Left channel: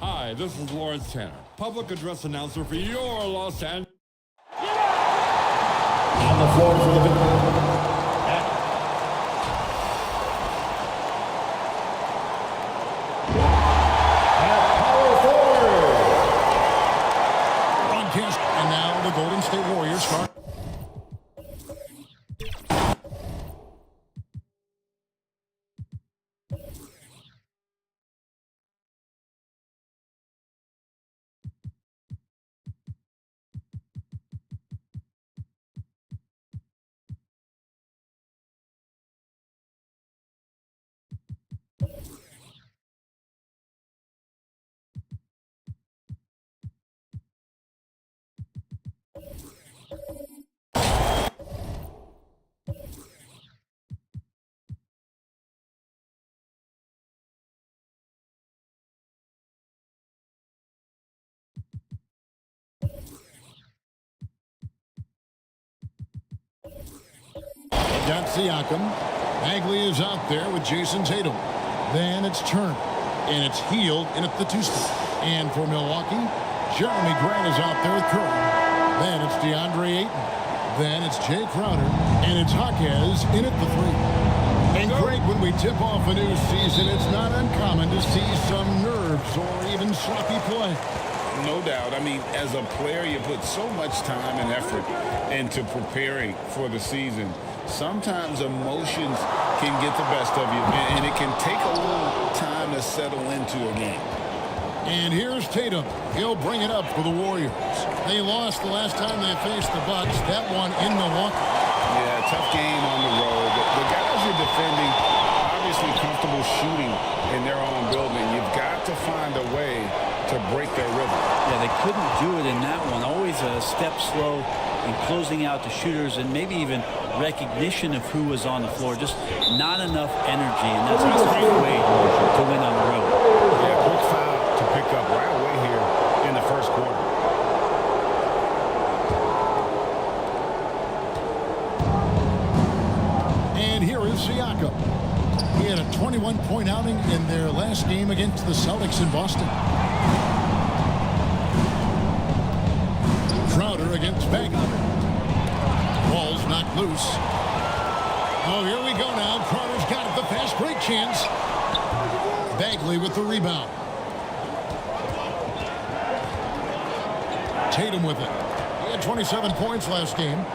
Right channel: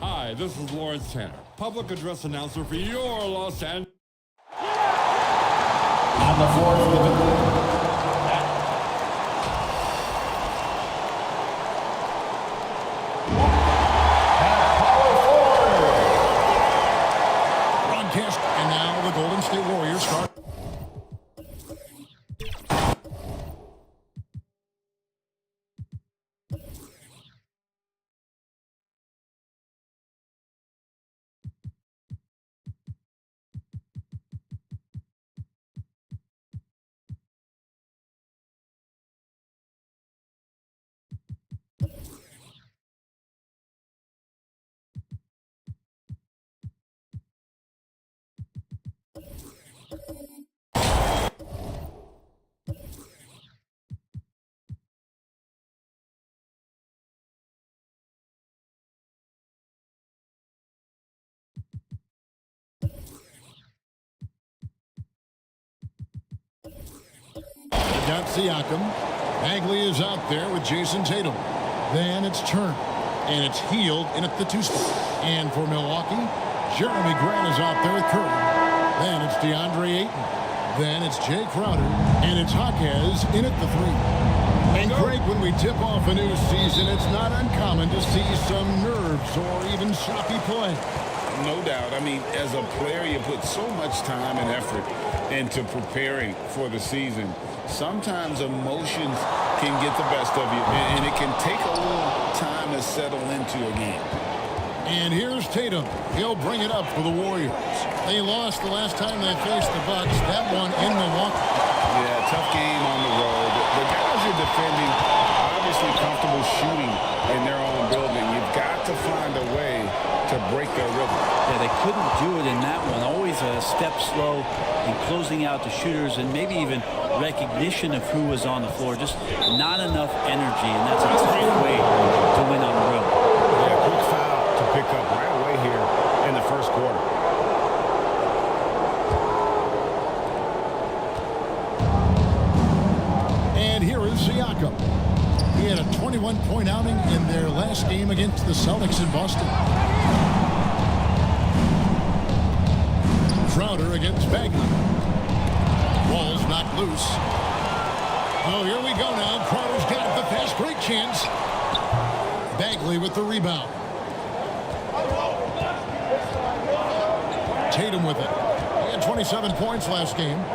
Hi, this is Lawrence Tanner, public address announcer for your Los Angeles. On the floor for the at power forward. Broadcast, and now the Golden State Warriors start. They've got Siakam. Bagley is out there with Jason Tatum. Then it's Turner. And it's Hield in at the 2 spot. And for Milwaukee, Jeremy Grant is out there with Curry. Then it's DeAndre Ayton. Then it's Jay Crowder. And it's Jaquez in at the 3. And Craig, when we tip off a new season, it's not uncommon to see some nerves or even sloppy play. No doubt. I mean, as a player, you put so much time and effort into preparing for the season. Sometimes emotions can get the best of you, and it can take a little time to settle into a game. And here's Tatum. He'll bring it up for the Warriors. They lost the last time they faced the Bucks. That one in Milwaukee. Yeah, tough game on the road. The guys are defending, obviously comfortable shooting in their own building. You've got to find a way to break their rhythm. Yeah, they couldn't do it in that one. Always a step slow in closing out the shooters, and maybe even recognition of who was on the floor. Just not enough energy, and that's a tough way to win on the road. Yeah, quick foul to pick up right away here in the first quarter. And here is Siakam. He had a 21-point outing in their last game against the Celtics in Boston. Crowder against Bagley. Ball's knocked loose. Oh, here we go now. Crowder's got it. The fast break chance. Bagley with the rebound. Tatum with it. He had 27 points last game.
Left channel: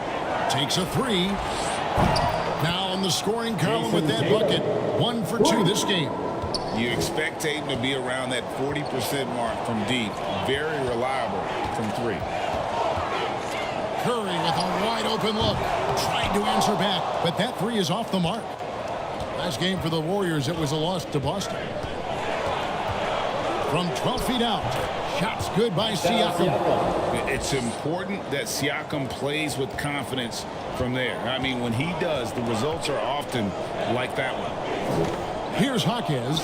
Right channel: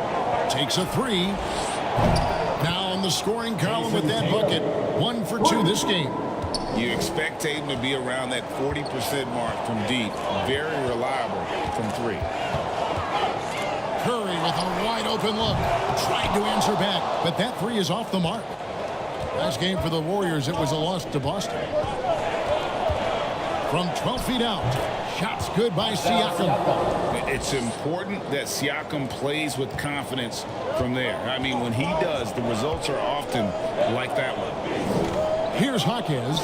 Takes a 3. Now on the scoring column with that bucket. 1 for 2 this game. You expect Tatum to be around that 40% mark from deep. Very reliable from 3. Curry with a wide open look. Tried to answer back, but that 3 is off the mark. Last game for the Warriors, it was a loss to Boston. From 12 feet out, shots good by Siakam. It's important that Siakam plays with confidence from there. I mean, when he does, the results are often like that one. Here's Jaquez.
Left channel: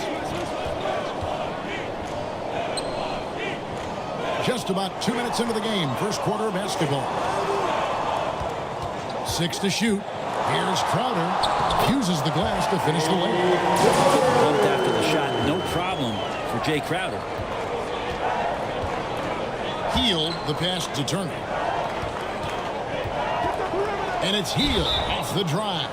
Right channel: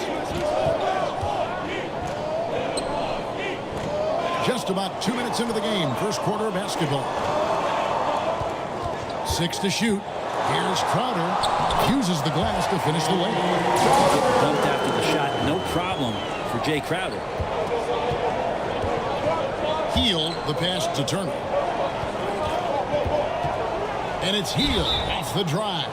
Just about 2 minutes into the game, first quarter of basketball. 6 to shoot. Here's Crowder. Uses the glass to finish the layup. Getting bumped after the shot, no problem for Jay Crowder. Hield the pass to Turner. And it's Hield off the drive.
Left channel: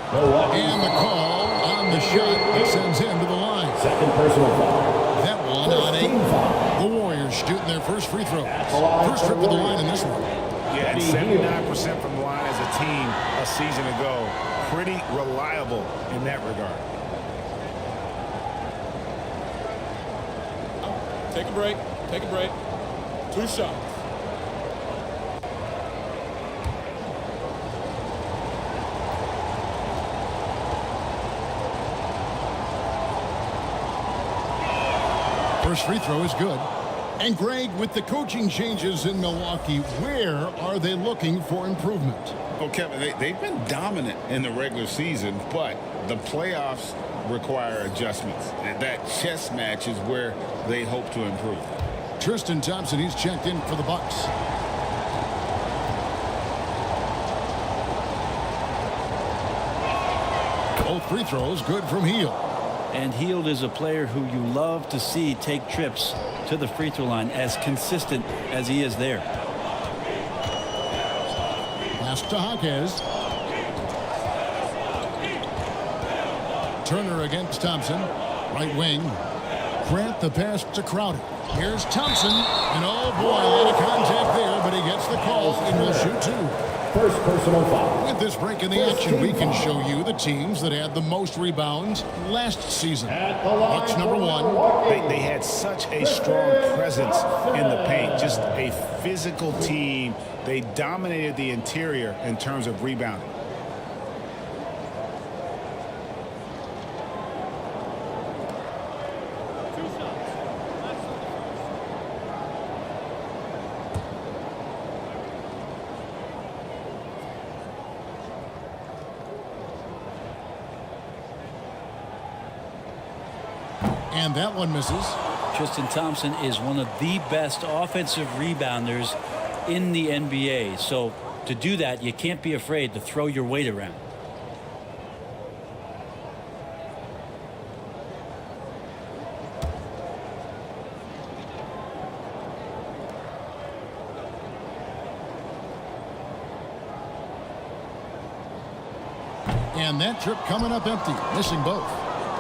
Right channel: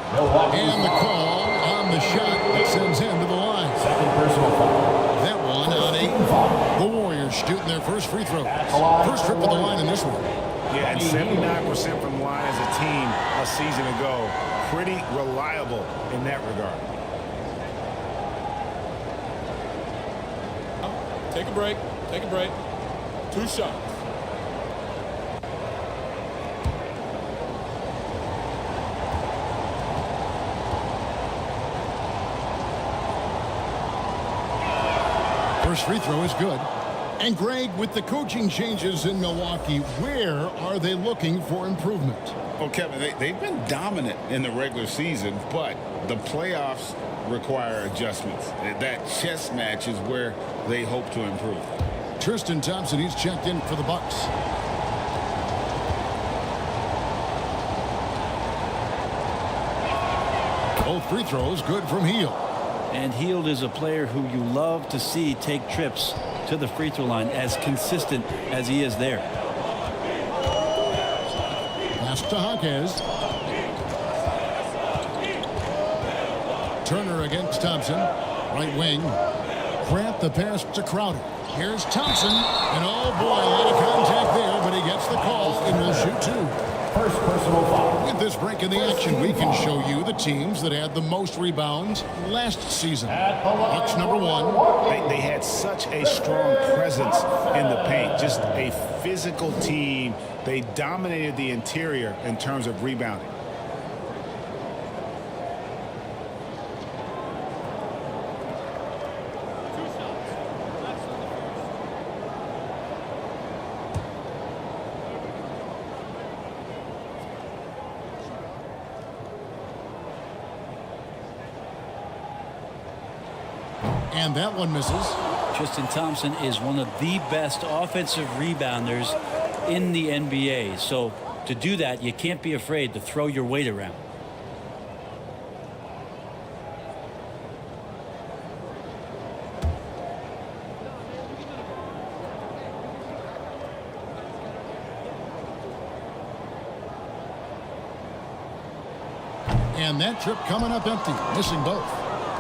And the call on the shot that sends him to the line. Second personal foul. That one on 8. The Warriors shooting their first free throw. First trip to the line in this one. Yeah, and 79% from the line as a team a season ago. Pretty reliable in that regard. Take a break. Take a break. 2 shots. First free throw is good. And Greg, with the coaching changes in Milwaukee, where are they looking for improvement? Well, Kevin, they've been dominant in the regular season, but the playoffs require adjustments. That chess match is where they hope to improve. Tristan Thompson, he's checked in for the Bucks. Both free throws good from Hield. And Hield is a player who you love to see take trips to the free throw line, as consistent as he is there. Pass to Jaquez. Turner against Thompson. Right wing. Grant the pass to Crowder. Here's Thompson. And oh boy, a lot of contact there, but he gets the call and will shoot two. First personal foul. With this break in the action, we can show you the teams that had the most rebounds last season. Bucks number 1. They had such a strong presence in the paint. Just a physical team. They dominated the interior in terms of rebounding. And that one misses. Tristan Thompson is one of the best offensive rebounders in the NBA. So to do that, you can't be afraid to throw your weight around. And that trip coming up empty, missing both.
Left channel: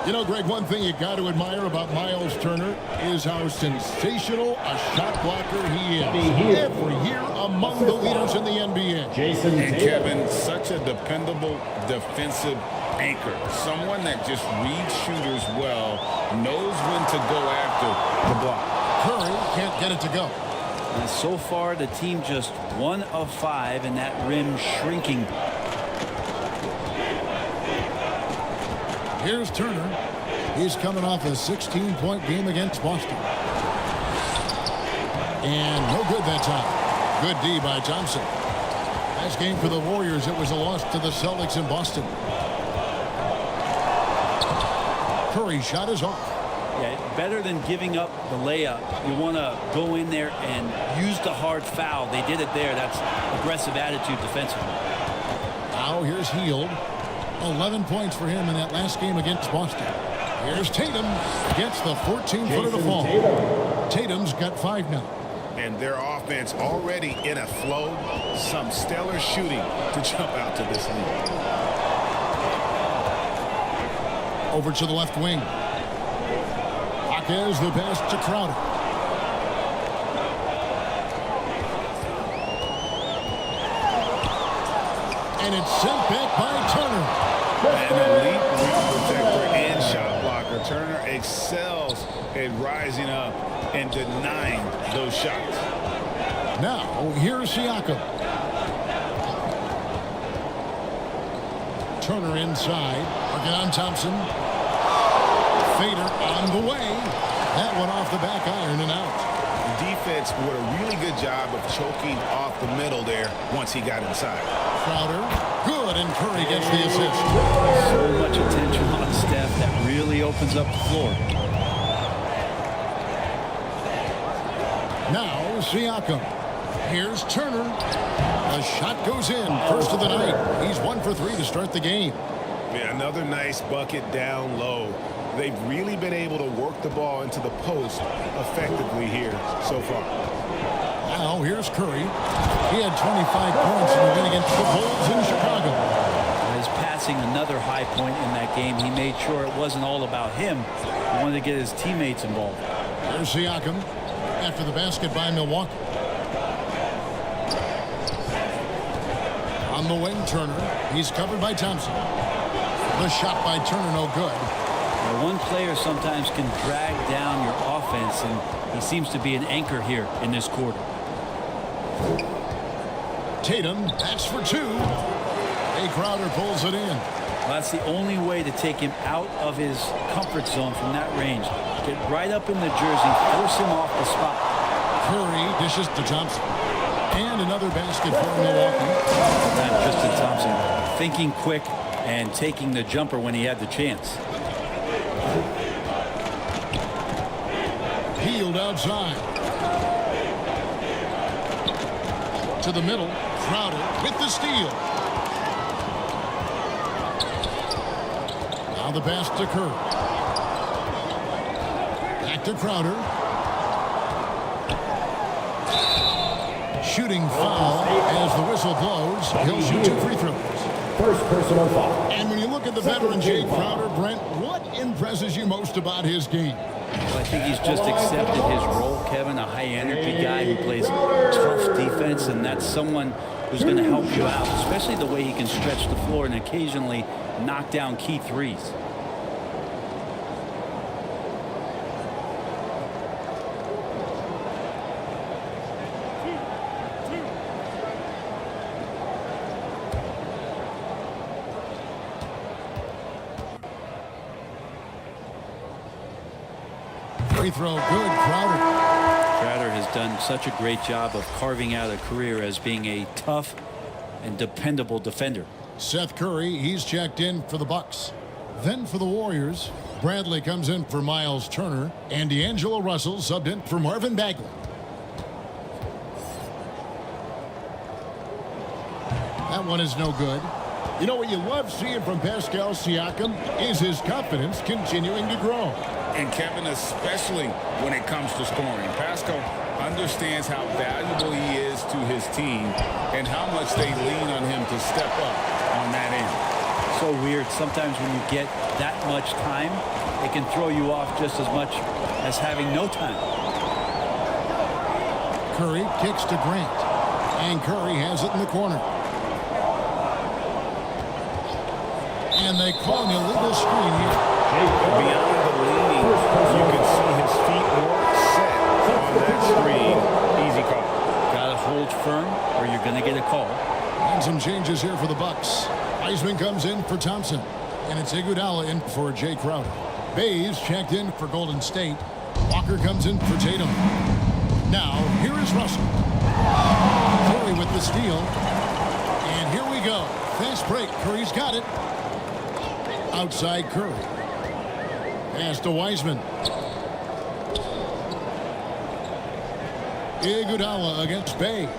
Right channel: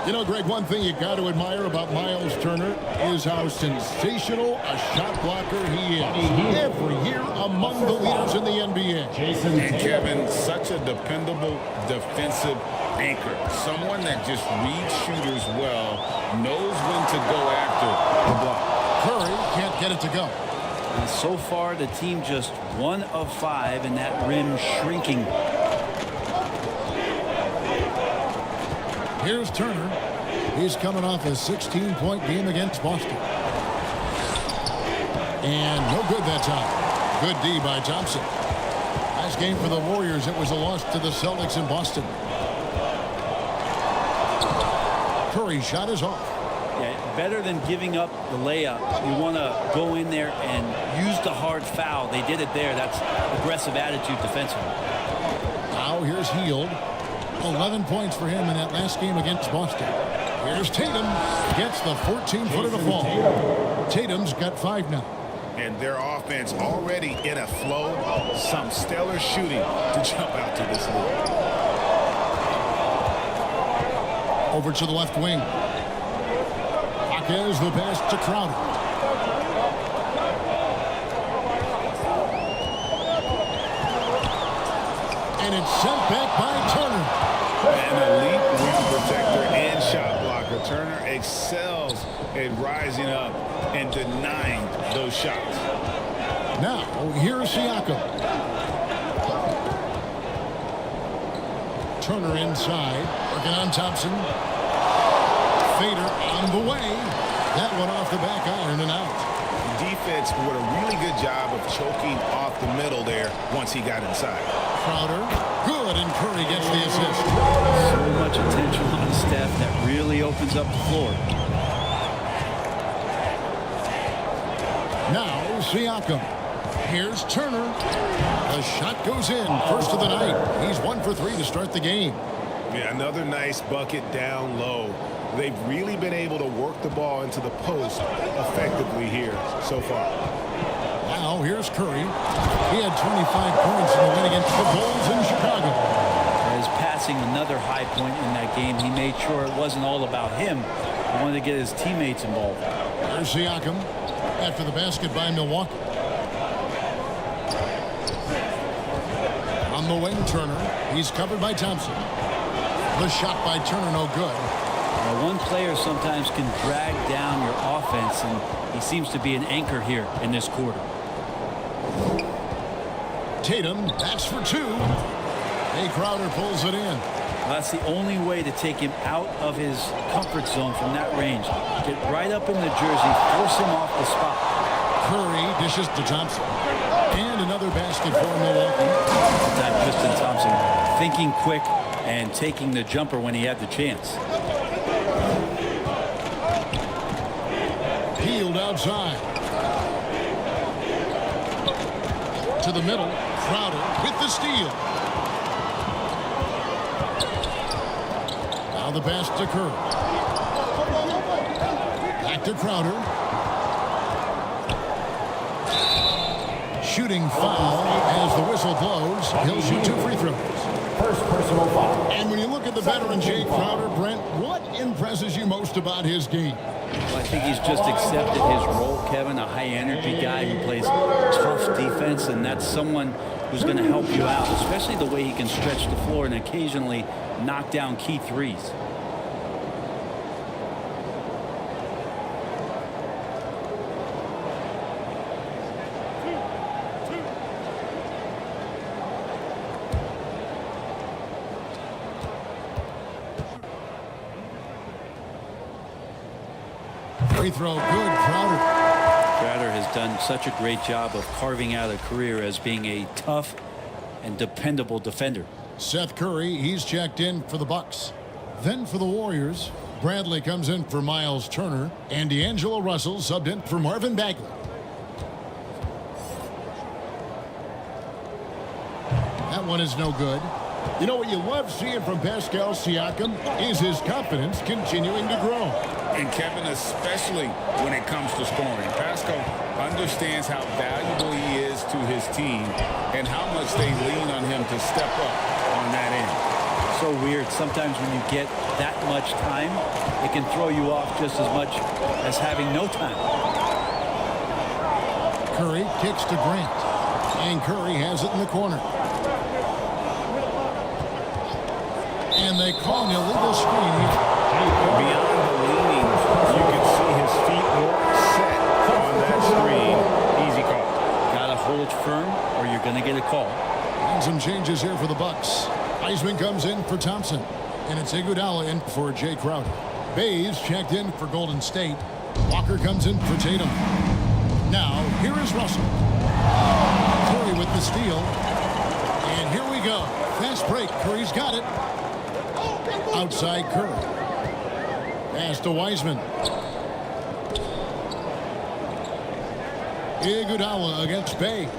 You know, Greg, one thing you got to admire about Miles Turner is how sensational a shot blocker he is. Every year among the leaders in the NBA. And Kevin, such a dependable defensive anchor. Someone that just reads shooters well, knows when to go after the block. Curry can't get it to go. And so far, the team just 1 of 5, and that rim shrinking. Here's Turner. He's coming off a 16-point game against Boston. And no good that time. Good D by Thompson. Last game for the Warriors, it was a loss to the Celtics in Boston. Curry's shot is off. Yeah, better than giving up the layup. You want to go in there and use the hard foul. They did it there. That's aggressive attitude defensively. Now here's Hield. 11 points for him in that last game against Boston. Here's Tatum. Gets the 14-footer to fall. Tatum's got 5 now. And their offense already in a flow. Some stellar shooting to jump out to this lead. Over to the left wing. Jaquez the pass to Crowder. And it's sent back by Turner. An elite rim protector and shot blocker. Turner excels at rising up and denying those shots. Now, here's Siakam. Turner inside, working on Thompson. Fader on the way. That one off the back iron and out. Defense did a really good job of choking off the middle there once he got inside. Crowder, good, and Curry gets the assist. So much attention on Steph that really opens up the floor. Now Siakam. Here's Turner. The shot goes in, first of the night. He's 1 for 3 to start the game. Yeah, another nice bucket down low. They've really been able to work the ball into the post effectively here so far. Now here's Curry. He had 25 points in the win against the Bulls in Chicago. His passing, another high point in that game. He made sure it wasn't all about him. He wanted to get his teammates involved. Here's Siakam after the basket by Milwaukee. On the wing, Turner. He's covered by Thompson. The shot by Turner, no good. Yeah, one player sometimes can drag down your offense, and he seems to be an anchor here in this quarter. Tatum, that's for 2. Jay Crowder pulls it in. Well, that's the only way to take him out of his comfort zone from that range. Get right up in the jersey, force him off the spot. Curry dishes to Thompson. And another basket for Milwaukee. That time Tristan Thompson thinking quick and taking the jumper when he had the chance. Hield outside. To the middle. Crowder with the steal. Now the pass to Curry. Back to Crowder. Shooting foul as the whistle blows. He'll shoot 2 free throws. First personal foul. And when you look at the veteran Jay Crowder, Brent, what impresses you most about his game? Well, I think he's just accepted his role, Kevin, a high-energy guy who plays tough defense, and that's someone who's going to help you out, especially the way he can stretch the floor and occasionally knock down key threes. Free throw good, Crowder. Crowder has done such a great job of carving out a career as being a tough and dependable defender. Seth Curry, he's checked in for the Bucks. Then for the Warriors, Bradley comes in for Miles Turner, and D'Angelo Russell subbed in for Marvin Bagley. That one is no good. You know what you love seeing from Pascal Siakam is his confidence continuing to grow. And Kevin, especially when it comes to scoring, Pascal understands how valuable he is to his team and how much they lean on him to step up on that end. So weird. Sometimes when you get that much time, it can throw you off just as much as having no time. Curry kicks to Grant, and Curry has it in the corner. And they call an illegal screen here. Beyond the leaning, you could see his feet weren't set on that screen. Easy call. Got to hold firm or you're going to get a call. And some changes here for the Bucks. Wiseman comes in for Thompson, and it's Iguodala in for Jay Crowder. Bays checked in for Golden State. Walker comes in for Tatum. Now, here is Russell. Curry with the steal. And here we go. Fast break. Curry's got it. Outside Curry. Pass to Wiseman. Iguodala against Bay.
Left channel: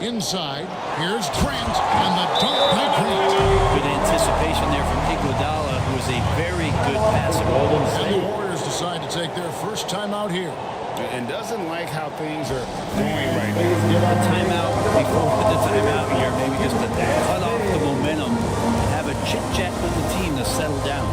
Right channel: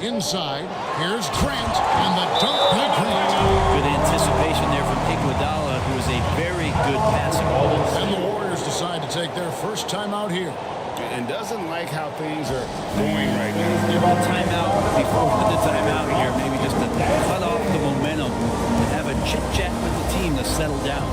Inside, here's Grant, and the dunk by Grant. Good anticipation there from Iguodala, who is a very good passer. And the Warriors decide to take their first time out here. And doesn't like how things are going right now. Give a timeout before the timeout here, maybe just to cut off the momentum and have a chit-chat with the team to settle down.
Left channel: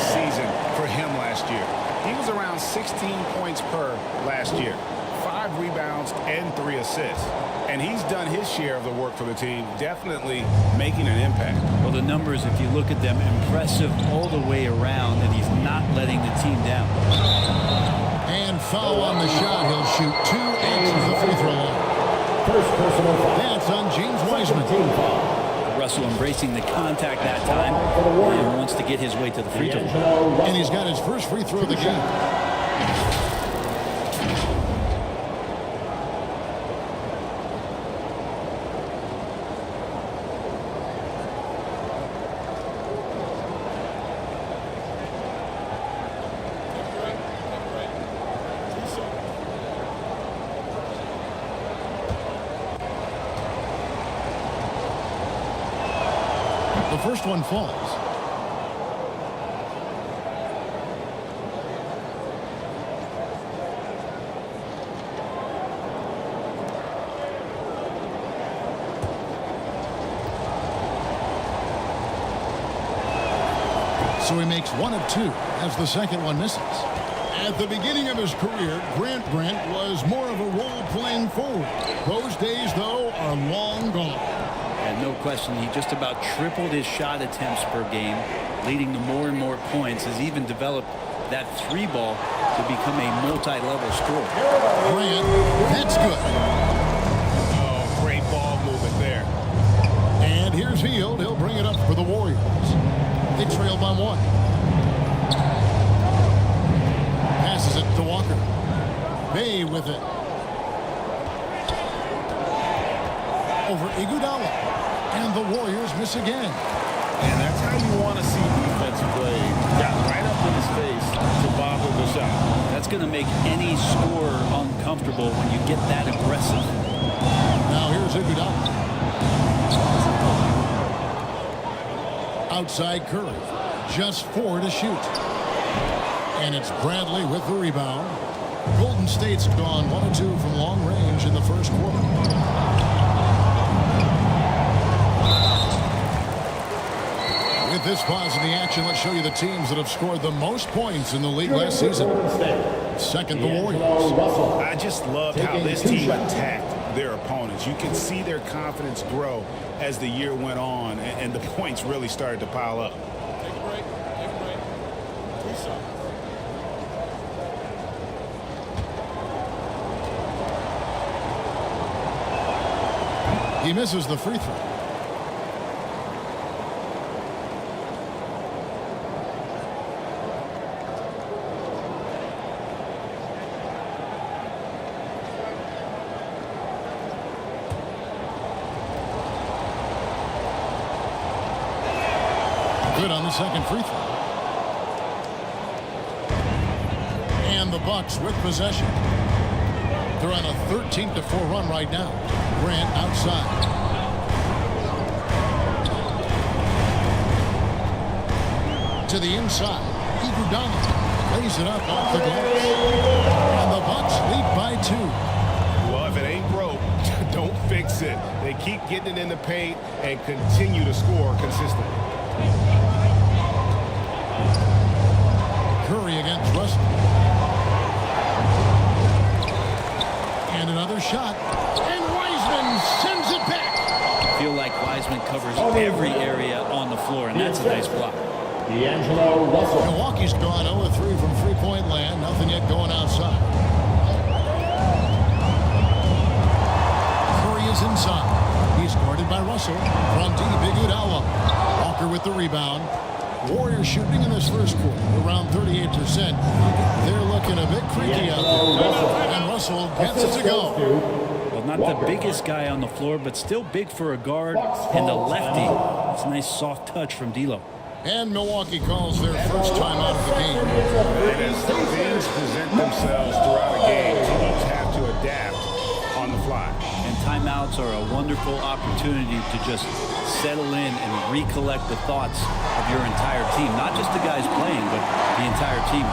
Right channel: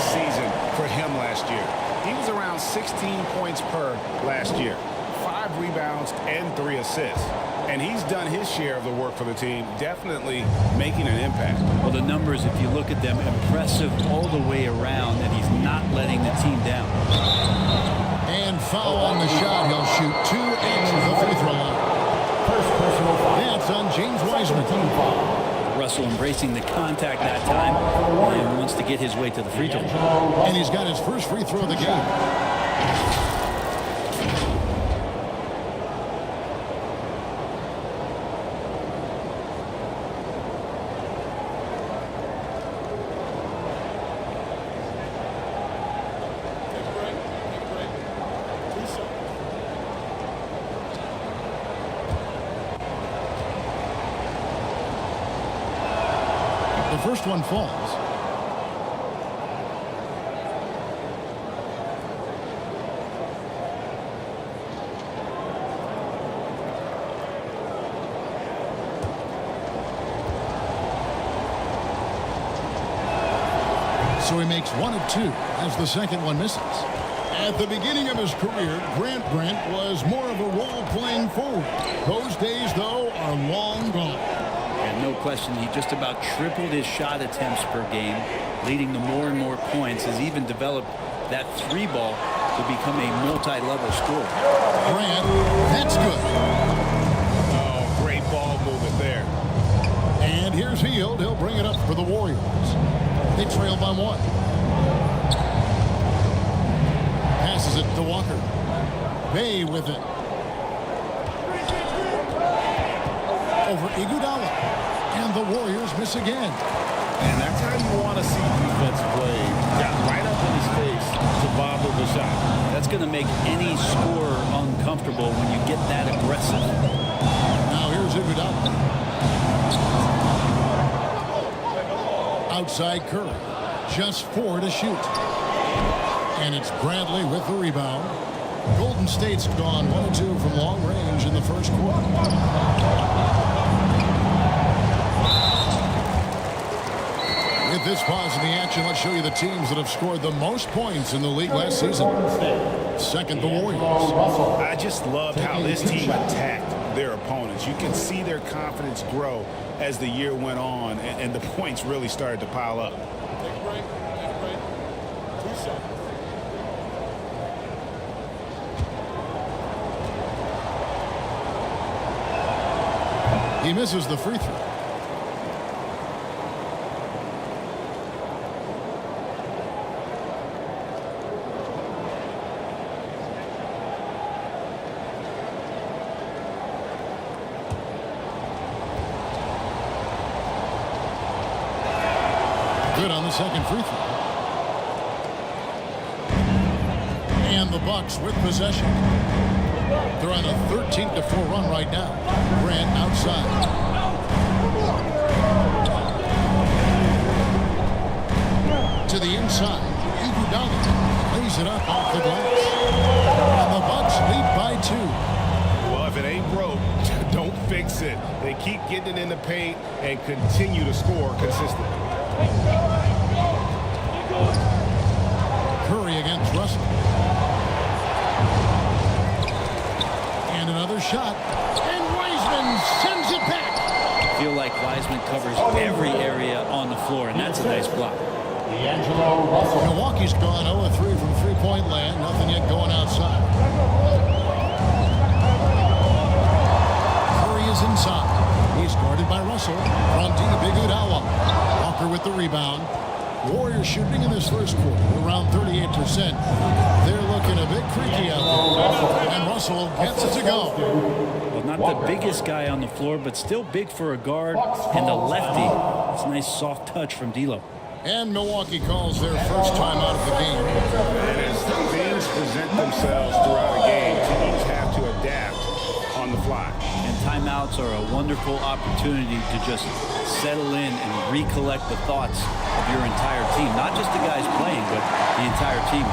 Season for him last year. He was around 16 points per last year, 5 rebounds and 3 assists. And he's done his share of the work for the team, definitely making an impact. Well, the numbers, if you look at them, impressive all the way around, and he's not letting the team down. And foul on the shot. He'll shoot 2 at the free throw line. First personal foul. That's on James Wiseman. Team foul. Russell embracing the contact that time and wants to get his way to the free throw line. And he's got his first free throw of the game. Take a break. 2 shots. The first one falls. So he makes 1 of 2 as the second one misses. At the beginning of his career, Grant Brent was more of a role-playing forward. Those days, though, are long gone. And no question, he just about tripled his shot attempts per game, leading to more and more points. Has even developed that 3-ball to become a multi-level scorer. Grant, that's good. Oh, great ball movement there. And here's Hield. He'll bring it up for the Warriors. They trail by 1. Passes it to Walker. Bay with it. Over Iguodala. And the Warriors miss again. And that's how you want to see defense play. Got right up in his face to bother the shot. That's going to make any scorer uncomfortable when you get that aggressive. Now here's Iguodala. Outside Curry. Just 4 to shoot. And it's Bradley with the rebound. Golden State's gone 1 of 2 from long range in the first quarter. With this pause in the action, let's show you the teams that have scored the most points in the league last season. Second, the Warriors. I just loved how this team attacked their opponents. You could see their confidence grow as the year went on, and the points really started to pile up. Take a break. Take a break. 2 shots. He misses the free throw. Good on the second free throw. And the Bucks with possession. They're on a 13-4 run right now. Grant outside. To the inside. Iguodala plays it up off the glass. And the Bucks lead by 2. Well, if it ain't broke, don't fix it. They keep getting it in the paint and continue to score consistently. Curry against Russell. And another shot. And Wiseman sends it back. I feel like Wiseman covers every area on the floor, and that's a nice block. D'Angelo Russell. Milwaukee's gone 0 of 3 from three-point land. Nothing yet going outside. Curry is inside. He's guarded by Russell. From deep, Iguodala. Walker with the rebound. Warriors shooting in this first quarter around 38%. They're looking a bit creaky out there. And Russell gets it to go. Well, not the biggest guy on the floor, but still big for a guard and a lefty. That's a nice soft touch from D'Lo. And Milwaukee calls their first time out of the game. And as things present themselves throughout a game, teams have to adapt on the fly. And timeouts are a wonderful opportunity to just settle in and recollect the thoughts of your entire team. Not just the guys playing, but the entire team.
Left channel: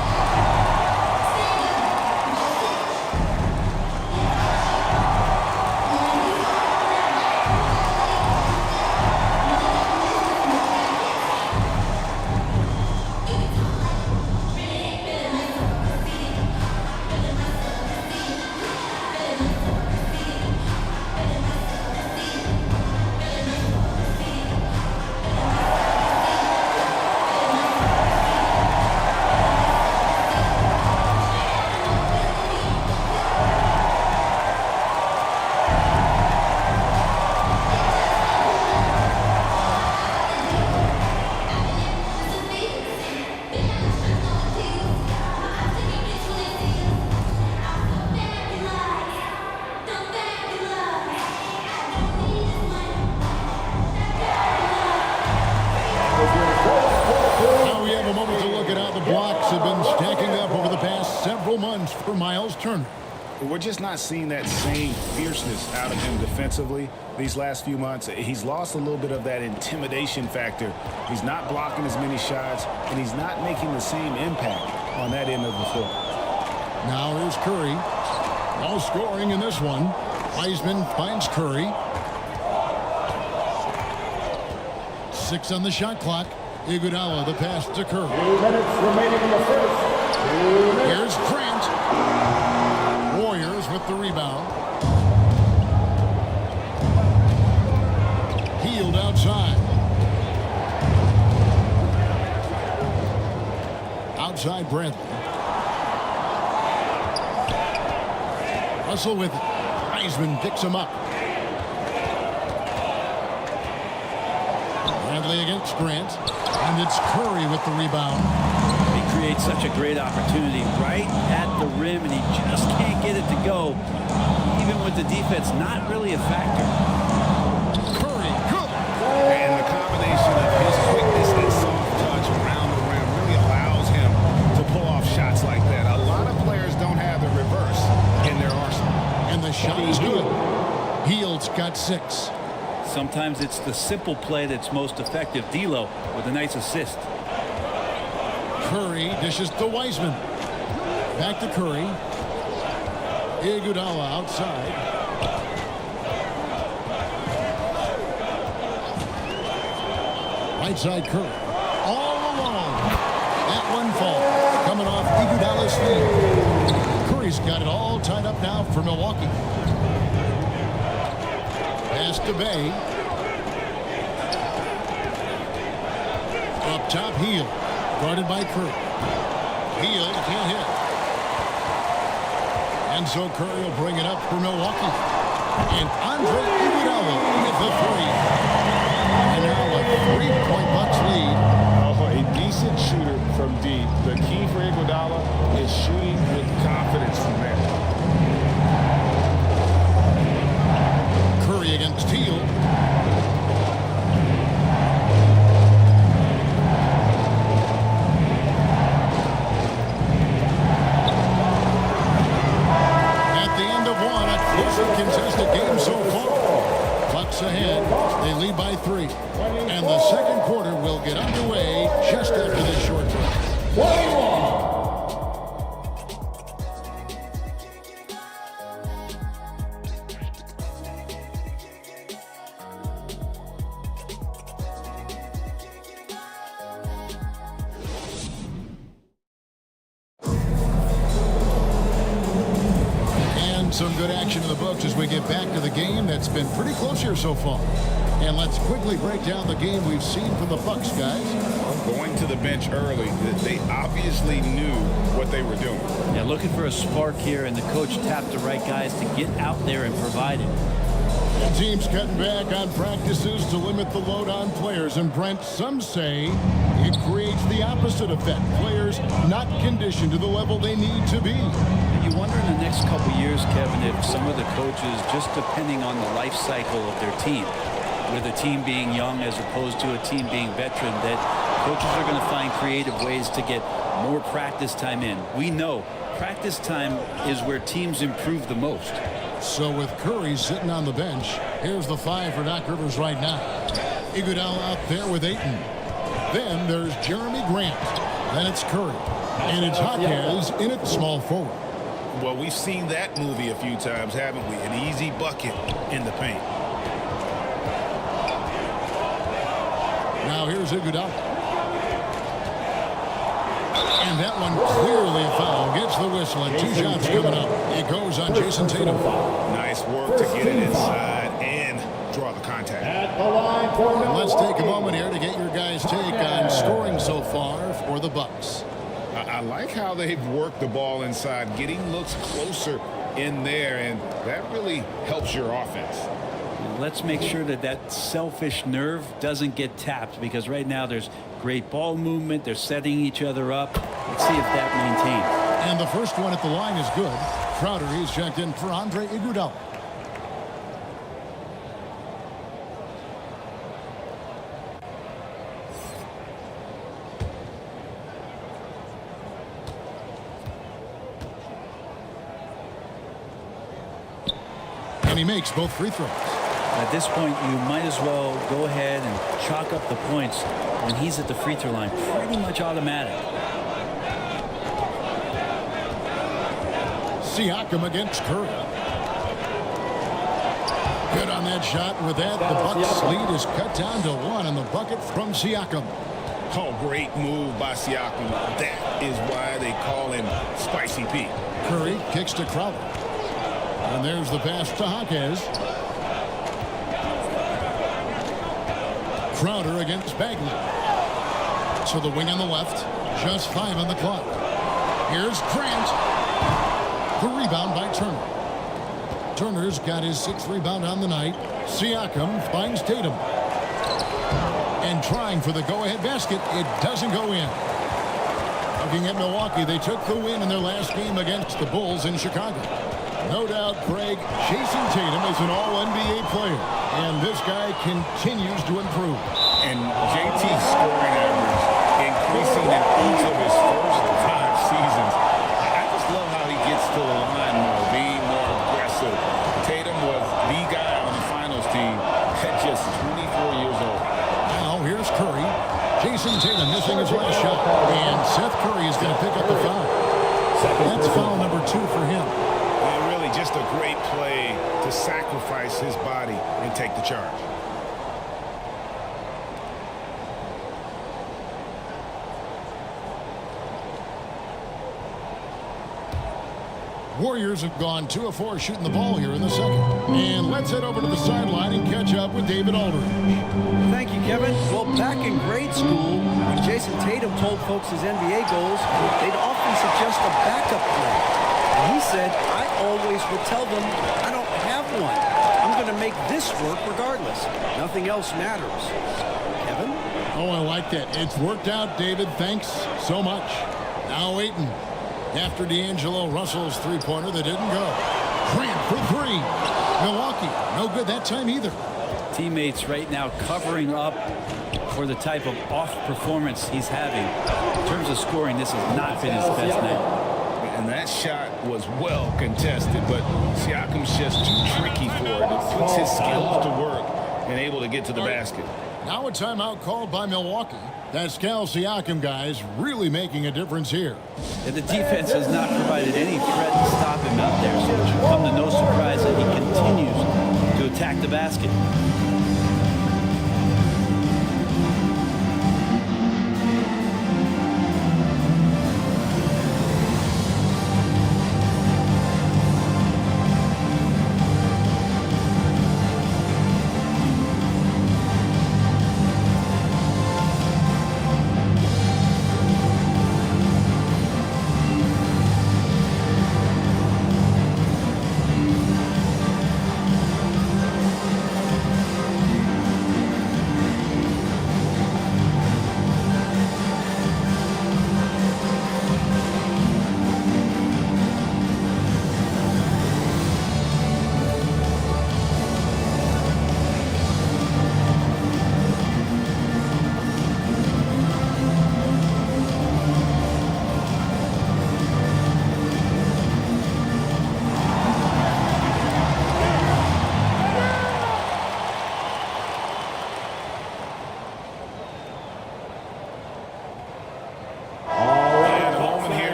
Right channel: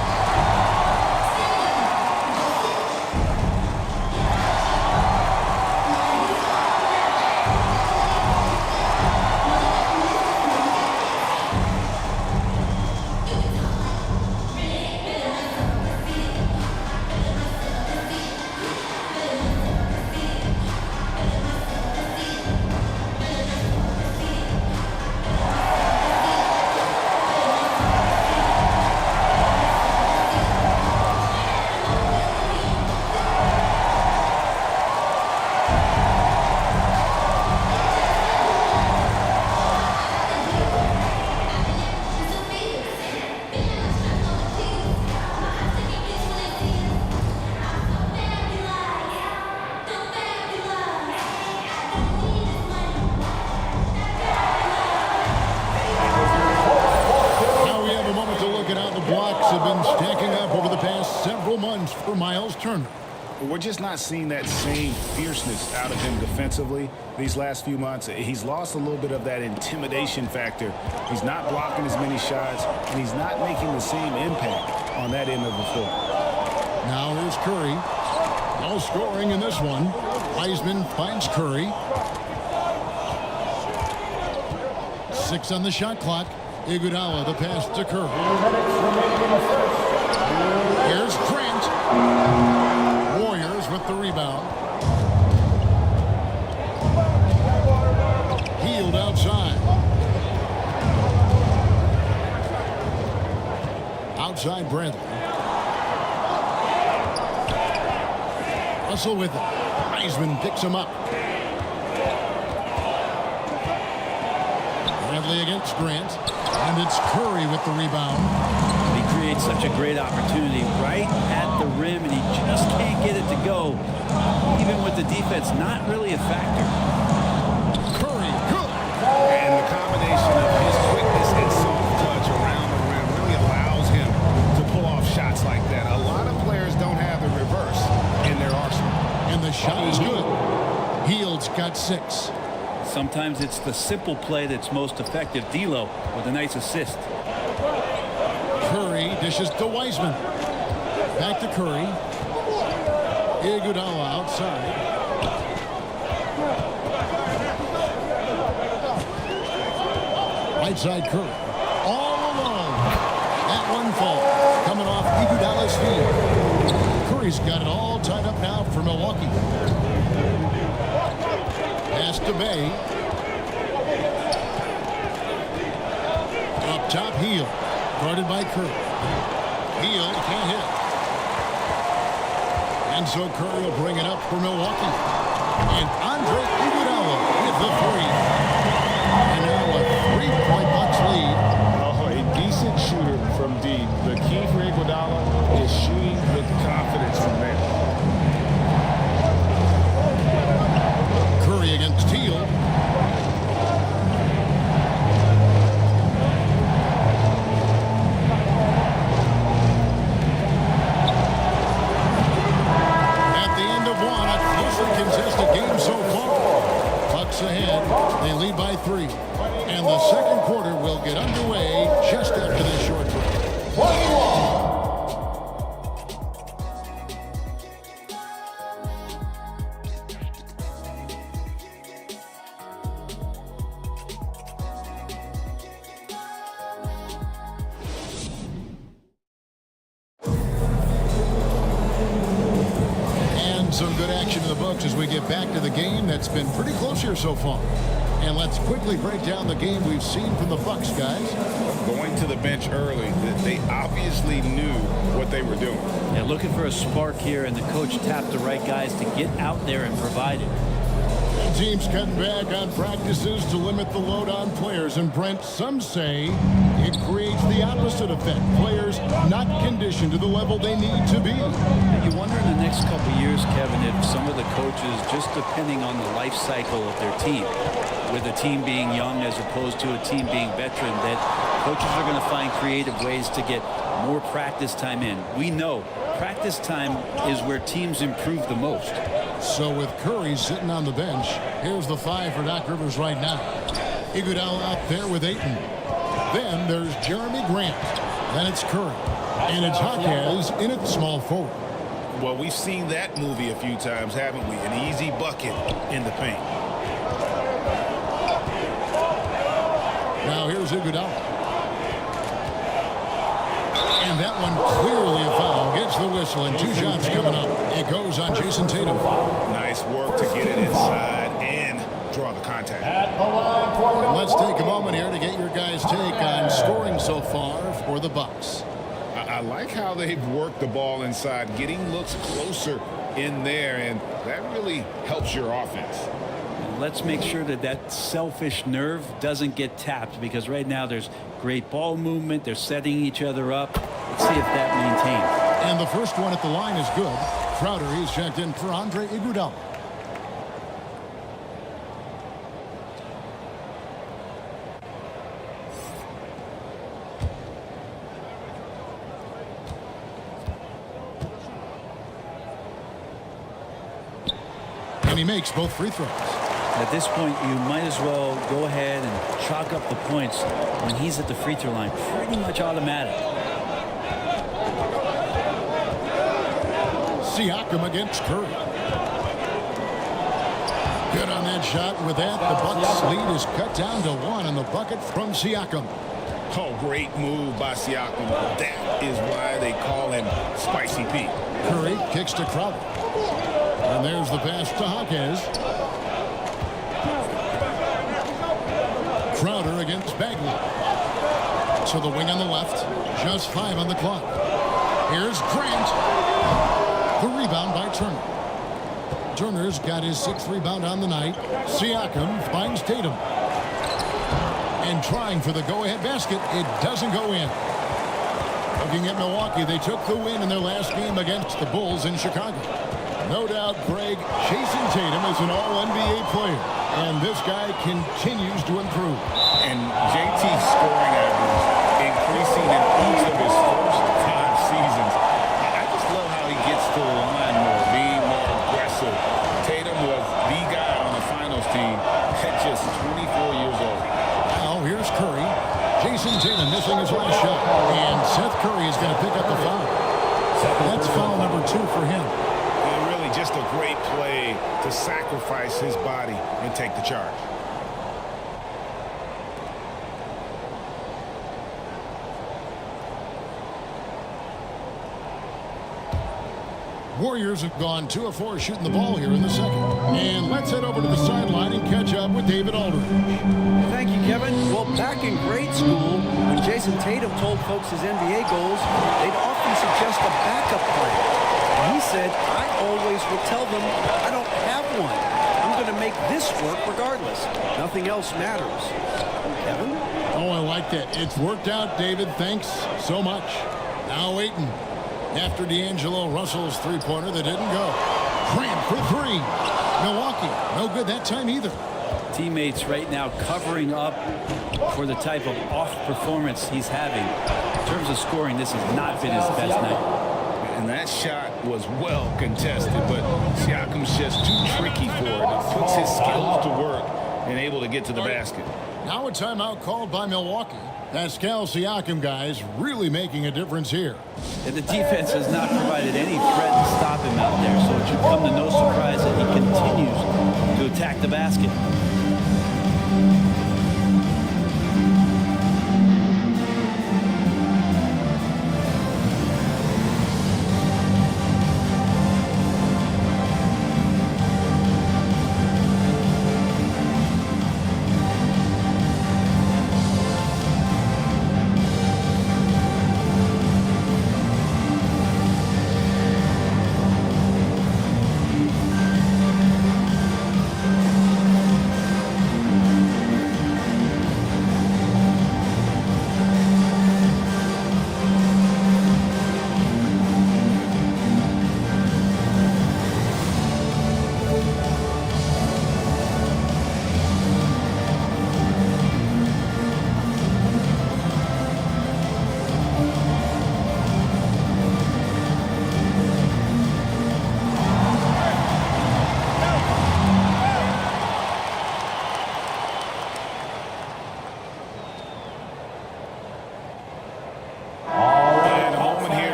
We have a moment to look at how the blocks have been stacking up over the past several months for Miles Turner. We're just not seeing that same fierceness out of him defensively these last few months. He's lost a little bit of that intimidation factor. He's not blocking as many shots, and he's not making the same impact on that end of the floor. Now here's Curry. No scoring in this one. Wiseman finds Curry. 6 on the shot clock. Iguodala, the pass to Curry. 2 minutes remaining in the first. 2 minutes. Here's Grant. Warriors with the rebound. Hield outside. Outside Bradley. Russell with it. Wiseman picks him up. Bradley against Grant. And it's Curry with the rebound. He creates such a great opportunity right at the rim, and he just can't get it to go. Even with the defense not really a factor. Curry, good. And the combination of his quickness and soft touch around the rim really allows him to pull off shots like that. A lot of players don't have the reverse in their arsenal. And the shot is good. Hield's got 6. Sometimes it's the simple play that's most effective. D'Lo with a nice assist. Curry dishes to Wiseman. Back to Curry. Iguodala outside. Right side Curry. All alone. That one falls. Coming off Iguodala's feet. Curry's got it all tied up now for Milwaukee. Pass to Bay. Up top, Hield. Guarded by Curry. Hield can't hit. And so Curry will bring it up for Milwaukee. And Andre Iguodala with the 3. And now a 3-point Bucks lead. Oh, a decent shooter from deep. The key for Iguodala is shooting with confidence from there. Curry against Hield. At the end of one, a closely contested game so far. Bucks ahead. They lead by 3. And the second quarter will get underway just after this short break. 21. And some good action in the books as we get back to the game that's been pretty close here so far. And let's quickly break down the game we've seen from the Bucks, guys. Well, going to the bench early, they obviously knew what they were doing. Yeah, looking for a spark here, and the coach tapped the right guys to get out there and provide it. Teams cutting back on practices to limit the load on players. And Brent, some say it creates the opposite effect. Players not conditioned to the level they need to be. And you wonder in the next couple years, Kevin, if some of the coaches, just depending on the life cycle of their team, with a team being young as opposed to a team being veteran, that coaches are going to find creative ways to get more practice time in. We know practice time is where teams improve the most. So with Curry sitting on the bench, here's the 5 for Doc Rivers right now. Iguodala out there with Ayton. Then there's Jeremy Grant. Then it's Curry. And it's Jaquez in at small forward. Well, we've seen that movie a few times, haven't we? An easy bucket in the paint. Now here's Iguodala. And that one clearly a foul. Gets the whistle and 2 shots coming up. It goes on Jason Tatum. Nice work to get it inside and draw the contact. At the line for And let's take a moment here to get your guys' take on scoring so far for the Bucks. I like how they've worked the ball inside, getting looks closer in there, and that really helps your offense. And let's make sure that that selfish nerve doesn't get tapped, because right now there's great ball movement. They're setting each other up. Let's see if that maintains. And the first one at the line is good. Crowder, he's checked in for Andre Iguodala. And he makes both free throws. At this point, you might as well go ahead and chalk up the points when he's at the free throw line. Pretty much automatic. Siakam against Curry. Good on that shot. With that, the Bucks lead is cut down to 1 on the bucket from Siakam. Oh, great move by Siakam. That is why they call him Spicy Pete. Curry kicks to Crowder. And there's the pass to Jaquez. Crowder against Bagley. So the wing on the left. Just 5 on the clock. Here's Grant. The rebound by Turner. Turner's got his 6th rebound on the night. Siakam finds Tatum. And trying for the go-ahead basket. It doesn't go in. Looking at Milwaukee, they took the win in their last game against the Bulls in Chicago. No doubt, Greg, Jason Tatum is an all-NBA player. And this guy continues to improve. And JT's scoring average increasing in each of his first 5 seasons. I just love how he gets to the line more, being more aggressive. Tatum was the guy on the finals team at just 24 years old. Now here's Curry. Jason Tatum missing his last shot. And Seth Curry is going to pick up the foul. That's foul number 2 for him. And really just a great play to sacrifice his body and take the charge. Warriors have gone 2 of 4 shooting the ball here in the second. And let's head over to the sideline and catch up with David Aldridge. Thank you, Kevin. Well, back in grade school, when Jason Tatum told folks his NBA goals, they'd often suggest a backup plan. And he said, I always would tell them, I don't have one. I'm going to make this work regardless. Nothing else matters. Kevin? Oh, I like that. It's worked out, David. Thanks so much. Now Ayton. After D'Angelo Russell's three-pointer that didn't go. Grant for 3. Milwaukee, no good that time either. Teammates right now covering up for the type of off performance he's having. In terms of scoring, this has not been his best night. And that shot was well contested, but Siakam's just too tricky for it. It puts his skills to work and able to get to the basket. Now a timeout called by Milwaukee. Pascal Siakam, guys, really making a difference here. And the defense has not provided any threat to stop him out there, so it should come to no surprise that he continues to attack the basket.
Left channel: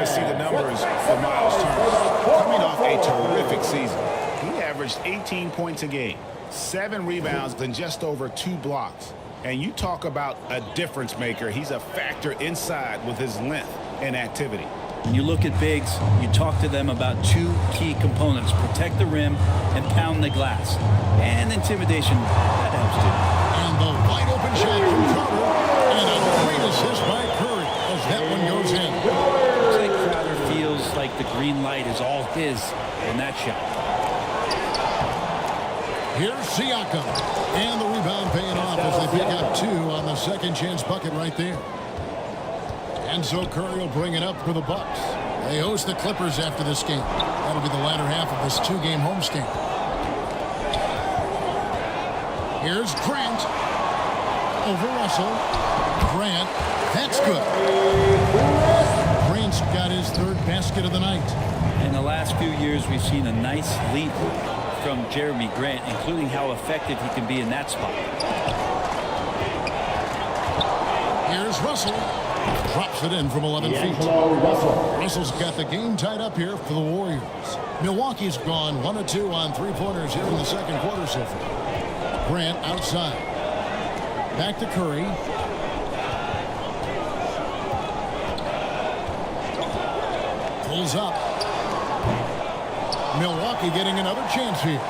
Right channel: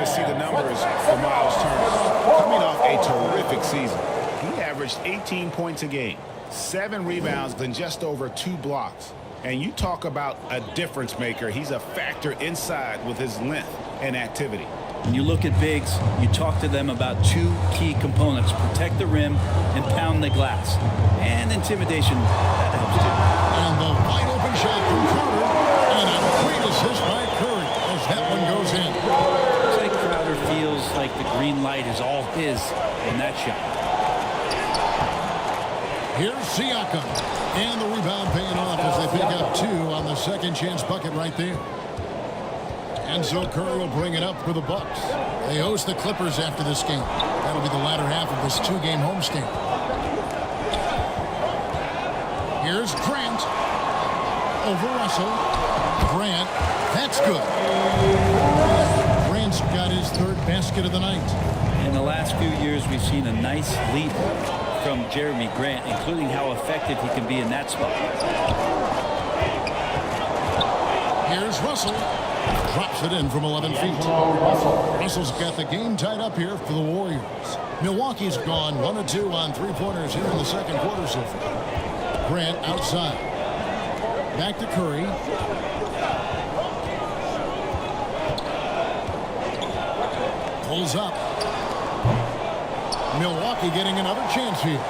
See the numbers for Miles Turner. Coming off a terrific season, he averaged 18 points a game, 7 rebounds, and just over 2 blocks. And you talk about a difference maker. He's a factor inside with his length and activity. When you look at bigs, you talk to them about 2 key components: protect the rim and pound the glass. And intimidation, that helps too. And the wide open shot from Crowder, and a great assist by Curry as that one goes in. Looks like Crowder feels like the green light is all his on that shot. Here's Siakam, and the rebound paying off as they pick up 2 on the second chance bucket right there. And so Curry will bring it up for the Bucks. They host the Clippers after this game. That'll be the latter half of this 2-game homestand. Here's Grant over Russell. Grant, that's good. Grant's got his 3rd basket of the night. In the last few years, we've seen a nice leap from Jeremy Grant, including how effective he can be in that spot. Here's Russell. Drops it in from 11 feet. Russell's got the game tied up here for the Warriors. Milwaukee's gone 1 of 2 on 3-pointers here in the second quarter so far. Grant outside. Back to Curry. Pulls up. Milwaukee getting another chance here.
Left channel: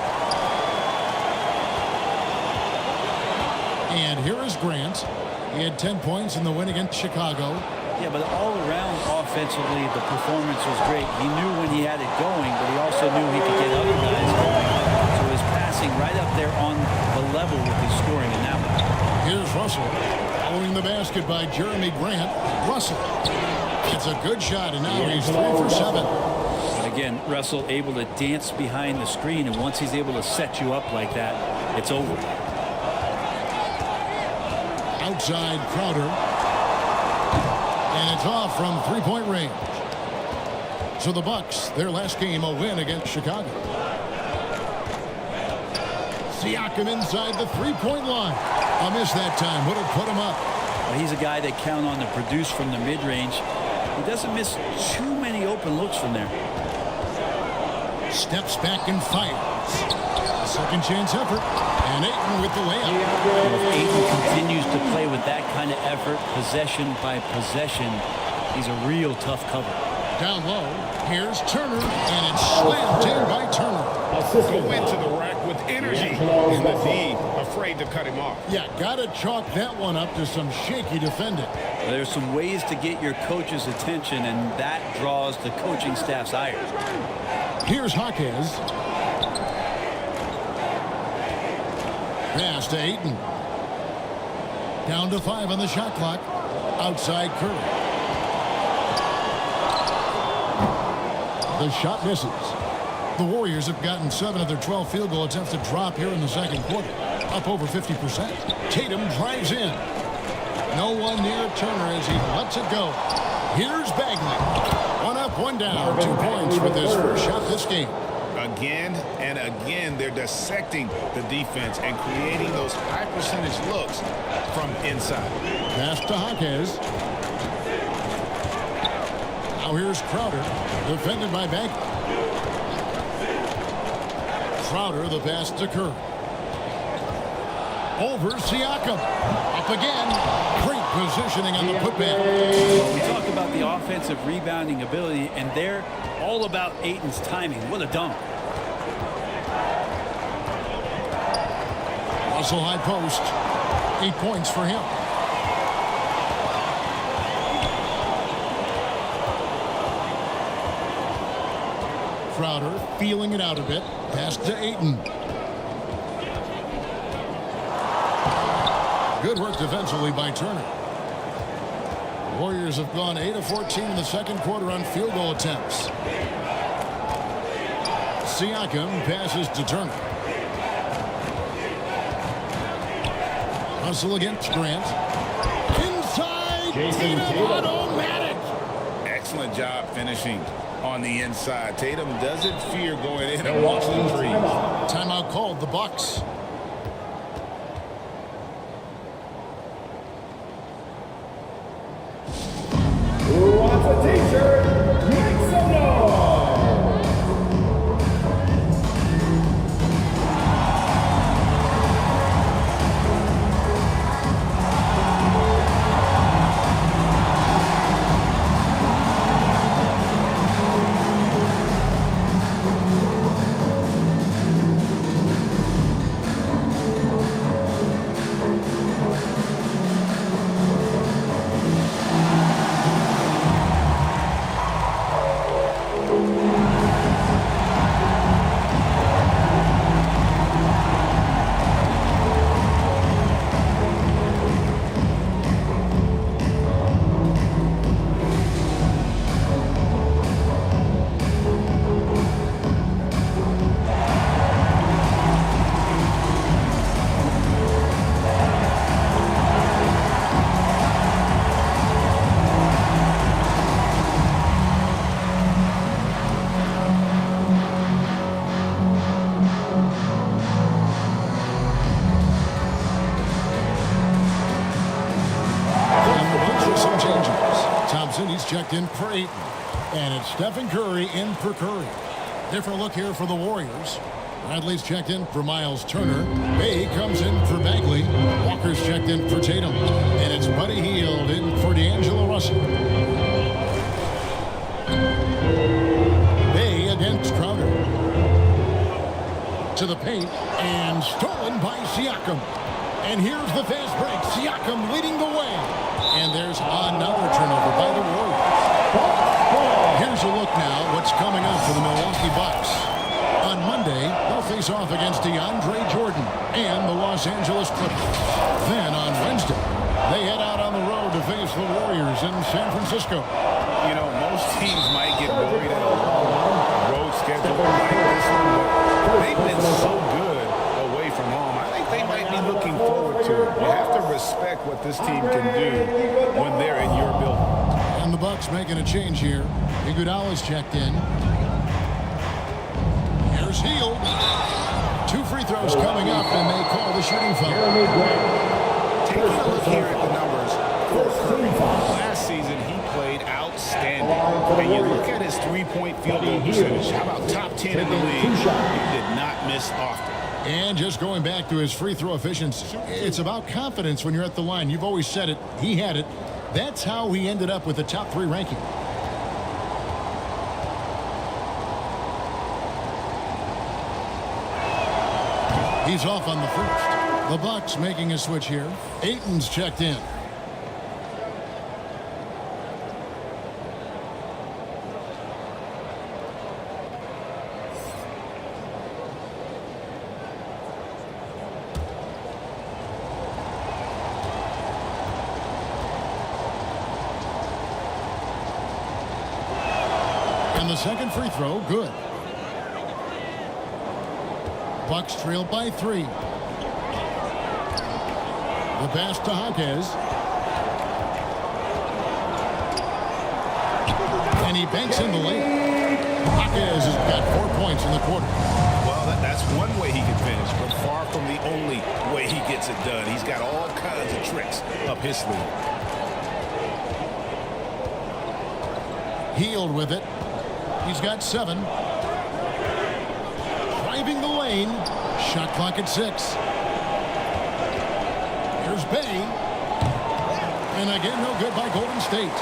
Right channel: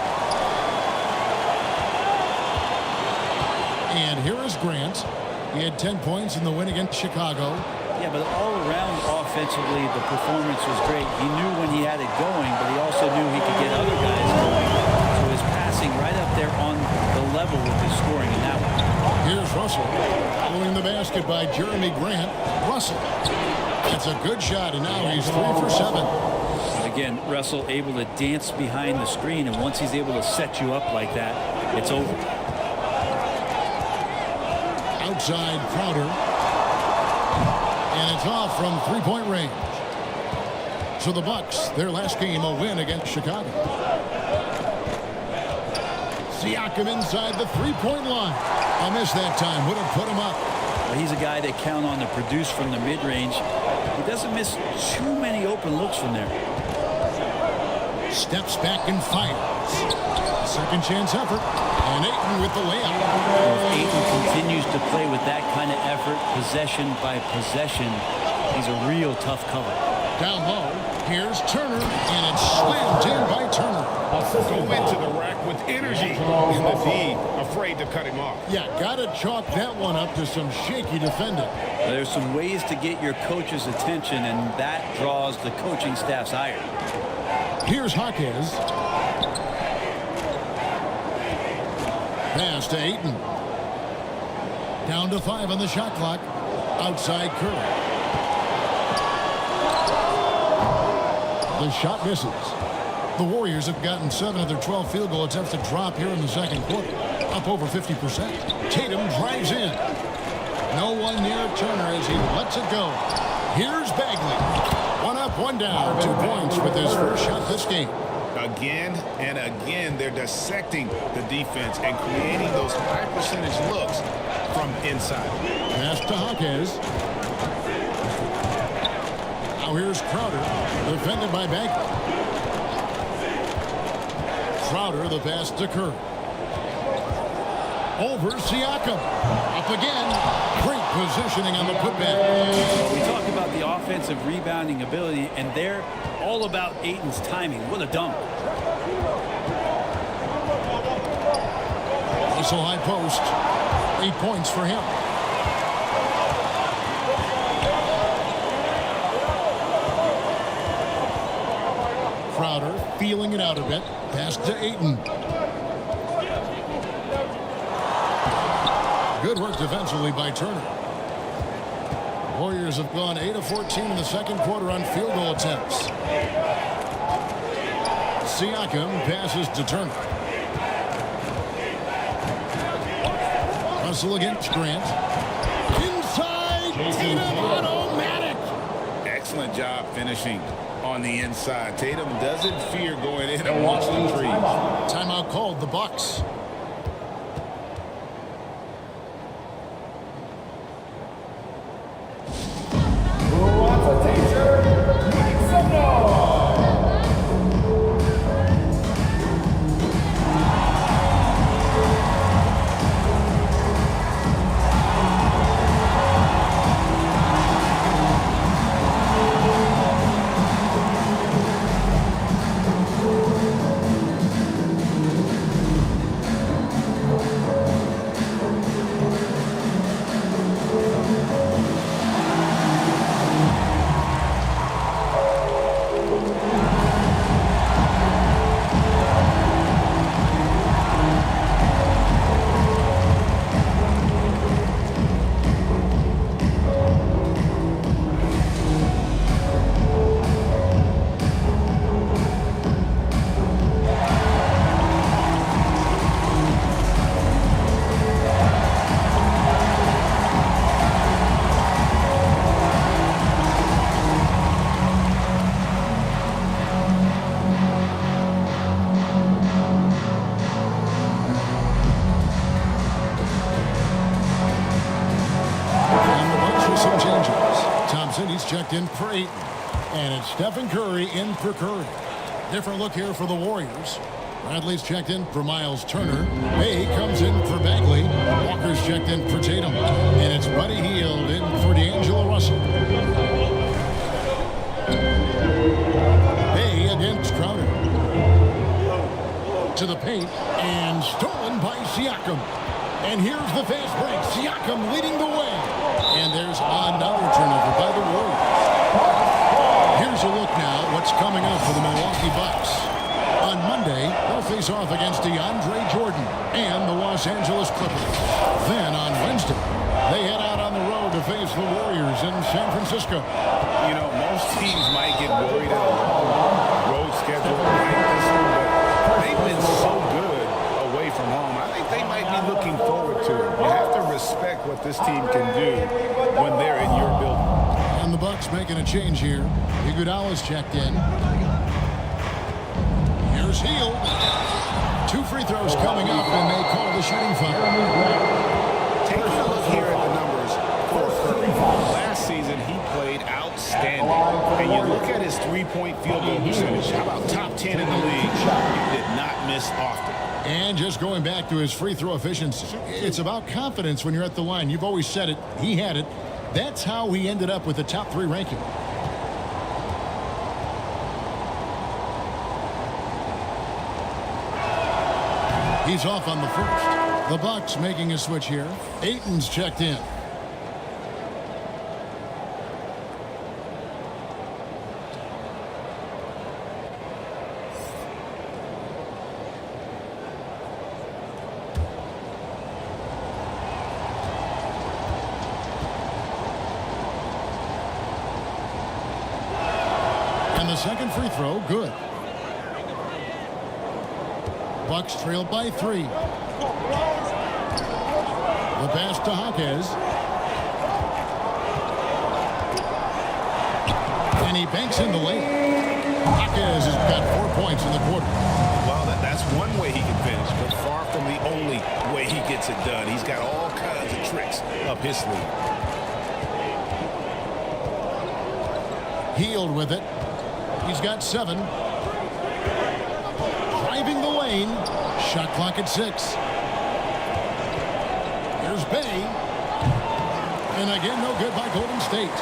And here is Grant. He had 10 points in the win against Chicago. Yeah, but all around offensively, the performance was great. He knew when he had it going, but he also knew he could get other guys going. So his passing right up there on the level with his scoring in that one. Here's Russell. Following the basket by Jeremy Grant. Russell. It's a good shot, and now he's 3 for 7. Again, Russell able to dance behind the screen, and once he's able to set you up like that, it's over. Outside Crowder. And it's off from three-point range. So the Bucks, their last game, a win against Chicago. Siakam inside the three-point line. A miss that time. Would have put him up. Well, he's a guy they count on to produce from the mid-range. He doesn't miss too many open looks from there. Steps back and fires. A second chance effort. And Ayton with the layup. Well, if Ayton continues to play with that kind of effort, possession by possession, he's a real tough cover. Down low, here's Turner, and it's slammed in by Turner. Go into the rack with energy. And the D afraid to cut him off. Yeah, got to chalk that one up to some shaky defending. There's some ways to get your coach's attention, and that draws the coaching staff's ire. Here's Jaquez. Pass to Ayton. Down to 5 on the shot clock. Outside Curry. The shot misses. The Warriors have gotten 7 of their 12 field goal attempts to drop here in the second quarter. Up over 50%. Tatum drives in. No one near Turner as he lets it go. Here's Bagley. 1 up, 1 down. 2 points with his first shot this game. Again and again, they're dissecting the defense and creating those high percentage looks from inside. Pass to Jaquez. Now here's Crowder, defended by Bagley. Crowder, the pass to Curry. Over Siakam. Up again. Great positioning on the putback. Well, we talk about the offensive rebounding ability, and they're all about Ayton's timing. What a dunk. Russell high post. 8 points for him. Crowder feeling it out a bit. Pass to Ayton. Good work defensively by Turner. The Warriors have gone 8 of 14 in the second quarter on field goal attempts. Siakam passes to Turner. Russell against Grant. Inside. Tatum automatic. Excellent job finishing on the inside. Tatum doesn't fear going in amongst the trees. Timeout called, the Bucks. Who wants a t-shirt? Make some noise! Some changes. Thompson, he's checked in for Ayton. And it's Stephen Curry in for Curry. Different look here for the Warriors. Bradley's checked in for Miles Turner. Bay comes in for Bagley. Walker's checked in for Tatum. And it's Buddy Hield in for D'Angelo Russell. Bay against Crowder. To the paint, and stolen by Siakam. And here's the fast break. Siakam leading the way. And there's another turnover by the Warriors. Here's a look now what's coming up for the Milwaukee Bucks. On Monday, they'll face off against DeAndre Jordan and the Los Angeles Clippers. Then on Wednesday, they head out on the road to face the Warriors in San Francisco. You know, most teams might get worried at a long road schedule like this one, but they've been so good away from home. I think they might be looking forward to it. You have to respect what this team can do when they're in your building. And the Bucks making a change here. Iguodala's checked in. Here's Hield. 2 free throws coming up, and they call the shooting foul. Taking a look here at the numbers for Curry. Last season, he played outstanding. And you look at his three-point field goal percentage. How about top 10 in the league? He did not miss often. And just going back to his free throw efficiency. It's about confidence when you're at the line. You've always said it. He had it. That's how he ended up with the top 3 ranking. He's off on the first. The Bucks making a switch here. Ayton's checked in. And the second free throw, good. Bucks trail by 3. The pass to Jaquez. And he banks in the layup. Jaquez has got 4 points in the quarter. Well, that's one way he can finish, but far from the only way he gets it done. He's got all kinds of tricks up his sleeve. Hield with it. He's got 7. Driving the lane. Shot clock at 6. Here's Bay. And again, no good by Golden State.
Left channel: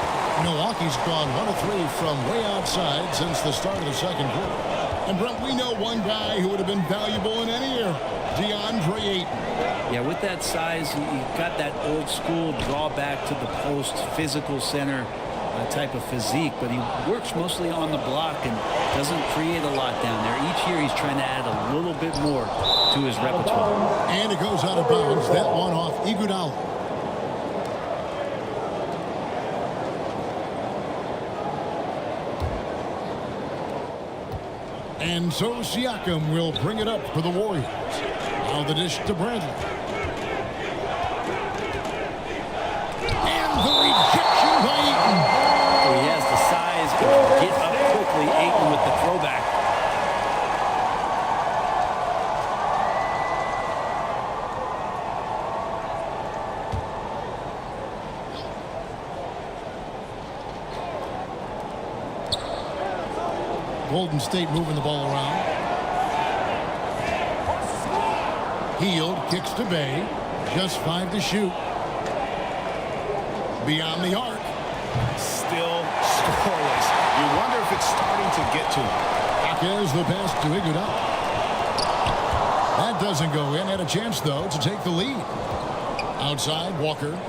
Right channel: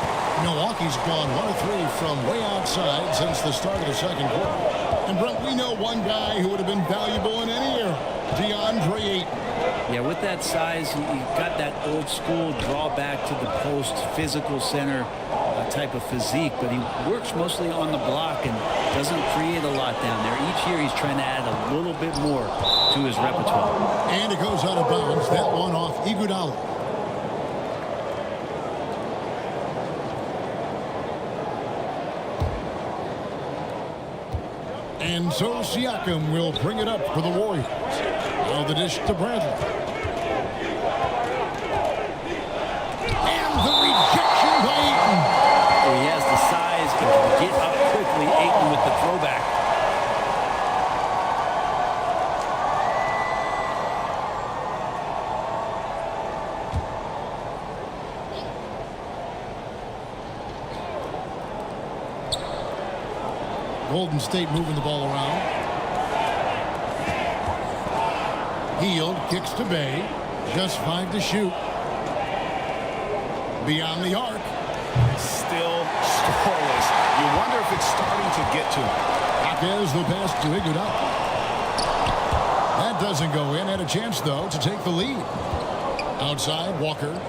Milwaukee's gone 1 of 3 from way outside since the start of the second quarter. And Brent, we know one guy who would have been valuable in any era, DeAndre Ayton. Yeah, with that size, he got that old school draw back to the post, physical center type of physique, but he works mostly on the block and doesn't create a lot down there. Each year he's trying to add a little bit more to his repertoire. And it goes out of bounds. That one off Iguodala. And so Siakam will bring it up for the Warriors. Now the dish to Bradley. And the rejection by Ayton. Oh, he has the size and can get up quickly. Ayton with the throwback. Golden State moving the ball around. Hield kicks to Bay. Just 5 to shoot. Beyond the arc. Still scoreless. You wonder if it's starting to get to him. Jaquez the pass to Iguodala. That doesn't go in. Had a chance, though, to take the lead. Outside, Walker.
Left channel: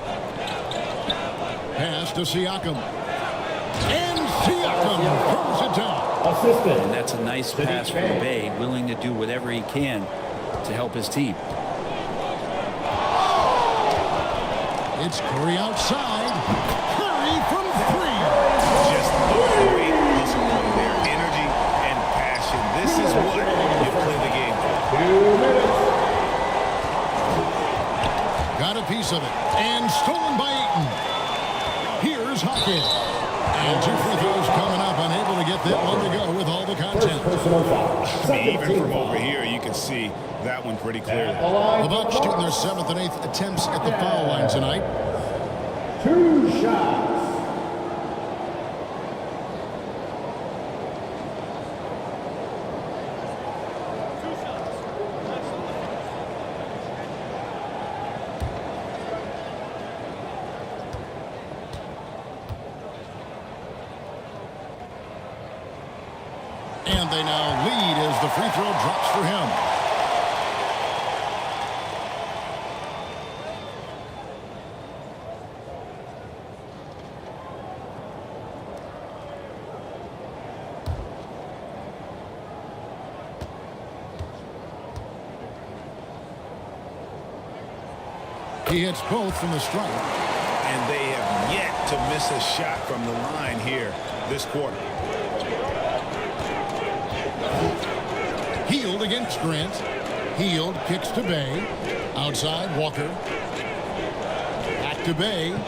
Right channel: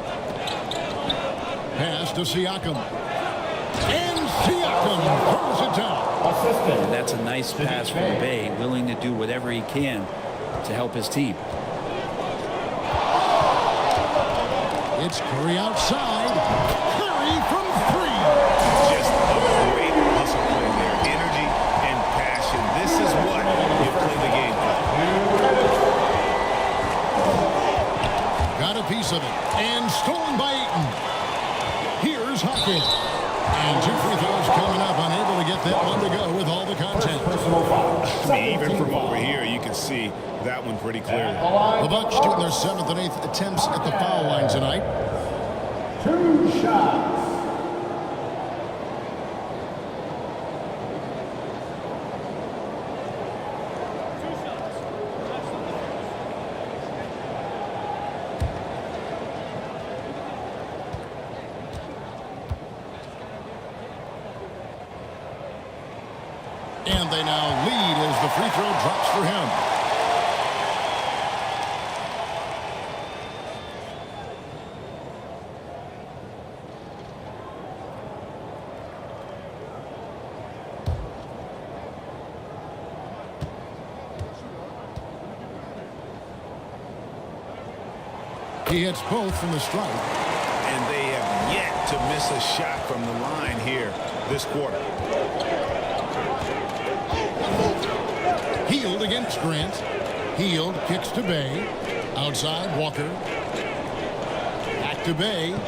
Pass to Siakam. And Siakam throws it down. And that's a nice pass from Bay, willing to do whatever he can to help his team. It's Curry outside. Curry from 3. Just a great hustle play there. Energy and passion. This is what you play the game for. Got a piece of it. And stolen by Ayton. Here's Jaquez. And 2 free throws coming up. Unable to get that one to go with all the contact. I mean, even from over here, you can see that one pretty clearly. The Bucks shooting their 7th and 8th attempts at the foul line tonight. 2 shots. And they now lead as the free throw drops for him. He hits both from the stripe. And they have yet to miss a shot from the line here this quarter. Hield against Grant. Hield kicks to Bay. Outside, Walker. Back to Bay.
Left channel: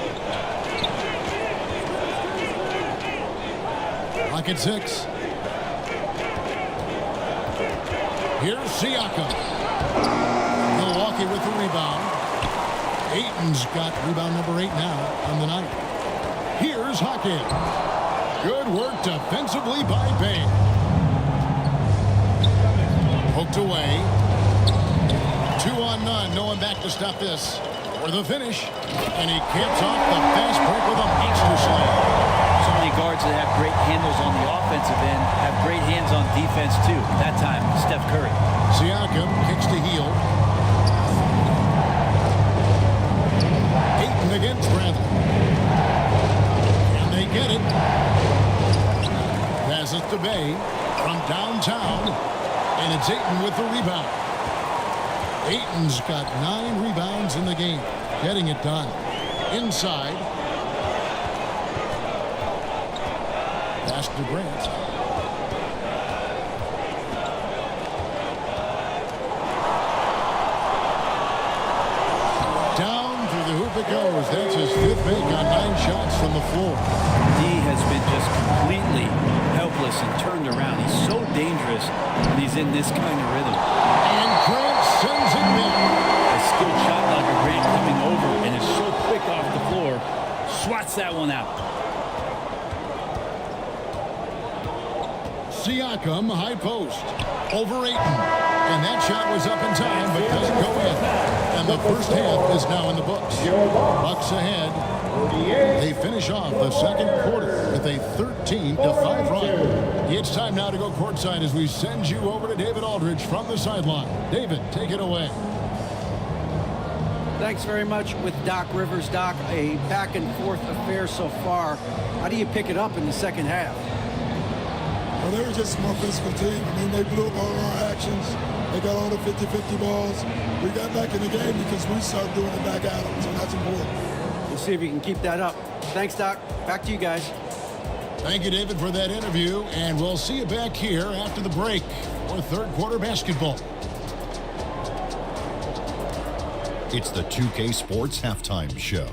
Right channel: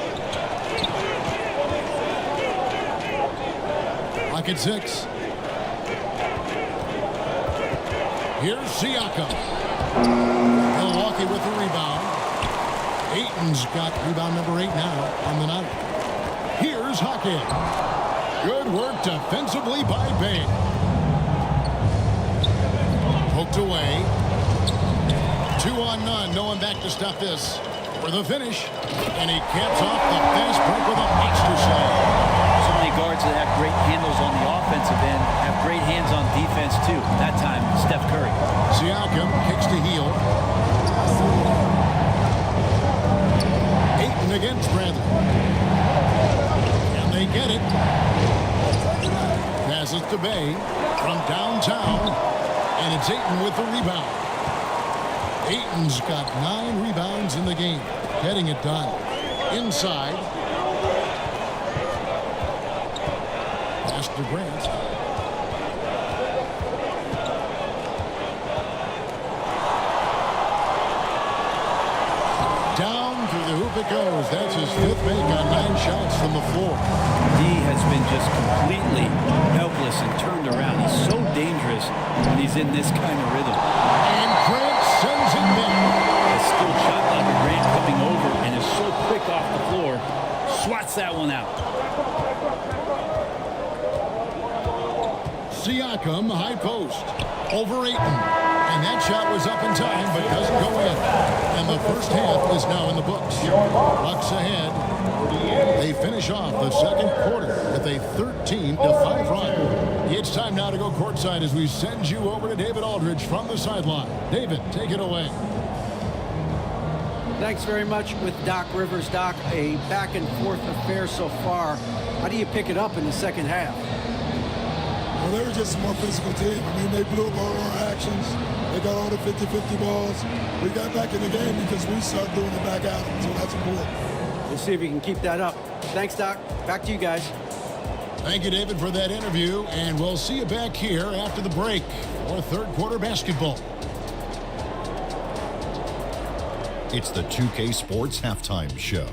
Lock at 6. Here's Siakam. Milwaukee with the rebound. Ayton's got rebound number 8 now on the night. Here's Hockett. Good work defensively by Bay. Poked away. 2 on none. No one back to stop this. For the finish. And he caps off the fast break with a monster slam. So many guards that have great handles on the offensive end have great hands on defense, too. That time, Steph Curry. Siakam kicks to Hield. Ayton against Bradley. Can they get it? Passes to Bay from downtown. And it's Ayton with the rebound. Ayton's got 9 rebounds in the game. Getting it done. Inside. Pass to Grant. Down through the hoop it goes. That's his 5th make on 9 shots from the floor. D has been just completely helpless and turned around. He's so dangerous when he's in this kind of rhythm. And Grant sends it back. A skilled shot like a Grant coming over and is so quick off the floor. Swats that one out. Siakam, high post. Over Ayton. And that shot was up in time, but doesn't go in. And the first half is now in the books. Bucks ahead. They finish off the second quarter with a 13-5 run. It's time now to go courtside as we send you over to David Aldridge from the sideline. David, take it away. Thanks very much with Doc Rivers. Doc, a back-and-forth affair so far. How do you pick it up in the second half? Well, they were just a more physical team. I mean, they blew up all our actions. They got all the 50-50 balls. We got back in the game because we started doing it back at them, so that's important. We'll see if you can keep that up. Thanks, Doc. Back to you guys. Thank you, David, for that interview, and we'll see you back here after the break for third quarter basketball. It's the 2K Sports Halftime Show.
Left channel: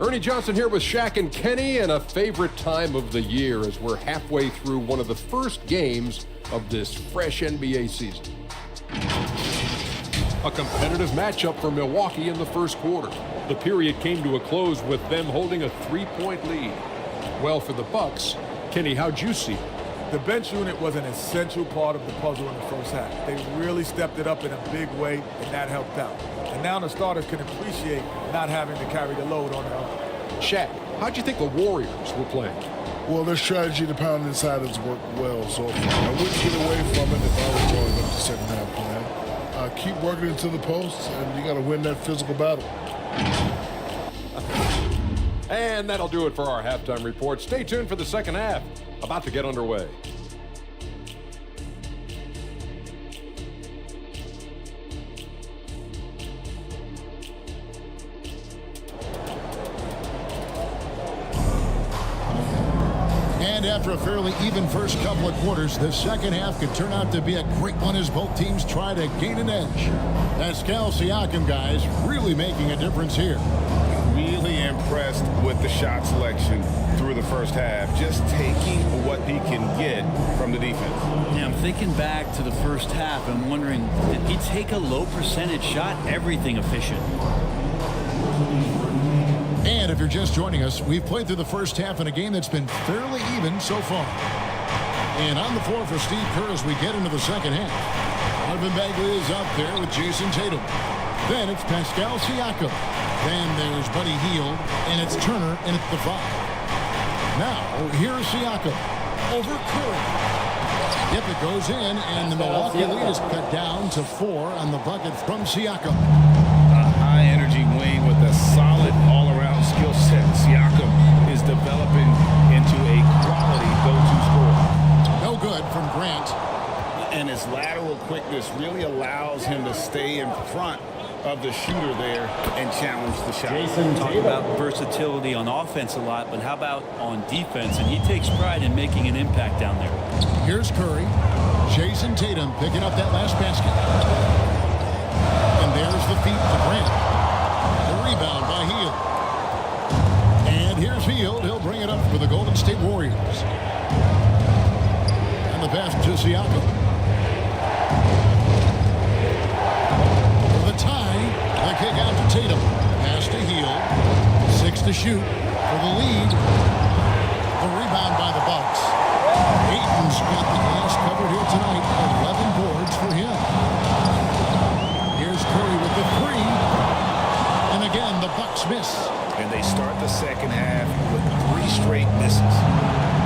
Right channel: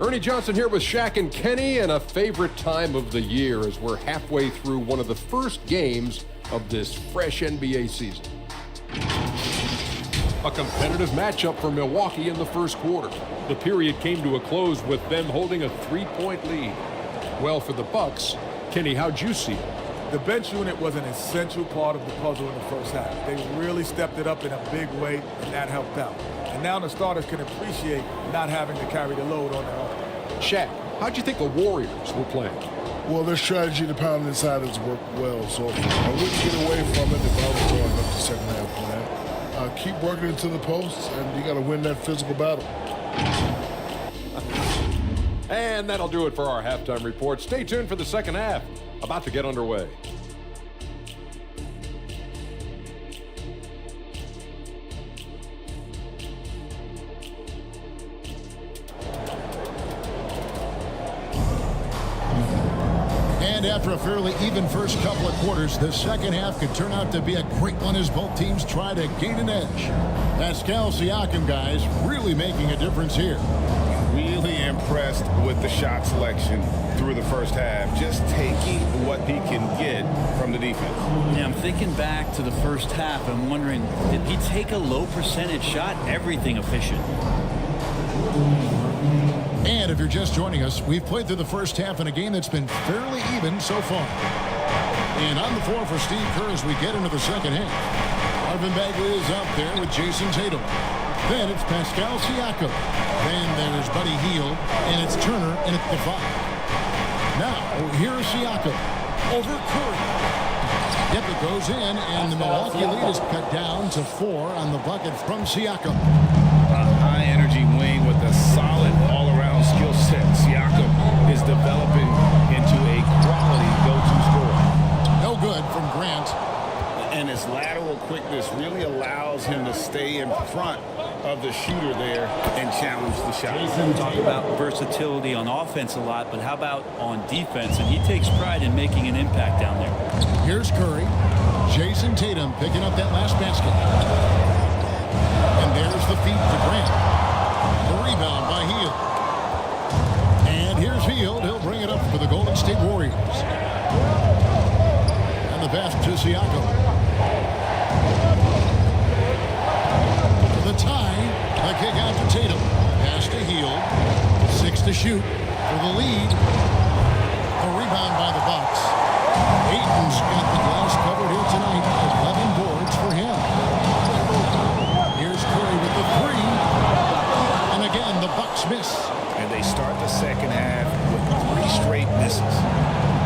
Ernie Johnson here with Shaq and Kenny, and a favorite time of the year as we're halfway through one of the first games of this fresh NBA season. A competitive matchup for Milwaukee in the first quarter. The period came to a close with them holding a 3-point lead. Well, for the Bucks, Kenny, how'd you see it? The bench unit was an essential part of the puzzle in the first half. They really stepped it up in a big way, and that helped out. And now the starters can appreciate not having to carry the load on their own. Shaq, how'd you think the Warriors were playing? Well, their strategy to pound inside has worked well so far. I wouldn't get away from it if I was drawing up the second half plan. Keep working into the posts, and you got to win that physical battle. And that'll do it for our halftime report. Stay tuned for the second half, about to get underway. And after a fairly even first couple of quarters, the second half could turn out to be a great one as both teams try to gain an edge. Pascal Siakam, guys, really making a difference here. Really impressed with the shot selection through the first half, just taking what he can get from the defense. Yeah, I'm thinking back to the first half. I'm wondering, did he take a low percentage shot? Everything efficient. And if you're just joining us, we've played through the first half in a game that's been fairly even so far. And on the floor for Steve Kerr as we get into the second half. Marvin Bagley is up there with Jason Tatum. Then it's Pascal Siakam. Then there's Buddy Hield, and it's Turner in at the 5. Now, here's Siakam. over Curry. Yep, it goes in, and the Milwaukee lead is cut down to 4 on the bucket from Siakam. A high-energy wing with a solid all-around skill set. Siakam is developing into a quality go-to scorer. No good from Grant. And his lateral quickness really allows him to stay in front of the shooter there and challenge the shot. Talk about versatility on offense a lot, but how about on defense? And he takes pride in making an impact down there. Here's Curry. Jason Tatum picking up that last basket. And there's the feed to Grant. The rebound by Hield. And here's Hield. He'll bring it up for the Golden State Warriors. And the pass to Siakam. For the tie, the kick out to Tatum. Pass to Hield. 6 to shoot for the lead. The rebound by the Bucks. Ayton's got the glass covered here tonight. 11 boards for him. Here's Curry with the 3. And again, the Bucks miss. And they start the second half with 3 straight misses.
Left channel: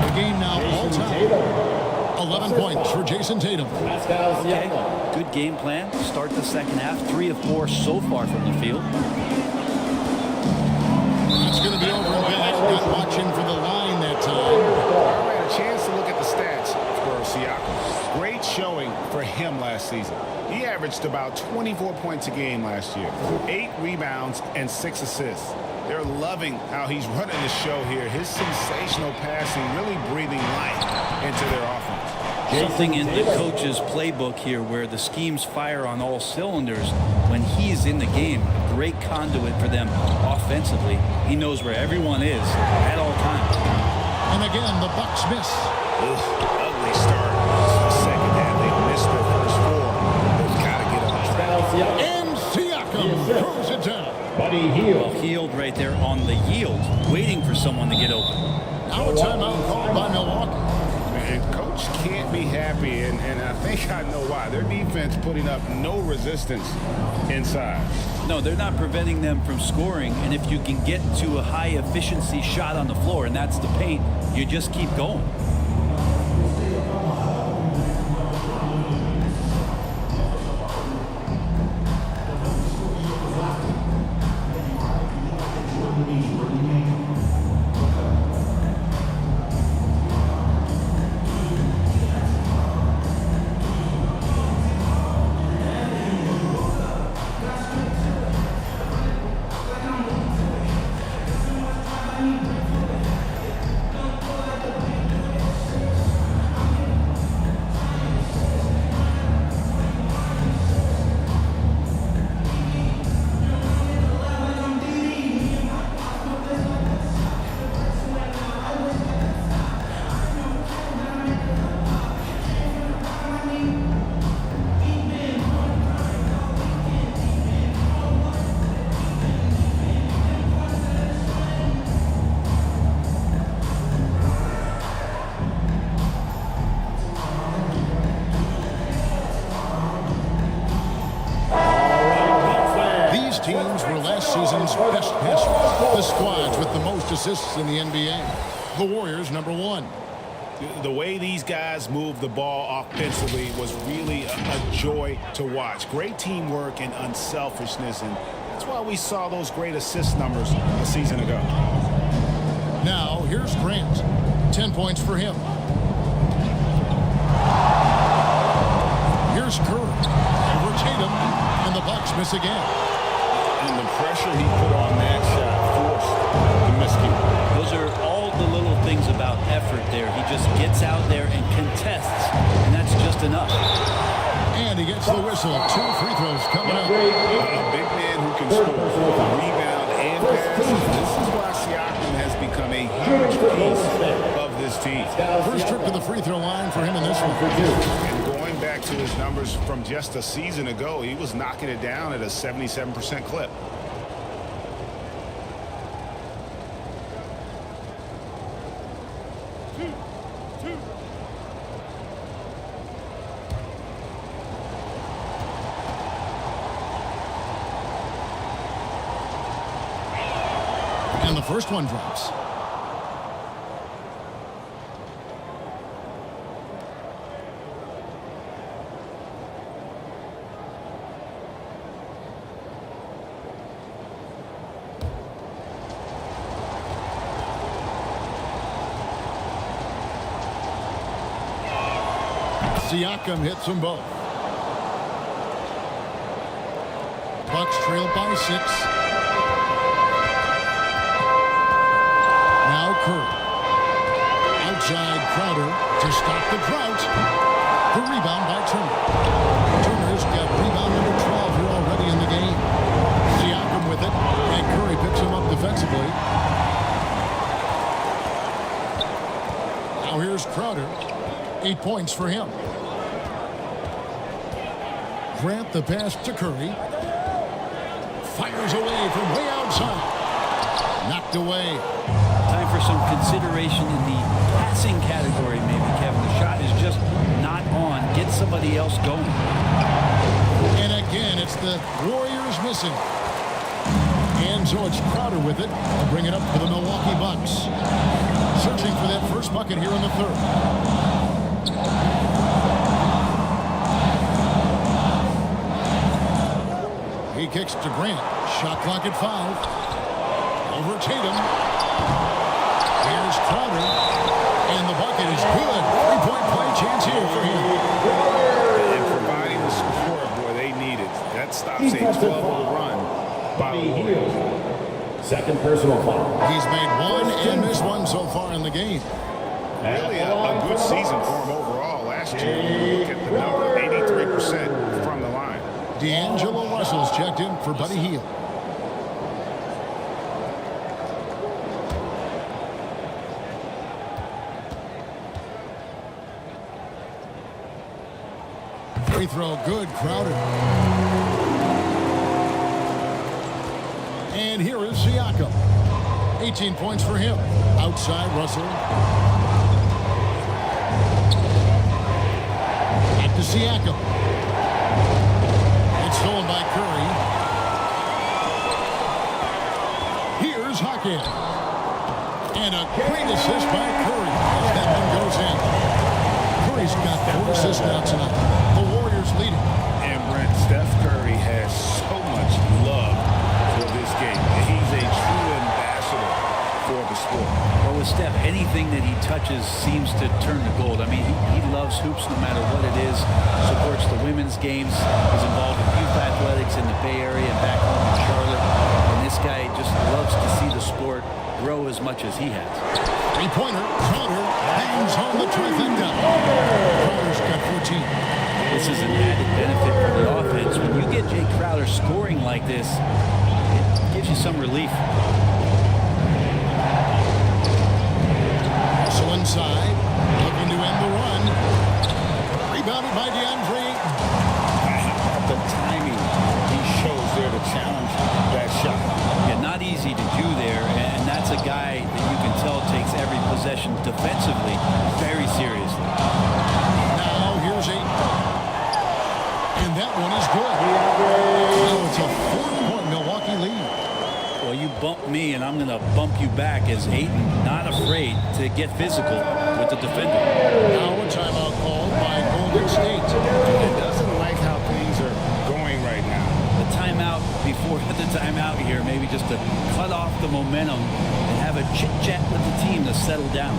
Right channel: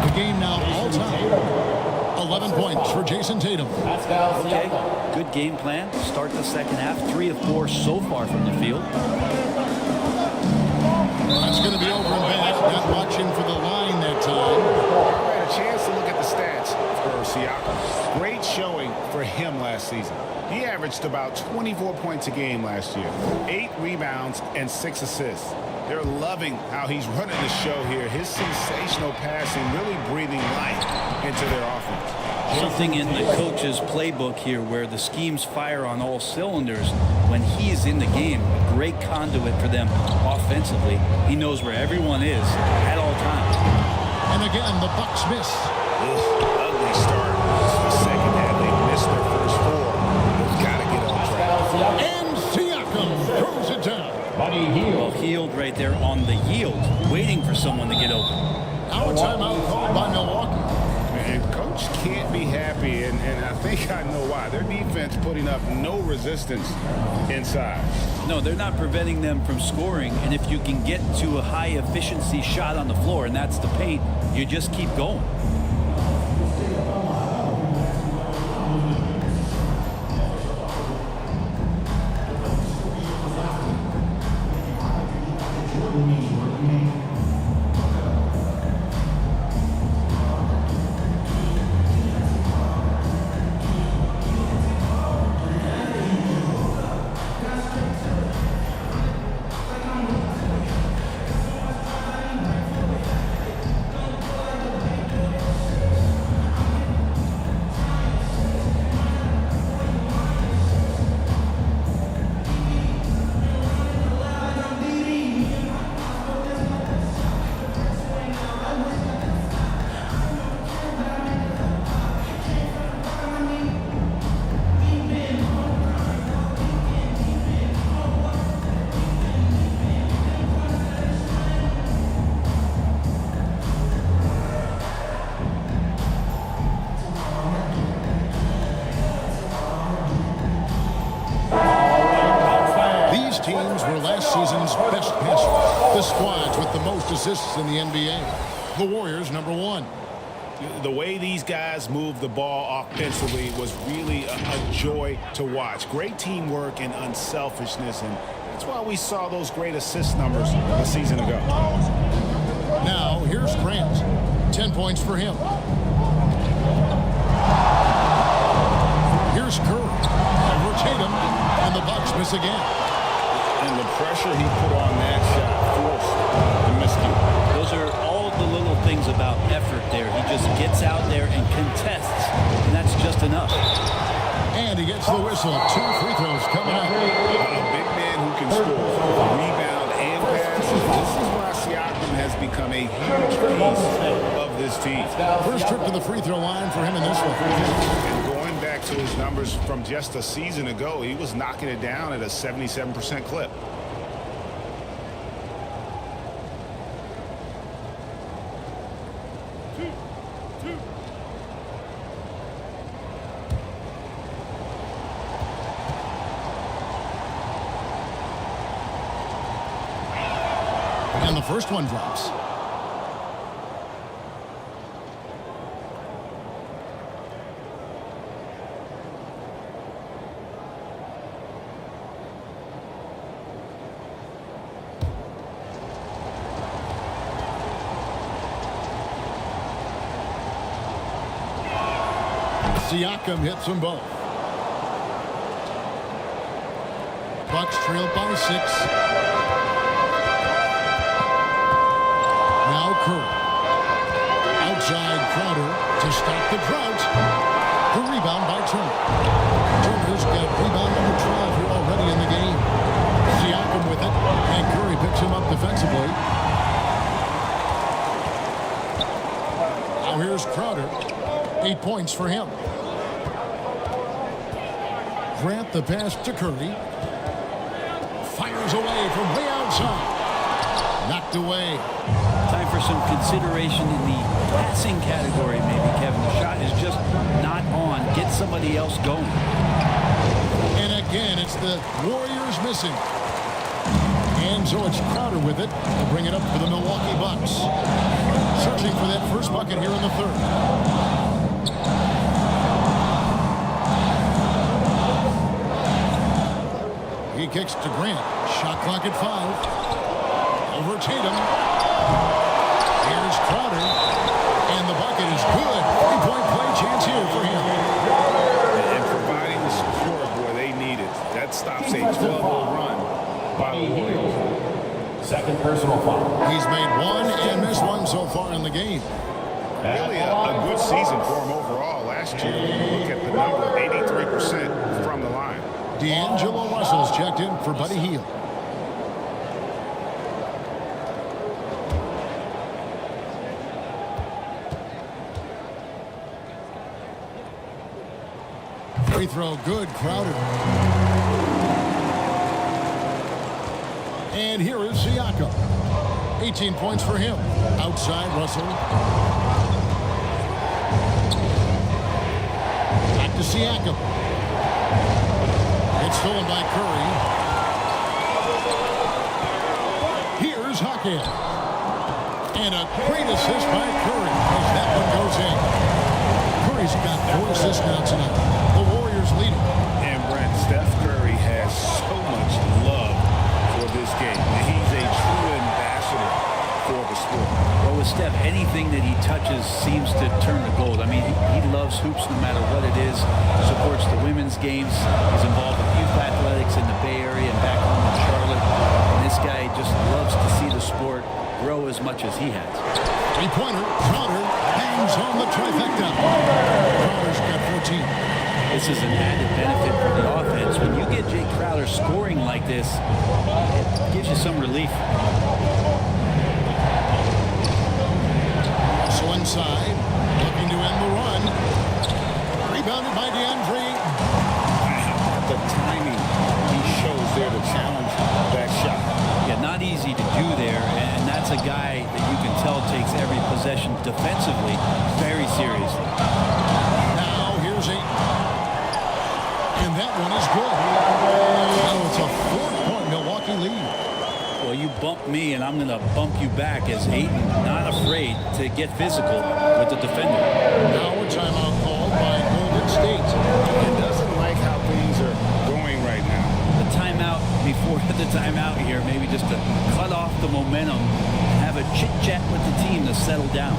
The game now all-time. 11 points for Jason Tatum. Okay, good game plan. Start the second half. 3 of 4 so far from the field. That's going to be over and back. Not watching for the line that time. All right, a chance to look at the stats for Siakam. Great showing for him last season. He averaged about 24 points a game last year, 8 rebounds and 6 assists. They're loving how he's running the show here. His sensational passing really breathing life into their offense. Something in the coach's playbook here where the schemes fire on all cylinders when he's in the game. A great conduit for them offensively. He knows where everyone is at all times. And again, the Bucks miss. Ugly start to the second half. They've missed their first 4. They've got to get on track. And Siakam throws it down. Well, Hield right there on the yield, waiting for someone to get open. Now a timeout called by Milwaukee. And coach can't be happy, and I think I know why. Their defense putting up no resistance inside. No, they're not preventing them from scoring, and if you can get to a high-efficiency shot on the floor, and that's the paint, you just keep going. These teams were last season's best passers. The squads with the most assists in the NBA. The Warriors, number 1. The way these guys moved the ball offensively was really a joy to watch. Great teamwork and unselfishness, and that's why we saw those great assist numbers a season ago. Now, here's Grant. 10 points for him. Here's Curry. Over Tatum, and the Bucks miss again. And the pressure he put on that shot forced the miscue. Those are all the little things about effort there. He just gets out there and contests, and that's just enough. And he gets the whistle. 2 free throws coming up. A big man who can score, rebound, and pass. This is why Siakam has become a huge piece of this team. First trip to the free throw line for him in this one. And going back to his numbers from just a season ago, he was knocking it down at a 77% clip. And the first one drops. Siakam hits them both. Bucks trail by 6. Now Curry. Outside Crowder to stop the drought. The rebound by Turner. Turner's got rebound number 12 here already in the game. Siakam with it, and Curry picks him up defensively. Now here's Crowder. 8 points for him. Grant the pass to Curry. Fires away from way outside. Knocked away. Time for some consideration in the passing category, maybe, Kevin. The shot is just not on. Get somebody else going. And again, it's the Warriors missing. And so it's Crowder with it. They'll bring it up for the Milwaukee Bucks. Searching for that first bucket here in the third. He kicks to Grant. Shot clock at 5. Over Tatum. Here's Crowder. And the bucket is good. 3-point play chance here for him. And providing the support, boy, they need it. That stops a 12-0 run by the Warriors. Second personal foul. He's made one and missed one so far in the game. Really a good season for him overall. Last year, when you look at the number, 83% from the line. D'Angelo Russell's checked in for Buddy Hield. Free throw good, Crowder. And here is Siakam. 18 points for him. Outside Russell. Back to Siakam. It's stolen by Curry. Here's Hackett. And a great assist by Curry as that one goes in. Curry's got 4 assists now tonight. The Warriors leading. And Brent, Steph Curry has so much love for this game. He's a true ambassador for the sport. Well, with Steph, anything that he touches seems to turn to gold. I mean, he loves hoops no matter what it is. Supports the women's games. He's involved with youth athletics in the Bay Area and back home in Charlotte. And this guy just loves to see the sport grow as much as he has. Three-pointer. Crowder hangs home the trifecta. Crowder's got 14. This is an added benefit for the offense. When you get Jay Crowder scoring like this, it gives you some relief. Russell inside, looking to end the run. Rebounded by DeAndre Ayton. How about the timing he shows there to challenge that shot? Yeah, not easy to do there, and that's a guy that you can tell takes every possession defensively very seriously. Now here's Ayton. And that one is good. Now it's a 4-point Milwaukee lead. Well, you bump me, and I'm going to bump you back as Ayton, not afraid to get physical with the defender. Now a timeout called by Golden State. And doesn't like how things are going right now. The timeout before the timeout here, maybe just to cut off the momentum and have a chit-chat with the team to settle down.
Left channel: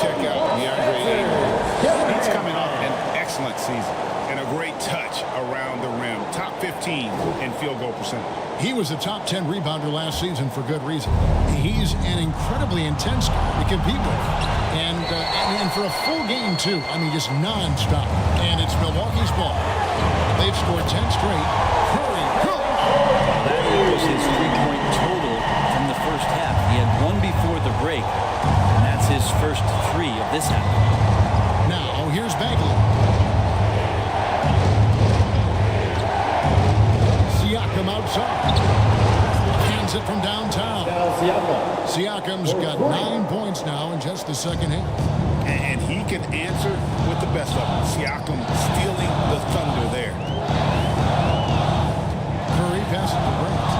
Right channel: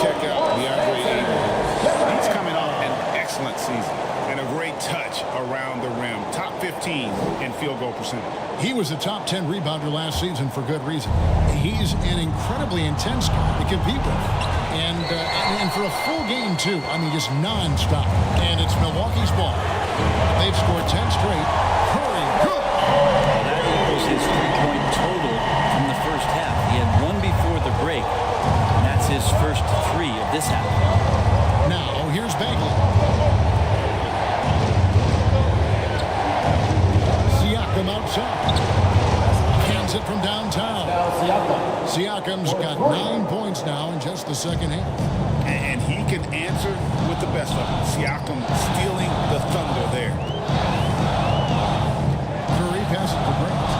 Check out DeAndre Ayton. He's coming off an excellent season and a great touch around the rim. Top 15 in field goal percentage. He was a top 10 rebounder last season for good reason. He's an incredibly intense guy to compete with. And for a full game, too. I mean, just nonstop. And it's Milwaukee's ball. They've scored 10 straight. Curry, good. Well, that equals his three-point total from the first half. He had one before the break, and that's his first three of this half. Now, here's Bagley. Siakam outside. Hands it from downtown. Siakam's got 9 points now in just the second half. And he can answer with the best of them. Siakam stealing the thunder there. Curry passes to Grant.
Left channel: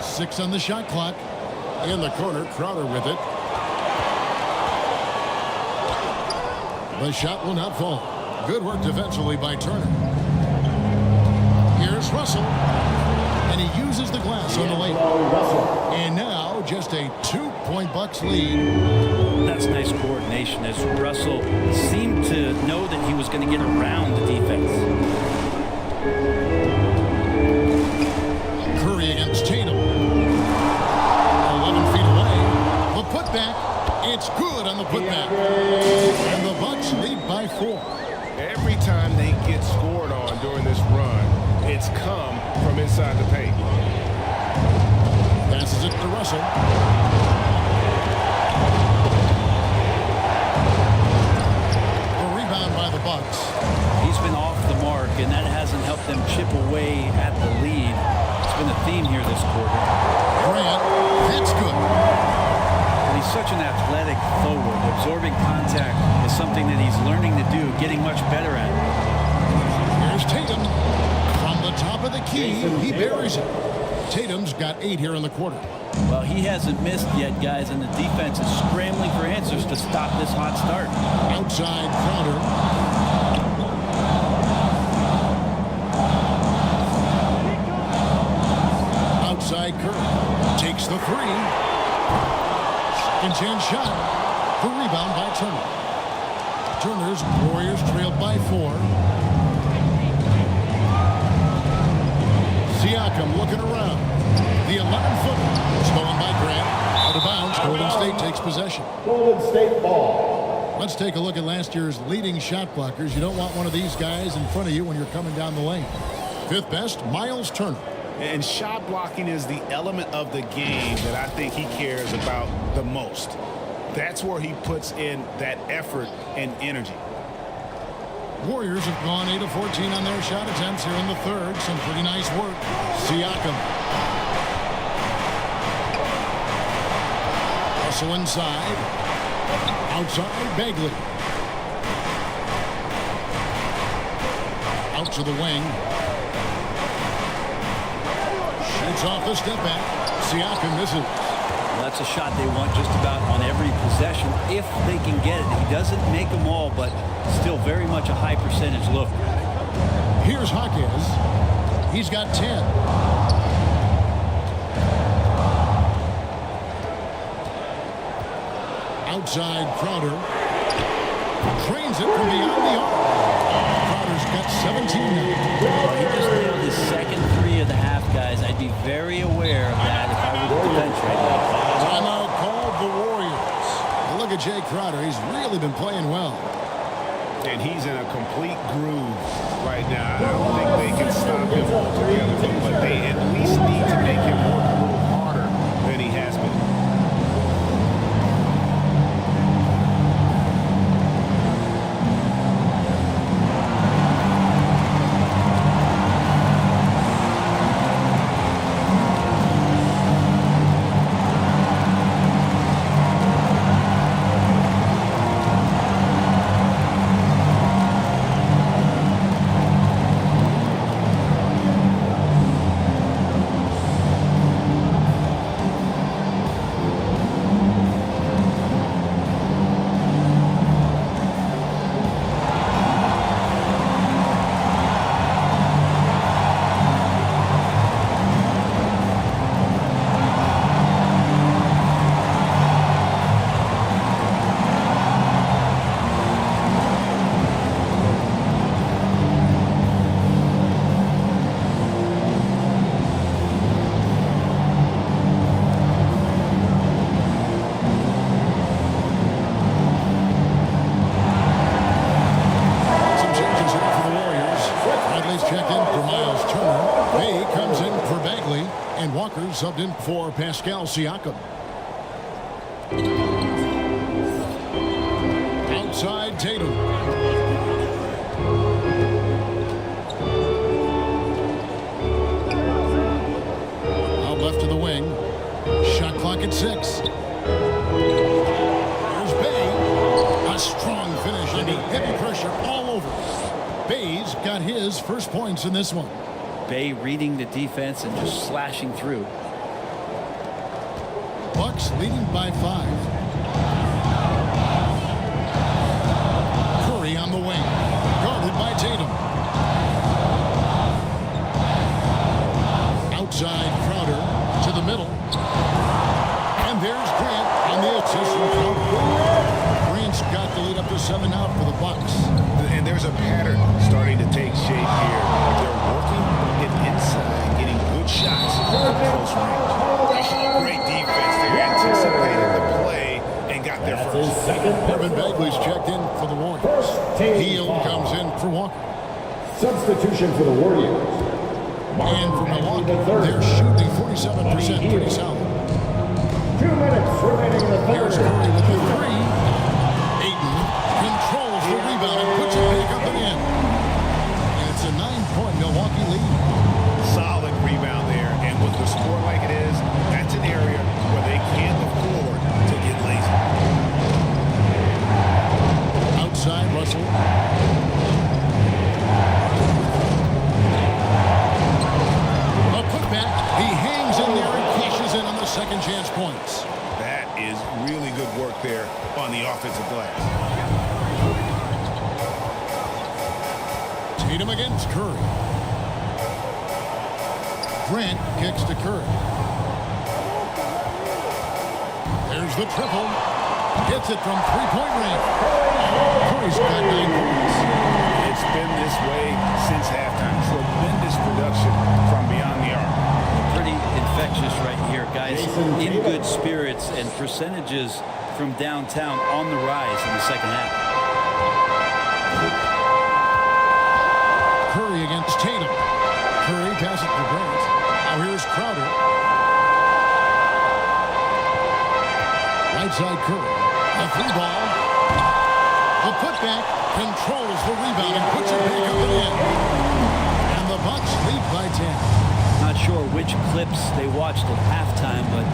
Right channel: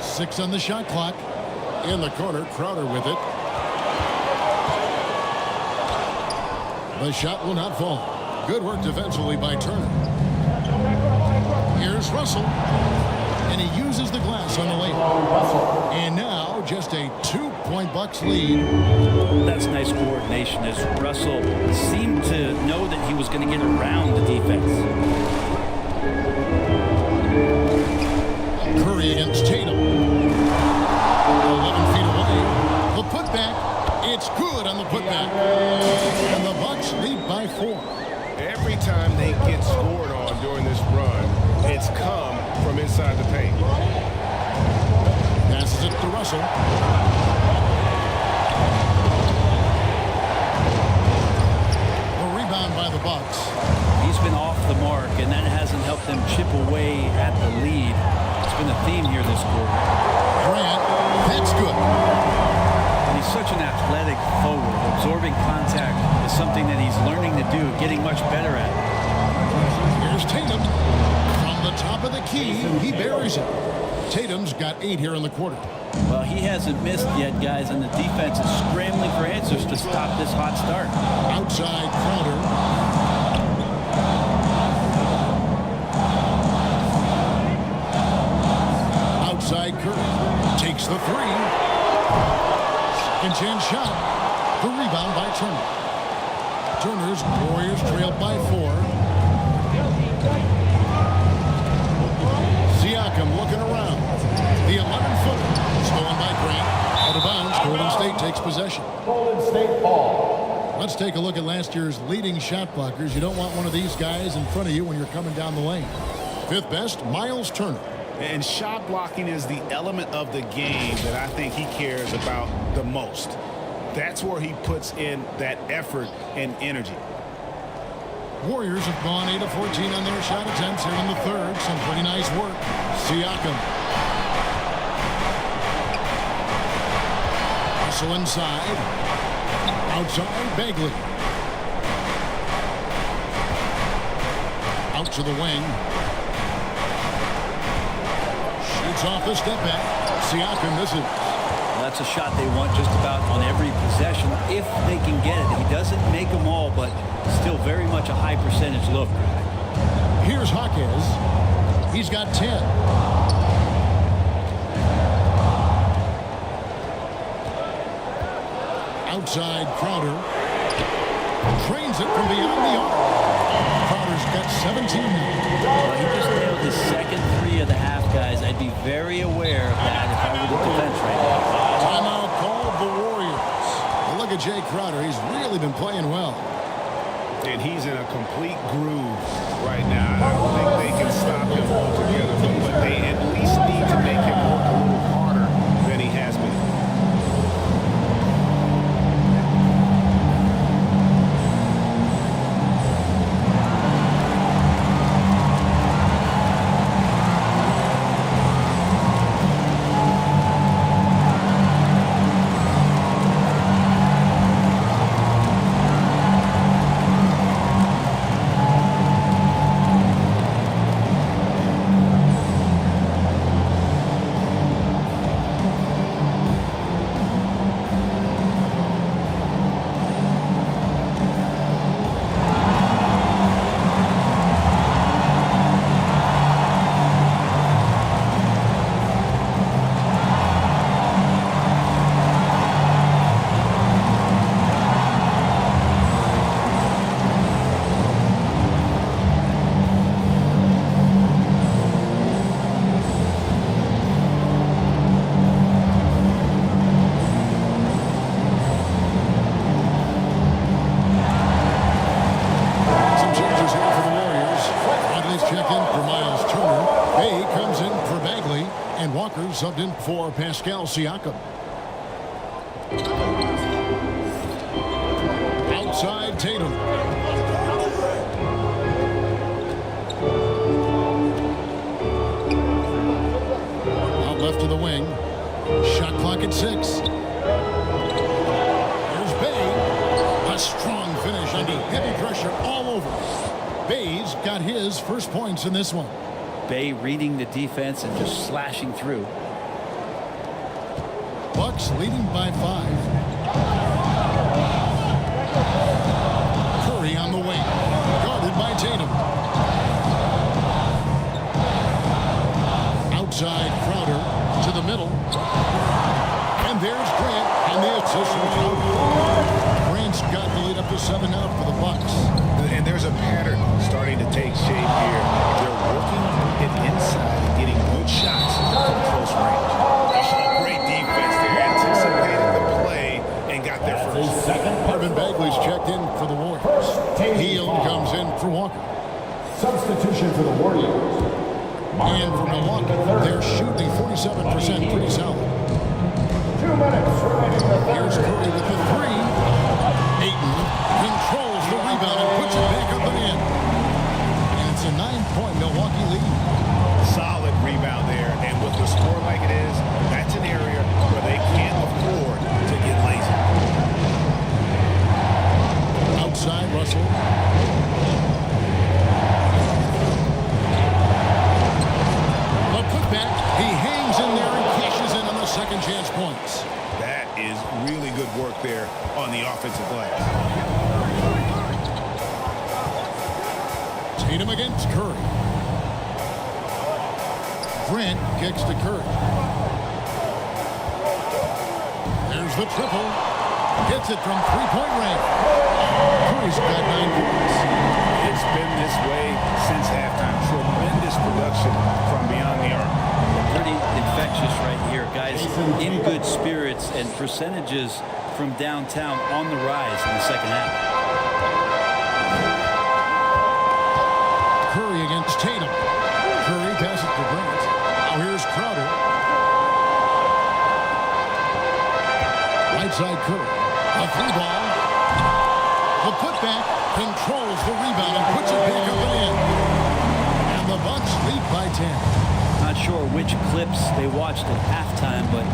Six on the shot clock. In the corner, Crowder with it. The shot will not fall. Good work defensively by Turner. Here's Russell. And he uses the glass on the layup. And now just a 2-point Bucks lead. Well, that's nice coordination as Russell seemed to know that he was going to get around the defense. Curry against Tatum. 11 feet away. The putback. It's good on the putback. And the Bucks lead by 4. Every time they get scored on during this run, it's come from inside the paint. Passes it to Russell. The rebound by the Bucks. He's been off the mark, and that hasn't helped them chip away at the lead. It's been a theme here this quarter. Grant, that's good. But he's such an athletic forward. Absorbing contact is something that he's learning to do, getting much better at it. Here's Tatum. From the top of the key, he buries it. Tatum's got 8 here in the quarter. Well, he hasn't missed yet, guys, and the defense is scrambling for answers to stop this hot start. Outside Crowder. Outside Curry. Takes the 3. Second chance shot. The rebound by Turner. Turner's Warriors trailed by 4. Siakam looking around. The 11-footer stolen by Grant. Out of bounds. Golden State takes possession. Golden State ball. Let's take a look at last year's leading shot blockers. You don't want one of these guys in front of you when you're coming down the lane. 5th best, Miles Turner. And shot blocking is the element of the game that I think he cares about the most. That's where he puts in that effort and energy. Warriors have gone 8 of 14 on their shot attempts here in the third. Some pretty nice work. Siakam. Russell inside. Outside, Bagley. Out to the wing. Shoots off the step back. Siakam misses. Well, that's a shot they want just about on every possession if they can get it. He doesn't make them all, but still very much a high percentage look. Here's Jaquez. He's got 10. Outside Crowder. Trains it from beyond the arc. Crowder's got 17 now. Well, he just nailed his second 3 of the half, guys. I'd be very aware of that if I were the defense right now. Timeout called the Warriors. You look at Jay Crowder. He's really been playing well. And he's in a complete groove right now. I don't think they can stop him altogether, but they at least need to make him work a little harder than he has been. changes here for the Warriors. Bradley's checked in for Miles Turner. Bay comes in for Bagley. And Walker subbed in for Pascal Siakam. Outside Tatum. Out left to the wing. Shot clock at 6. Here's Bay. A strong finish under heavy pressure all over. Bay's got his first points in this one. Bay reading the defense and just slashing through. Bucks leading by 5. Curry on the wing. Guarded by Tatum. Outside Crowder to the middle. And there's Grant on the assist from Crowder. Grant's got the lead up to 7 now for the Bucks. And there's a pattern starting to take shape here. They're working it inside and getting good shots from close range. Oh, great defense there. Anticipated the play and got there first. Marvin Bagley's checked in for the Warriors. Hield comes in for Walker. Substitution for the Warriors. And for Milwaukee, they're shooting 47%, pretty solid. 2 minutes remaining in the third. Here's Curry with the 3. Ayton controls the rebound and puts it back up and in. And it's a 9-point Milwaukee lead. Solid rebound there, and with the score like it is, that's an area where they can't afford to get lazy. Outside Russell. The putback, he hangs in there and cashes in on the second chance points. That is really good work there on the offensive glass. Tatum against Curry. Grant kicks to Curry. There's the triple. Gets it from three-point range. Curry's got 9 points. It's been this way since halftime. Tremendous production from beyond the arc. Yeah, pretty infectious right here. Guys in good spirits and percentages from downtown on the rise in the second half. Curry against Tatum. Curry passes to Grant. Now here's Crowder. Right side Curry. A 3-ball. The putback controls the rebound and puts it back up and in. And the Bucks lead by 10. Not sure which clips they watched at halftime, but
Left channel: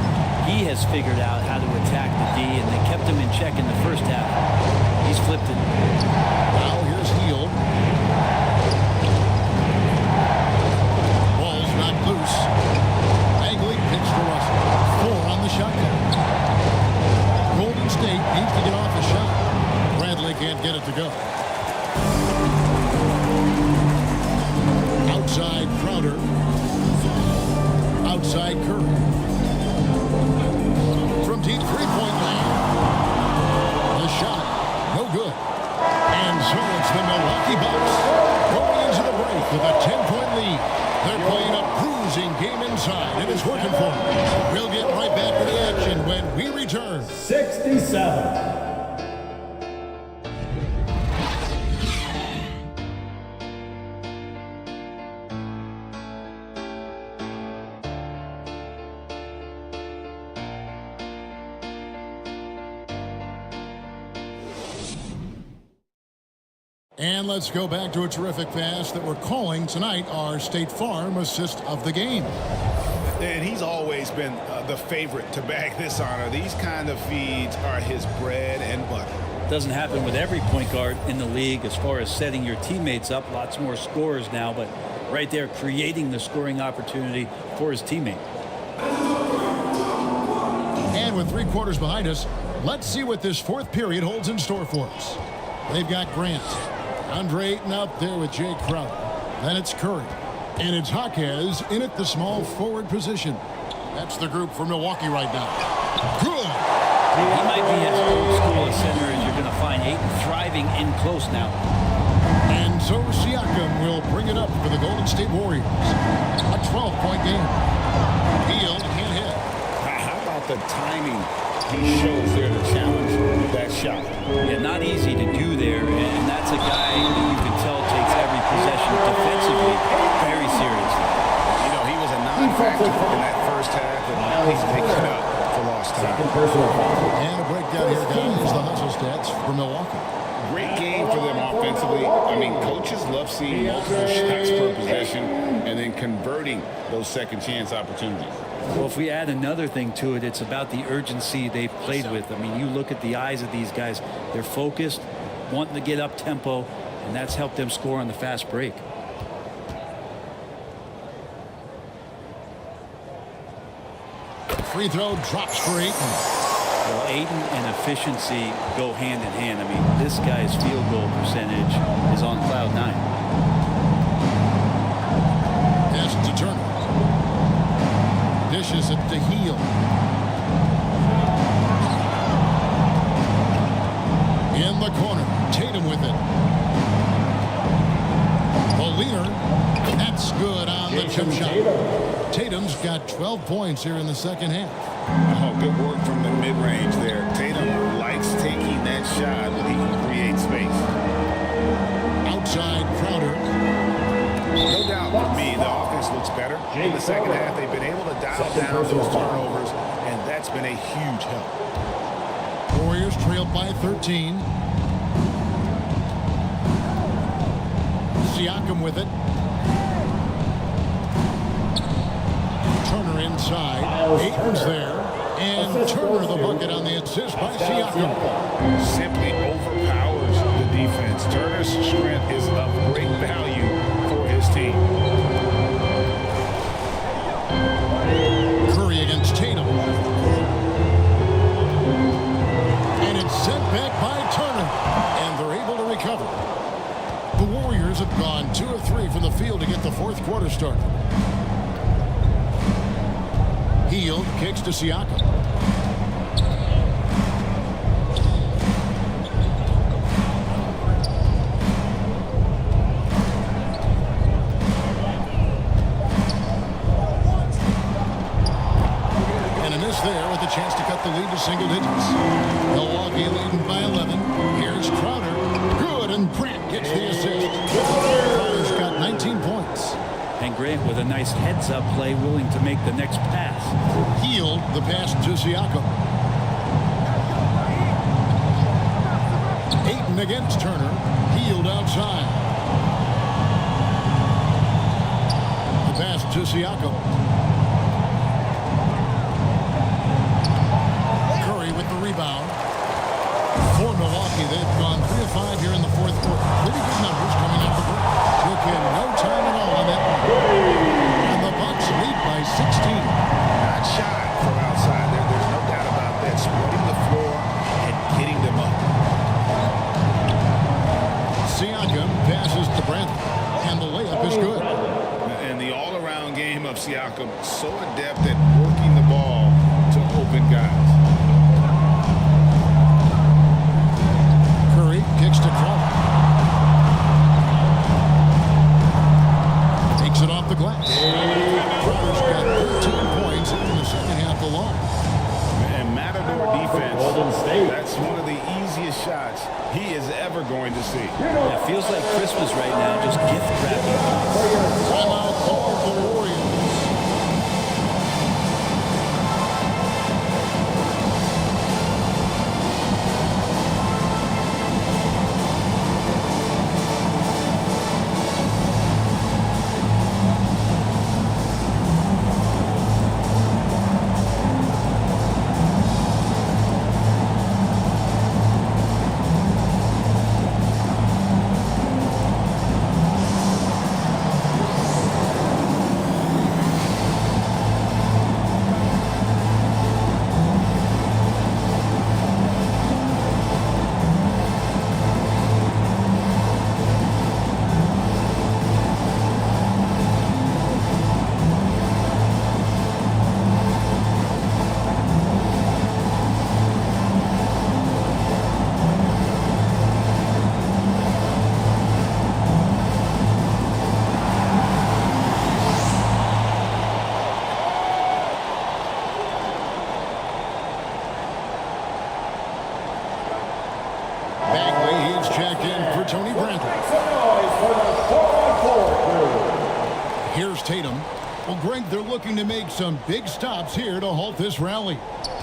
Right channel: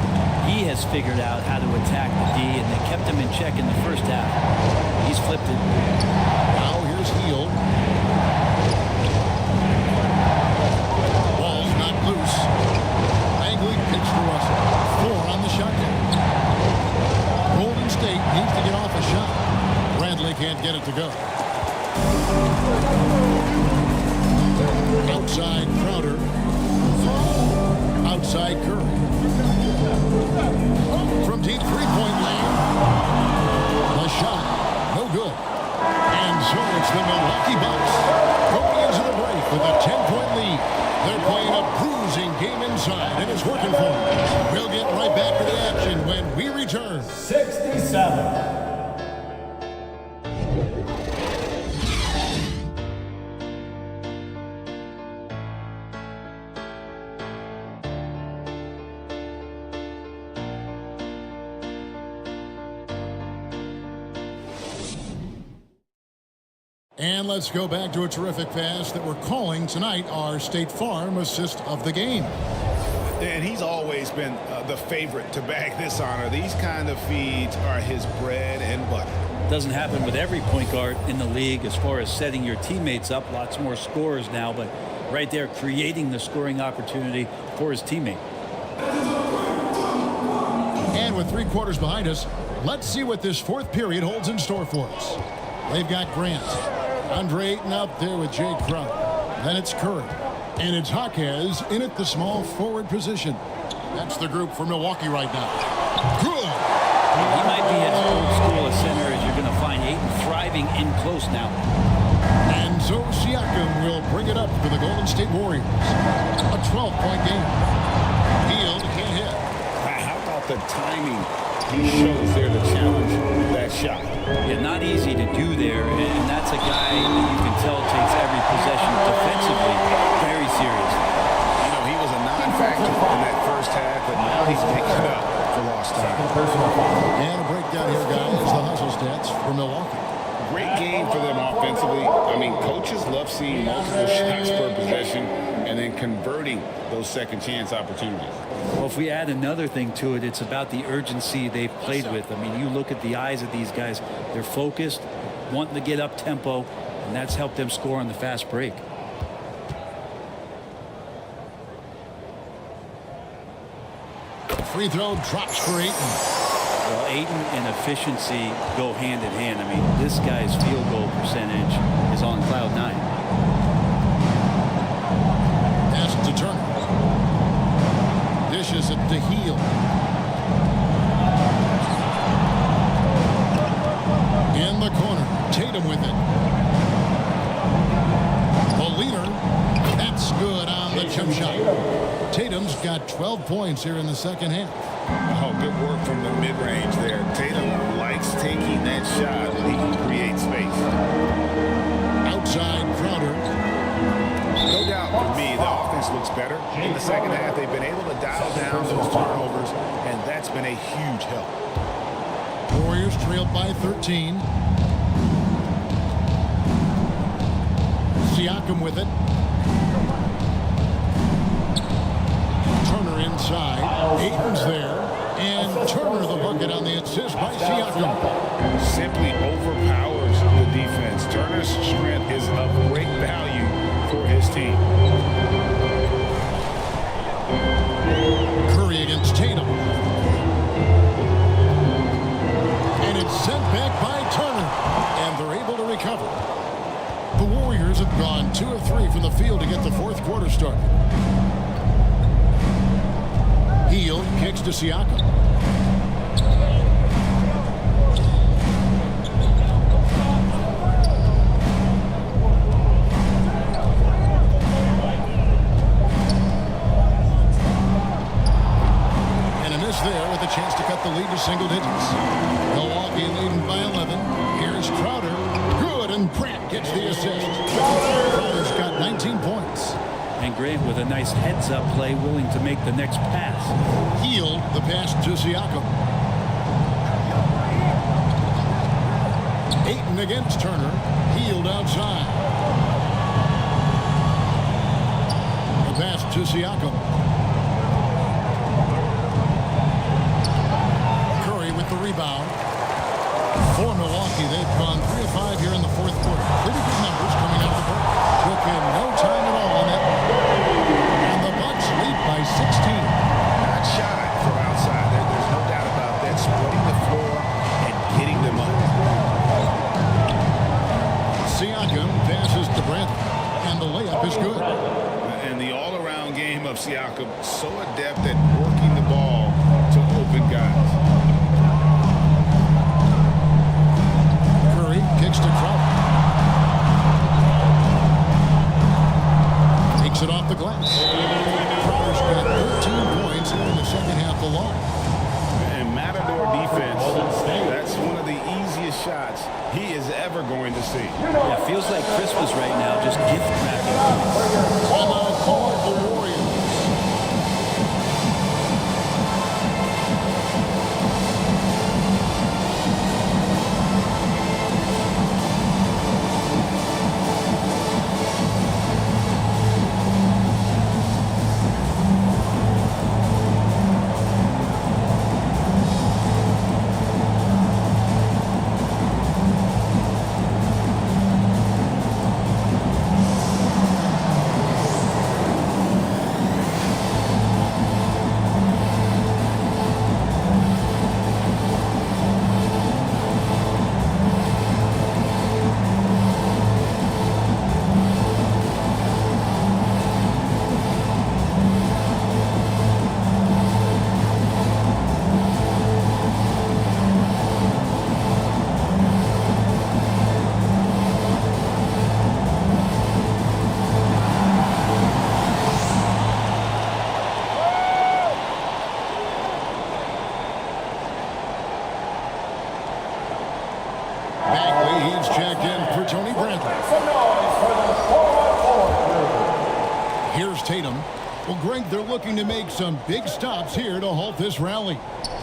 he has figured out how to attack the D, and they kept him in check in the first half. He's flipped it. Now here's Hield. Ball's knocked loose. Bagley kicks to Russell. 4 on the shot clock. Golden State needs to get off a shot. Bradley can't get it to go. Outside Crowder. Outside Curry. From deep three-point land. The shot, no good. And so it's the Milwaukee Bucks going into the break with a 10-point lead. They're playing a bruising game inside, and it's working for them. We'll get right back to the action when we return. 67. And let's go back to a terrific pass that we're calling tonight our State Farm assist of the game. And he's always been the favorite to bag this honor. These kind of feeds are his bread and butter. Doesn't happen with every point guard in the league as far as setting your teammates up. Lots more scorers now, but right there creating the scoring opportunity for his teammate. And with 3 quarters behind us, let's see what this fourth period holds in store for us. They've got Grant. Andre Ayton out there with Jay Crowder. Then it's Curry. And it's Jaquez in at the small forward position. That's the group for Milwaukee right now. Good. Well, he might be as old school a center as you're going to find. Ayton thriving in close now. And so Siakam will bring it up for the Golden State Warriors. A 12-point game. Hield can't hit. How about the timing he shows there to challenge that shot. Yeah, not easy to do there, and that's a guy that you can tell takes every possession defensively very seriously. You know, he was a non-factor in that first half, but now he's making up for lost time. And a breakdown here, guys. The hustle stats for Milwaukee. Great game for them offensively. I mean, coaches love seeing multiple shots per possession and then converting those second chance opportunities. Well, if we add another thing to it, it's about the urgency they've played with. I mean, you look at the eyes of these guys. They're focused, wanting to get up tempo, and that's helped them score on the fast break. Free throw drops for Ayton. Well, Ayton and efficiency go hand in hand. I mean, this guy's field goal percentage is on cloud 9. Pass to Turner. Dishes it to Hield. In the corner. Tatum with it. The leader. That's good on the jump shot. Tatum's got 12 points here in the second half. Oh, good work from the mid-range there. Tatum likes taking that shot when he can create space. Outside Crowder. No doubt for me, the offense looks better in the second half. They've been able to dial down those turnovers, and that's been a huge help. Warriors trailed by 13. Siakam with it. Turner inside. Ayton's there. And Turner the bucket on the assist by Siakam. Simply overpowers the defense. Turner's strength is of great value for his team. Curry against Tatum. And it's sent back by Turner. And they're able to recover. The Warriors have gone 2 of 3 from the field to get the fourth quarter started. Hield kicks to Siakam. And a miss there with a chance to cut the lead to single digits. Milwaukee leading by 11. Here's Crowder. Good, and Grant gets the assist. Crowder's got 19 points. And Grant with a nice heads-up play, willing to make the next pass. Hield the pass to Siakam. Ayton against Turner. Hield outside. The pass to Siakam. Curry with the rebound. For Milwaukee, they've gone 3 of 5 here in the fourth quarter. Pretty good numbers coming out of the break. Took him no time at all on that one. And the Bucks lead by 16. Not shy from outside. There's no doubt about that. Spreading the floor and getting them up. Siakam passes to Brantley. And the layup is good. And the all-around game of Siakam, so adept at working the ball to open guys. Curry kicks to Crowder. Takes it off the glass. Crowder's got 13 points here in the second half alone. And Matador defense, that's one of the easiest shots he is ever going to see. Yeah, feels like Christmas right now, just gift wrapping points. Timeout called the Warriors. Bagley, he's checked in for Tony Bradley. Some noise for the 4-on-4 crew. Here's Tatum. Well, Greg, they're looking to make some big stops here to halt this rally.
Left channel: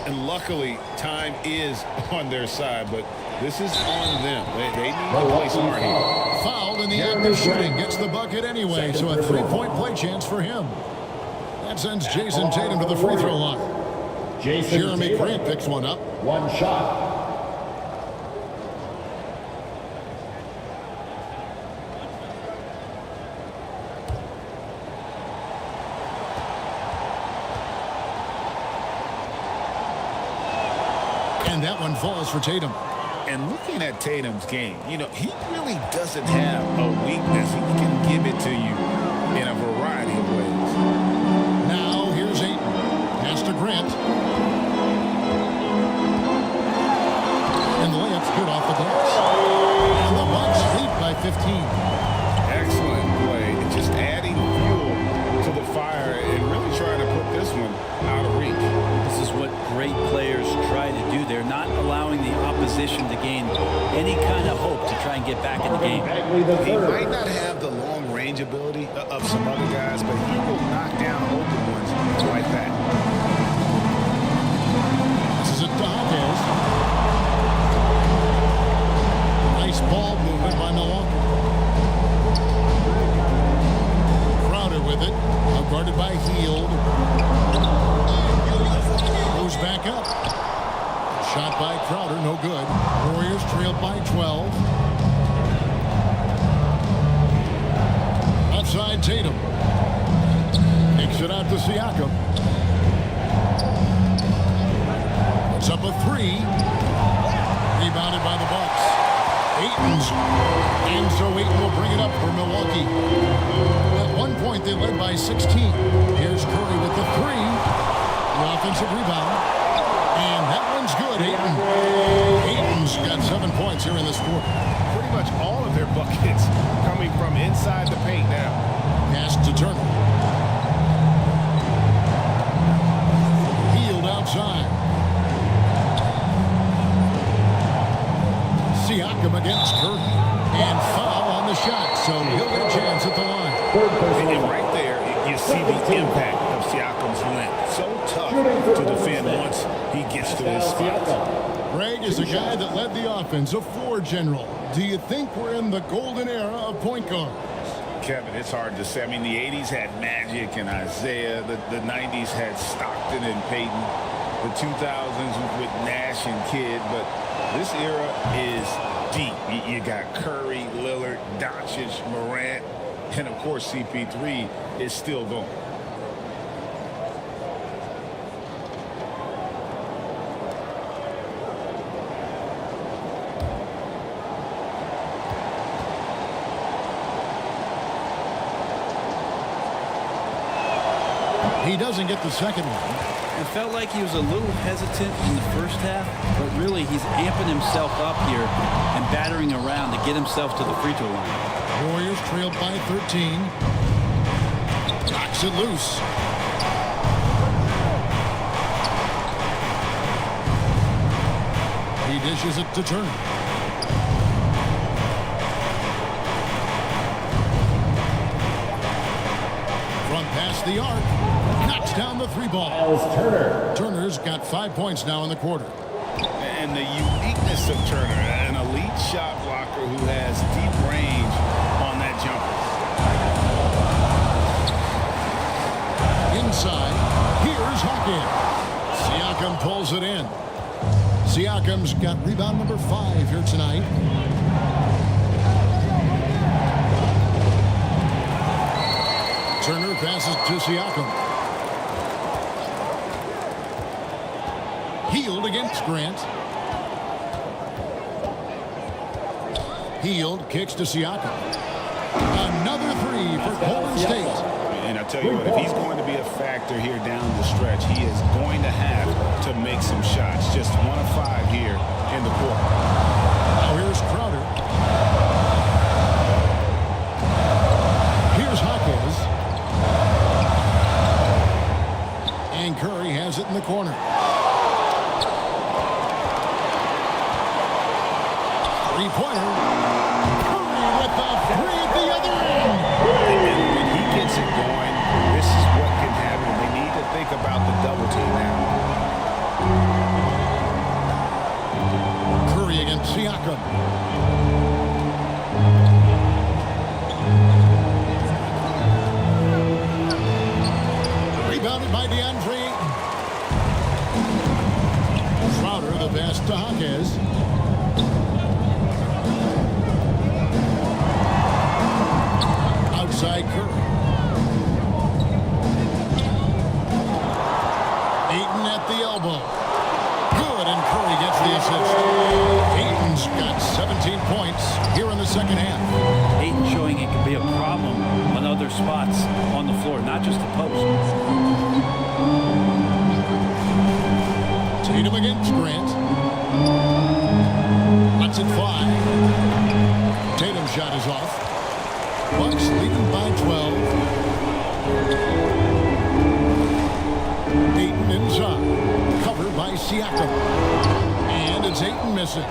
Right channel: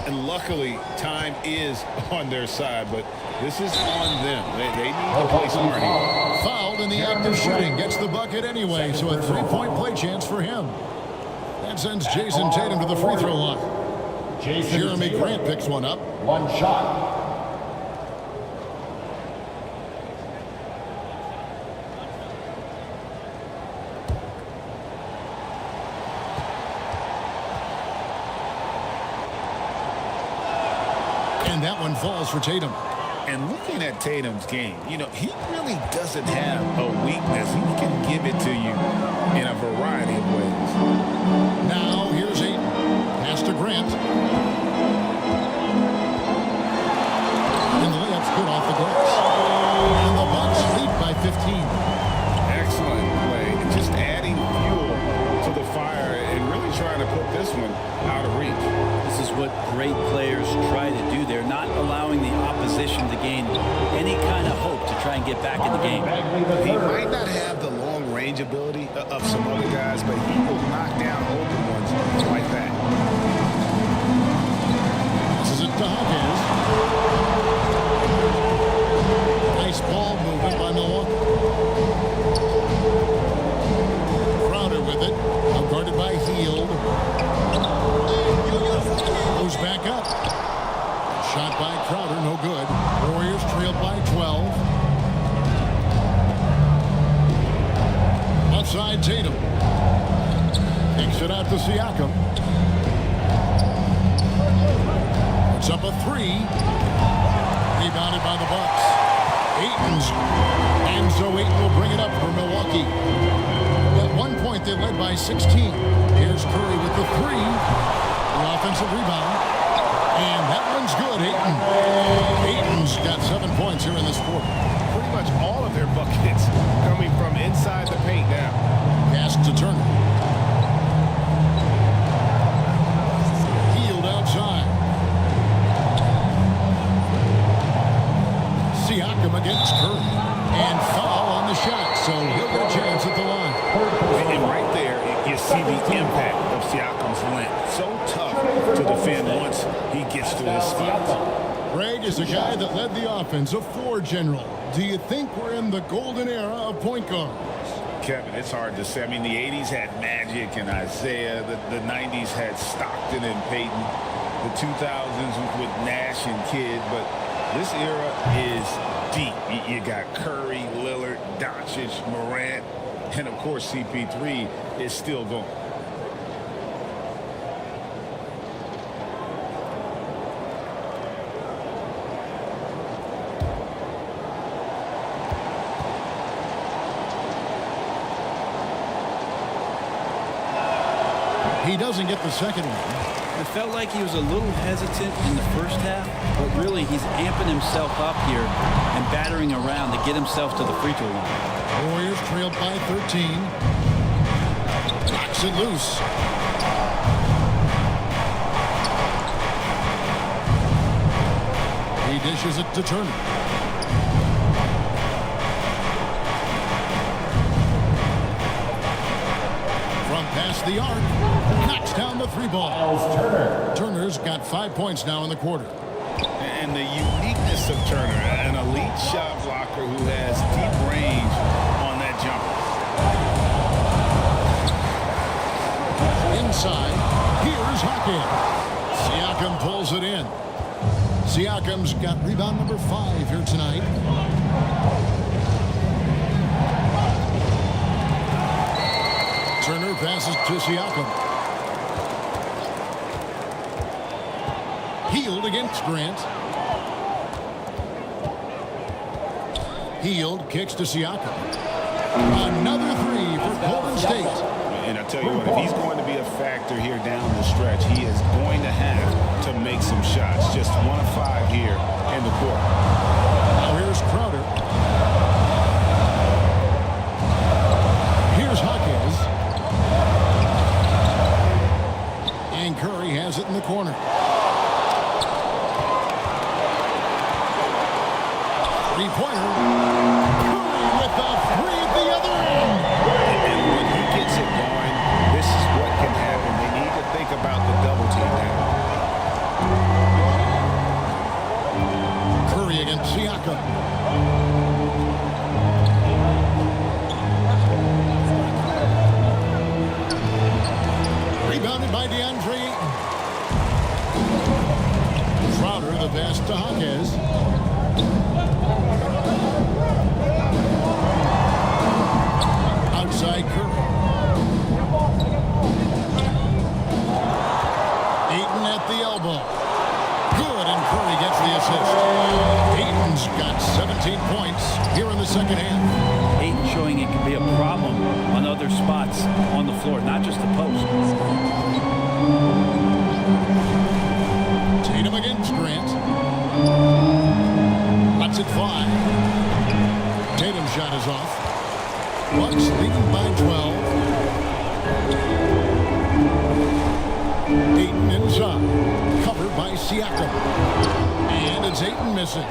And luckily, time is on their side, but this is on them. They need to play smart here. Fouled in the act of shooting. Gets the bucket anyway, so a 3-point play chance for him. That sends Jason Tatum to the free throw line. Jeremy Grant picks one up. One shot. And that one falls for Tatum. And looking at Tatum's game, you know, he really doesn't have a weakness. He can give it to you in a variety of ways. Now here's Ayton. Pass to Grant. And the layup's good off the glass. And the Bucks lead by 15. Excellent play. Just adding fuel to the fire and really trying to put this one out of reach. This is what great players try to do. They're not allowing the opposition to gain any kind of hope to try and get back in the game. He might not have the long range ability of some other guys, but he will knock down open ones like that. Passes it to Hawkins. Nice ball movement by Milwaukee. Crowder with it. Out guarded by Hield. Goes back up. Shot by Crowder, no good. Warriors trailed by 12. Left side, Tatum. Kicks it out to Siakam. Puts up a three. Rebounded by the Bucks. Ayton's. And so Ayton will bring it up for Milwaukee. At one point, they led by 16. Here's Curry with the three. The offensive rebound. And that one's good, Ayton. Ayton's got 7 points here in this quarter. Pretty much all of their buckets coming from inside the paint now. Pass to Turner. Hield outside. Siakam against Curry. And foul on the shot, so he'll get a chance at the line. And right there, you see the impact of Siakam's length. So tough to defend once he gets to his spot. Greg is a guy that led the offense, a floor general. Do you think we're in the golden era of point guards? Kevin, it's hard to say. I mean, the 80s had Magic and Isaiah. The 90s had Stockton and Peyton. The 2000s with Nash and Kidd. But this era is deep. You got Curry, Lillard, Doncic, Morant, and of course CP3 is still going. He doesn't get the second one. It felt like he was a little hesitant in the first half, but really he's amping himself up here and battering around to get himself to the free throw line. Warriors trailed by 13. Knocks it loose. He dishes it to Turner. From past the arc, knocks down the three ball. Turner's got 5 points now in the quarter. And the uniqueness of Turner, an elite shot blocker who has deep range on that jumper. Inside, here's Hawkins. Siakam pulls it in. Siakam's got rebound number 5 here tonight. Turner passes to Siakam. Hield against Grant. Hield kicks to Siakam. Another three for Golden State. And I tell you what, if he's going to be a factor here down the stretch, he is going to have to make some shots. Just 1 of 5 here in the quarter. Now here's Crowder. Here's Hawkins. And Curry has it in the corner. Three-pointer. Curry with the three at the other end. And when he gets it going, this is what can happen. They need to think about the double team now. Curry against Siakam. Rebounded by DeAndre Ayton. Crowder, the pass to Jaquez. Outside Curry. Ayton at the elbow. Good, and Curry gets the assist. Ayton's got 17 points here in the second half. Ayton showing it can be a problem on other spots on the floor, not just the post. Tatum against Grant. Lets it fly. Tatum's shot is off. Bucks leading by 12. Ayton inside. Covered by Siakam. And it's Ayton missing.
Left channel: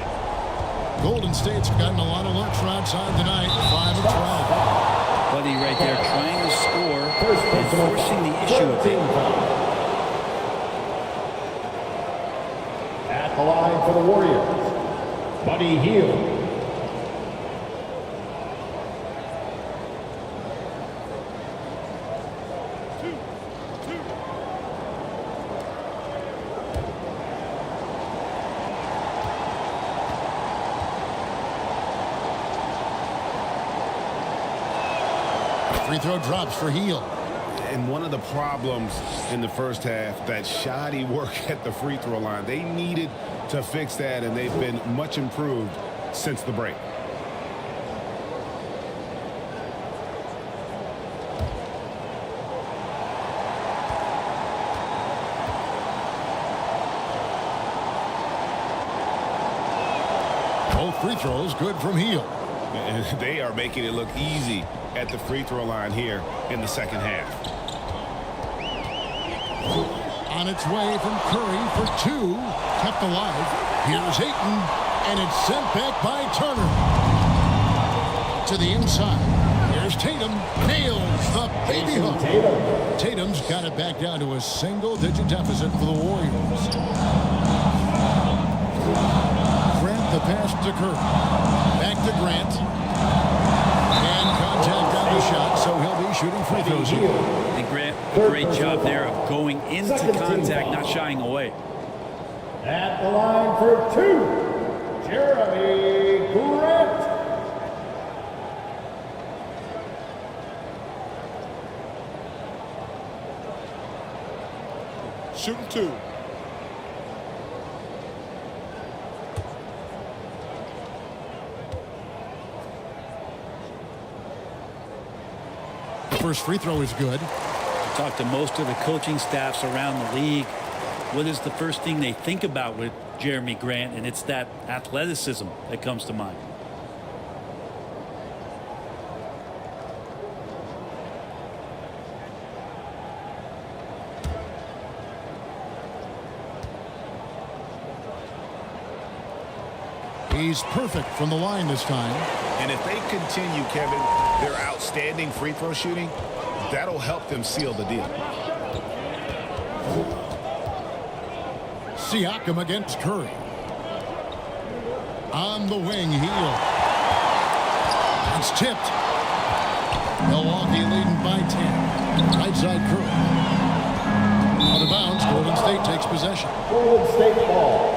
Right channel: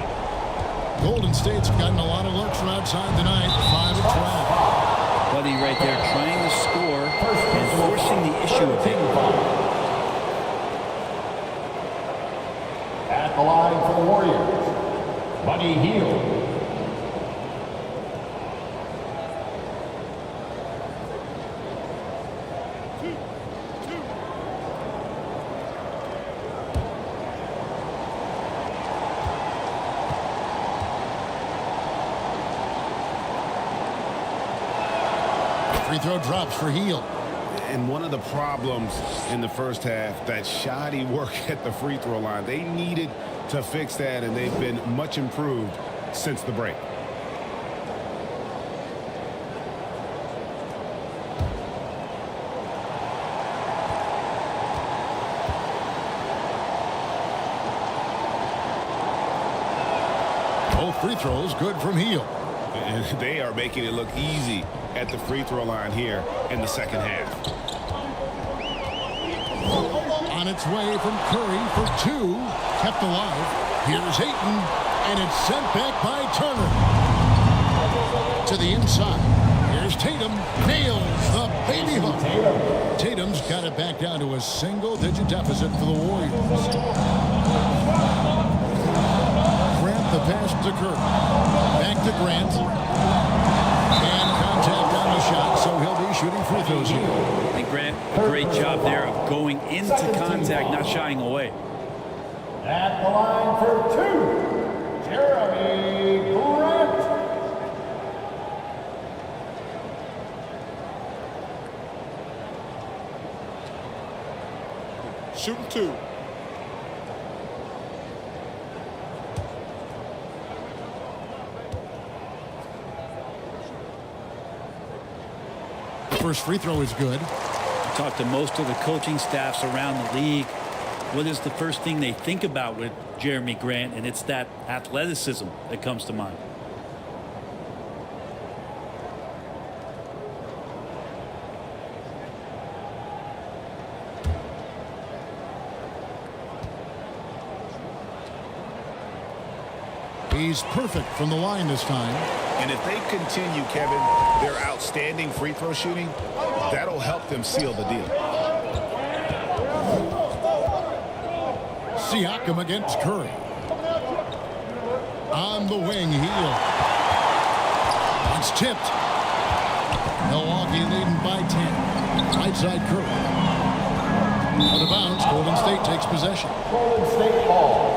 Golden State's gotten a lot of looks from outside tonight. 5 of 12. Buddy right there trying to score and forcing the issue a bit. At the line for the Warriors, Buddy Hield. Free throw drops for Hield. And one of the problems in the first half, that shoddy work at the free throw line. They needed to fix that, and they've been much improved since the break. Both free throws good from Hield. And they are making it look easy at the free throw line here in the second half. On its way from Curry for two. Kept alive. Here's Ayton. And it's sent back by Turner. To the inside. Here's Tatum. Nails the baby hook. Tatum's got it back down to a single-digit deficit for the Warriors. Grant the pass to Curry. Back to Grant. And contact on the shot, so he'll be shooting free throws here. And Grant, a great job there of going into contact, not shying away. At the line for two, Jeremy Grant. Shooting two. First free throw is good. You talk to most of the coaching staffs around the league. What is the first thing they think about with Jeremy Grant? And it's that athleticism that comes to mind. He's perfect from the line this time. And if they continue, Kevin, their outstanding free throw shooting, that'll help them seal the deal. Siakam against Curry. On the wing, Hield. That's tipped. Milwaukee leading by 10. Right side Curry. Out of bounds, Golden State takes possession. Golden State ball.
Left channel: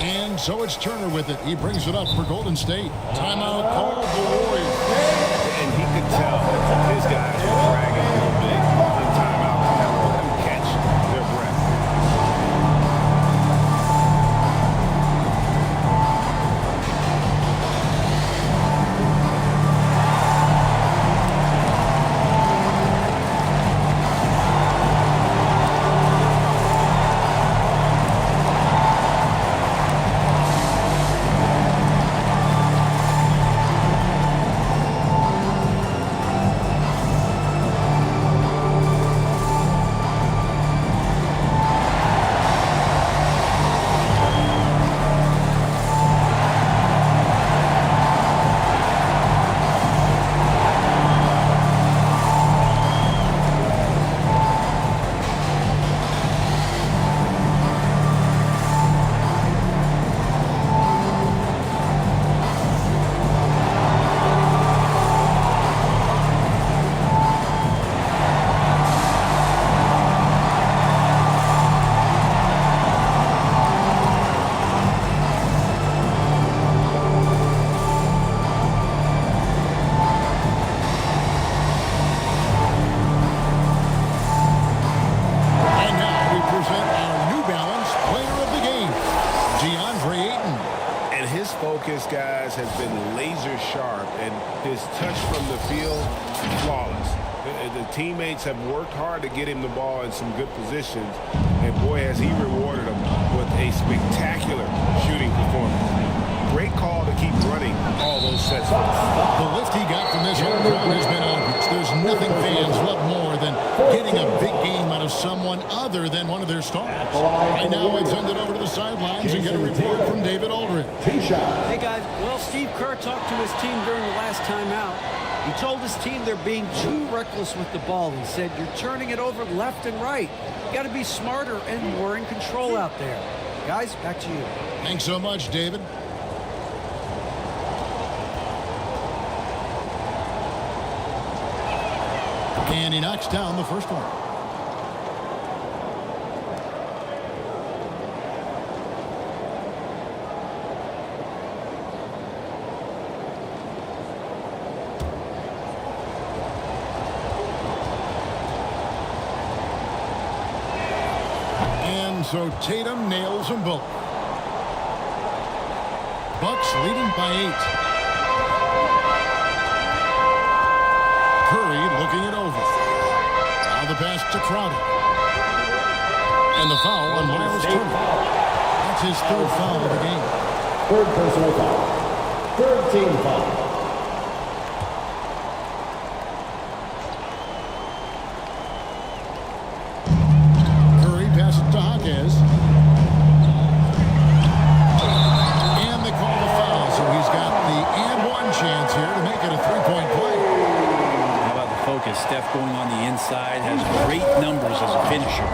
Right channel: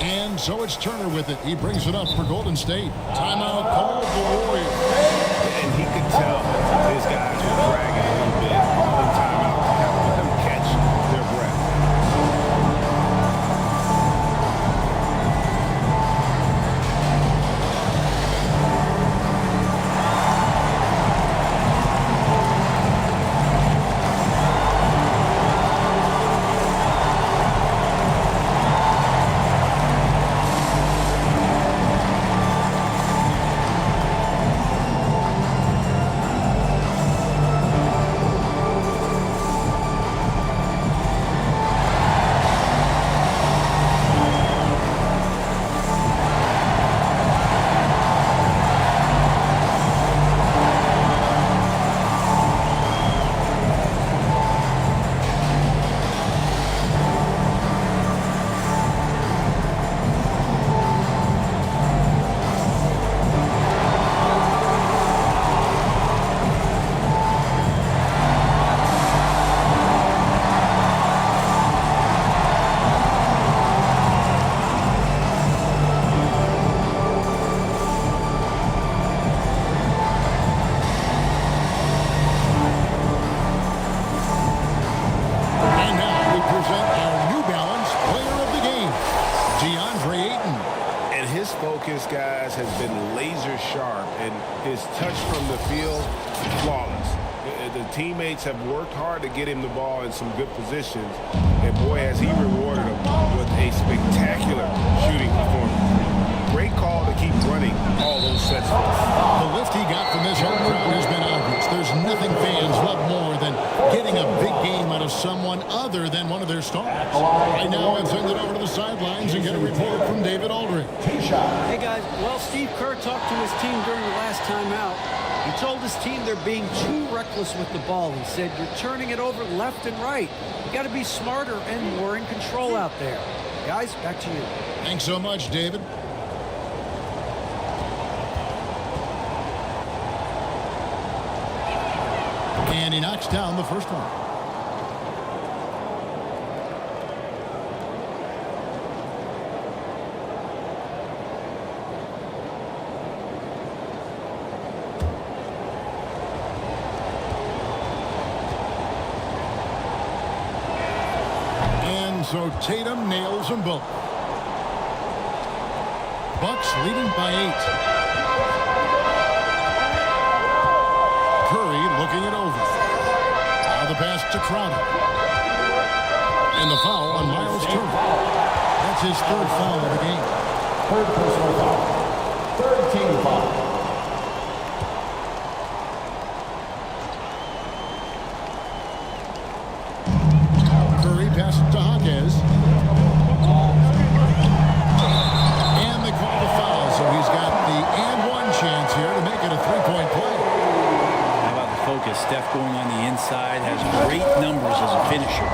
And so it's Turner with it. He brings it up for Golden State. Timeout called the Warriors. And he could tell his guys were dragging a little bit, calling timeout to kind of let them catch their breath. present our New Balance Player of the Game, DeAndre Ayton. And his focus, guys, has been laser sharp, and his touch from the field, flawless. The teammates have worked hard to get him the ball in some good positions, and boy, has he rewarded them with a spectacular shooting performance. Great call to keep running all those sets for us. The lift he got from this home crowd has been obvious. There's nothing fans love more than getting a big game out of someone other than one of their stars. Right now, let's send it over to the sidelines and get a report from David Aldridge. Hey, guys. Well, Steve Kerr talked to his team during the last timeout. He told his team they're being too reckless with the ball. He said, you're turning it over left and right. You got to be smarter and more in control out there. Guys, back to you. Thanks so much, David. And he knocks down the first one. And so Tatum nails them both. Bucks leading by 8. Curry looking it over. Now the pass to Crowder. And the foul on Miles Turner. That's his third foul of the game. Third personal foul. Third team foul. Curry passes to Hawkes. And they call the foul, so he's got the and one chance here to make it a 3-point play. How about the focus? Steph going on the inside, has great numbers as a finisher.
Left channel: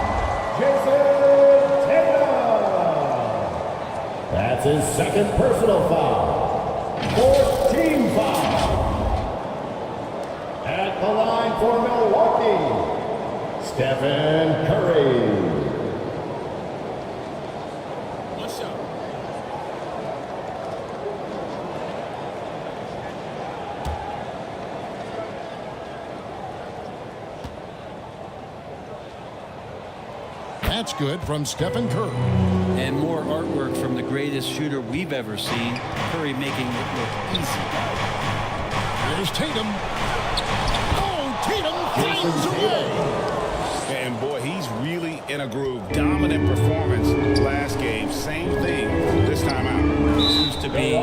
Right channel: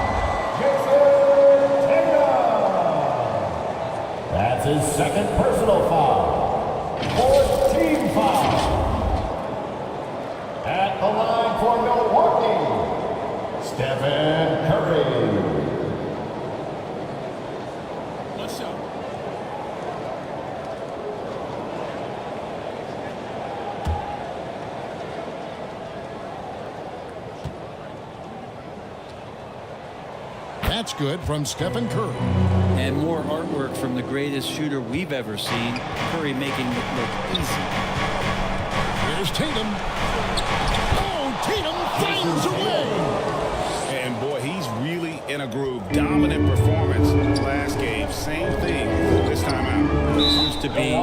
Jason Tatum. That's his second personal foul. Fourth team foul. At the line for Milwaukee, Stephen Curry. One shot. That's good from Stephen Curry. And more artwork from the greatest shooter we've ever seen. Curry making it look easy. Here's Tatum. Oh, Tatum finds a way. And boy, he's really in a groove. Dominant performance last game. Same thing this time out. Seems to be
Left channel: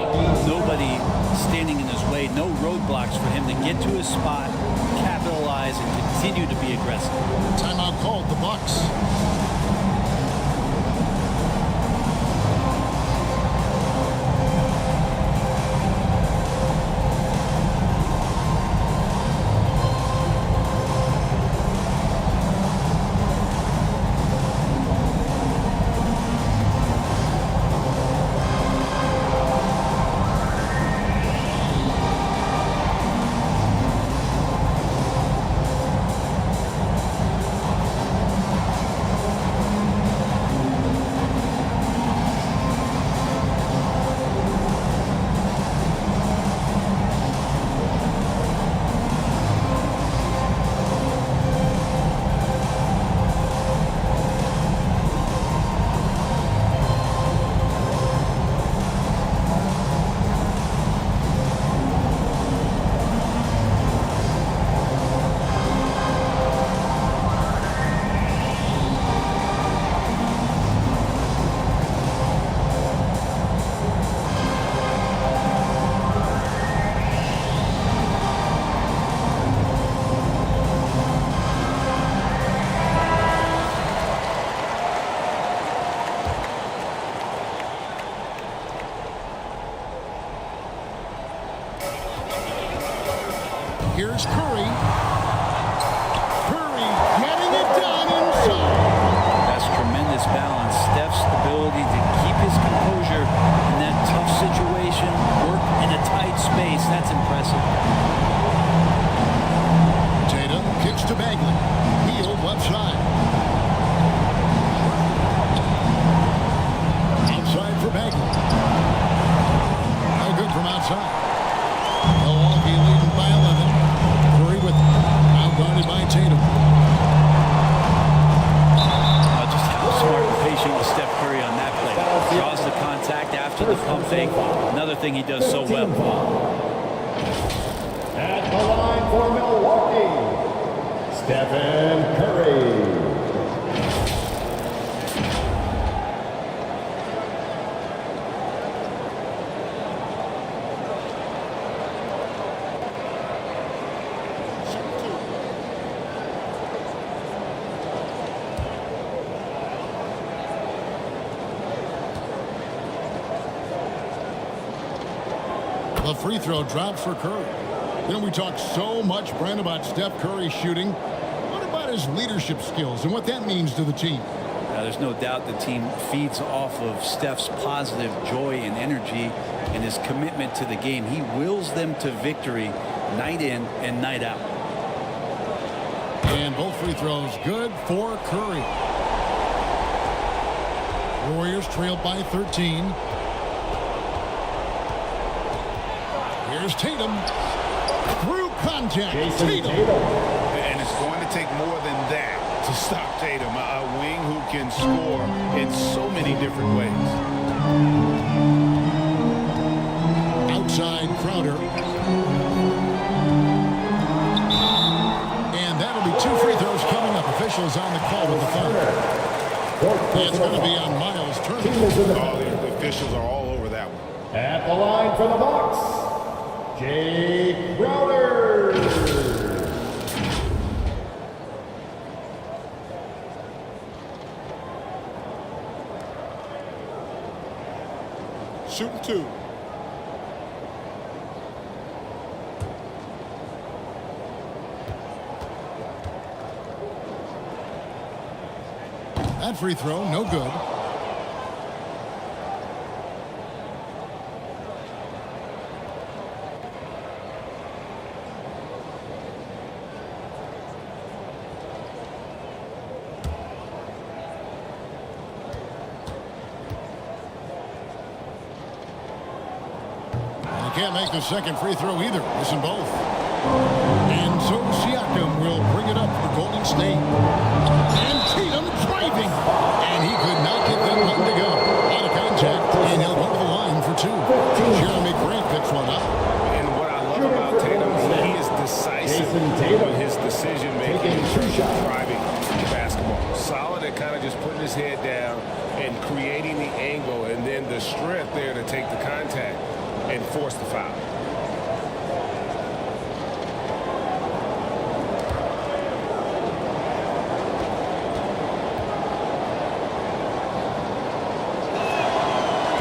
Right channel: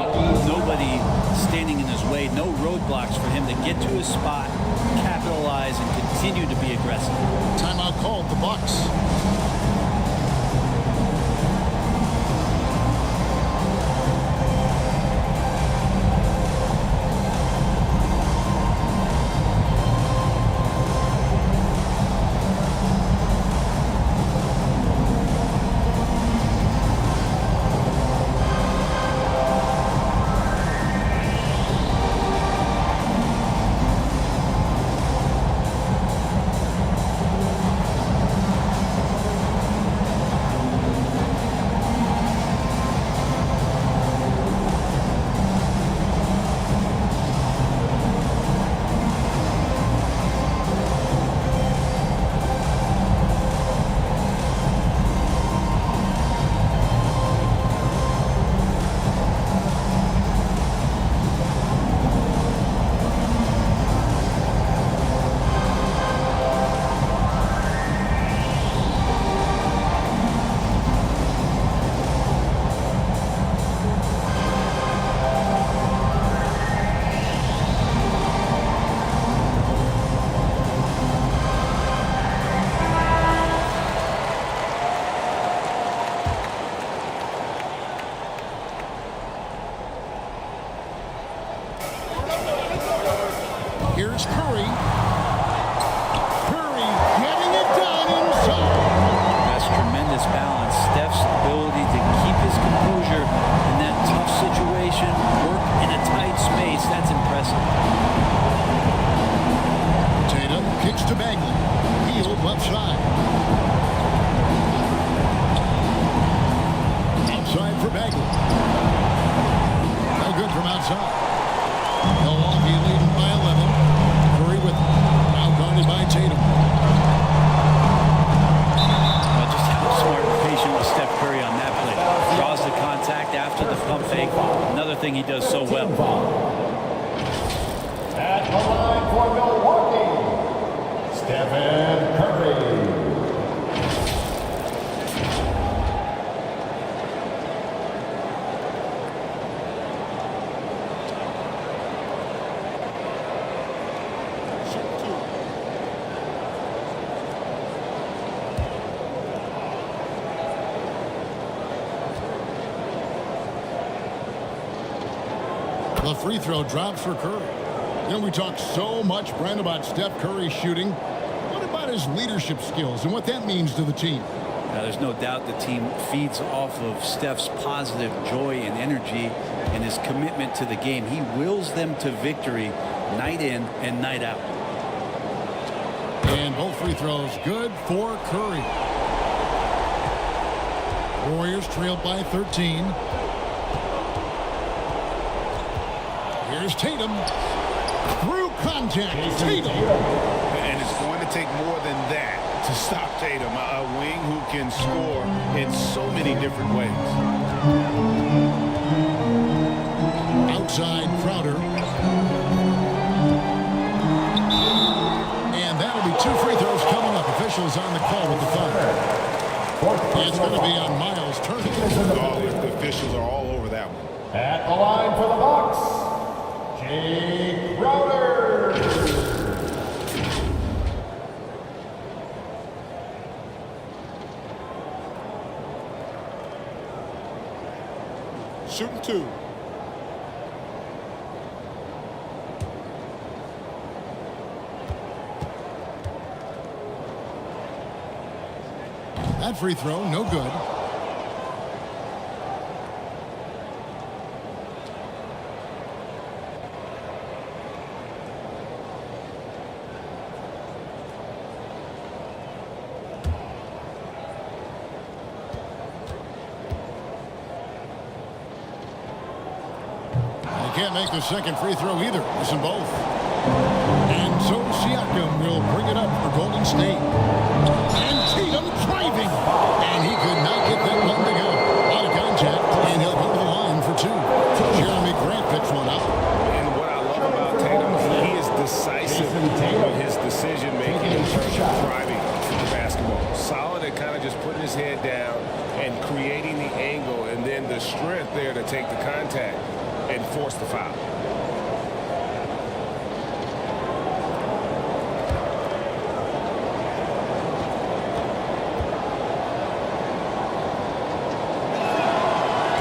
nobody standing in his way. No roadblocks for him to get to his spot, capitalize, and continue to be aggressive. Timeout called the Bucks. Here's Curry. Curry getting it done inside. That's tremendous balance. Steph's ability to keep his composure in that tough situation, work in a tight space, that's impressive. Tatum kicks to Bagley. Healed left side. Outside for Bagley. No good from outside. Milwaukee leading by 11. Curry with him. Now guarded by Tatum. Just how smart and patient was Steph Curry on that play. Draws the contact after the pump fake. Another thing he does so well. At the line for Milwaukee, Stephen Curry. The free throw drops for Curry. You know, we talk so much, Brent, about Steph Curry shooting. What about his leadership skills and what that means to the team? There's no doubt the team feeds off of Steph's positive joy and energy and his commitment to the game. He wills them to victory night in and night out. And both free throws good for Curry. Warriors trailed by 13. Here's Tatum. Through contact. Tatum. And it's going to take more than that to stop Tatum, a wing who can score in so many different ways. Outside Crowder. And that'll be 2 free throws coming up. Officials on the call with the foul. It's going to be on Miles Turner. Oh, the officials are all over that one. At the line for the Bucks, Jay Crowder. Shooting 2. That free throw, no good. And he can't make the second free throw either. Missing both. And so Siakam will bring it up for Golden State. And Tatum driving. And he could not get that one to go. A lot of contact, and he'll go to the line for 2. Jeremy Grant picks one up. And what I love about Tatum, he is decisive with his decision-making in terms of driving the basketball. Solid at kind of just putting his head down and creating the angle, and then the strength there to take the contact and force the foul.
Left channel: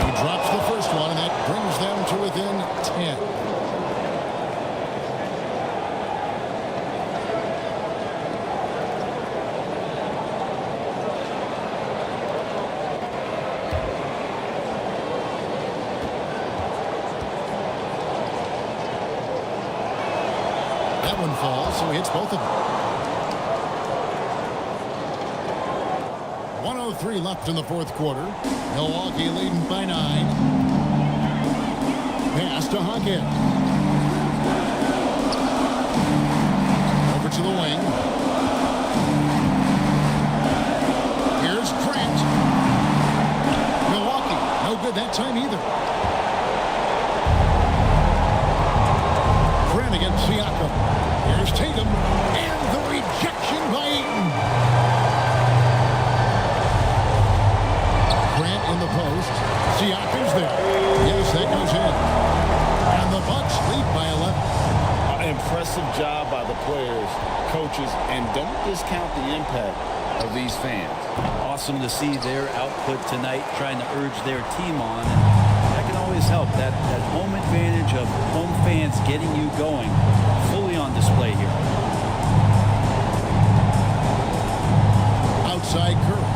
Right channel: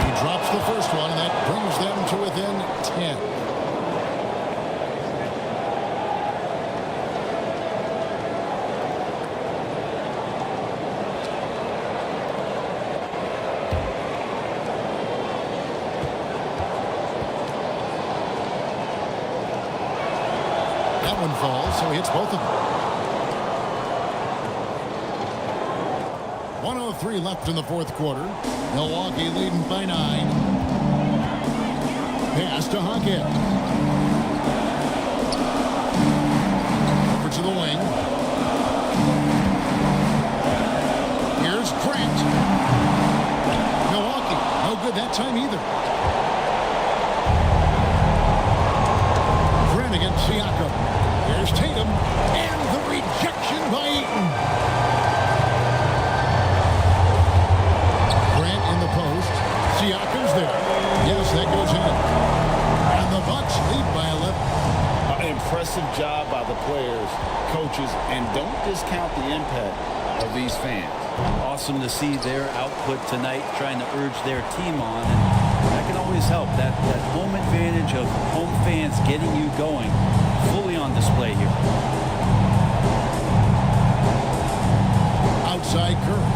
He drops the first one, and that brings them to within 10. That one falls, so he hits both of them. 1:03 left in the fourth quarter. Milwaukee leading by 9. Pass to Hockett. Over to the wing. Here's Grant. Milwaukee, no good that time either. Grant against Siakam. Here's Tatum. And the rejection by Ayton. Grant in the post. Siakam's there. Yes, that goes in. And the Bucks lead by 11. Impressive job by the players, coaches, and don't discount the impact of these fans. Awesome to see their output tonight, trying to urge their team on, and that can always help. That home advantage of home fans getting you going, fully on display here. Outside Curry.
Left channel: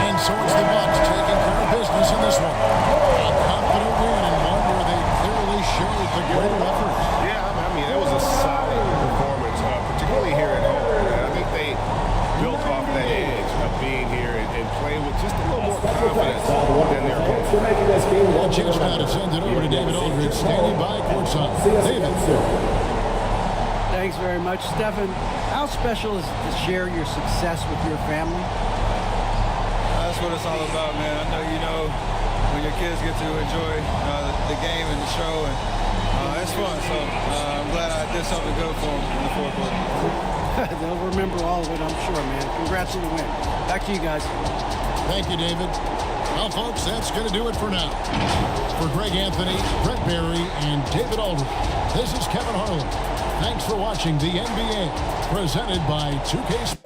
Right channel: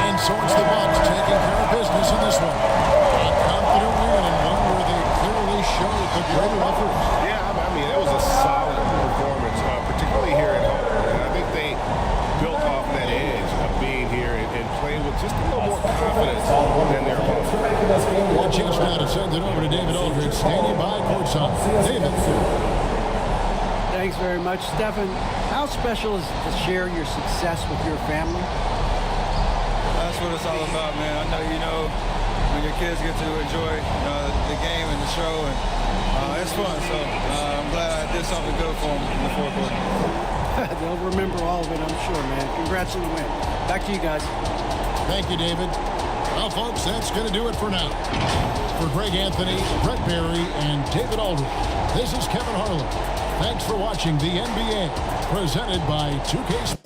And so it's the Bucks taking care of business in this one. A confident win and one where they clearly showed the greater effort. Yeah, I mean, it was a solid performance, particularly here at home. And I think they built off that edge of being here and playing with just a little more confidence than their opponents. A chance now to send it over to David Aldridge, standing by courtside. David. Thanks very much. Stephen, how special is it to share your success with your family? That's what it's all about, man. I know you know when your kids get to enjoy the game and the show, and it's fun. So I'm glad I did something good for them in the fourth quarter. They'll remember all of it, I'm sure, man. Congrats on the win. Back to you guys. Thank you, David. Well, folks, that's going to do it for now. For Greg Anthony, Brett Barry, and David Aldridge, this is Kevin Harlan. Thanks for watching the NBA, presented by 2K Sports.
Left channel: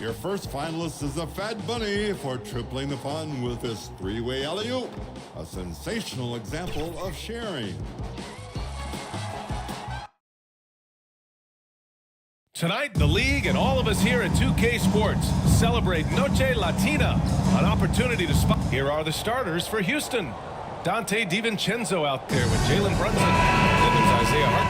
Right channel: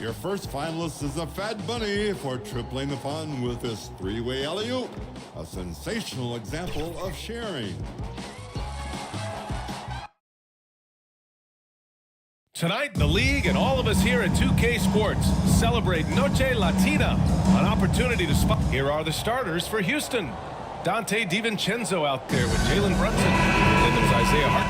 Your first finalist is a Fat Bunny for tripling the fun with his three-way alley-oop, a sensational example of sharing. Tonight, the league and all of us here at 2K Sports celebrate Noche Latina, an opportunity to spot. Here are the starters for Houston. Dante DiVincenzo out there with Jalen Brunson. Then there's Isaiah Hart.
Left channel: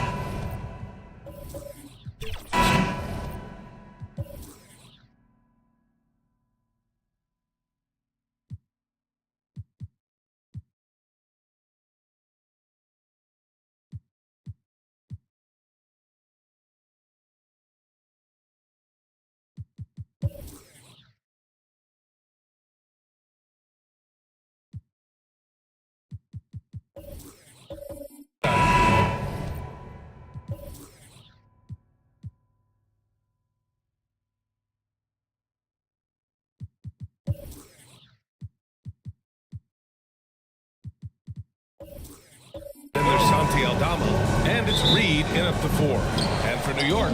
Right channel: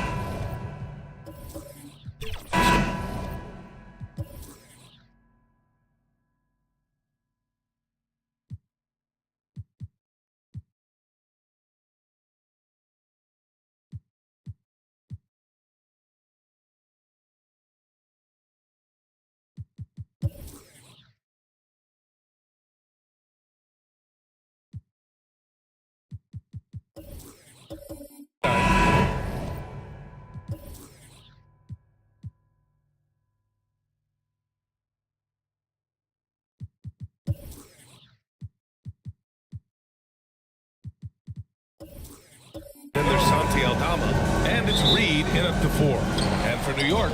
Then there's Santi Aldama, and it's Reed in at the 4. And for New York,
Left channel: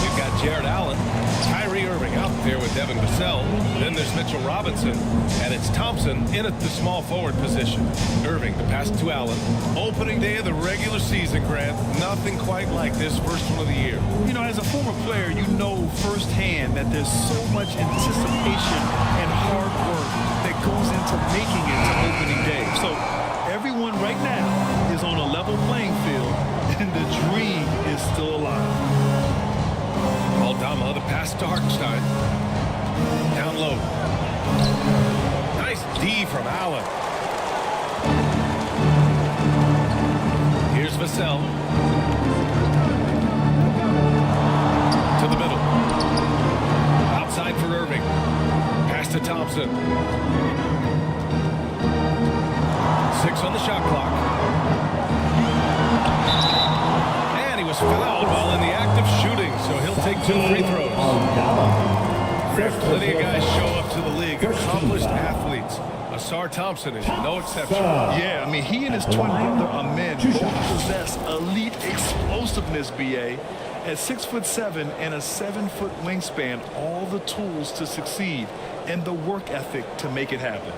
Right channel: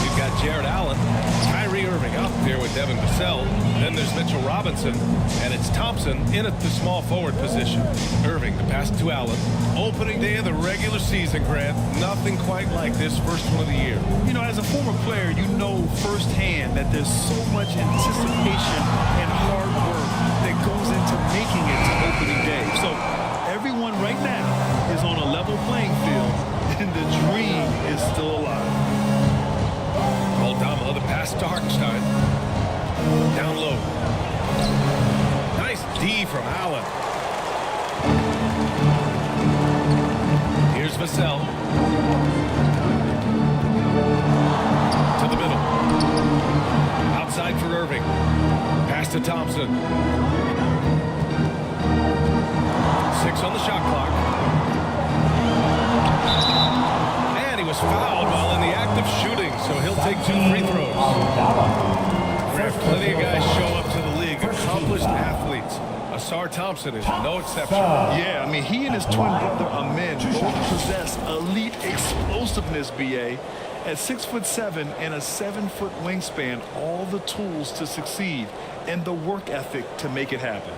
we've got Jared Allen, Kyrie Irving out there with Devin Vassell. Then there's Mitchell Robinson, and it's Thompson in at the small forward position. Irving, the pass to Allen. Opening day of the regular season, Grant. Nothing quite like this first one of the year. You know, as a former player, you know firsthand that there's so much anticipation and hard work that goes into making it to opening day. So everyone right now is on a level playing field, and the dream is still alive. Aldama, the pass to Hartenstein. Down low. Nice D from Allen. Here's Vassell. To the middle. Outside for Irving. Pass to Thompson. 6 on the shot clock. And he was fouled while in the act of shooting, so he'll take 2 free throws. Grant, plenty of guys show up to the league, accomplished athletes. Asar Thompson is no exception. Yeah, I mean, he and his twin brother Amin both possess elite explosiveness, BA. At 6'7" and a 7-foot wingspan, all the tools to succeed and the work ethic to make it happen.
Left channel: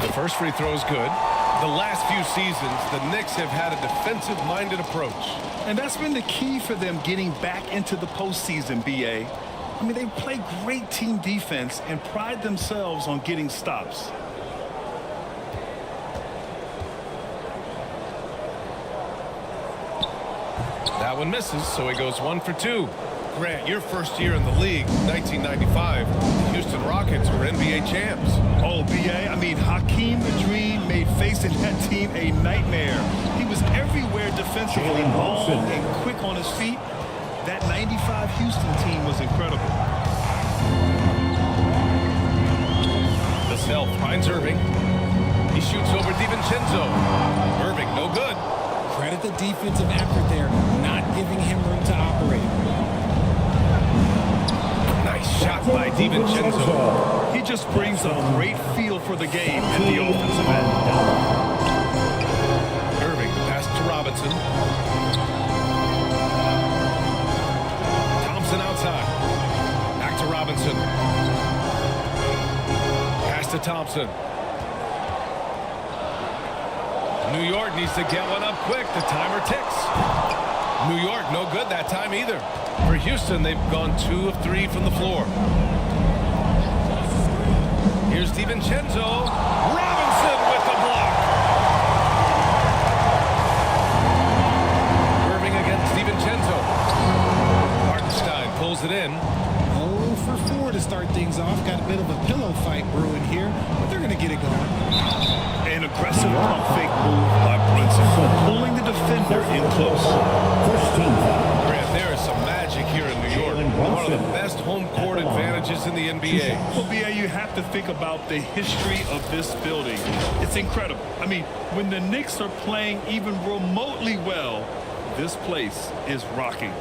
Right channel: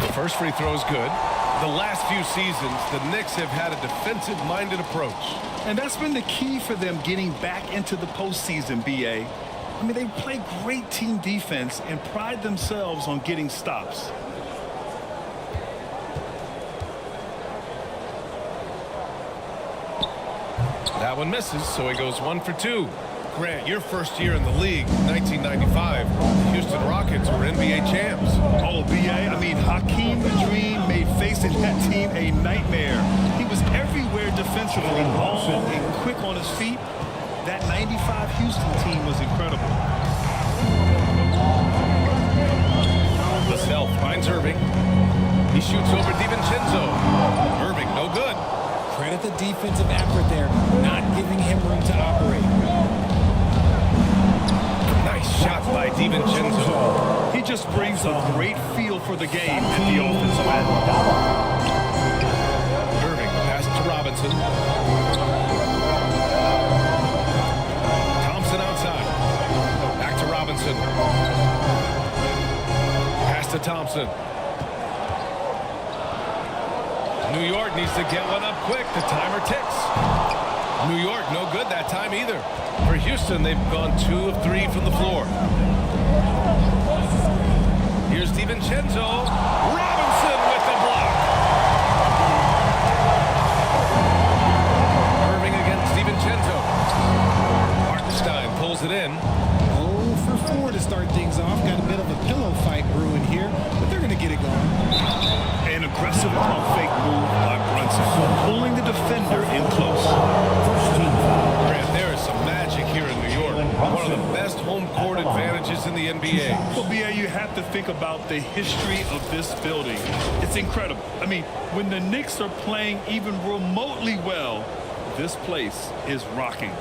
The first free throw is good. The last few seasons, the Knicks have had a defensive-minded approach. And that's been the key for them getting back into the postseason, BA. I mean, they play great team defense and pride themselves on getting stops. That one misses, so he goes 1 for 2. Grant, your first year in the league, 1995, the Houston Rockets were NBA champs. Oh, BA, I mean, Hakeem the Dream made facing that team a nightmare. He was everywhere defensively, long and quick on his feet. That 95 Houston team was incredible. Vassell finds Irving. He shoots over DiVincenzo. Irving, no good. Credit the defensive effort there, not giving him room to operate. Nice shot by DiVincenzo. He just brings a great feel for the game at the offensive end. Irving, the pass to Robinson. Thompson outside. Back to Robinson. Pass to Thompson. New York needs to get one up quick. The timer ticks. New York, no good that time either. For Houston, they've gone 2 of 3 from the floor. Here's DiVincenzo. Robinson with the block. Irving against DiVincenzo. Hartenstein pulls it in. 0 for 4 to start things off. Got a bit of a pillow fight brewing here, but they're going to get it going. An aggressive pump fake move by Brunson, pulling the defender in close. Grant, there is some magic here in New York. One of the best home court advantages in the NBA. Well, BA, you have to think about the history of this building. It's incredible. I mean, when the Knicks are playing even remotely well, this place is rocking.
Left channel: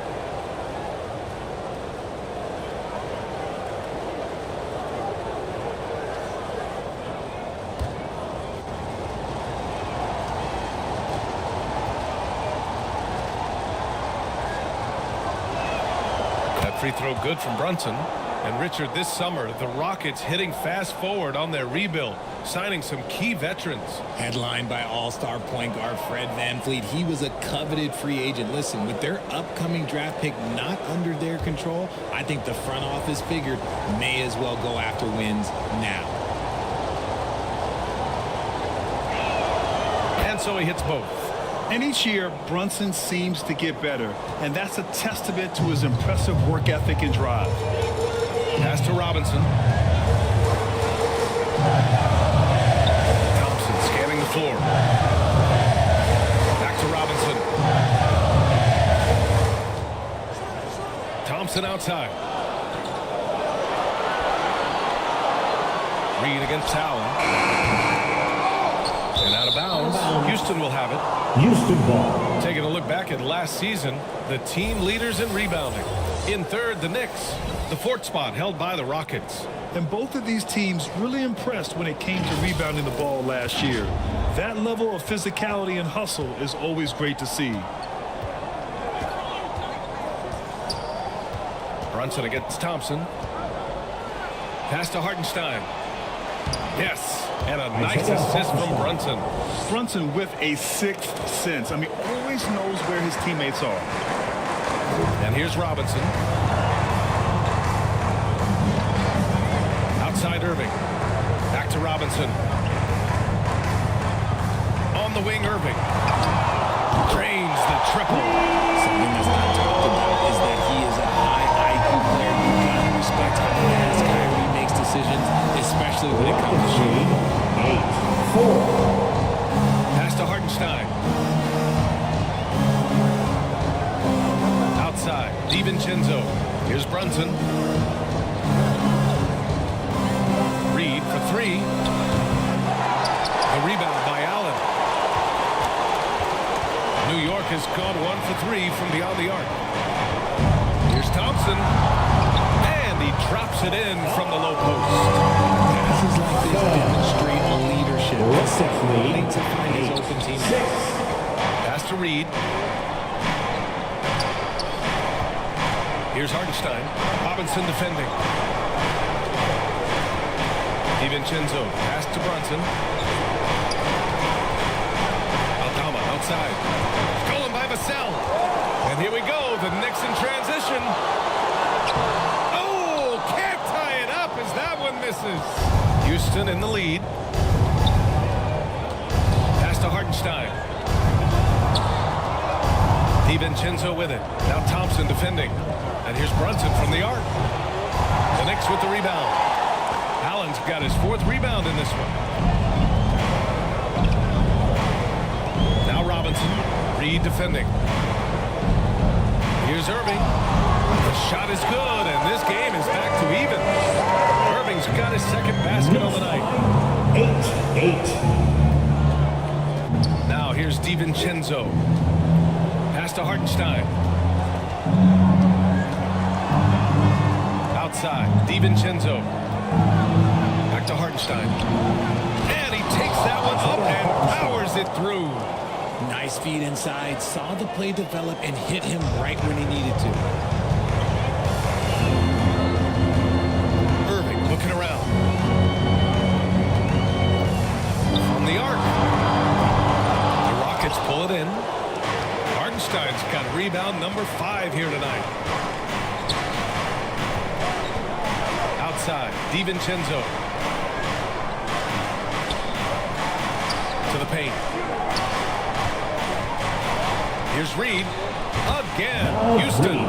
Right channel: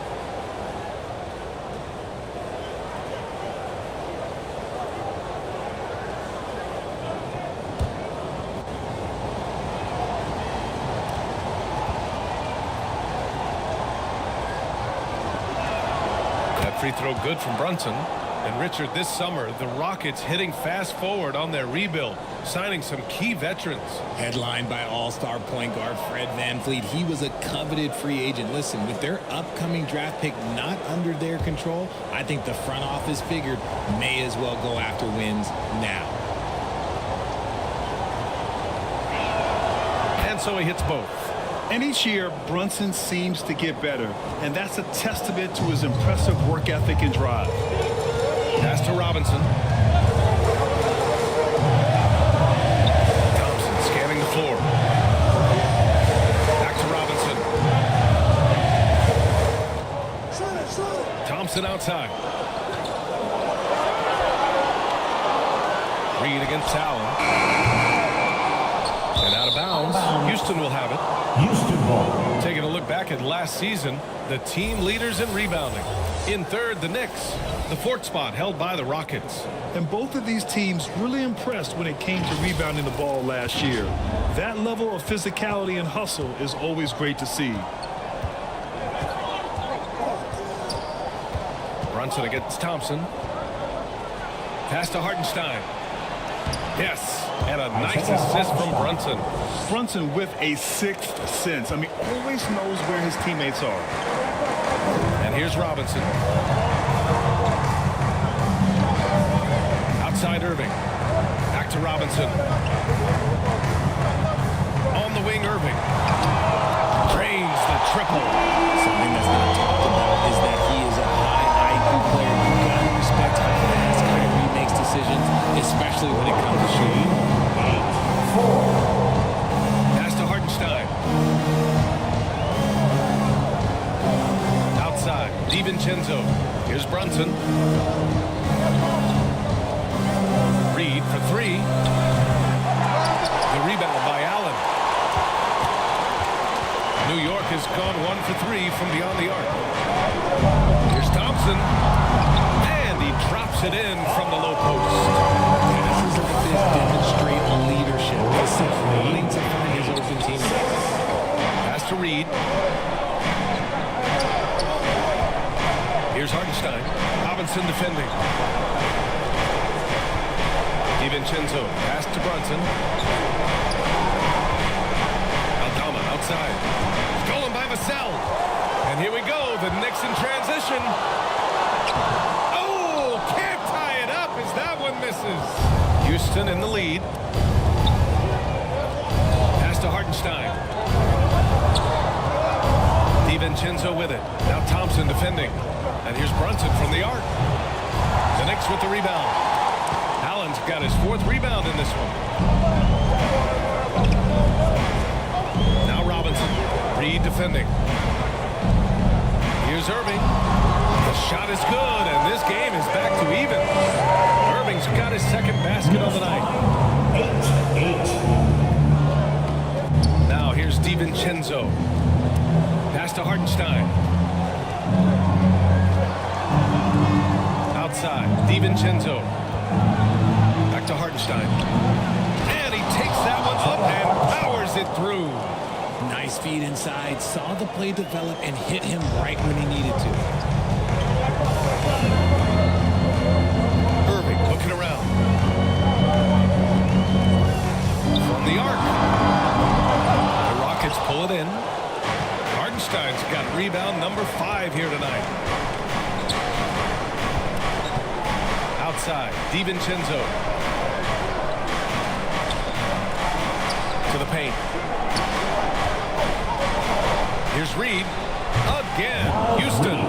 That free throw good from Brunson. And Richard, this summer, the Rockets hitting fast forward on their rebuild, signing some key veterans. Headlined by all-star point guard Fred VanVleet. He was a coveted free agent. Listen, with their upcoming draft pick not under their control, I think the front office figured may as well go after wins now. And so he hits both. And each year, Brunson seems to get better, and that's a testament to his impressive work ethic and drive. Pass to Robinson. Thompson scanning the floor. Back to Robinson. Thompson outside. Reed against Allen. And out of bounds. Houston will have it. Houston ball. Taking a look back at last season, the team leaders in rebounding. In third, the Knicks. The fourth spot held by the Rockets. And both of these teams really impressed when it came to rebounding the ball last year. That level of physicality and hustle is always great to see. Brunson against Thompson. Pass to Hartenstein. Yes, and a nice assist from Brunson. Brunson with a sixth sense. I mean, always knows where his teammates are. And here's Robinson. Outside Irving. Back to Robinson. On the wing, Irving. Drains the triple. Something that's not talked about is that he is a high IQ player. You got to respect how fast Kyrie makes decisions, especially when it comes to shooting the ball. 8-4. Pass to Hartenstein. Outside, DiVincenzo. Here's Brunson. Reed for three. The rebound by Allen. New York has gone 1 for 3 from beyond the arc. Here's Thompson. And he drops it in from the low post. Passes like this demonstrate leadership. Vassell wanting to find his open teammates. Pass to Reed. Here's Hartenstein. Robinson defending. DiVincenzo. Pass to Brunson. Aldama outside. Stolen by Vassell. And here we go. The Knicks in transition. Oh, can't tie it up as that one misses. Houston in the lead. Pass to Hartenstein. DiVincenzo with it. Now Thompson defending. And here's Brunson from the arc. The Knicks with the rebound. Allen's got his 4th rebound in this one. Now Robinson. Reed defending. Here's Irving. The shot is good, and this game is back to even. Irving's got his 2nd basket on the night. 8-8. Now here's DiVincenzo. Pass to Hartenstein. Outside, DiVincenzo. Back to Hartenstein. And he takes that one up and powers it through. Nice feed inside. Saw the play develop and hit him right when he needed to. Irving looking around. From the arc. The Rockets pull it in. Hartenstein's got rebound number 5 here tonight. Outside, DiVincenzo. To the paint. Here's Reed. Again, Houston.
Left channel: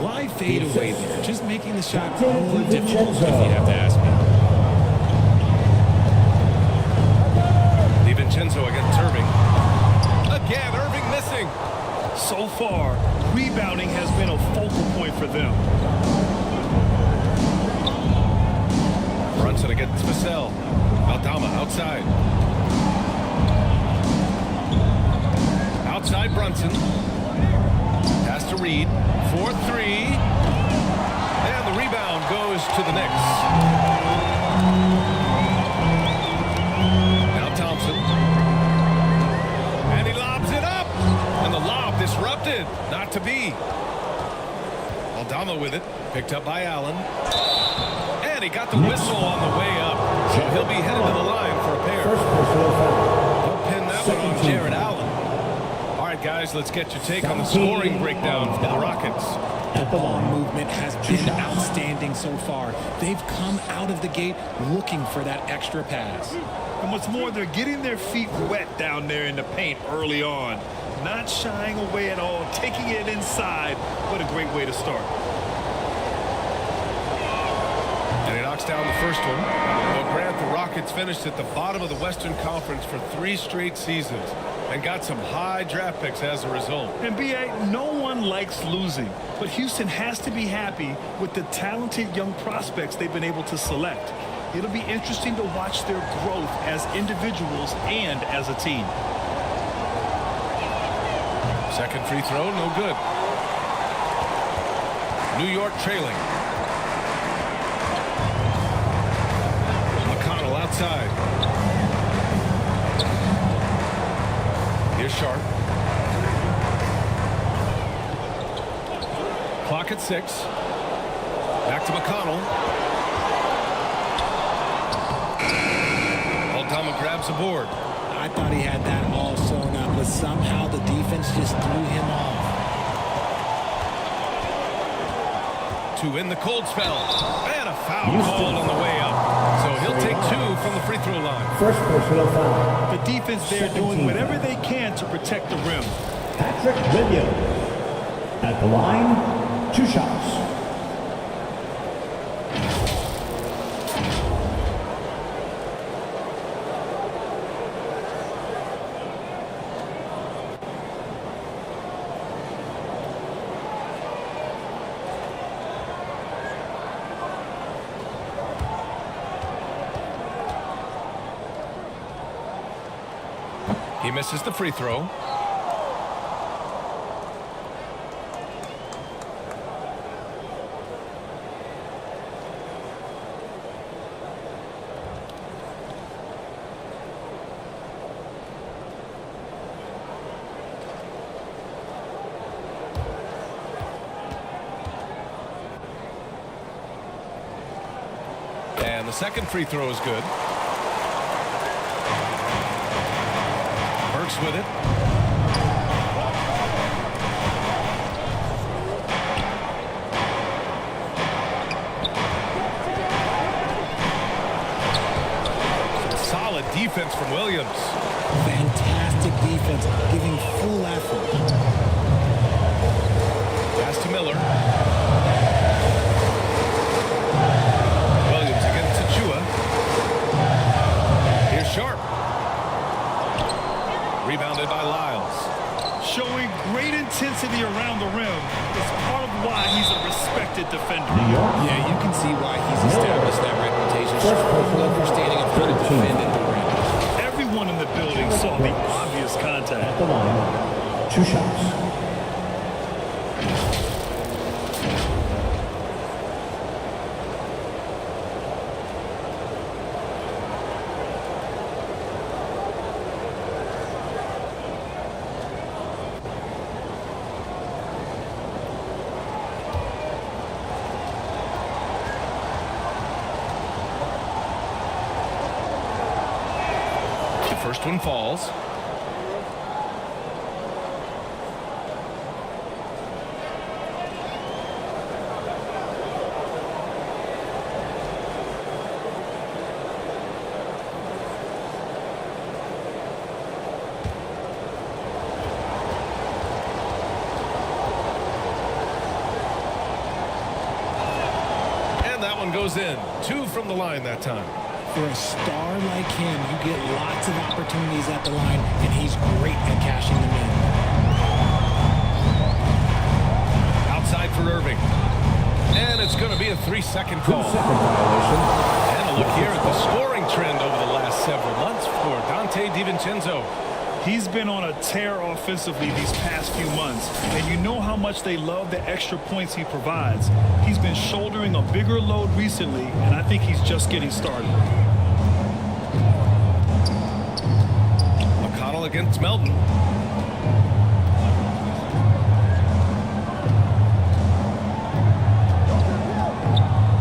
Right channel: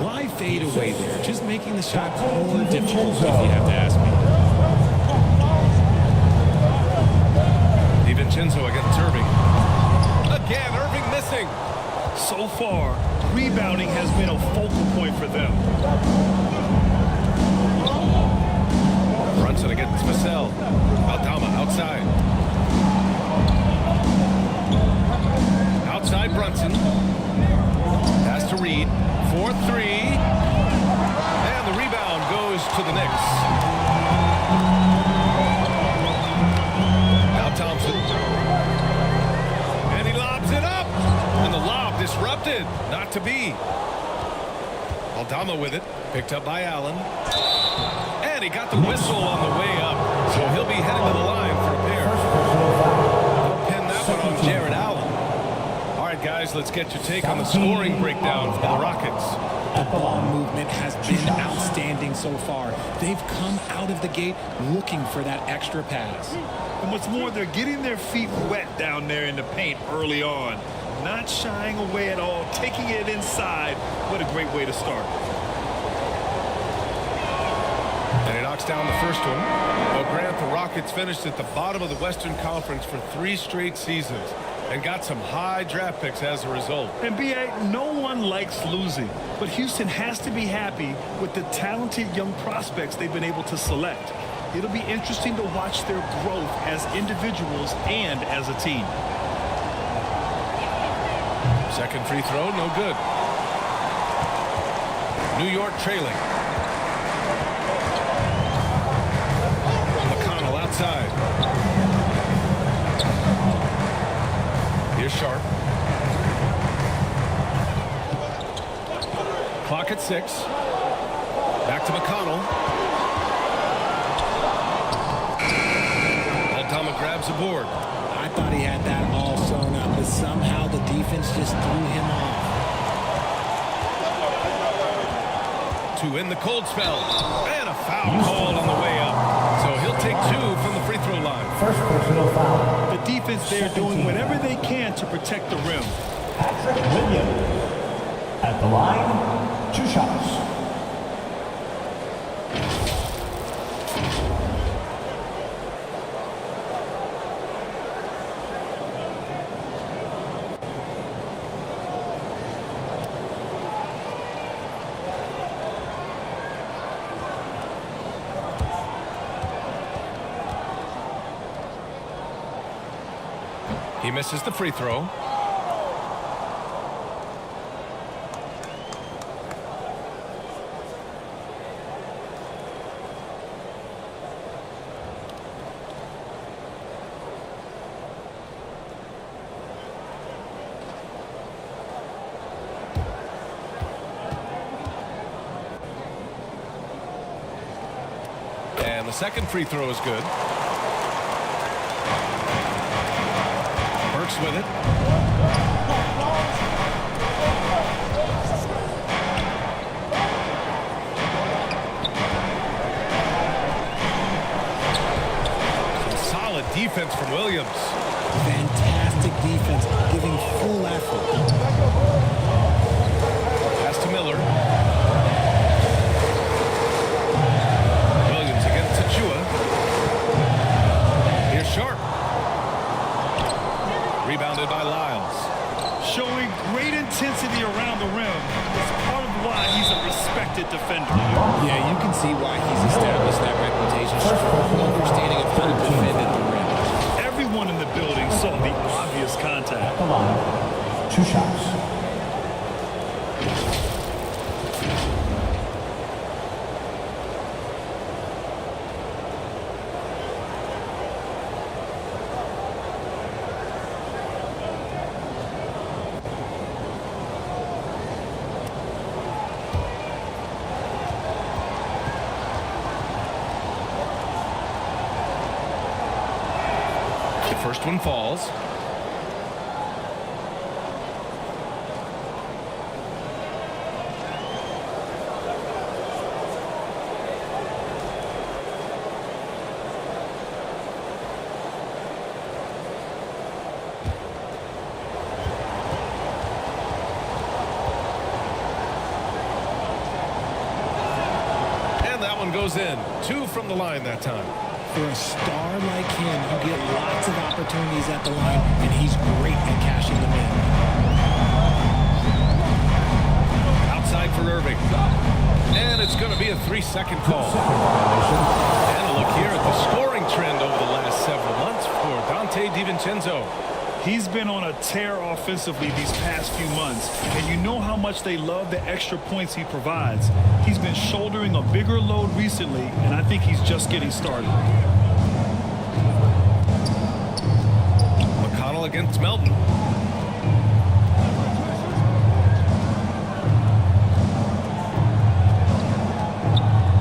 Why fade away there? Just making the shot more difficult, if you have to ask me. DiVincenzo against Irving. Again, Irving missing. So far, rebounding has been a focal point for them. Brunson against Vassell. Aldama outside. Outside Brunson. Pass to Reed. 4-3. And the rebound goes to the Knicks. Now Thompson. And he lobs it up. And the lob disrupted. Not to be. Aldama with it. Picked up by Allen. And he got the whistle on the way up. So he'll be headed to the line for a pair. They'll pin that one on Jared Allen. All right, guys, let's get your take on the scoring breakdown for the Rockets. The ball movement has been outstanding so far. They've come out of the gate looking for that extra pass. And what's more, they're getting their feet wet down there in the paint early on. Not shying away at all, taking it inside. What a great way to start. And he knocks down the first one. Well, Grant, the Rockets finished at the bottom of the Western Conference for 3 straight seasons and got some high draft picks as a result. And B.A., no one likes losing, but Houston has to be happy with the talented young prospects they've been able to select. It'll be interesting to watch their growth as individuals and as a team. Second free throw, no good. New York trailing. McConnell outside. Here's Sharp. Clock at 6. Back to McConnell. Aldama grabs the board. I thought he had that all sewn up, but somehow the defense just threw him off. 2 in the cold spell. And a foul called on the way up. So he'll take 2 from the free throw line. First personal foul. The defense there doing whatever they can to protect the rim. Patrick Williams. At the line, 2 shots. He misses the free throw. And the second free throw is good. Burks with it. Some solid defense from Williams. Fantastic defense, giving full effort. Pass to Miller. Williams against Tachua. Here's Sharp. Rebounded by Lyles. Showing great intensity around the rim is part of why he's a respected defender. Yeah, you can see why he's established that reputation. Strong understanding of how to defend at the rim. Everyone in the building saw the obvious contact. The line, 2 shots. The first one falls. And that one goes in. 2 from the line that time. For a star like him, you get lots of opportunities at the line, and he's great at cashing them in. Outside for Irving. And it's going to be a 3-second call. And a look here at the scoring trend over the last several months for Donte DiVincenzo. He's been on a tear offensively these past few months, and you know how much they love the extra points he provides. He's been shouldering a bigger load recently, and I think he's just getting started. McConnell against Melton.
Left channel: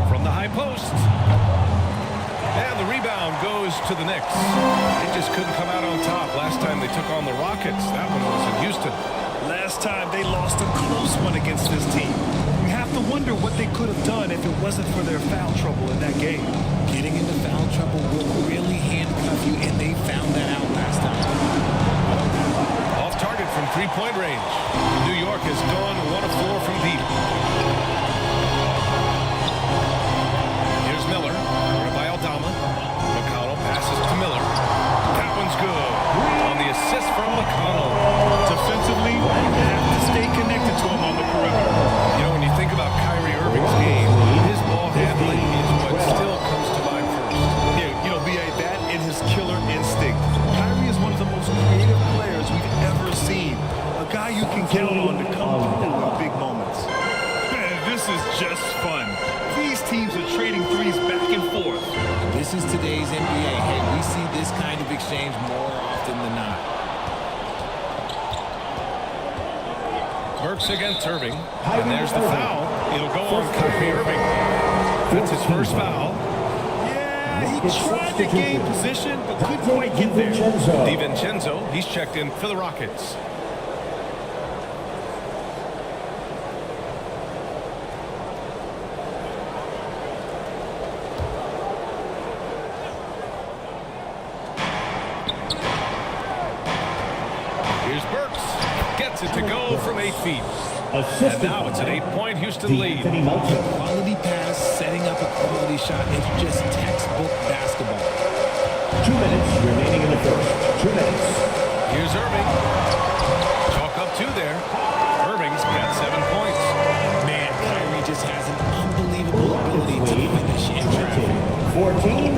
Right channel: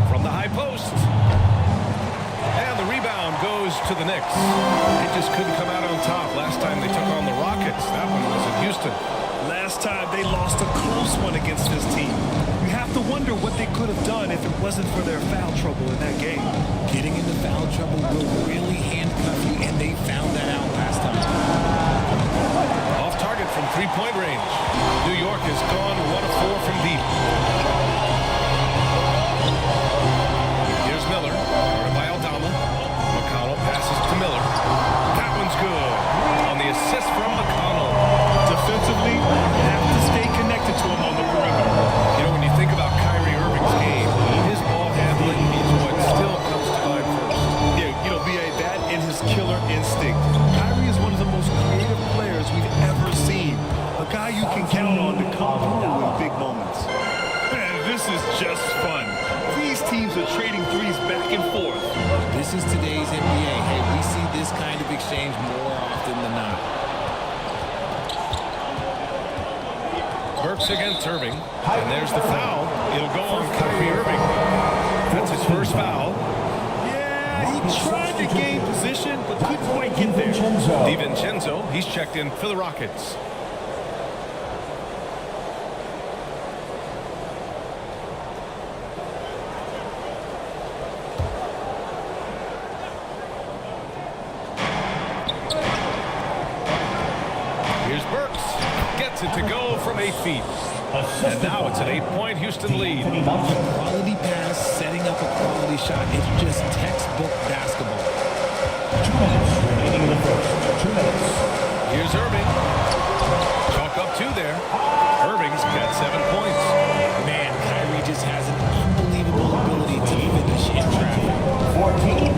From the high post. And the rebound goes to the Knicks. They just couldn't come out on top last time they took on the Rockets. That one was in Houston. Last time they lost a close one against this team. You have to wonder what they could have done if it wasn't for their foul trouble in that game. Getting into foul trouble will really handcuff you, and they found that out last time. Off target from three-point range. New York has gone 1 of 4 from deep. Here's Miller, guarded by Aldama. McConnell passes to Miller. That one's good. On the assist from McConnell. Defensively, you have to stay connected to him on the perimeter. You know, when you think about Kyrie Irving's game, his ball handling is what still comes to mind first. Yeah, you know, B.A., that and his killer instinct. Kyrie is one of the most creative players we've ever seen. A guy you can count on to come through in big moments. Man, this is just fun. These teams are trading threes back and forth. This is today's NBA. Hey, we see this kind of exchange more often than not. Burks against Irving. And there's the foul. It'll go on Kyrie Irving. That's his first foul. Yeah, he tried to gain position, but couldn't quite get there. DiVincenzo, he's checked in for the Rockets. Here's Burks. Gets it to go from 8 feet. And now it's an 8-point Houston lead. A quality pass, setting up a quality shot. It's just textbook basketball. 2 minutes remaining in the first. 2 minutes. Here's Irving. Chalk up 2 there. Irving's got 7 points. Man, Kyrie just has an unbelievable ability to finish in traffic. 14.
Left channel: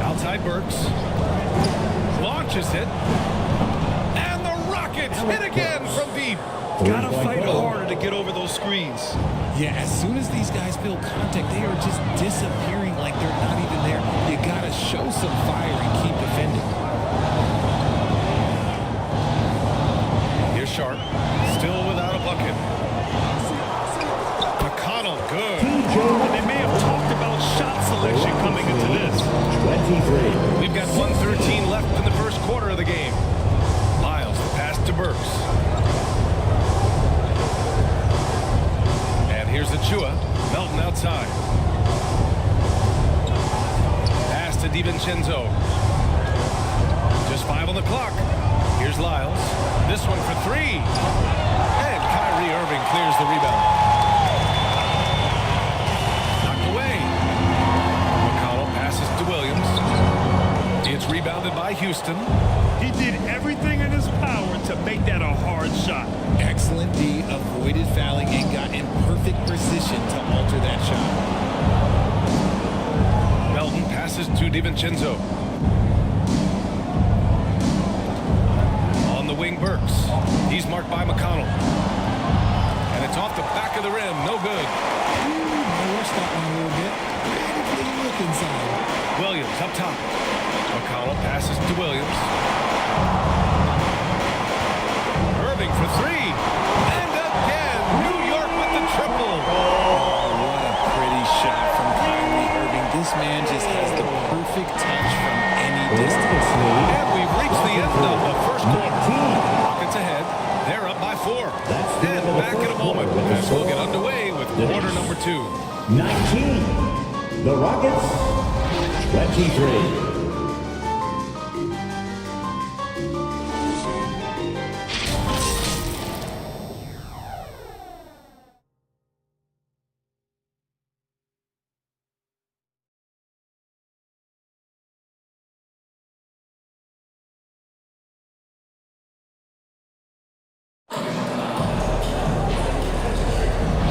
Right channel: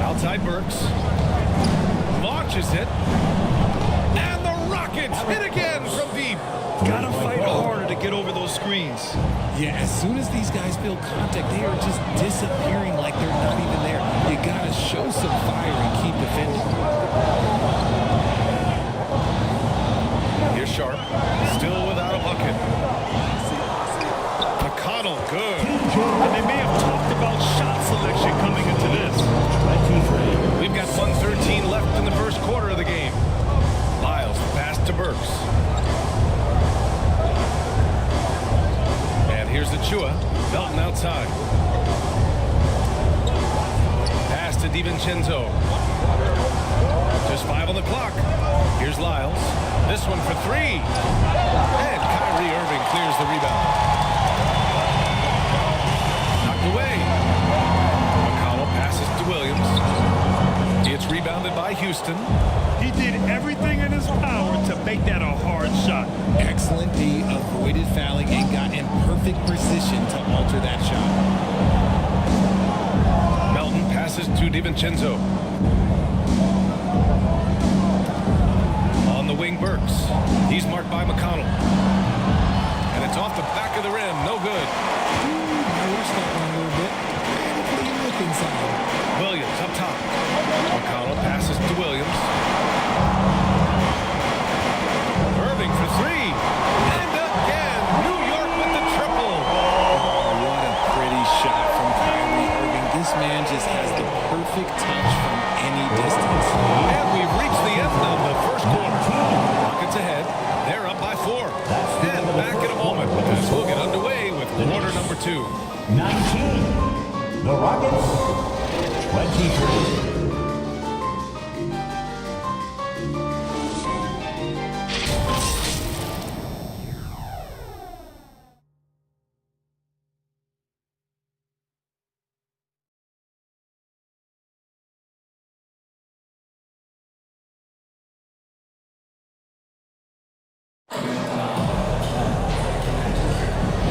Outside Burks. Launches it. And the Rockets hit again from deep. Gotta fight harder to get over those screens. Yeah, as soon as these guys feel contact, they are just disappearing like they're not even there. You gotta show some fire and keep defending. Here's Sharp. Still without a bucket. McConnell, good. And they may have talked about shot selection coming into this. 23. We've got 1:13 left in the first quarter of the game. Lyles, the pass to Burks. And here's Achua. Melton outside. Pass to DiVincenzo. Just 5 on the clock. Here's Lyles. This one for 3. And Kyrie Irving clears the rebound. Knocked away. McConnell passes to Williams. It's rebounded by Houston. He did everything in his power to make that a hard shot. Excellent D, avoided fouling and got in perfect position to alter that shot. Melton passes to DiVincenzo. On the wing, Burks. He's marked by McConnell. And it's off the back of the rim. No good. Ooh, I rushed that one a little bit. Pretty clean look inside. Williams up top. McConnell passes to Williams. Irving for 3. And again, New York with the triple. Oh, what a pretty shot from Kyrie Irving. This man just has the perfect touch from any distance. And we've reached the end of the first quarter. Rockets ahead. They're up by 4. And back in a moment as we'll get underway with quarter number 2. 19. The Rockets, 23.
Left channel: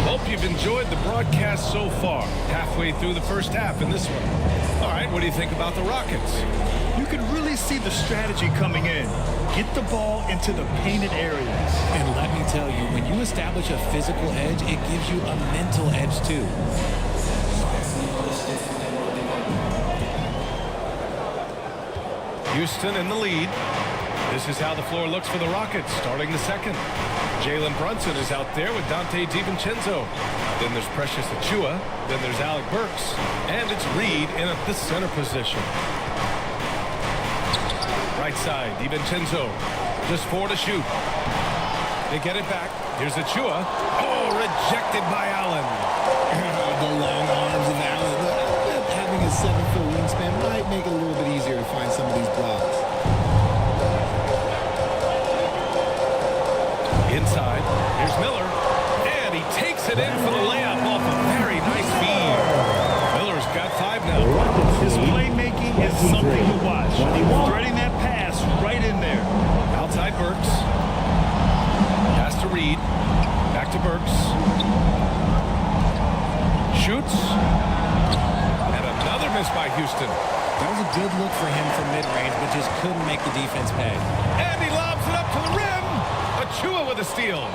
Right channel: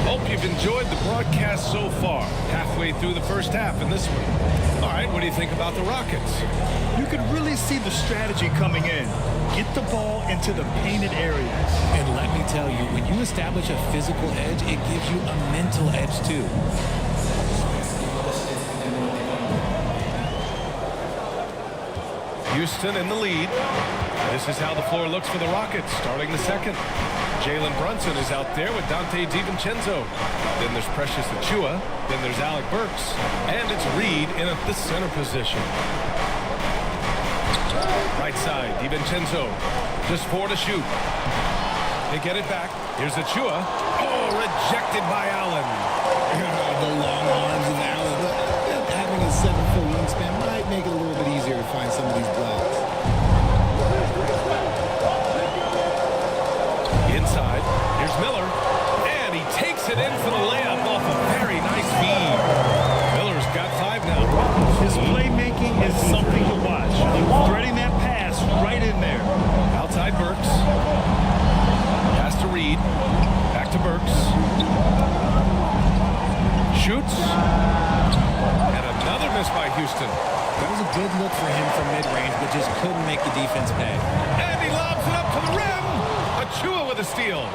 Hope you've enjoyed the broadcast so far. Halfway through the first half in this one. All right, what do you think about the Rockets? You can really see the strategy coming in. Get the ball into the painted areas. And let me tell you, when you establish a physical edge, it gives you a mental edge too. Houston in the lead. This is how the floor looks for the Rockets starting the second. Jalen Brunson is out there with Dante DiVincenzo. Then there's Precious Achua. Then there's Alec Burks. And it's Reed in at the center position. Right side, DiVincenzo. Just 4 to shoot. They get it back. Here's Achua. Oh, rejected by Allen. The long arms of Allen. Having a 7-foot wingspan might make it a little bit easier to find some of these blocks. Inside, here's Miller, and he takes it in for the layup off a very nice feed. Miller's got 5 now. His playmaking is something to watch. Threading that pass right in there. Outside Burks. Pass to Reed. Back to Burks. Shoots. And another miss by Houston. That was a good look for him from mid-range, but just couldn't make the defense pay. And he lobs it up to the rim. Achua with a steal.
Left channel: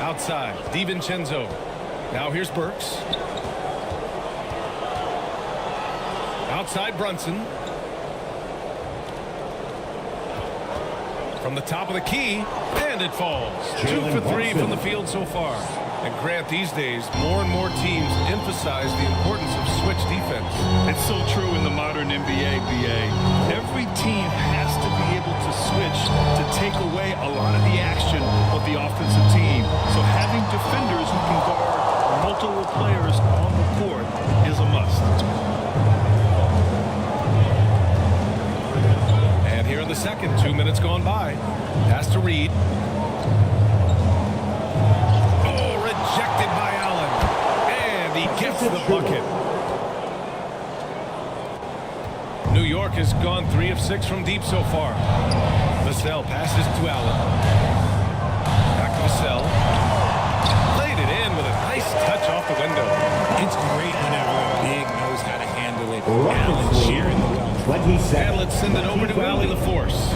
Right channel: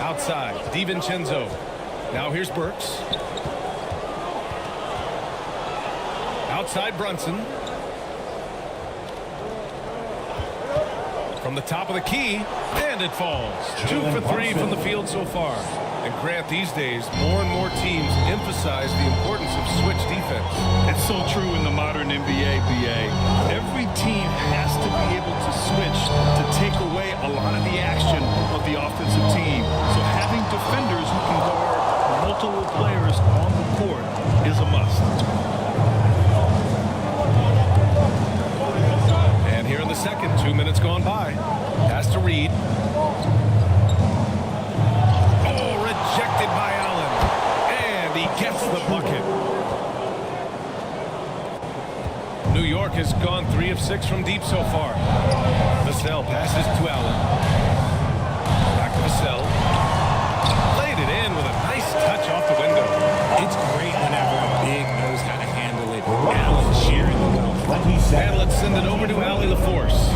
Outside, DiVincenzo. Now here's Burks. Outside Brunson. From the top of the key, and it falls. 2 for 3 from the field so far. And Grant, these days, more and more teams emphasize the importance of switch defense. It's so true in the modern NBA, BA. Every team has to be able to switch to take away a lot of the action of the offensive team. So having defenders who can guard multiple players on the court is a must. And here in the second, 2 minutes gone by. Pass to Reed. Oh, rejected by Allen. And he gets the bucket. New York has gone 3 of 6 from deep so far. Vassell passes to Allen. Back to Vassell. Laid it in with a nice touch off the window. It's great whenever a big knows how to handle it. Allen sharing the wealth. And let's send it over to Allie LaForce.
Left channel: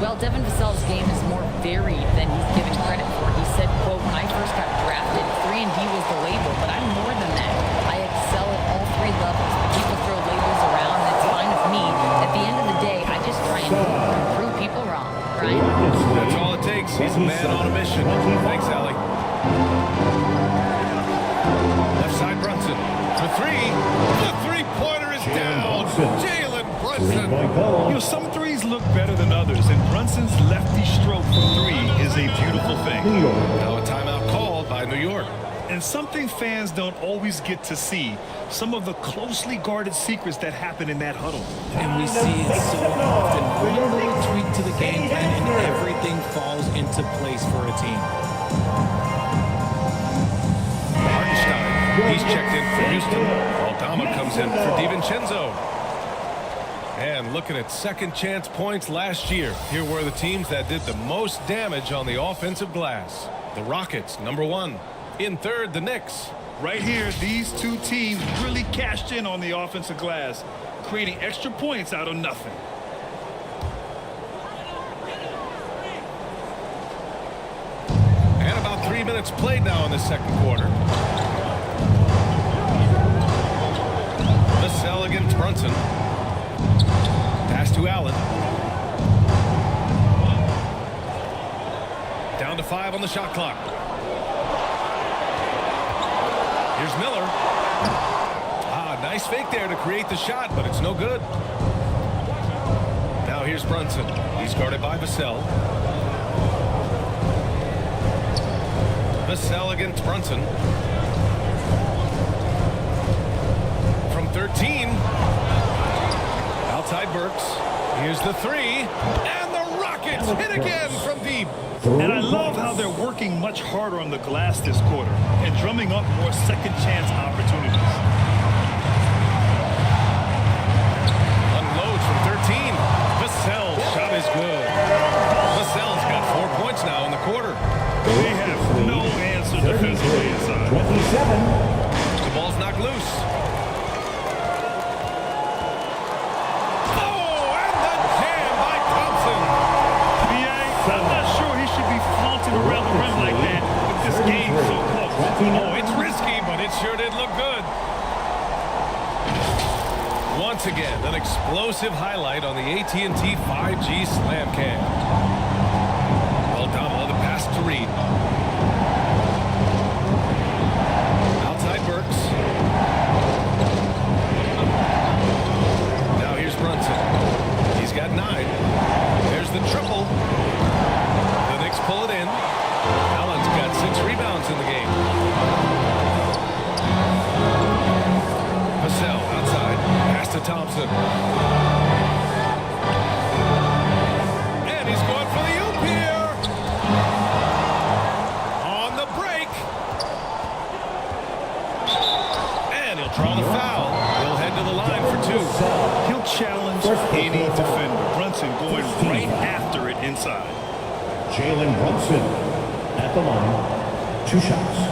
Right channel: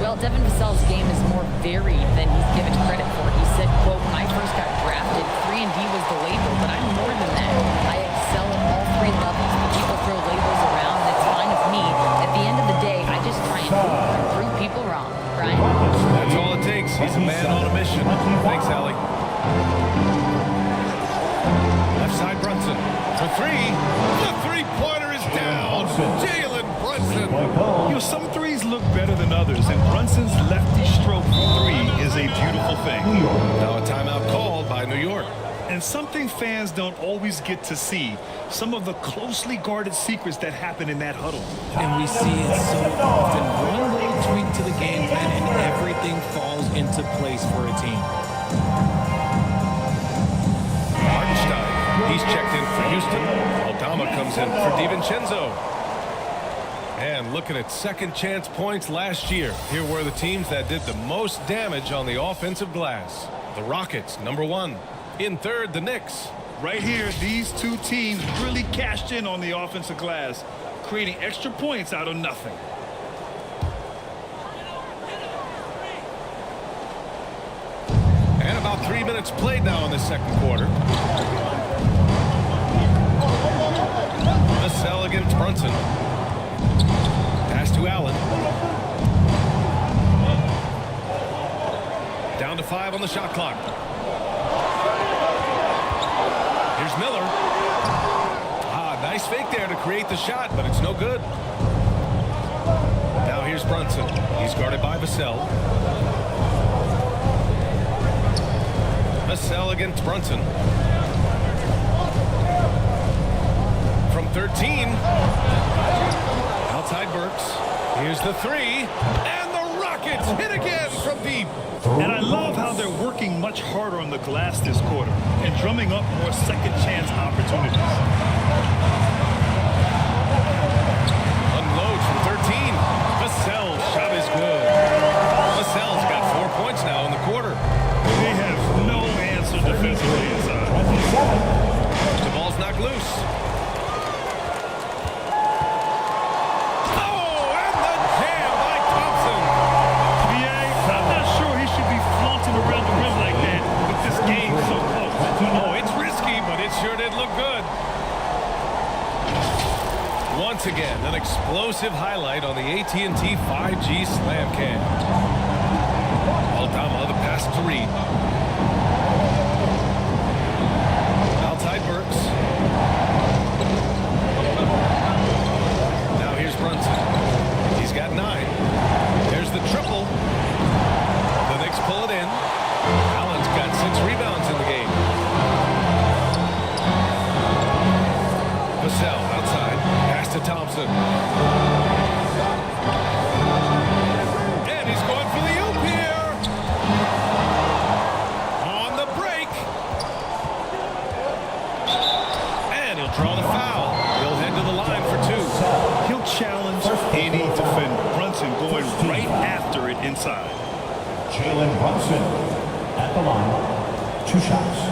Well, Devin Vassell's game is more varied than he's given credit for. He said, quote, when I first got drafted, 3-and-D was the label, but I'm more than that. I excel at all 3 levels, but people throw labels around, and it's fine with me. At the end of the day, I just try and hoop and prove people wrong. Brian? That's all it takes. He's a man on a mission. Thanks, Allie. Left side, Brunson. For 3. The three-pointer is down. Jalen Brunson. You know, some threes look better than others, and Brunson's lefty stroke from 3 is a beautiful thing. Now a timeout called by New York. And something fans don't always get to see, some of the closely guarded secrets that happen in that huddle. And we see it so often. One little tweak to the game plan and everything falls into place for a team. Hartenstein, he's checked in for Houston. Aldama comes in for DiVincenzo. And looking at second chance points last year, here were the teams that did the most damage on the offensive glass. The Rockets, number 1. In third, the Knicks. Right here, these two teams really cashed in on the offensive glass, creating extra points out of nothing. And about 3 minutes played now in the second quarter. Vassell against Brunson. Pass to Allen. Down to 5 on the shot clock. Here's Miller. Nice fake there to create the shot, but it's no good. Now here's Brunson. He's guarded by Vassell. Vassell against Brunson. From 13. Outside Burks. Here's the 3. And the Rockets hit again from deep. And I love how they're working much harder on the glass this quarter and drumming up more second chance opportunities. Unloads from 13. Vassell's shot is good. Vassell's got 4 points now in the quarter. They have no answer defensively inside. 27. The ball's knocked loose. Oh, and the jam by Thompson. I'm not sure he should be flaunting around the rim like that with this game so close. Oh, it's risky, but it sure did look good. Once again, an explosive highlight on the AT&T 5G Slam Cam. Aldama, the pass to Reed. Outside Burks. Now here's Brunson. He's got 9. There's the triple. The Knicks pull it in. Allen's got 6 rebounds in the game. Vassell outside. Pass to Thompson. And he's going for the oop here. On the break. And he'll draw the foul. He'll head to the line for 2. He'll challenge any defender. Brunson going right after it inside. Jalen Brunson at the line. 2 shots.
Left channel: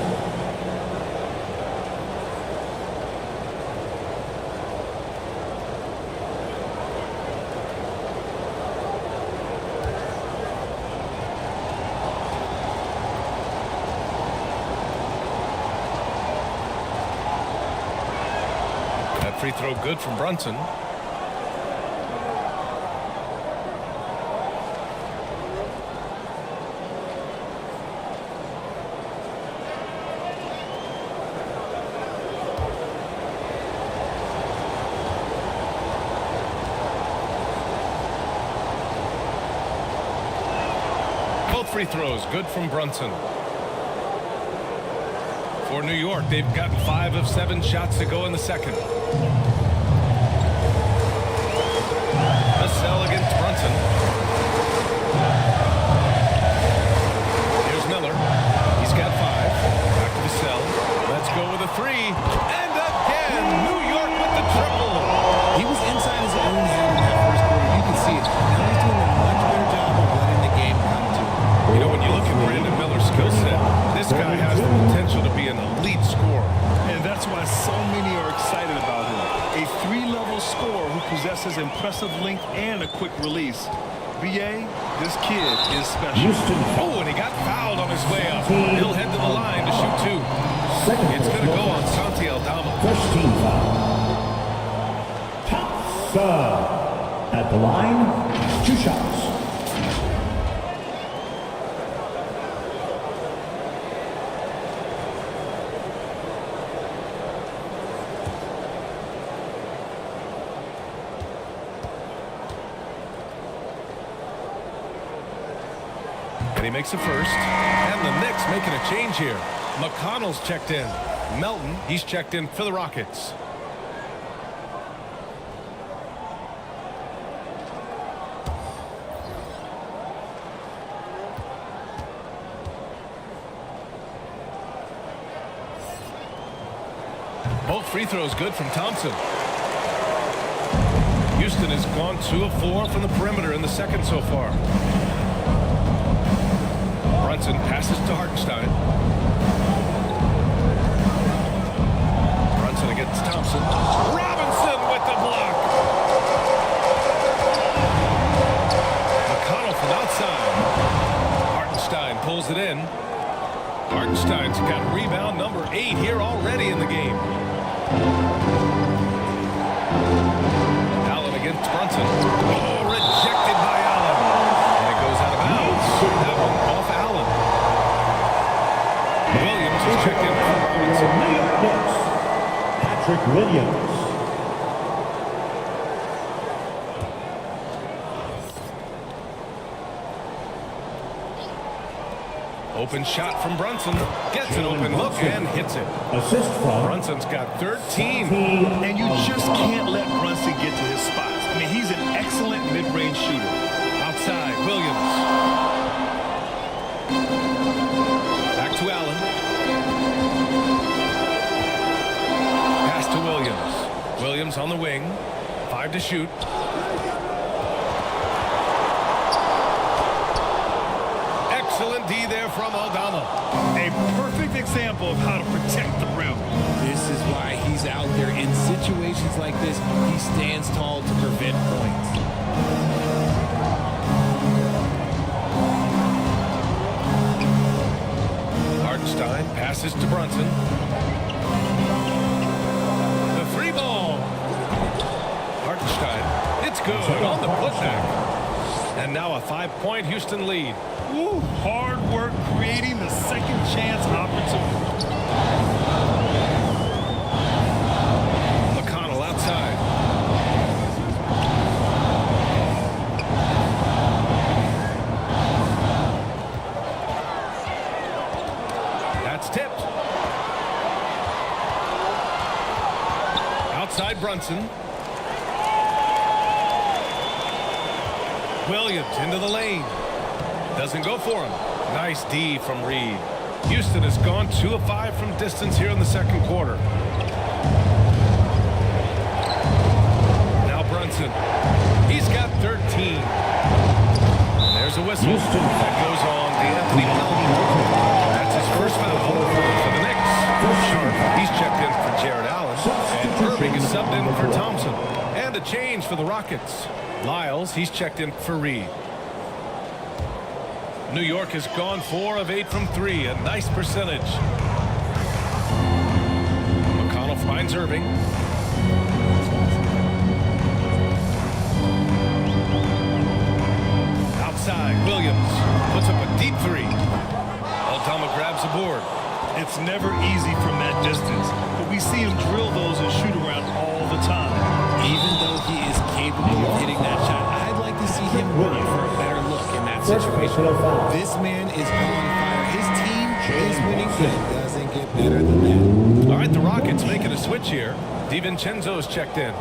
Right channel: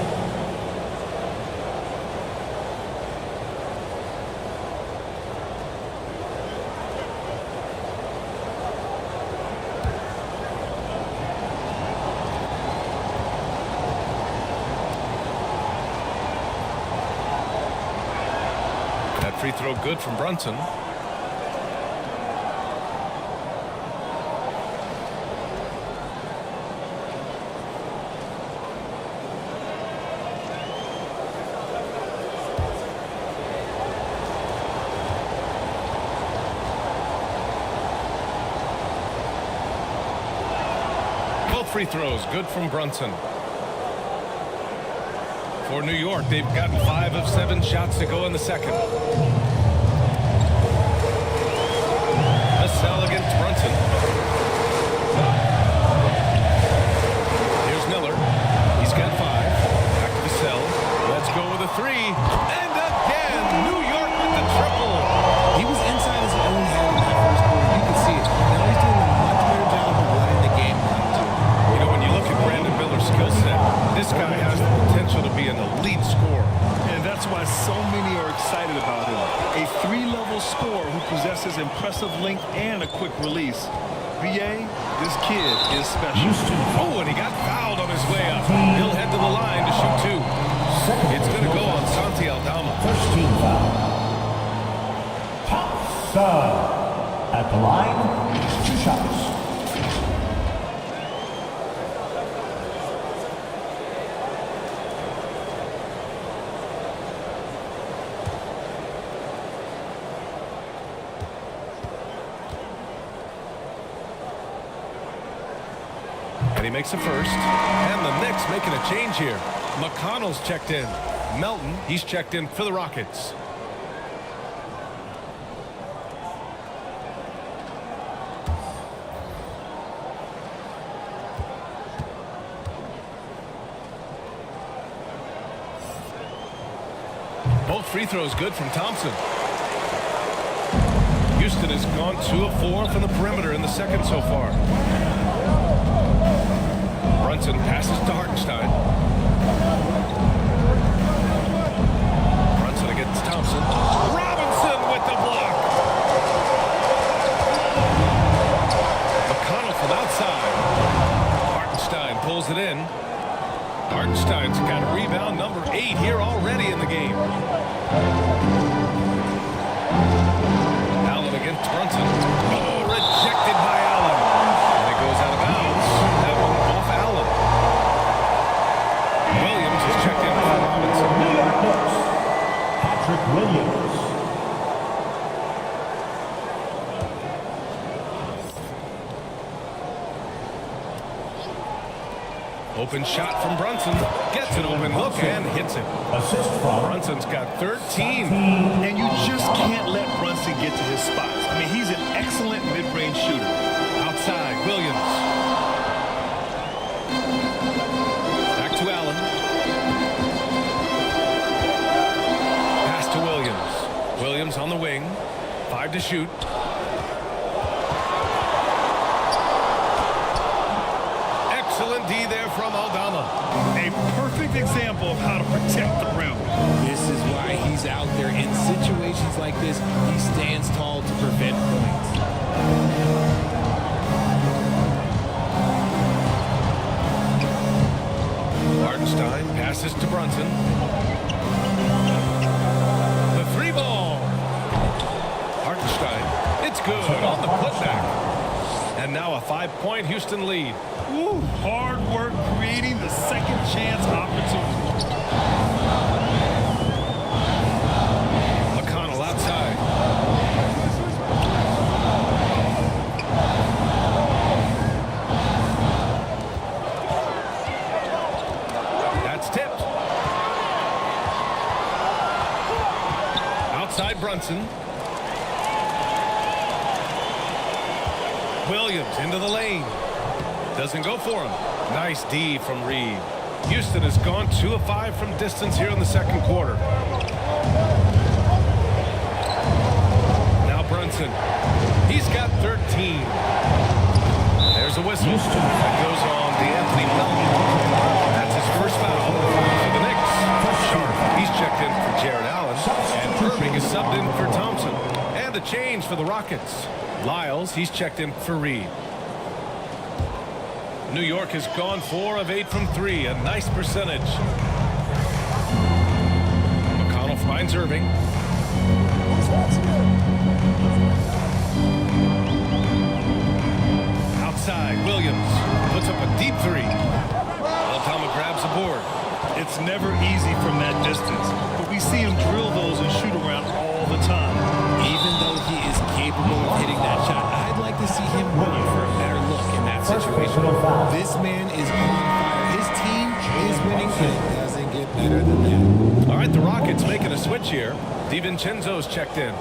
That free throw good from Brunson. Both free throws good from Brunson. For New York, they've gotten 5 of 7 shots to go in the second. Vassell against Brunson. Here's Miller. He's got 5. Back to Vassell. Let's go with a 3. And again, New York with the triple. He was inside his own head in that first quarter. You can see it. Now he's doing a much better job of letting the game come to him. You know, when you look at Brandon Miller's skill set, this guy has the potential to be an elite scorer. And that's why so many are excited about him. A 3-level scorer who possesses impressive length and a quick release. B.A., this kid is special. Oh, and he got fouled on his way up. He'll head to the line to shoot 2. It's going to go on Santi Aldama. First team foul. Thompson at the line, 2 shots. And he makes a first. And the Knicks making a change here. McConnell's checked in. Melton, he's checked in for the Rockets. Both free throws good from Thompson. Houston has gone 2 of 4 from the perimeter in the second so far. Brunson passes to Hartenstein. Brunson against Thompson. Robinson with the block. McConnell from outside. Hartenstein pulls it in. Hartenstein's got rebound number 8 here already in the game. Allen against Brunson. Oh, rejected by Allen. And it goes out of bounds. That one off Allen. Williams is checked in for Robinson. New York Knicks, Patrick Williams. Open shot from Brunson. Gets an open look and hits it. Assist from Brunson's got 13. And you just can't let Brunson get to his spots. I mean, he's an excellent mid-range shooter. Outside, Williams. Back to Allen. Pass to Williams. Williams on the wing. 5 to shoot. Excellent D there from Aldama. A perfect example of how to protect the rim. This is why he's out there in situations like this. He stands tall to prevent points. Hartenstein passes to Brunson. The 3-ball. Hartenstein. It's good on the putback. And now a 5-point Houston lead. Woo, hard work creating the second chance opportunity. McConnell outside. That's tipped. Outside Brunson. Williams into the lane. Doesn't go for him. Nice D from Reed. Houston has gone 2 of 5 from distance here in the second quarter. Now Brunson. He's got 13. And there's a whistle. That goes on DeAnthony Melton. That's his first foul for the Knicks. Sharp, he's checked in for Jared Allen. And Irving is subbed in for Thompson. And a change for the Rockets. Lyles, he's checked in for Reed. New York has gone 4 of 8 from 3. A nice percentage. McConnell finds Irving. Outside, Williams puts up a deep 3. Aldama grabs the board. It's never easy from that distance, but we see him drill those and shoot around all the time. Even though he is capable of hitting that shot, I'd like to see him work for a better look in that situation. This man is on fire. His team is winning, and it doesn't get better than that. All right, the Rockets making a switch here. DiVincenzo's checked in.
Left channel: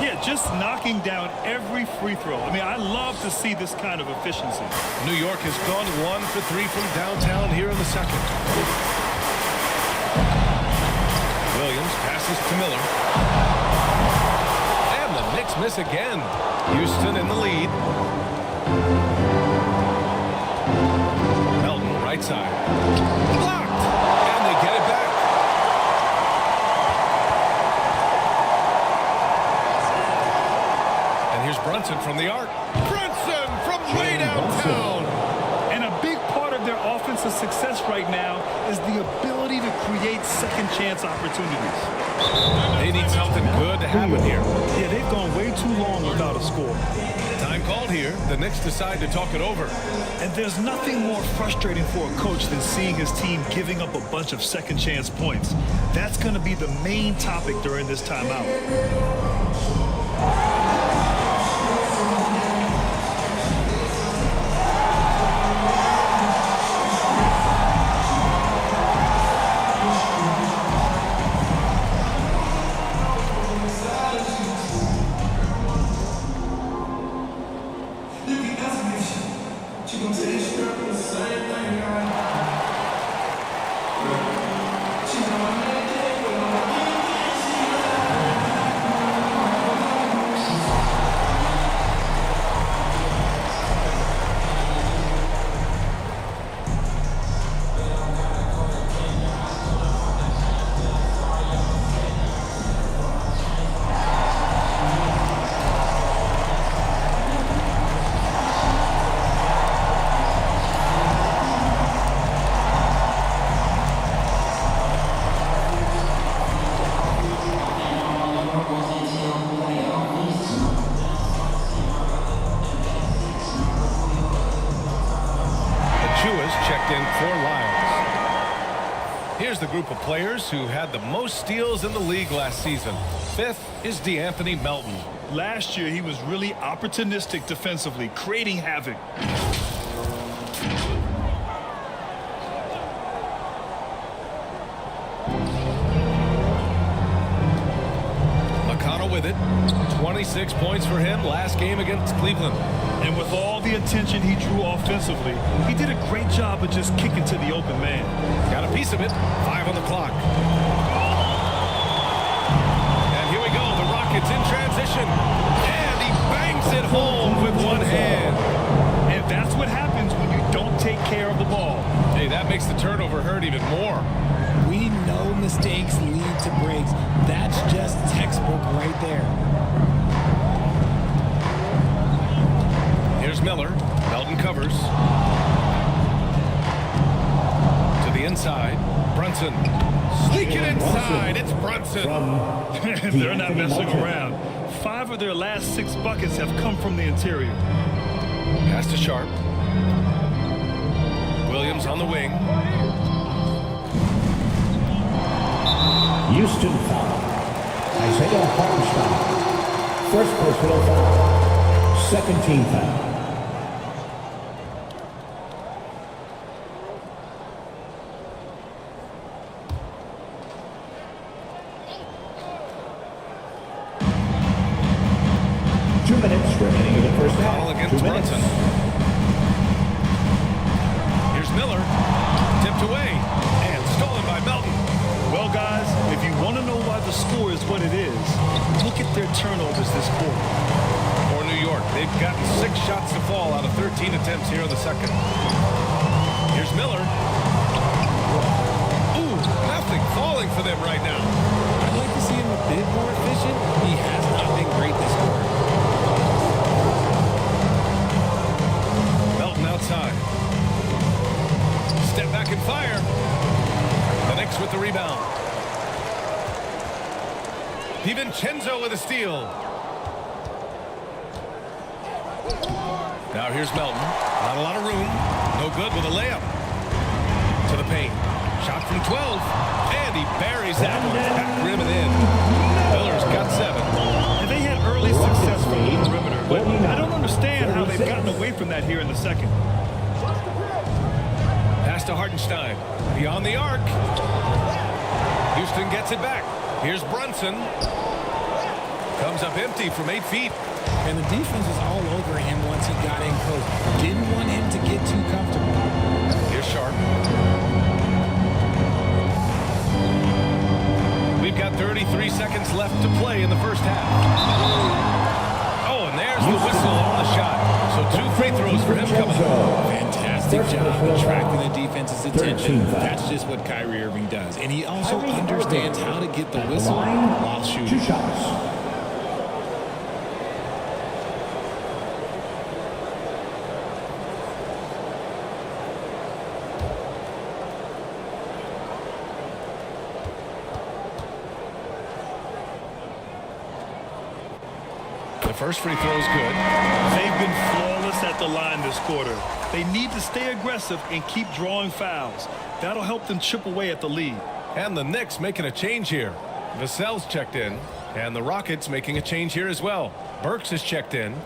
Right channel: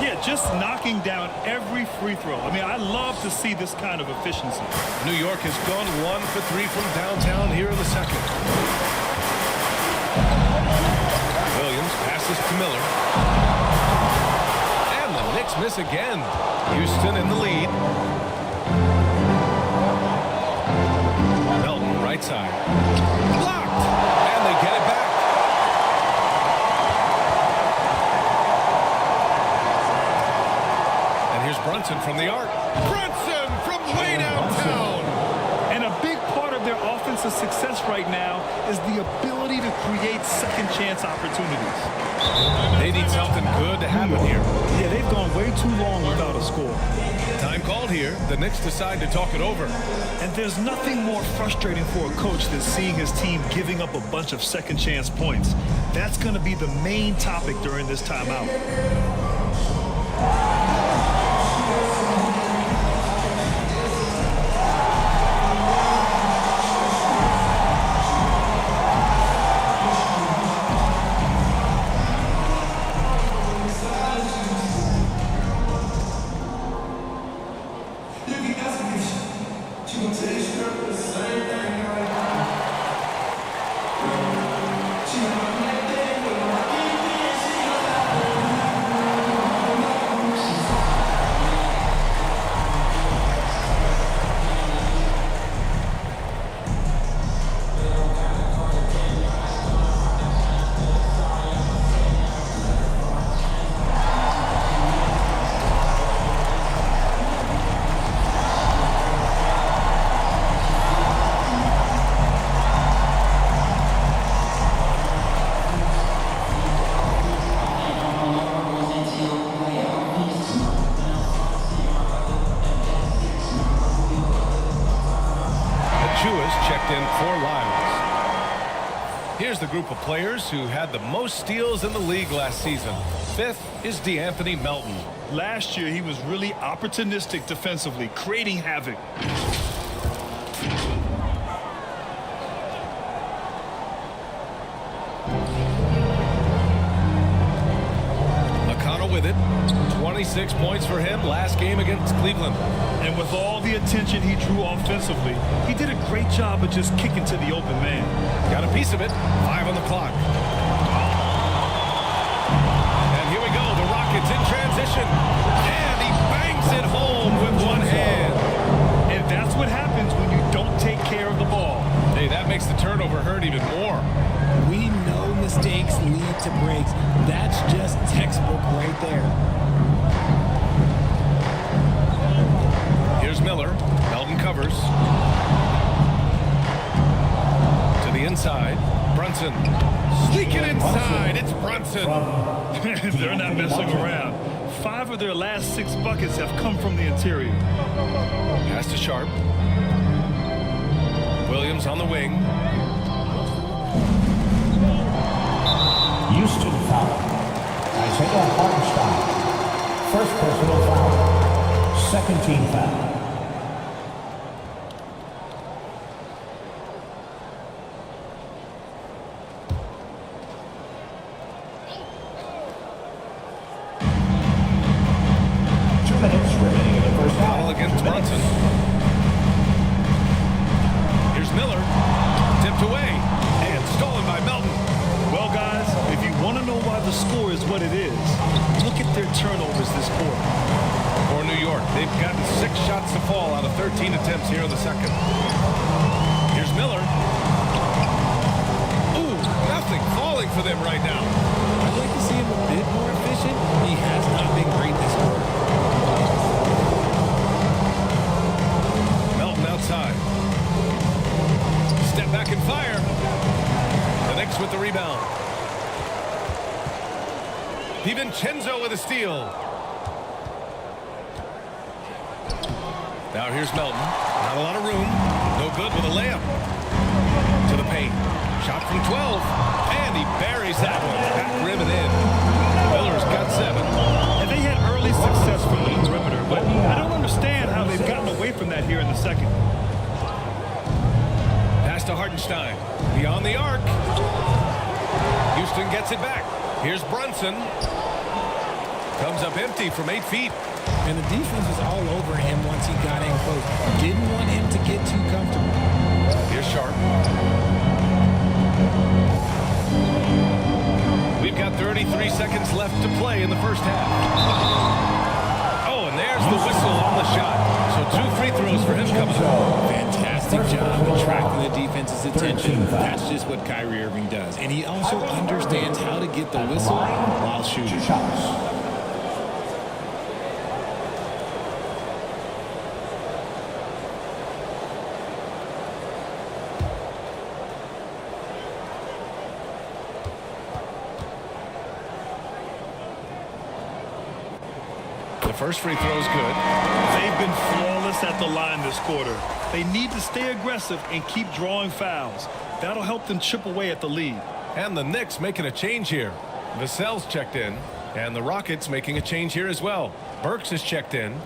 Yeah, just knocking down every free throw. I mean, I love to see this kind of efficiency. New York has gone 1 for 3 from downtown here in the second. Williams passes to Miller. And the Knicks miss again. Houston in the lead. Melton, right side. Blocked! And they get it back. And here's Brunson from the arc. Brunson from way downtown. And a big part of their offensive success right now is the ability to create second chance opportunities. They need something good to happen here. Yeah, they've gone way too long without a score. Time called here. The Knicks decide to talk it over. And there's nothing more frustrating for a coach than seeing his team giving up a bunch of second chance points. That's going to be the main topic during this timeout. Chua's checked in for Lyles. Here's the group of players who had the most steals in the league last season. Fifth is DeAnthony Melton. Last year, he was really opportunistic defensively, creating havoc. McConnell with it. 26 points for him last game against Cleveland. And with all the attention he drew offensively, he did a great job of just kicking to the open man. Got a piece of it. 5 on the clock. And here we go. The Rockets in transition. And he bangs it home with one hand. And that's what happens when you don't take care of the ball. Hey, that makes the turnover hurt even more. We know mistakes lead to breaks. That's just textbook right there. Here's Miller. Melton covers. To the inside. Brunson. Sneaking inside. It's Brunson. They're not messing around. 5 of their last 6 buckets have come from the interior. Pass to Sharp. Williams on the wing. Houston foul. Isaiah Hartenstein. First personal foul. Second team foul. McConnell against Brunson. Here's Miller. Tipped away and stolen by Melton. Well, guys, if you want to know why the score is what it is, look at their turnovers this quarter. For New York, they've gotten 6 shots to fall out of 13 attempts here in the second. Here's Miller. Ooh, nothing falling for them right now. I'd like to see him a bit more efficient. He has not been great this quarter. Melton outside. Step back and fire. The Knicks with the rebound. DiVincenzo with a steal. Now here's Melton. Not a lot of room. No good with a layup. To the paint. Shot from 12. And he buries that one. Back rim and in. Miller's got 7. And they had early success from the perimeter, but I don't understand how they've gotten away from that here in the second. Pass to Hartenstein. Beyond the arc. Houston gets it back. Here's Brunson. Comes up empty from 8 feet. And the defense was all over him once he got in close. Didn't want him to get too comfortable. Here's Sharp. We've got 33 seconds left to play in the first half. Oh, and there's the whistle on the shot. So 2 free throws for him coming up. Fantastic job attracting the defense's attention. That's just what Kyrie Irving does. And he also understands how to get the whistle while shooting. The first free throw is good. They've been flawless at the line this quarter. They need to stay aggressive and keep drawing fouls. That'll help them chip away at the lead. And the Knicks making a change here. Vassell's checked in. And the Rockets making a change here as well. Burks is checked in.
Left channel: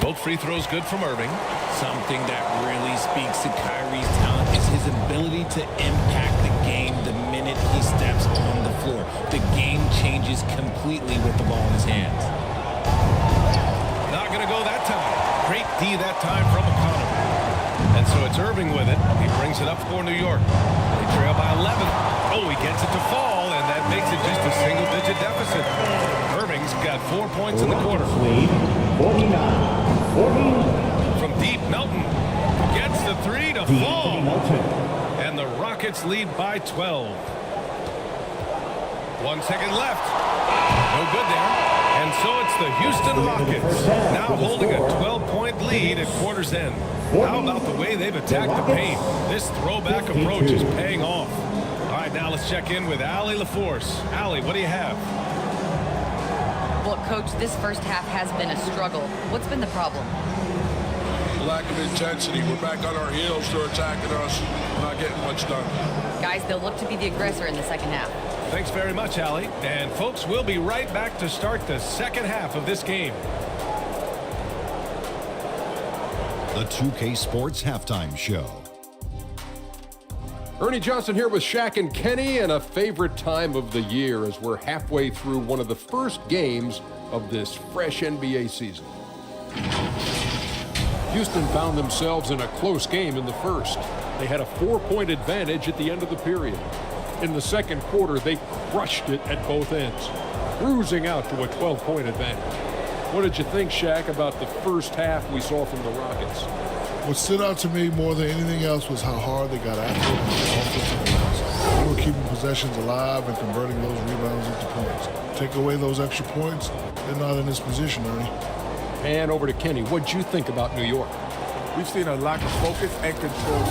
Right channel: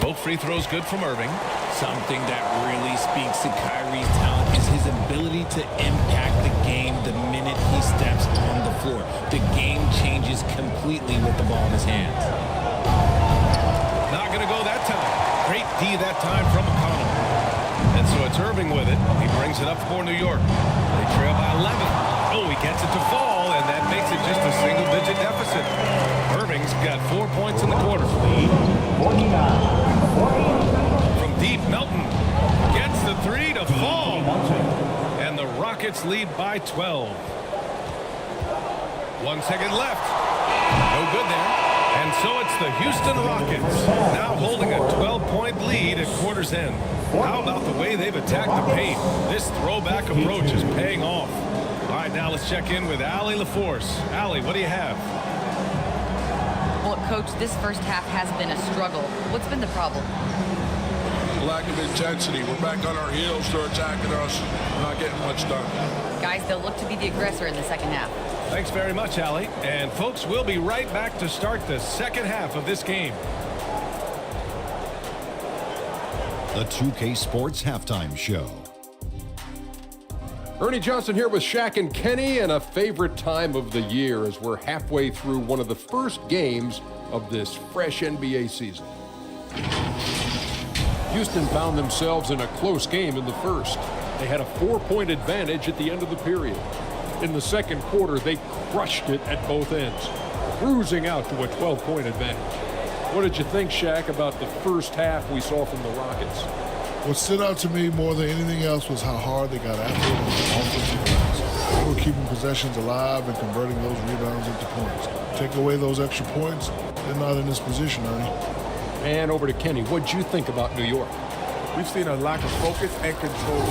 Both free throws good from Irving. Something that really speaks to Kyrie's talent is his ability to impact the game the minute he steps on the floor. The game changes completely with the ball in his hands. Not going to go that time. Great D that time from McConnell. And so it's Irving with it. He brings it up for New York. They trail by 11. Oh, he gets it to fall, and that makes it just a single-digit deficit. Irving's got 4 points in the quarter. 49-40. From deep, Melton gets the 3 to fall. And the Rockets lead by 12. 1 second left. No good there. And so it's the Houston Rockets now holding a 12-point lead at quarter's end. How about the way they've attacked the paint? This throwback approach is paying off. All right, now let's check in with Allie LaForce. Allie, what do you have? Well, Coach, this first half has been a struggle. What's been the problem? Lack of intensity. We're back on our heels. They're attacking us. Not getting much done. Guys, they'll look to be the aggressor in the second half. Thanks very much, Allie. And folks, we'll be right back to start the second half of this game. The 2K Sports Halftime Show. Ernie Johnson here with Shaq and Kenny, and a favorite time of the year as we're halfway through one of the first games of this fresh NBA season. Houston found themselves in a close game in the first. They had a 4-point advantage at the end of the period. In the second quarter, they crushed it at both ends, cruising out to a 12-point advantage. What did you think, Shaq, about the first half we saw from the Rockets? What stood out to me more than anything else was how hard they got after it on the offensive glass. They were keeping possessions alive and converting those rebounds into points. Take away those extra points, they're not in this position, Ernie. And over to Kenny. What'd you think about New York? We've seen a lack of focus and control.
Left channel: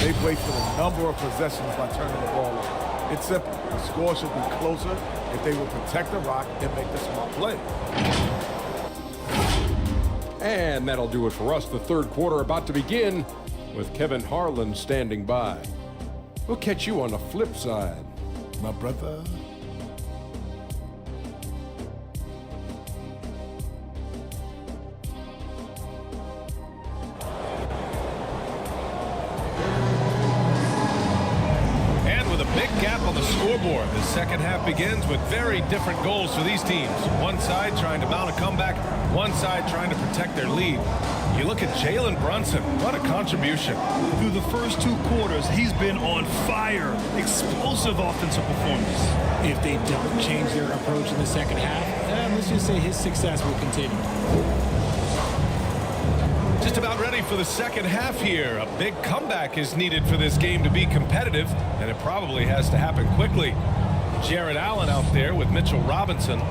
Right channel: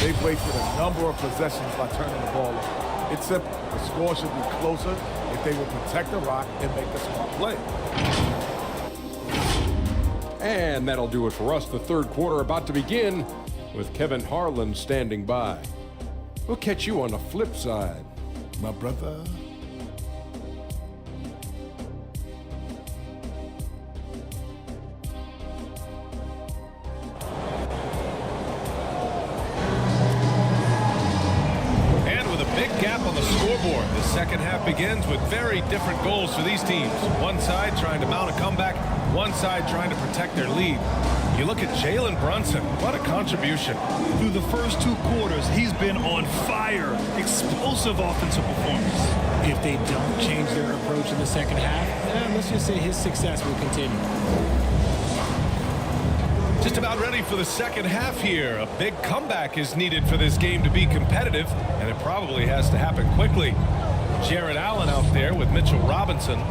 They've wasted a number of possessions by turning the ball over. It's simple. The score should be closer if they would protect the rock and make the smart play. And that'll do it for us. The third quarter about to begin with Kevin Harlan standing by. We'll catch you on the flip side, my brother. With a big gap on the scoreboard, the second half begins with very different goals for these teams. One side trying to mount a comeback, one side trying to protect their lead. You look at Jalen Brunson, what a contribution. Through the first 2 quarters, he's been on fire. Explosive offensive performance. If they don't change their approach in the second half, let's just say his success will continue. Just about ready for the second half here. A big comeback is needed for this game to be competitive, and it probably has to happen quickly. Jared Allen out there with Mitchell Robinson.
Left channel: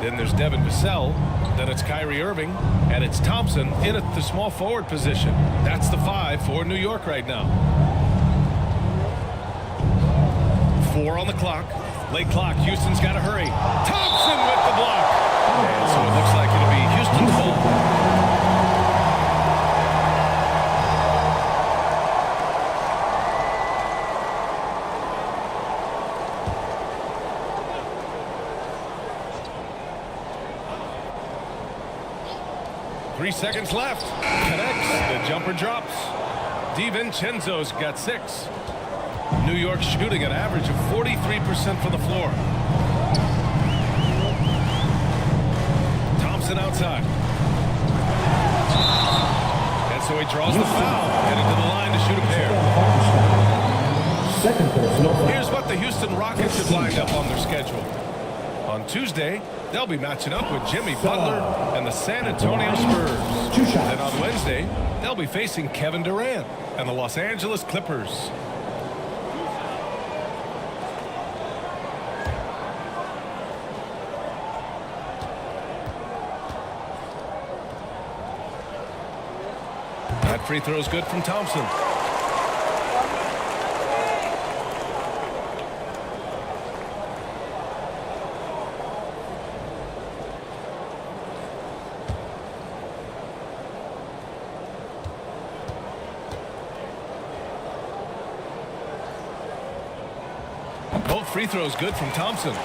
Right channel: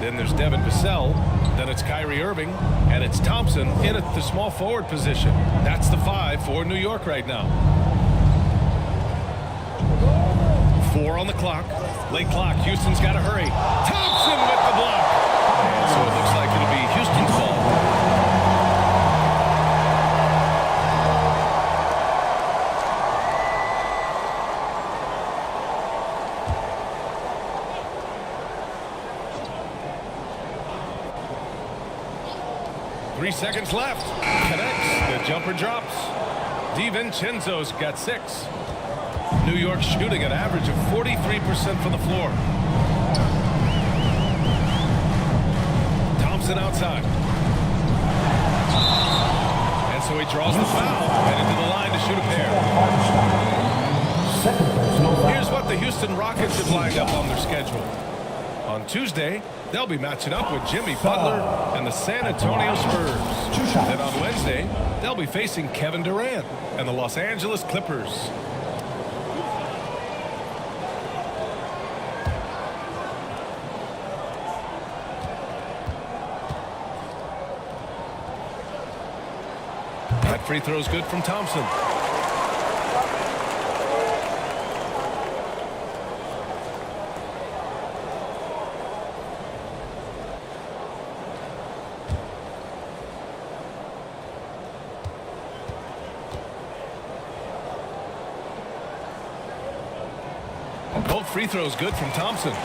Then there's Devin Vassell. Then it's Kyrie Irving, and it's Thompson in at the small forward position. That's the 5 for New York right now. 4 on the clock. Late clock. Houston's got to hurry. Thompson with the block. And so it looks like it'll be Houston's ball. Three seconds left. Connects. The jumper drops. DiVincenzo's got 6. New York shooting an average of 43% from the floor. Thompson outside. And so he draws the foul, headed to the line to shoot a pair. Second personal foul. Here's what the Houston Rockets have lined up on their schedule. On Tuesday, they'll be matching up with Jimmy Butler and the San Antonio Spurs. Then on Wednesday, they'll be facing Kevin Durant and the Los Angeles Clippers. That free throw's good from Thompson. Both free throws good from Thompson.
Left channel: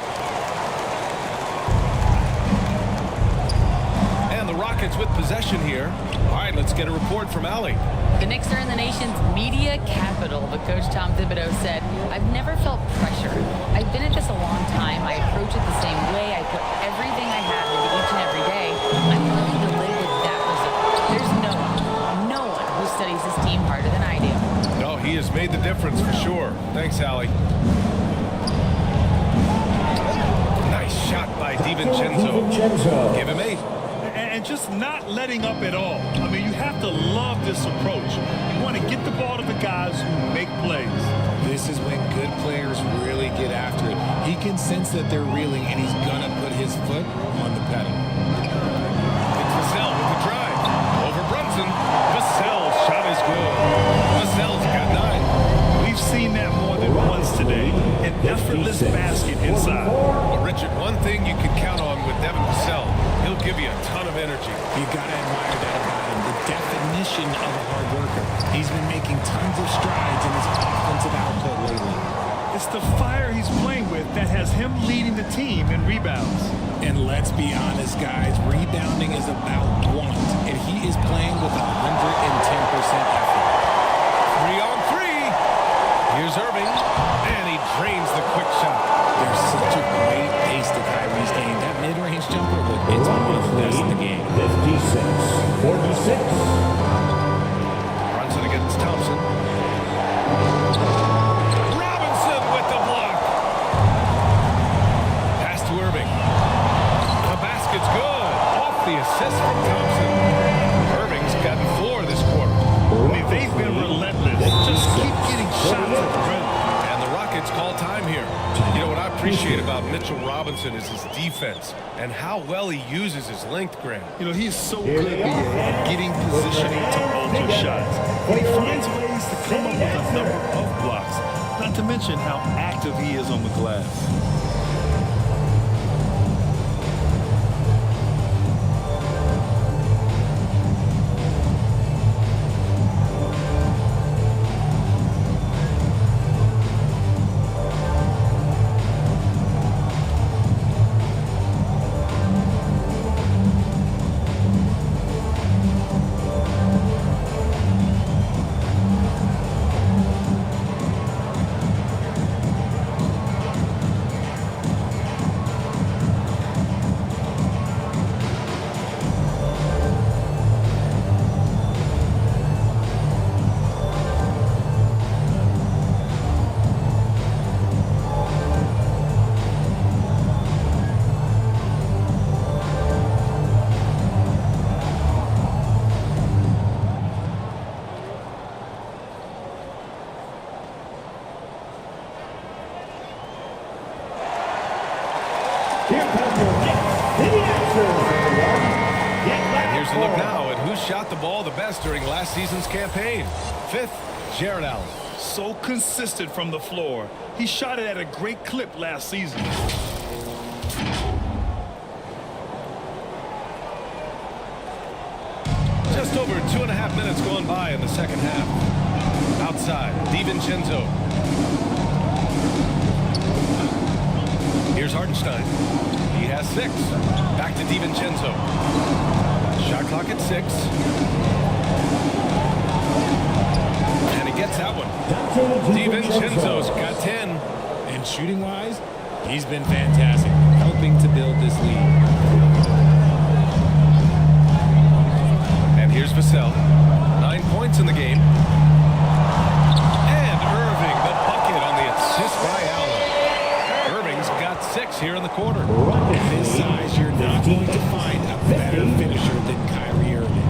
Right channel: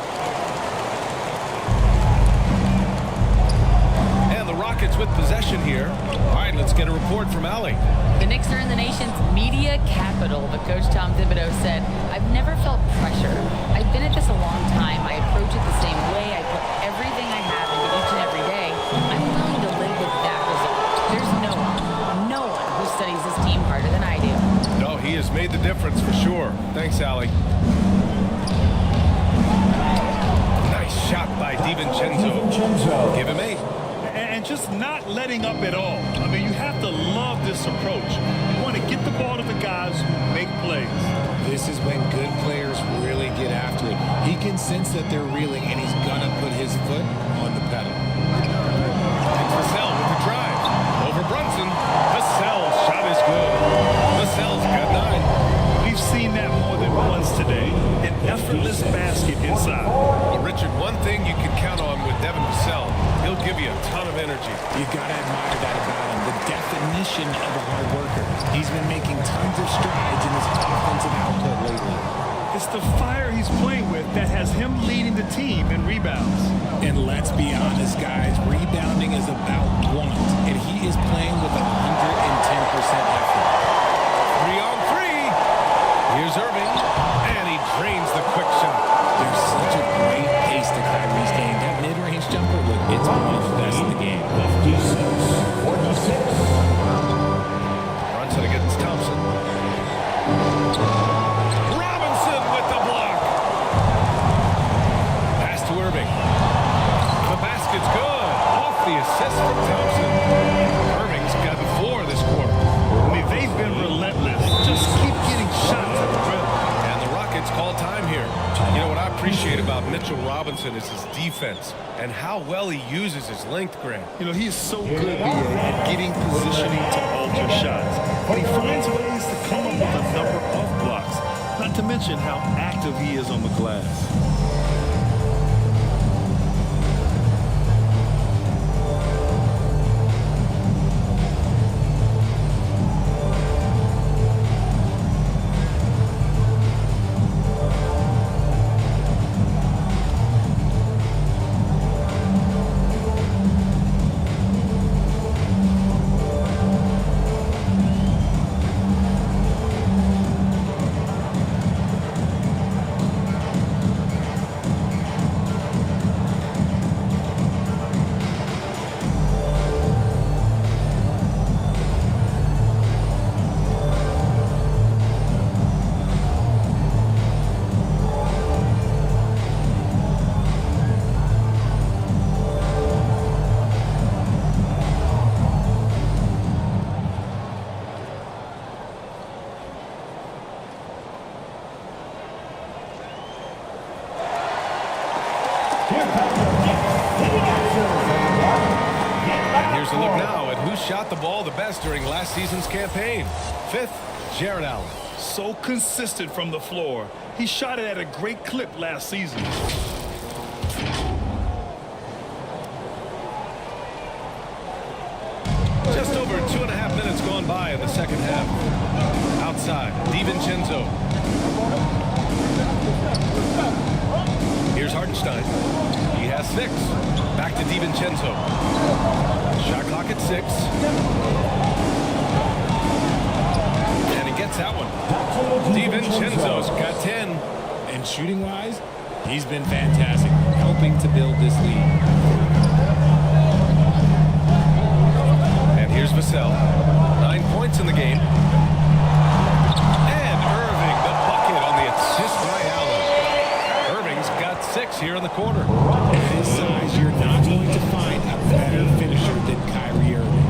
And the Rockets with possession here. All right, let's get a report from Allie. The Knicks are in the nation's media capital, but Coach Tom Thibodeau said, "I've never felt pressure. I've been at this a long time. I approach it the same way. I put everything I have into each and every day. I'm willing to live with that result. There's no one who studies this team harder than I do." No, he has made the difference for sure. Thanks, Allie. Nice shot by DiVincenzo. Give him 8. And just not letting up at all. I mean, you have to love this approach. You want to get the ball to the guys who make plays. This is when good players really get after it. He can sense that they're reeling, and he's going to put his foot on the pedal. It's Vassell with the drive. Over Brunson. Vassell's shot is good. Vassell's got 9. We've seen that more than once today. An effortless basket inside. Well, Richard, one thing you can count on with Devin Vassell, he'll give you a ton of energy. You got to admire that about him. The definition of a hard worker. He's been making tons of strides in his offensive output lately. It's the fire he's playing with that has him leading the team in rebounds. And let's be honest, guys, rebounding is about want, and he is playing with 110% effort. 3 on 3. Here's Irving, and he drains the quick shot. There's such a great pace to Kyrie's game. That mid-range jumper, look, it's one of the best in the game. 56-46. Brunson against Thompson. Robinson with the block. Pass to Irving. The basket's good. Off the assist from Thompson. Irving's gotten 4 this quarter. I mean, they've been relentless. Just keep getting shots at the rim. And the Rockets call time here. You know what I appreciate about Mitchell Robinson is his defense and how well he uses his length, Grant. You know, he's so good, B.A., at getting positioning to alter shots. And he finds ways to come up with a number of blocks, not to mention how active he is on the glass. And here's a look now at who shot the ball the best during last season's campaign. 5th, Jarrett Allen. So consistent from the floor. He shot it at a great clip last season. Just over 2.5 minutes gone by in the second half. Outside, DiVincenzo. Here's Hartenstein. He has 6. Back to DiVincenzo. Shot clock at 6. And he gets that one. DiVincenzo's got 10. And shooting-wise, he's been fantastic, helping to build this lead. And here's Vassell. 9 points in the game. And Irving, the bucket on the assist by Allen. Irving's got 6 here in the quarter. At his size, you're not going to find a better finisher than Kyrie Irving.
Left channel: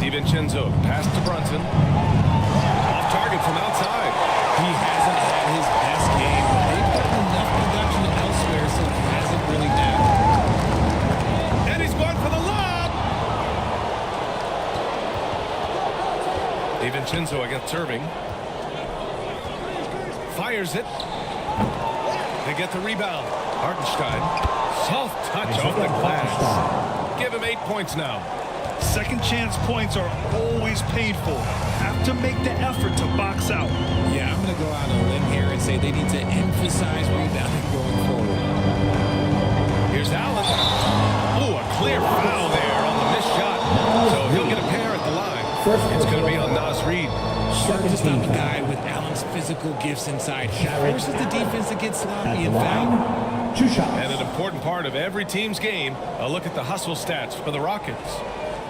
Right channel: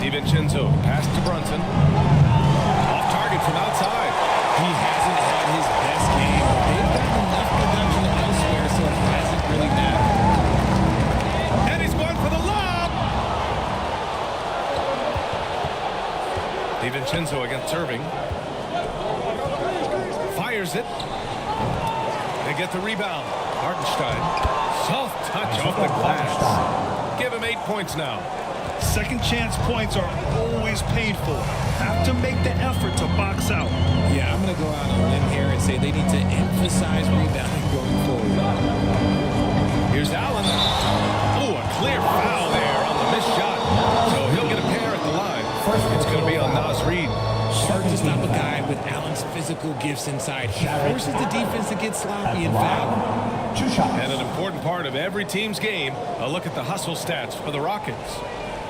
DiVincenzo, pass to Brunson. Off target from outside. He hasn't had his best game, but they've gotten enough production elsewhere, so it hasn't really mattered. And he's going for the lob. DiVincenzo against Irving. Fires it. They get the rebound. Hartenstein. Soft touch off the glass. Give him 8 points now. Second chance points are always painful. Have to make the effort to box out. Yeah, I'm going to go out on a limb here and say they need to emphasize rebounding going forward. Here's Allen. Oh, a clear foul there on the missed shot. So he'll get a pair at the line. It's going to be on Naz Reid. Hard to stop a guy with Allen's physical gifts inside. He forces the defense to get sloppy and foul. And an important part of every team's game, a look at the hustle stats for the Rockets.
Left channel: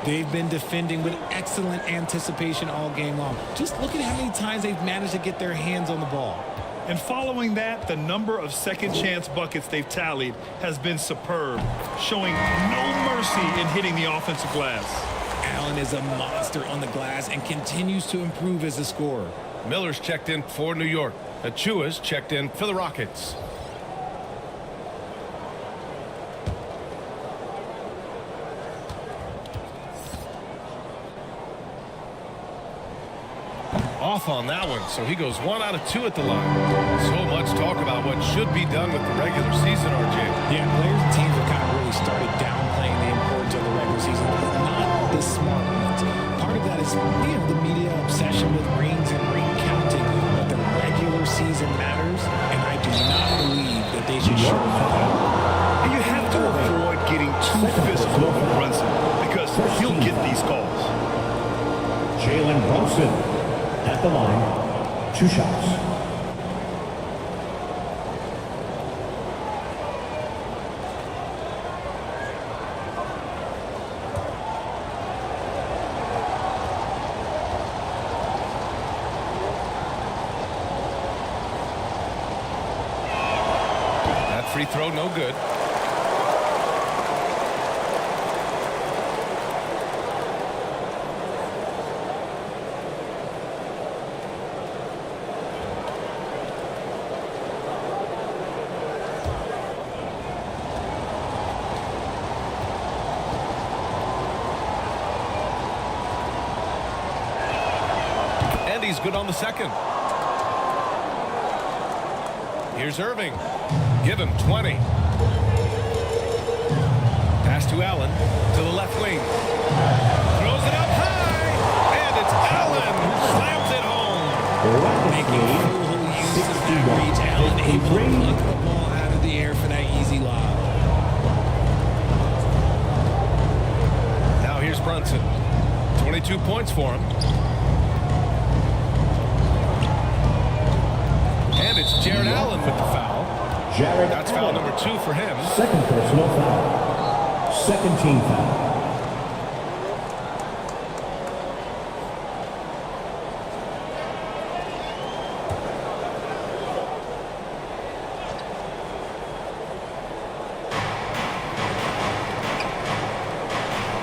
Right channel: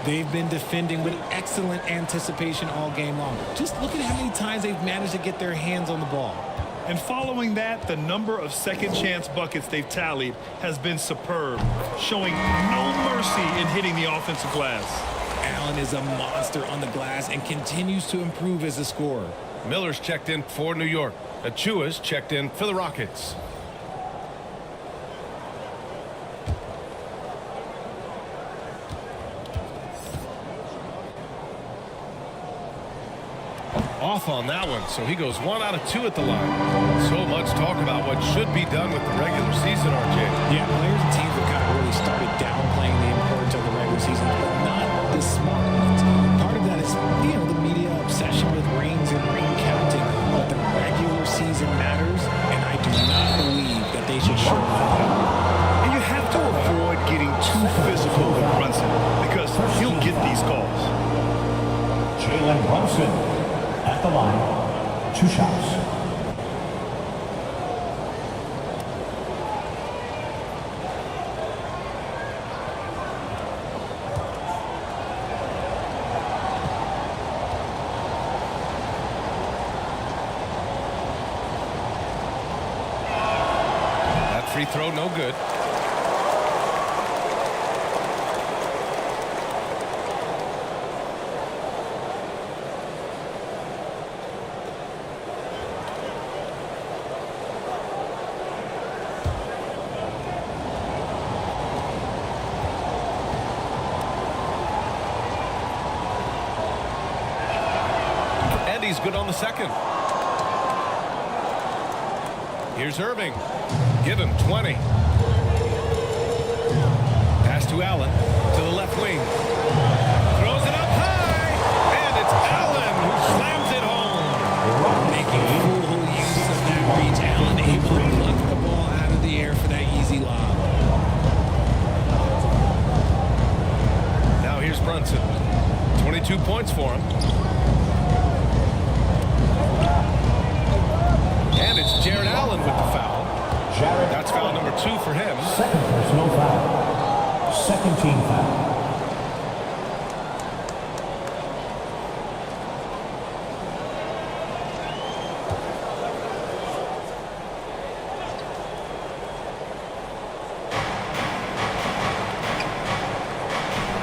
They've been defending with excellent anticipation all game long. Just look at how many times they've managed to get their hands on the ball. And following that, the number of second chance buckets they've tallied has been superb, showing no mercy in hitting the offensive glass. Allen is a monster on the glass and continues to improve as a scorer. Miller's checked in for New York. Achua's checked in for the Rockets. Off on that one, so he goes 1 out of 2 at the line. So much talk about what should be done with the regular season, RJ. Yeah, players and teams have kind of really started downplaying the importance of the regular season, but not the smart ones. Part of that is, the media obsession with rings and ring counting, but the regular season matters, and I do not believe that they should shorten it at all. And you have to avoid getting too physical with Brunson because he'll get these calls. Jalen Brunson at the line, 2 shots. That free throw, no good. And he's good on the second. Here's Irving. Give him 20. Pass to Allen to the left wing. Throws it up high. And it's Allen who slams it home. Making full use of that reach. Allen able to pluck the ball out of the air for that easy lob. Now here's Brunson. 22 points for him. And it's Jared Allen with the foul. That's foul number 2 for him. Second personal foul. Second team foul.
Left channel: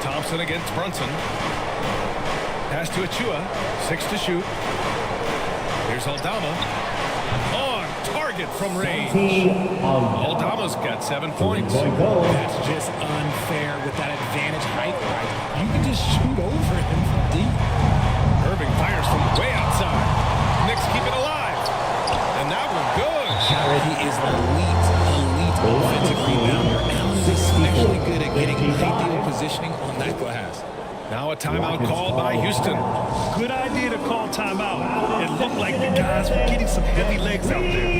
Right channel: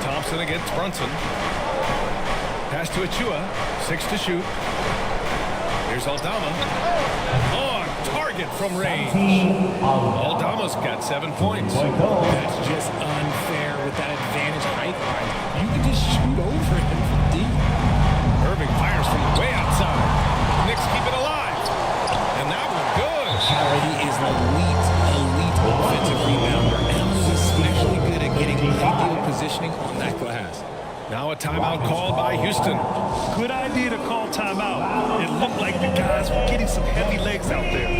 Thompson against Brunson. Pass to Achua. 6 to shoot. Here's Aldama. On target from range. Aldama's got 7 points. That's just unfair with that advantage height-wise. You can just shoot over him from deep. Irving fires from way outside. The Knicks keep it alive. And that one good. He is an elite offensive rebounder. Allen is especially good at getting ideal positioning on that glass. Now a timeout called by Houston. Good idea to call timeout. It looked like the guys were getting some heavy legs out there.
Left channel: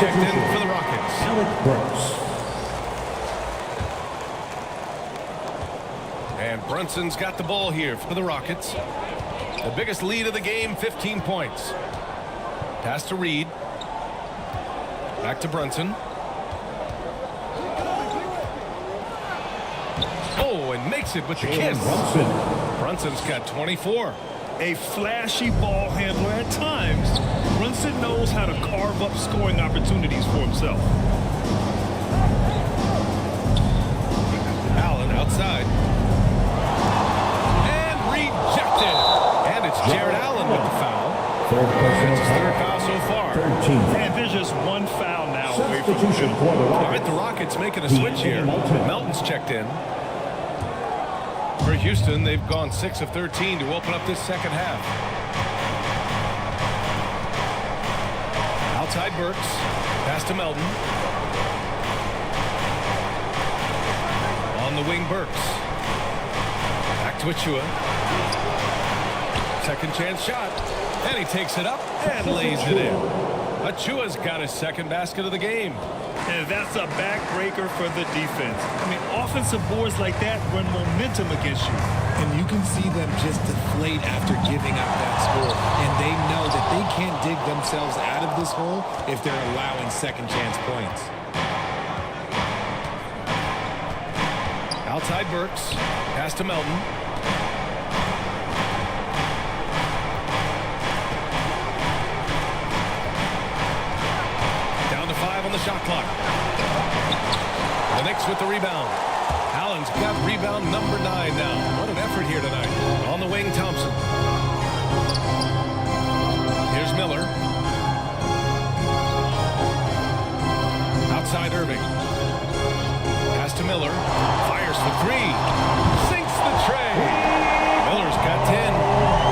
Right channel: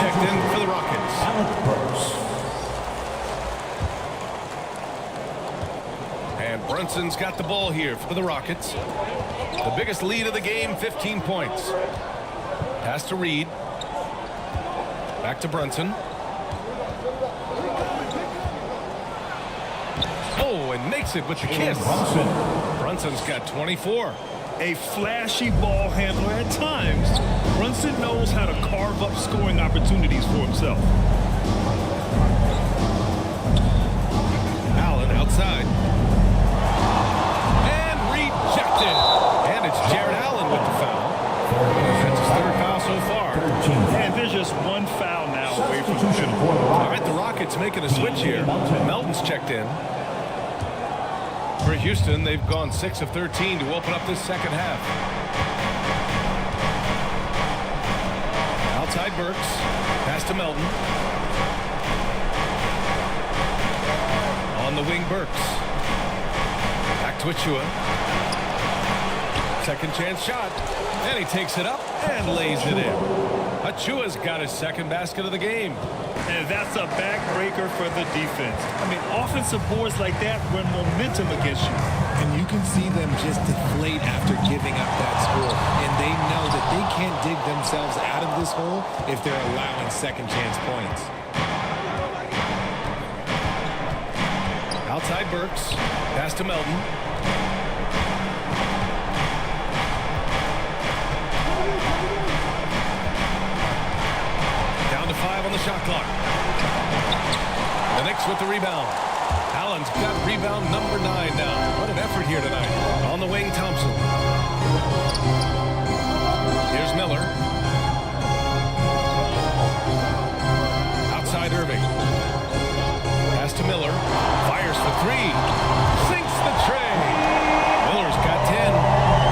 checked in for the Rockets. Alec Burks. And Brunson's got the ball here for the Rockets. The biggest lead of the game, 15 points. Pass to Reed. Back to Brunson. Oh, and makes it with the kiss. Brunson's got 24. A flashy ball handler at times, Brunson knows how to carve up scoring opportunities for himself. Allen outside. And rejected. And it's Jared Allen with the foul. That's his third foul so far. And there's just one foul now away from the penalty. All right, the Rockets making a switch here. Melton's checked in. For Houston, they've gone 6 of 13 to open up this second half. Outside Burks. Pass to Melton. On the wing, Burks. Back to Achua. Second chance shot. And he takes it up and lays it in. Achua's got his second basket of the game. And that's a backbreaker for the defense. I mean, offensive boards like that run momentum against you. And you can see them just deflate after giving up that score. And they know that they can't dig themselves out of this hole if they're allowing second chance points. Outside Burks. Pass to Melton. Down to 5 on the shot clock. The Knicks with the rebound. Allen's got rebound number 9 now. What an effort here tonight. On the wing, Thompson. Here's Miller. Outside Irving. Pass to Miller. Fires for 3. Sinks the tray. Miller's got 10.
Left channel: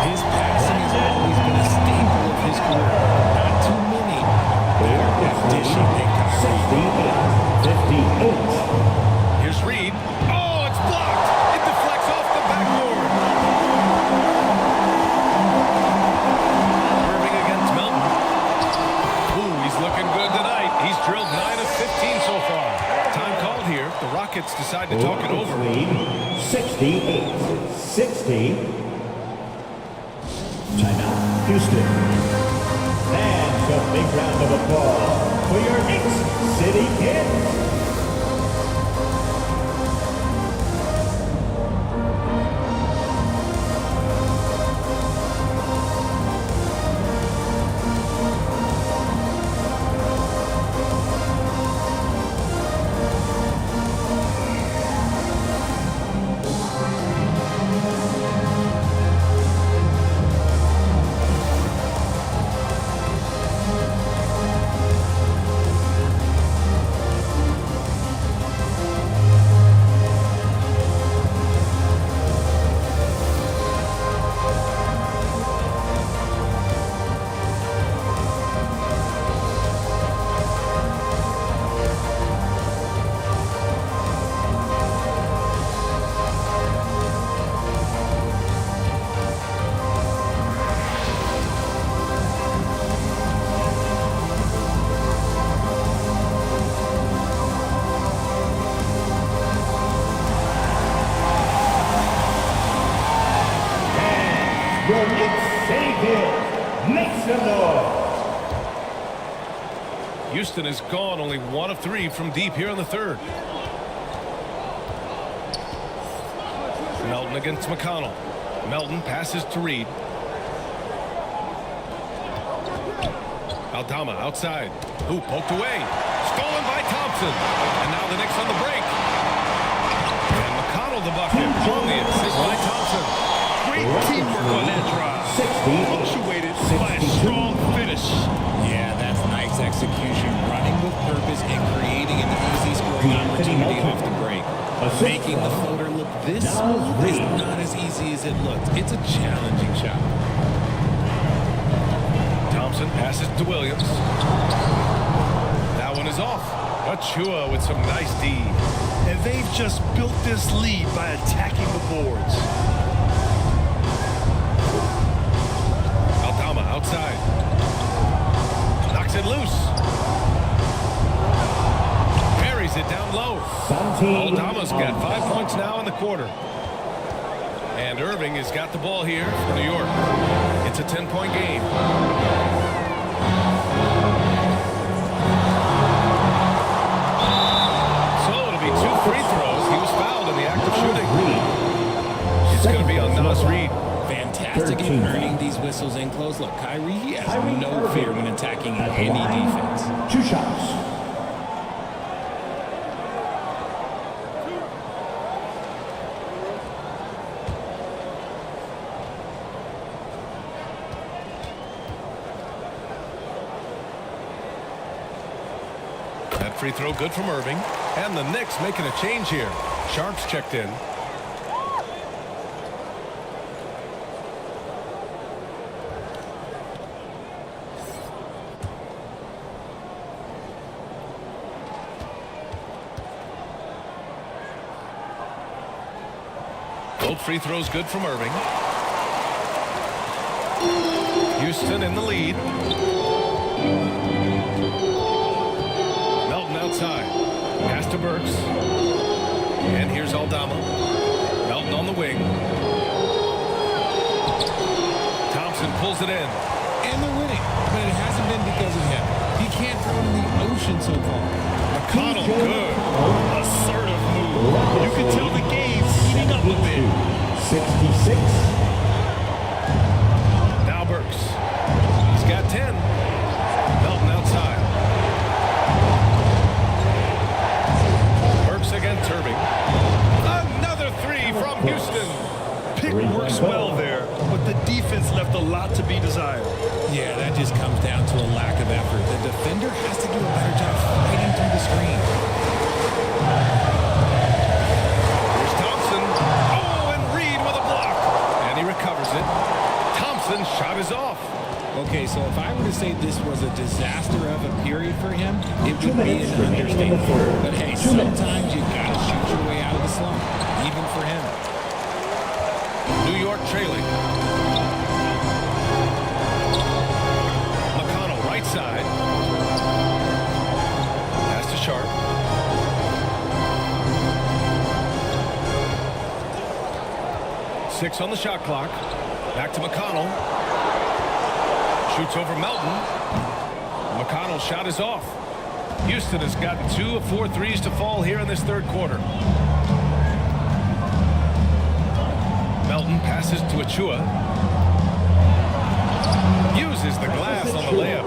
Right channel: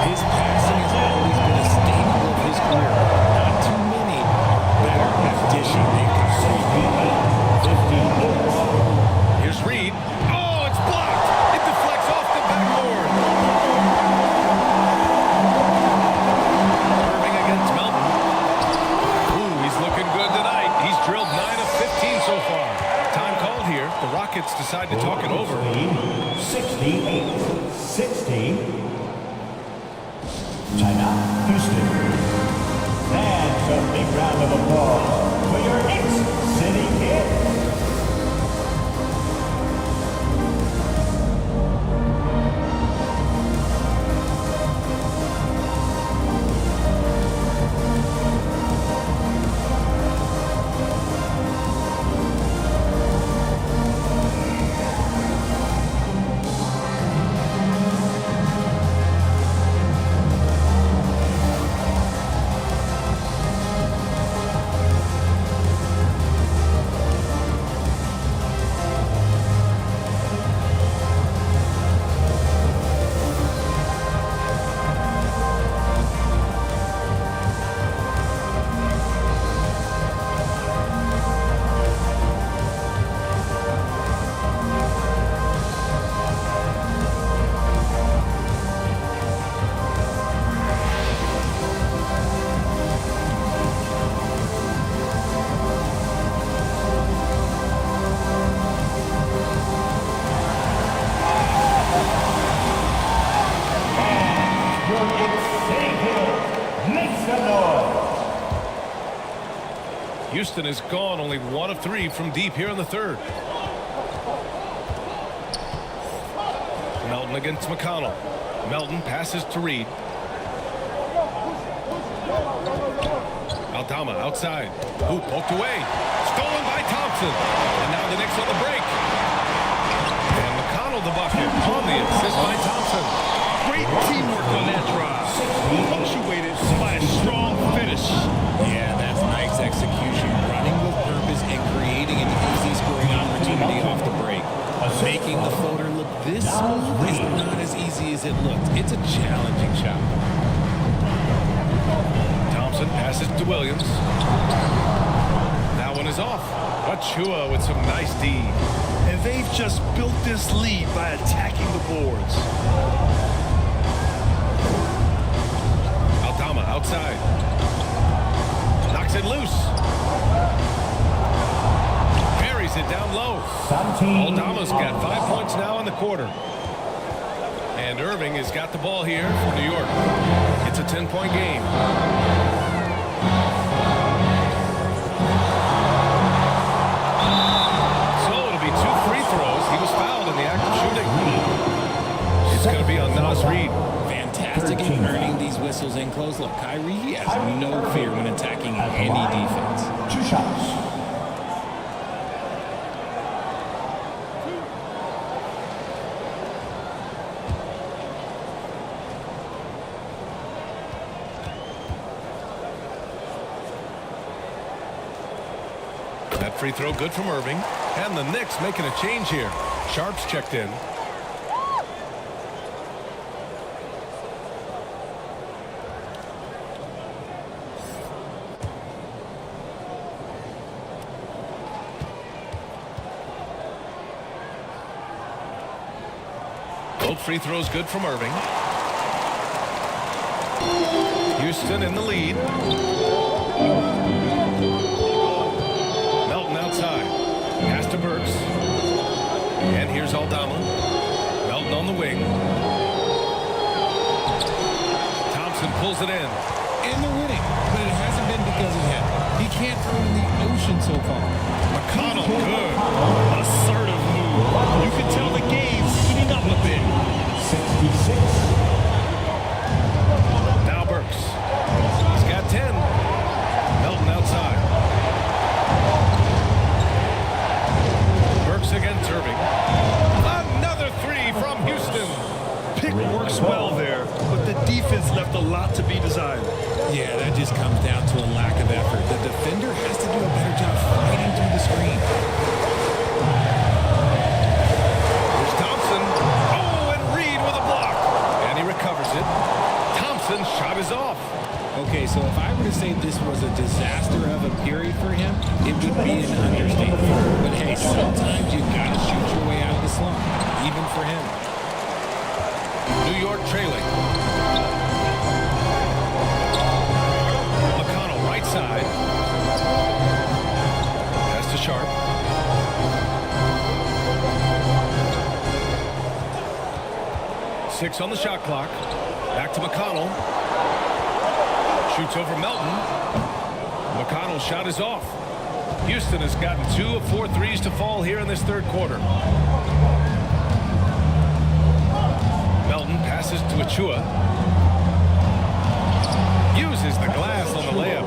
His passing has always been a staple of his career. Not too many are better at dishing than Kyrie. 58. Here's Reed. Oh, it's blocked. It deflects off the backboard. Irving against Melton. Ooh, he's looking good tonight. He's drilled 9 of 15 so far. Time called here. The Rockets decide to talk it over. 68-60. Timeout, Houston. And a big round of applause for your Knicks City Kids. Your Knicks City Kids, make some noise. Houston is gone only 1 of 3 from deep here in the third. Melton against McConnell. Melton passes to Reed. Aldama outside. Ooh, poked away. Stolen by Thompson. And now the Knicks on the break. And McConnell the bucket on the assist by Thompson. Great teamwork on that drive. Punctuated by a strong finish. Yeah, that's nice execution, running with purpose and creating an easy scoring opportunity off the break. Making the floater look this smooth is not as easy as it looks. It's a challenging shot. Thompson passes to Williams. That one is off. Achua with some nice D. And they've just built this lead by attacking the boards. Aldama outside. Knocks it loose. Buries it down low. Aldama's got 5 points now in the quarter. And Irving has got the ball here for New York. It's a 10-point game. So it'll be 2 free throws. He was fouled in the act of shooting. It's going to be on Naz Reid. Fantastic in earning these whistles in close. Look, Kyrie, he has no fear when attacking any defense. 2 shots. That free throw good from Irving. And the Knicks making a change here. Sharp's checked in. Both free throws good from Irving. Houston in the lead. Melton outside. Pass to Burks. And here's Aldama. Melton on the wing. Thompson pulls it in. And they're winning, but it hasn't been because of him. He can't throw it in the ocean so far. McConnell, good. Assertive move. You can tell the game's heating up a bit. 66. Now Burks. He's got 10. Melton outside. Burks against Irving. Another 3 from Houston. Pick works well there, but the defense left a lot to be desired. Yeah, that just comes down to a lack of effort. The defender has to do a better job fighting through the screen. Here's Thompson. Oh, and Reid with a block. And he recovers it. Thompson's shot is off. Okay, so if I were to say this was a disaster of a period for him, it would be an understatement. But hey, sometimes you got to shoot your way out of the slump, even for him. New York trailing. McConnell right side. Pass to Sharp. Six on the shot clock. Back to McConnell. Shoots over Melton. McConnell's shot is off. Houston has gotten 2 of 4 threes to fall here in this third quarter. Melton passes to Achua. Uses the glass on the layup.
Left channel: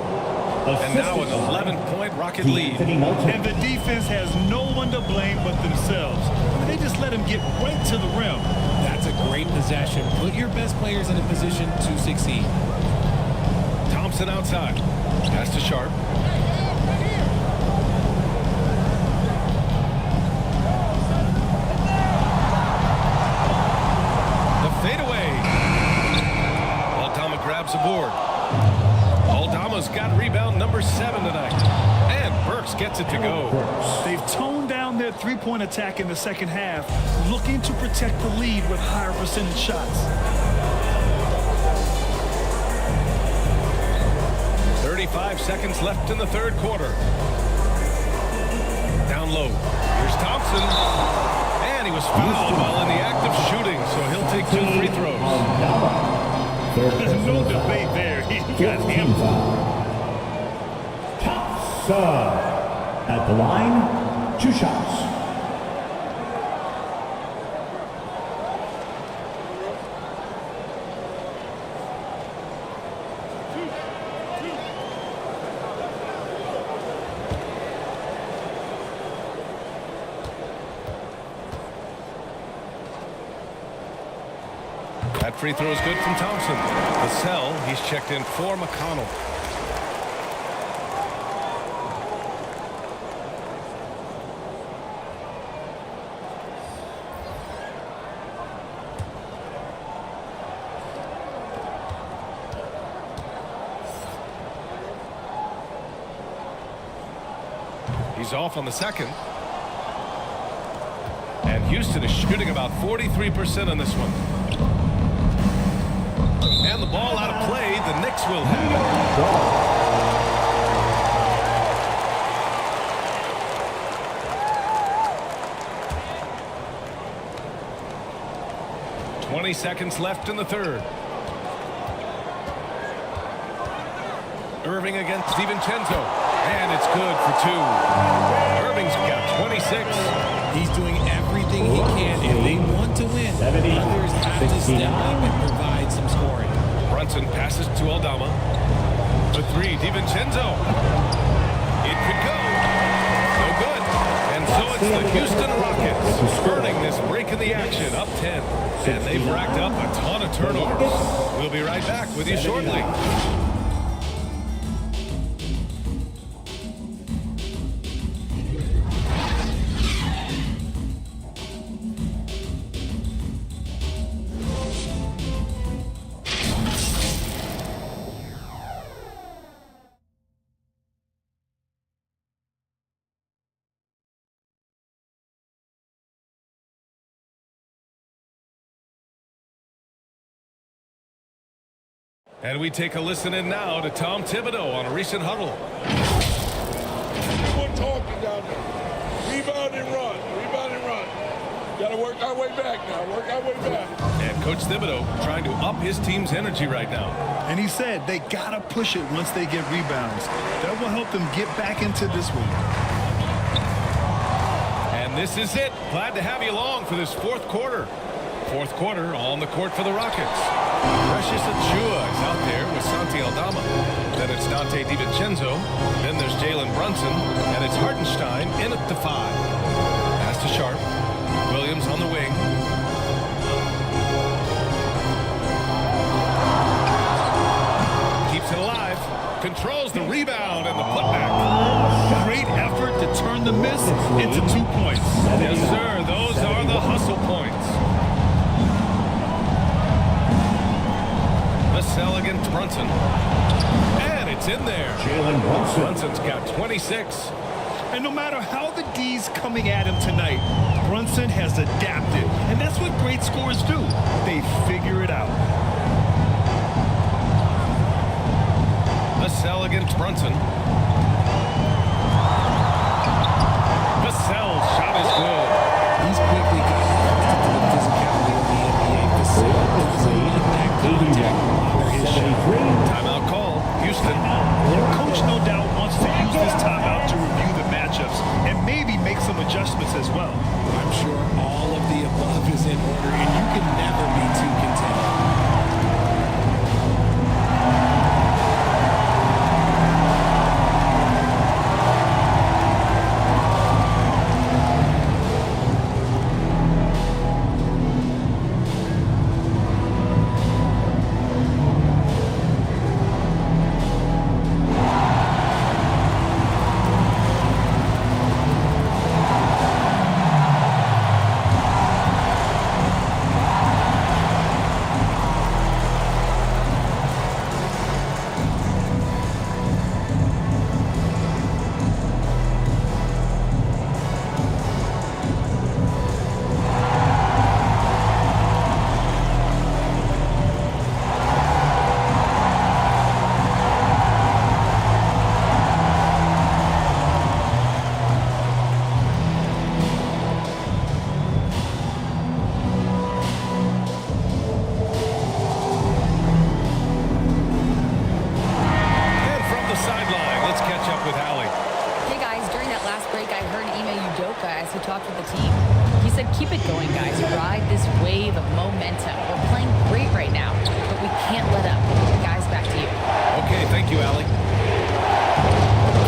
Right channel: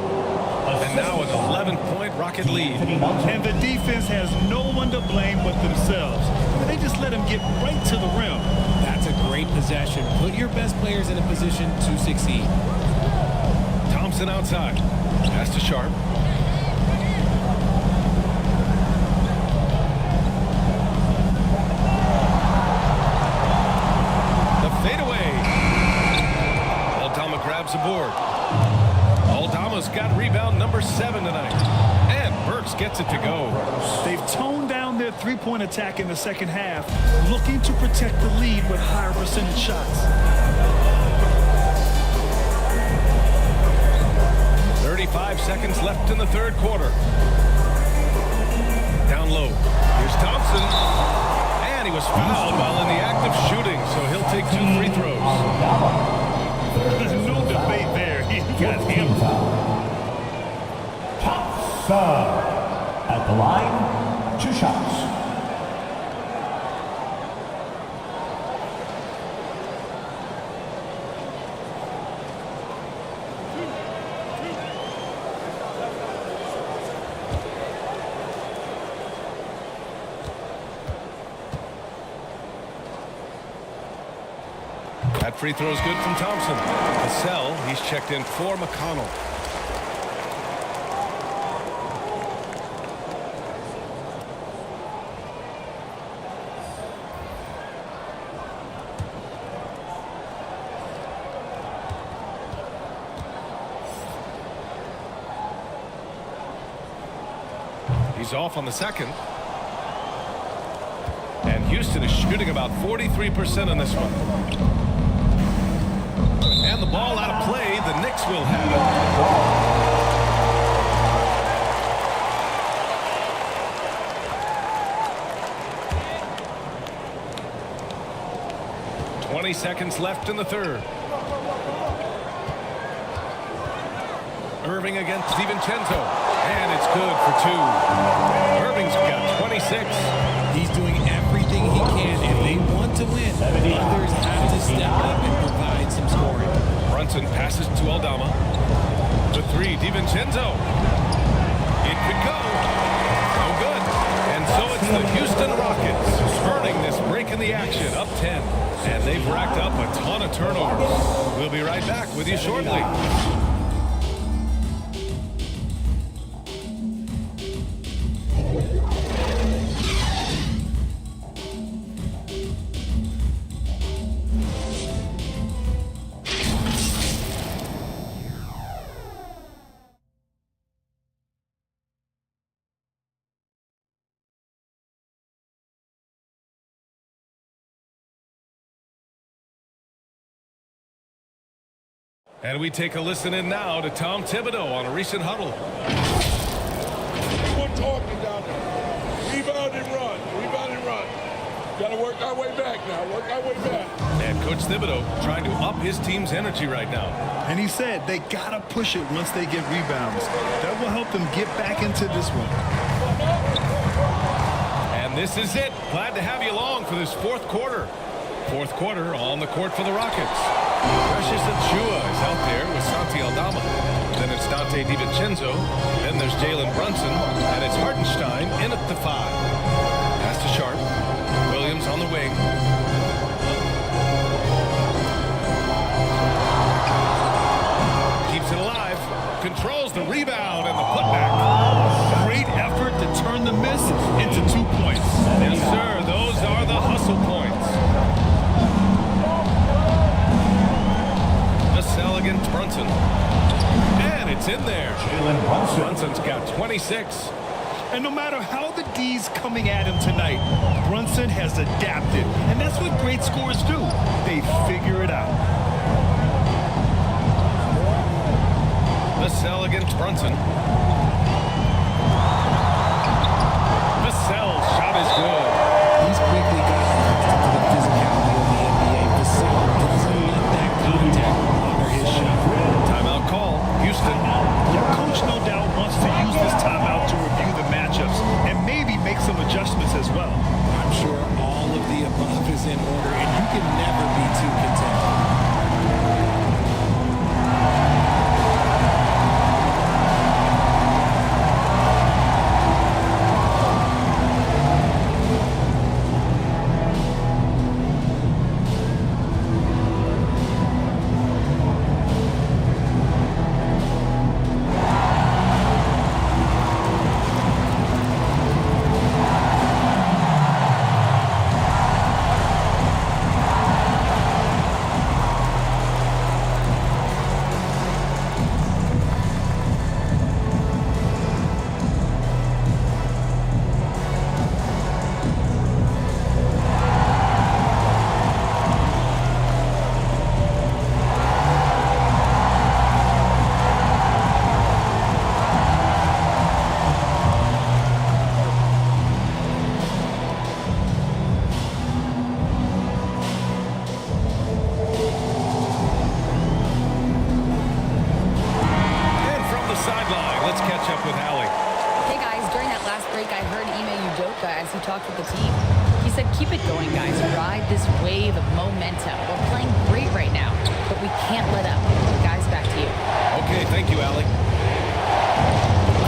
And now an 11-point Rocket lead. And the defense has no one to blame but themselves. I mean, they just let him get right to the rim. That's a great possession. Put your best players in a position to succeed. Thompson outside. Pass to Sharp. The fadeaway. Aldama grabs the board. Aldama's got rebound number 7 tonight. And Burks gets it to go. They've toned down their three-point attack in the second half, looking to protect the lead with higher percentage shots. 35 seconds left in the third quarter. Down low. Here's Thompson. And he was fouled while in the act of shooting, so he'll take 2 free throws. No debate there. He got hammered. Thompson at the line, 2 shots. That free throw is good from Thompson. Vassell, he's checked in for McConnell. He's off on the second. And Houston is shooting about 43% on this one. And the ball out of play. The Knicks will have it. 20 seconds left in the third. Irving against DiVincenzo, and it's good for 2. Irving's got 26. He's doing everything he can. If they want to win, others have to step up and provide some scoring. Brunson passes to Aldama. The 3, DiVincenzo. It could go. No good. And so it's the Houston Rockets earning this break in the action, up 10. And they've racked up a ton of turnovers. We'll be right back with you shortly. And we take a listen in now to Tom Thibodeau on a recent huddle. Everyone talking down there. Rebound and run. Rebound and run. Got to work our way back now. Work our way back. And Coach Thibodeau trying to up his team's energy right now. And he said they got to push it once they get rebounds. That will help them get back into this one. And this is it. Glad to have you along for this fourth quarter. Fourth quarter on the court for the Rockets. Precious Achiuwa is out there with Santi Aldama. Then it's Dante DiVincenzo. Then there's Jalen Brunson. And it's Hartenstein in at the 5. Pass to Sharp. Williams on the wing. Keeps it alive. Controls the rebound and the putback. Great effort to turn the miss into 2 points. Yes, sir. Those are the hustle points. Vassell against Brunson. And it's in there. Jalen Brunson. Brunson's got 26. And no matter how the D's coming at him tonight, Brunson has adapted. And that's what great scorers do. They figure it out. Vassell against Brunson. Vassell's shot is good. He's quickly gotten accustomed to the physicality of the NBA. Vassell doesn't let that contact bother his shot. Timeout called. Houston. The coach no doubt wants to use this timeout to review the matchups and maybe make some adjustments as well. I'm sure all of the above is in order, and you can never be too content. The sideline. Let's catch up with Allie. Hey guys, during that last break, I heard Ime Udoka as he talked with the team. He said, keep it going, guys. Ride this wave of momentum. We're playing great right now, but we can't let up. Guys, back to you. Okay, thank you, Allie.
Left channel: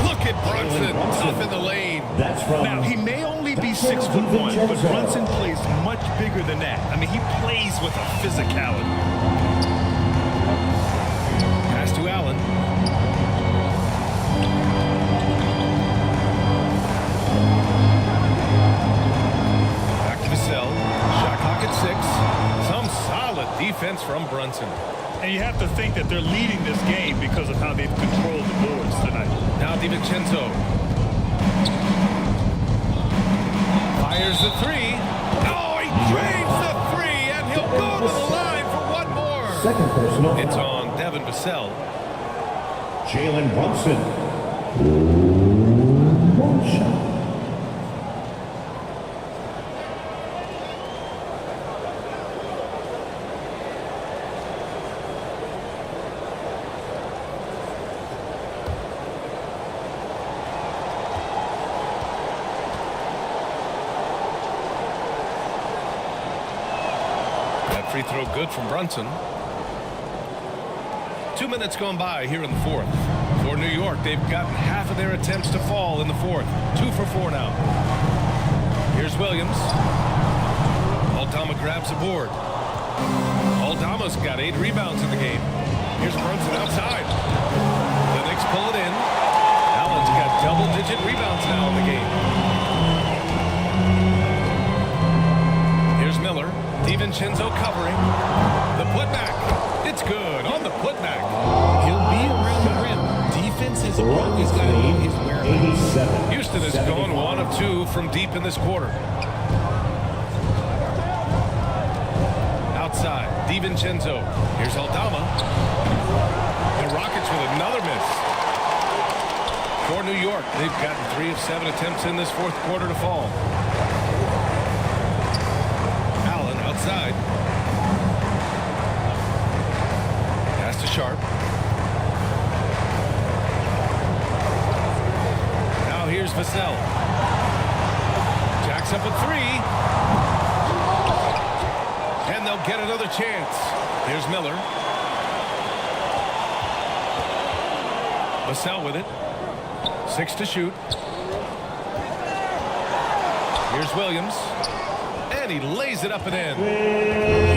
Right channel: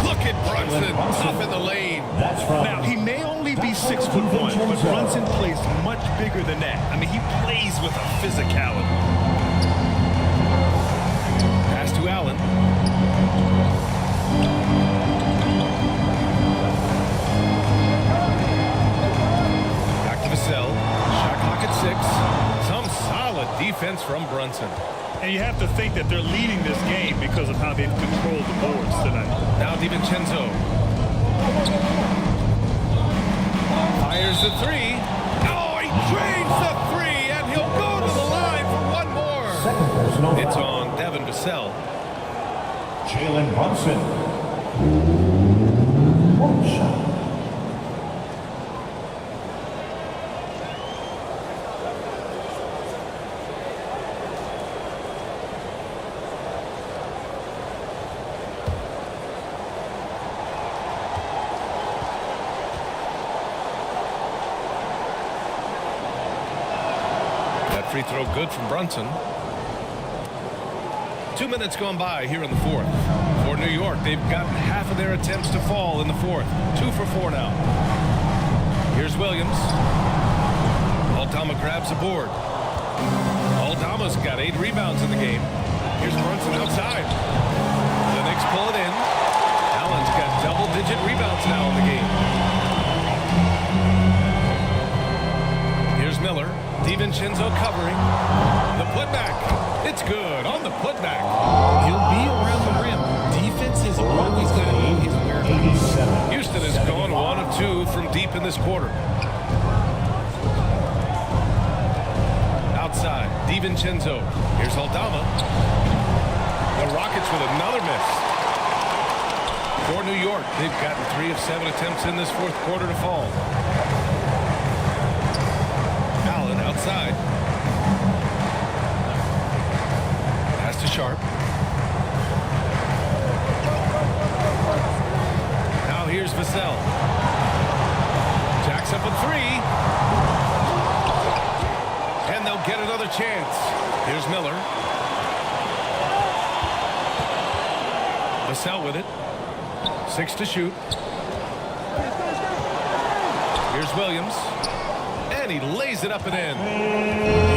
Look at Brunson up in the lane. Now, he may only be 6'1", but Brunson plays much bigger than that. I mean, he plays with a physicality. Pass to Allen. Back to Vassell. Shot clock at 6. Some solid defense from Brunson. And you have to think that they're leading this game because of how they've controlled the boards tonight. Now DiVincenzo. Fires the 3. Oh, he drains the 3, and he'll go to the line for one more. Second personal It's foul. on Devin Vassell. Jalen Brunson. One shot. That free throw good from Brunson. 2 minutes gone by here in the fourth. For New York, they've gotten half of their attempts to fall in the fourth. 2 for 4 now. Here's Williams. Aldama grabs the board. Aldama's got 8 rebounds in the game. Here's Brunson outside. The Knicks pull it in. Allen's got double-digit rebounds now in the game. Here's Miller. DiVincenzo covering. The putback. It's good on the putback. He'll be around the rim. Defense has always got to know his whereabouts. Houston has gone 1 of 2 from deep in this quarter. Outside, DiVincenzo. Here's Aldama. The Rockets with another miss. For New York, they've gotten 3 of 7 attempts in this fourth quarter to fall. Allen outside. Pass to Sharp. Now here's Vassell. Jacks up a 3. And they'll get another chance. Here's Miller. Vassell with it. 6 to shoot. Here's Williams. And he lays it up and in.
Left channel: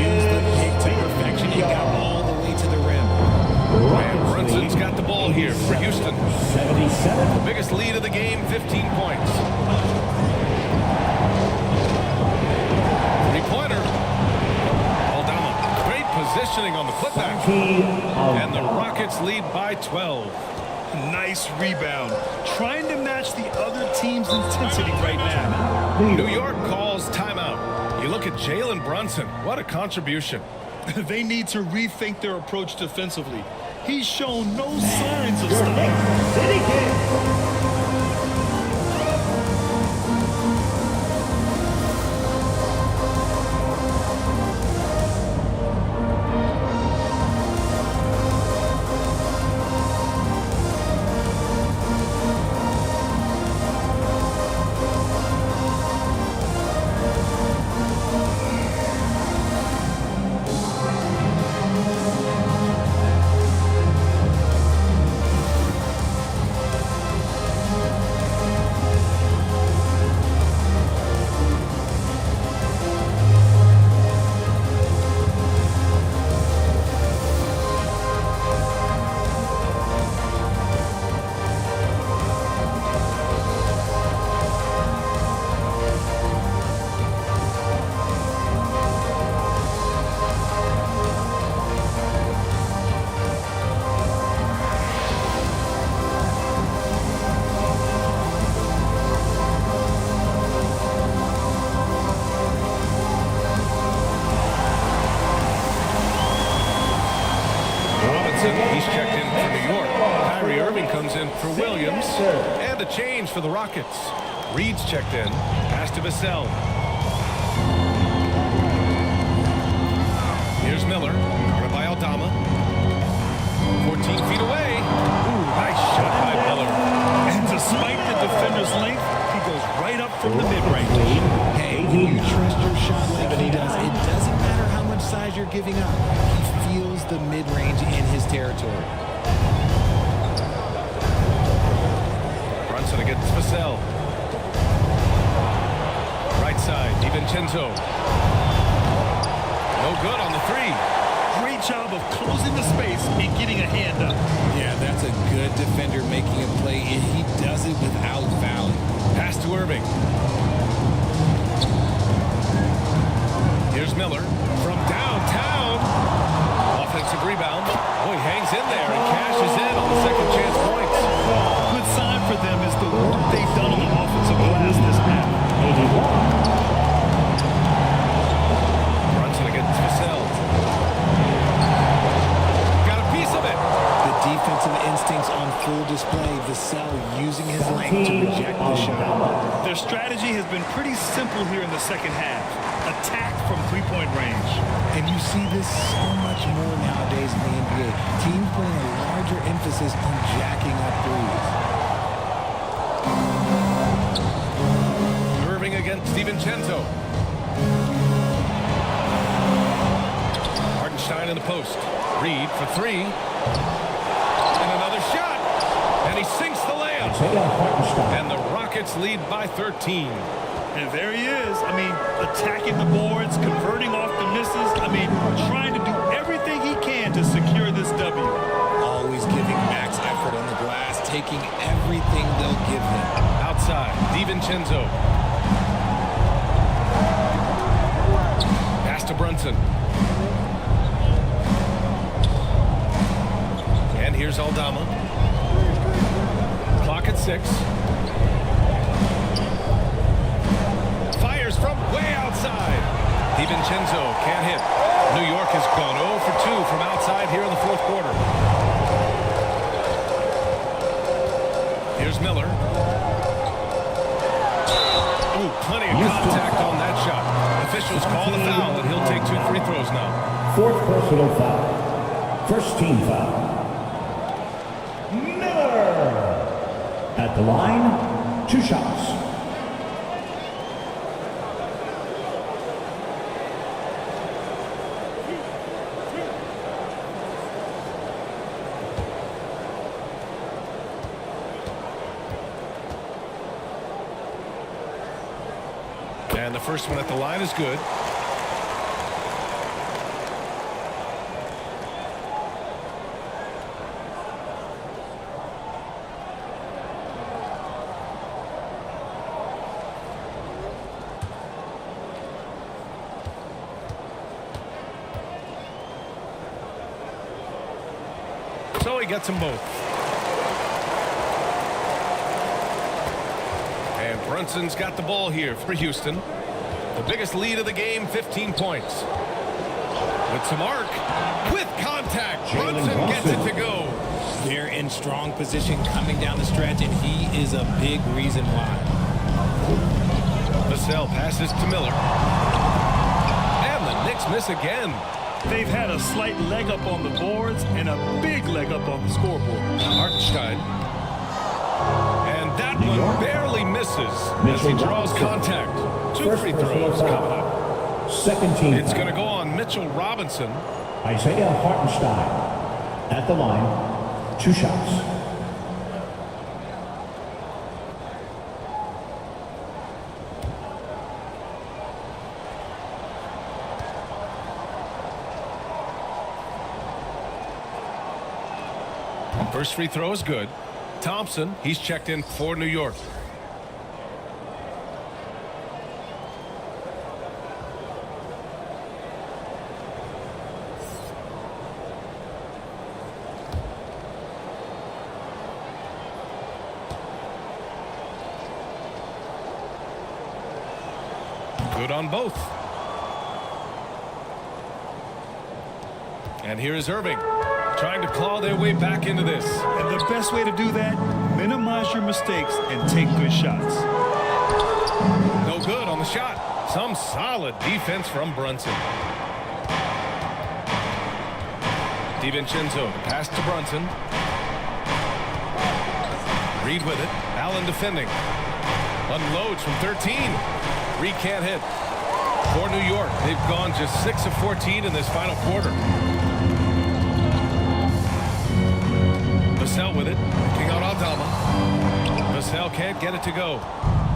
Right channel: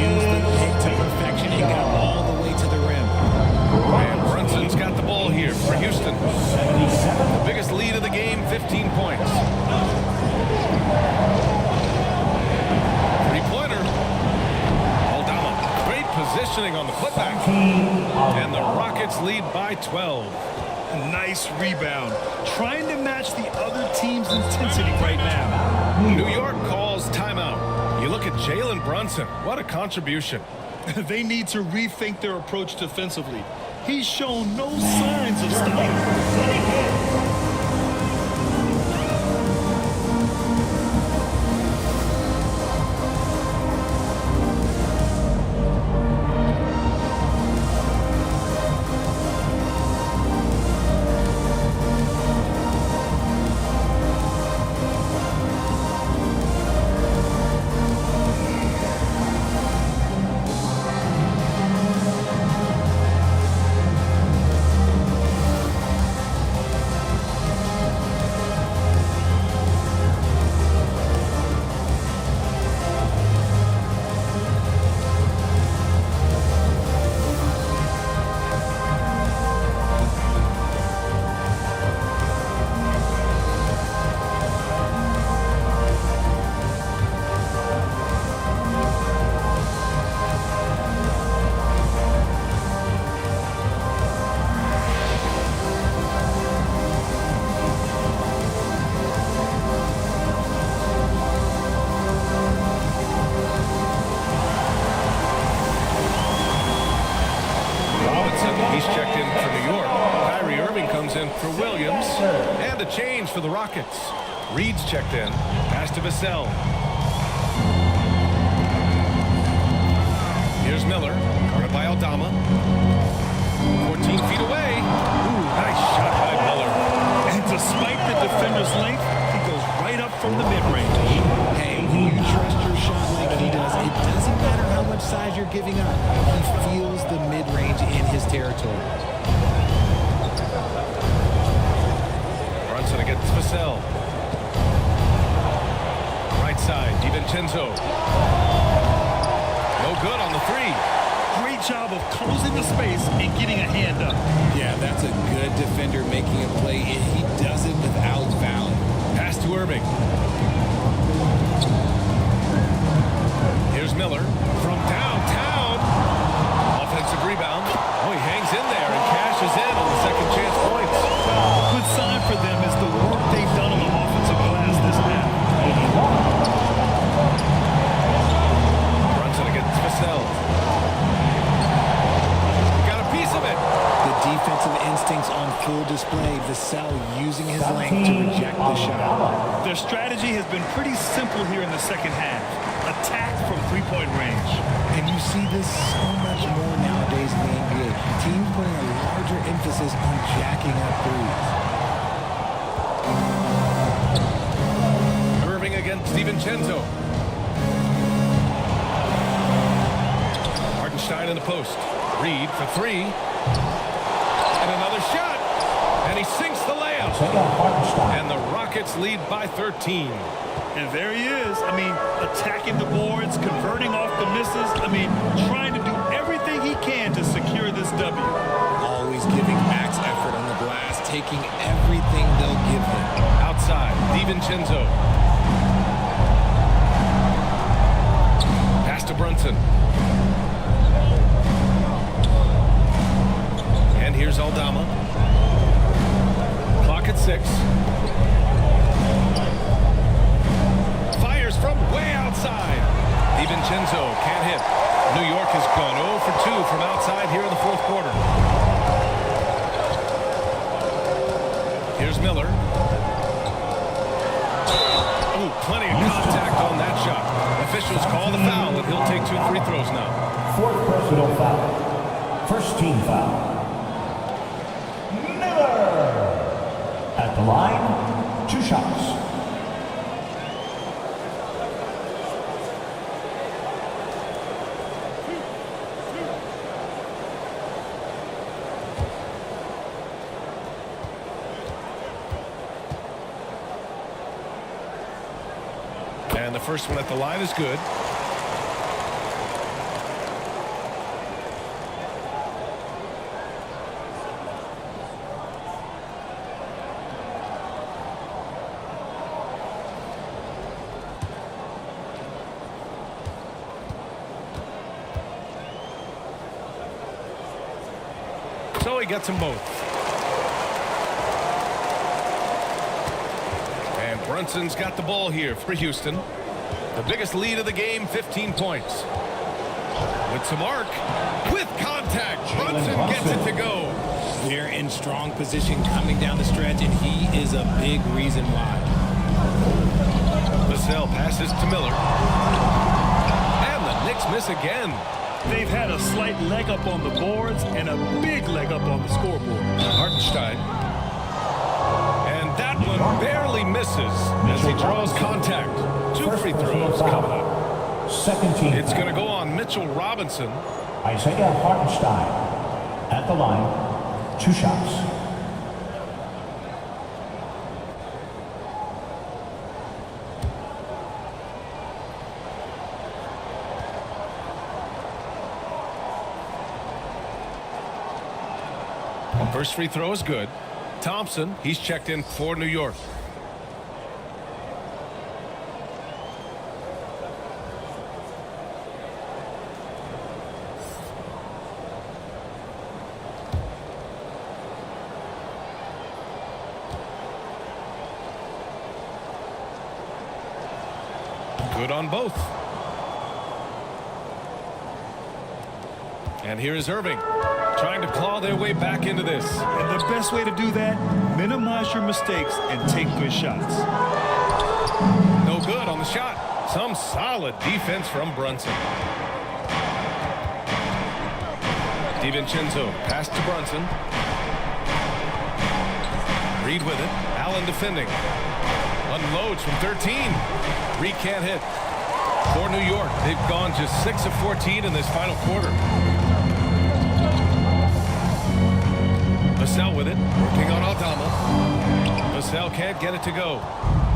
Used the pick to perfection and got all the way to the rim. And Brunson's got the ball here for Houston. The biggest lead of the game, 15 points. 3-pointer. Aldama, great positioning on the putback. And the Rockets lead by 12. Nice rebound. Trying to match the other team's intensity right now. New York calls timeout. You look at Jalen Brunson. What a contribution. They need to rethink their approach defensively. He's shown no signs of stopping. He's checked in for New York. Kyrie Irving comes in for Williams. And a change for the Rockets. Reed's checked in. Pass to Vassell. Here's Miller. Guarded by Aldama. 14 feet away. Ooh, nice shot by Miller. And despite the defender's length, he goes right up from the mid-range. Hey, when you trust your shot like he does, it doesn't matter how much size you're giving up. He feels the mid-range in his territory. Brunson against Vassell. Right side, DiVincenzo. No good on the 3. Great job of closing the space and getting a hand up. Yeah, that's a good defender making a play. He does it without fouling. Pass to Irving. Here's Miller from downtown. Offensive rebound. Oh, he hangs in there and cashes in on the second chance points. A good sign for them is the work they've done on the offensive glass this half. 81. Brunson against Vassell. Got a piece of it. The defensive instincts on full display. Vassell using his length to reject the shot. Their strategy has been pretty simple here in the second half. Attack from three-point range. And you see this so much more nowadays in the NBA. Teams putting a larger emphasis on jacking up threes. Irving against DiVincenzo. Hartenstein in the post. Reed for three. And another shot. And he sinks the layup. And the Rockets lead by 13. And there he is. I mean, attacking the boards, converting off the misses. I mean, trying to do everything he can to secure this W. Always giving max effort on the glass, taking everything they'll give him. Outside, DiVincenzo. Pass to Brunson. And here's Aldama. Clock at 6. Fires from way outside. DiVincenzo can't hit. New York has gone 0 for 2 from outside here in the fourth quarter. Here's Miller. Oh, plenty of contact on that shot. Officials call the foul, and he'll take 2 free throws now. Fourth personal foul. First team foul. Miller. At the line, 2 shots. And the first one at the line is good. So he gets them both. And Brunson's got the ball here for Houston. The biggest lead of the game, 15 points. With some arc, with contact, Brunson gets it to go. They're in strong position coming down the stretch, and he is a big reason why. Vassell passes to Miller. And the Knicks miss again. They've had a slight leg up on the boards and a big leg up on the scoreboard. Hartenstein. And that one barely misses as he draws contact. 2 free throws coming up. Second team. It's going to go on Mitchell Robinson. Isaiah Hartenstein. At the line, 2 shots. First free throw is good. Thompson, he's checked in for New York. Good on both. And here is Irving, trying to claw their way back into this. And the best way to do that, minimize your mistakes and take good shots. No good on the shot. Some solid defense from Brunson. DiVincenzo, the pass to Brunson. Reed with it. Allen defending. Unloads from 13. Reed can't hit. For New York, they've gone just 6 of 14 in this final quarter. Vassell with it, working on Aldama. Vassell can't get it to go.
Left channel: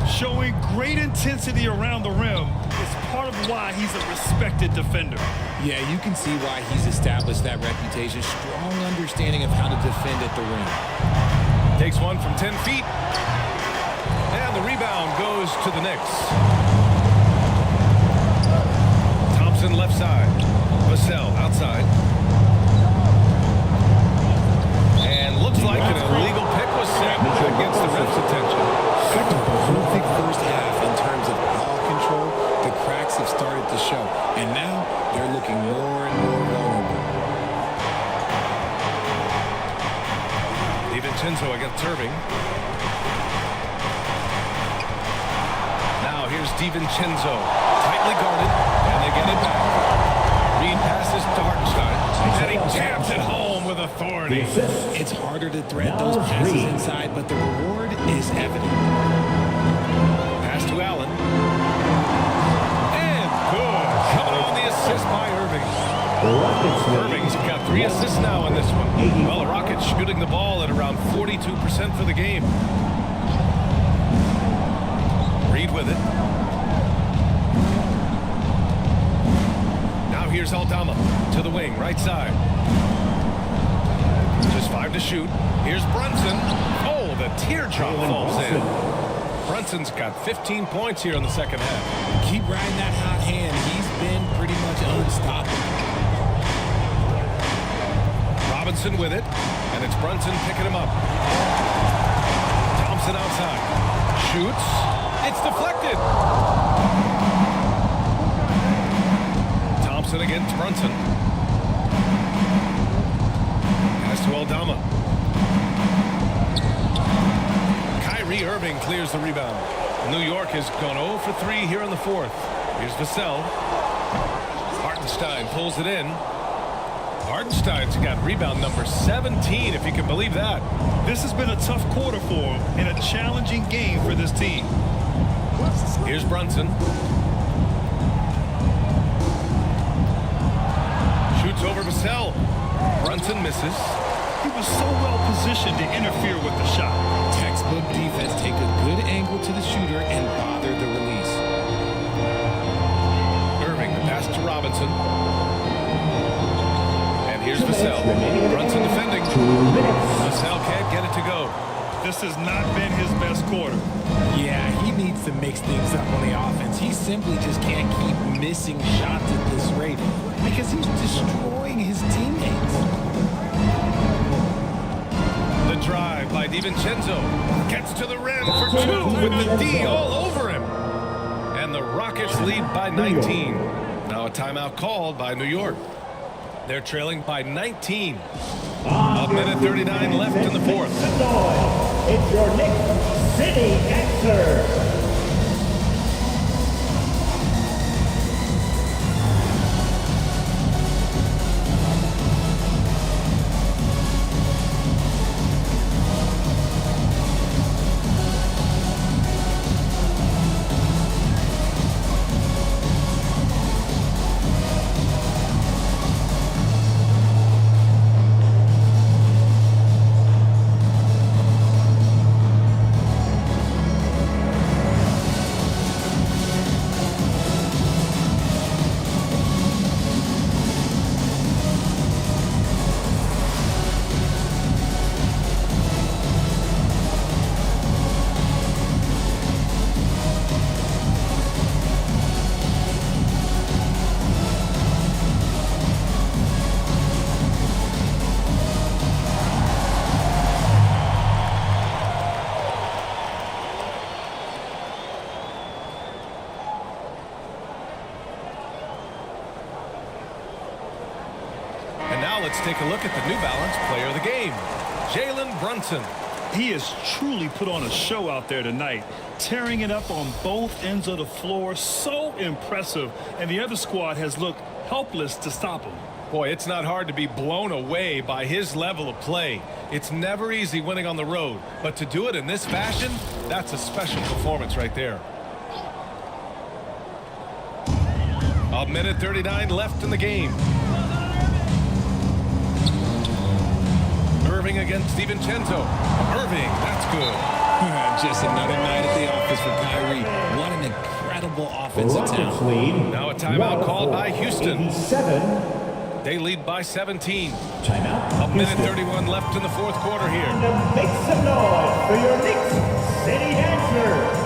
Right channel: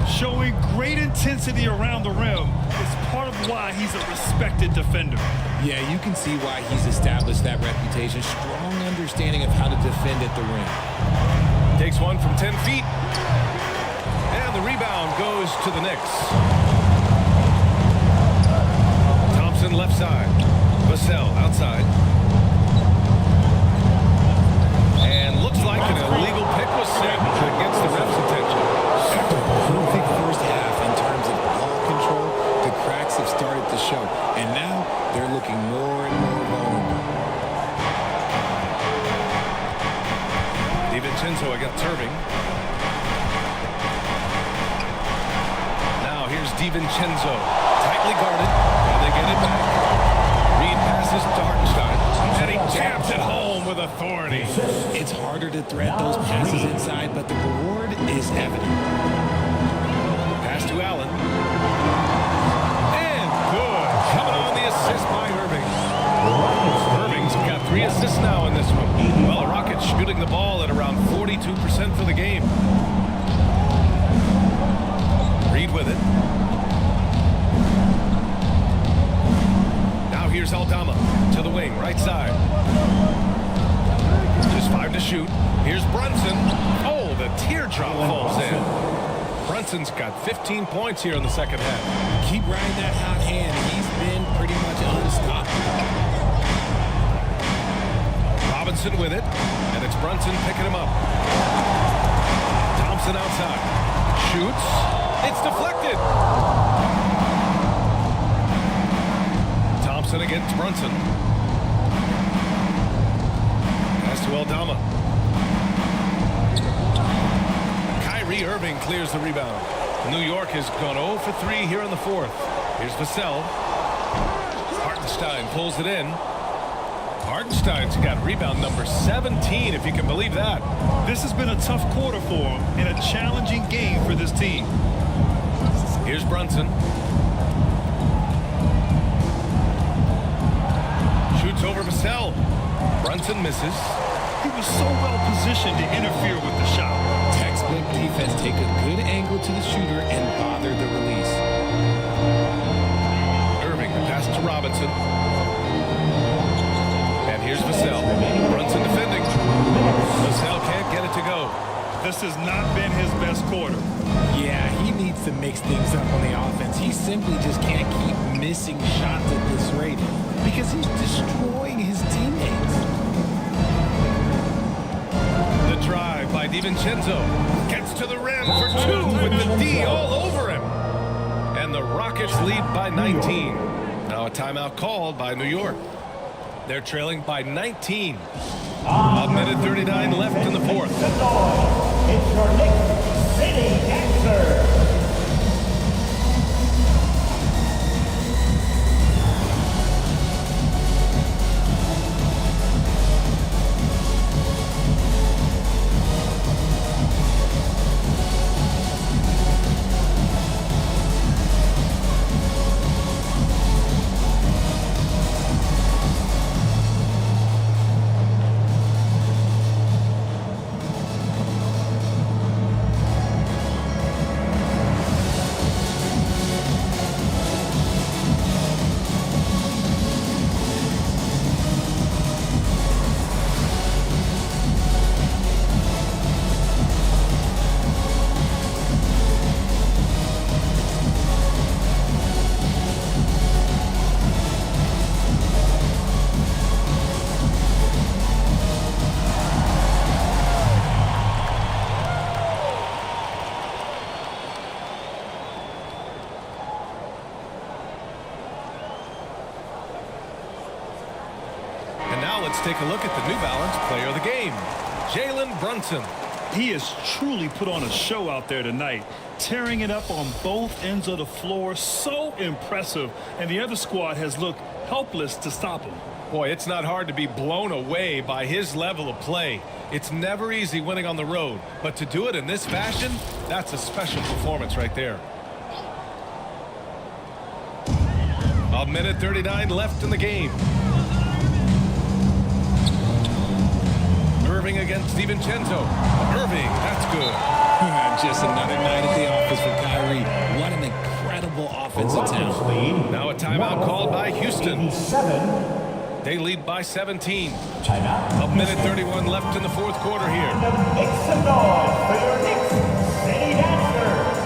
Showing great intensity around the rim is part of why he's a respected defender. Yeah, you can see why he's established that reputation. Strong understanding of how to defend at the rim. Takes one from 10 feet. And the rebound goes to the Knicks. Thompson left side. Vassell outside. And looks like an illegal pick was set. That gets the ref's attention. After a perfect first half in terms of ball control, the cracks have started to show. And now they're looking more and more vulnerable. DiVincenzo against Irving. Now here's DiVincenzo. Tightly guarded, and they get it back. Reed passes to Hartenstein, and he jams it home with authority. It's harder to thread those passes inside, but the reward is evident. Pass to Allen. And good. Coming on the assist by Irving. Irving's got 3 assists now in this one. Well, the Rockets shooting the ball at around 42% for the game. Reed with it. Now here's Aldama to the wing, right side. Just 5 to shoot. Here's Brunson. Oh, the teardrop falls in. Brunson's got 15 points here in the second half. Keep riding that hot hand. He's been pretty much unstoppable. Robinson with it, and it's Brunson picking him up. Thompson outside. Shoots. It's deflected. Thompson against Brunson. Pass to Aldama. Kyrie Irving clears the rebound. New York has gone 0 for 3 here in the fourth. Here's Vassell. Hartenstein pulls it in. Hartenstein's got rebound number 17, if you can believe that. This has been a tough quarter for him and a challenging game for this team. Here's Brunson. Shoots over Vassell. Brunson misses. He was so well positioned to interfere with the shot. Textbook defense. Take a good angle to the shooter and bother the release. Irving, the pass to Robinson. And here's Vassell. Brunson defending. Vassell can't get it to go. This has not been his best quarter. Yeah, he needs to mix things up on the offense. He simply just can't keep missing shots at this rate because he's destroying his teammates. The drive by DiVincenzo. Gets to the rim for 2 with the D all over him. And the Rockets lead by 19. Now a timeout called by New York. They're trailing by 19. A minute 39 left in the fourth. It's your Knicks City Gangster. And now let's take a look at the New Balance player of the game, Jalen Brunson. He has truly put on a show out there tonight, tearing it up on both ends of the floor. So impressive, and the other squad has looked helpless to stop him. Boy, it's not hard to be blown away by his level of play. It's never easy winning on the road, but to do it in this fashion, that's a special performance right there. A minute 39 left in the game. Irving against DiVincenzo. Irving, that's good. Just another night at the office for Kyrie. What an incredible offensive talent. Now a timeout called by Houston. They lead by 17. Timeout. A minute 31 left in the fourth quarter here. Make some noise for your Knicks City Dancer.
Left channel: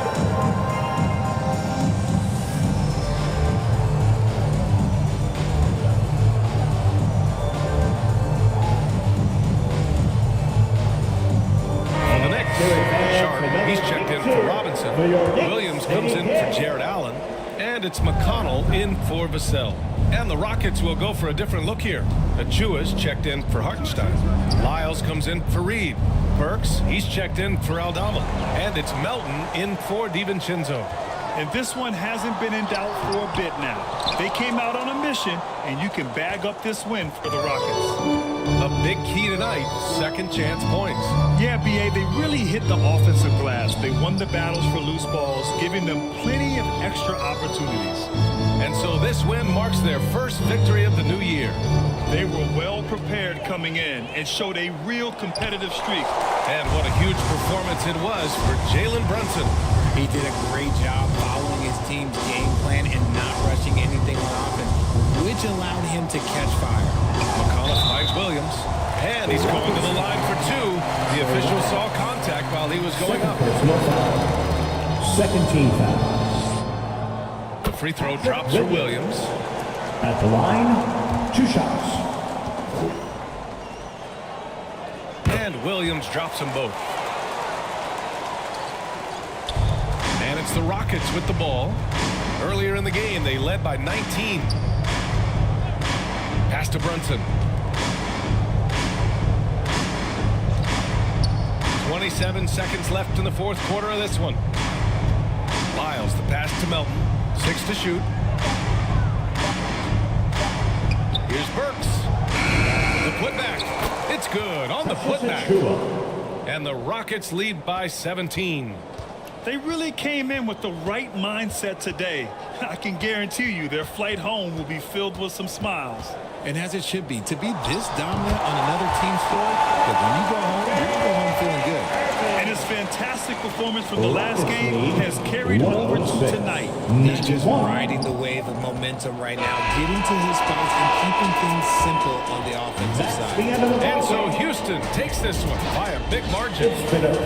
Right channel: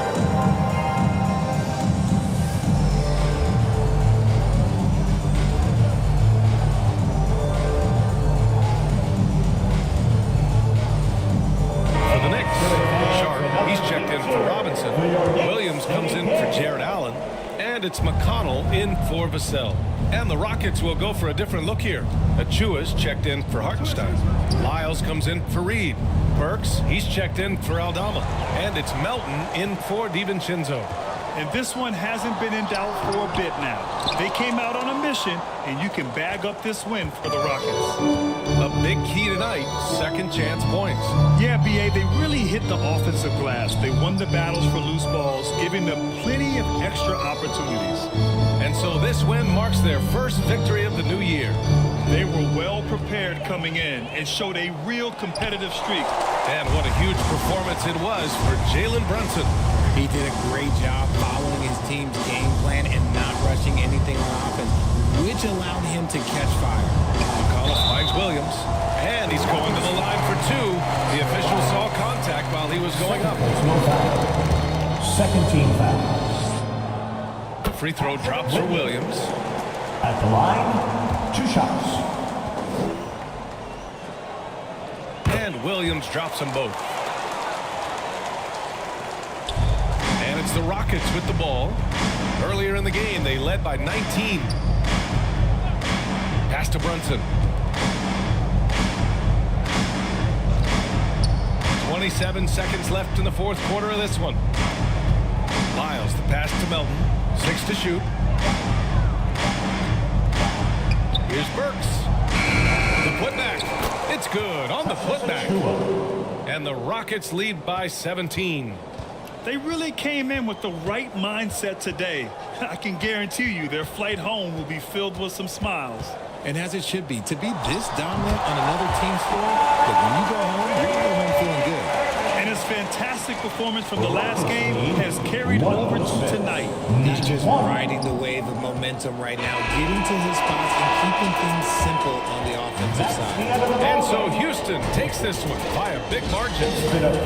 For the Knicks, Sharp, he's checked in for Robinson. Williams comes in for Jared Allen. And it's McConnell in for Vassell. And the Rockets will go for a different look here. Achua's checked in for Hartenstein. Lyles comes in for Reed. Burks, he's checked in for Aldama. And it's Melton in for DiVincenzo. And this one hasn't been in doubt for a bit now. They came out on a mission, and you can bag up this win for the Rockets. A big key tonight, second chance points. Yeah, B.A., they really hit the offensive glass. They won the battles for loose balls, giving them plenty of extra opportunities. And so this win marks their first victory of the new year. They were well prepared coming in and showed a real competitive streak. And what a huge performance it was for Jalen Brunson. He did a great job following his team's game plan and not rushing anything on offense, which allowed him to catch fire. McAuliffe finds Williams, and he's going to the line for two. The official saw contact while he was going up. No foul. Second team foul. The free throw drops for Williams. At the line, 2 shots. And Williams drops them both. And it's the Rockets with the ball. Earlier in the game, they led by 19. Pass to Brunson. 27 seconds left in the fourth quarter of this one. Lyles, the pass to Melton. 6 to shoot. Here's Burks. The putback. It's good on the putback. And the Rockets lead by 17. They really came in with the right mindset today. I can guarantee you their flight home will be filled with some smiles. And as it should be, to be this dominant on another team's floor, look, when you go home, you're going to go home feeling good. And his fantastic performance from the last game has carried over to tonight. He's just riding the wave of momentum right now, getting to his spots and keeping things simple on the offensive side. And so Houston takes this one by a big margin.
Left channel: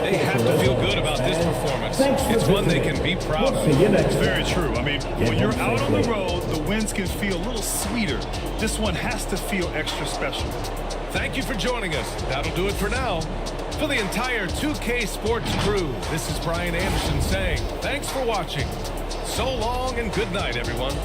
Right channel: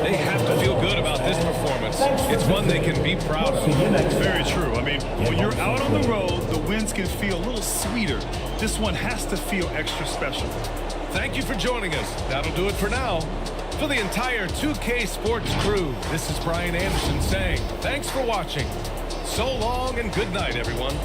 They have to feel good about this performance. It's one they can be proud of. It's very true. I mean, when you're out on the road, the wins can feel a little sweeter. This one has to feel extra special. Thank you for joining us. That'll do it for now. For the entire 2K Sports crew, this is Brian Anderson saying thanks for watching. So long and good night, everyone.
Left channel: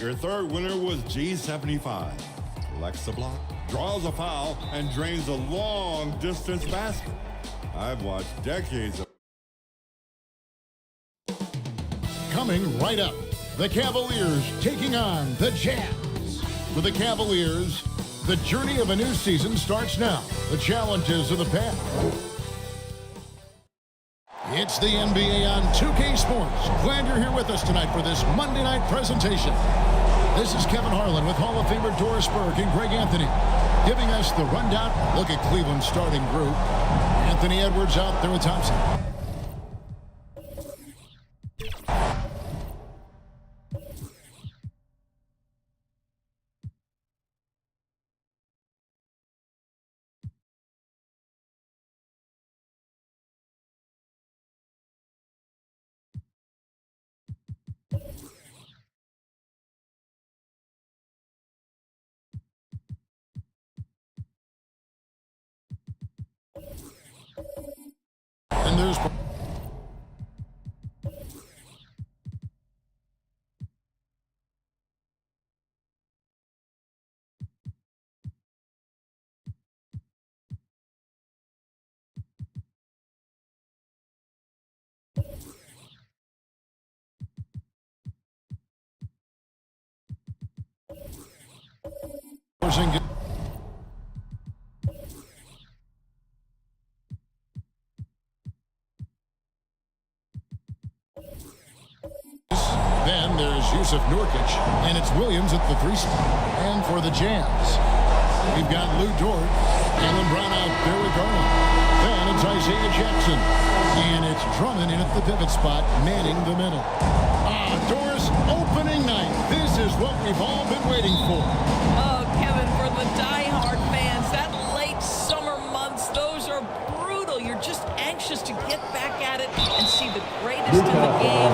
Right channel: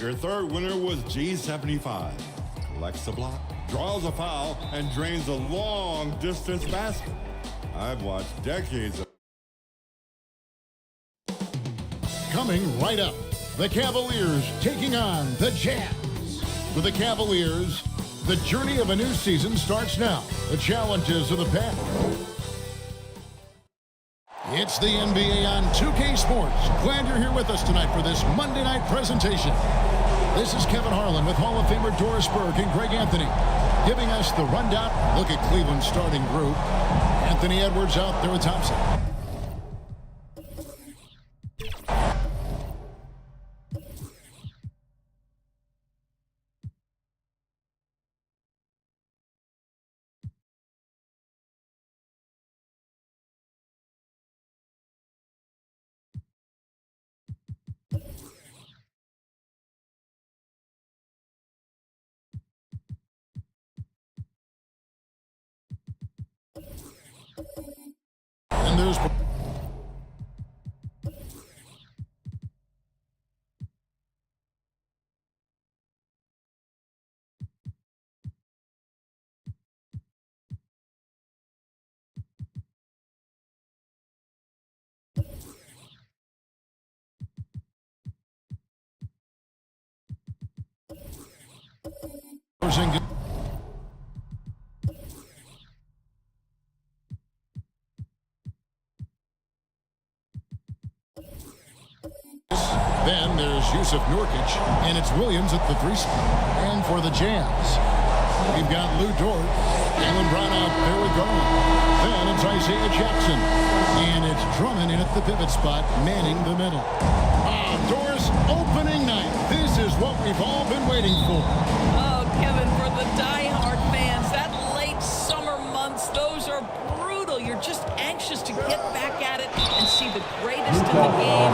Your third winner was G75. Collects a block, draws a foul, and drains a long-distance basket. I've watched decades of... Coming right up, the Cavaliers taking on the Jazz. For the Cavaliers, the journey of a new season starts now. The challenges of the past. It's the NBA on 2K Sports. Glad you're here with us tonight for this Monday night presentation. This is Kevin Harlan with Hall of Famer Doris Burke and Greg Anthony, giving us the rundown. Look at Cleveland's starting group. Anthony Edwards out there with Thompson. And there's Porzingis. Then there's Yusuf Nurkic, and it's Williams at the 3 slot. And for the Jazz, we've got Lou Dort, Jaylen Brown out there with Garland. Then it's Isaiah Jackson, and it's Drummond in at the pivot spot, manning the middle. Doris, opening night. This is what we've all been waiting for. Oh, Kevin, for the diehard fans, that late summer months, those are brutal. You're just anxious to get back at it and see the greatest in the game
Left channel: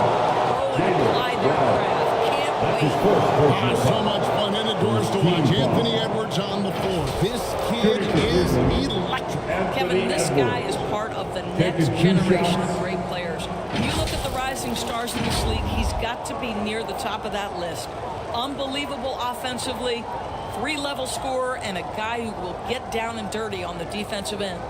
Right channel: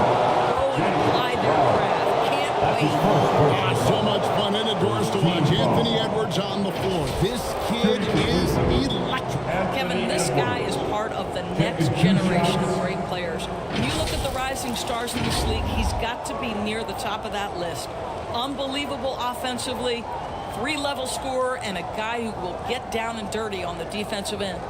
go and apply their craft. Can't wait. So much fun in the Doors to watch. Anthony Edwards on the floor. This kid is electric. Kevin, this guy is part of the next generation of great players. When you look at the rising stars in this league, he's got to be near the top of that list. Unbelievable offensively, 3-level scorer, and a guy who will get down and dirty on the defensive end.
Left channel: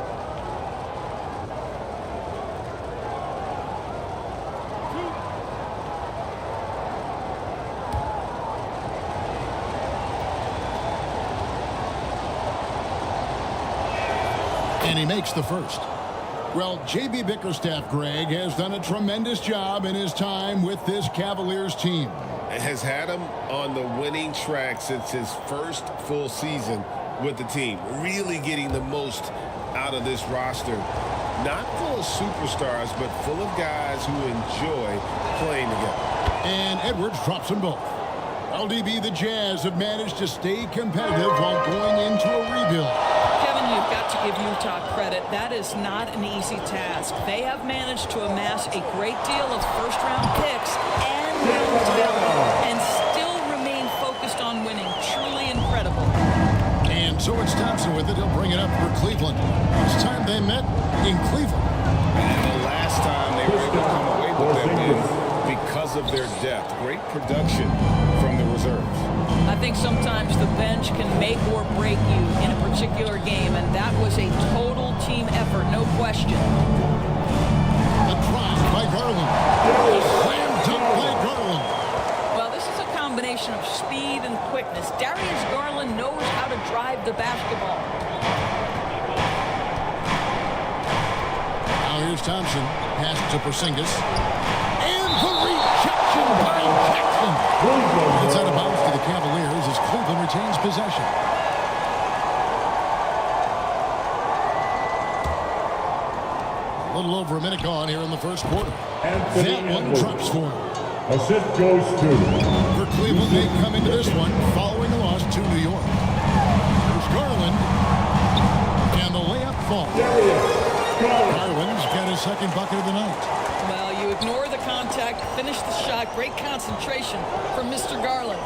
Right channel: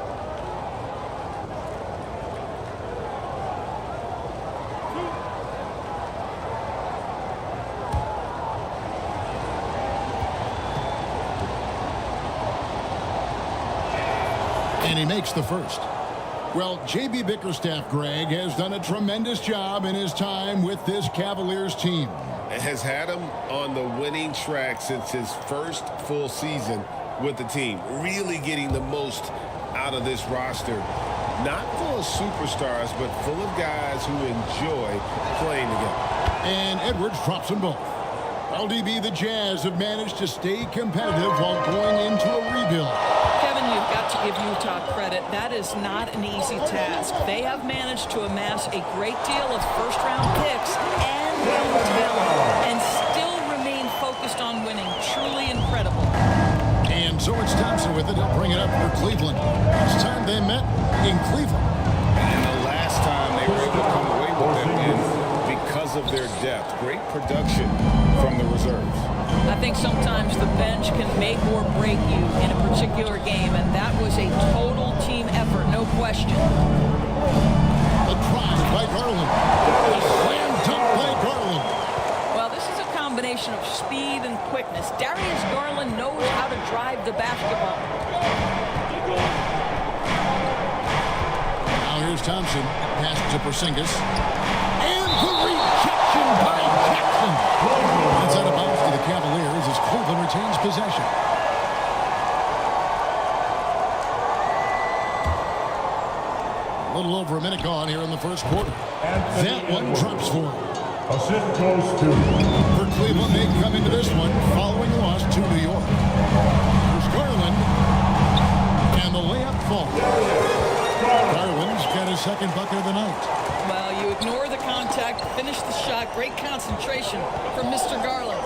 And he makes the first. Well, J.B. Bickerstaff, Greg, has done a tremendous job in his time with this Cavaliers team. Has had him on the winning track since his first full season with the team. Really getting the most out of this roster. Not full of superstars, but full of guys who enjoy playing together. And Edwards drops them both. LDB, the Jazz have managed to stay competitive while going into a rebuild. Kevin, you've got to give Utah credit. That is not an easy task. They have managed to amass a great deal of first-round picks and young talent and still remain focused on winning. Truly incredible. And so it's Thompson with it. He'll bring it up for Cleveland. This time they met in Cleveland. And the last time they were able to come away with that win because of their depth. Great production from the reserves. I think sometimes the bench can make or break you in a particular game, and that was a total team effort, no question. The drive by Garland. The slam dunk by Garland. Well, this is a combination of speed and quickness. Darius Garland knows how to drive the basketball. Now here's Thompson. Pass to Porzingis. And the rejection by Jackson. It's out of bounds to the Cavaliers as Cleveland retains possession. A little over a minute gone here in the first quarter. That one drops for him. Assist goes to. For Cleveland, they come into this one following a loss to New York. Here's Garland. And the layup falls. Garland's got his second bucket of the night. Well, you ignore the contact, finish the shot. Great concentration from Mr. Garland.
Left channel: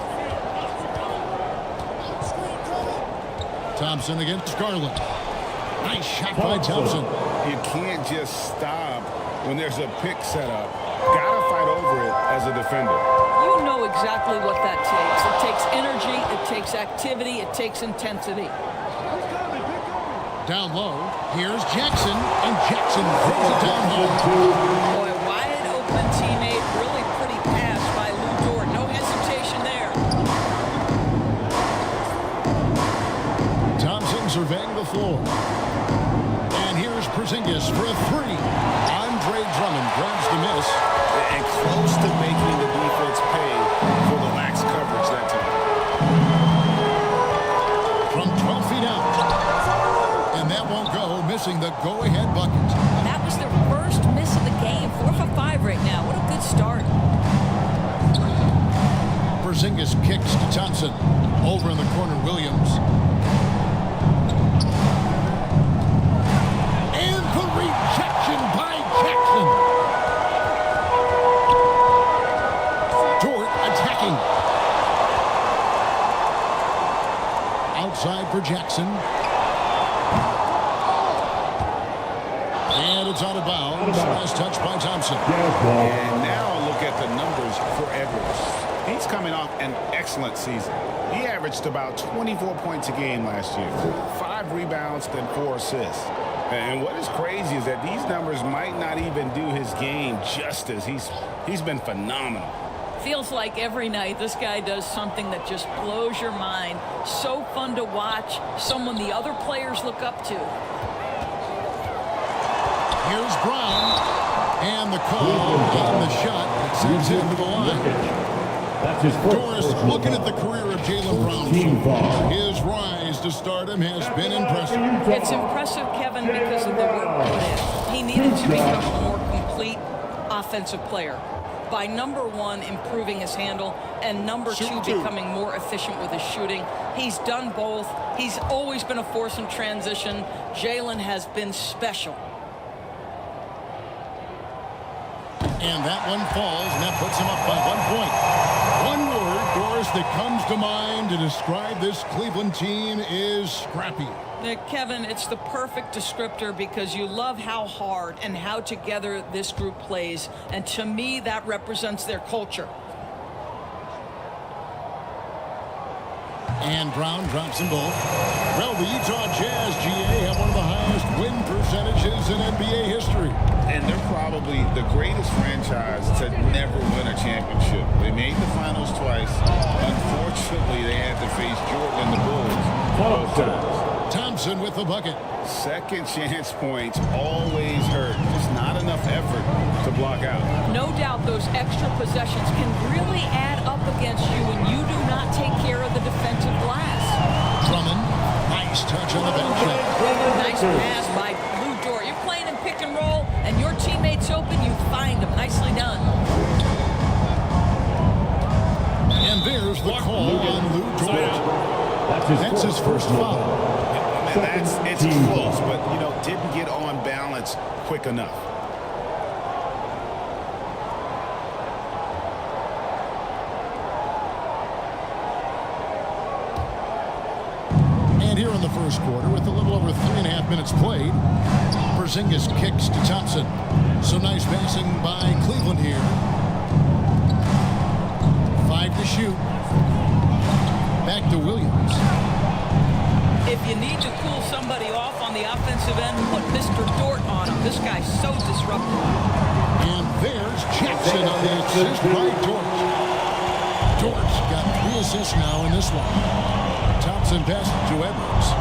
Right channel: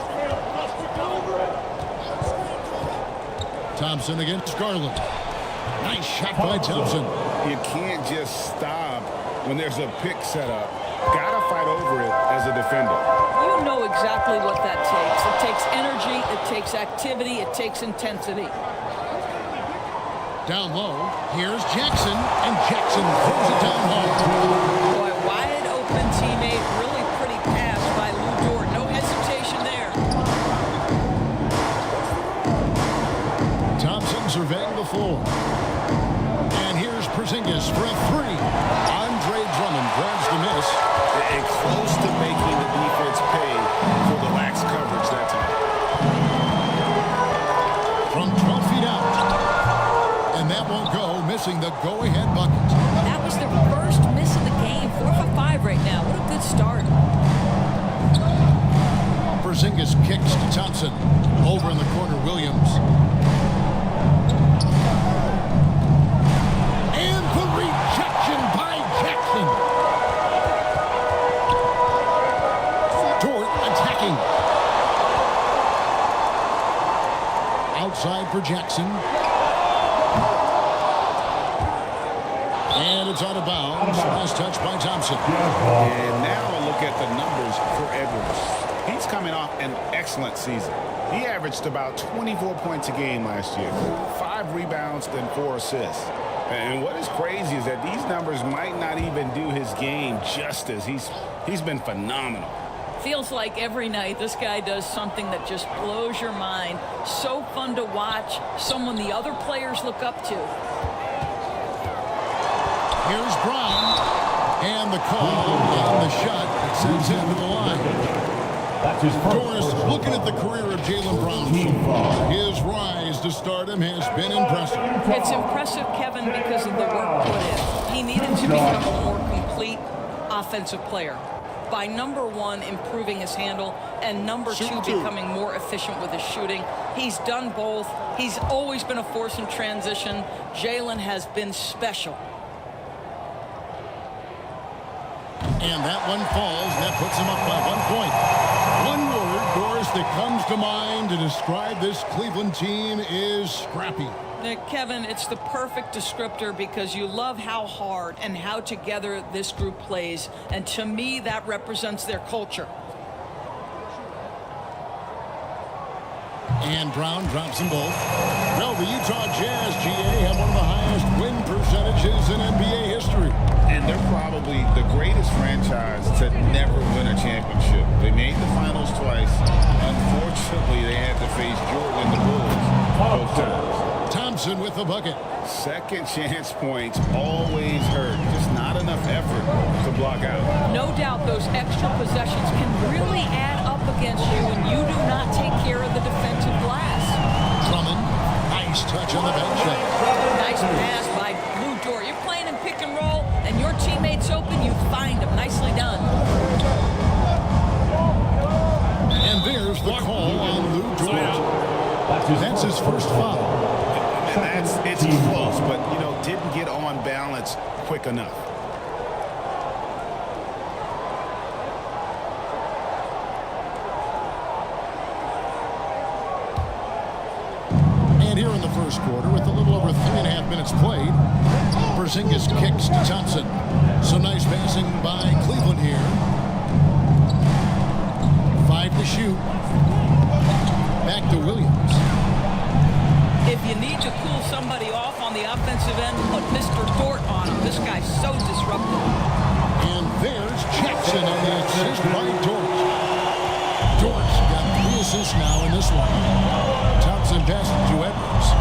Thompson against Garland. Nice shot by Thompson. You can't just stop when there's a pick set up. Gotta fight over it as a defender. You know exactly what that takes. It takes energy, it takes activity, it takes intensity. Down low, here's Jackson, and Jackson throws it down hard. Boy, wide open teammate, really pretty pass by Lou Dort. No hesitation there. Thompson surveying the floor. And here's Porzingis for a three. Andre Drummond grabs the miss. and close to making the defense pay for the lax coverage that time. From 12 feet out. And that won't go, missing the go-ahead bucket. That was their first miss of the game. 4 for 5 right now. What a good start. Porzingis kicks to Thompson. Over in the corner, Williams. And the rejection by Jackson. Dort attacking. Outside for Jackson. And it's out of bounds. Last touch by Thompson. And now a look at the numbers for Edwards. He's coming off an excellent season. He averaged about 24 points a game last year. 5 rebounds, then 4 assists. And what is crazy is that these numbers might not even do his game justice. He's been phenomenal. Feels like every night this guy does something that just blows your mind. So fun to watch. Someone the other players look up to. Here's Brown. And the call on the shot that sends him to the line. Doris, looking at the career of Jaylen Brown so far, his rise to stardom has been impressive. It's impressive, Kevin, because of the work put in. He needed to become a more complete offensive player. By number 1, improving his handle, and number 2, becoming more efficient with his shooting. He's done both. He's always been a force in transition. Jaylen has been special. And that one falls, and that puts him up by 1 point. One word, Doris, that comes to mind to describe this Cleveland team is scrappy. Kevin, it's the perfect descriptor because you love how hard and how together this group plays. And to me, that represents their culture. And Brown drops them both. Well, the Utah Jazz, GA, have one of the highest win percentages in NBA history. And they're probably the greatest franchise to never win a championship. They made the finals twice. Unfortunately, they had to face Jordan and the Bulls both times. Thompson with the bucket. Second chance points always hurt. Just not enough effort to block out. No doubt those extra possessions can really add up against you when you do not take care of the defensive glass. Drummond, nice touch on the bank shot. Nice pass by Lou Dort. You're playing in pick and roll, and your teammate's open, you find him. Nicely done. And there's the call on Lou Dort. That's his first foul. It's close, but, didn't get on balance quick enough. And here in the first quarter, with a little over 3.5 minutes played, Porzingis kicks to Thompson. So nice passing by Cleveland here. 5 to shoot. Back to Williams. If you need to cool somebody off on the offensive end, put Mr. Dort on him. This guy's so disruptive. And there's Jackson on the assist by Dort. Dort's got 3 assists now in this one. Thompson passes to Edwards.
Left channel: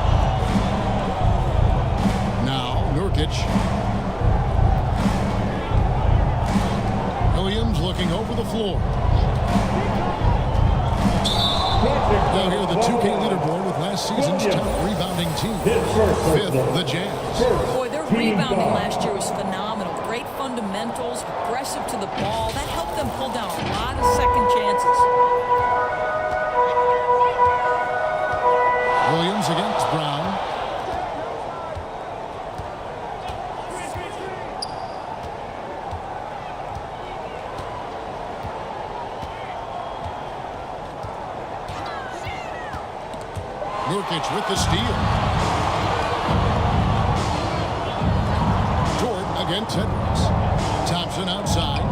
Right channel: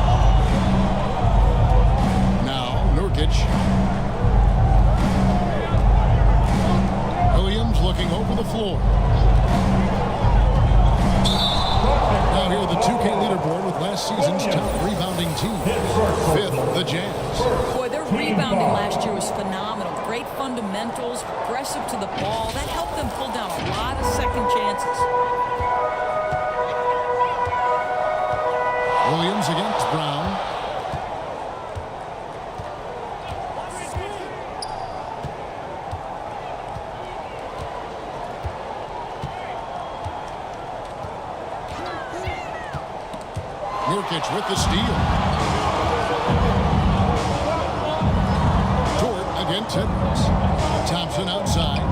Now Nurkic. Williams looking over the floor. Now here the 2K leaderboard with last season's top rebounding team. 5th, the Jazz. Boy, their rebounding last year was phenomenal. Great fundamentals, aggressive to the ball. That helped them pull down a lot of second chances. Williams against Brown. Nurkic with the steal. Dort against Edwards. Thompson outside.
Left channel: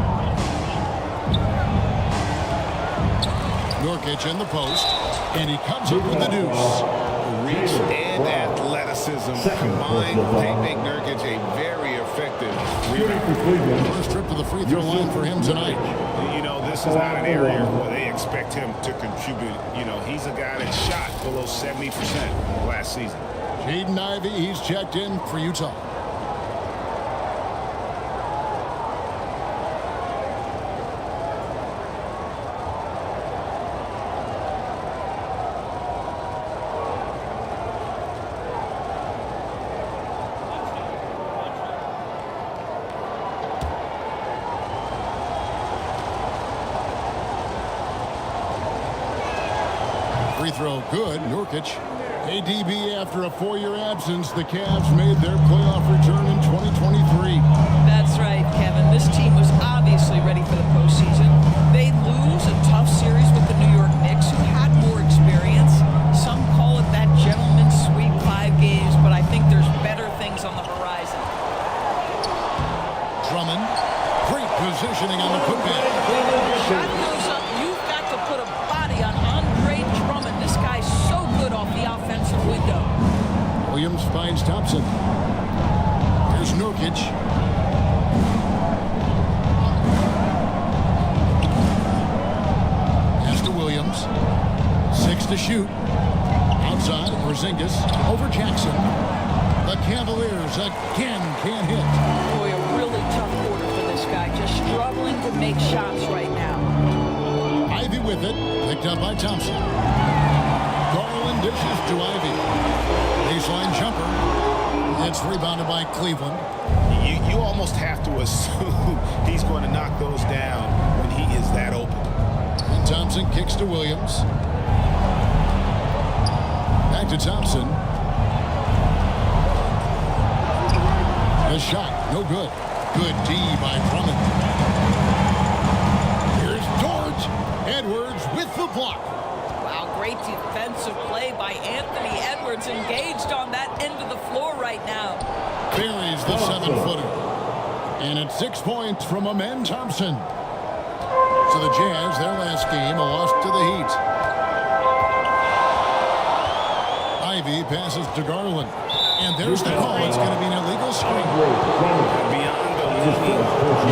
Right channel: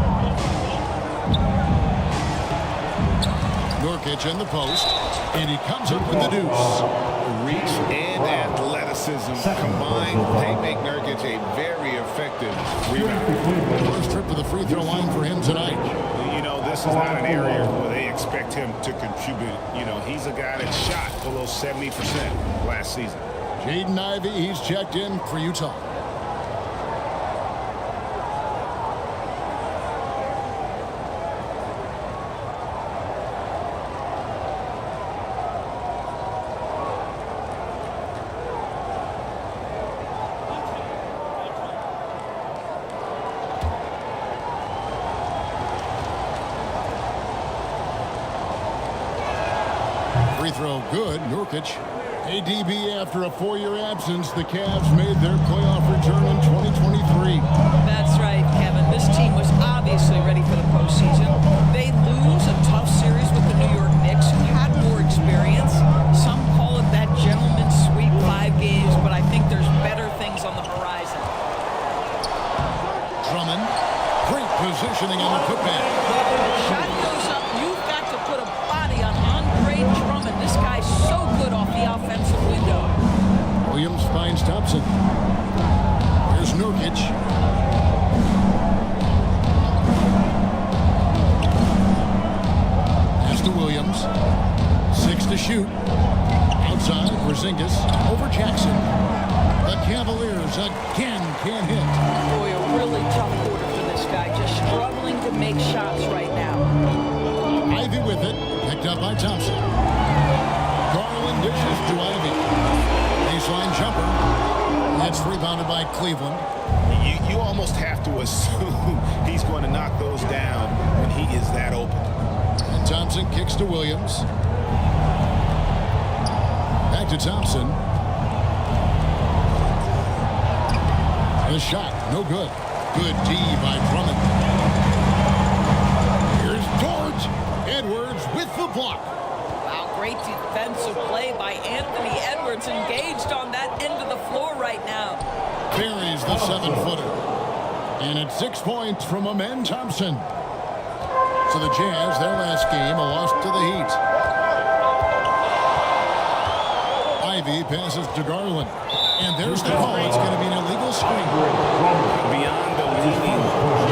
Nurkic in the post, and he comes up with the deuce. Reach and athleticism combined, they make Nurkic a very effective rebounder. First trip to the free throw line for him tonight. This is not an area where they expect him to contribute. He's a guy that shot below 70% last season. Jaden Ivey, he's checked in for Utah. Free throw good. Nurkic. ADB, after a 4-year absence, the Cavs made their playoff return in 2023. That's right, Kevin. This team was obviously ready for the postseason. They lose a tough series with the New York Knicks, who had more experience. Some call it that gentleman's sweep, 5 games, but I think there's better things on the horizon. Drummond. Great positioning on the putback. Shot goes up. You've got to put a body on Andre Drummond. This guy's so good off the offensive window. Williams finds Thompson. Here's Nurkic. Pass to Williams. 6 to shoot. Outside, Porzingis over Jackson. The Cavaliers again can't hit. Boy, a really tough quarter for this guy. Just struggling to make shots right now. Ivy with it. Picked up by Thompson. Garland dishes to Ivy. Baseline jumper. It's rebounded by Cleveland. You almost have to assume he's going to knock those down when he is that open. And Thompson kicks to Williams. Back to Thompson. The shot, no good. Good D by Drummond. Here's Dort. Edwards with the block. Wow, great defensive play by Anthony Edwards, engaged on that end of the floor right now. Buries the 7-footer. And it's 6 points from Amen Thompson. So the Jazz, their last game, a loss to the Heat. Ivy passes to Garland. And there's the call. It's going to be an illegal screen. Beyond the leaning, you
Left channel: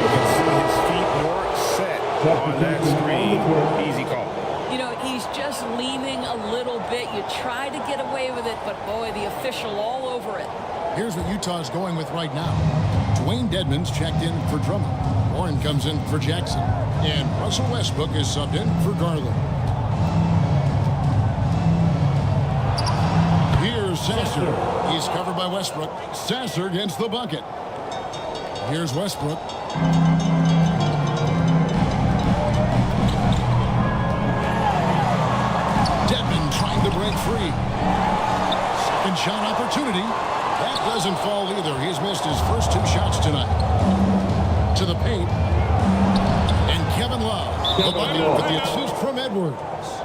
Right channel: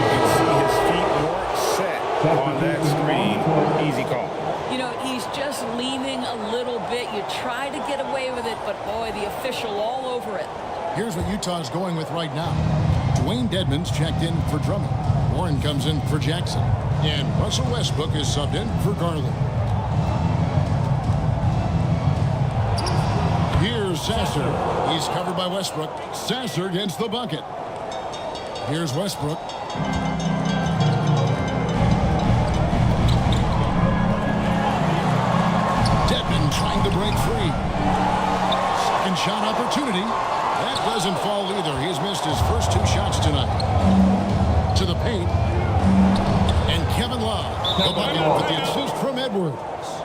can see his feet more set on that screen. Easy call. You know, he's just leaning a little bit. You try to get away with it, but boy, the official all over it. Here's what Utah's going with right now. Dwayne Dedmon's checked in for Drummond. Warren comes in for Jackson. And Russell Westbrook is subbed in for Garland. Here's Sasser. He's covered by Westbrook. Sasser gets the bucket. Here's Westbrook. Dedmon trying to break free. Second shot opportunity. That doesn't fall either. He's missed his first 2 shots tonight. To the paint. And Kevin Love, the bucket with the assist from Edwards.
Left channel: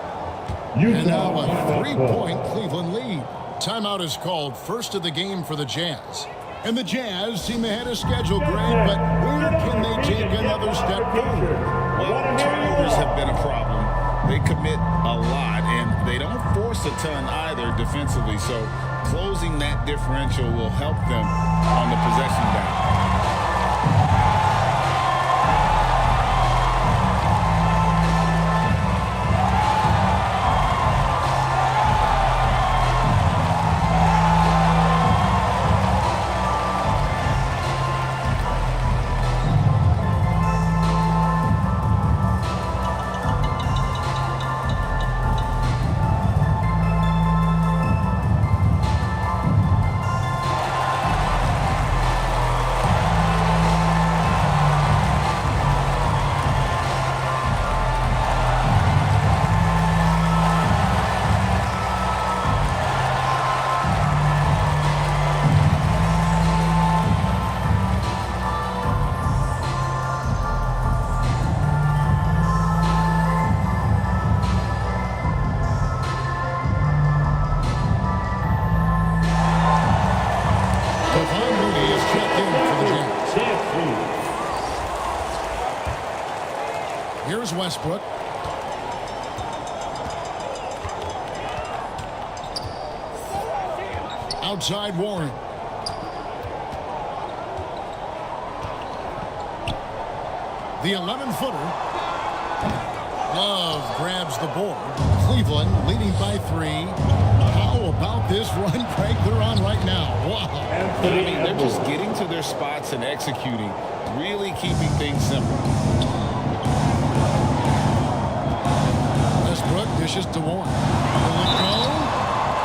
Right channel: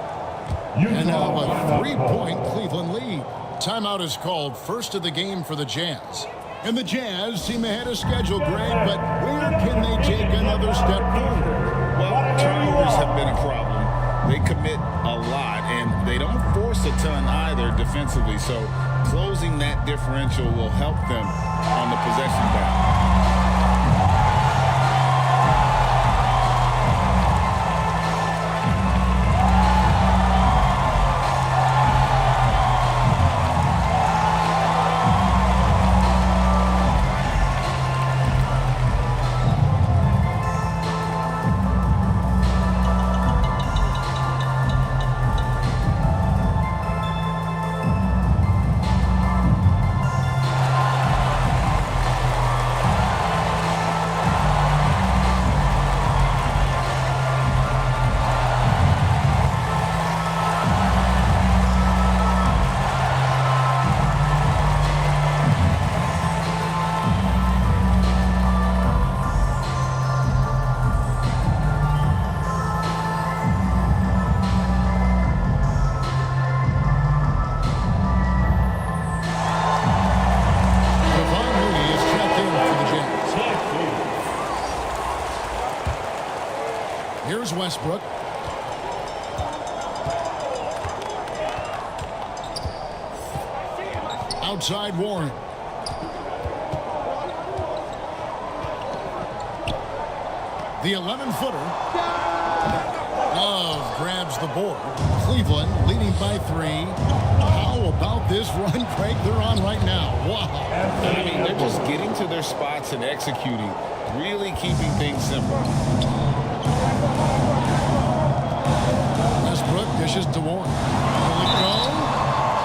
And now a 3-point Cleveland lead. Timeout is called, first of the game for the Jazz. And the Jazz seem ahead of schedule, Greg, but where can they take another step forward? Well, turnovers have been a problem. They commit a lot, and they don't force a ton either defensively. So closing that differential will help them on the possession battle. Kevon Looney is checked in for the Jazz. Here's Westbrook. Outside Warren. The 11-footer. Love grabs the board. Cleveland leading by 3. How about this run, Craig, they're on right now? Wow. I mean, they're just getting to their spots and executing, really keeping things simple. Westbrook dishes to Warren. Will it go?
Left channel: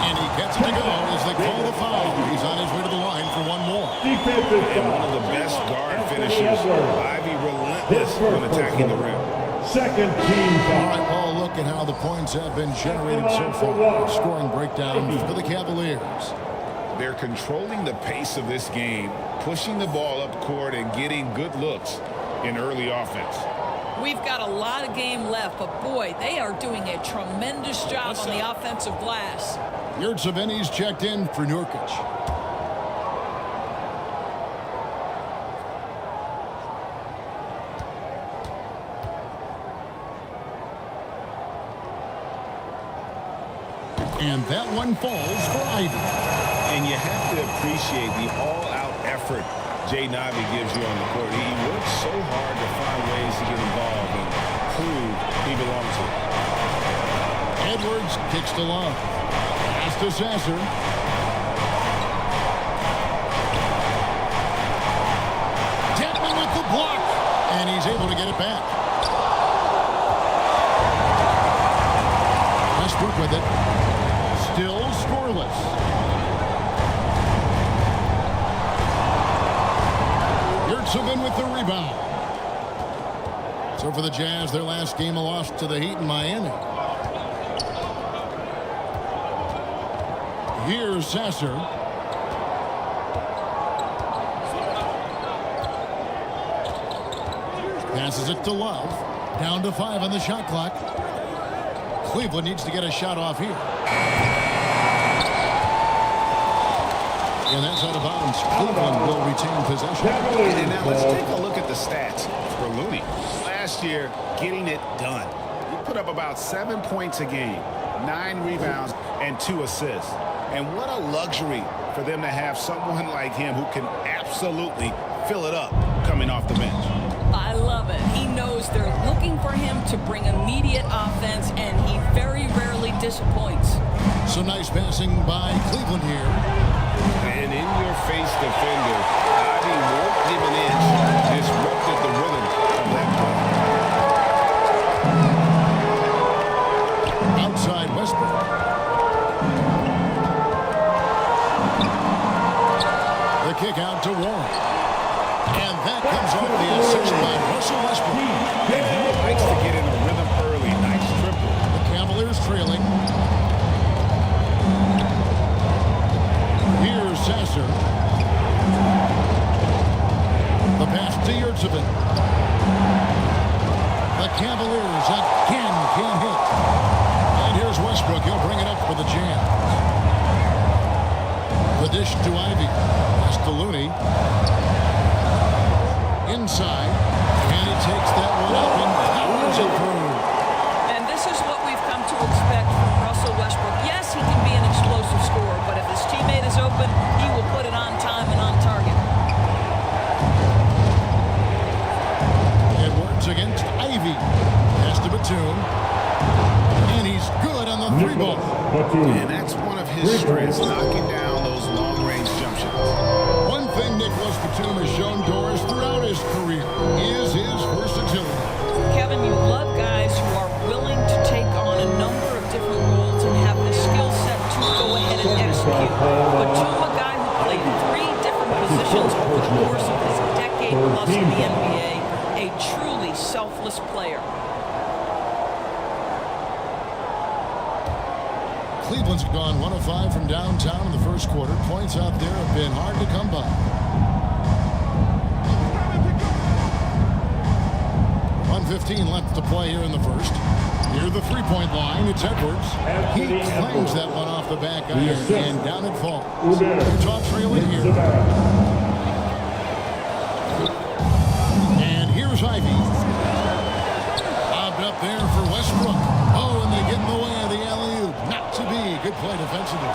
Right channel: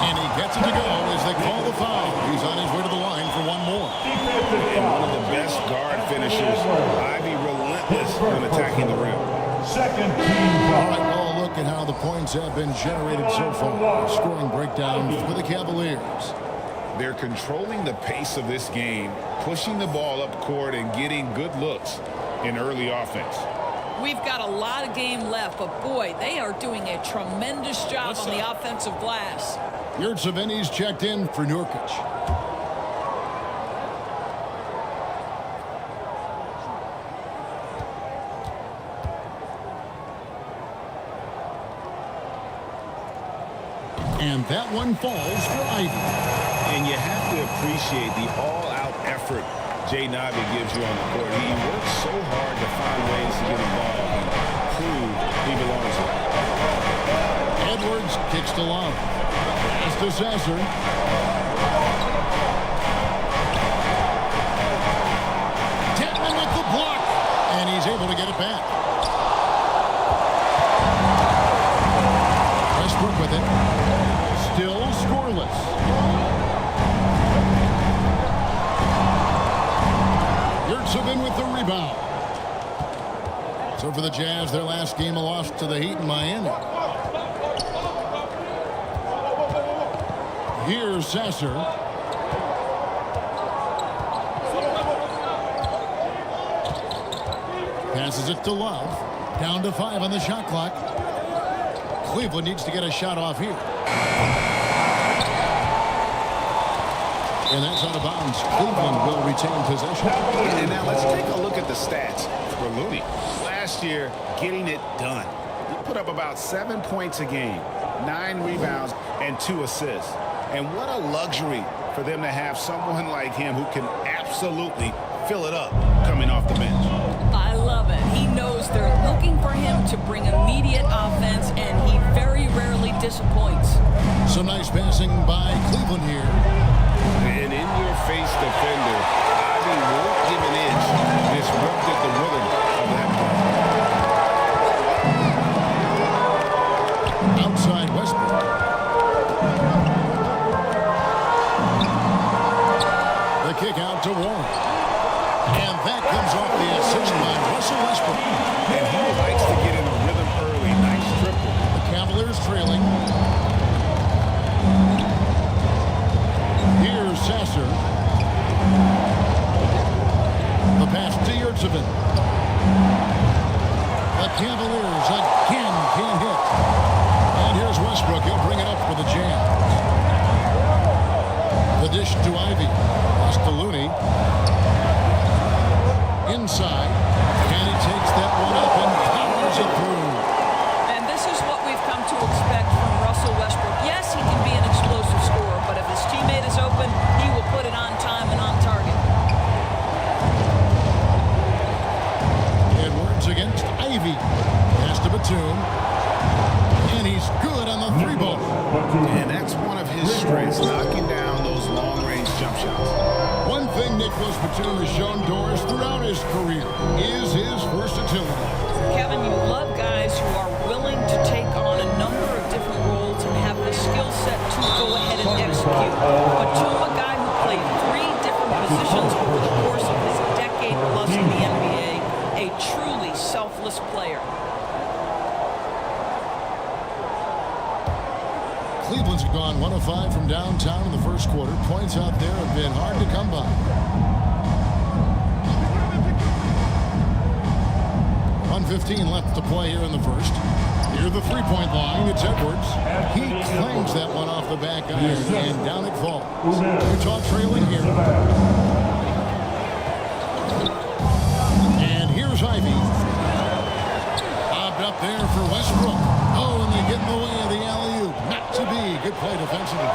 And he gets it to go as they call the foul. He's on his way to the line for one more. And one of the best guard finishers, Ivy, relentless when attacking the rim. Second team foul. All right, well, look at how the points have been generated so far. Scoring breakdown for the Cavaliers. They're controlling the pace of this game, pushing the ball up court and getting good looks in early offense. We've got a lot of game left, but boy, they are doing a tremendous job on the offensive glass. Yurtseven's checked in for Nurkic. And that one falls for Ivey. And you have to appreciate the all-out effort Jaden Ivey gives you on the court. He works so hard to find ways to get involved and prove he belongs here. Edwards kicks to Love. Pass to Sasser. Dedmon with the block. And he's able to get it back. Westbrook with it. Still scoreless. Yurtseven with the rebound. So for the Jazz, their last game, a loss to the Heat in Miami. Here's Sasser. Passes it to Love. Down to 5 on the shot clock. Cleveland needs to get a shot off here. And that's out of bounds. Cleveland will retain possession. And now let's take a look at the stats for Looney. Last year, getting it done. He put up about 7 points a game, 9 rebounds, and 2 assists. And what a luxury for them to have someone like him who can absolutely fill it up coming off the bench. I love it. He knows they're looking for him to bring immediate offense, and he very rarely disappoints. Some nice passing by Cleveland here. And in-your-face defender, Ivey won't give an inch. Disrupted the rhythm of that play. Outside Westbrook. The kick out to Warren. And that comes off the assist by Russell Westbrook. And he likes to get in a rhythm early. Nice triple. The Cavaliers trailing. Here's Sasser. The pass to Yurtseven. The Cavaliers again can't hit. And here's Westbrook. He'll bring it up for the Jazz. The dish to Ivey. Pass to Looney. Inside. And he takes that one up and powers it through. And this is what we've come to expect from Russell Westbrook. Yes, he can be an explosive scorer, but if his teammate is open, he will put it on time and on target. Edwards against Ivey. Pass to Batum. And he's good on the 3-ball. And that's one of his strengths, knocking down those long-range jump shots. One thing Nicholas Batum has shown Doris throughout his career is his versatility. Kevin, you love guys who are willing to take on a number of different roles and have the skill set to go ahead and execute. Batum, a guy who played 3 different positions over the course of his decade plus in the NBA, a truly selfless player. Cleveland's gone 1 of 5 from downtown in the first quarter. Points out there have been hard to come by. 1:15 left to play here in the first. Near the 3-point line, it's Edwards. He clangs that one off the back iron, and down it falls. Utah trailing here. And here's Ivey. Lobbed up there for Westbrook. Oh, and they get in the way of the alley-oop. Not to be. Good play defensively.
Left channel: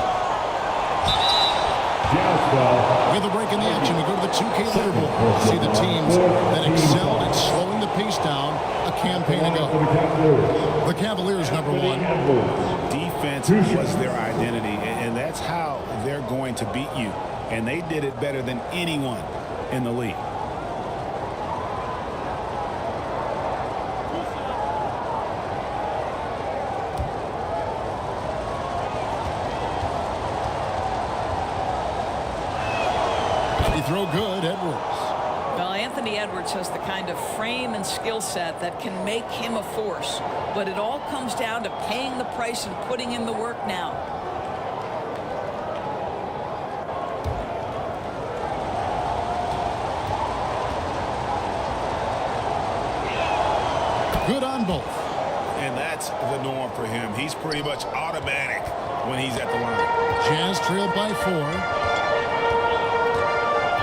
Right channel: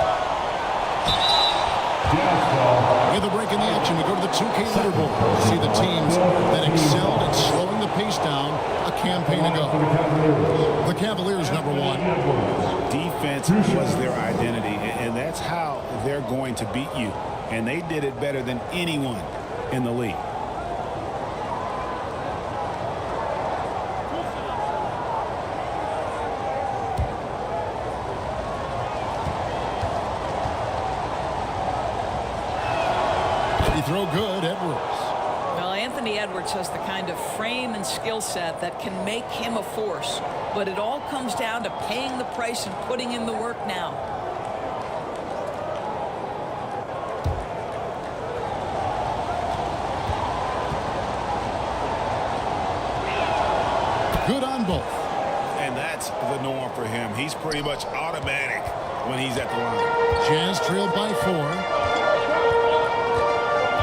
With a break in the action, we go to the 2K leaderboard. See the teams that excelled at slowing the pace down a campaign ago. The Cavaliers, number 1. Defense was their identity, and that's how they're going to beat you. And they did it better than anyone in the league. He throw good, Edwards. Well, Anthony Edwards has the kind of frame and skill set that can make him a force. But it all comes down to paying the price and putting in the work now. Good on both. And that's the norm for him. He's pretty much automatic when he's at the line. Jazz trailed by 4.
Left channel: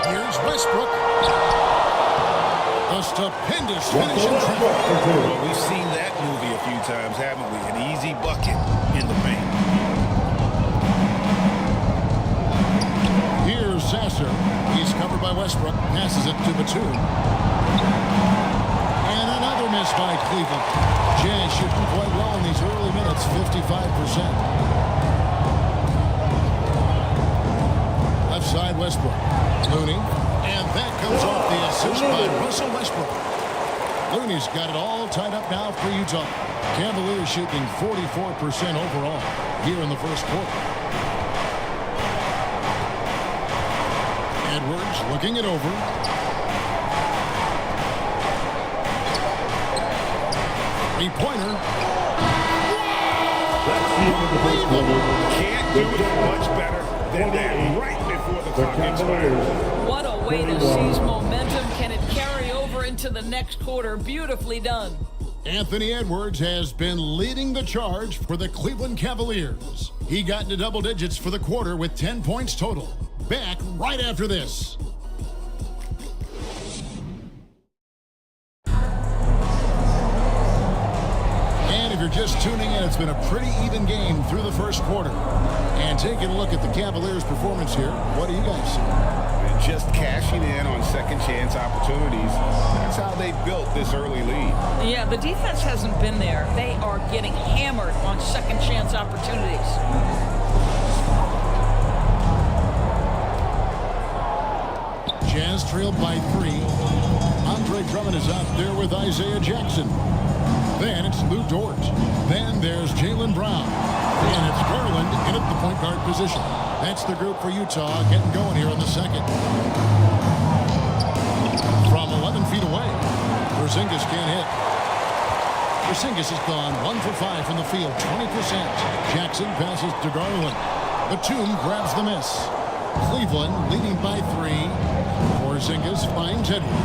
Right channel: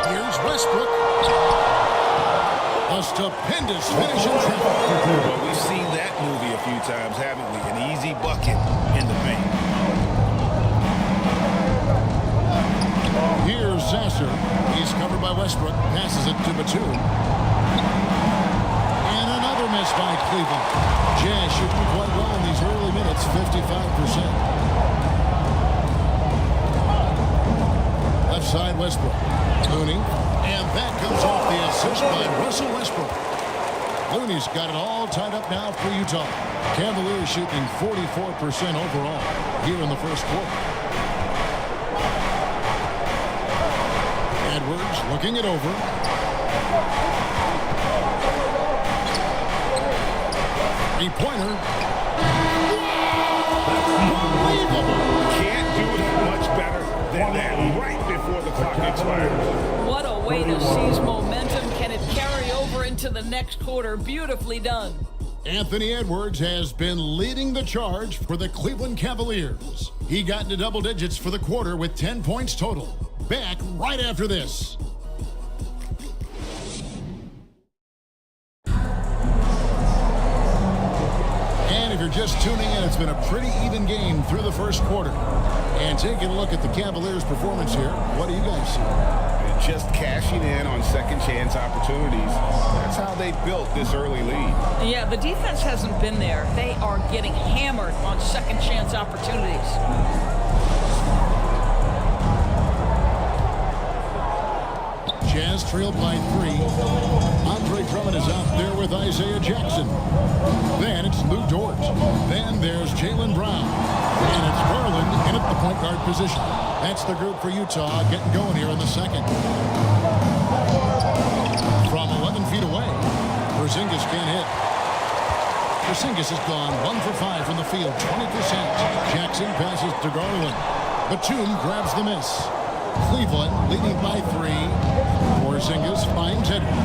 Here's Westbrook. A stupendous finish in traffic. Well, we've seen that movie a few times, haven't we? An easy bucket in the paint. Here's Sasser. He's covered by Westbrook. Passes it to Batum. And another miss by Cleveland. Jazz shooting quite well in these early minutes, 55%. Left side, Westbrook. Looney. And that comes off the assist by Russell Westbrook. Looney's got it all tied up now for Utah. Cavaliers shooting 44% overall here in the first quarter. Edwards looking it over. Three-pointer. Wow! Unbelievable! Can't do it much better than that right before the clock expires. What a way to seize momentum. Can it carry over into the next quarter? Beautifully done. Anthony Edwards has been leading the charge for the Cleveland Cavaliers. He got into double digits for the quarter with 10 points total. Back right after this. And if you're just tuning in, it's been a pretty even game through the first quarter. And taking a look at the Cavaliers' performance here, what do you guys see? Just cashing in on second chance opportunities. That's how they built this early lead. Yeah, the defense hasn't been there. They are getting hammered on second chance opportunities. Jazz trailed by 3. Andre Drummond is out there with Isaiah Jackson. Then it's Lou Dort. Then there's Jaylen Brown. And it's Garland in at the point guard position. That's the group for Utah getting going here in the second. From 11 feet away, Porzingis can't hit. Porzingis has gone 1 for 5 from the field, 20%. Jackson passes to Garland. Batum grabs the miss. Cleveland leading by 3. Porzingis finds Edwards.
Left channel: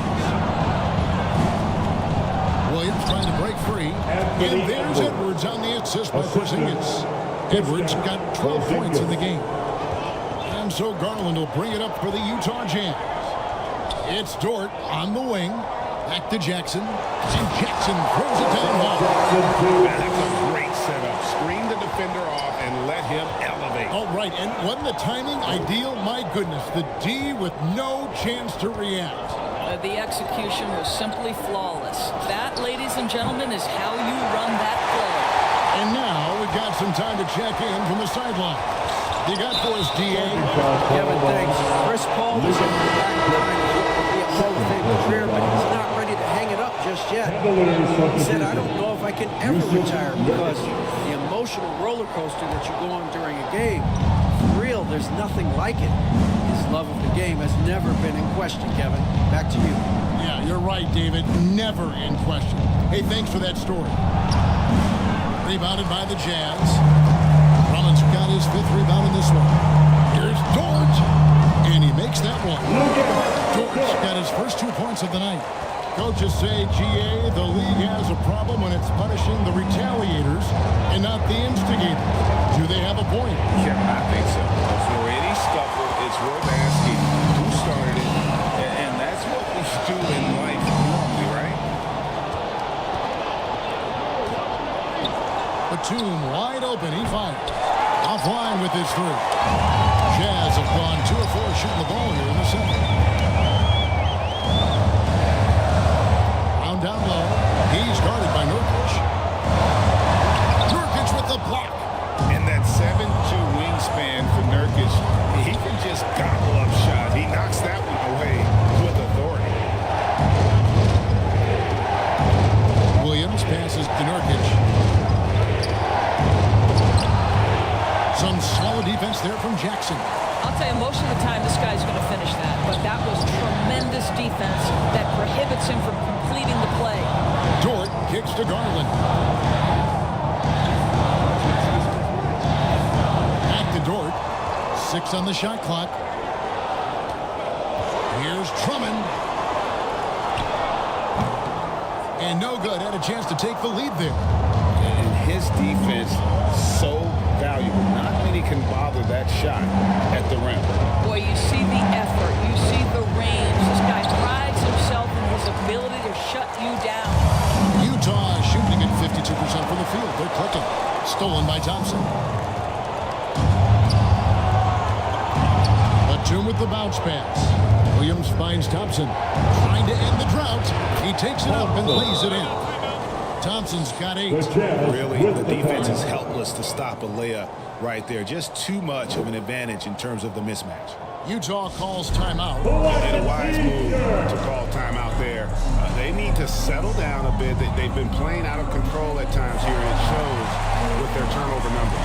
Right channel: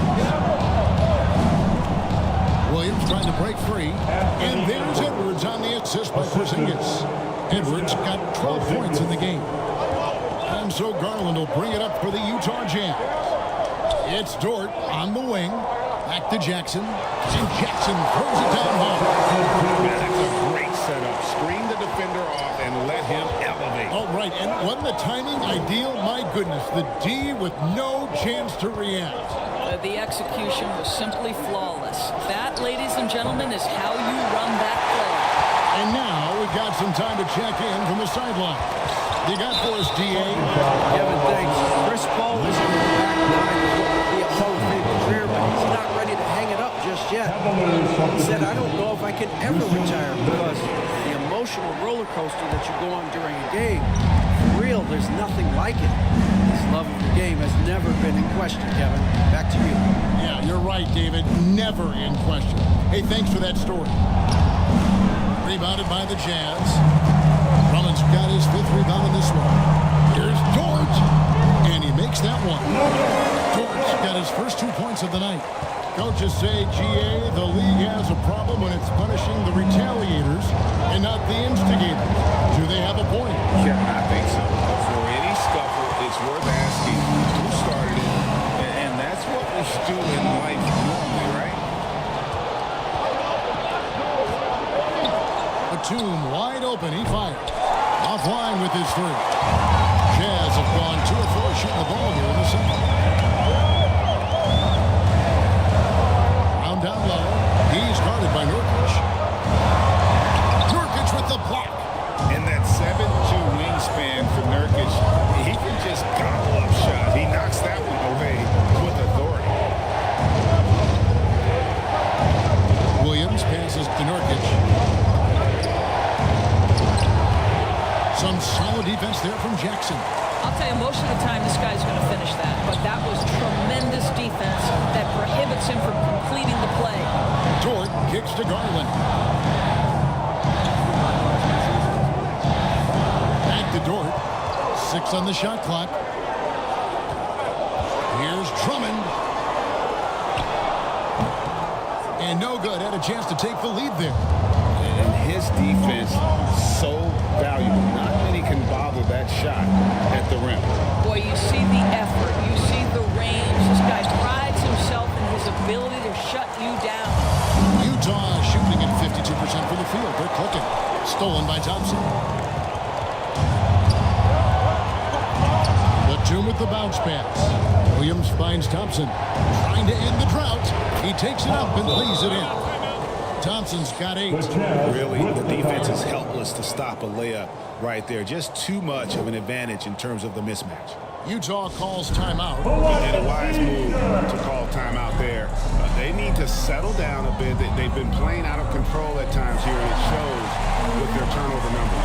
Williams trying to break free. And there's Edwards on the assist by Porzingis. Edwards got 12 points in the game. And so Garland will bring it up for the Utah Jazz. It's Dort on the wing. Back to Jackson. And Jackson throws it down hard. Yeah, that's a great setup. Screen the defender off and let him elevate. Oh, right. And wasn't the timing ideal? My goodness. The D with no chance to react. The execution was simply flawless. That, ladies and gentlemen, is how you run that play. And now we've got some time to check in from the sideline. You got for us, D.A.? Kevin, thanks. Chris Paul is on the back 9 of what will be a Hall of Fame career, but he's not ready to hang it up just yet. He said, I don't know if I can ever retire because the emotional roller coaster that you go on during a game, for real, there's nothing like it. His love of the game has never been in question, Kevin. Back to you. Yeah, you're right, David. Never in question. Hey, thanks for that story. Rebounded by the Jazz. Drummond's got his 5th rebound in this one. Here's Dort. And he makes that one. Dort's got his first 2 points of the night. Coaches say, GA, the league has a problem when it's punishing the retaliators and not the instigators. Do they have a point? Kevin, I think so. But for any scuffle, it's worth asking who started it. And that's what we do in life normally, right? Batum wide open. He fires. Offline with his 3. Jazz have gone 2 of 4 shooting the ball here in the second. Round down low. He's guarded by Nurkic. Nurkic with the block. And that 7'2" wingspan for Nurkic, he can just gobble up shots. He knocks that one away with authority. Williams passes to Nurkic. Some solid defense there from Jackson. I'll tell you, most of the time this guy's going to finish that, but that was tremendous defense that prohibits him from completing the play. Dort kicks to Garland. Back to Dort. 6 on the shot clock. Here's Drummond. And no good. Had a chance to take the lead there. And his defense, so valuable. Not many can bother that shot at the rim. Boy, you see the effort. You see the range. This guy prides himself in his ability to shut you down. Utah shooting at 52% from the field. They're clicking. Stolen by Thompson. Batum with the bounce pass. Williams finds Thompson. Trying to end the drought. He takes it up and lays it in. Thompson's got 8. Really, the defense is helpless to stop a layup right there. Just too much of an advantage in terms of the mismatch. Utah calls timeout. And a wise move to call timeout there. They need to settle down a bit. They've been playing out of control at times here, and it shows with their turnover numbers.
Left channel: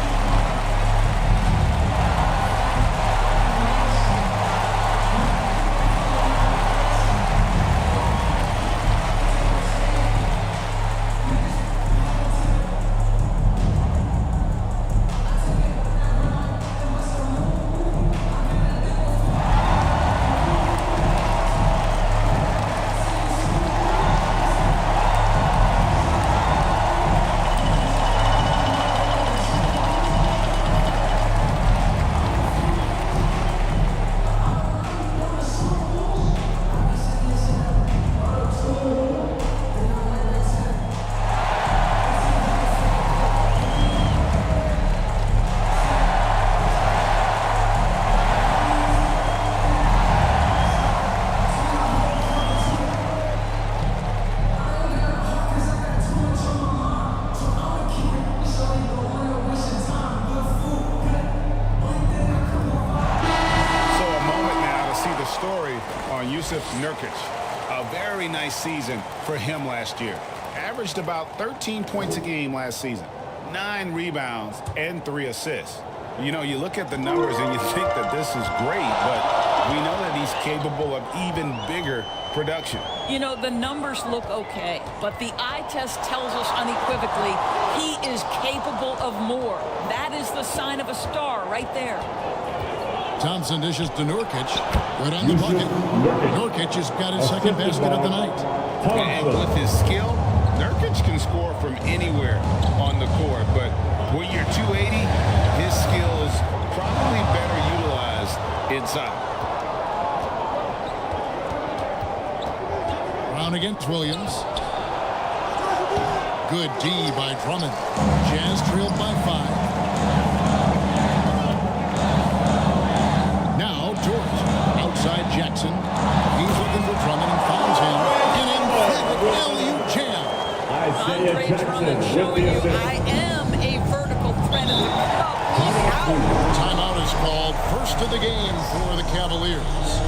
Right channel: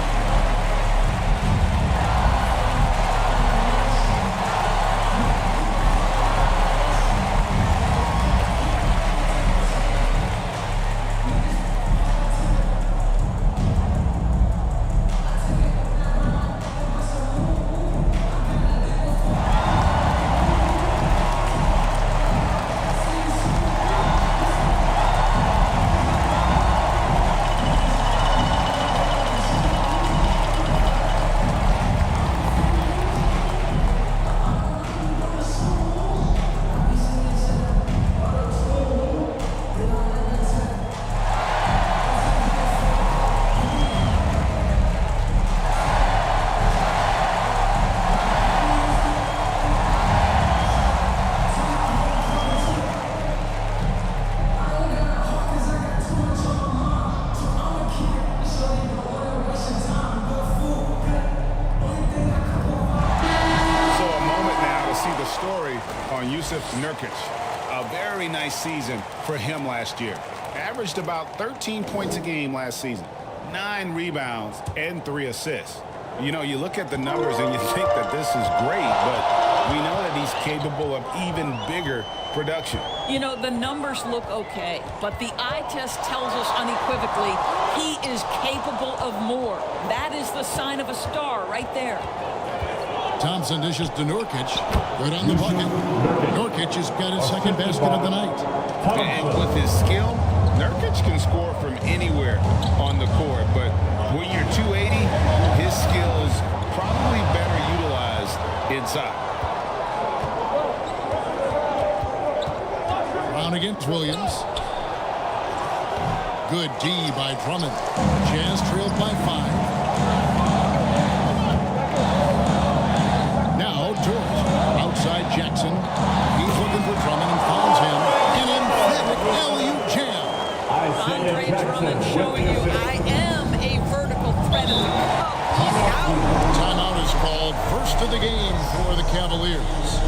See the story on Jusuf Nurkic. A very nice season for him last year. Averaged about 13 points a game last season. 9 rebounds and 3 assists. You know, you look at the numbers and you think that this is great, but we know that he's capable of even bigger production. You know, the numbers look okay, but the eye test tells us unequivocally he is capable of more. That is the sign of a star right there. Thompson dishes to Nurkic. Good on the bucket. Nurkic has got his second basket of the night. And with his skill, Nurkic can score from anywhere on the court. But when you're 280, his skills probably better utilized inside. Brown against Williams. Good D by Drummond. Jazz trailed by 5. Now Dort outside Jackson. He's looking for Drummond and finds him. An emphatic alley-oop jam. Andre Drummond showing you I am a vertical threat at the cup. Look out. Timeout is called. First of the game for the Cavaliers.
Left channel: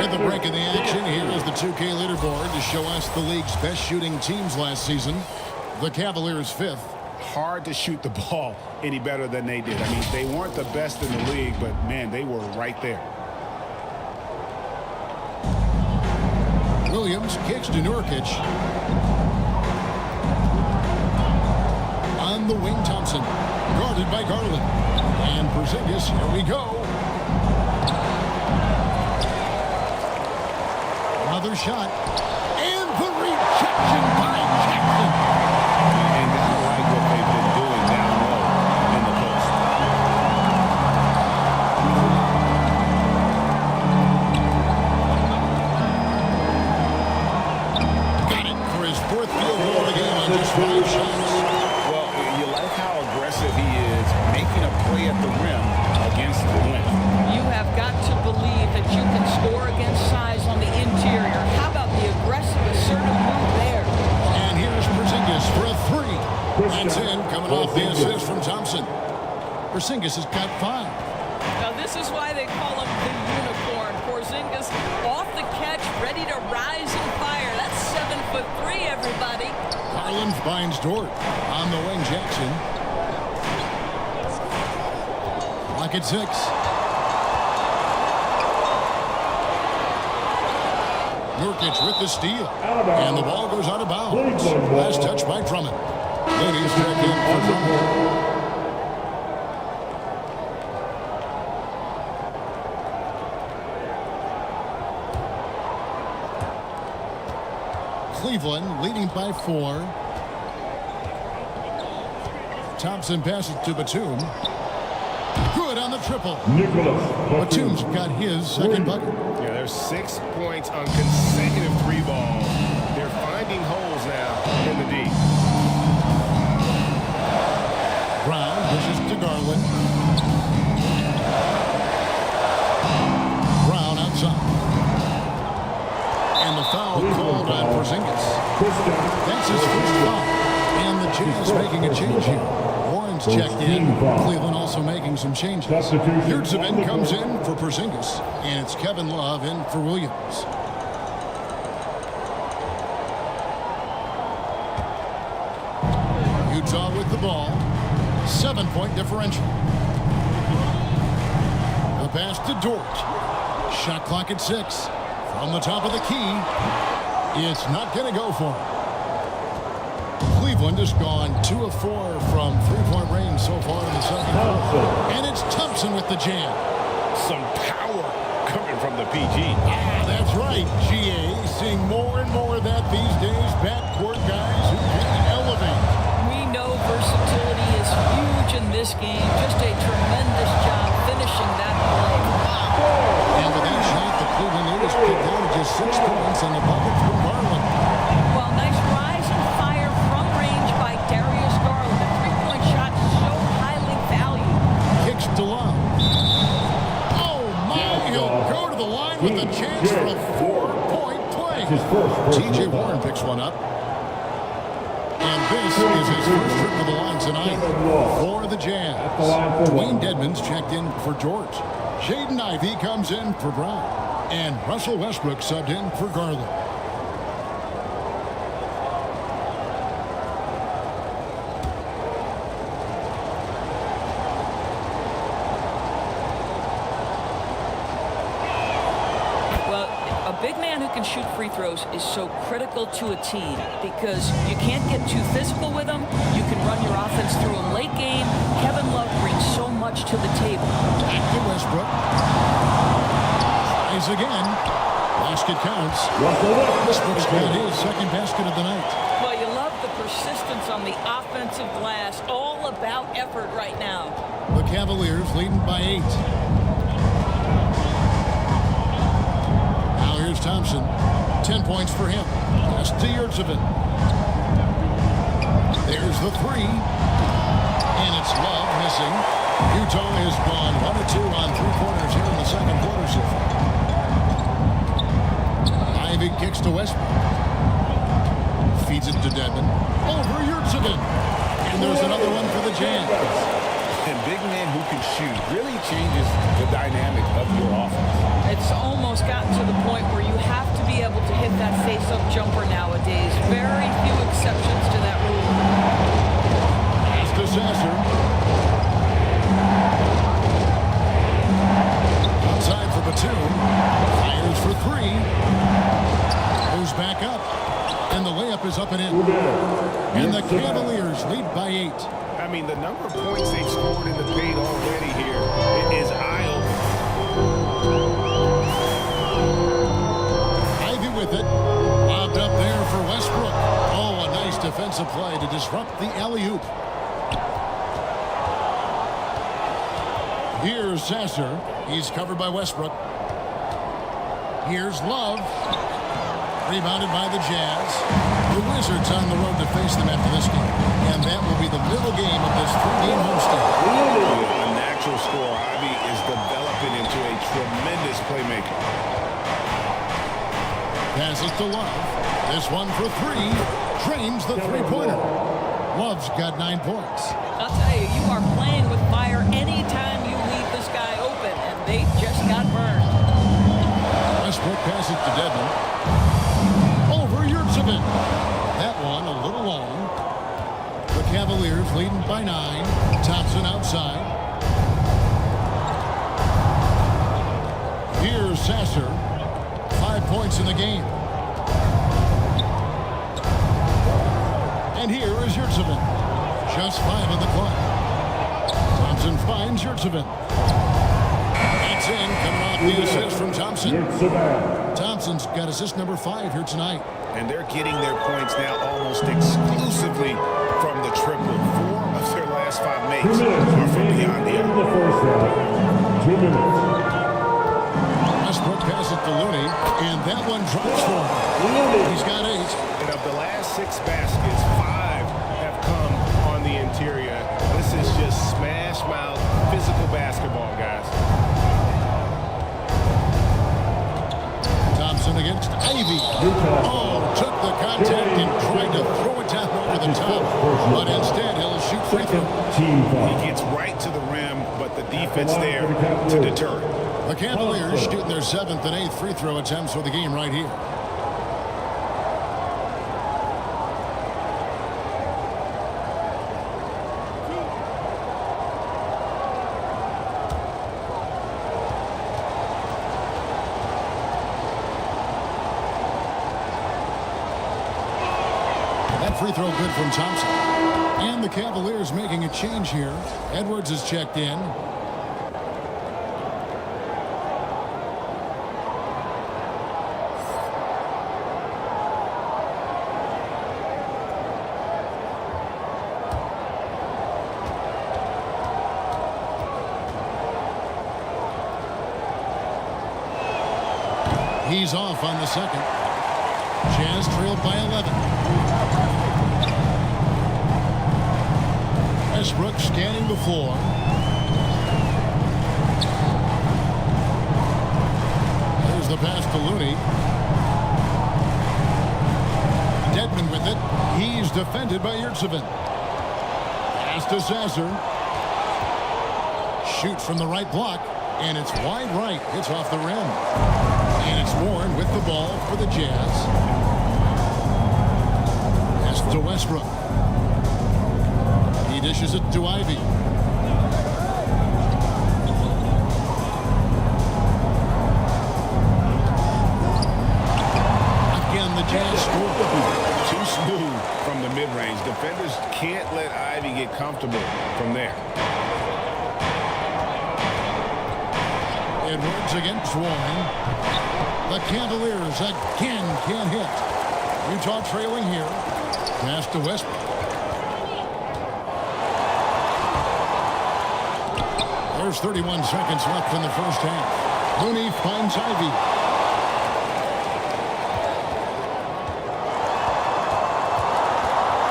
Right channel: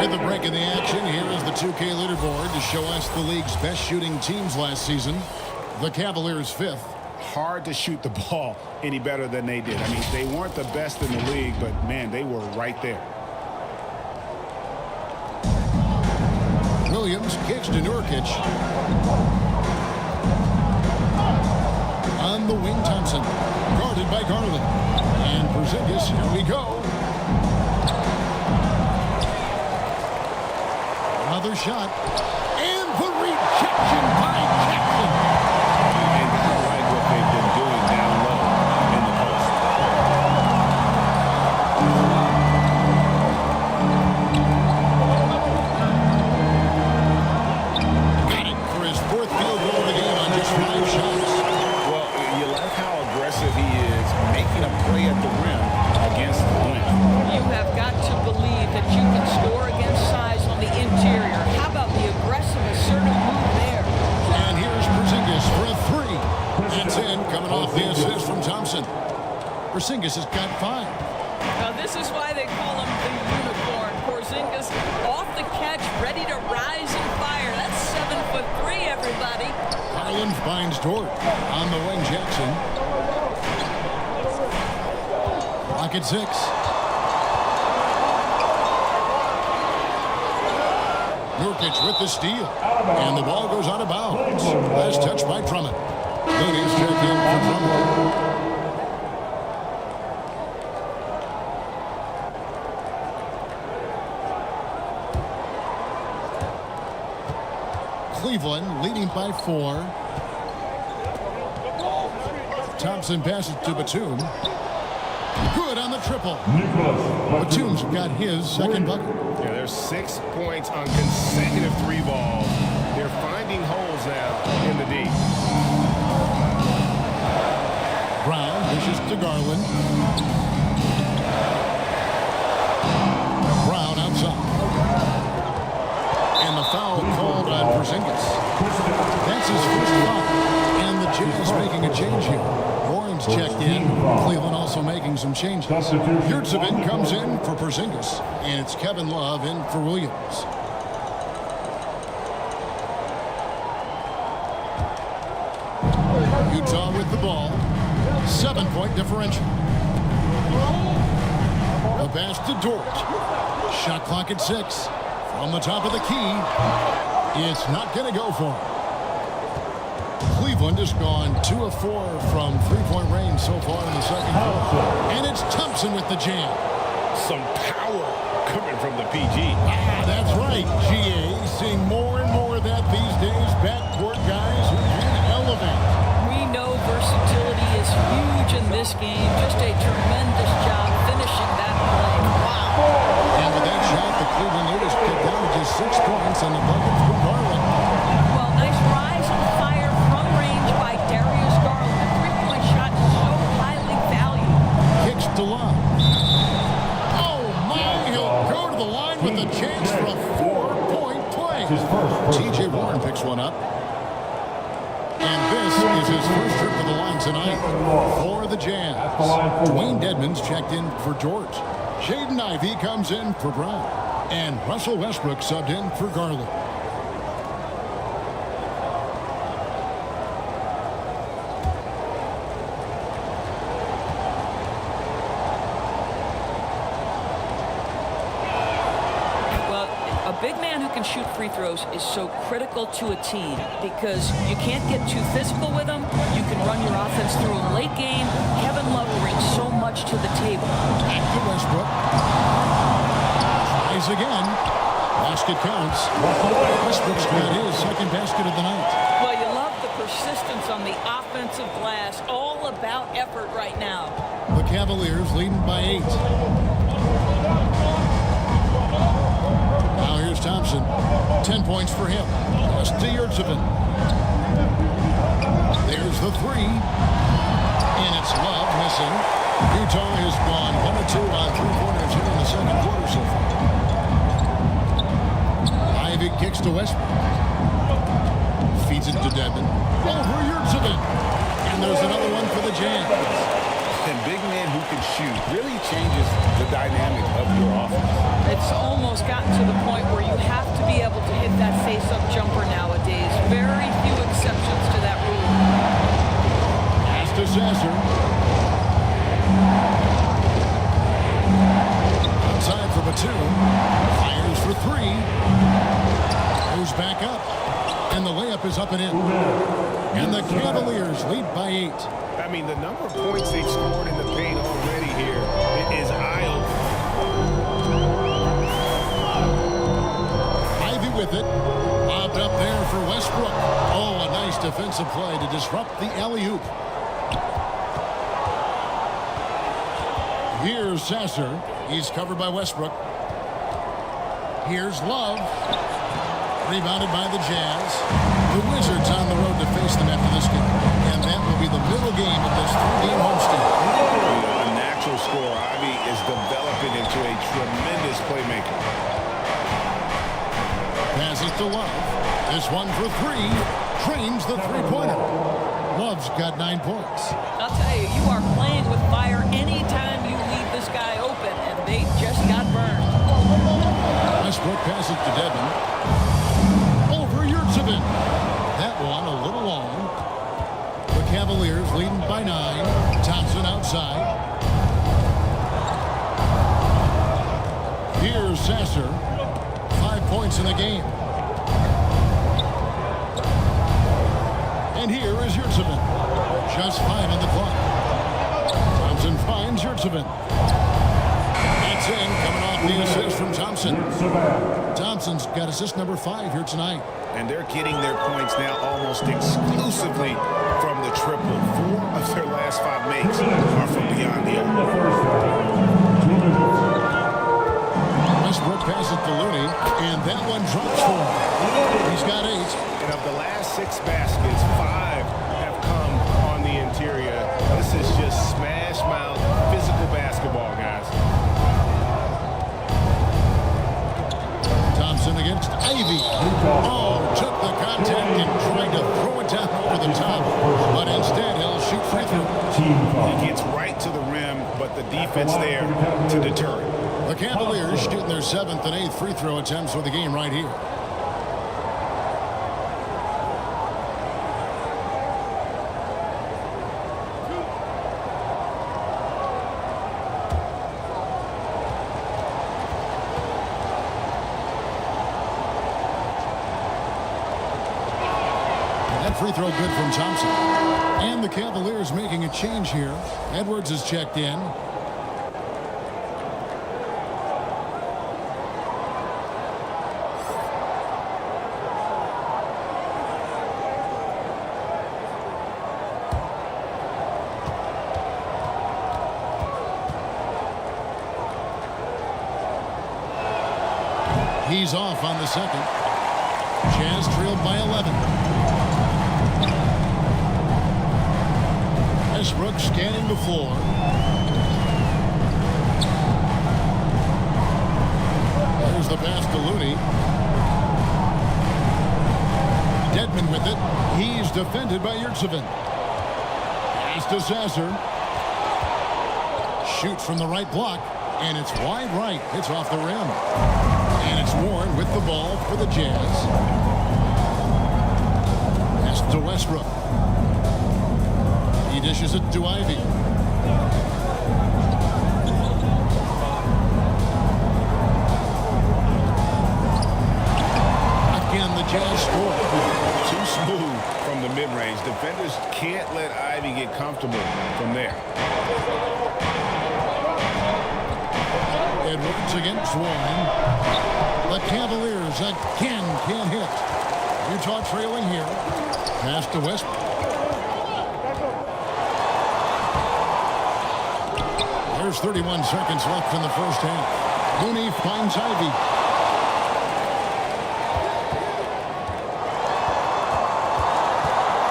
At the break of the action, here is the 2K leaderboard to show us the league's best shooting teams last season. The Cavaliers 5th. Hard to shoot the ball any better than they did. I mean, they weren't the best in the league, but, man, they were right there. Williams kicks to Nurkic. On the wing, Thompson. Guarded by Garland. And Porzingis, here we go. Another shot. And the rejection by Jackson. And gotta like what they've been doing down low in the post. Got it for his 4th field goal of the game on just 5 shots. Well, you like how aggressive he is making a play at the rim against length. You have got to believe that you can score against size on the interior. How about the aggressive, assertive move there? And here's Porzingis for a 3. That's in, coming off the assist from Thompson. Porzingis has got 5. Now, this is why they call him the unicorn. Porzingis off the catch, ready to rise and fire. That's 7'3", everybody. Garland finds Dort. On the wing, Jackson. Clock at 6. Nurkic with the steal. And the ball goes out of bounds. Last touch by Drummond. Looney's check in for Drummond. Cleveland leading by 4. Thompson passes to Batum. Good on the triple. Batum's got his second bucket. Yeah, there's 6 points on consecutive 3 balls. They're finding holes now in the D. Brown dishes to Garland. Brown outside. And the foul called on Porzingis. That's his first foul. And the Jazz making a change here. Warren's checked in. Cleveland also making some changes. Yurtseven comes in for Porzingis. And it's Kevin Love in for Williams. Utah with the ball. 7-point differential. The pass to Dort. Shot clock at 6. From the top of the key. It's not going to go for him. Cleveland has gone 2 of 4 from 3-point range so far in the second quarter. And it's Thompson with the jam. Some power coming from the PG. That's right, GA. Seeing more and more of that these days. Backcourt guys who can elevate. We know versatility is huge in this game. Just a tremendous job finishing that play. Wow. And with that shot, the Cleveland lead is cut down to just 6 points on the bucket from Garland. Well, nice rise and fire from range by Darius Garland. The three-point shot so highly valued. Kicks to Love. Oh, my. He'll go to the line with a chance for a 4-point play. T.J. Warren picks one up. And this is his first trip to the line tonight for the Jazz. Dwayne Dedmon's checked in for George. Jaden Ivey comes in for Brown. And Russell Westbrook subbed in for Garland. Well, a big man who can shoot free throws is so critical to a team because you can't get too physical with him. You can run your offense through him late game. Kevin Love brings so much to the table. Back to Westbrook. Tries again. Basket counts. Westbrook's got his second basket of the night. Well, you love the persistence on the offensive glass. All about effort right now. The Cavaliers leading by 8. Now here's Thompson. 10 points for him. Pass to Yurtseven. There's the 3. And it's Love missing. Utah has gone 1 of 2 on 3-pointers here in the second quarter so far. Ivey kicks to Westbrook. Feeds it to Dedmon. Over Yurtseven. And there's another one for the Jazz. And big man who can shoot really changes the dynamic of your offense. It's almost gotten to the point where you have to be able to hit that face-up jumper nowadays. Very few exceptions to that rule. Pass to Sasser. Outside for Batum. Fires for 3. Goes back up. And the layup is up and in. And the Cavaliers lead by 8. I mean, the number of points they've scored in the paint already here is eye-opening. Ivy with it. Lobbed up there for Westbrook. Oh, a nice defensive play to disrupt the alley-oop. Here's Sasser. He's covered by Westbrook. Here's Love. Rebounded by the Jazz. The Wizards on the road to face them after this game. And that will be the middle game of this 3-game homestand. Yeah, a natural scorer. Ivy is developing into a tremendous playmaker. Passes to Love. This one for 3. Drains the three-pointer. Love's got 9 points. I'll tell you, you are playing with fire anytime you leave this guy open, and they just got burned. Westbrook passes to Dedmon. Over Yurtseven. That one a little long. The Cavaliers leading by 9. Thompson outside. Here's Sasser. 5 points in the game. And here is Yurtseven. Just 5 on the clock. Thompson finds Yurtseven. That's in, coming off the assist from Thompson. Thompson's got assist number 5 here tonight. And they're getting their points now almost exclusively from the triple. 4 of their last 5 makes are from beyond the arc. 2 minutes. Westbrook passes to Looney, and that one drops for him. He's got 8. And of the last 6 baskets, 5 have come on the interior. This is just smash mouth physical basketball, guys. Thompson against Ivy. Oh, took the contact and tried to throw it down over the top. But instead, he'll shoot free throw. He gets right to the rim, but the defense there to deter it. The Cavaliers shooting their 7th and 8th free throw attempts for the game right here. That free throw good from Thompson. And the Cavaliers making a change here. Edwards is checked in. He's off on the second. Jazz trailed by 11. Westbrook scanning the floor. There's the pass to Looney. Dedmon with it. He's defended by Yurtseven. Pass to Sasser. Shoots from the right block, and it's wide right. Hits off the rim. And it's Warren with the ball for the Jazz. Pass to Westbrook. He dishes it to Ivy. Again, the Jazz score. Too smooth from the mid-range. Defenders can't let Ivy get comfortable from there. Edwards against Warren. The Cavaliers again can't hit. Utah trailing here. Pass to Westbrook. There's 31 seconds left in the first half. Looney finds Ivy.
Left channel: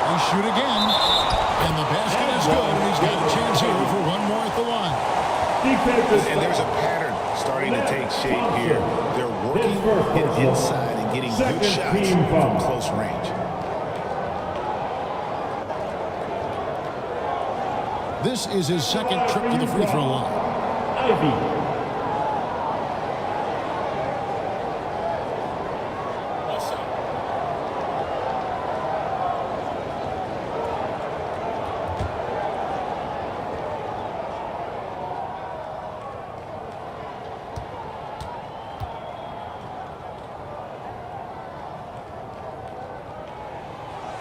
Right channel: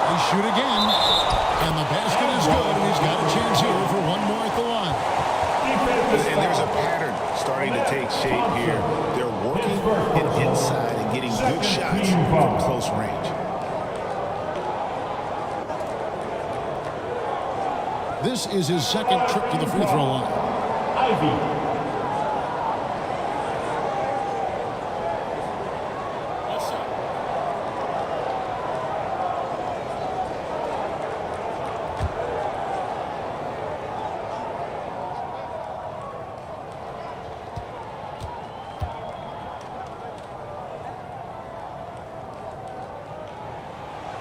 They shoot again. And the basket is good, and he's got a chance here for one more at the line. And there's a pattern starting to take shape here. They're working it inside and getting good shots from close range. This is his second trip to the free throw line. Ivy. Let's shot.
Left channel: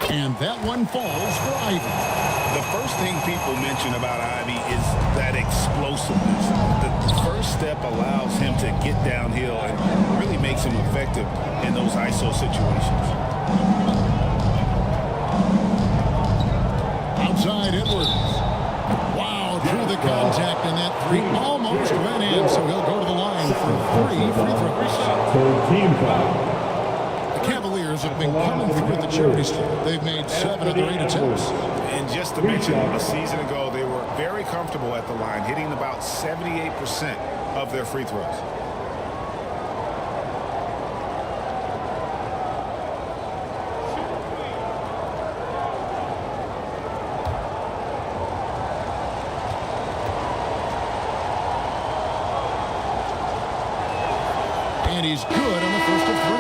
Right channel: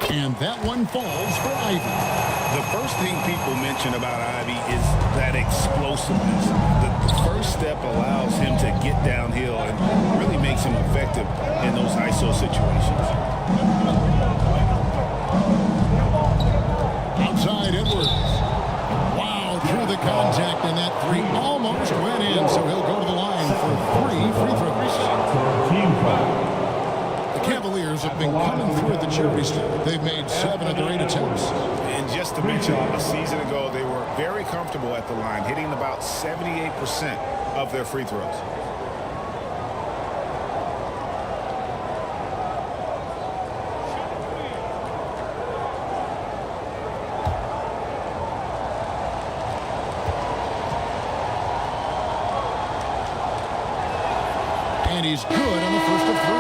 And that one falls for Ivey. The first thing people mention about Ivey is that explosiveness. The first step allows him to get downhill and really makes him effective in those ISO situations. Outside Edwards. Wow, drew the contact, and that three almost went in, so he'll go to the line for 3 free throws. The Cavaliers have been coming through at the charity stripe. They've made 7 of their 8 attempts. And just to mention, a season ago, they were very comfortable at the line, hitting about 78% of their free throws. And he's good on the first of 3.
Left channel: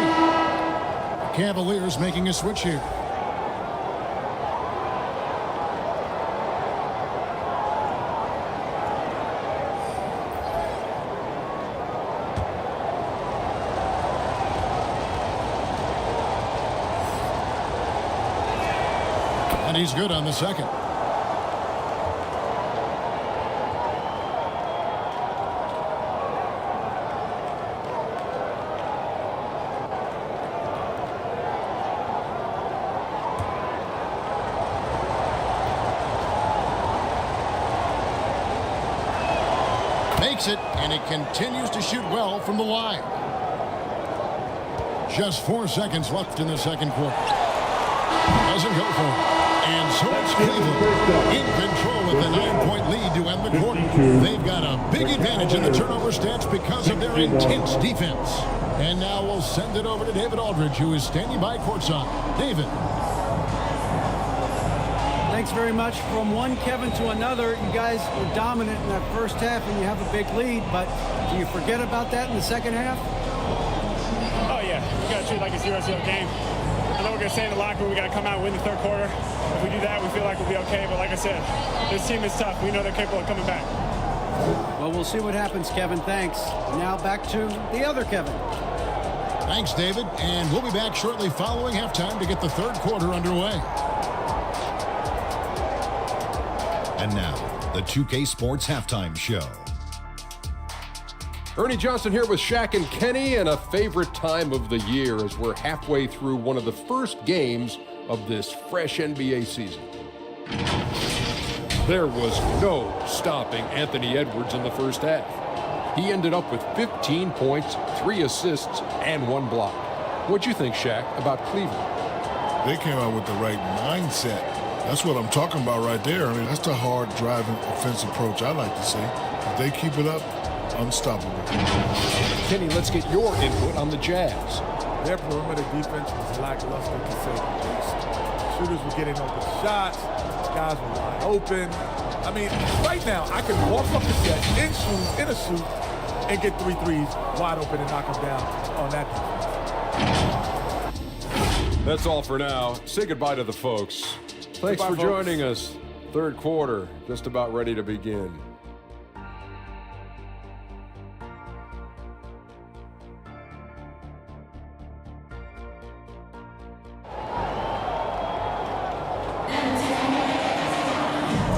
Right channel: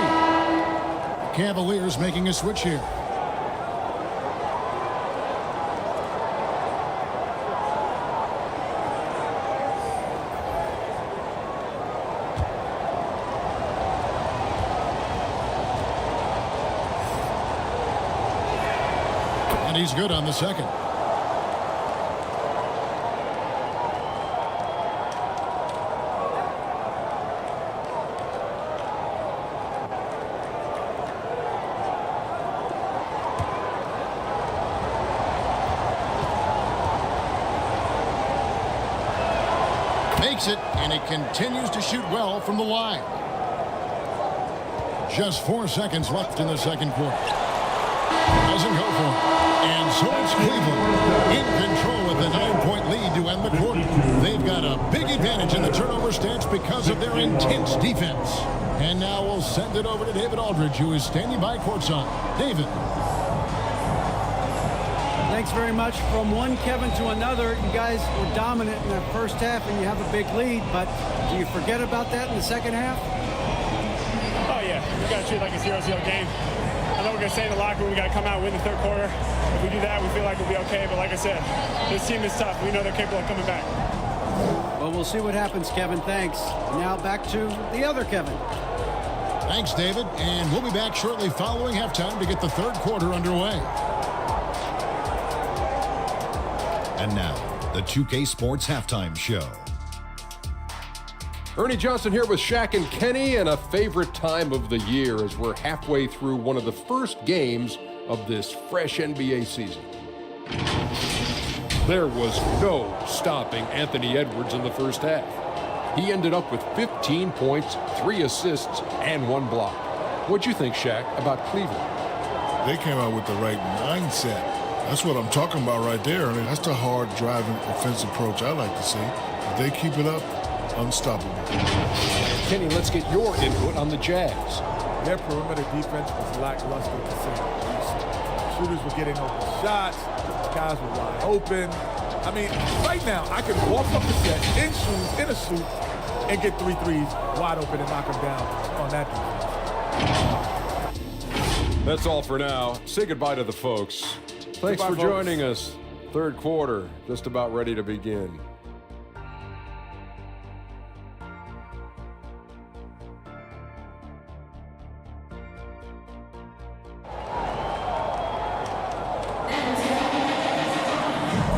The Cavaliers making a switch here. And he's good on the second. Makes it, and he continues to shoot well from the line. Just 4 seconds left in the second quarter. Doesn't go for it. And so it's Cleveland in control with a 9-point lead to end the quarter. They've got a big advantage in the turnover stats because of their intense defense. And now we'll send it over to David Aldridge, who is standing by courtside. David. Thanks very much. From one Kevin to another, you guys were dominant in that first half and you have a big lead, but do you forget about that in the second half? Oh yeah, we got to treat it like a 0-0 game. I know we're going to stay in the locker room. We got to come out and win the third quarter. If we do that, we feel like we'll be okay. But like I said, this team is tough. We know they're capable of coming back. Well, we'll see what happens, Kevin. Thanks. And now back to the other Kevin. Thanks, David. And we'll be back shortly following halftime to get the third quarter underway. And now, the 2K Sports Halftime Show. Ernie Johnson here with Shaq and Kenny, and a favorite time of the year as we're halfway through one of the first games of this fresh NBA season. There was no stopping Anthony Edwards in the first half. He ended up with 15 points, 3 assists, and 1 block. What'd you think, Shaq, about Cleveland? They came out with the right mindset. That's what I'm talking about right there. I mean, that's the hard driving offensive approach I like to see. If they keep it up, unstoppable. Kenny, let's get your input on the Jazz. Their perimeter defense was lackluster, to say the least. Shooters were getting open shots. Guys were wide open. I mean, right now, I can walk up the set in shoes, in a suit, and get 3 threes wide open and knock them down on that defense. That's all for now. Say goodbye to the folks. Thanks for joining us. Third quarter, just about ready to begin.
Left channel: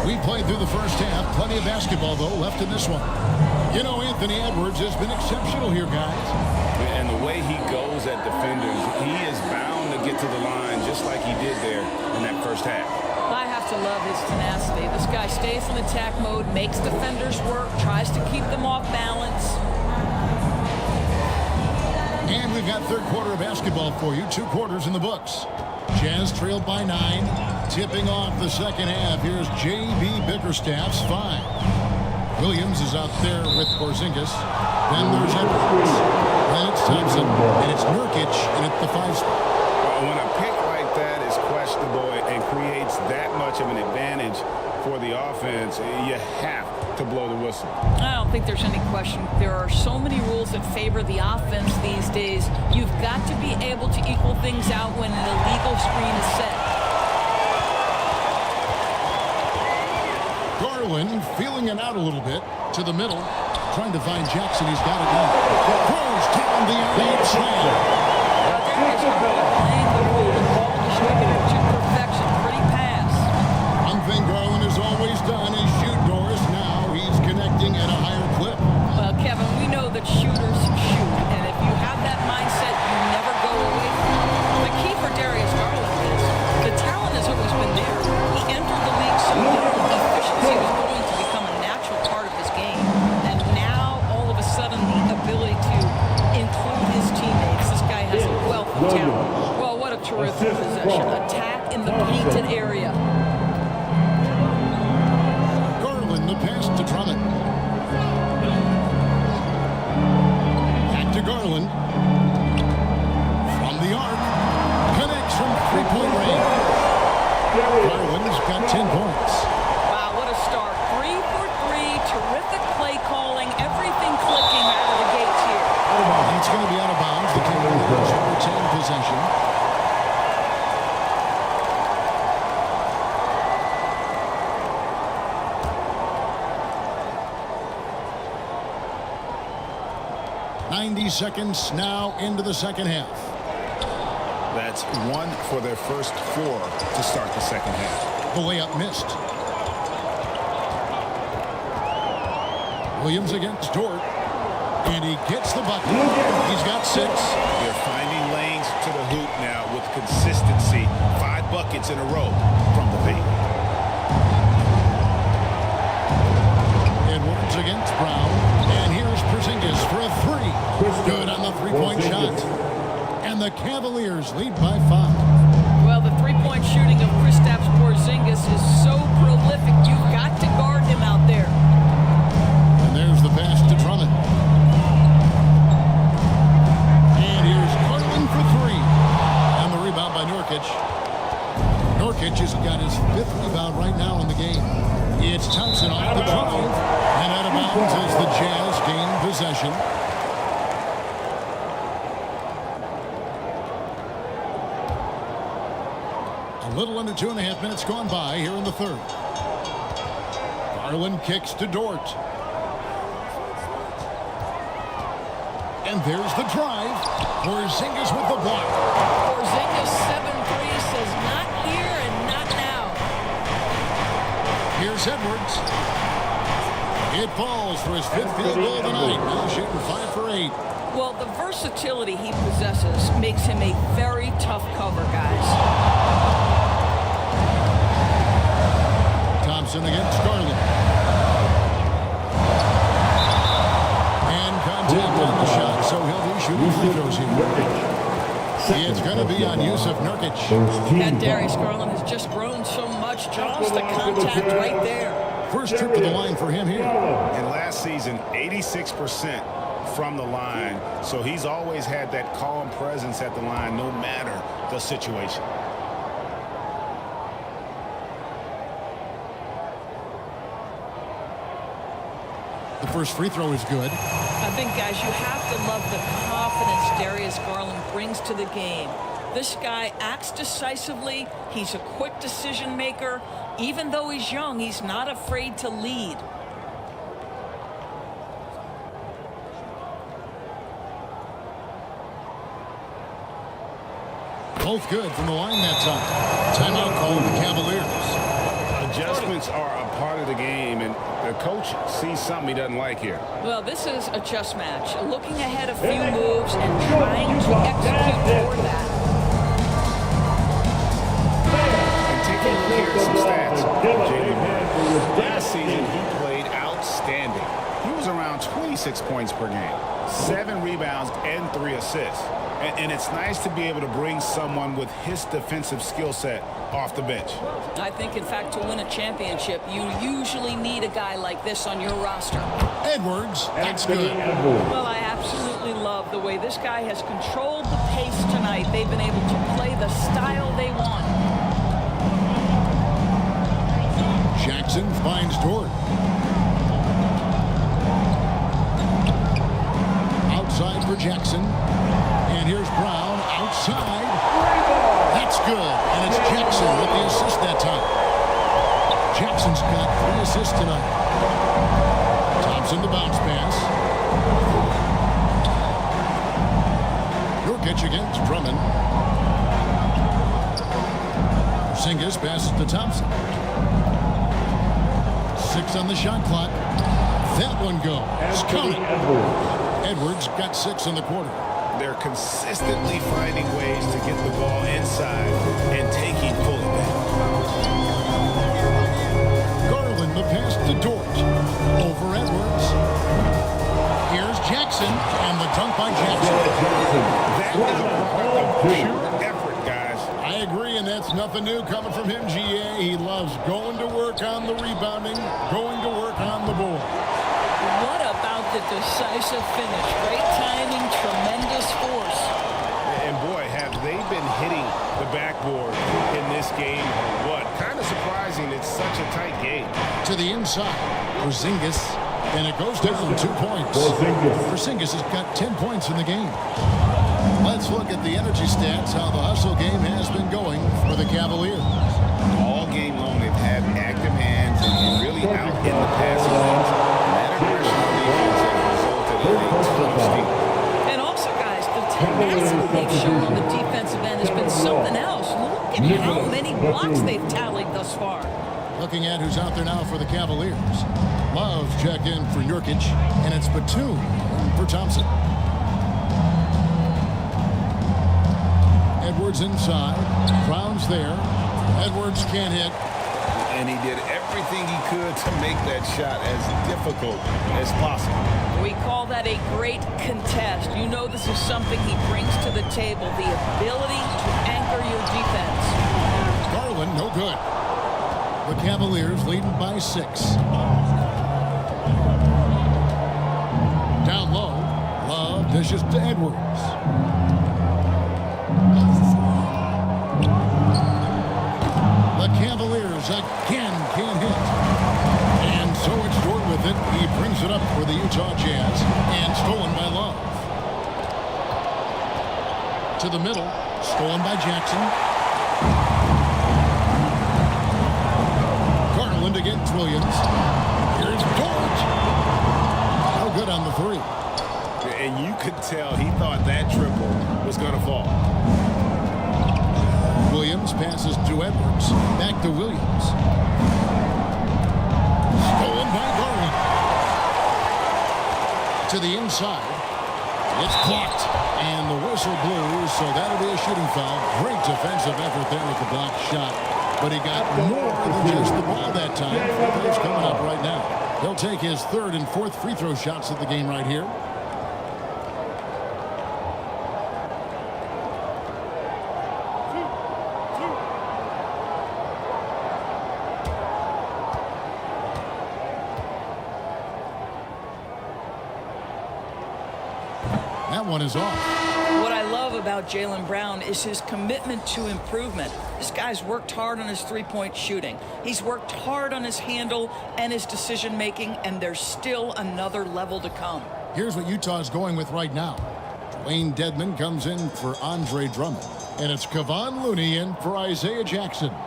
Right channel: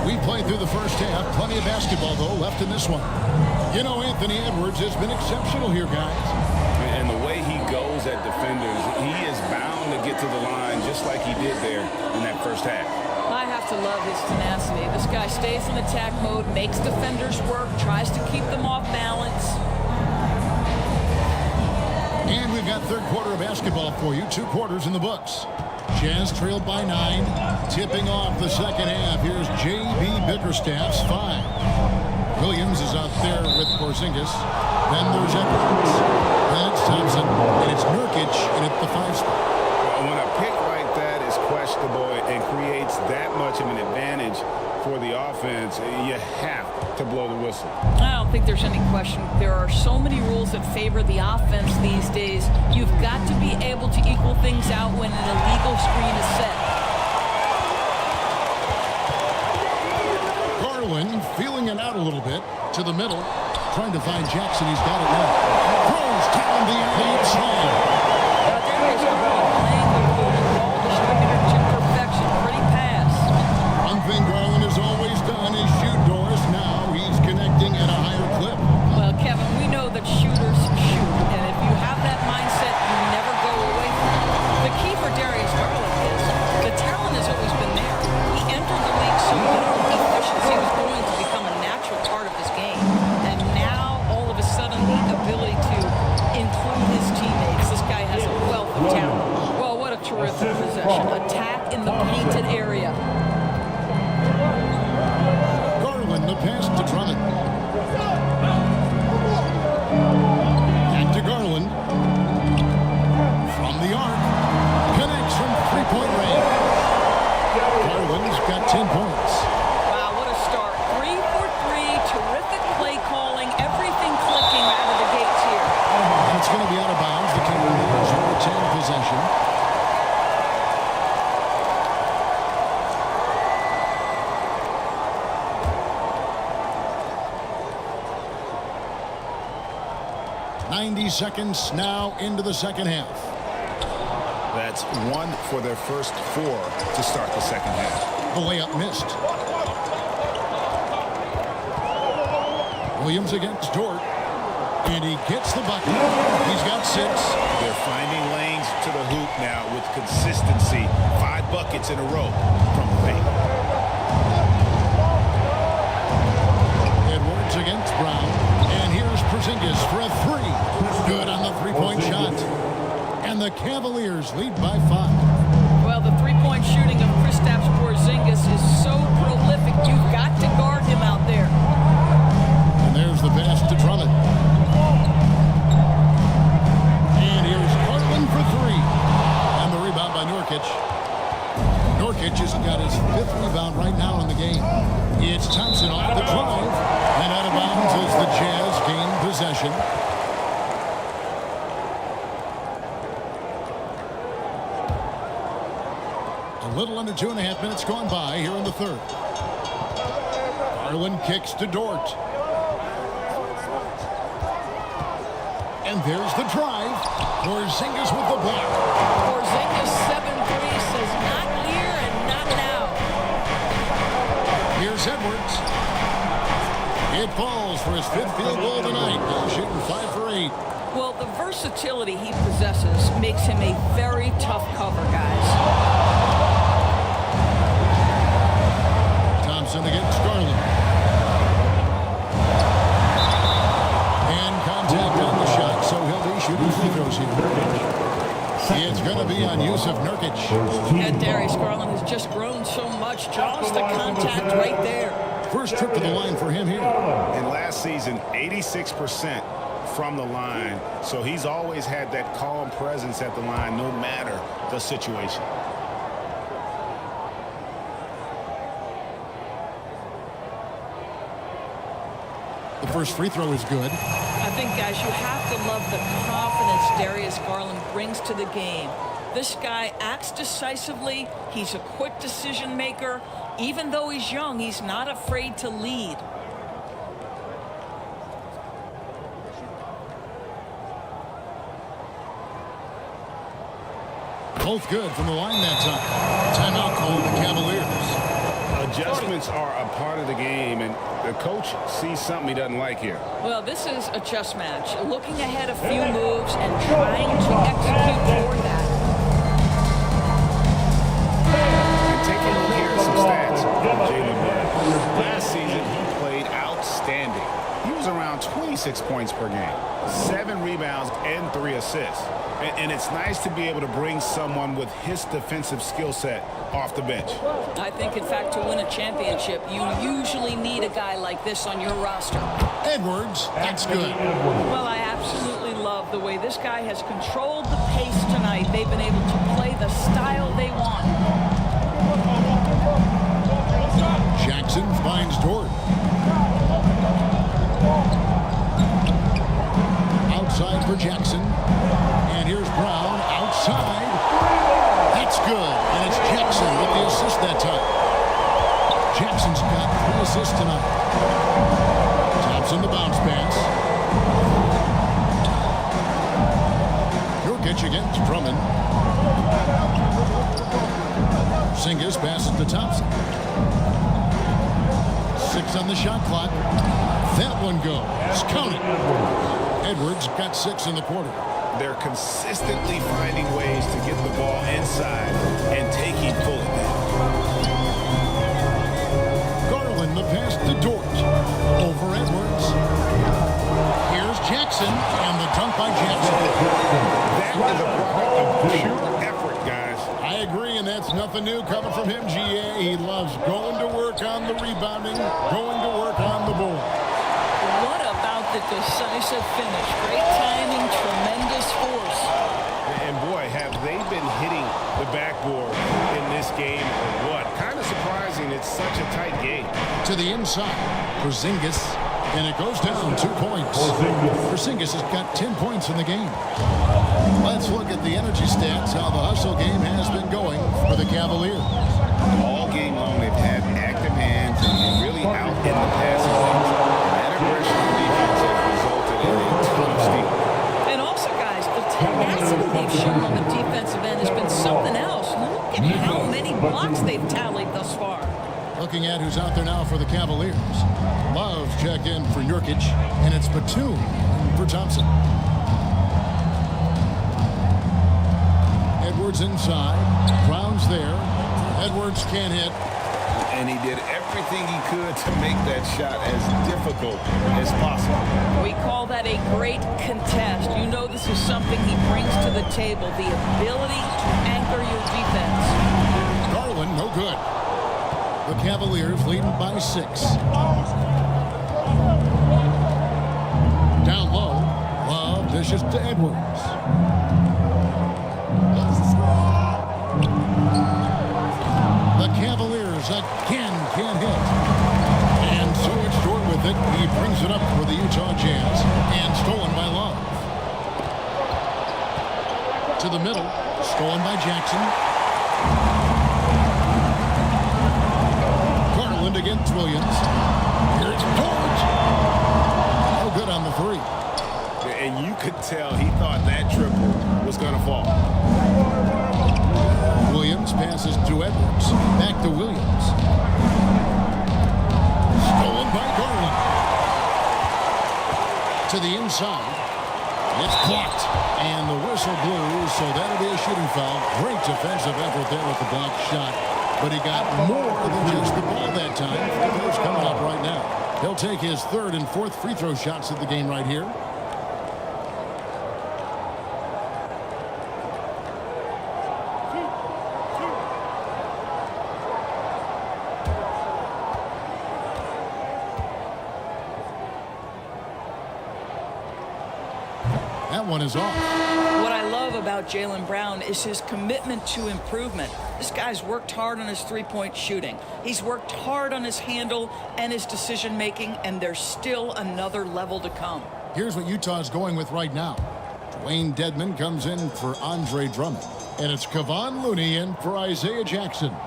We played through the first half. Plenty of basketball, though, left in this one. You know, Anthony Edwards has been exceptional here, guys. And the way he goes at defenders, he is bound to get to the line just like he did there in that first half. I have to love his tenacity. This guy stays in attack mode, makes defenders work, tries to keep them off balance. And we've got third quarter of basketball for you. 2 quarters in the books. Jazz trailed by 9. Tipping off the second half. Here's J.B. Bickerstaff's 5. Williams is out there with Porzingis. Then there's Edwards. Then it's Thompson. And it's Nurkic in at the 5 spot. When a pick like that is questionable and creates that much of an advantage for the offense, you have to blow the whistle. I don't think there's any question. There are so many rules that favor the offense these days. You've got to be able to equal things out when an illegal screen is set. Garland feeling it out a little bit to the middle, trying to find Jackson. He's got it now. Throws down the alley slam. Darius Garland playing the role of ball distributor to perfection. Jackson. Pretty pass. One thing Garland has always done is shoot doors. Now he's connecting at a higher clip. Well, Kevin, we know that shooters shoot, and if you have that mindset, you never go away from it. The key for Darius Garland is the talent has always been there. He entered the league so young, efficiency was going to become a natural part of his game. And now, all of a sudden, the ability to include his teammates. This guy has a wealth of talent. Well, what a terrific possession. Attack in the painted area. Garland, the pass to Drummond. Back to Garland. From the arc. Connects from three-point range. Garland's got 10 points. Wow, what a start. 3 for 3. Terrific play calling. Everything clicking out of the gates here. And it's going to be out of bounds. The Cavaliers will retain possession. .90 seconds now into the second half. That's 1 for their first 4 to start the second half. The layup missed. Williams against Dort. And he gets the bucket. He's got 6. They're finding lanes to the hoop now with consistency. 5 buckets in a row from the paint. Edwards against Brown. And here's Porzingis for a 3. Good on the three-point shot. And the Cavaliers lead by 5. Well, the three-point shooting of Kristaps Porzingis is so prolific. You've got to guard him out there. And there's the pass to Drummond. And here's Garland for 3. And the rebound by Nurkic. Nurkic has got his 5th rebound right now in the game. It's Thompson off the drive. And out of bounds as the Jazz gain possession. A little under 2.5 minutes gone by here in the third. Garland kicks to Dort. And there's the drive. Porzingis with the block. Porzingis 7-3 says not here and not now. Here's Edwards. It falls for his 5th field goal tonight. Now shooting 5 for 8. Well, the versatility he possesses makes him a very tough cover, guys. Thompson against Garland. And contact on the shot, so he'll be shooting free throws here. It's going to be on Jusuf Nurkic. And Darius Garland has just grown so much, draws the contact right there. First trip to the line for him here. And last season, 86% from the line. So he's always had that calm presence at the line, no matter the situation. The first free throw is good. I think, guys, you have to love the confidence Darius Garland brings to the game. This guy acts decisively. He's a quick decision maker. Even though he's young, he's not afraid to lead. Both good from the line that time. Timeout called the Cavaliers. Adjustments are a part of the game, and the coach sees something he doesn't like here. Well, this is a chess match. Looking ahead a few moves and trying to execute toward that. And taking a look here at some stats for Jaylen Brown. Last season, he played outstanding. He was around 26 points per game, 7 rebounds, and 3 assists. And it's nice to be able to bring someone with his defensive skill set off the bench. I think, in fact, to win a championship, you usually need a guy like this on your roster. Edwards, that's good. Well, I absolutely love the way this guy has controlled the pace tonight. They've been able to play the style they want. Jackson finds Dort. Outside for Jackson. And here's Brown outside. That's good. And it's Jackson with the assist that time. Jackson's got 3 assists tonight. Thompson the bounce pass. Nurkic against Drummond. Porzingis passes to Thompson. 6 on the shot clock. That one goes. Count it. Edwards got 6 in the quarter. They're consistently finding ways to get the ball inside and taking full advantage. Garland, the pass to Dort. Over Edwards. Here's Jackson, and the dunk by Jackson. That is a product of pure effort, guys. I agree, and that's nothing new coming from him, GA. He loves going to work on the rebounding, going to work on the board. What about the decisive finish? Great timing, tremendous force. And boy, have they been hitting the backboard in this game or what? Kind of surprising. It's such a tight game. To the inside, Porzingis, and it goes down 2 points. Porzingis has got 10 points in the game. Let's look at the energy stats, how the hustle game has been going for the Cavaliers. All game long, they've had active hands and really out in the passing lanes. And that aggression on defense has resulted in a ton of steals. And also, guys, the tenacity they've shown on the defensive end has been something else. Look at how many blocks they've tallied thus far. Looking at who's out there now for the Cavaliers. Love check in for Nurkic, and it's Batum for Thompson. Edwards inside. Brown's there. Edwards can't hit. And he did everything he could to make that shot as difficult as possible. We call that a great contest. You know this is something he brings to the table, the ability to anchor your defense. Garland, no good. The Cavaliers leading by 6. Down low, Love dishes to Edwards. The Cavaliers again can't hit. And so it's Dort with it. He brings it up for the Utah Jazz, and stolen by Love. To the middle, stolen by Jackson. Garland against Williams. Here's Dort. No good on the 3. And you could tell he thought that triple was going to fall. Williams passes to Edwards. Back to Williams. Stolen by Garland. To the inside. It's blocked. And the whistle blew, so that'll be a shooting foul. Great defensive effort there with the blocked shot. But he got more than just the ball that time. Free throws coming up right now. He'll take his 3rd and 4th free throw shots of the game right here. That one is off. What I love about Jaylen Brown is his commitment to improvement. This guy's worked hard on his three-point shooting. He's worked hard on his handle and his decision-making, and there's still another level to come. Here's what Utah's going with right now. Dwayne Dedmon comes in for Andre Drummond. And it's Kevon Looney in for Isaiah Jackson.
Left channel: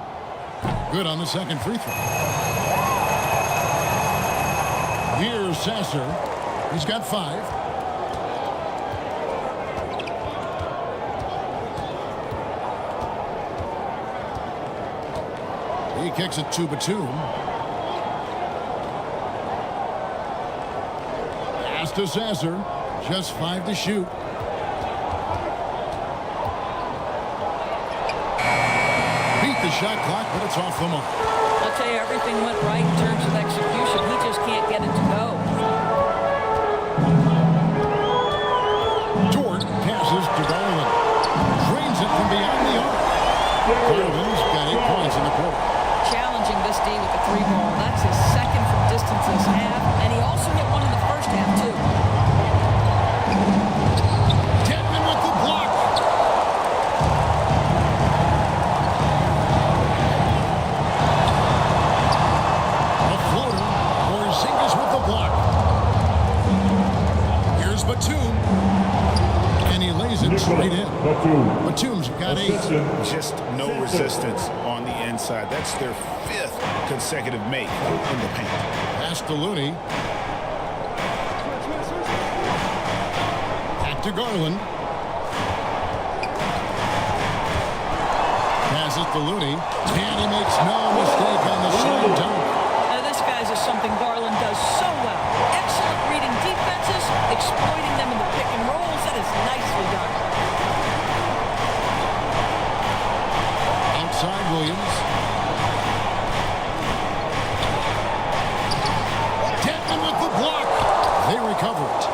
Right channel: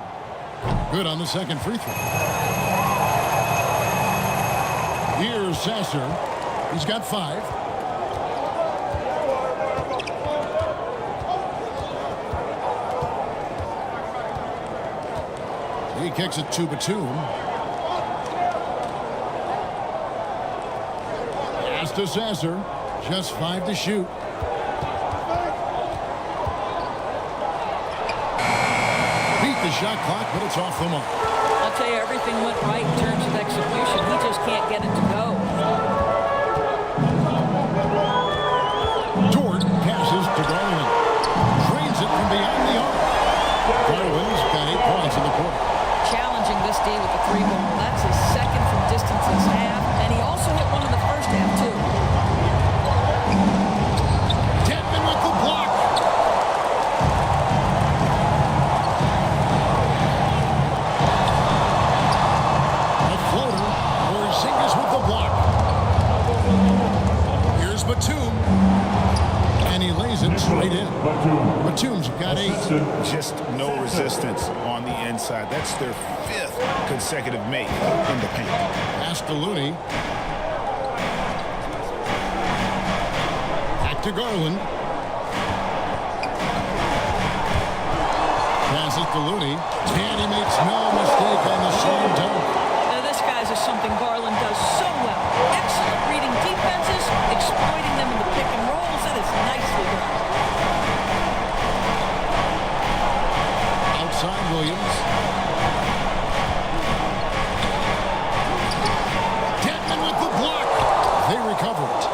Good on the 2nd free throw. Here's Sasser. He's got 5. He kicks it to Batum. Pass to Sasser. Just 5 to shoot. Beat the shot clock, but it's off the mark. I'll tell you, everything went right in terms of execution. He just can't get it to go. Dort passes to Garland. Drains it from beyond the arc. Garland's got 8 points in the quarter. Challenging this D with the 3 ball. That's his 2nd from distance this half. And he also hit one in the first half, too. Dedmon with the block. A floater. Porzingis with the block. Here's Batum. And he lays it straight in. Batum's got 8. Just no resistance on the inside. That's their 5th consecutive make in the paint. Pass to Looney. Back to Garland. Passes to Looney, and he makes no mistake on the slam dunk. This, guys, is something Garland does so well. Excellent reading defenses, exploiting them in the pick and rolls. That is nicely done. Outside Williams. Dedmon with the block. They recover it.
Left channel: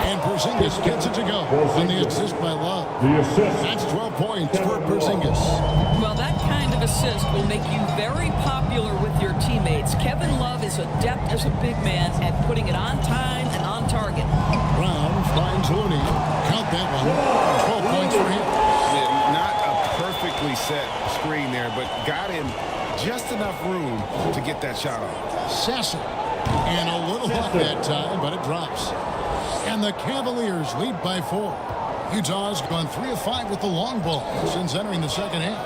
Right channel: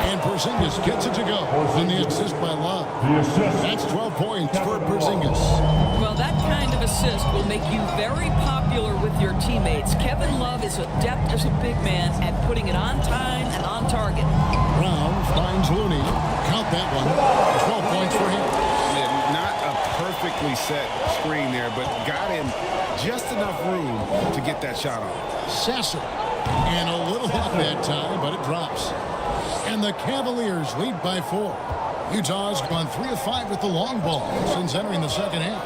And Porzingis gets it to go on the assist by Love. That's 12 points for Porzingis. Well, that kind of assist will make you very popular with your teammates. Kevin Love is adept as a big man at putting it on time and on target. Brown finds Looney. Count that one. 12 points for him. Yeah, not a perfectly set screen there, but got him just enough room to get that shot off. Sasser. And a little luck that time, but it drops. And the Cavaliers lead by 4. Utah's gone 3 of 5 with the long ball since entering the second half.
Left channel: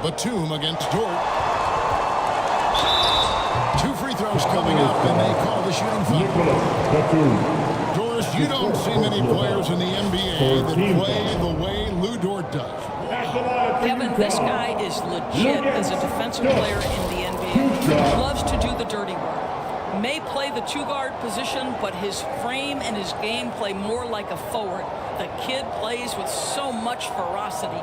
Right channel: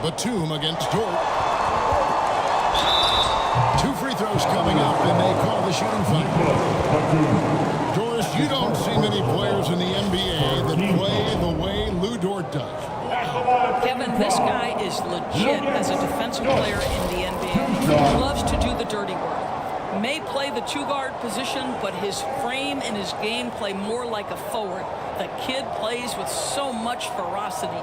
Batum against Dort. 2 free throws coming up, and they call the shooting foul. Doris, you don't see many players in the NBA that play the way Lou Dort does. Kevin, this guy is legit as a defensive player in the NBA. Loves to do the dirty work. May play the 2-guard position, but his frame and his game play more like a forward. The kid plays with so much ferocity.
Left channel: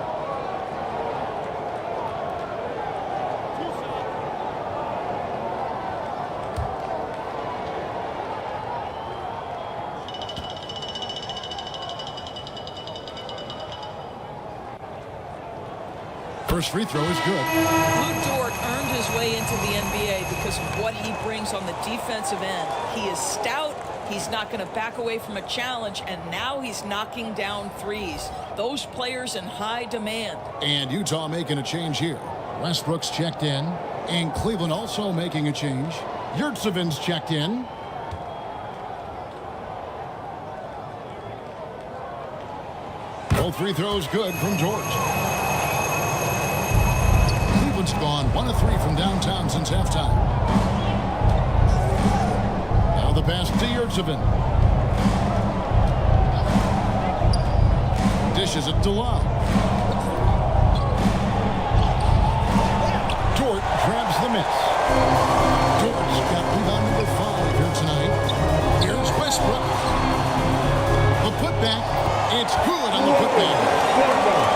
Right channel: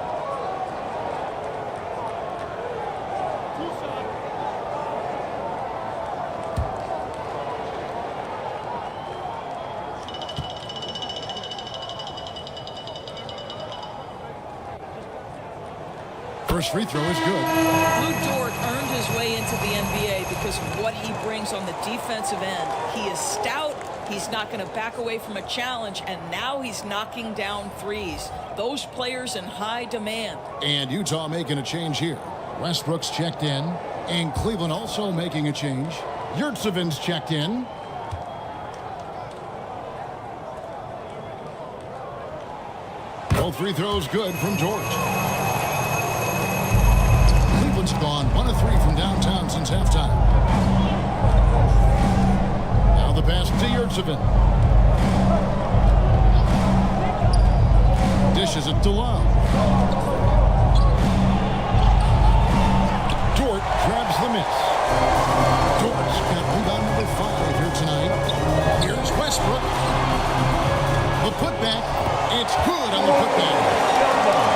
First free throw is good. Lou Dort earned his way into the NBA because of what he brings on the defensive end. He is stout. He's not going to back away from a challenge, and now he's knocking down threes. Those players in high demand. And Utah making a change here. Westbrook's checked in, and Cleveland also making a change. Yurtseven's checked in. Both free throws good from George. Cleveland's gone 1 of 3 from downtown since halftime. Now the pass to Yurtseven. Dishes it to Love. Dort grabs the miss. Dort's got rebound number 5 here tonight. Here's Westbrook. The putback. It's good on the putback.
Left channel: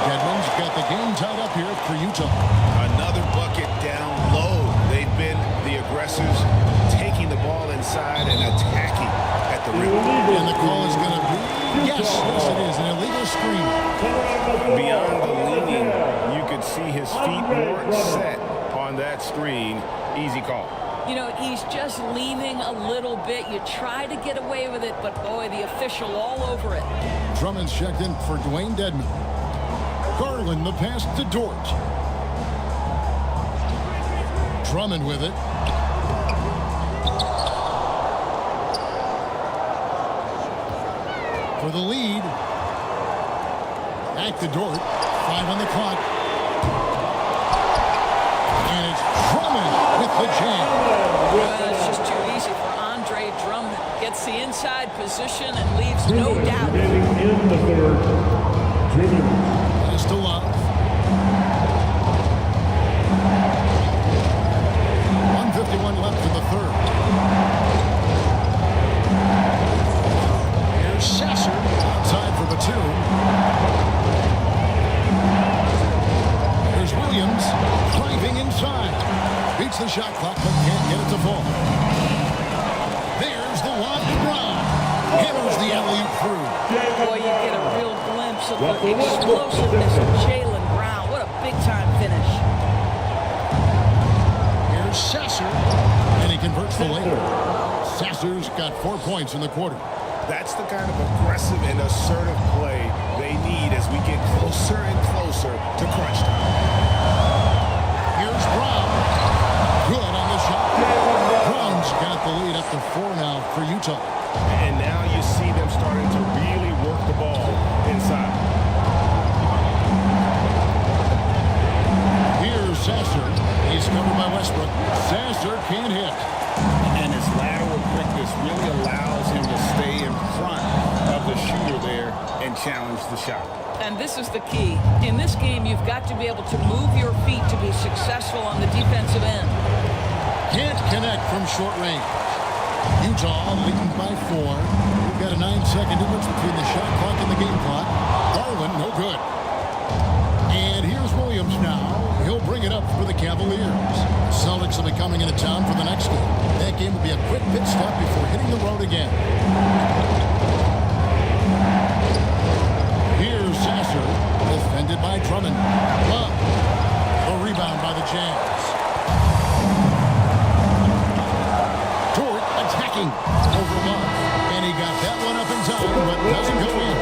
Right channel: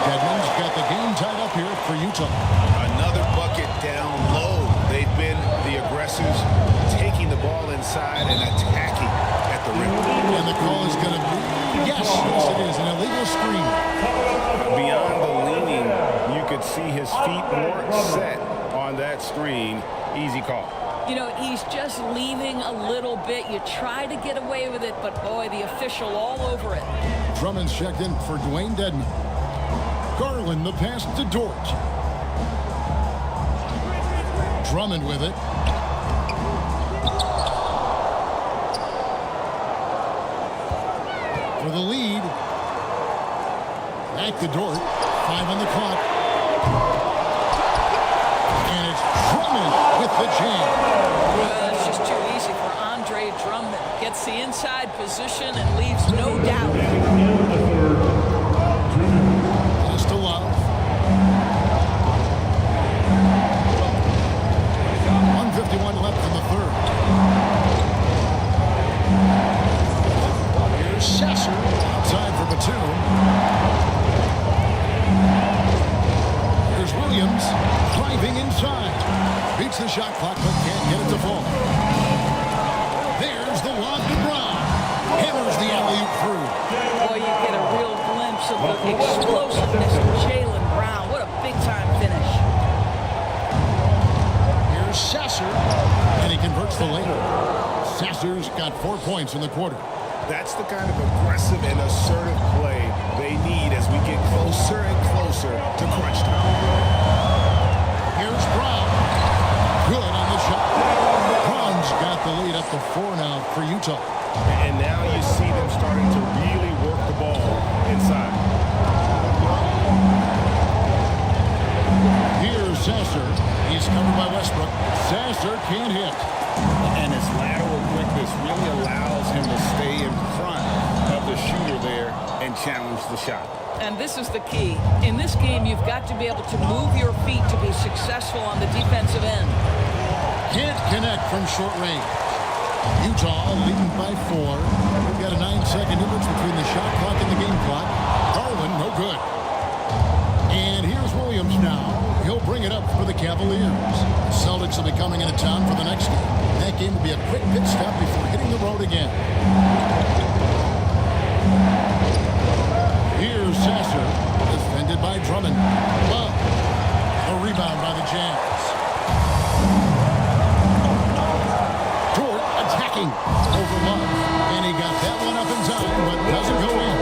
Dedmon's got the game tied up here for Utah. Another bucket down low. They've been the aggressors, taking the ball inside and attacking at the rim. And the call is going to be, yes, it is, an illegal screen. Beyond the leaning, you could see his feet more set on that screen. Easy call. You know, he's just leaning a little bit. You try to get away with it, but boy, the official all over it. Drummond's checked in for Dwayne Dedmon. Garland the pass to Dort. Drummond with it. For the lead. Back to Dort. 5 on the clock. And it's Drummond with the jam. It's just too easy for Andre Drummond. Gets the inside position and leaves no doubt. Pass to Love. 1:51 left in the third. Here's Sasser outside for Batum. Here's Williams driving inside. Beats the shot clock but can't get it to fall. There's the lob to Brown. Hammers the alley-oop through. Boy, you get a real glimpse of the explosiveness of Jaylen Brown. What a big-time finish. Here's Sasser, and he converts the layup. Sasser's got 4 points in the quarter. That's the kind of aggressive and assertive play they need as we get closer and closer to crunch time. Here's Brown. Good on the shot. Brown's got the lead up to 4 now for Utah. And now you see them starting to really work the ball inside. Here's Sasser. He's covered by Westbrook. Sasser can't hit. And his lateral quickness really allows him to stay in front of the shooter there and challenge the shot. And this is the key. In this game, you've got to be able to move your feet to be successful on the defensive end. Can't connect from short range. Utah leading by 4. We've got a 9-second difference between the shot clock and the game clock. Garland, no good. And here's Williams now. He'll bring it up for the Cavaliers. The Celtics will be coming into town for the next game. That game will be a quick pit stop before hitting the road again. Here's Sasser, defended by Drummond. Love. The rebound by the Jazz. Dort attacking over Love. And he got that one up in time, but doesn't go in.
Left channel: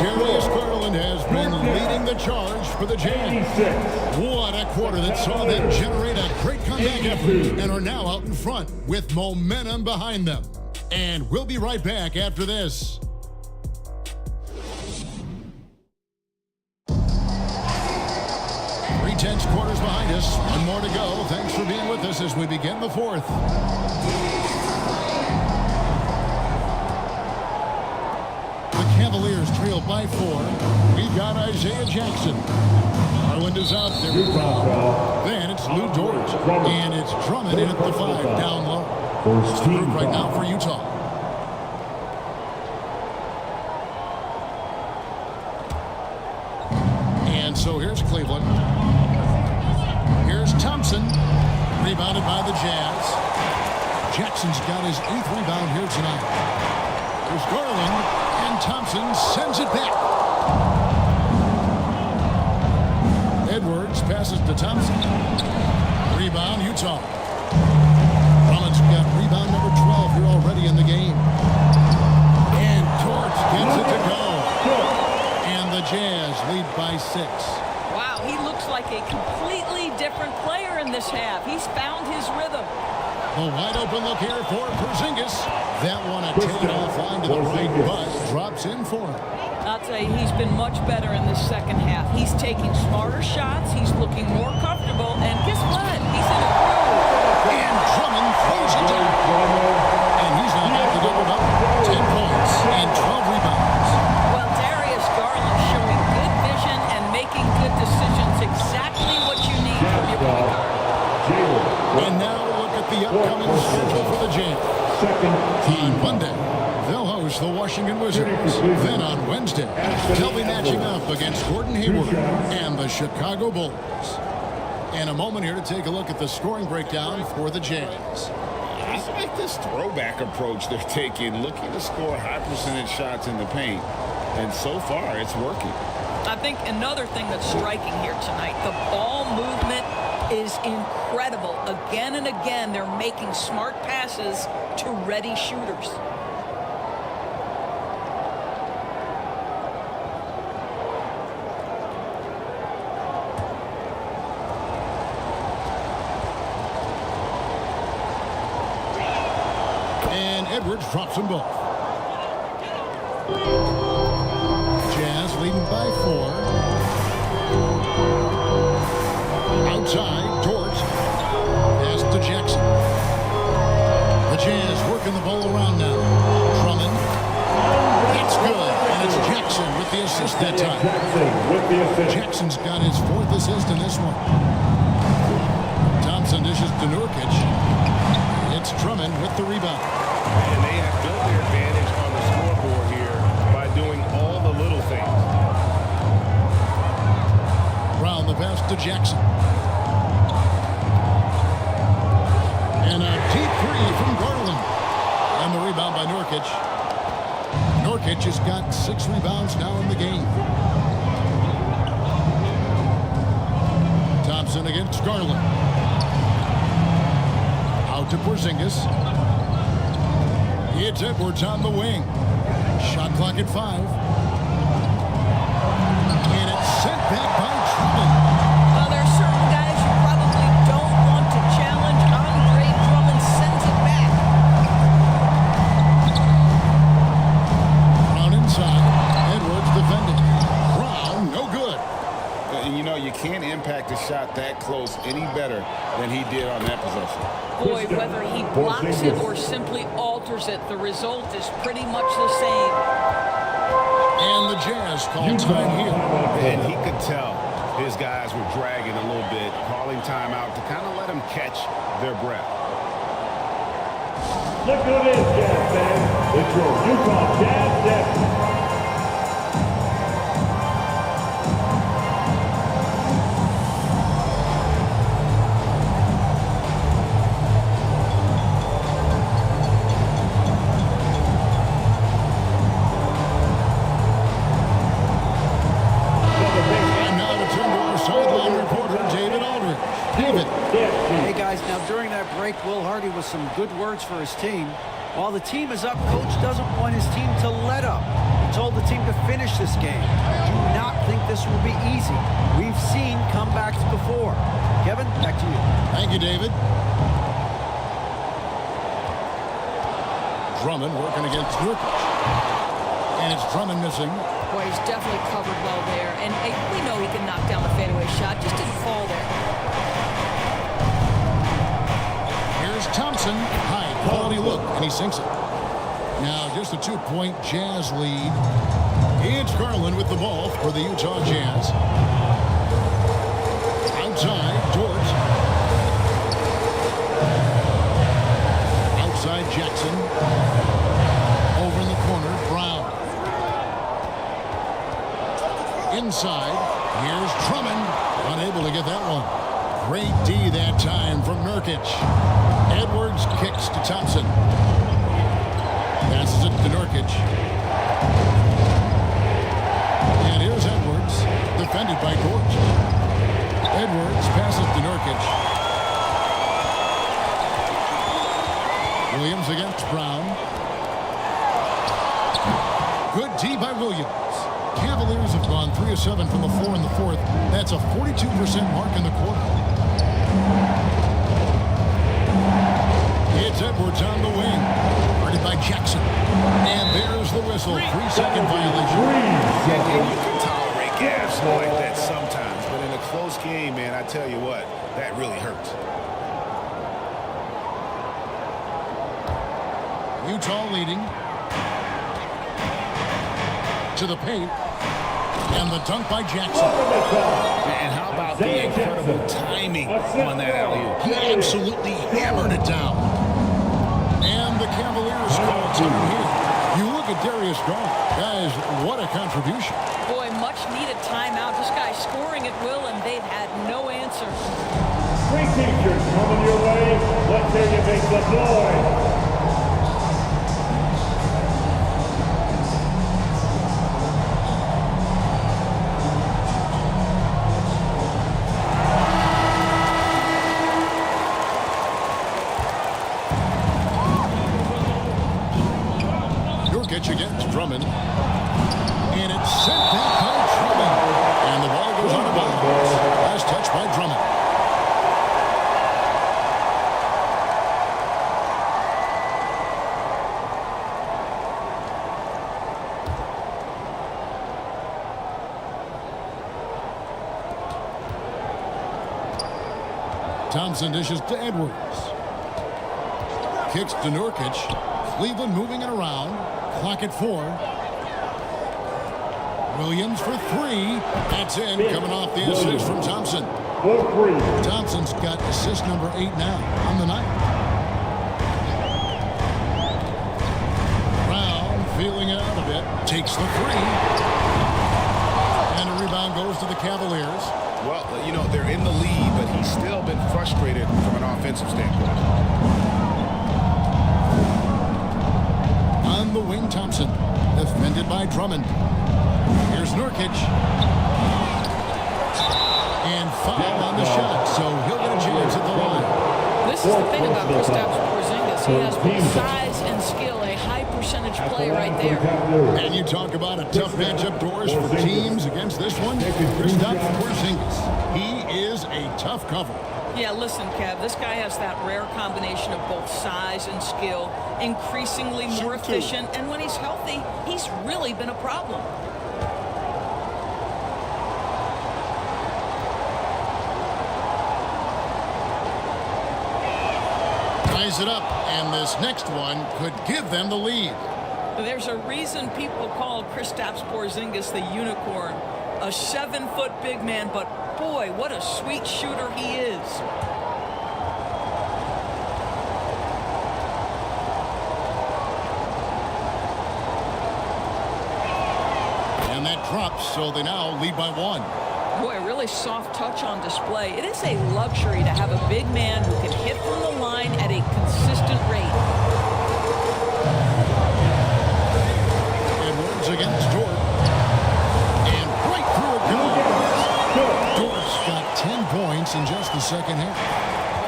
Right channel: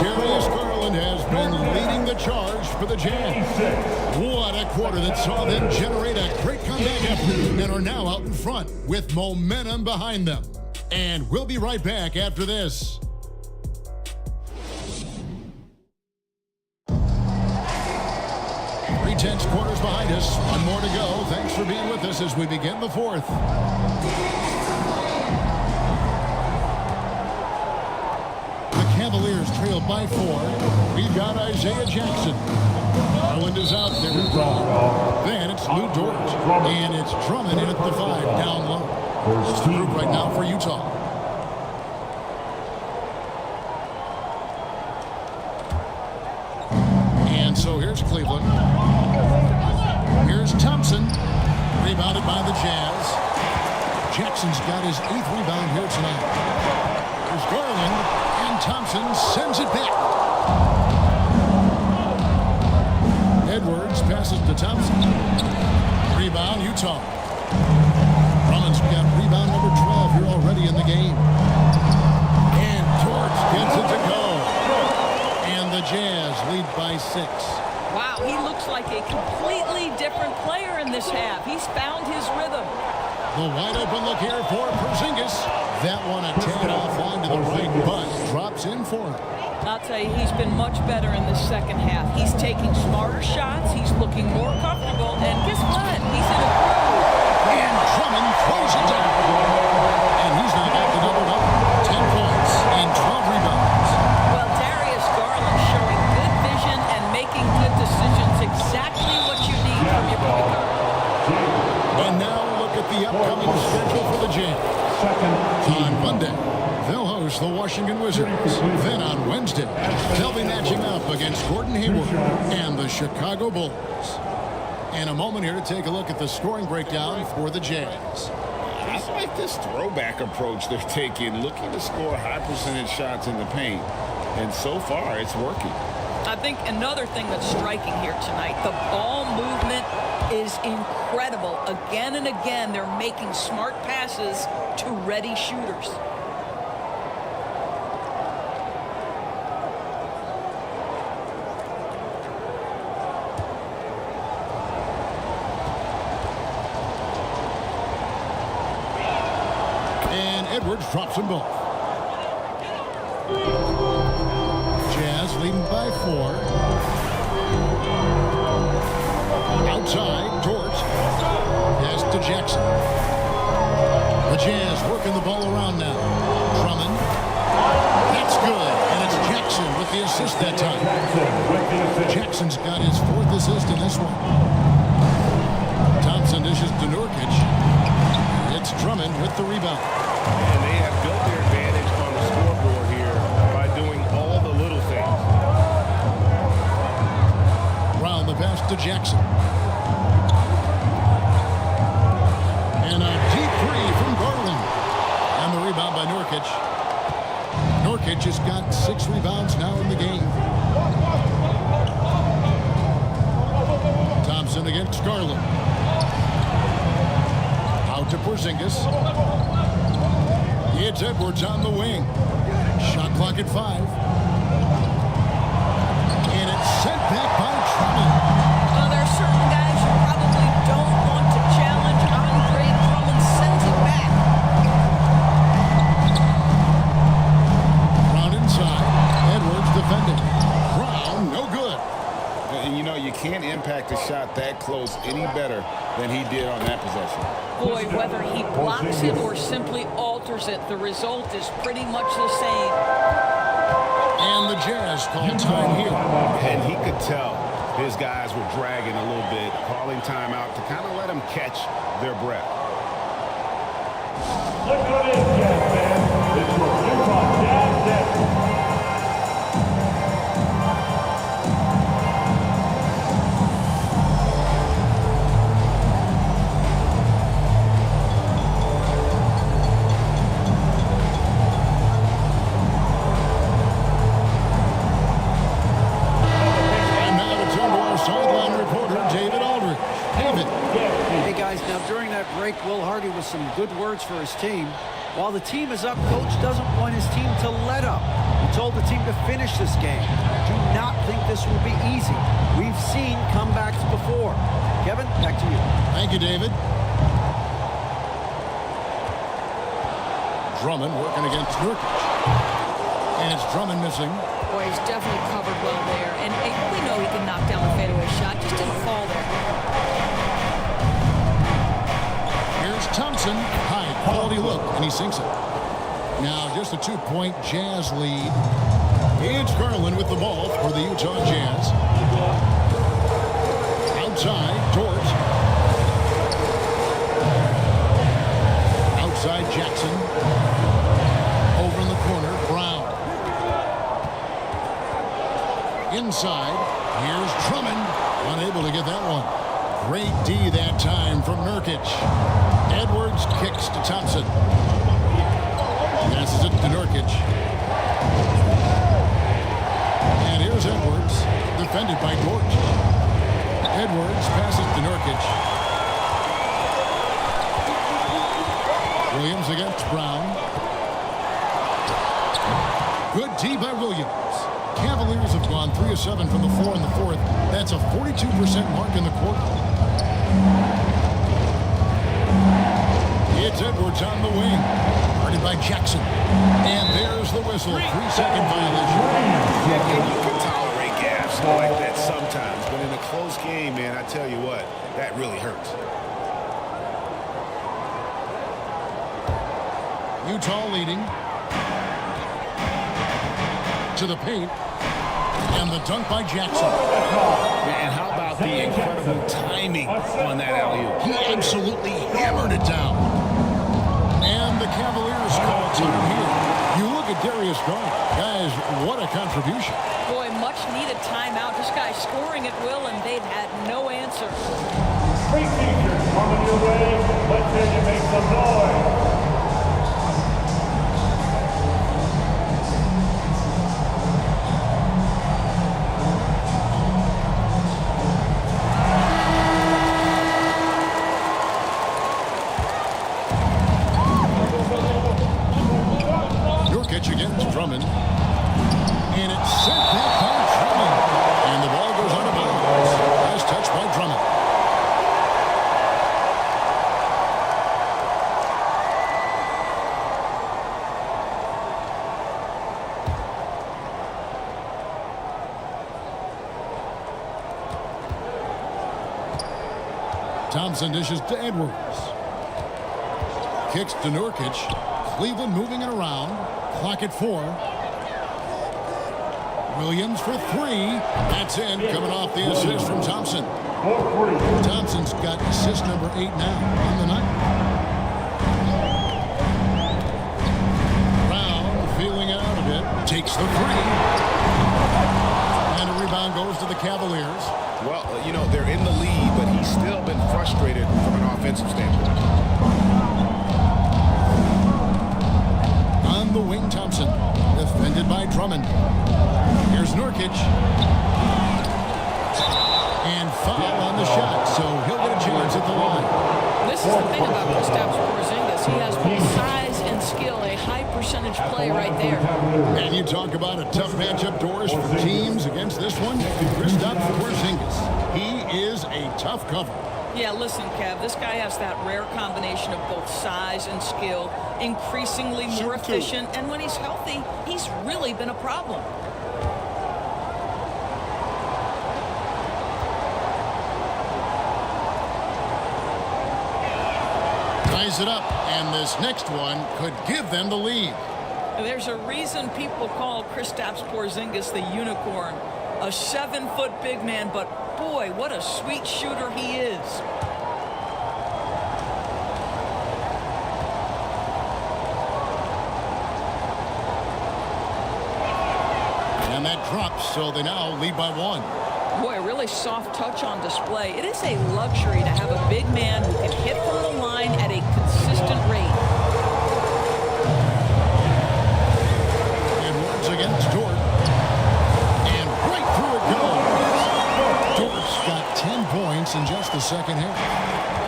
Darius Garland has been leading the charge for the Jazz. What a quarter that saw them generate a great comeback effort and are now out in front with momentum behind them. And we'll be right back after this. 3/10 quarters behind us. One more to go. Thanks for being with us as we begin the fourth. The Cavaliers trail by 4. We've got Isaiah Jackson. Garland is out there with Brown. Then it's Lou Dort. And it's Drummond in at the 5, down low. That's the group right now for Utah. And so here's Cleveland. Here's Thompson. Rebounded by the Jazz. Jackson's got his 8th rebound here tonight. Here's Garland. And Thompson sends it back. Edwards passes to Thompson. Rebound, Utah. Drummond's got rebound number 12 here already in the game. And Dort gets it to go. And the Jazz lead by 6. Wow, he looks like a completely different player in this half. He's found his rhythm. The wide open look here for Porzingis. That one a tad offline to the right, but drops in for him. I'll tell you, he's been much better in this second half. He's taking smarter shots. He's looking more comfortable. And guess what? He's in a groove. And Drummond throws it down. And he's now got the double-double. 10 points and 12 rebounds. Well, Darius Garland showing good vision and making good decisions. Exactly what you need from your point guard. And now we'll look at the upcoming schedule for the Jazz. On Monday, they'll host the Washington Wizards. Then on Wednesday, they'll be matching up against Gordon Hayward and the Chicago Bulls. And a moment here to take a look at the scoring breakdown for the Jazz. I like this throwback approach they're taking, looking to score high percentage shots in the paint. And so far, it's working. I think another thing that's striking here tonight, the ball movement is incredible. Again and again, they're making smart passes to ready shooters. And Edwards drops them both. Jazz leading by 4. Outside, Dort. Pass to Jackson. The Jazz working the ball around now. Drummond. That's good. And it's Jackson with the assist that time. Jackson's got his 4th assist in this one. Thompson dishes to Nurkic. It's Drummond with the rebound. And they have built their advantage on the scoreboard here by doing all the little things. Round the pass to Jackson. And a deep 3 from Garland. And the rebound by Nurkic. Nurkic has got 6 rebounds now in the game. Thompson against Garland. Out to Porzingis. It's Edwards on the wing. Shot clock at 5. And it's sent back by Drummond. Well, there are certain guys you probably don't want to challenge. Andre Drummond sends it back. Brown inside. Edwards defending. Brown, no good. And, you know, you can't impact a shot that close any better than he did on that possession. Boy, whether he blocks it or simply alters it, the result is pretty much the same. And the Jazz call time here. And he could tell his guys were dragging a little bit, calling timeout to kind of let them catch their breath. Look who it is, Jazz fans. It's your UConn Jazz Depth. Turn to our sideline reporter, David Aldridge. David. Hey, guys, now during that break, Will Hardy with some good words for his team. While the team is up, Coach doesn't want his team to let up. He told the team to finish this game. Do not think this will be easy. We've seen comebacks before. Kevin, back to you. Thank you, David. Drummond working against Nurkic. And it's Drummond missing. Boy, he's definitely covered well there. And we know he can knock down the fadeaway shot. Just didn't fall there. Here's Thompson. High quality look, and he sinks it. Now just a 2-point Jazz lead. It's Garland with the ball for the Utah Jazz. Outside, Dort. Outside, Jackson. Over in the corner, Brown. Inside, here's Drummond. Unable to get that one. Great D that time from Nurkic. Edwards kicks to Thompson. Passes it to Nurkic. And here's Edwards, defended by Dort. Edwards passes to Nurkic. Williams against Brown. Good D by Williams. Cavaliers have gone 3 of 7 from the floor in the fourth. That's a 42% mark in the quarter. It's Edwards on the wing. Guarded by Jackson. And there's the whistle. 3-second violation. And you can tolerate gaffes like that sometimes, but in a close game, man, I tell you what, that really hurts. Utah leading. To the paint. And the dunk by Jackson. And how about the incredible timing on that alley-oop? He absolutely hammered it down. And the Cavaliers call time here. You look at Darius Garland. Guys, what a contribution. Boy, much needed timeout. This guy's scoring at will, and they've had no answer. Free t-shirts coming your way. Let's hear you make some noise. Nurkic against Drummond. And it's sent back by Drummond. And the ball goes out of bounds. Last touch by Drummond. Thompson dishes to Edwards. Kicks to Nurkic. Cleveland moving it around. Clock at 4. Williams for 3. That's in. Coming off the assist from Thompson. Thompson's got assist number 8 now on the night. Brown feeling it out a bit. Takes the 3. And a rebound goes to the Cavaliers. Well, you know, they're in the lead, but he's still been frustrated from an offensive standpoint. On the wing, Thompson. Defended by Drummond. Here's Nurkic. And foul on the shot, so he'll get a chance at the line. This is the thing about Kristaps Porzingis. He has both size and skill, a high percentage play right there. And you talk about a tough matchup, Doris, for teams against this one. Kristaps Porzingis. He is a tough cover. Yeah, listen, Kev, this guy has that rare combination of both size and skill, increasingly more efficient, and when he's healthy, he's really been a problem. ties it up, and this next one could give them the lead. There's a reason people call Kristaps Porzingis the unicorn. A 7-foot big man, but boy, what a sweet shooter he is. And that drops, so they now lead by 1. Boy, a really soft touch on display. It is a luxury to have a big man who can hit from the line at a consistent rate. Edwards against Dort. And right through it goes. Dort's got 10 points in just the second half.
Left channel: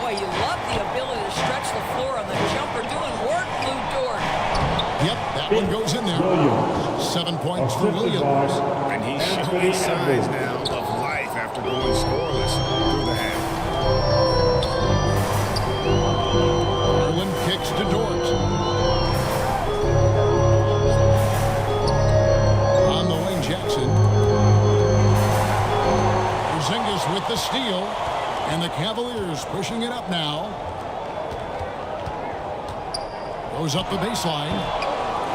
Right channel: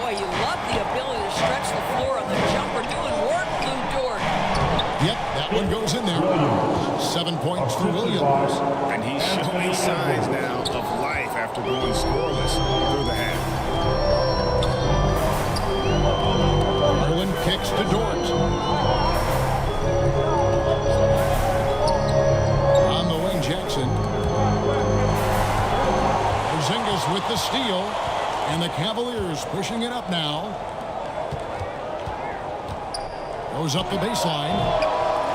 Boy, you love the ability to stretch the floor on the jumper. Doing work, Lou Dort. Yep, that one goes in there. 7 points for Williams. And he's showing signs now of life after going scoreless through the half. Garland kicks to Dort. On the wing, Jackson. Porzingis with the steal. And the Cavaliers pushing it up now. Goes up the baseline.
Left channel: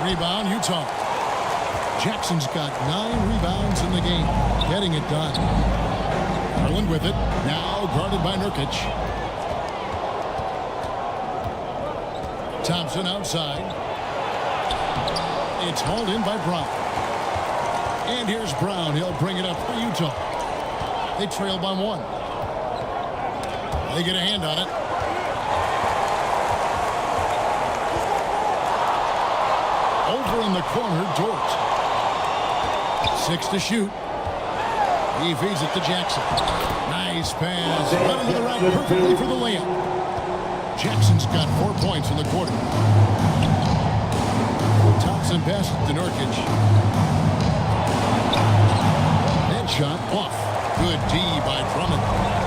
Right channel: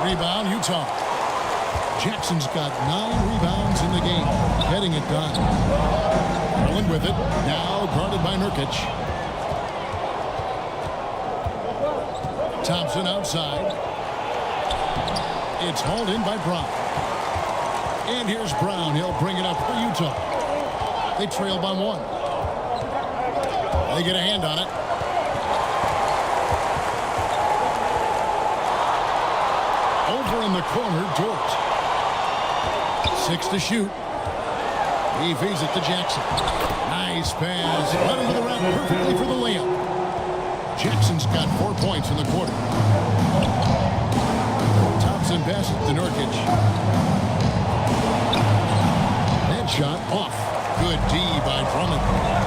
Rebound, Utah. Jackson's got 9 rebounds in the game. Getting it done. Garland with it. Now guarded by Nurkic. Thompson outside. It's hauled in by Brown. And here's Brown. He'll bring it up for Utah. They trail by 1. They get a hand on it. Over in the corner, Dort. 6 to shoot. He feeds it to Jackson. Nice pass. Right under the rack perfectly for the layup. Jackson's got 4 points in the quarter. Thompson passes to Nurkic. That shot off. Good D by Drummond.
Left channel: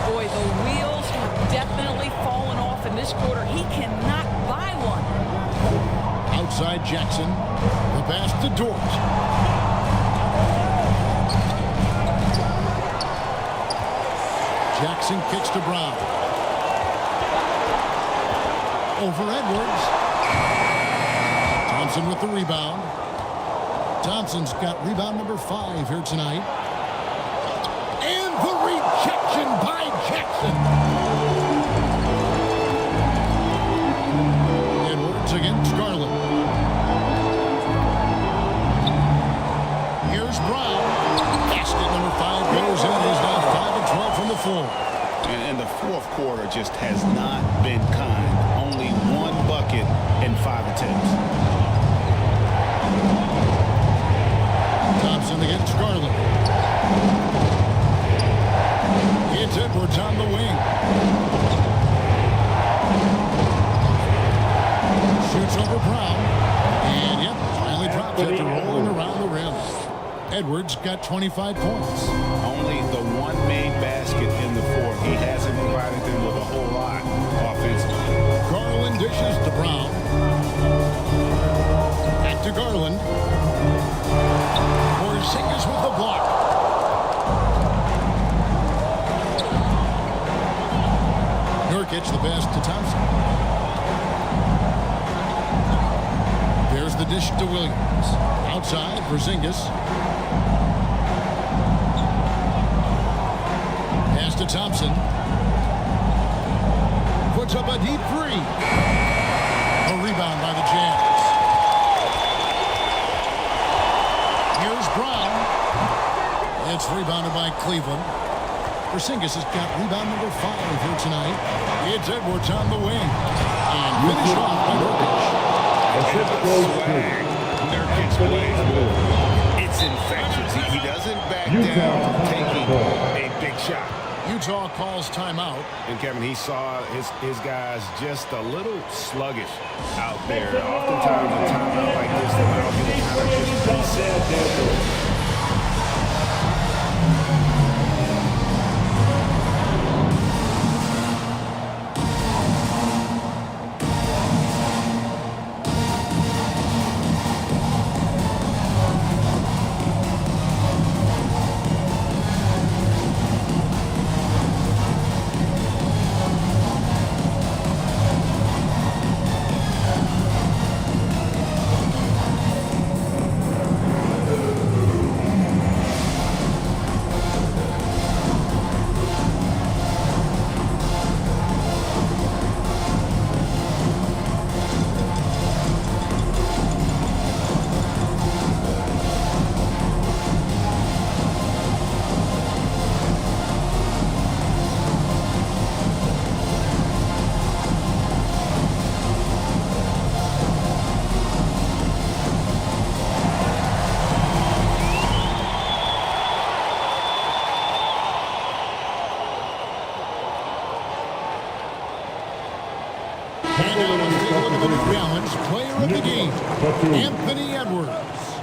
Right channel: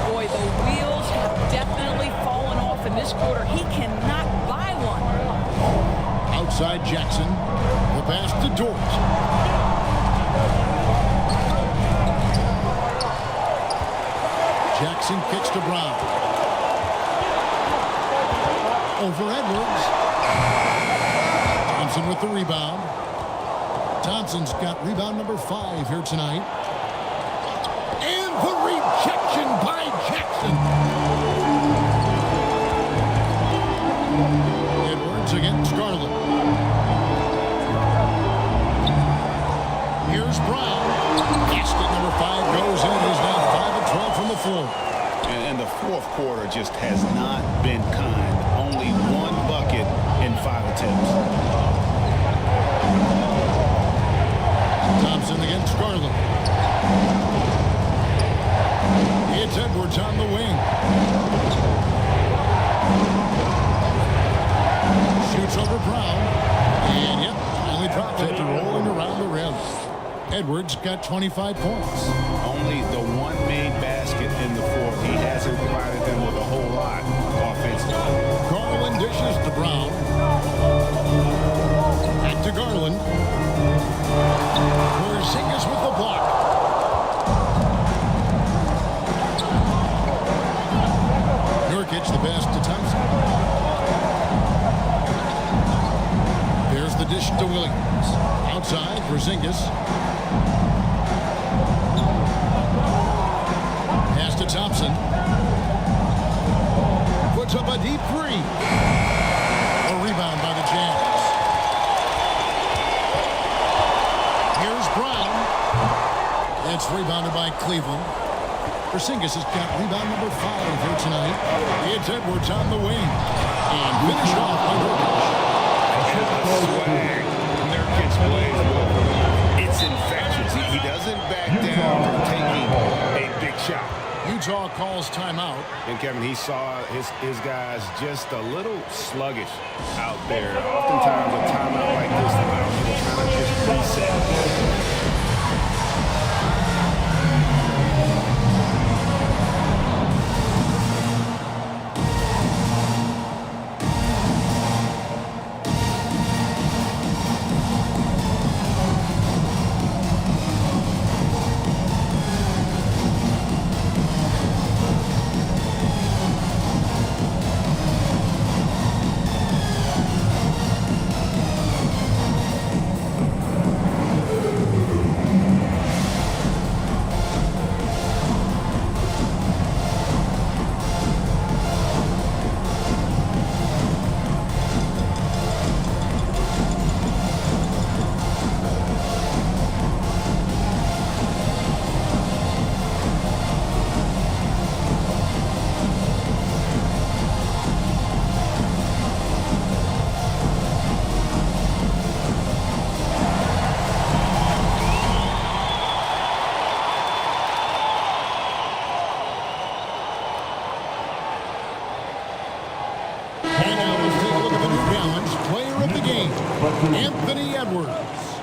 Boy, the wheels have definitely fallen off in this quarter. He cannot buy one. Outside Jackson. The pass to Dort. Jackson kicks to Brown. Over Edwards. Thompson with the rebound. Thompson's got rebound number 5 here tonight. And the rejection by Jackson. Edwards against Garland. Here's Brown. Basket number 5 goes in. He's now 5 of 12 from the floor. And the fourth quarter just has not been kind. Only 1 bucket in 5 attempts. Thompson against Garland. It's Edwards on the wing. Shoots over Brown. And, yep, finally drops after rolling around the rim. Edwards got 25 points. Only the 1 made basket in the fourth. He hasn't provided them with a whole lot offensively. Garland dishes to Brown. Back to Garland. Porzingis with the block. Nurkic the pass to Thompson. There's the dish to Williams. Outside, Porzingis. Pass to Thompson. Puts up a deep 3. A rebound by the Jazz. Here's Brown. It's rebounded by Cleveland. Porzingis has got rebound number 5 here tonight. It's Edwards on the wing. And finished off by Nurkic. And the swag Nurkic plays with, it's infectious. He doesn't back down from taking a big shot. Utah calls timeout. And Kevin, he saw his guys just a little sluggish out there. Oftentimes a timeout like this allows you to kind of just reset. And now let's take a look at the New Balance Player of the Game, Anthony Edwards.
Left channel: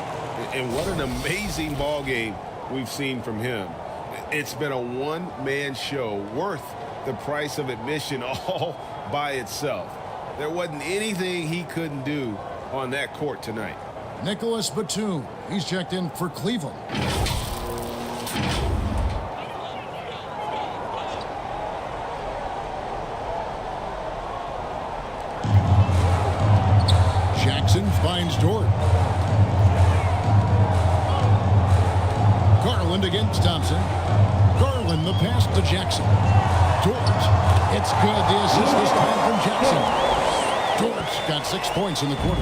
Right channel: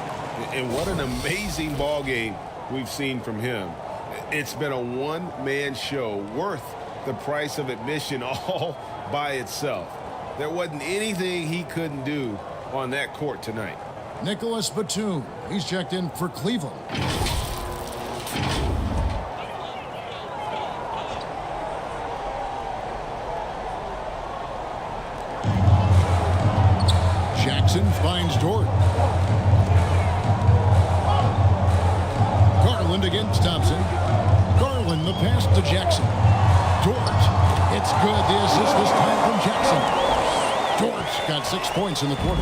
And what an amazing ball game we've seen from him. It's been a one-man show worth the price of admission all by itself. There wasn't anything he couldn't do on that court tonight. Nicholas Batum, he's checked in for Cleveland. Jackson finds Dort. Garland against Thompson. Garland the pass to Jackson. Dort. It's good. The assist this time from Jackson. Dort got 6 points in the quarter.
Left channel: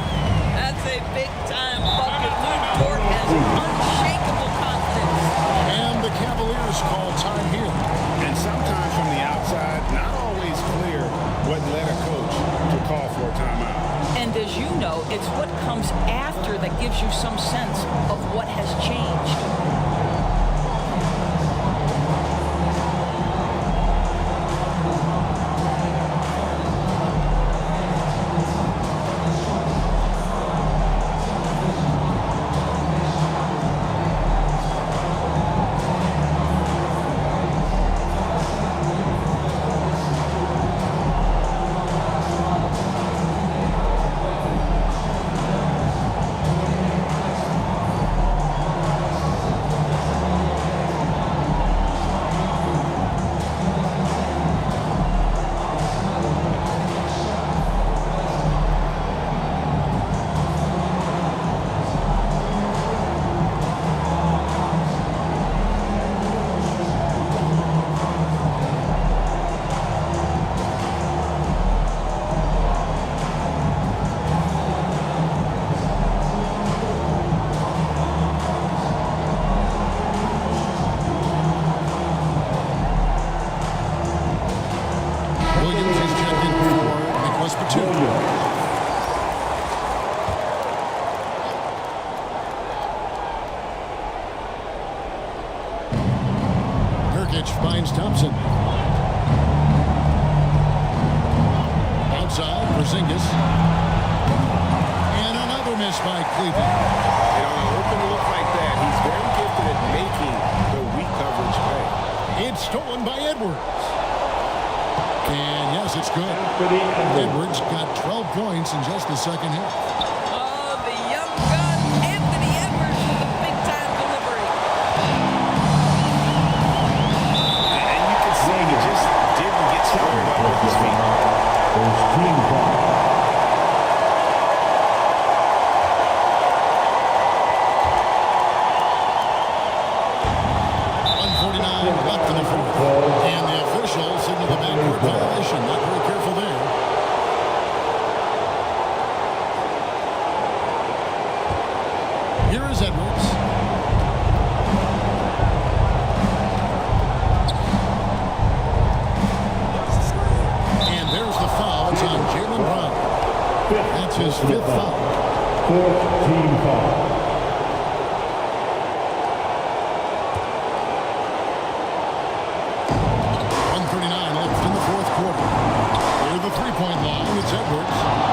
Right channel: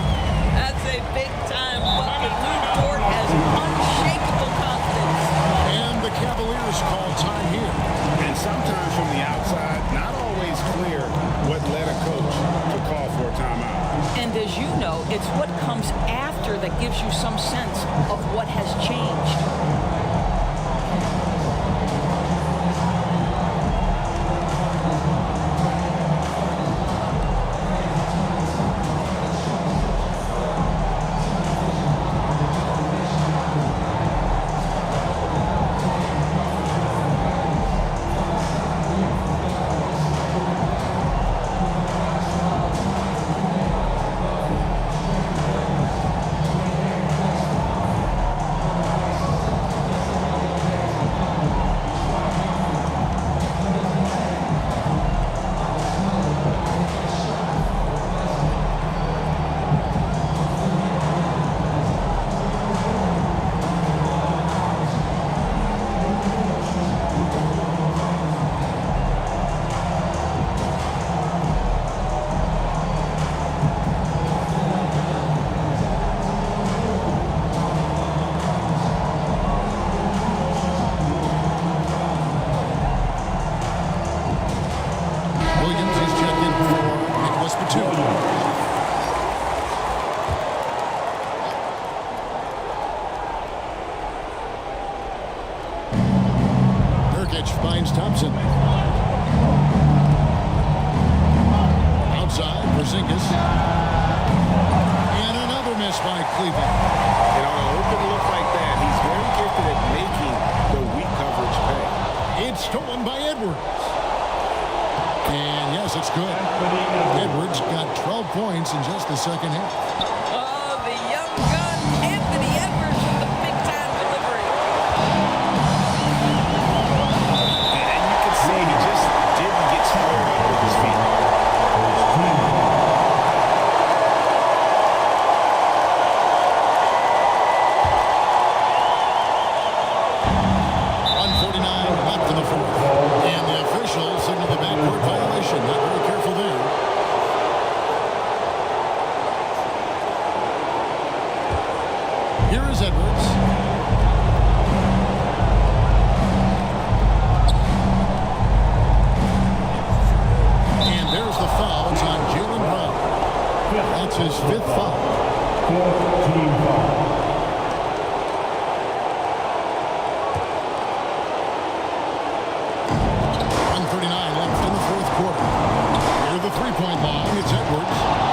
That's a big-time bucket. Lou Dort has unshakable confidence. And the Cavaliers call time here. And sometimes from the outside, not always clear what led a coach to call for a timeout. And as you know, it's what comes after that gives you some sense of what has changed. Williams is checked in for Nicholas Batum. Nurkic finds Thompson. Outside, Porzingis. And another miss by Cleveland. And on an open look like that, he's very gifted at making the weak coverage pay. It's stolen by Edwards. And yes, it's good. Edwards got 12 points in just the second half. Oh, the young gun, Anthony Edwards with the big-time delivery. And you can see he just didn't get squared up with his feet. First team foul. 1:49 left in the fourth. And the officials signal the backcourt violation. Not very careful there. Here is Edwards. And there's the foul. It's on Jaylen Brown. That's his fifth foul. Fourth team foul. .39 left in the fourth quarter. Near the three-point line, it's Edwards.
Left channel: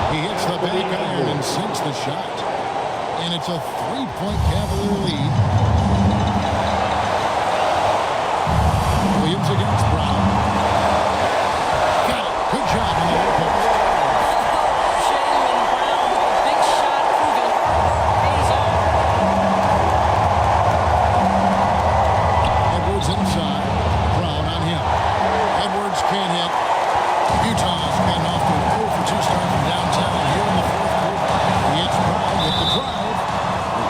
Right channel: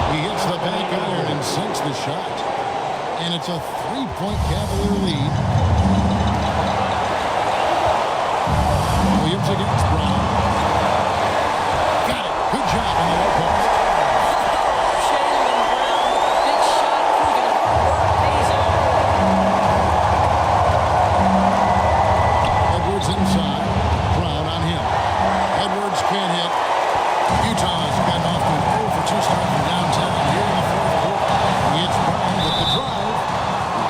He hits the back iron and sinks the shot. And it's a three-point Cavalier lead. Williams against Brown. Got it. Good job in the low post. Oh, Jaylen Brown with a big shot, proving hard work pays off. Edwards inside. Brown on him. Edwards can't hit. Utah's gotten off to an 0-for-2 start from downtown here in the fourth quarter. It's Brown with the drive.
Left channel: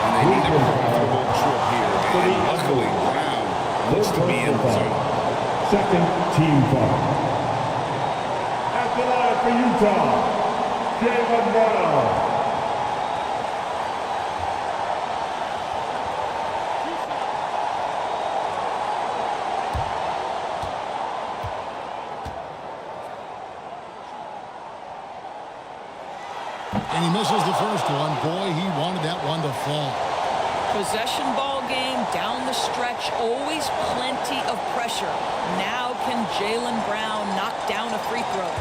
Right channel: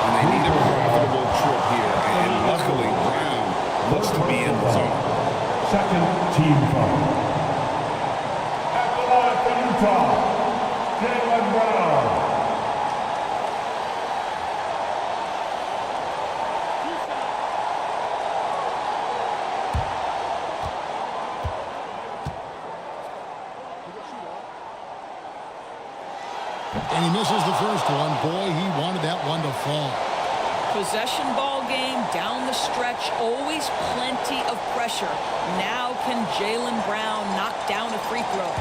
And they need a profitable trip here. And luckily, Brown looks to be in the zone. Second team foul. At the line for Utah, Jaylen Brown. And he misses the first one. Boy, he wanted that one to fall. Possession ball game down the stretch, always plenty of pressure. Now can Jaylen Brown knock down a free throw?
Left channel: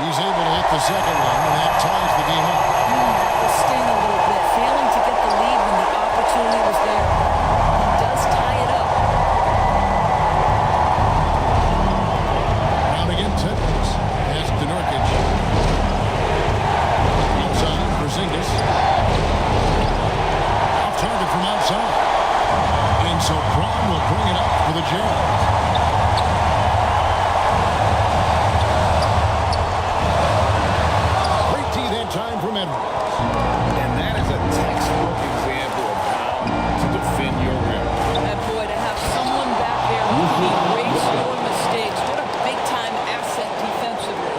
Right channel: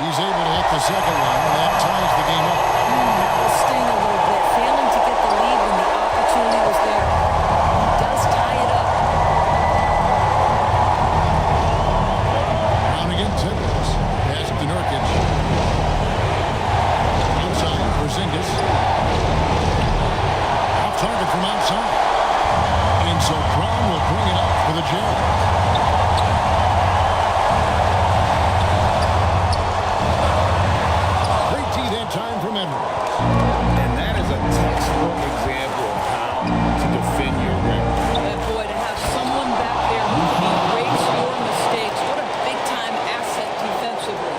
He's able to hit the second one, and that ties the game up. That will sting a little bit, failing to get the lead when the opportunity was there, but he does tie it up. Brown against Edwards. Pass to Nurkic. Outside, Porzingis. Off target from outside. And so Brown will bring it up for the Jazz. Great D that time from Edwards. And that is a textbook example of how to defend your rim. And boy, to have someone back there who can erase your mistakes, what a big-time asset defensively.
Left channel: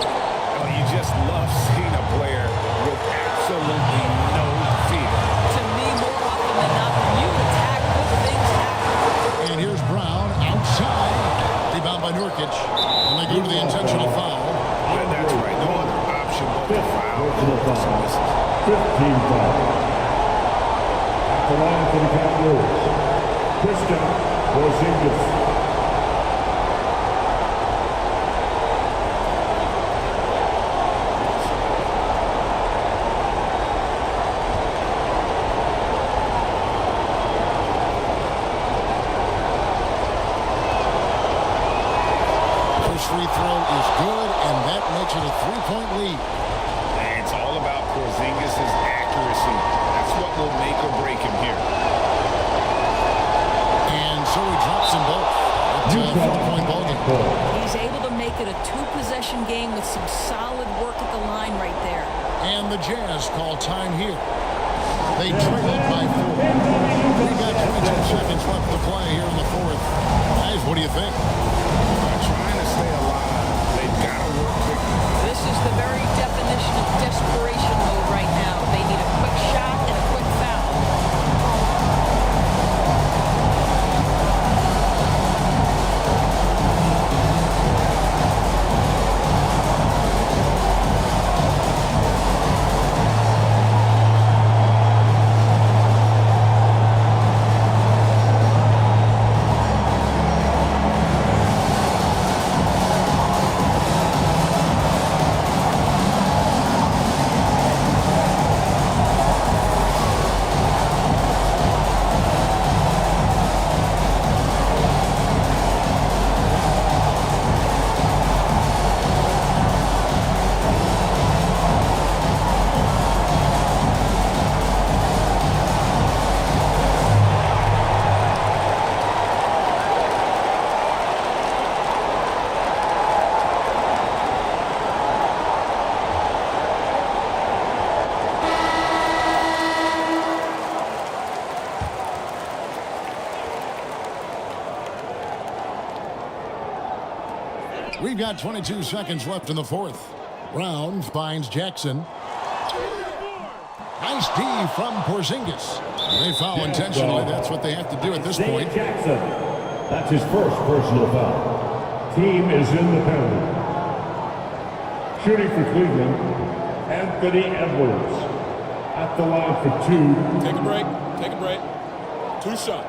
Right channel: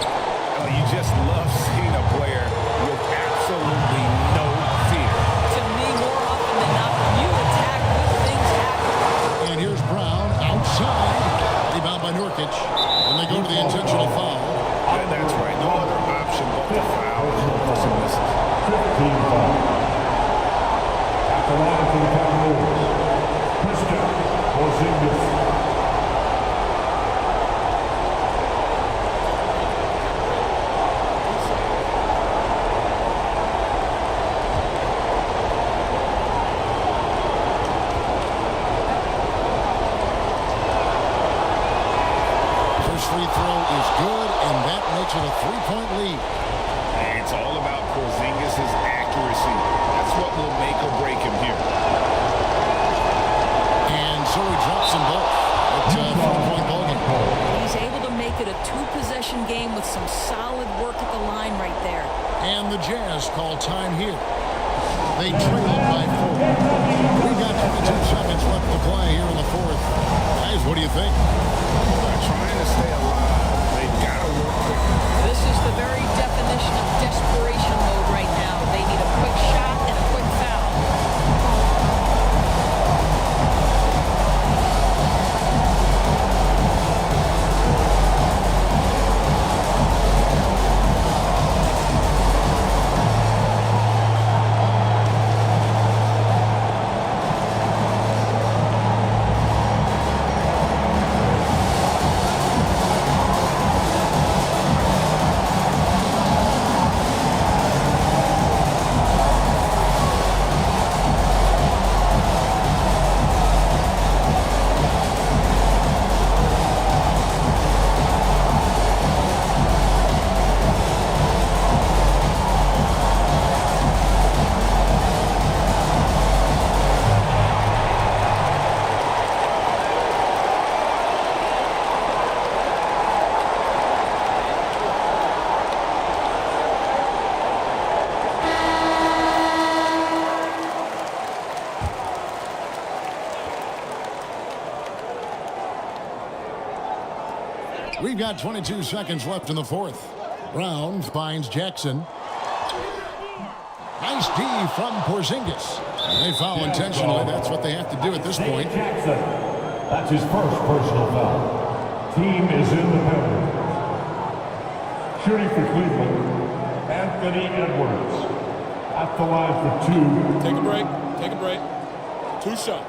Oh, you just love seeing a player with absolutely no fear. To me, more often than not, when you attack, good things happen. And here's Brown outside. Rebound by Nurkic. When they go to the intentional foul. That's right. No other option but to foul and look for some misses. 15 foul. At the line for the Cavaliers, Kristaps Porzingis. First free throw is good, and that makes it a 3-point lead. It's all about Porzingis' accuracy. That's what will make or break him here. And so he drops them both. It's a 4-point ballgame. He's able to make it a 2-possession game with some solid work at the line right there. And the Jazz call time here. They trailed by 4. We got 22 seconds left to play here in the fourth. Guys, what do you think? Trying to stay alive, they've got to work quickly. This is the very definition of desperation mode right now. They need a quick shot and a quick foul. We've got 22 seconds left in the fourth. Brown finds Jackson. Nice D from Porzingis. And they foul intentionally. That's what they have to do at this point. Jackson. That's his first personal foul. Team is in the penalty. Shooting for Cleveland, Anthony Edwards. At the line for 2. Take a break. Take a break. 2 shots.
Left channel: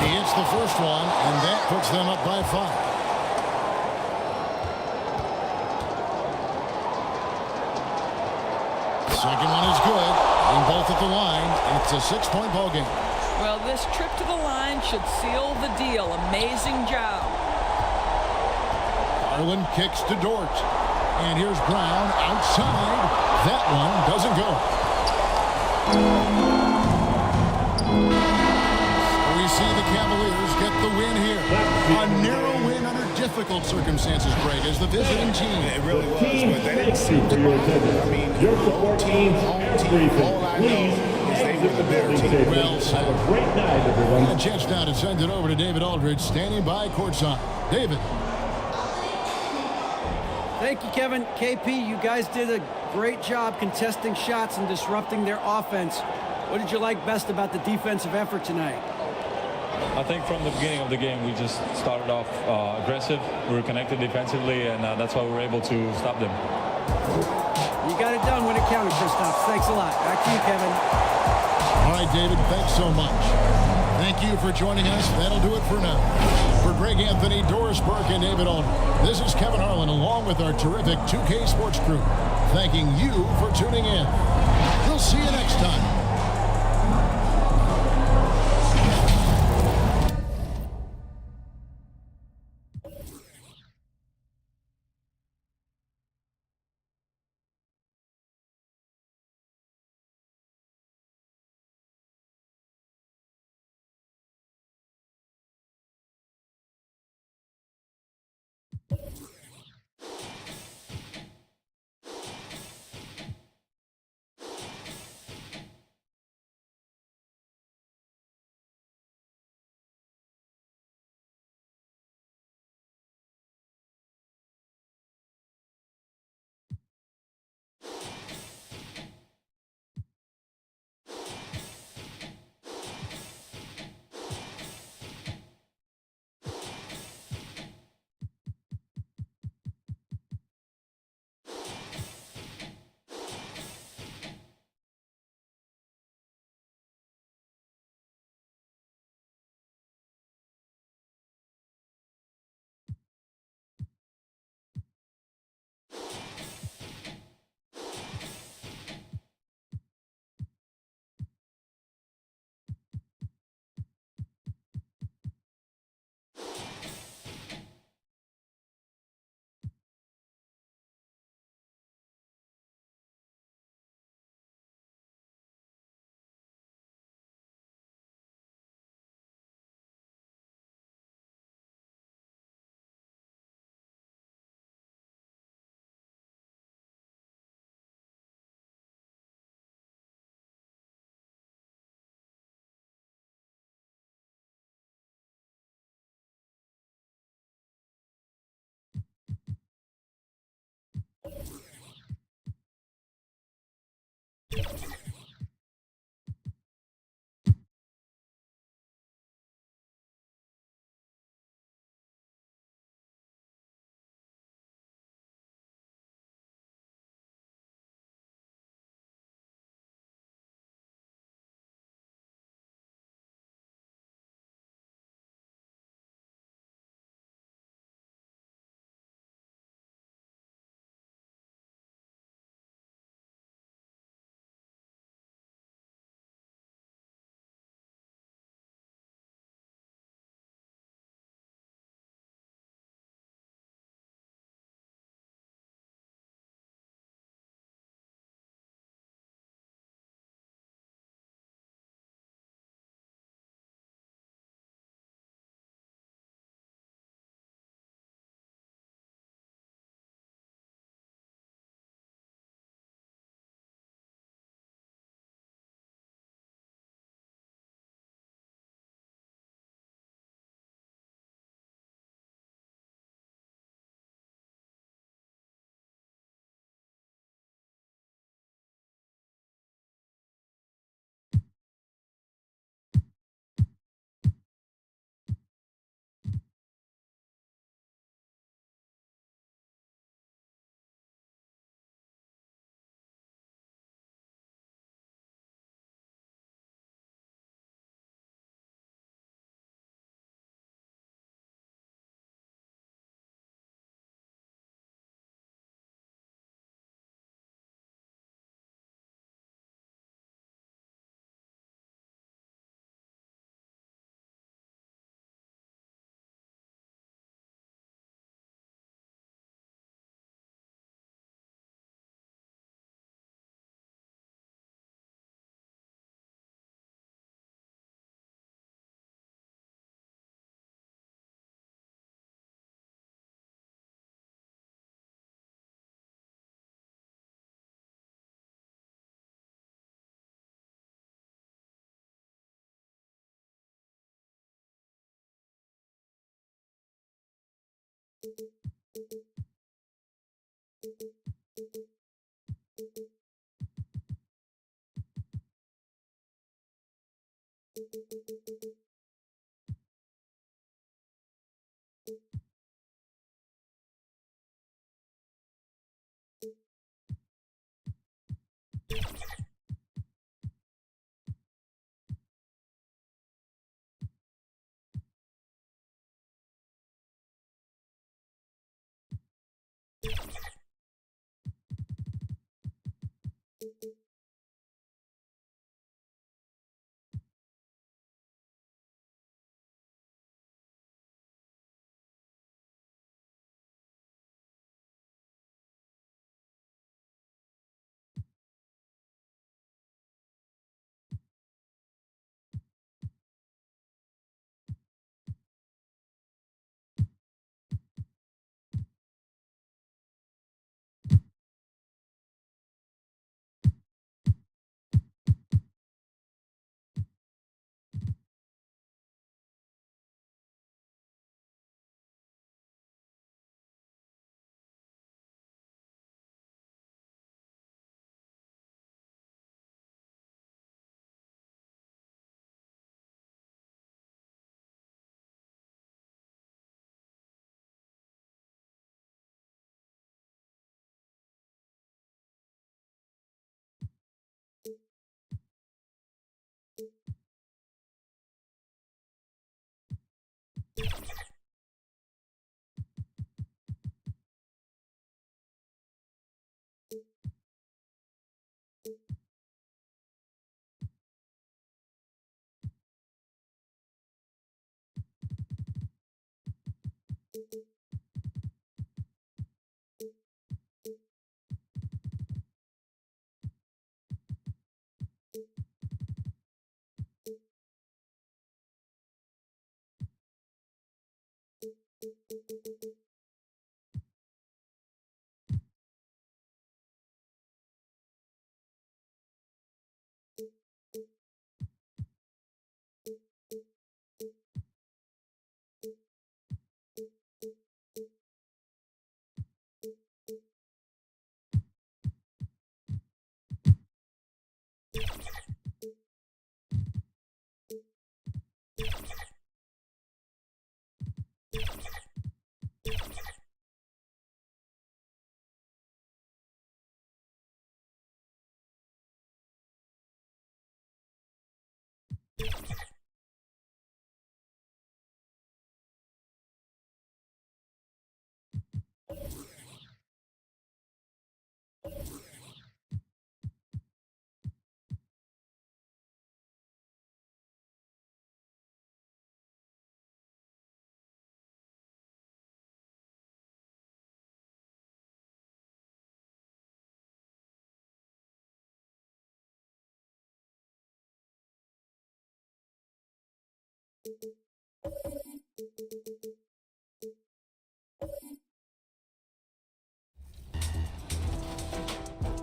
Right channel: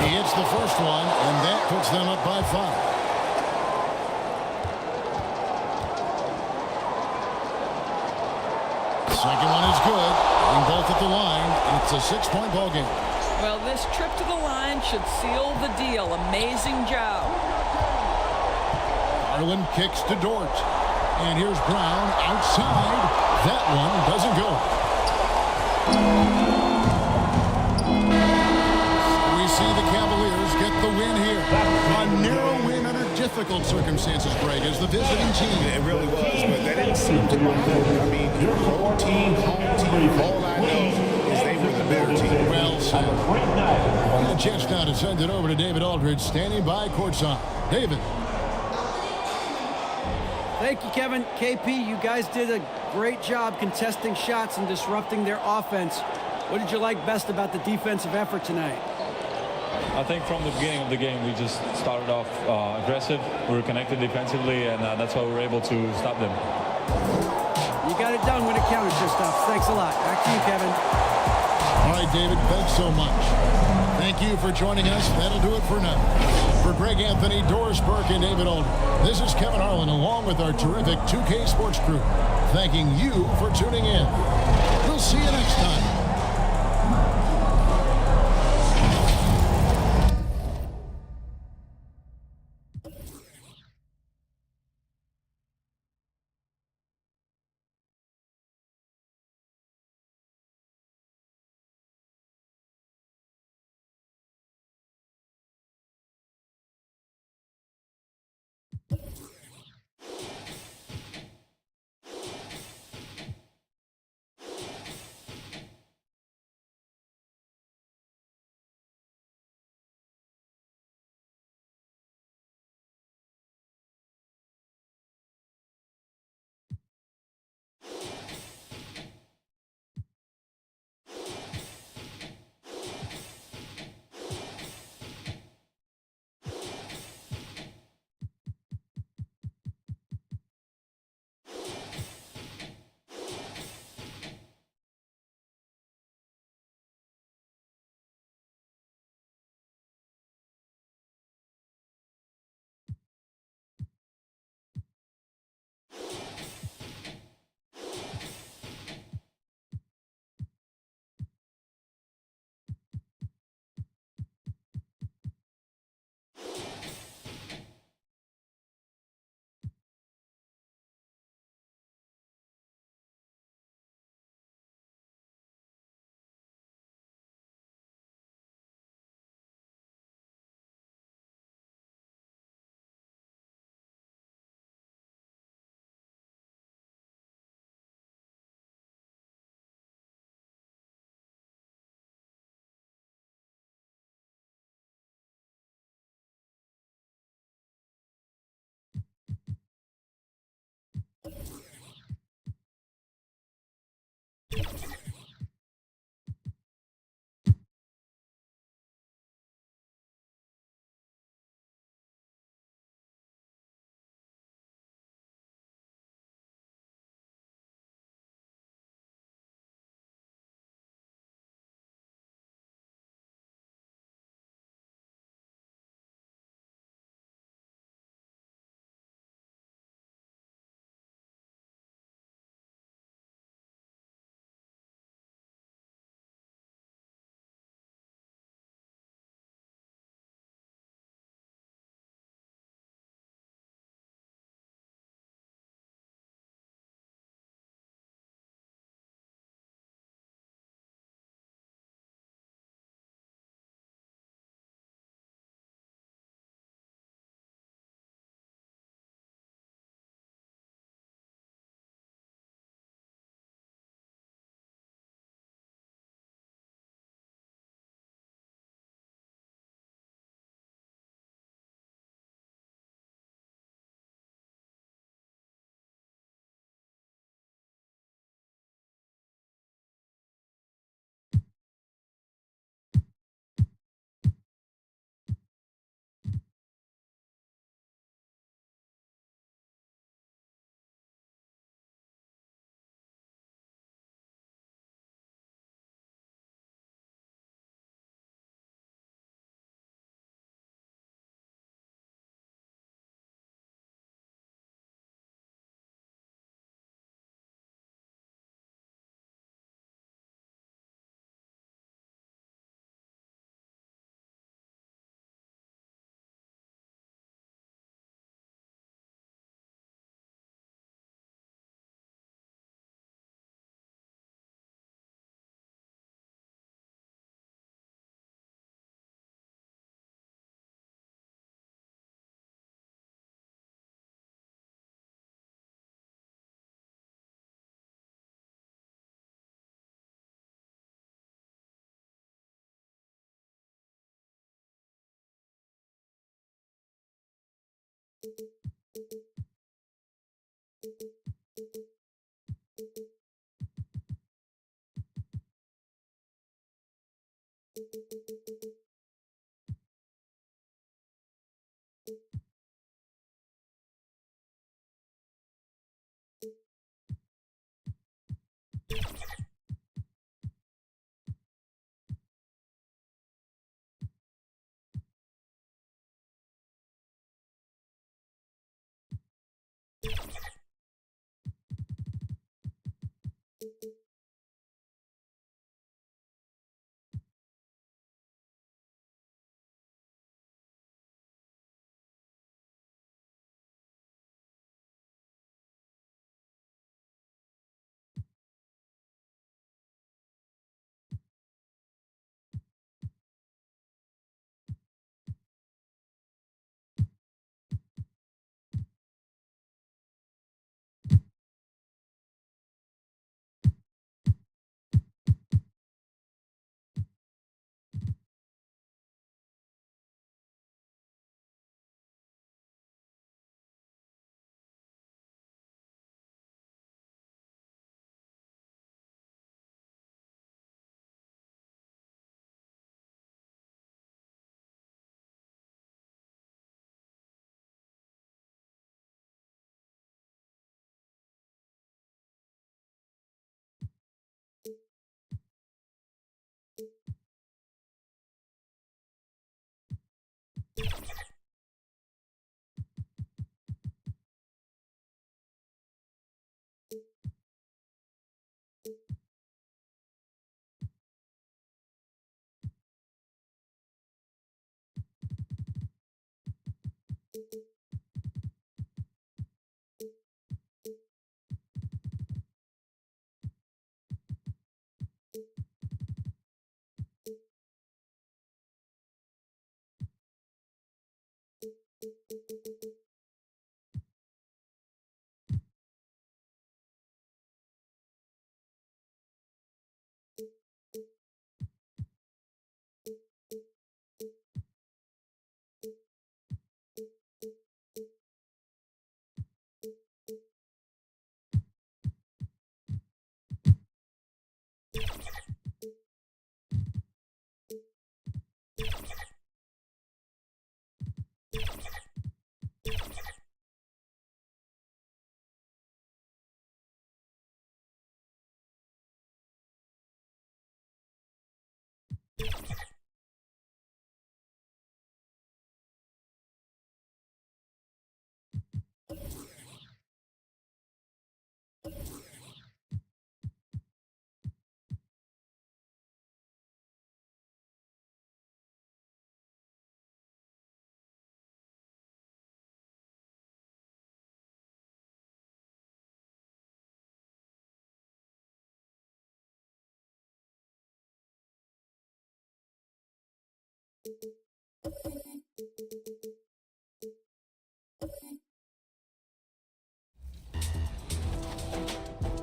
He hits the first one, and that puts them up by 5. Second one is good. Getting both at the line, and it's a 6-point ball game. Well, this trip to the line should seal the deal. Amazing job. Garland kicks to Dort. And here's Brown outside. That one doesn't go. We see the Cavaliers get the win here. A narrow win under difficult circumstances, Greg, as the visiting team. It really was, but that didn't seem to bother them. I mean, road team, home team, all I know is they were the better team. Well said. And a chance now to send it over to David Aldridge, standing by courtside. David. Thank you, Kevin. KP, you guys did a great job contesting shots and disrupting their offense. What did you like best about the defensive effort tonight? I think from the beginning of the game, we just started off aggressive. We were connected defensively, and that's why we were able to stop them. You got it done when it counted, Kristaps. Thanks a lot. Back to you, Kevin. All right, David, thanks so much. Thank you for joining us. That'll do it for now. For Greg Anthony, Doris Burke, and David Aldridge, this is Kevin Harlan along with our terrific 2K Sports crew, thanking you for tuning in. We'll see you next time.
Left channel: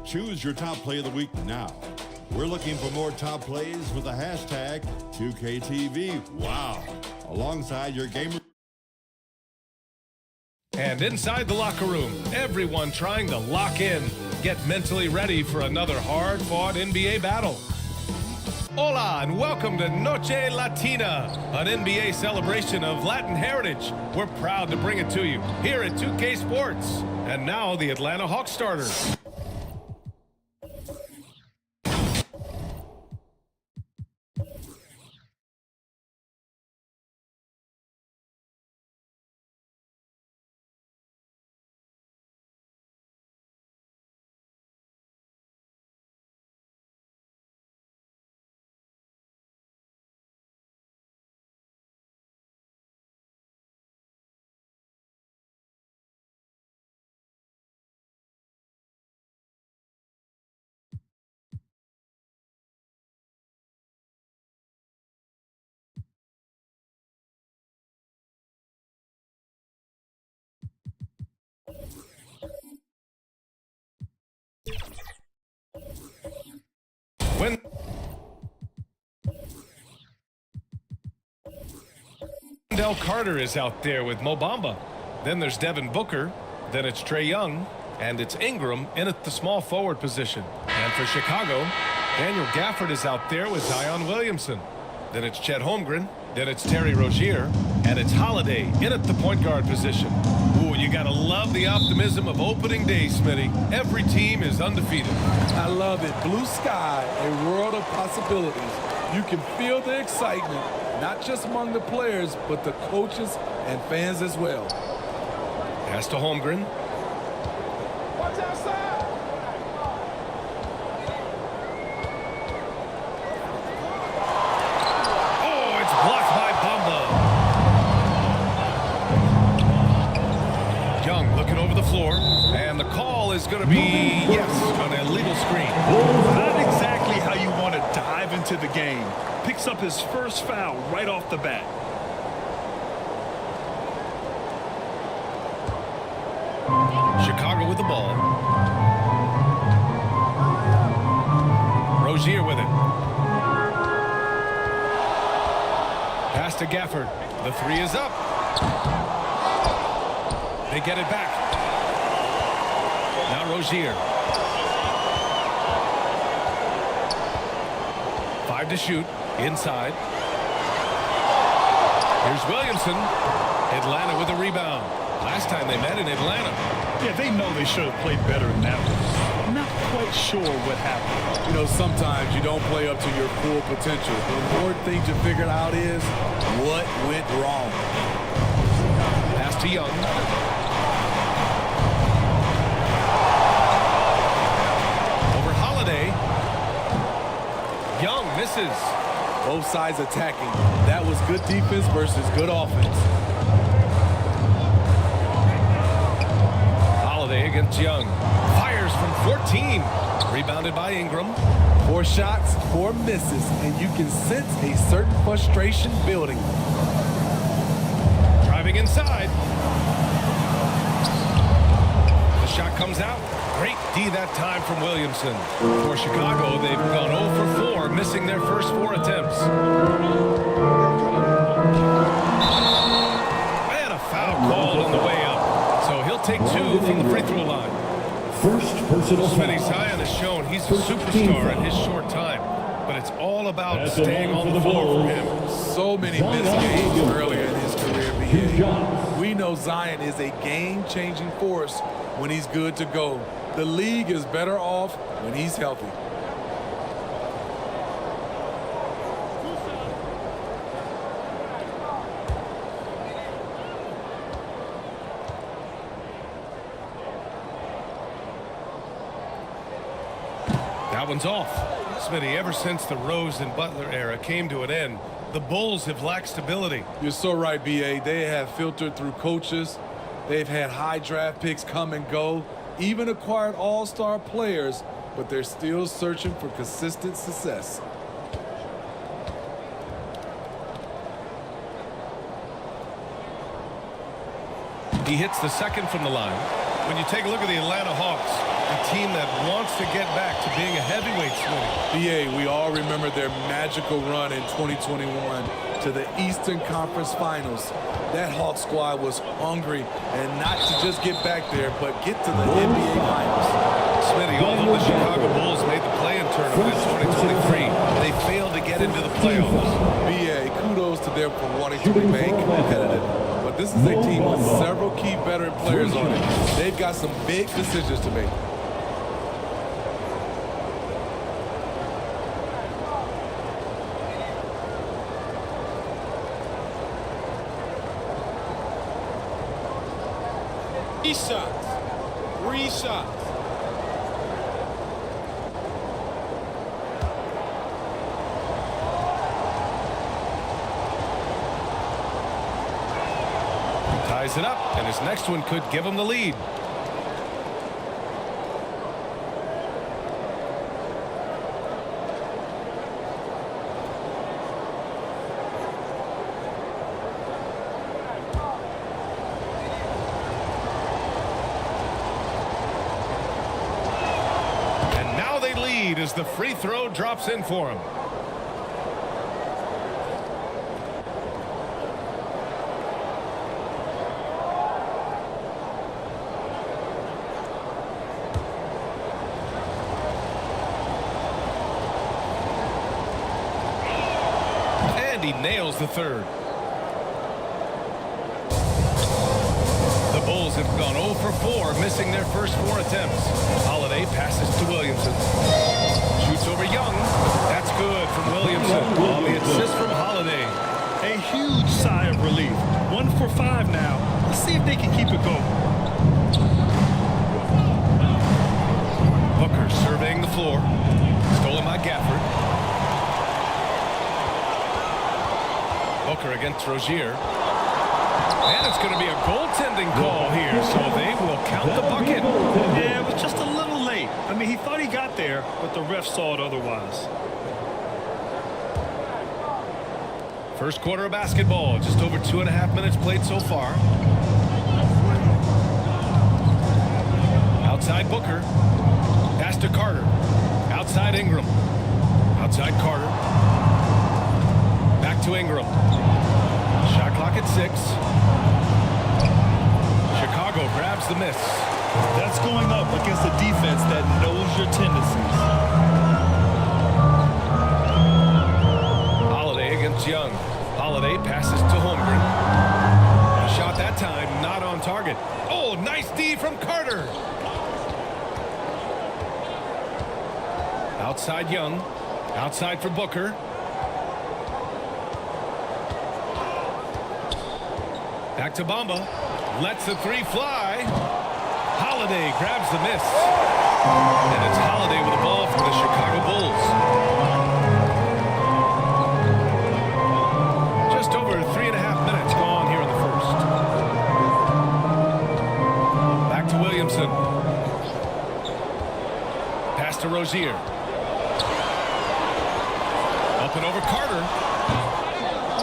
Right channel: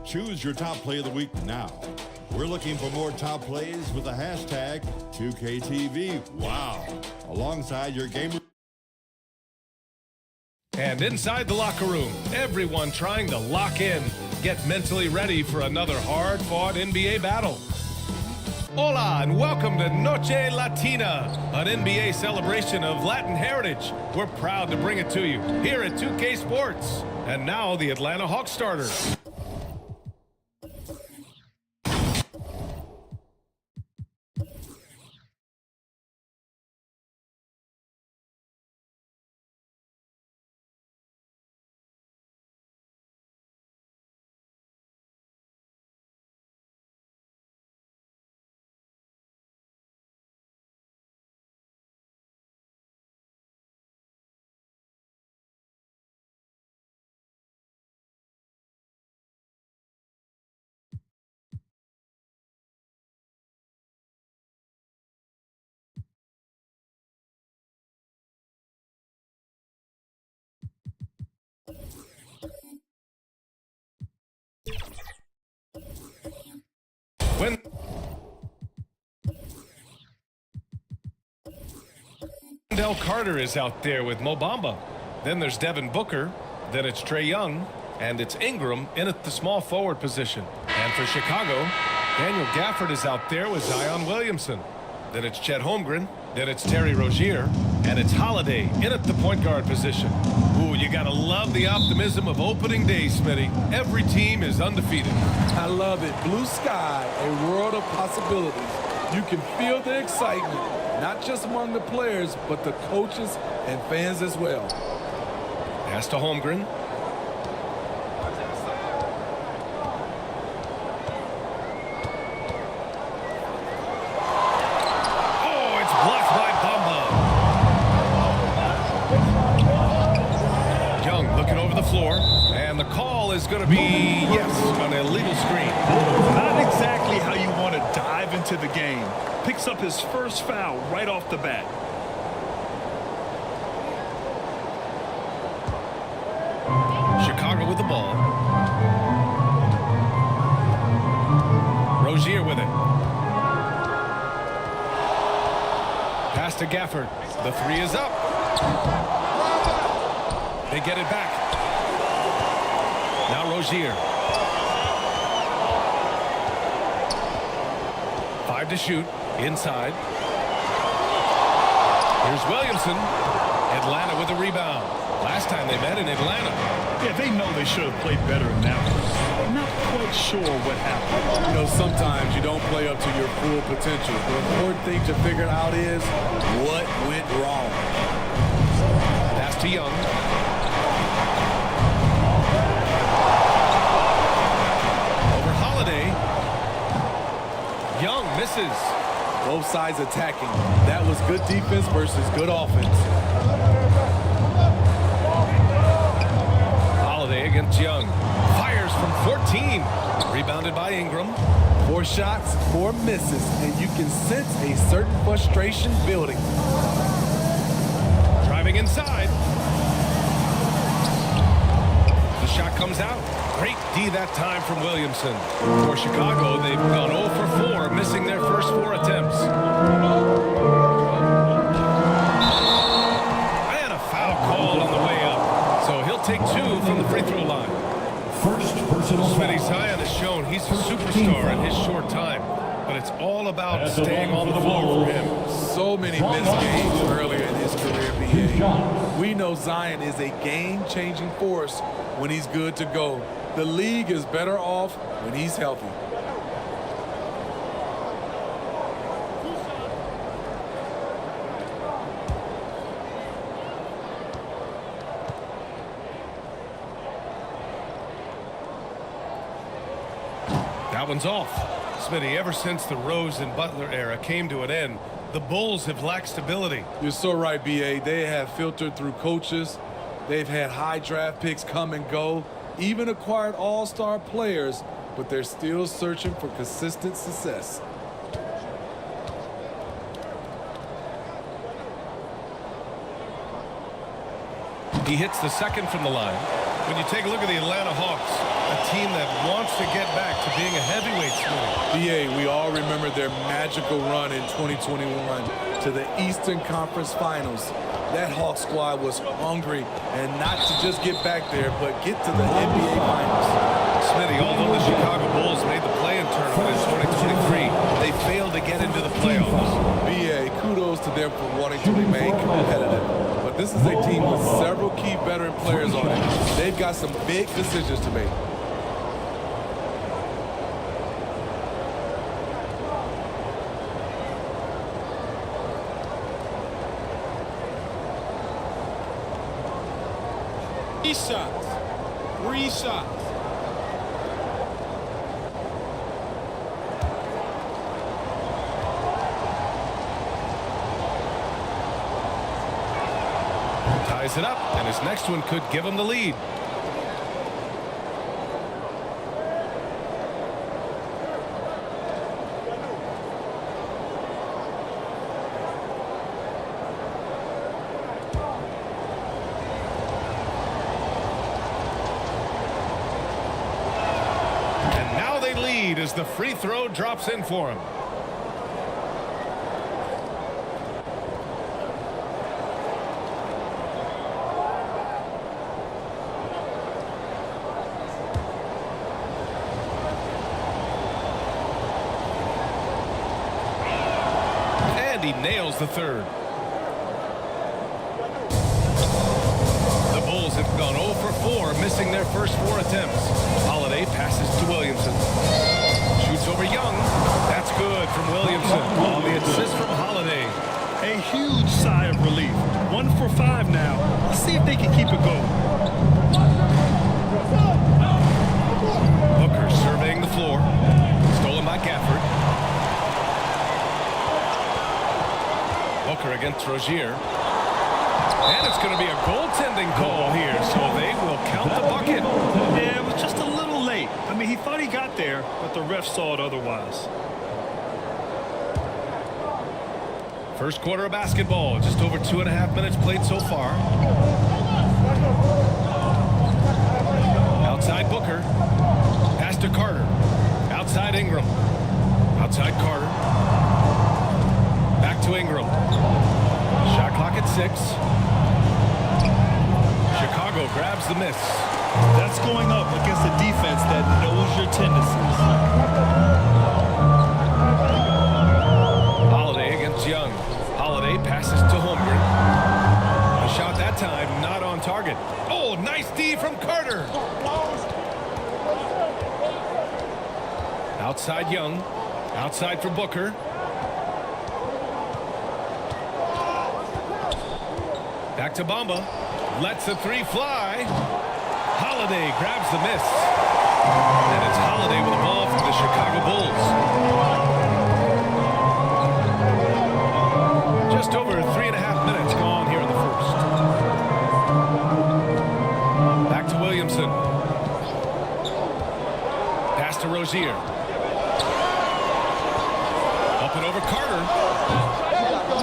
Choose your top play of the week now. We're looking for more top plays with the hashtag 2KTV. Wow. Alongside your gamer. And inside the locker room, everyone trying to lock in, get mentally ready for another hard-fought NBA battle. Hola, and welcome to Noche Latina, an NBA celebration of Latin heritage. We're proud to bring it to you here at 2K Sports. And now the Atlanta Hawks starters. When Wendell Carter is out there with Mo Bamba. Then there's Devin Booker. Then it's Trae Young. And it's Ingram in at the small forward position. And for Chicago, Daniel Gafford is out there with Zion Williamson. Then it's Chet Holmgren. Then it's Terry Rozier. And it's Holiday in at the point guard position. Ooh, you got to love the optimism of opening day, Smitty. Every team is undefeated. I love it. Blue sky, a world of possibilities. You can feel the excitement, not just among the players, but the coaches and fans as well. Pass to Holmgren. It's blocked by Bamba. Young looking over the floor, and the call is going to be, yes, an illegal screen. Not exactly how you want to dive into the game. Picks up his first foul right off the bat. Chicago with the ball. Rozier with it. Pass to Gafford. The three is up. They get it back. Now Rozier. 5 to shoot. Inside. Here's Williamson. Atlanta with a rebound. Last time they met in Atlanta. Yeah, they know they should have played better in that one. Not quite sure what happened. You know, sometimes you don't play up to your full potential. The important thing to figure out is what went wrong. Pass to Young. Over Holiday. Young misses. Both sides attacking. That was good defense versus good offense. Holiday against Young. Fires from 14. Rebounded by Ingram. 4 shots, 4 misses, and you can sense a certain frustration building. Driving inside. The shot comes out. Great D that time from Williamson. For Chicago, they've gone 0 for 4, missing their first 4 attempts. And a foul called on the way up. So he'll take 2 from the free throw line. First personal foul. Smitty Zion has shown he's a superstar in his short time, but it's all about staying on the floor for him. So many missed games earlier in his career, BA. We know Zion is a game-changing force when he's good to go. The league is better off when he's healthy. That one's off. Smitty, ever since the Rose and Butler era came to an end, the Bulls have lacked stability. You're so right, BA. They have filtered through coaches. They've had high draft picks come and go, even acquired all-star players, but they're still searching for consistent success. He hits the second from the line. When you take a look at the Atlanta Hawks, a team that wants to get back to being a heavyweight, Smitty. BA, we all remember their magical run in 2021 to the Eastern Conference Finals. That Hawks squad was hungry, and not to just get back there, but get to the NBA Finals. Smitty, although the Chicago Bulls made the play-in tournament in 2023, they failed to get into the playoffs. BA, kudos to them for wanting to remain competitive. But this is a team with several key veteran players on it. They've got some big decisions to make. Three shots. Ties it up, and his next one could give him the lead. And now they lead as the free throw drops in for him. And he nails the third. The Bulls have gone 0 for 4, missing their first 4 attempts. Holiday passes to Williamson. Shoots over Young. That's good from Williamson on the assist from Holiday. A huge sigh of relief. 1 for 5 now. Let's see if they can keep it going. Booker surveying the floor. Stolen by Gafford. Booker against Rozier. And it's going to be a goaltending call here, so they will count the bucket. Yeah, it was just a little late. I mean, he thought he got there, but the ref saw it otherwise. First quarter of basketball, just over 2.5 minutes played so far. Outside Booker. Pass to Carter. Outside Ingram. Outside Carter. Back to Ingram. Shot clock at 6. Chicago grabs the miss. That's going up against a defense that knows your tendencies. Holiday against Young. Holiday passes to Holmgren. The shot that time not on target. Oh, nice D from Carter. Outside Young. Outside for Booker. Back to Bamba. Lets the 3 fly. Holiday grabs the miss. And it's Holiday with the ball for the Chicago Bulls. Just over 3.5 minutes gone here in the first. Back to Williamson. Pass to Rozier. Up and over Carter.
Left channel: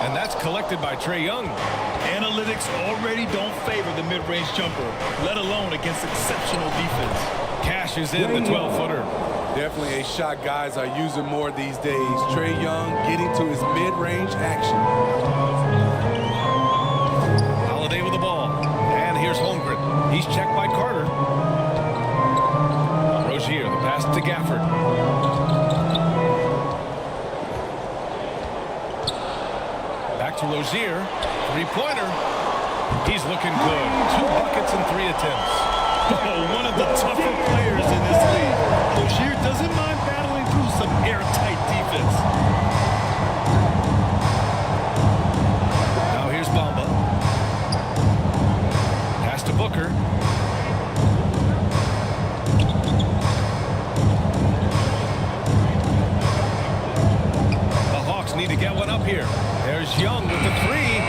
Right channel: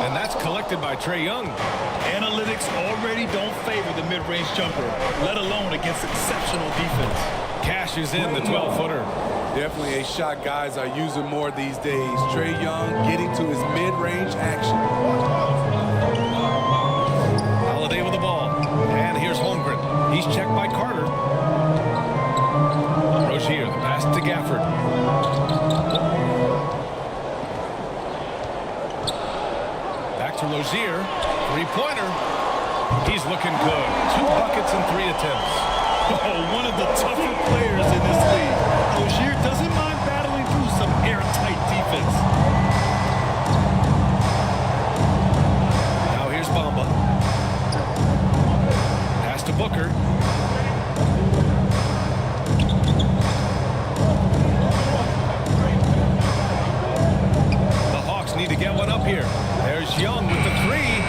And that's collected by Trae Young. Analytics already don't favor the mid-range jumper, let alone against exceptional defense. Cashes in the 12-footer. Definitely a shot guys are using more these days. Trae Young getting to his mid-range action. Holiday with the ball. And here's Holmgren. He's checked by Carter. Rozier, the pass to Gafford. Back to Rozier. 3-pointer. He's looking good. 2 buckets and 3 attempts. Oh, one of the tougher players in this league. Rozier doesn't mind battling through some airtight defense. Now here's Bamba. Pass to Booker. The Hawks need to get one up here. There's Young with the 3.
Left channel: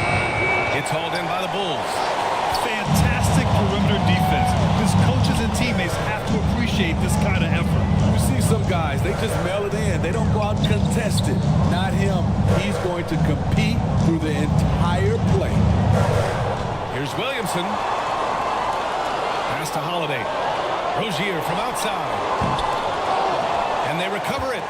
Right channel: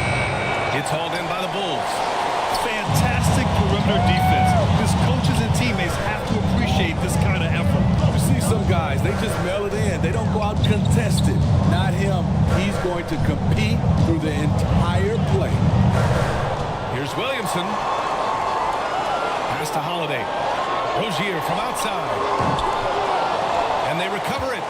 It's hauled in by the Bulls. Fantastic perimeter defense. His coaches and teammates have to appreciate this kind of effort. You see some guys, they just mail it in. They don't go out and contest it. Not him. He's going to compete through the entire play. Here's Williamson. Pass to Holiday. Rozier from outside. And they recover it.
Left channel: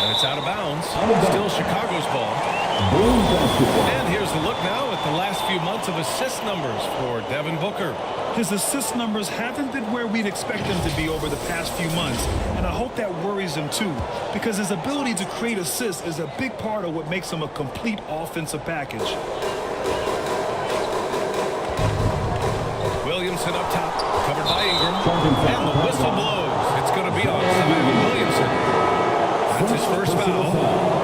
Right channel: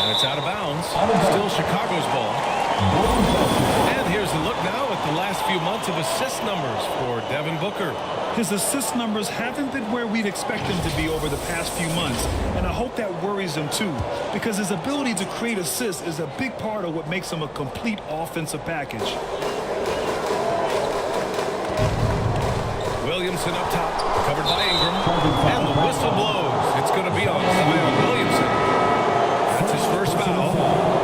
And it's out of bounds. Still Chicago's ball. And here's the look now at the last few months of assist numbers for Devin Booker. His assist numbers haven't been where we'd expect them to be over the past few months, and I hope that worries him too, because his ability to create assists is a big part of what makes him a complete offensive package. Williamson up top, covered by Ingram, and the whistle blows. It's going to be on Zion Williamson. That's his first foul.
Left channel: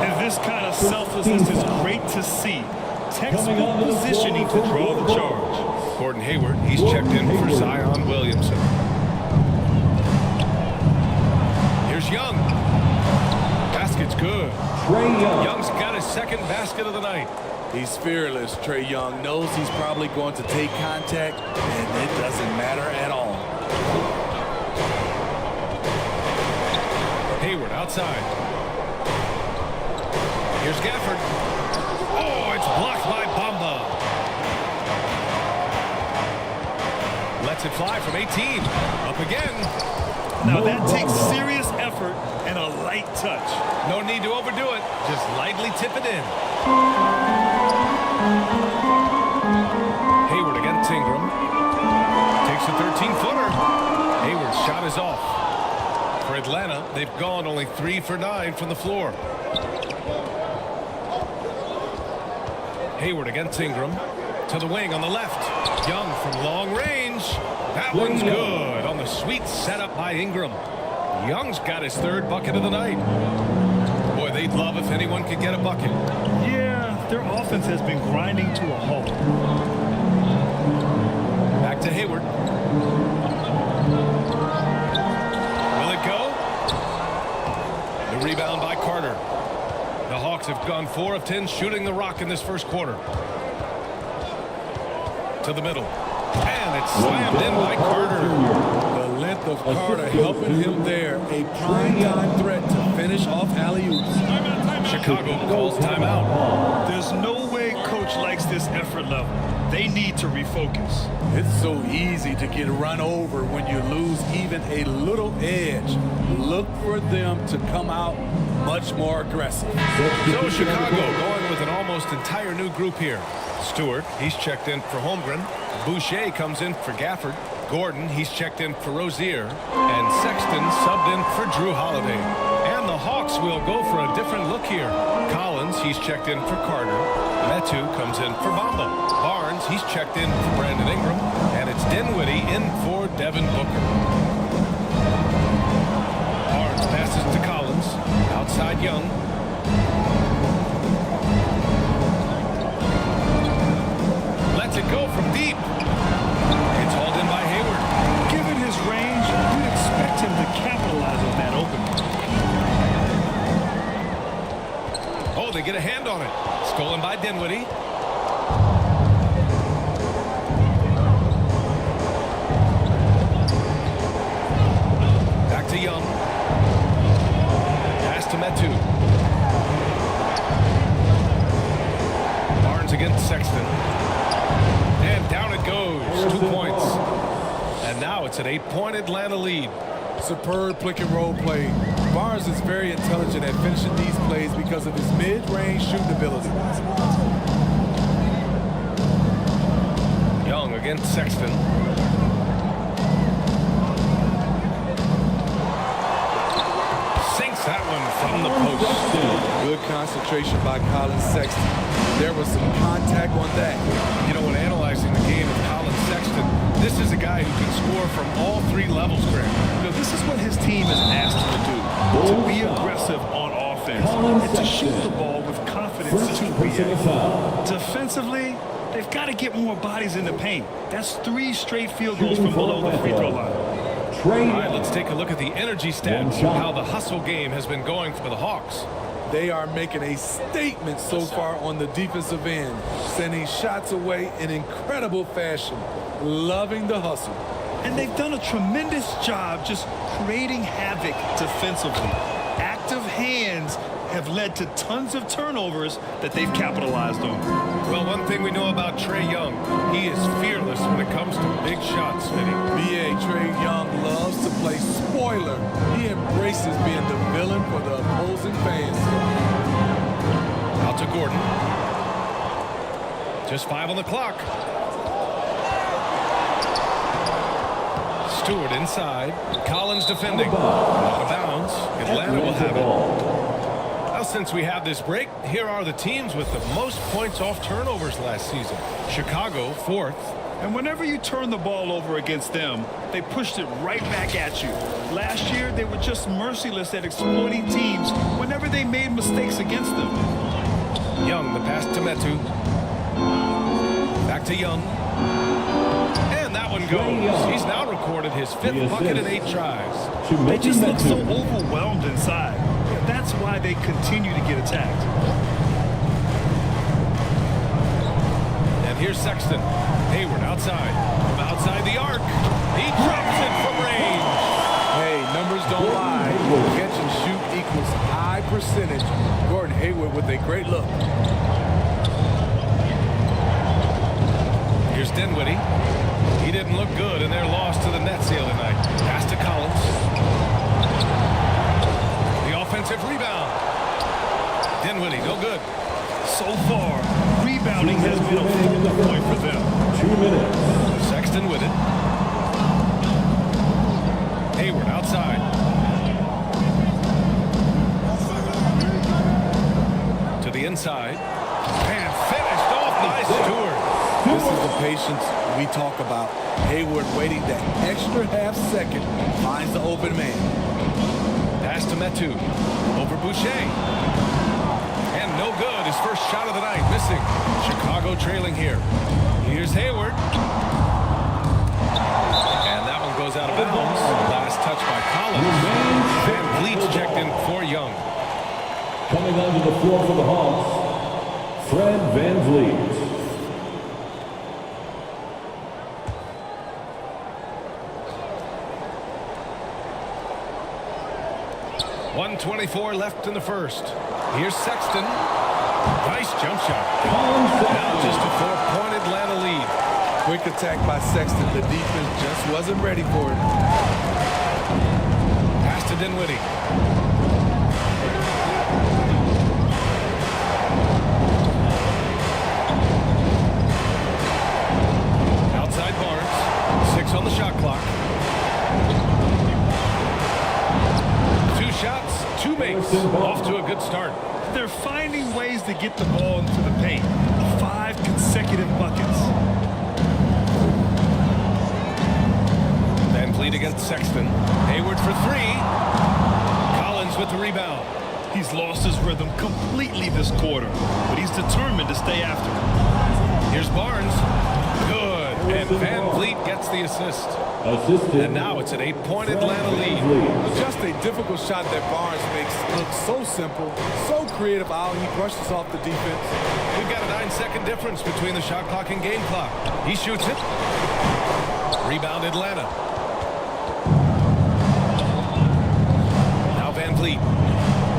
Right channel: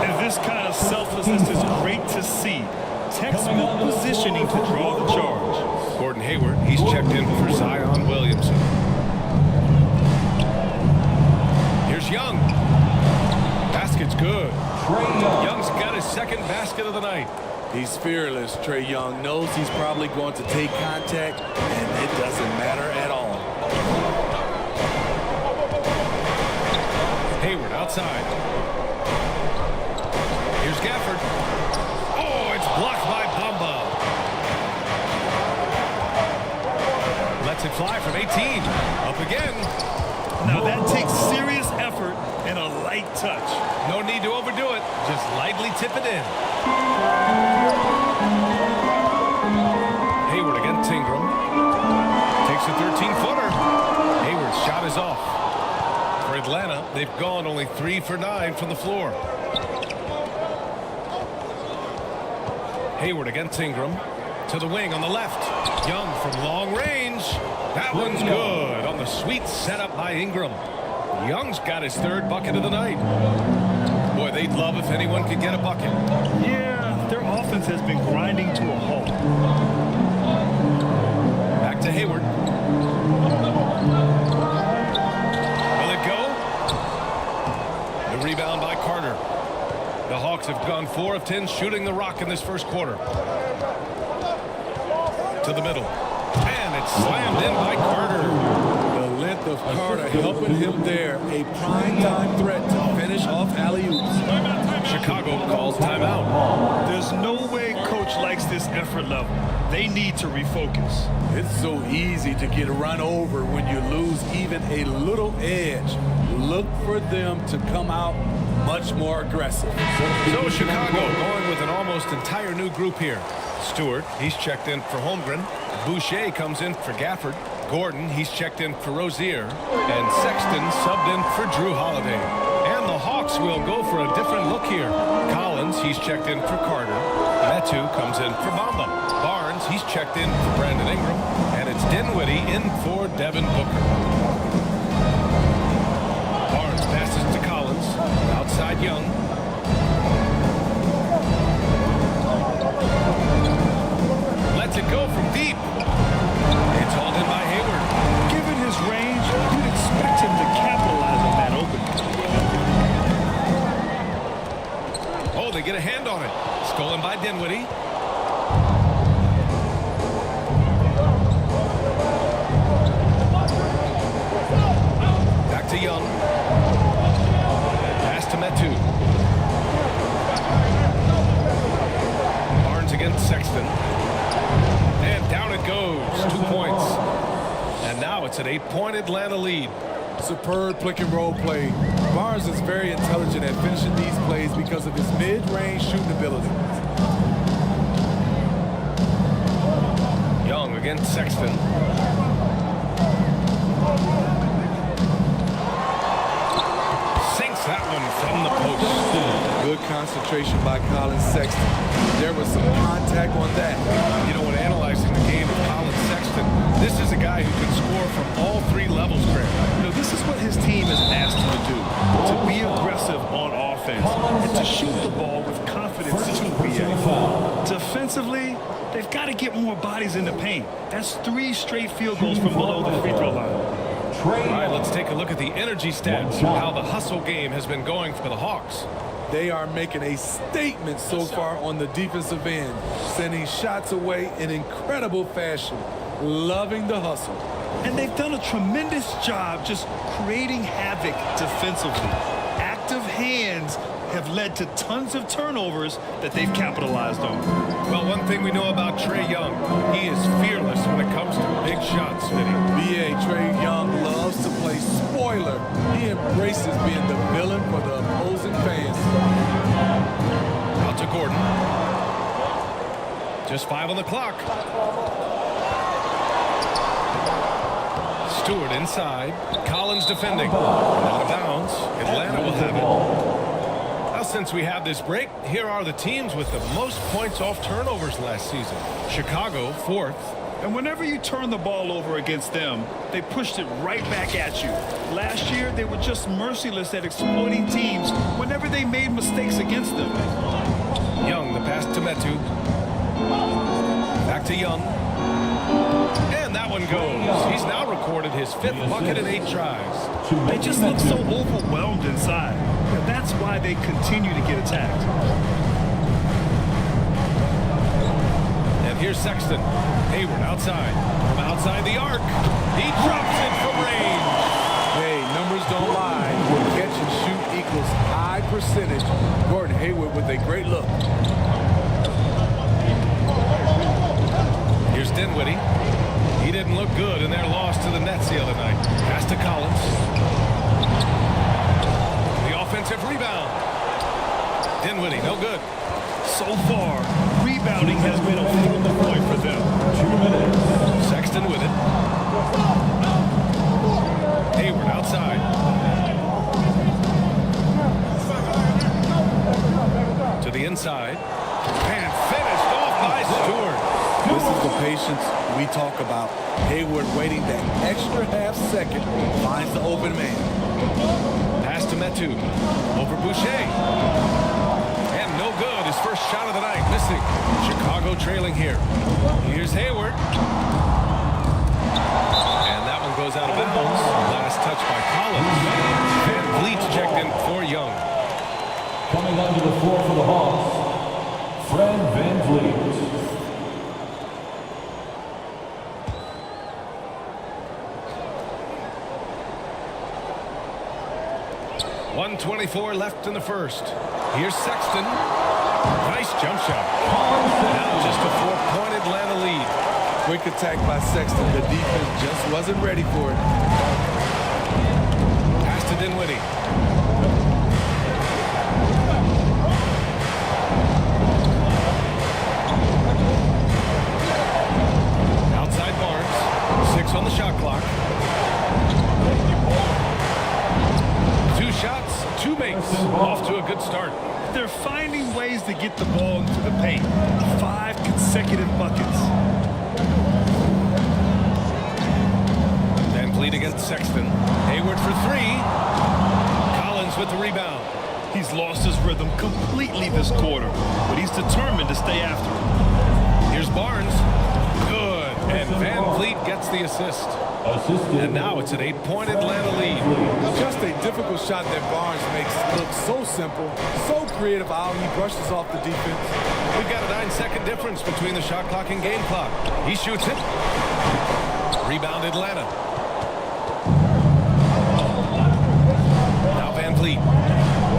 And this kind of selflessness is great to see. Textbook positioning to draw the charge. Gordon Hayward, he's checked in for Zion Williamson. Here's Young. Basket's good. Young's got his second basket of the night. He's fearless. Trae Young knows he's probably going to take contact, and it doesn't matter at all. Hayward outside. Here's Gafford. Oh, it's blocked by Bamba. Lets it fly from 18. Up again. Now that takes serious effort and a light touch. No need to overdo it. Just lightly tip it in. Hayward against Ingram. Takes a 13-footer. Hayward's shot is off. For Atlanta, they've gone only 3 for 9 from the floor. Hayward against Ingram. To the wing on the left. Young from long range. That one's good on the sweet setup by Ingram. Young's got his 3rd bucket of the night. Boy, they'd love if anyone could get a bucket. Yeah, their offense has been grinding to a halt. Back to Hayward. Will it go? The rebound by Carter. The Hawks have gone 4 of 10 shooting the rock in this first quarter. To the middle. And it's slammed in by Carter. The length of Carter helping him there. A prime-time threat to finish off alley-oops. Chicago calls timeout. There's no way coach likes this effort level. They need to refocus. It's so easy to get run over when you lose even a little edge. Look for them to come out much more aggressive. So Chicago going with an almost entire new group here. Stewart, he's checked in for Holmgren. Boucher comes in for Gafford. Gordon, he's checked in for Rozier. And Sexton subbed in for Drew Holiday. And the Hawks will go for a different look here. Collins, he's checked in for Carter. Metu comes in for Bamba. Barnes, he's checked in for Brandon Ingram. And it's Dinwiddie in for Devin Booker. Barnes passes to Collins. Outside Young. Lets it go from deep. It's hauled in by Hayward. Given his range, you'd expect him to capitalize on that opening. Oh, they get a hand on it. Stolen by Dinwiddie. Back to Young. Pass to Metu. Barnes against Sexton. And down it goes. 2 points. And now it's an 8-point Atlanta lead. Superb pick and roll play. Barnes is very intelligent at finishing these plays because of his mid-range shooting ability. Young against Sexton. Sinks that one from the post. Good concentration by Colin Sexton. There was some contact on that. You know, when analyzing the game of Colin Sexton, this is a guy who can score from all 3 levels, Greg. You know, this is what his team has asked him to do, to be aggressive on offense and to shoot the ball with confidence too, B.A. Defensively, they've got to get more bodies in the paint. That's 3 straight field goals from below the free throw line. All right, let's take a look at the energy stats, how the hustle game has been going for the Hawks. They are making a statement so far on the defensive end, sending shots away in incredible fashion, loving the hustle. And they've done a tremendous job just creating havoc defensively. Active hands have led to tons of turnovers that they've capitalized on. Well, one thing we know about Trae Young, he is fearless when it comes to big shots, Smitty. B.A. Trae Young loves to play spoiler. He embraces being the villain for the opposing fans. Out to Gordon. Just 5 on the clock. Stewart inside. Collins defending. And out of bounds. Atlanta will have it. Well, since we have this break, here are the teams with the most points off turnovers last season. Chicago, 4th. And whenever you turn the ball over against them, they pushed it right back at you. Last year, they were just merciless at exploiting teams whenever they made mistakes against them. Young, the pass to Metu. Back to Young. And that one goes. He's now recorded his 5th bucket in 8 tries. They just look so overwhelmed inside. You know, that's why they continue to get attacked. And here's Sexton. Hayward outside. From outside the arc. He drops it from range. Hey, numbers don't lie. Catch and shoot equals high percentage. Gordon Hayward with a great look. Here's Dinwiddie. He didn't look good in their loss to the Nets the other night. Pass to Collins. The offensive rebound. Dinwiddie, no good. So far, rebounding has been a focal point for them. 2 minutes. Sexton with it. Hayward outside. To the inside. And finished off by Stewart. This is the patience we talk about. Hayward waiting that extra half second, finds the open man. Pass to Metu. Over Boucher. And no good. His first shot of the night missing. Chicago trailing here. Here's Hayward. And that one goes out of bounds. Last touch by Collins. Van Vliet's checked in for Young. Coming onto the floor for the Hawks, Fred VanVleet. .124 left in the first. Here's Sexton. Nice jump shot. Now just a 4-point Atlanta lead. Quick attack by Sexton. The defense just wasn't ready for it. Pass to Dinwiddie. Outside Barnes. 6 on the shot clock. 2 shots, 2 makes. Off to a good start. They're finding ways to get the ball into the paint. 5 consecutive buckets. VanVleet against Sexton. Hayward for 3. Collins with the rebound. He's lost his rhythm completely this quarter, but he's determined to stay after it. Here's Barnes. Good. And VanVleet gets the assist. And now it's an 8-point Atlanta lead. Just a difficult shot that Barnes makes look so simple, so creative how he brushes off the defense. We've got a 9-second difference between the shot clock and game clock. He shoots it. Rebound Atlanta. Now VanVleet.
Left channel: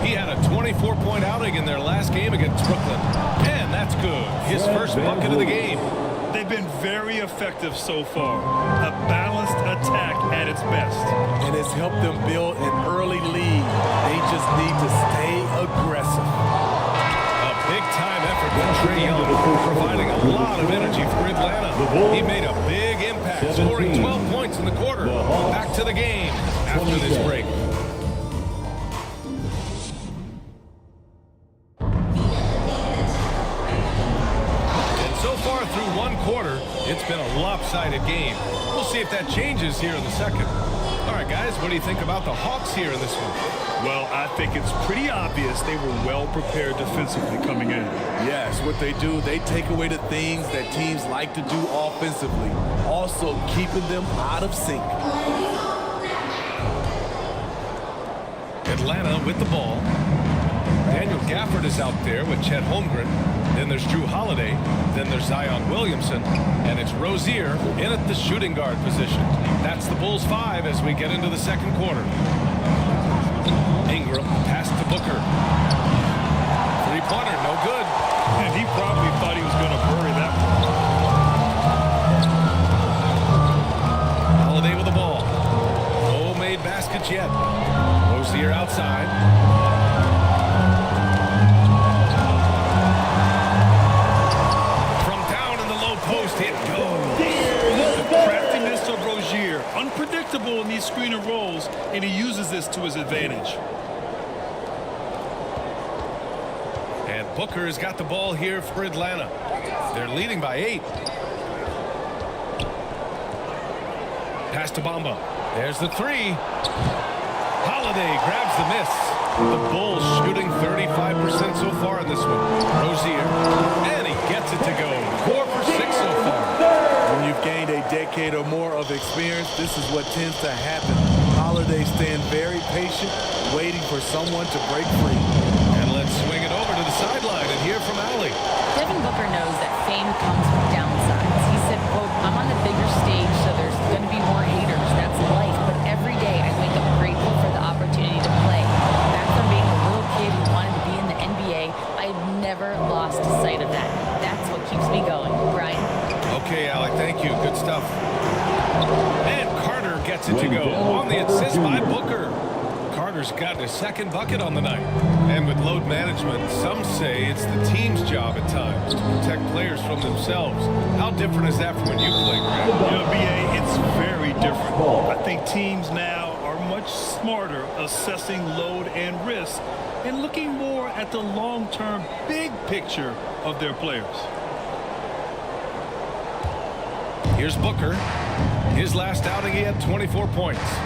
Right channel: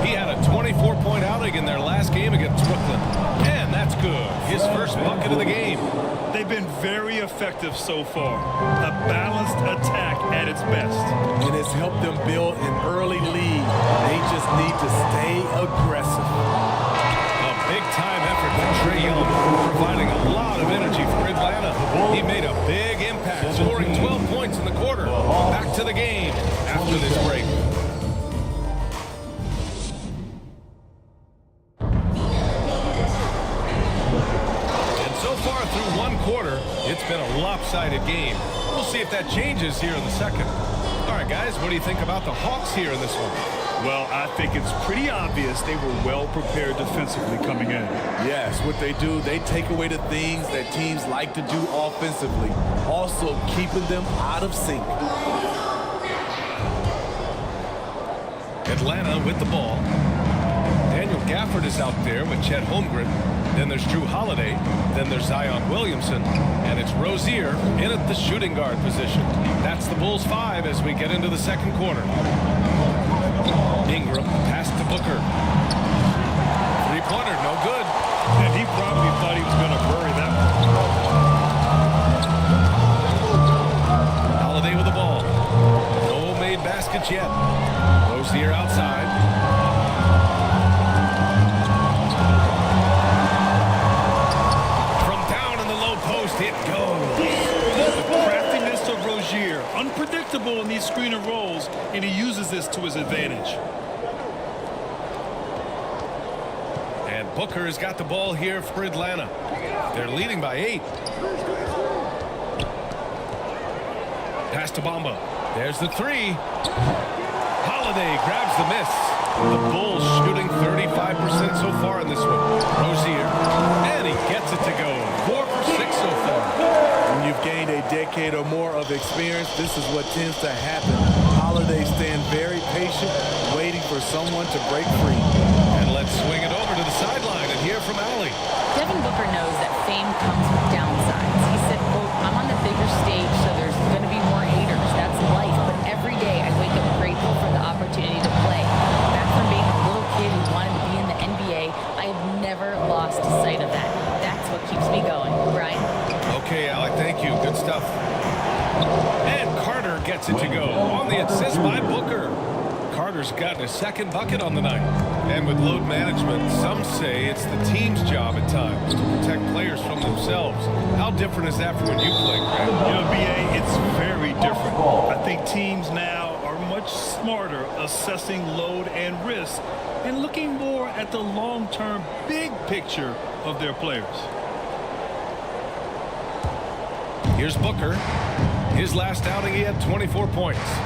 He had a 24-point outing in their last game against Brooklyn. And that's good. His first bucket of the game. They've been very effective so far. A balanced attack at its best. And it's helped them build an early lead. They just need to stay aggressive. A big-time effort from Trae Young, providing a lot of energy for Atlanta. He made a big impact, scoring 12 points in the quarter. Back to the game after this break. So far through one quarter, it's been a lopsided game. We'll see if that changes here in the second. All right, guys, what do you think about the Hawks here in this one? Well, I think it's pretty obvious they were well prepared defensively coming in. Yes, what they do, they take away the things that teams like to do offensively, also keeping them out of sync. Atlanta with the ball. Daniel Gafford is out there with Chet Holmgren. Then there's Drew Holiday. Then there's Zion Williamson. And it's Rozier in at the shooting guard position. That's the Bulls 5 as we get into the second quarter. Ingram, the pass to Booker. Three-pointer, no good. And he probably thought he was going to bury that one. Holiday with the ball. No made baskets yet. Rozier outside. From down in the low post, it goes. The craftiness of Rozier, unpredictable in these screen and rolls, and he uses this to his advantage. And Booker has got the ball here for Atlanta. They're leading by 8. Pass to Bamba. There's the 3. Holiday grabs the miss. The Bulls shooting 35% so far in this one. Rozier, and he gets it to go. 4 for 6 so far. When you've gained a decade or more of experience, this is what tends to happen. Holiday staying very patient, waiting for someone to break free. And let's swing it over to the sideline and hear from Allie. Devin Booker knows that fame comes with downsides. He said, quote, "I'm on the bigger stage, so there's going to be more haters. That's life. But every day I wake up grateful for the opportunity to play. Back from being a little kid who wanted to be in the NBA, I have never lost sight of that. That's what keeps me going." Brian? Okay, Allie, thank you. Good stuff. And Carter gets it to go on the assist by Booker. Carter's got his second bucket on the night. And with load management, some say it's the team's job at times to protect players from themselves. How different is that from when you played, Greg? You know, B.A., it's very different. I think teams now are much smarter assessing load and risk and looking more at the long-term big picture of their players. Here's Booker. His last outing, he had 24 points.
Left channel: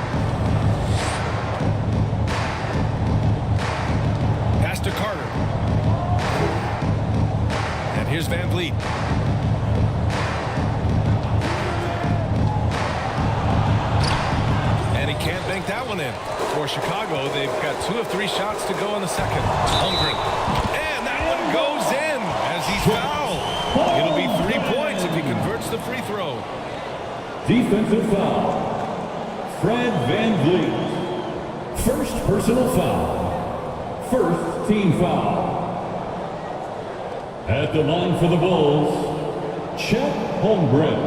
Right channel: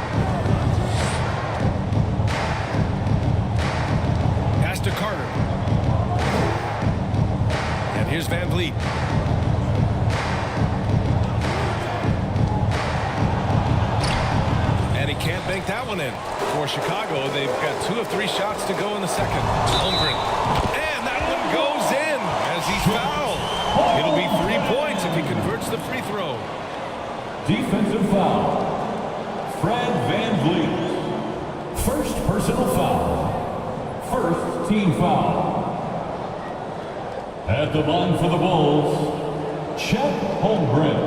Pass to Carter. And here's VanVleet. And he can't bank that one in. For Chicago, they've got 2 of 3 shots to go in the second. Holmgren. And that one goes in as he's fouled. It'll be 3 points if he converts the free throw. Defensive foul. Fred VanVleet. First personal foul. First team foul. At the line for the Bulls, Chet Holmgren.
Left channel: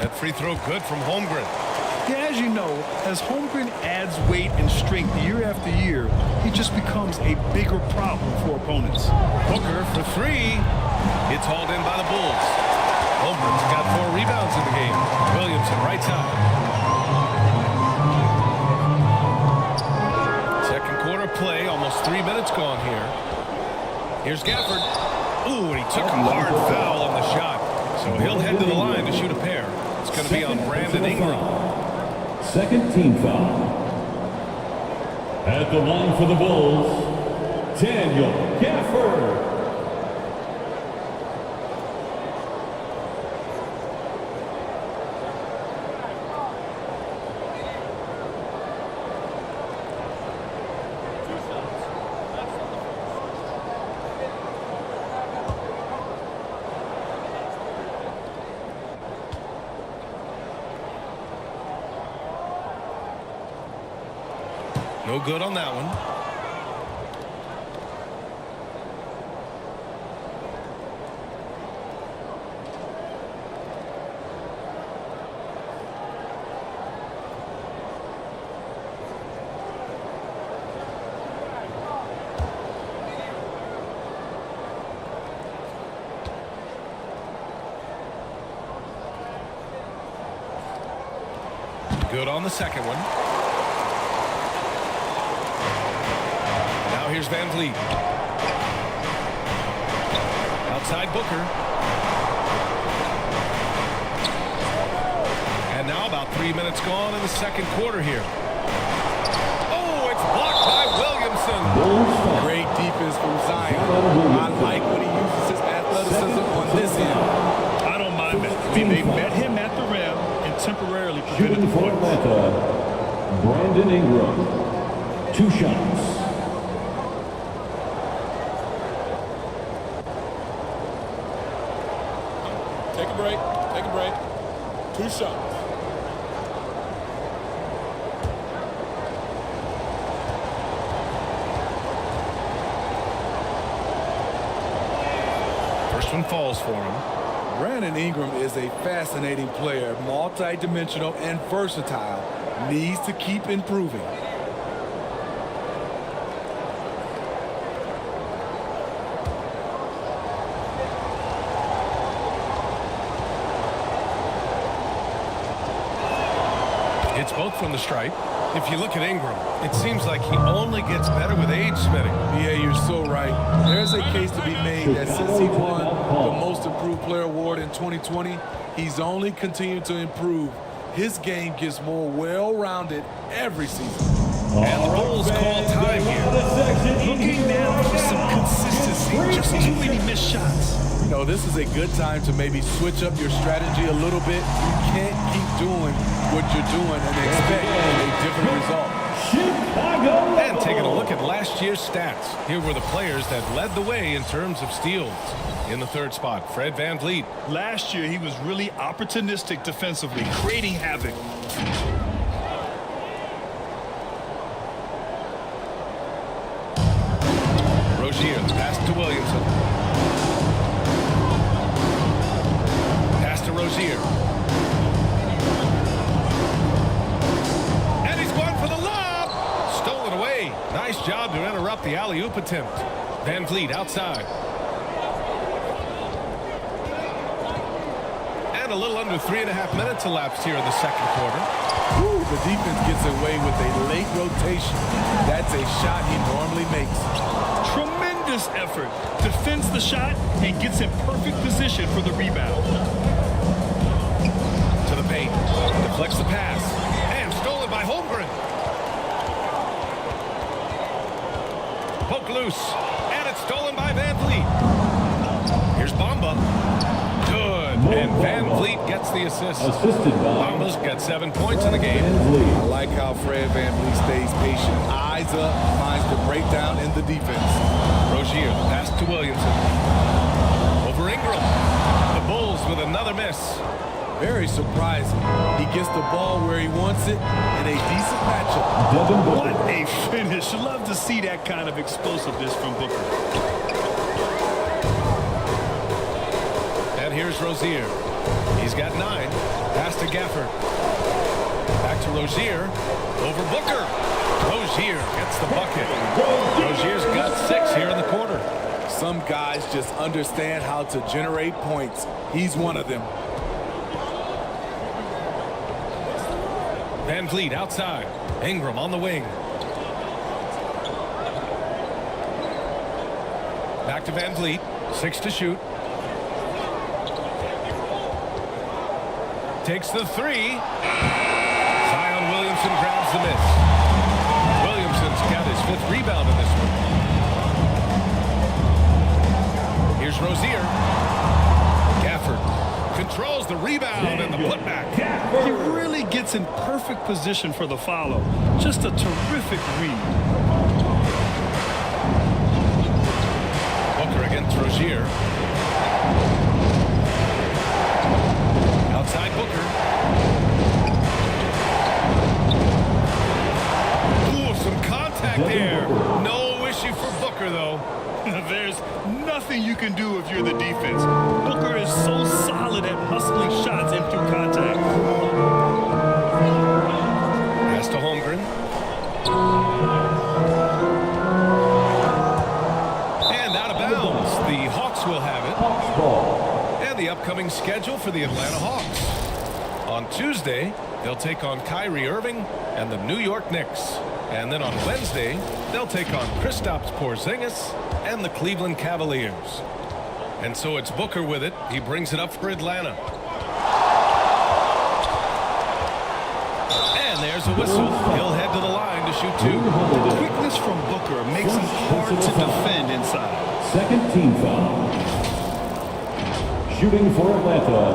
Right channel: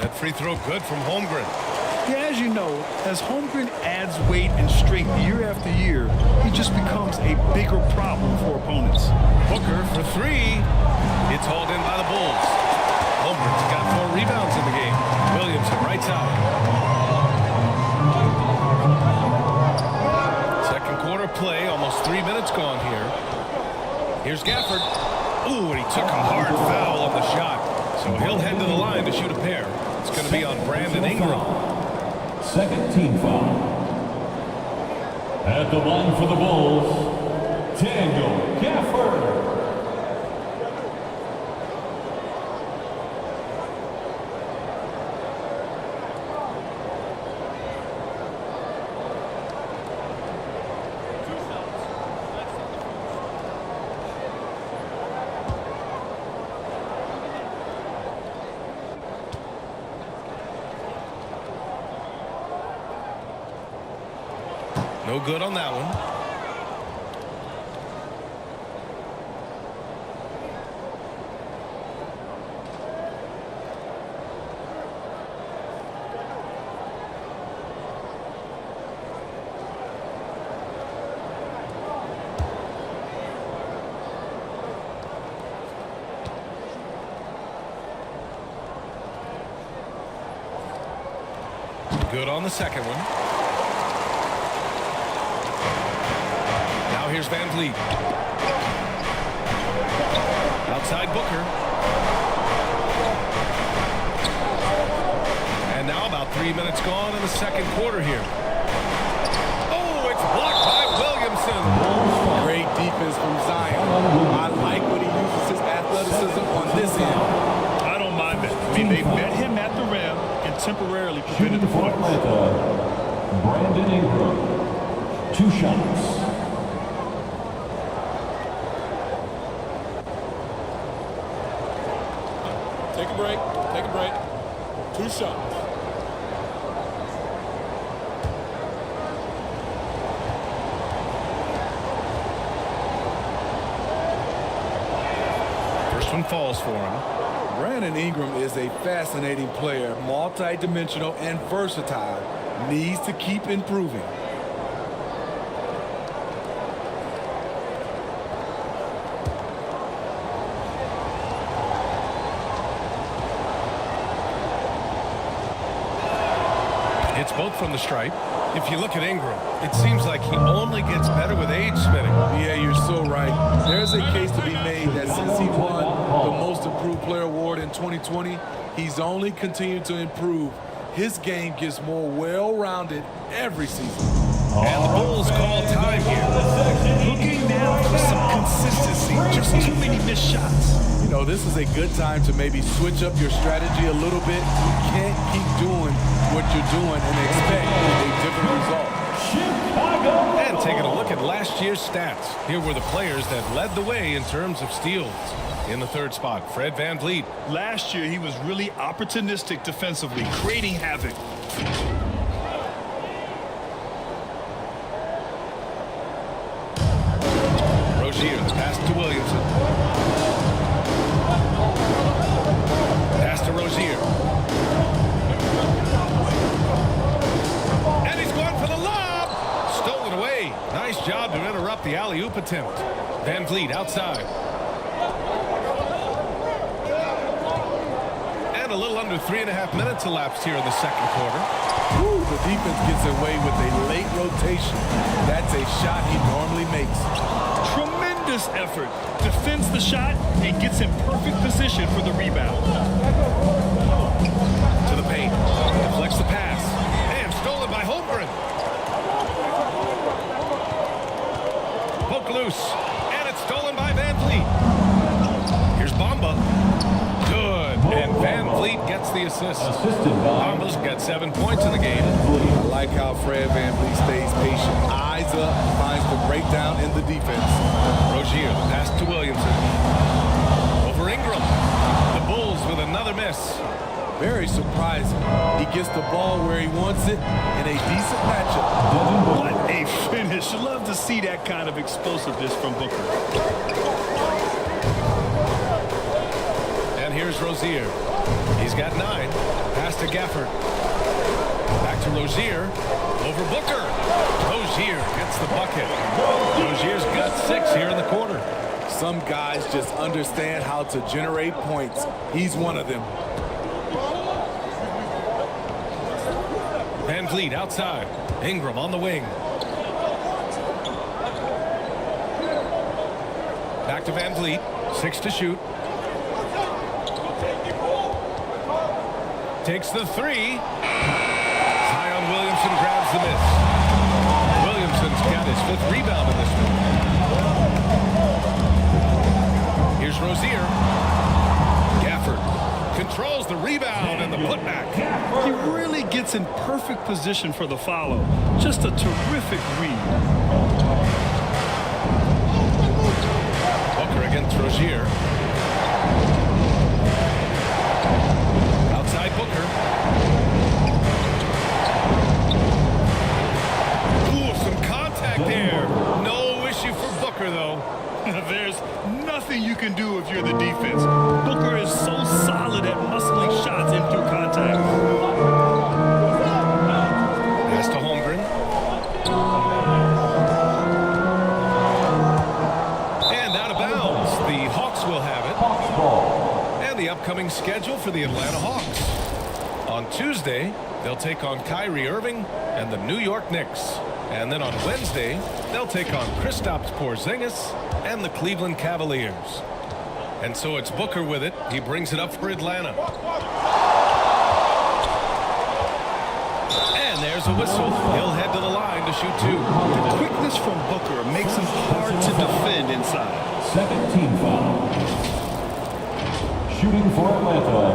That free throw good from Holmgren. Yeah, as you know, as Holmgren adds weight and strength year after year, he just becomes a bigger problem for opponents. Booker for 3. It's hauled in by the Bulls. Holmgren's got 4 rebounds in the game. Williamson right side. Second quarter play, almost 3 minutes gone here. Here's Gafford. Ooh, and he took a hard foul on the shot. So he'll head to the line to shoot a pair. It's going to be on Brandon Ingram. Second team foul. At the line for the Bulls, Daniel Gafford. No good on that one. Good on the second one. Now here's VanVleet. Outside Booker. And now about 3 minutes gone in the second quarter here. Oh, it's blocked by Williamson. Great defense from Zion. I like when he uses his athleticism on this end. I don't mind that. I mean, they met him at the rim and temporarily prevented the points. Brandon Ingram. 2 shots. Take a break. Take a break. 2 shots. First one falls for him. Brandon Ingram is a fascinating player, multi-dimensional and versatile. Needs to keep improving. It's both from the stripe. If you look at Ingram, it seems like he only gets better with age, Smitty. Yeah, you're so right. There's a case to be made that since he won the Most Improved Player Award in 2020, he's only continued to improve. His game gets more well-rounded every season. And the Bulls call time here. Looking now for some consistency. Just too many missed shots. You know, this is a good time to maybe switch up your strategy a little bit. You can't keep doing what you're doing and expect a different result. And taking a look at last year's stats. Here were the players that led the way in terms of steals. In the third spot, Fred VanVleet. Last year, he was really opportunistic defensively, creating havoc. Rozier, the pass to Williamson. Pass to Rozier. And he's going for the lob. Stolen away. Nice job to interrupt the alley-oop attempt. VanVleet outside. And a little under 3.5 minutes elapsed here in the second quarter. Ooh, the defense gets away with a late rotation. That's a shot he normally makes. Tremendous effort. Defends the shot and gets in perfect position for the rebound. To the paint. Deflects the pass. And stolen by Holmgren. Poke loose. And it's stolen by VanVleet. Here's Bamba. Good. And Van Vliet gets the assist. Bamba's got 7 points in the game. I like how Fred VanVleet stays patient. Eyes up, finds the breakdown in the defense. Rozier, the pass to Williamson. Over Ingram. The Bulls with another miss. Very surprising. He gets the ball where he wants it in a decent matchup. What a finish. Love to see that kind of explosiveness from Booker. And here's Rozier. He's got 9. Pass to Gafford. Back to Rozier. Over Booker. Rozier gets the bucket. Rozier's got 6 here in the quarter. Some guys just understand how to generate points. He's one of them. Van Vliet outside. Ingram on the wing. Back to Van Vliet. 6 to shoot. Takes the 3. Zion Williamson grabs the miss. Williamson's got his 5th rebound in this one. Here's Rozier. Gafford controls the rebound and the putback. He really gets in perfect position for the follow. Just a terrific read. Booker against Rozier. Outside Booker. Ooh, some contact there. No issue for Booker, though. There's nothing you can do if you're the defense. Booker is so solid at muscling shots into contact. Pass to Holmgren. And out of bounds. The Hawks will have it. And the upcoming schedule for the Atlanta Hawks. On Tuesday, they'll take on Kyrie Irving and the New York Knicks. And then on Wednesday, they'll take on Kristaps Porzingis and the Cleveland Cavaliers. And so it's Booker with it. He brings it up for Atlanta. And there's a whistle. He'll head to the line to shoot 2. The quickness from Booker makes him hard to defend inside. Second team foul. Shooting for Atlanta,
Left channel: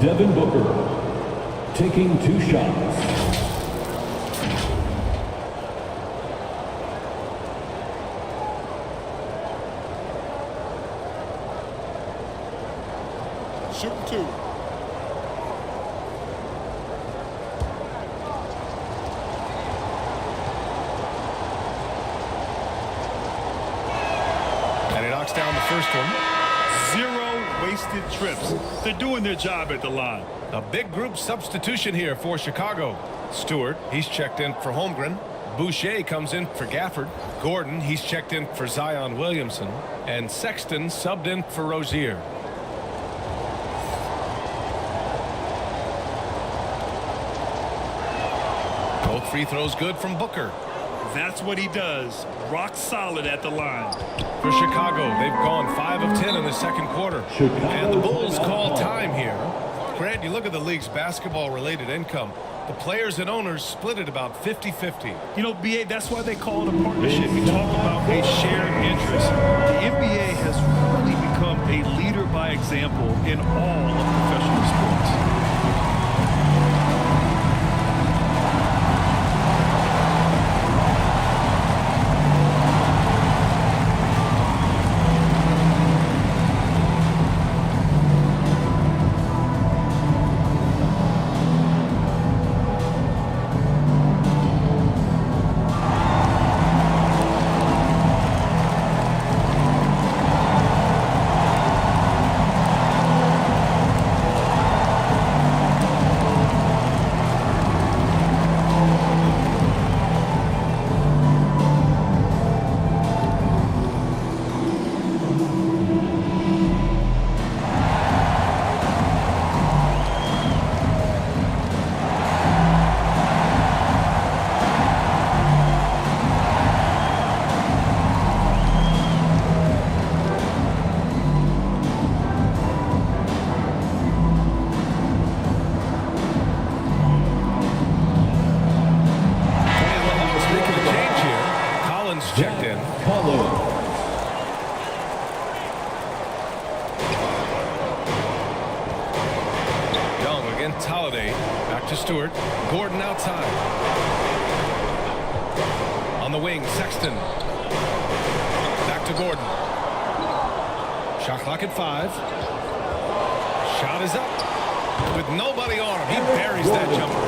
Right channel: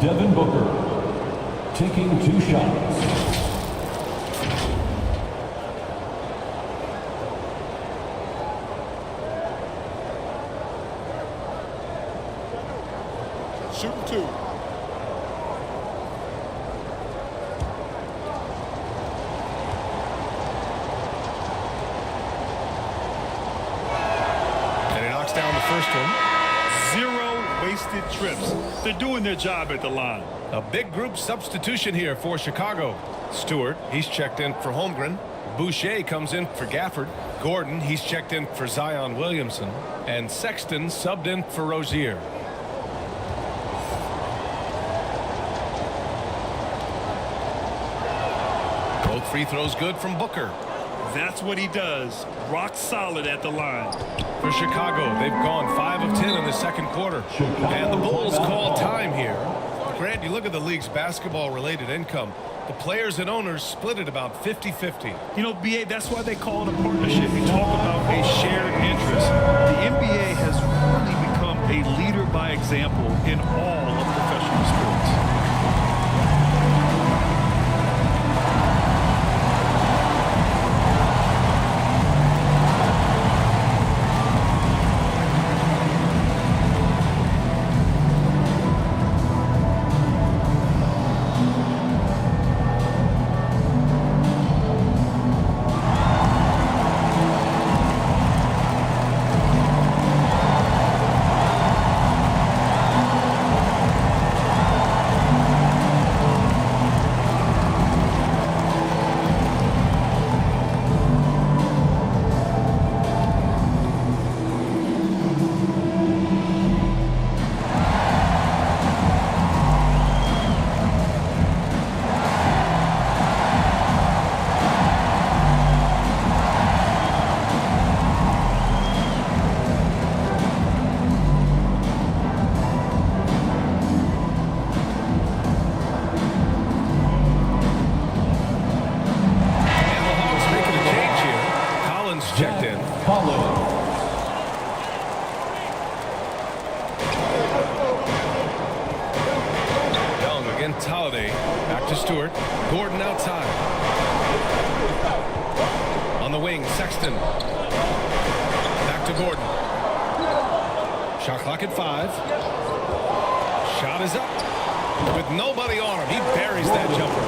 Devin Booker, taking 2 shots. Shooting 2. And he knocks down the first one. 0 wasted trips. They're doing their job at the line. A big group substitution here for Chicago. Stewart, he's checked in for Holmgren. Boucher comes in for Gafford. Gordon, he's checked in for Zion Williamson. And Sexton subbed in for Rozier. Both free throws good from Booker. That's what he does. Rock solid at the line. For Chicago, they've gone 5 of 10 in the second quarter. And the Bulls call time here. Grant, you look at the league's basketball-related income. The players and owners split it about 50-50. You know, BA, that's why they call it a partnership. You talk about a shared interest. The NBA has really become a leader by example in all of professional sports. Making a change here. Collins checked in. Young against Holiday. Back to Stewart. Gordon outside. On the wing, Sexton. Back to Gordon. Shot clock at 5. Shot is up. With nobody on him, he buries that jumper.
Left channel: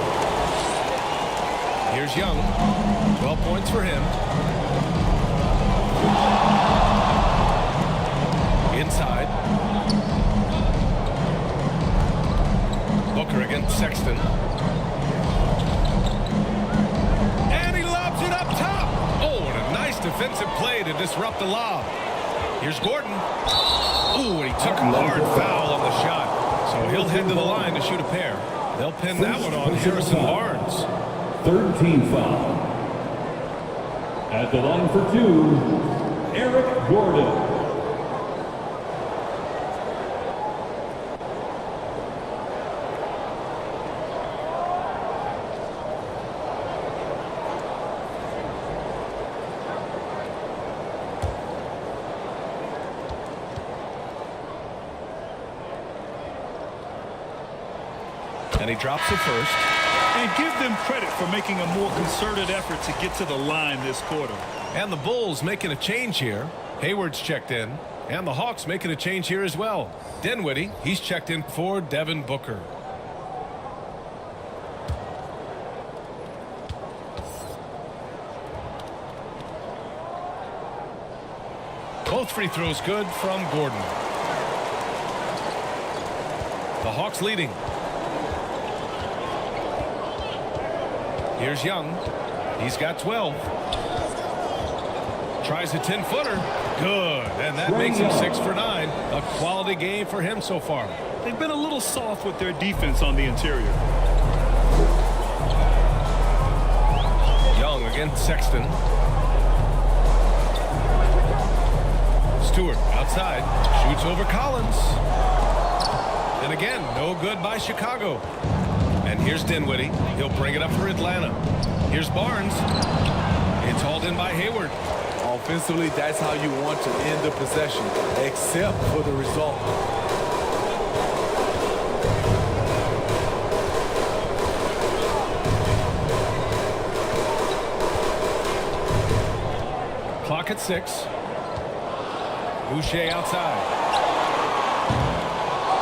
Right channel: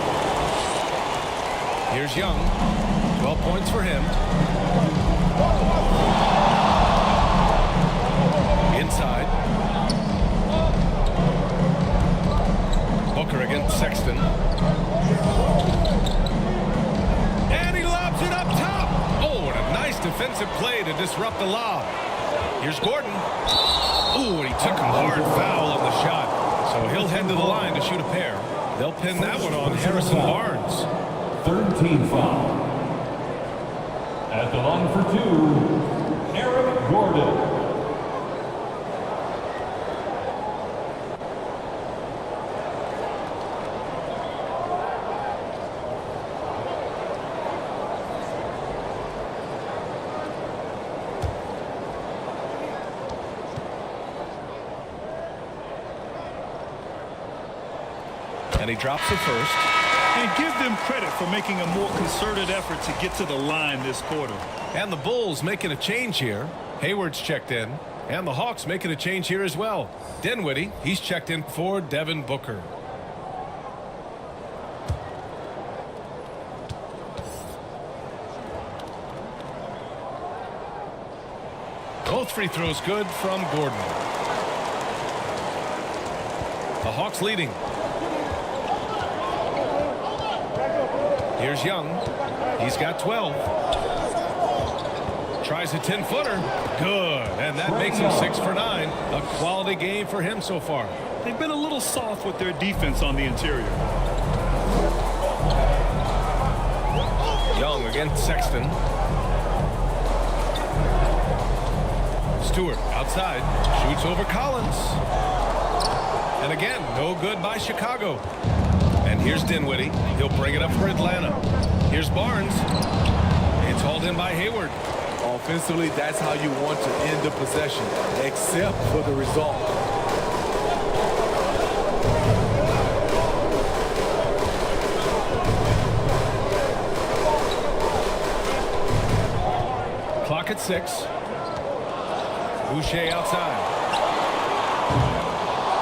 Here's Young. 12 points for him. Inside. Booker against Sexton. And he lobs it up top. Oh, and a nice defensive play to disrupt the lob. Here's Gordon. Oh, and he took a hard foul on the shot. So he'll head to the line to shoot a pair. They'll pin that one on Harrison Barnes. 13 foul. At the line for 2, Eric Gordon. And he drops the first. And give them credit for making a more concerted effort to get to the line this quarter. And the Bulls making a change here. Hayward's checked in. And the Hawks making a change here as well. Dinwiddie, he's checked in for Devin Booker. Both free throws good from Gordon. The Hawks leading. Here's Young. He's got 12. Tries a 10-footer. Good. And that makes him 6 for 9. A quality game for him so far. They've been a little soft with their defense on the interior. Young against Sexton. Stewart outside. Shoots over Collins. And again, no good by Chicago. And here's Dinwiddie. He'll bring it up for Atlanta. Here's Barnes. It's hauled in by Hayward. Offensively, that's how you want to end the possession, except for the result. Clock at 6. Boucher outside.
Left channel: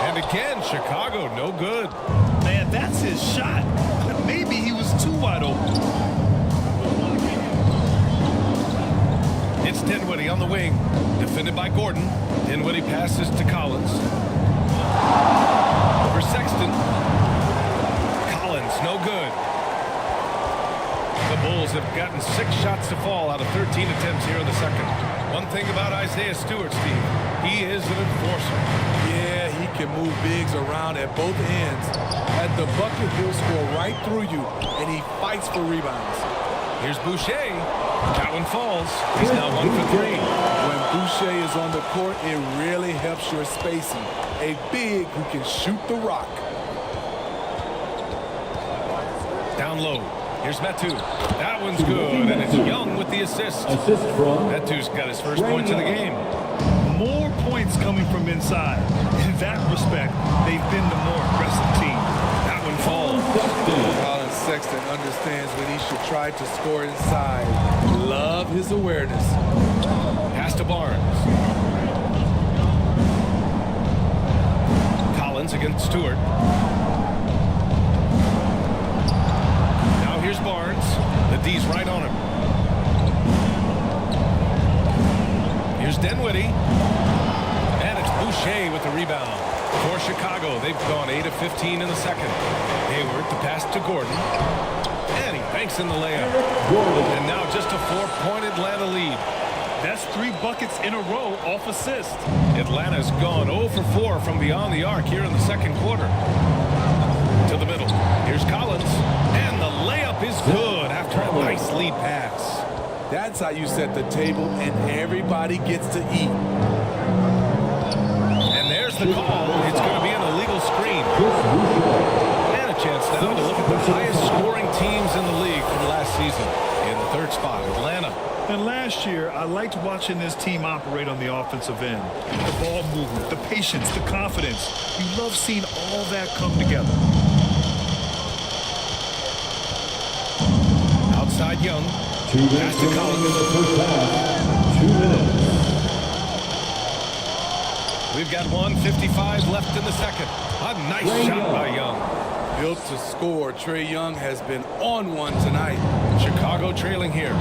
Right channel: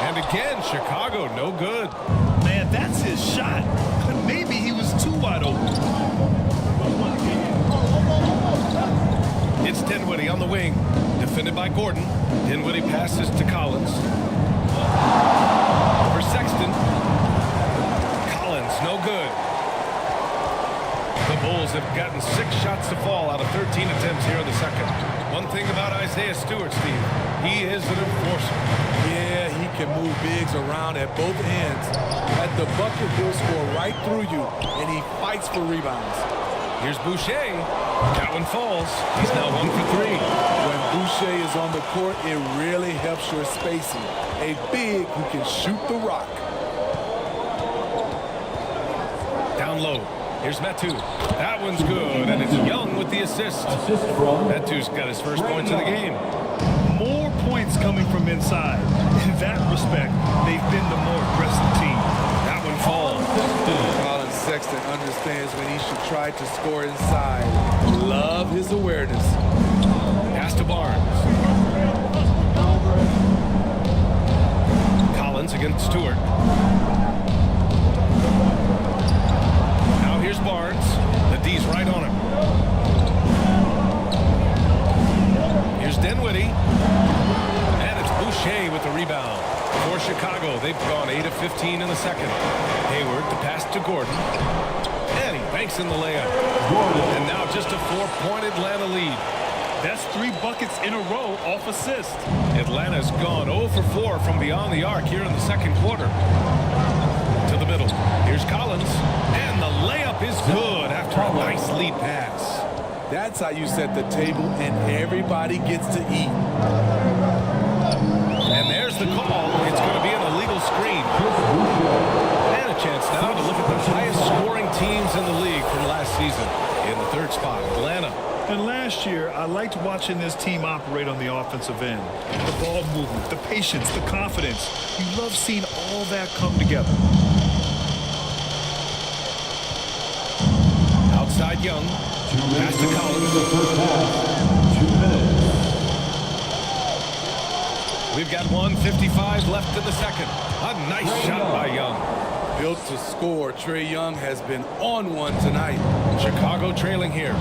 And again, Chicago, no good. Man, that's his shot. But maybe he was too wide open. It's Dinwiddie on the wing. Defended by Gordon. Dinwiddie passes to Collins. Over Sexton. Collins, no good. The Bulls have gotten 6 shots to fall out of 13 attempts here in the second. One thing about Isaiah Stewart, Steve, he is an enforcer. Yeah, he can move bigs around at both ends. At the bucket, he'll score right through you, and he fights for rebounds. Here's Boucher. That one falls. He's now 1 for 3. When Boucher is on the court, it really helps your spacing. A big who can shoot the rock. Down low. Here's Metu. That one's good, and it's Young with the assist. Metu's got his first points of the game. More points coming from inside. In that respect, they've been the more aggressive team. That one falls. Colin Sexton understands when he should try to score inside. Love his awareness. Pass to Barnes. Collins against Stewart. Now here's Barnes. The D's right on him. Here's Dinwiddie. And it's Boucher with the rebound. For Chicago, they've gone 8 of 15 in the second. Hayward, the pass to Gordon. And he banks in the layup. Gordon. And now just a 4-point Atlanta lead. That's 3 buckets in a row off assist. Atlanta's gone 0 for 4 from beyond the arc here in the second quarter. To the middle. Here's Collins. And the layup is good after a nice lead pass. That's how you set the table and everybody gets to eat. And there's the call. It's going to be an illegal screen. And a chance now to look at the highest scoring teams in the league from last season. In the third spot, Atlanta. And last year, I liked watching this team operate on the offensive end. The ball movement, the patience, the confidence. You love seeing all that come together. Outside Young. Pass to Collins. In the first half, 2 minutes. We've got 1:55 left in the second. A nice shot by Young. Built to score. Trae Young has been on one tonight. Chicago trailing here.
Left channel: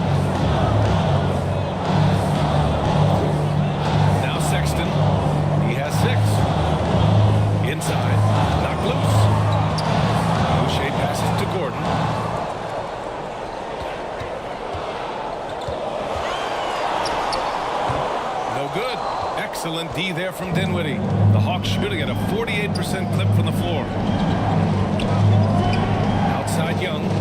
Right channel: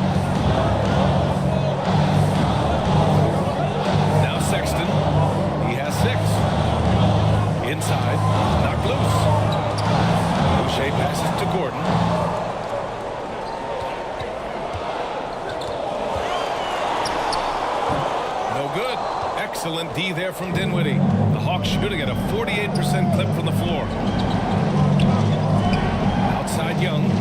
Now Sexton. He has 6. Inside. Knocked loose. Boucher passes to Gordon. No good. Excellent D there from Dinwiddie. The Hawks shooting at a 48% clip from the floor. Outside Young.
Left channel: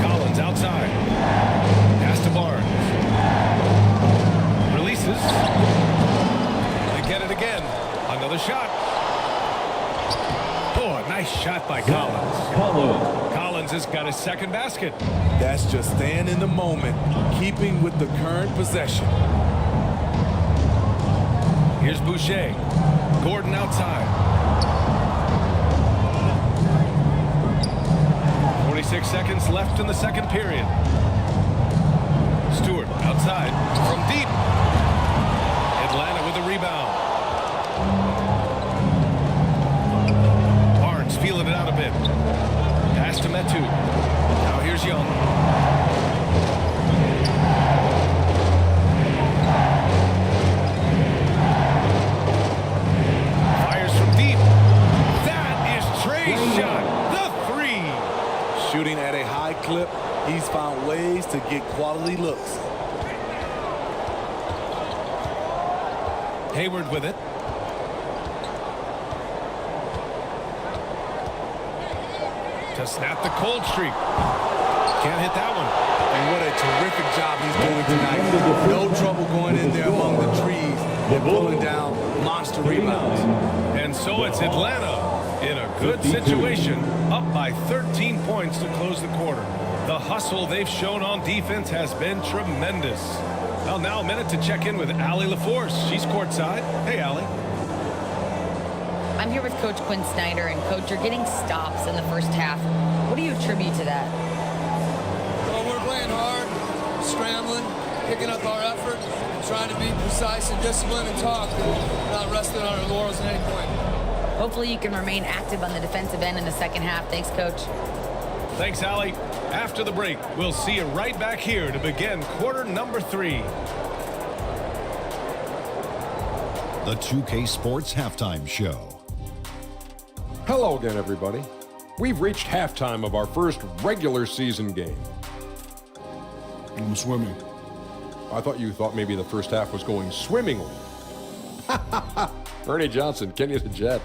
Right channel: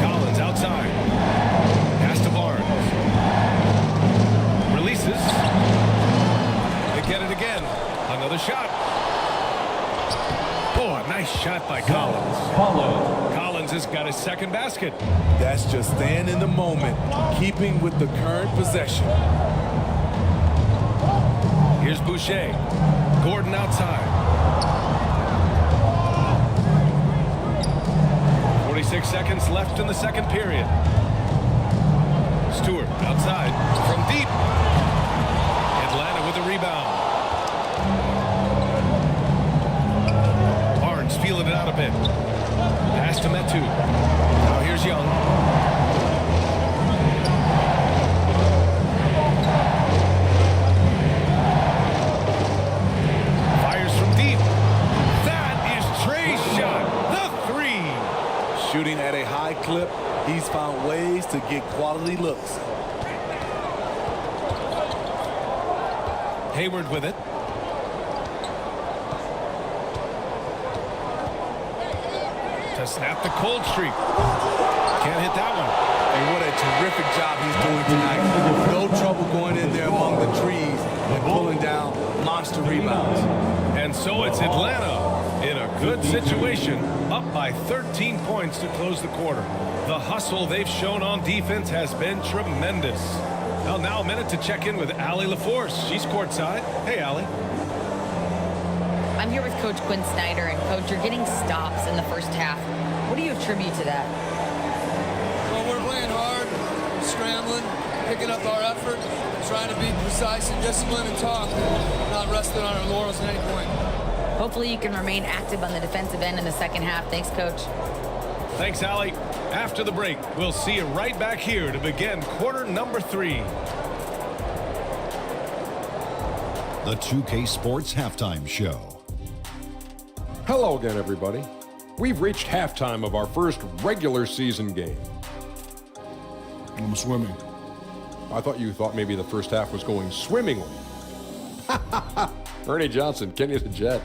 Collins outside. Pass to Barnes. Releases. They get it again. Another shot. Oh, a nice shot by Collins. Collins has got his second basket. That's just staying in the moment, keeping with the current possession. Here's Boucher. Gordon outside. 46 seconds left in the second period. Stewart outside from deep. Atlanta with a rebound. Barnes feeling it out a bit. Pass to Metu. Now here's Young. Fires from deep. That is Trae's shot. The 3. Shooting at a high clip, he's found ways to get quality looks. Hayward with it. To snap the cold streak. Can't hit that one. And what a terrific job he's doing tonight. No trouble going in there among the trees and pulling down monster rebounds. And so it's Atlanta in a good situation, up by 13 points to close the quarter. The hustle they've shown on defense has been tremendous. Well, now a minute to check in with Allie LaForce. She's courtside. Hey, Allie. I'm here with Coach Quinn Snyder, and Coach, you're getting stops in the first half. What do you attribute to that? Well, we're playing hard, scrambling, picking up our effort, trying to be precise and disciplined and talk, and we're not resting on our laurels at any point. Hopefully you can remain active on the defensive end in the second half. Thanks, Coach. Thanks, Allie. After the break, we'll see you right back here to begin quarter number 3. The 2K Sports Halftime Show. Hello again, everybody. We've reached halftime of our first regular season game. I'm swimming. I thought you thought maybe the first half was going swimmingly. Ernie Johnson, Kenny the Jet.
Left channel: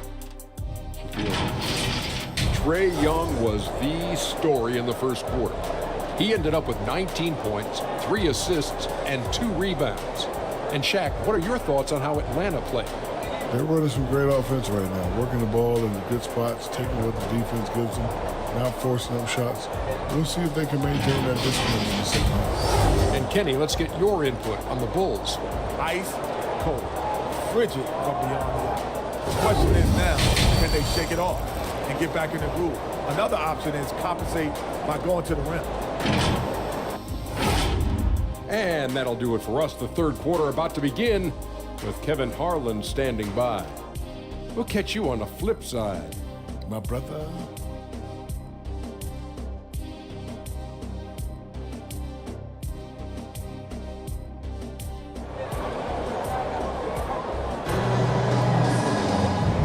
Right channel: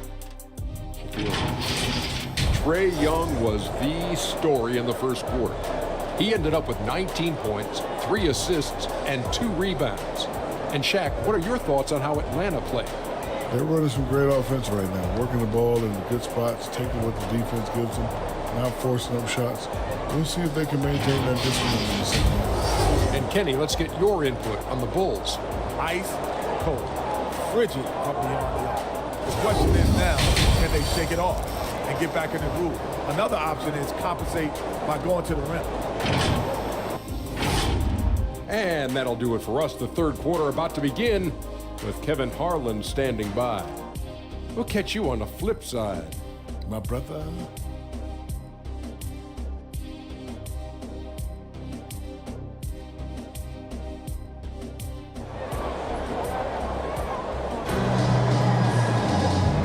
Trae Young was the story in the first quarter. He ended up with 19 points, 3 assists, and 2 rebounds. And Shaq, what are your thoughts on how Atlanta played? They're running some great offense right now, working the ball in the good spots, taking what the defense gives them, not forcing up shots. We'll see if they can maintain that discipline in the second half. And Kenny, let's get your input on the Bulls. Ice cold, frigid from beyond the arc. The question is now, can they shake it off and get back in the groove? Another option is compensate by going to the rim. And that'll do it for us. The third quarter about to begin with Kevin Harlan standing by. We'll catch you on the flip side, my brother.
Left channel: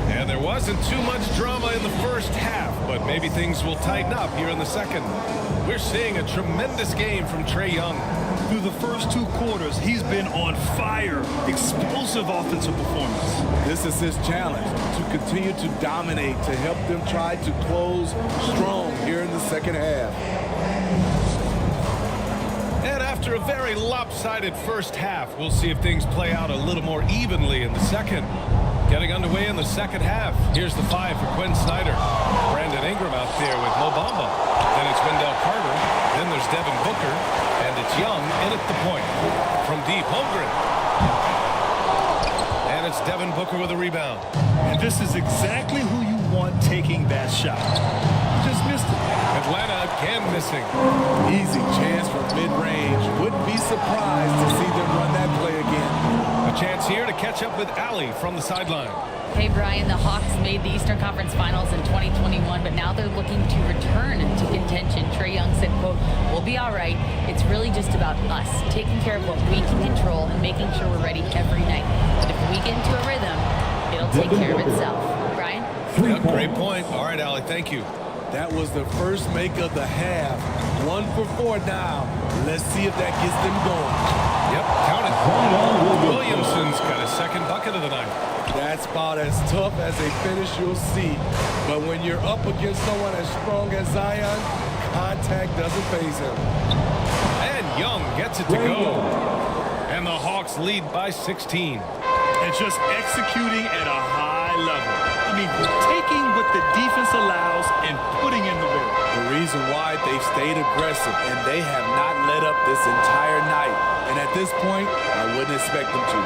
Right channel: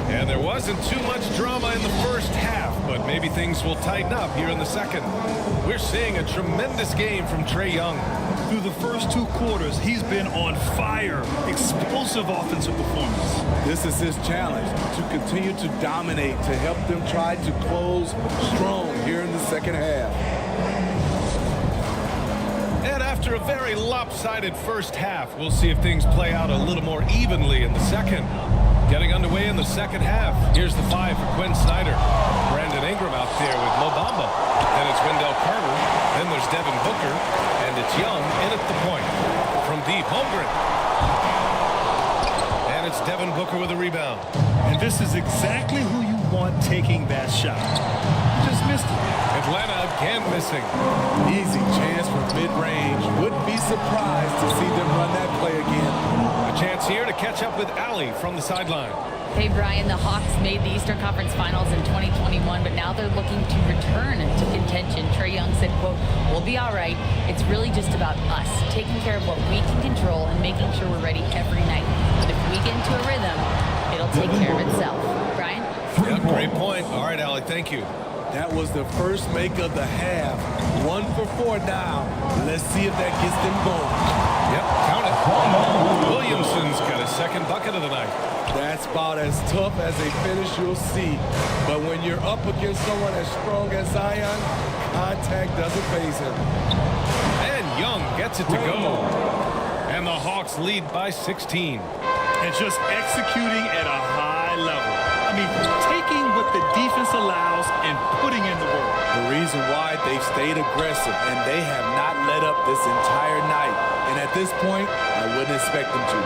And there wasn't too much drama in the first half, but maybe things will tighten up here in the second. We're seeing a tremendous game from Trae Young. Through the first 2 quarters, he's been on fire. Explosive offensive performance. This is his challenge, to continue to dominate, to help them try to close strong here in the second half. And after a very lopsided first half, we'll see if things play out a little more evenly in the second. Getting underway in the second half. Here's the 5 for Quinn Snyder. Brandon Ingram out there with Mo Bamba. Then it's Wendell Carter. Then there's Devin Booker. And it's Young in at the point. From deep, Holmgren. And it's Devin Booker with a rebound. And this is exactly who you want taking that shot. He just missed it. Atlanta again missing. Easy chance for mid-range. Wouldn't be surprised to see them run that play again. A chance here to catch up with Allie from the sideline. Hey, Brian, the Hawks made the Eastern Conference Finals in 2021, but now they're looking to return to contention. Trae Young said, quote, "We'll be all right. It's really just about us, taking care of what we can control and making sure we're ready every night. But if we get into a rhythm, it'll take care of itself." Brian? Yeah, great point. All right, Allie, thank you. That was the first make of the half. 1 for 4 now. Let's see if that gets them going. Yep, count it. Williamson's got his second bucket of the night. That's about as tough as a finish you'll see. But when you're up against someone as strong as Zion, contact doesn't faze him. And Young gets it to go. And the Hawks lead by 16. And just executing at a high level. I mean, taking what the defense allows and putting in the work. The reason why they've stayed aggressive and they have not let up this entire night. And at this point, I wouldn't expect them to.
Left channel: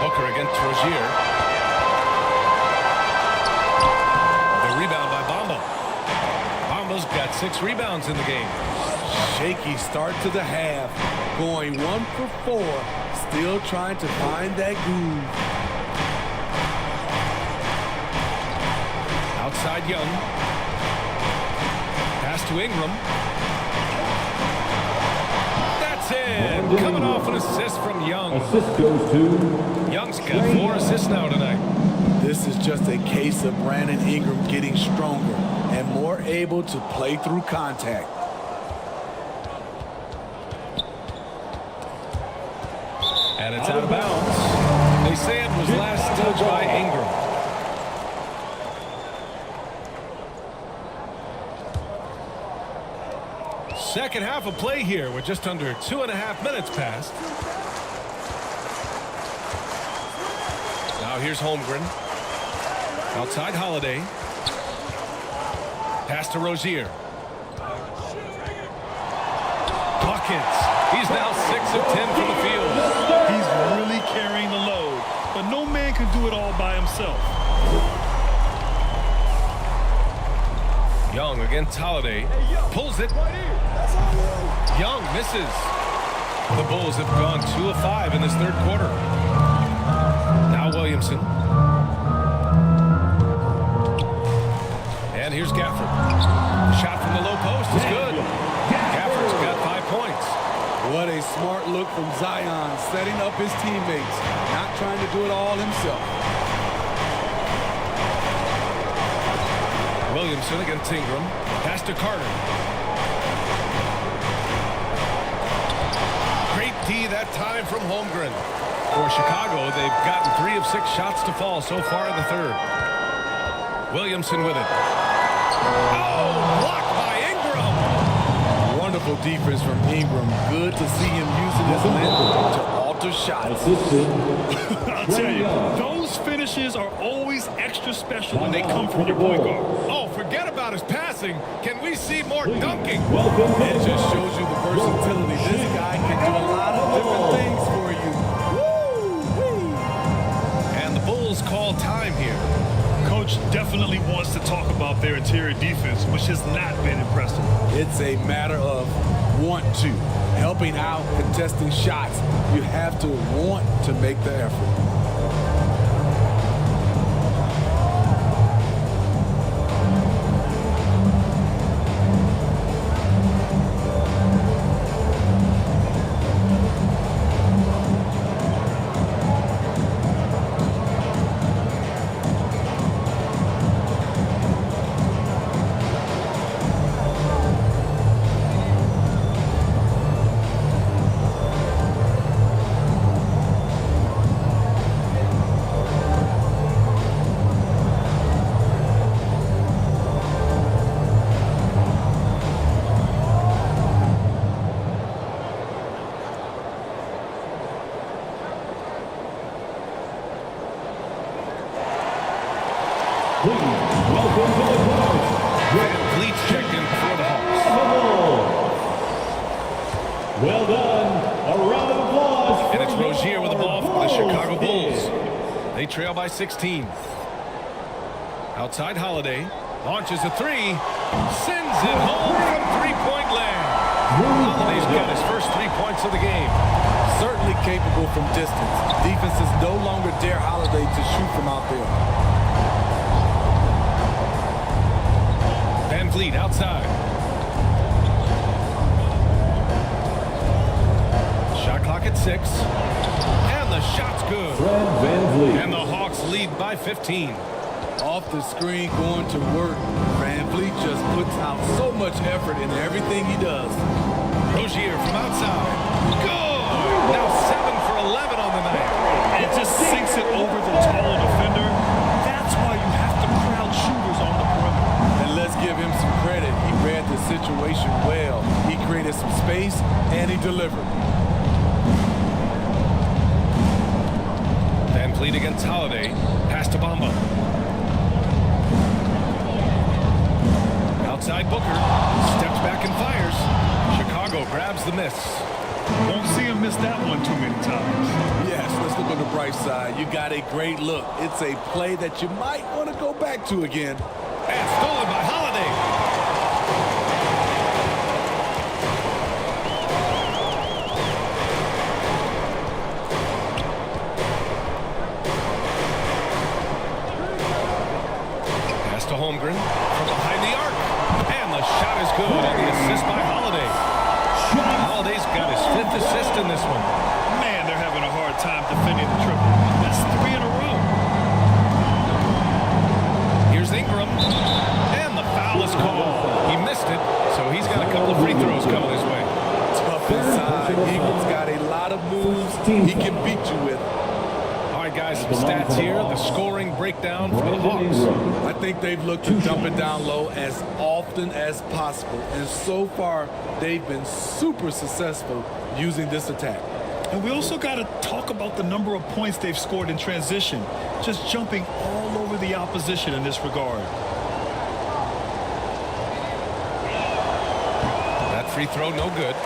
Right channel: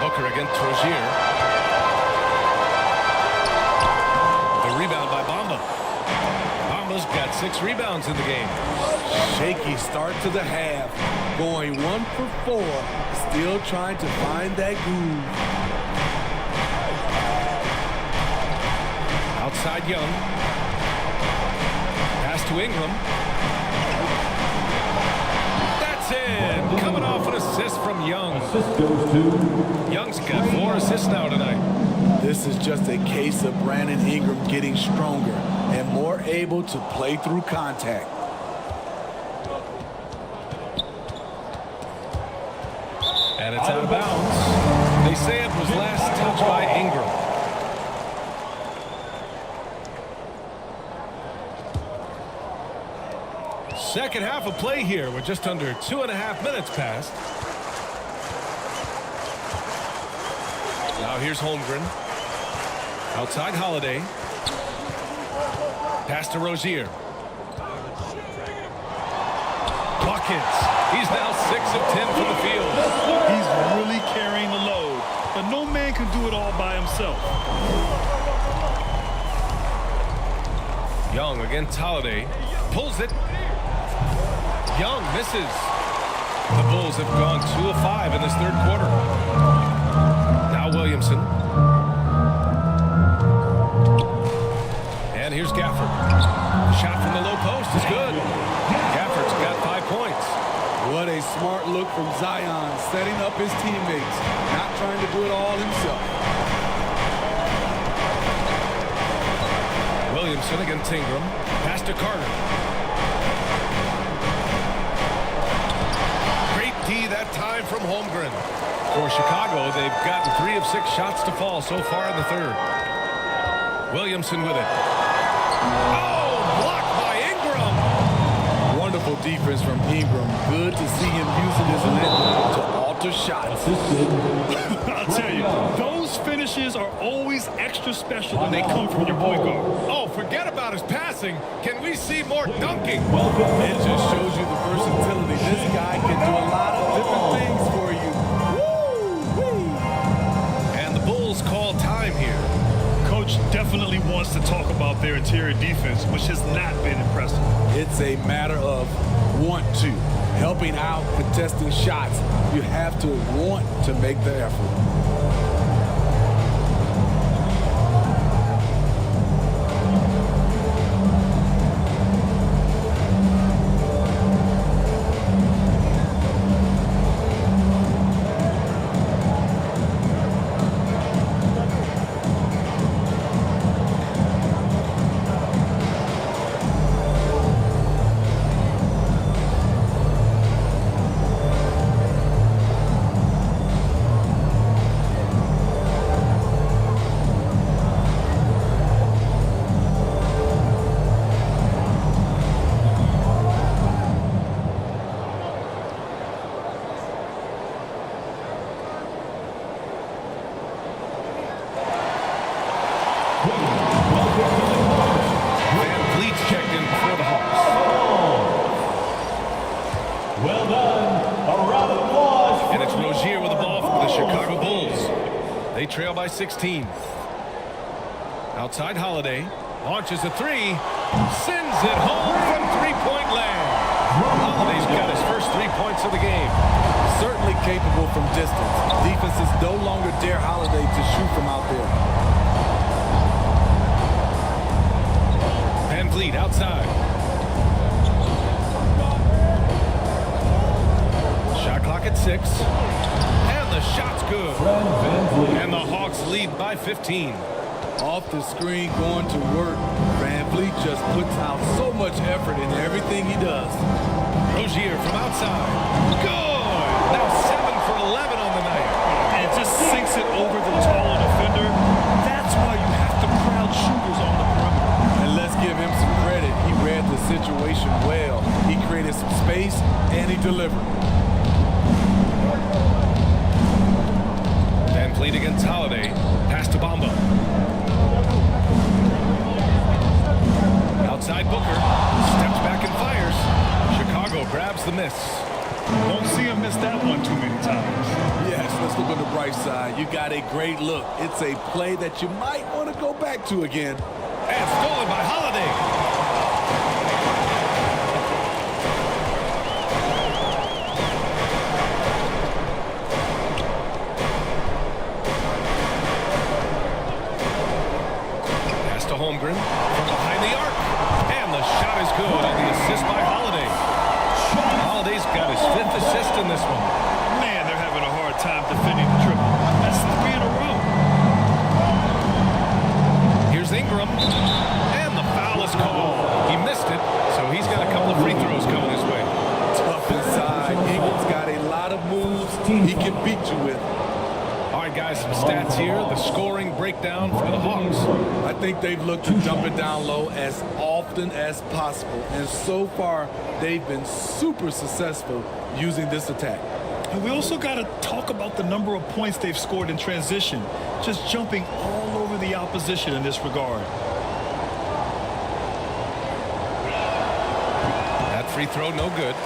Booker against Rozier. The rebound by Bamba. Bamba's got 6 rebounds in the game. Shaky start to the half. Going 1 for 4. Still trying to find that groove. Outside Young. Pass to Ingram. That's in. Coming off an assist from Young. Assist goes to Young's got 4 assists now tonight. This is just a case of Brandon Ingram getting stronger and more able to play through contact. And it's out of bounds. They say it was last touched by Ingram. Second half of play here. We're just under 2.5 minutes past. Now here's Holmgren. Outside Holiday. Pass to Rozier. Buckets. He's now 6 of 10 from the field. He's really carrying the load, but no man can do it all by himself. Young against Holiday. Pulls it. Young misses. The Bulls have gone 2 of 5 in this third quarter. Now Williamson. And here's Gafford. The shot from the low post is good. Gafford's got 5 points. What a smart look from Zion, setting up his teammates, not trying to do it all himself. Williamson against Ingram. Pass to Carter. Great D that time from Holmgren. For Chicago, they've gotten 3 of 6 shots to fall so far in the third. Williamson with it. Oh, blocked by Ingram. Wonderful defense from Ingram. Good to see him using his length to alter shots. I'll tell you, those finishes are always extra special when they come from your point guard. Oh, forget about his passing. Can we see more dunking? It just shows you the versatility. This guy can do a lot of different things for you. Woo-wee! And the Bulls call time here. Coach definitely wants to talk about their interior defense, which has not been impressive. It's a matter of want to. Helping out, contesting shots. You have to want to make the effort. Van Vliet's checked in for the Hawks. Well done. A round of applause. And it's Rozier with the ball for the Chicago Bulls. They trail by 16. Outside Holiday. Launches a three. Sends it home from three-point land. Holiday's got his first 3 points of the game. Certainly capable from distance. Defenses no longer dare Holiday to shoot from out there. Van Vliet outside. Shot clock at 6. And the shot's good. Van Vliet. And the Hawks lead by 15. Off the screen, going to work. Van Vliet just puts out so much effort in everything he does. Rozier from outside. Good. Now 7 for 11 on the night. And it just sinks it over the taller defender. That's why you have to crowd shooters on the perimeter. And let's give him some credit. He read the situation well. He created some space, and he delivered. Van Vliet against Holiday. Pass to Bamba. Outside Booker. Steps back and fires. Chicago grabs the miss. Won't see him miss that one too many times. Yes, let's look on the bright side. You got a great look. It's a play that you might want to go back to again. And stolen by Holiday. Pass to Holmgren from behind the arc. And the shot is good on the assist by Holiday. Holiday's got his 5th assist in this one. Man, they're having a hard time defending the triple. That's 3 in a row. Here's Ingram. And the foul is called. He missed it, so he's got a couple of free throws coming his way. Tough inside. Ingram's got a lot of moves he can beat you with. All right, guys, some stats here. The scoring breakdown for the Hawks. I think they've looked to dump it down low as often as possible. And so far, they've been super successful using this attack. And we also got to talk about the number of points they've scored in transition. Just jumping all over the opposition in this regard. That free throw, no good.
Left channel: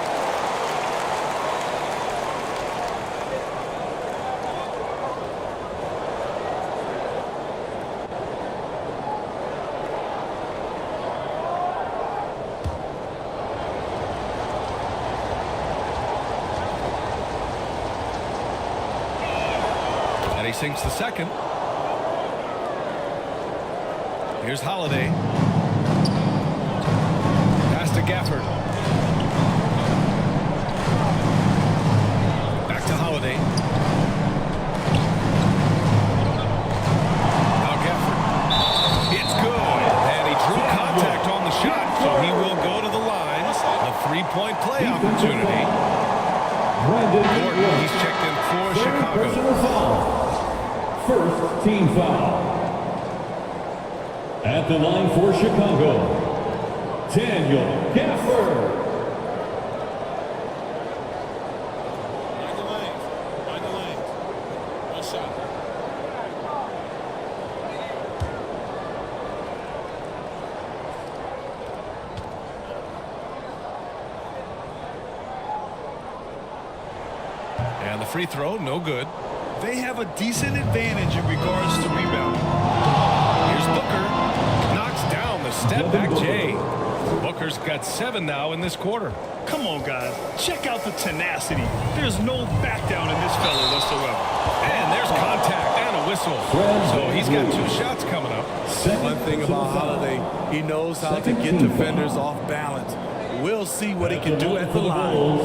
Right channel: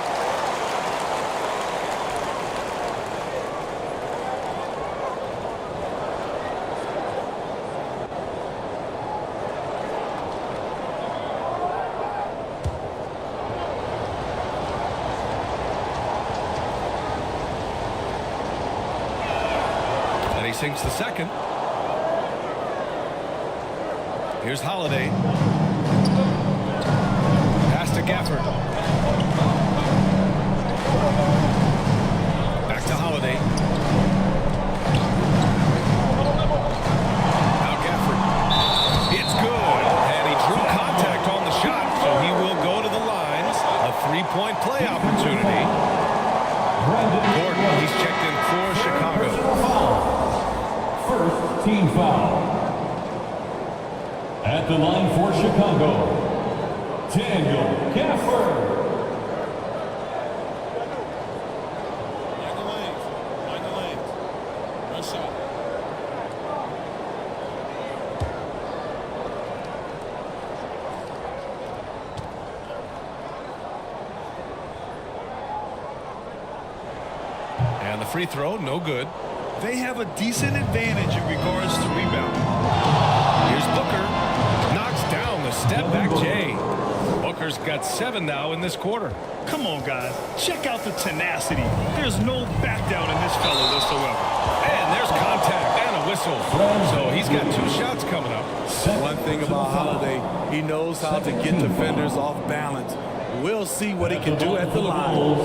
And he sinks the second. Here's Holiday. Pass to Gafford. Back to Holiday. Now Gafford. It's good. And he drew contact on the shot, so he will go to the line. A 3-point play opportunity. Gordon, he's checked in for Chicago. First team foul. At the line for Chicago, Daniel Gafford. Mind the lanes. Mind the lanes. One shot. And the free throw, no good. They have a decent advantage in regards to rebounding. Here's Booker. Knocks down the step-back Jay. Booker's got 7 now in this quarter. Come on, guys. Check out the tenacity. There's no back down in this fellow whatsoever. And there's contact and a whistle. So he's got 2 shots coming up. One thing about Holiday, he knows how to get defenders off balance. We'll see what he can do at the line.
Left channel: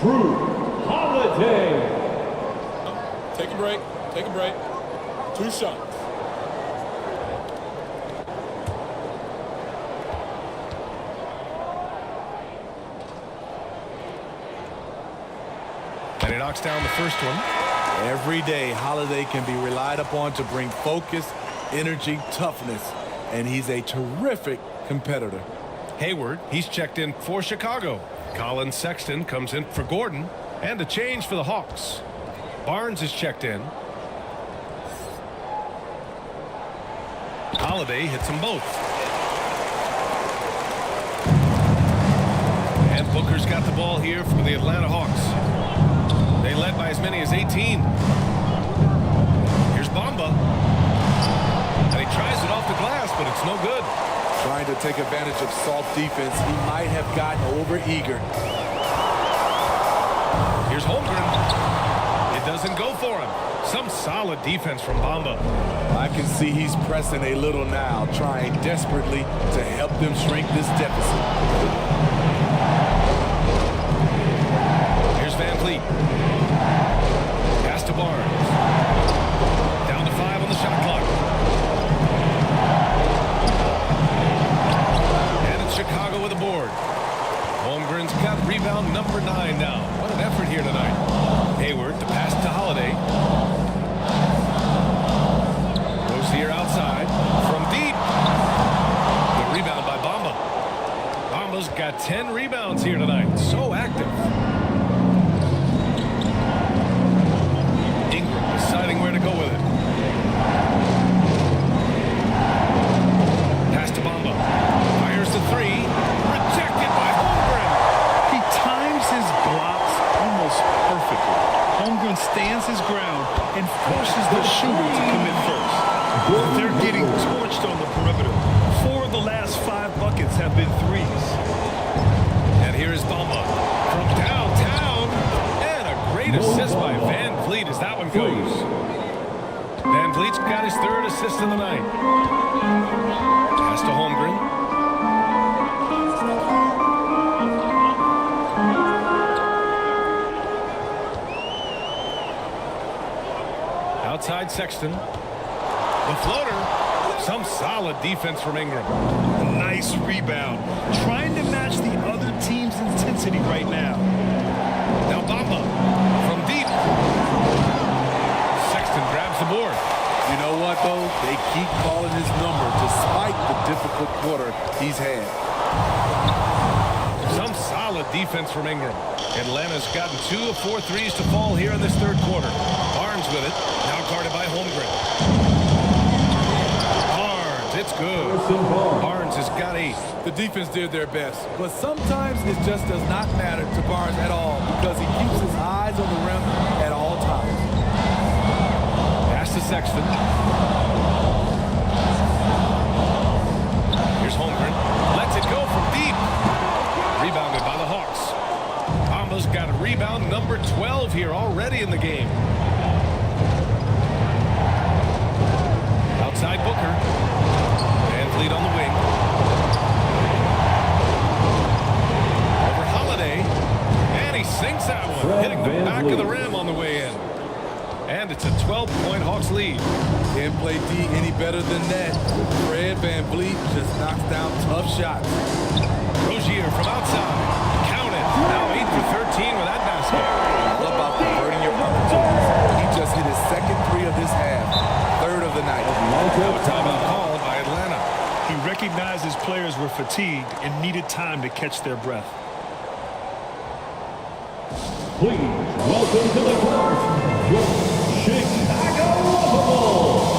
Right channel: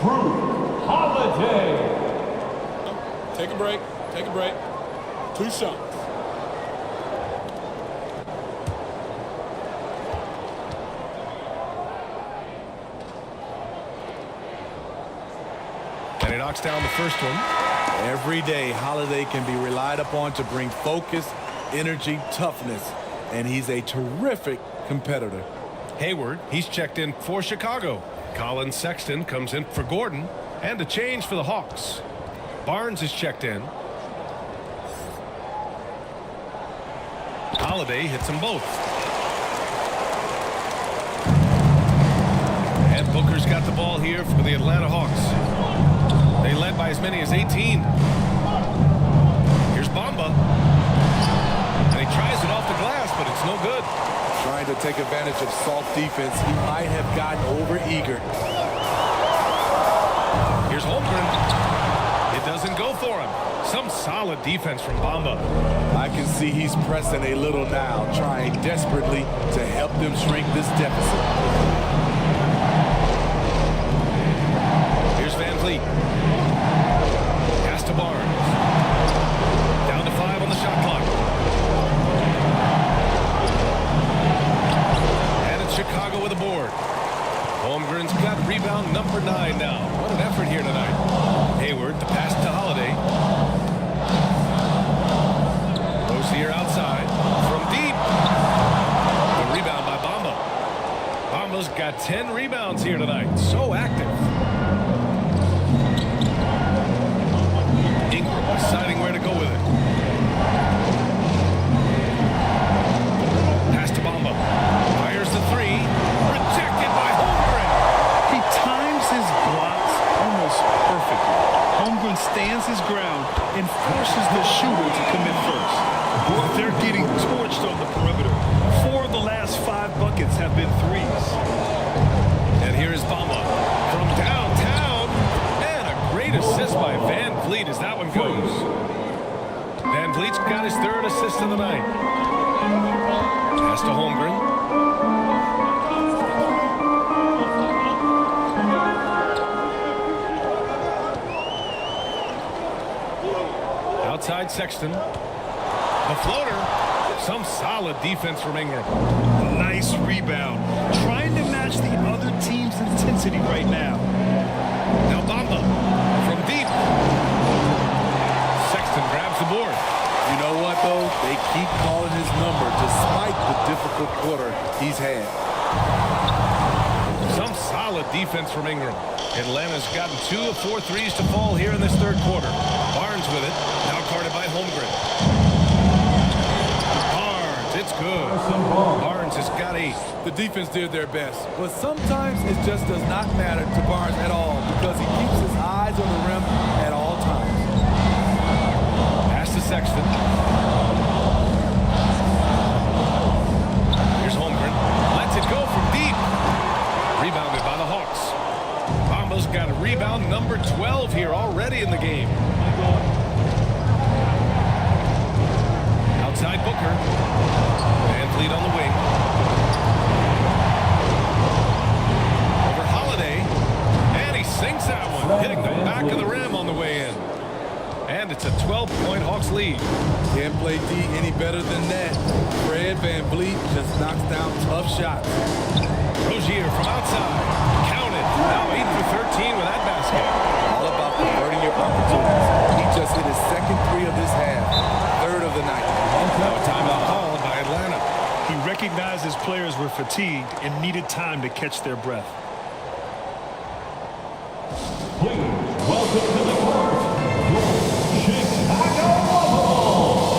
True Holiday. Take a break. Take a break. 2 shots. And he knocks down the first one. Every day, Holiday can be relied upon to bring focus, energy, toughness, and he's a terrific competitor. Hayward, he's checked in for Chicago. Colin Sexton comes in for Gordon, and a change for the Hawks. Barnes is checked in. Holiday hits them both. And Booker's got the ball here for the Atlanta Hawks. They led by as many as 18. Here's Bamba. And he tries it off the glass, but it's no good. Trying to take advantage of soft defense. He might have gotten over-eager. Here's Holmgren. It doesn't go for him. Some solid defense from Bamba. I can see he's pressing a little now, trying desperately to help them shrink this deficit. Here's Van Vliet. Pass to Barnes. Down to 5 on the shot clock. And it's Chicago with a board. Holmgren's got rebound number 9 now. What an effort here tonight. Hayward to pass to Holiday. Rozier outside from deep. The rebound by Bamba. Bamba's got 10 rebounds here tonight. So active. Ingram deciding where to go with it. Pass to Bamba. Fires the 3. Rejected by Holmgren. He times his blocks almost perfectly. Holmgren stands his ground and forces the shooter to commit first. They're getting torched on the perimeter. 4 of the last 5 buckets have been threes. And here is Bamba from downtown. And a great assist by Van Vliet as that one goes. Van Vliet's got his 3rd assist of the night. Pass to Holmgren. Outside Sexton. The floater. Some solid defense from Ingram. A nice rebound. Trying to match the other team's intensity right now. Now Bamba from deep. Sexton grabs the board. You know what, though? They keep calling his number despite the difficult quarter he's had. Some solid defense from Ingram. Atlanta's gotten 2 of 4 threes to fall here in this 3rd quarter. Barnes with it. Now guarded by Holmgren. Barnes, it's good. Barnes has got 8. The defense did their best, but sometimes it just does not matter to Barnes at all because he keeps his eyes on the rim at all times. Pass to Sexton. Here's Holmgren. Lets it go from deep. Rebounded by the Hawks. Bamba's got a rebound number 12 here already in the game. Outside Booker. Van Vliet on the wing. Over Holiday. And he sinks that one, hitting the back of the rim on the way in. And it's a 12-point Hawks lead. Can't play D any better than that. Fred Van Vliet just knocks down tough shots. Rozier from outside. Counted. Now 8 for 13 with that basket. All about converting your opportunities. He just hit his 2nd 3 of this half. 3rd of the night. Now a timeout called by Atlanta. He recognized his players were fatigued and needed time to catch their breath. Please welcome to the court, your Chicago Bulls.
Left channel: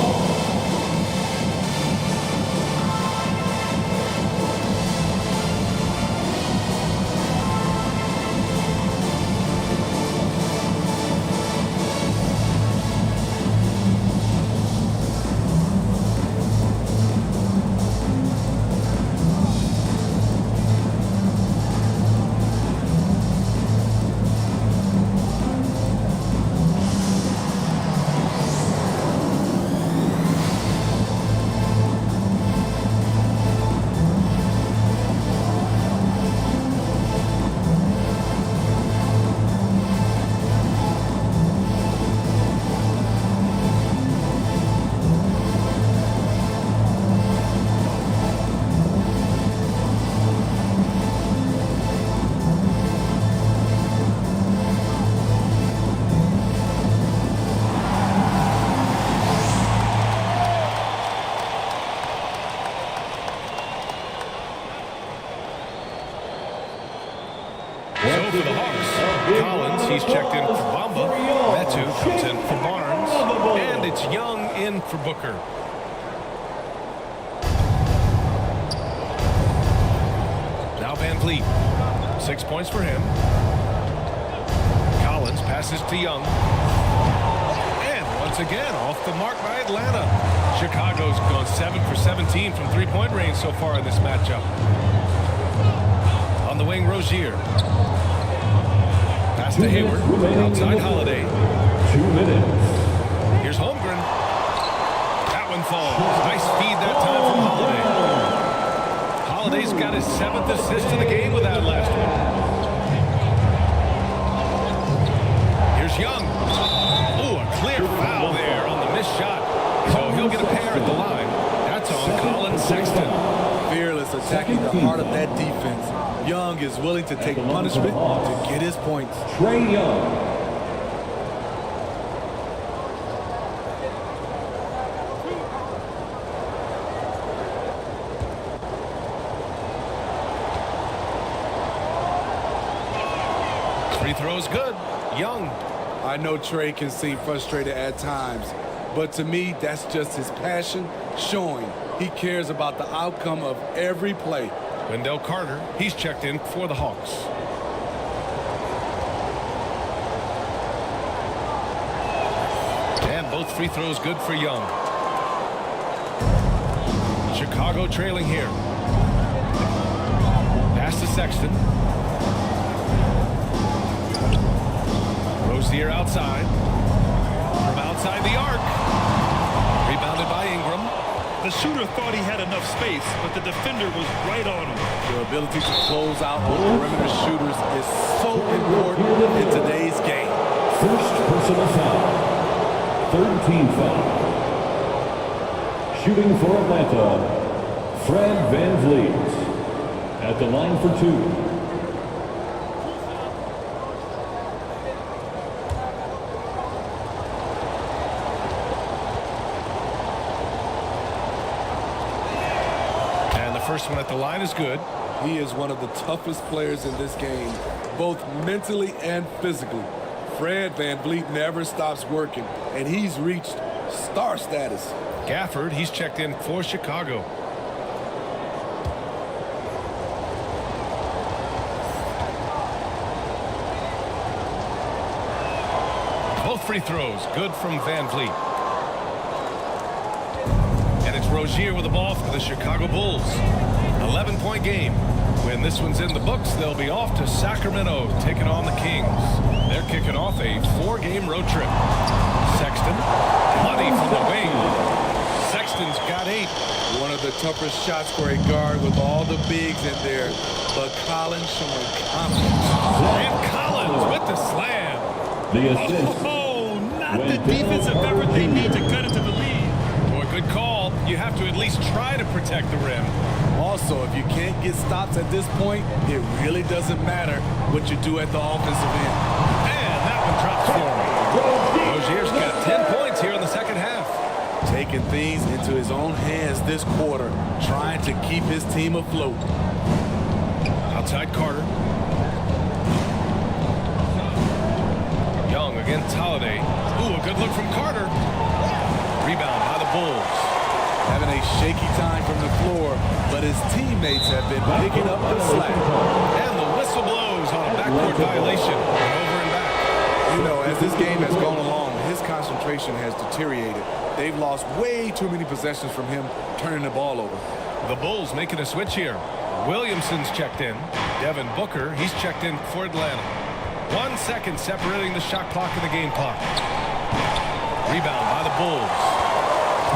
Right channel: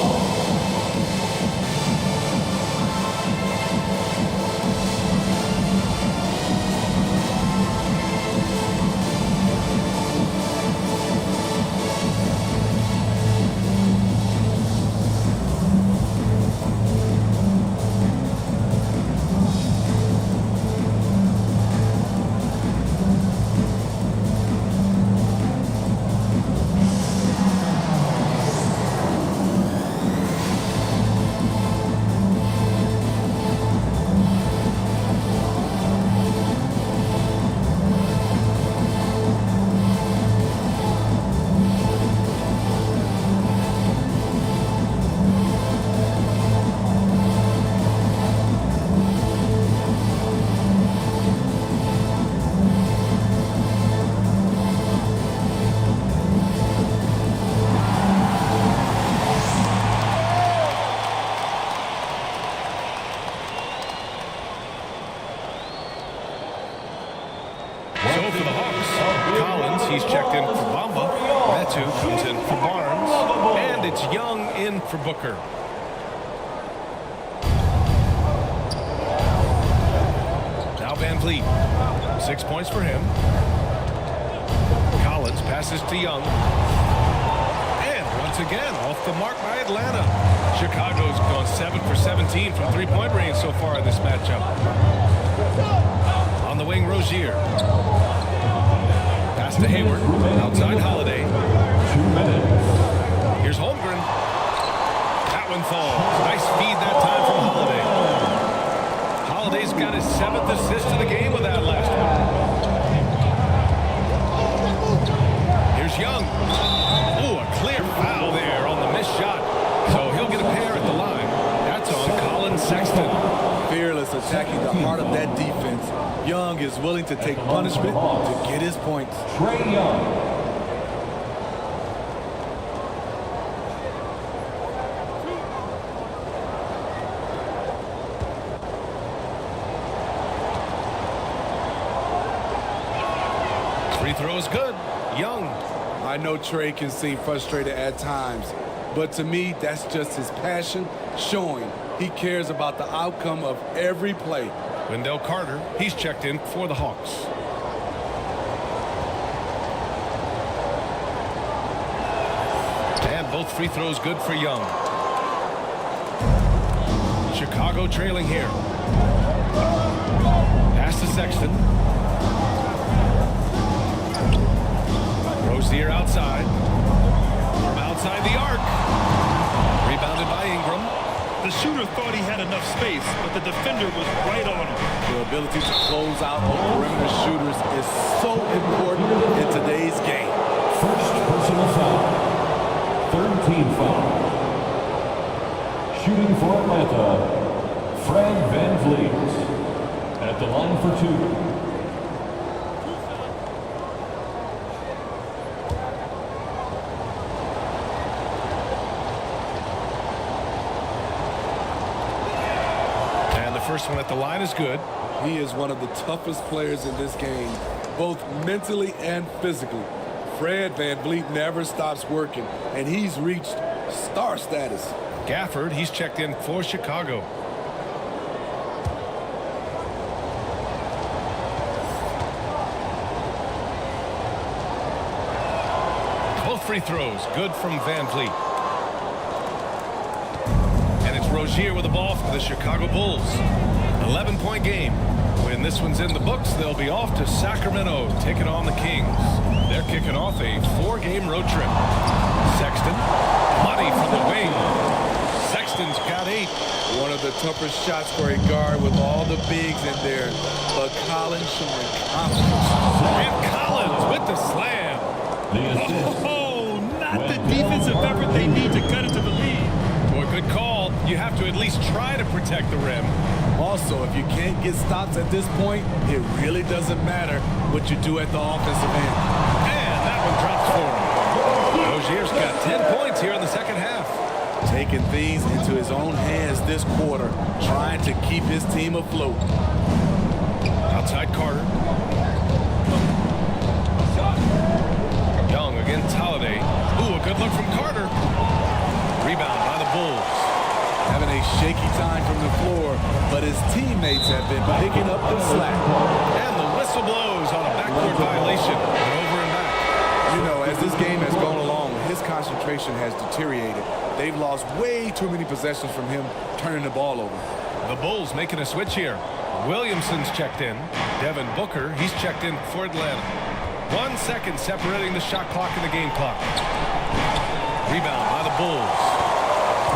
So for the Hawks, Collins, he's checked in for Bamba. Metu comes in for Barnes. And it's Young in for Booker. Now Van Vliet. 6 points for him. Collins passes to Young. And once again, off the mark by Atlanta. Chicago's gone 7 for 17 from three-point range so far in this matchup. On the wing, Rozier. Pass to Hayward. Outside Holiday. 2 minutes. Here's Holmgren. That one falls. Nice feed that time from Holiday. Holiday's got his 7th assist of the game with that last one. Here's Young. Oh, a clear foul there on the missed shot. So he'll get a pair at the line. That's on Colin Sexton. Fearless attacking the heart of that defense. Young is willing to take punishment to get his points. Trae Young. Free throw is good. Young. I know Trae can seem frustrated at times, but to me, that's just his passion showing he cares about the outcome of every play. Wendell Carter, he's checked in for the Hawks. And both free throws good for Young. Chicago trailing here. Pass to Sexton. Rozier outside. From outside the arc. Rebounded by Ingram. The shooter thought he had enough space, but the defender was right on him. The ability to close out on perimeter shooters is so important in today's game. First personal foul. Third team foul. Shooting for Atlanta, Fred VanVleet. At the line for 2. And the first one at the line is good. He is one of the toughest players in this game, both mentally and physically. Fred VanVleet never stops working, and he's reached star status. Gafford, he's checked in for Chicago. Both free throws good from VanVleet. And it's Rozier with the ball for the Chicago Bulls. 11-point game. When this one's in the books, they'll be off to Sacramento taking on the Kings. They're kicking off a 4-game road trip. Sexton, money from the wing. Sexton's got 8. One of the toughest shots for a guard with all the bigs in there, but Collins showing confidence. And Collins with the slam. Oh, not the defensive effort they need to cut into the lead. Boy, good call. You have to at least try to protect the rim. Also, if you can't get stops at this point, it really doesn't matter what you do at the offensive end. And that one drops for him. Rozier's got 10 points here in the second half. Taking things into his own hands this quarter, trying to keep his team afloat. Outside Carter. Young against Holiday. Ooh, a good look from Carter. Rebound by the Bulls. Having a shaky time from the floor, but his teammates have been picking up the slack. And the whistle blows on a backcourt violation. Went over and back. You know, as this game has gone along, his concentration has deteriorated. They've lost way too many possessions from him turning the ball over. The Bulls making a switch here. Williamson's checked in. Devin Booker, he's checked in for Atlanta. 1 second separating the shot clock and the game clock. Rebound by the Bulls.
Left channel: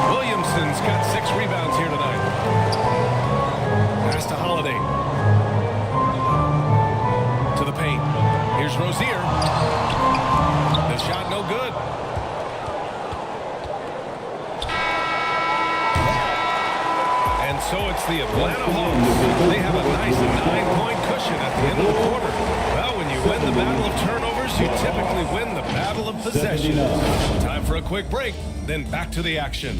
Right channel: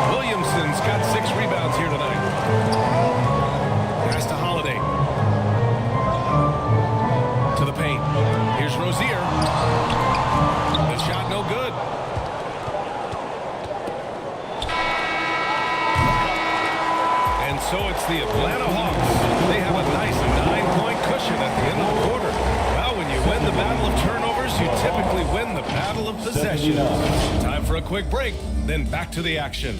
Williamson's got 6 rebounds here tonight. Pass to Holiday. To the paint. Here's Rozier. The shot no good. And so it's the Atlanta Hawks. They have a nice 9-point cushion at the end of the quarter. Well, when you win the battle of turnovers, you typically win the battle of possessions. Time for a quick break, then back to the action.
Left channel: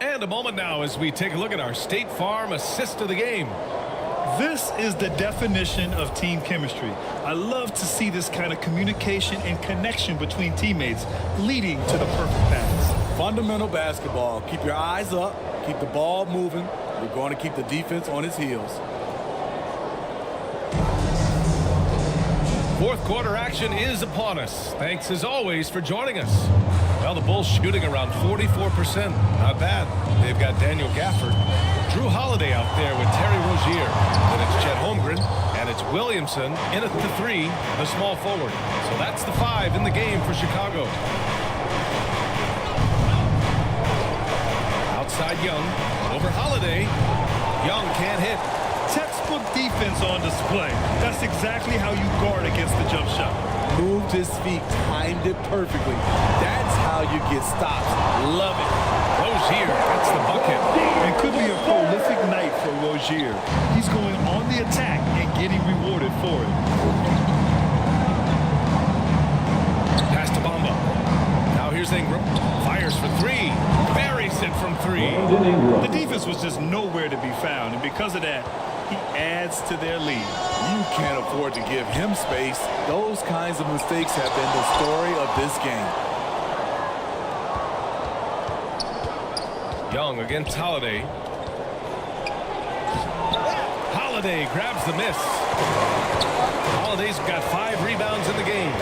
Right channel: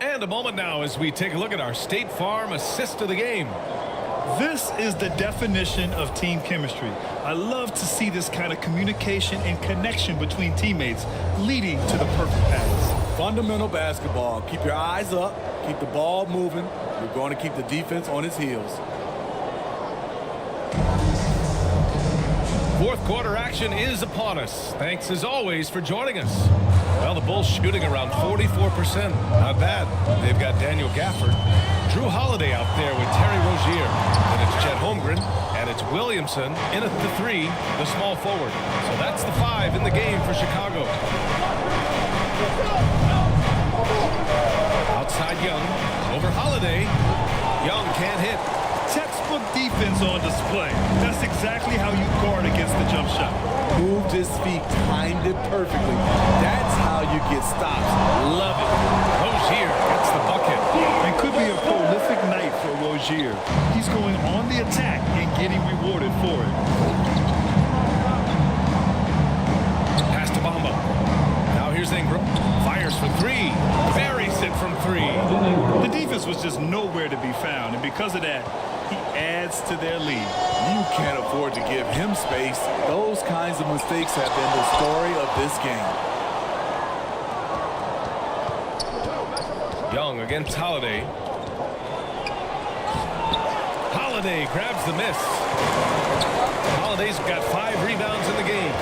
And a moment now as we take a look at our State Farm assist of the game. This is the definition of team chemistry. I love to see this kind of communication and connection between teammates leading to the perfect pass. Fundamental basketball. Keep your eyes up. Keep the ball moving. You're going to keep the defense on its heels. Fourth quarter action is upon us. Thanks as always for joining us. Well, the Bulls shooting around 44%. Not bad. They've got Daniel Gafford, Drew Holiday out there with Terry Rozier. Then it's Chet Holmgren, and it's Williamson in at the 3, the small forward. So that's the 5 in the game for Chicago. Outside Young, over Holiday. Young can't hit. Textbook defense on display. That's exactly how you guard against the jump shot. Moved his feet, timed it perfectly. That's how you get stops. Love it. Rozier gets the bucket. And could be a prolific night for Rozier. He's going on the attack and getting rewarded for it. Pass to Bamba. Now here's Ingram. Fires for 3. Buries it from 3. The defense was just nowhere to be found, and because of that, he adds to their lead. You can't afford to give him space. Those kinds of mistakes have been the story of this game. Young against Holiday. Holiday grabs the miss. Holiday's got 5 rebounds in the game.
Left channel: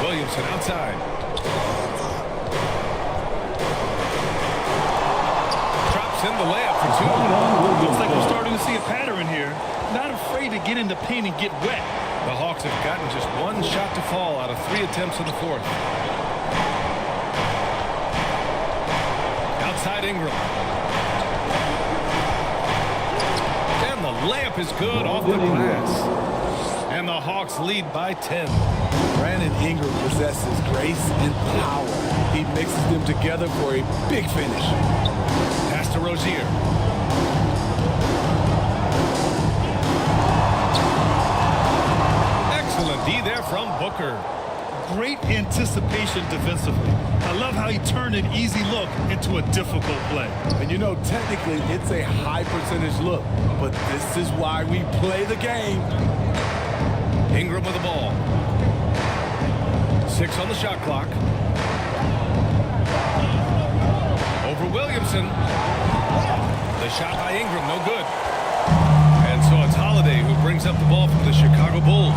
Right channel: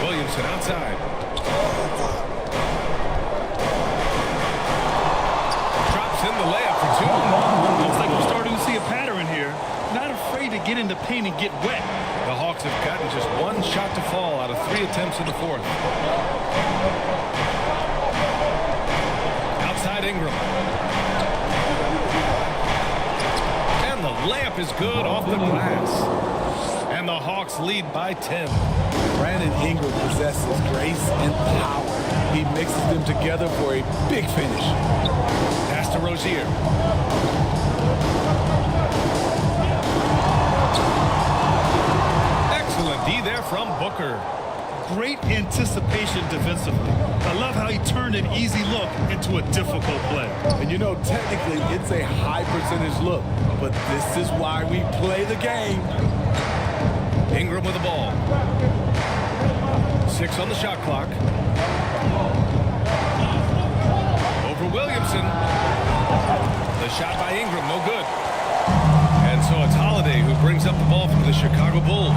Williamson outside. Drops in the layup for 2. Looks like we're starting to see a pattern here. Not afraid to get in the paint and get wet. The Hawks have gotten just 1 shot to fall out of 3 attempts in the 4th. Outside Ingram. And the layup is good off the glass. And the Hawks lead by 10. Brandon Ingram possesses grace and power. He mixes them together for a big finish. Pass to Rozier. Excellent D there from Booker. Great anticipation defensively. I love how he turned an easy look into a difficult play. And you know, technically, it's a high percentage look, but this is why we play the game. Ingram with the ball. 6 on the shot clock. Over Williamson. The shot by Ingram, no good. And so it's Holiday who brings up the ball for the Chicago Bulls.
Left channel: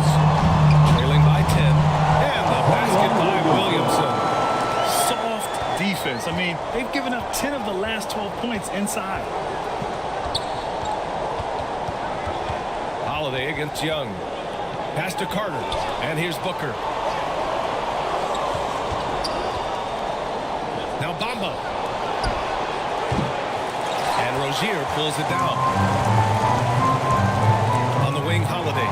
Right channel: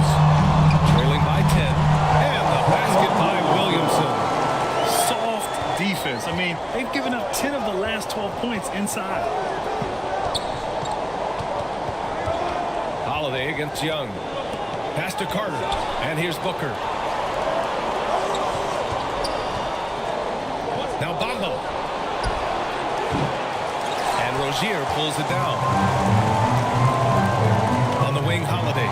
Trailing by 10. And the basket by Williamson. Soft defense. I mean, they've given up 10 of the last 12 points inside. Holiday against Young. Pass to Carter. And here's Booker. Now Bamba. And Rozier pulls it down. On the wing, Holiday.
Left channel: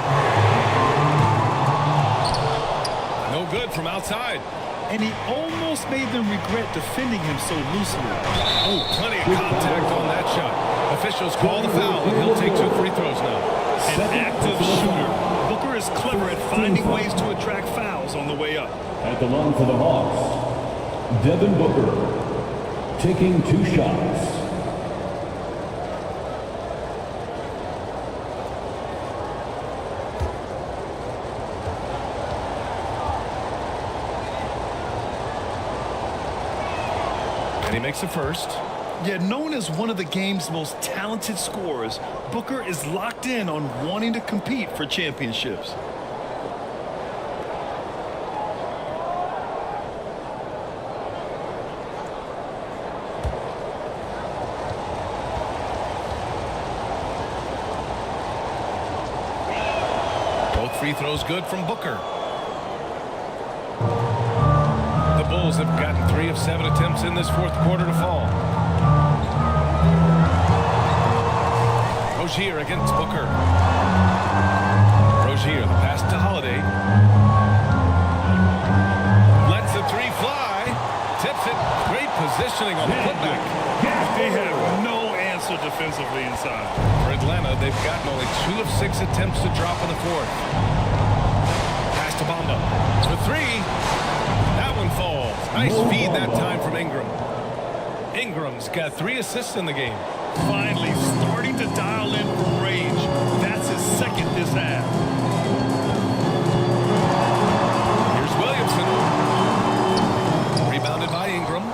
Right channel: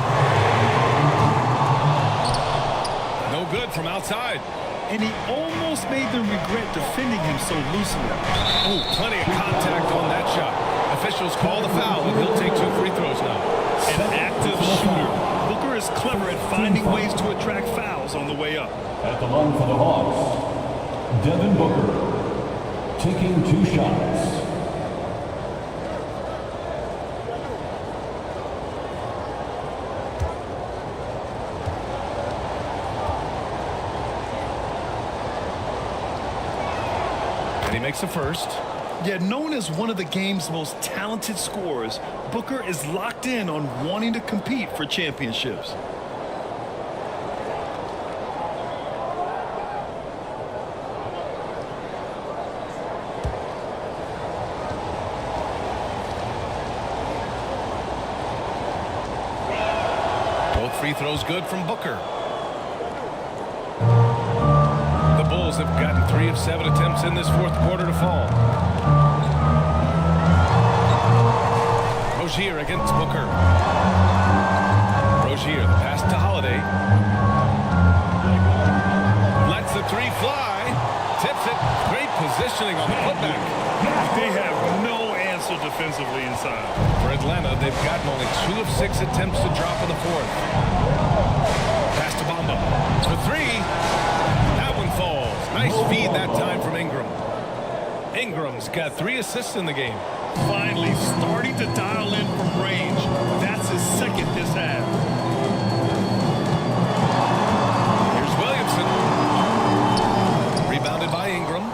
No good from outside. And he almost made them regret defending him so loosely. Oh, plenty of contact on that shot. Officials call the foul, and he'll take 2 free throws now. An active shooter. Booker is clever at finding ways to attract fouls on the way up. At the line for the Hawks, Devin Booker, taking 2 shots. And he makes the first. Yet known as one of the game's most talented scorers, Booker is locked in on wanting to compete for championships. Both free throws good from Booker. The Bulls have gotten 3 of 7 attempts in this 4th quarter to fall. Rozier against Booker. Rozier, the pass to Holiday. Lets the 3 fly. Tips it. Great positioning on the putback. They have no answer defensively inside. For Atlanta, they've gotten only 2 of 6 attempts to drop in the 4th. Pass to Bamba for 3. That one falls. Nice feed that time from Ingram. Ingram's got 3 assists in the game. Finally starting to dial in from range. That's his second this half. Here's Williamson. Rebounded by Ingram.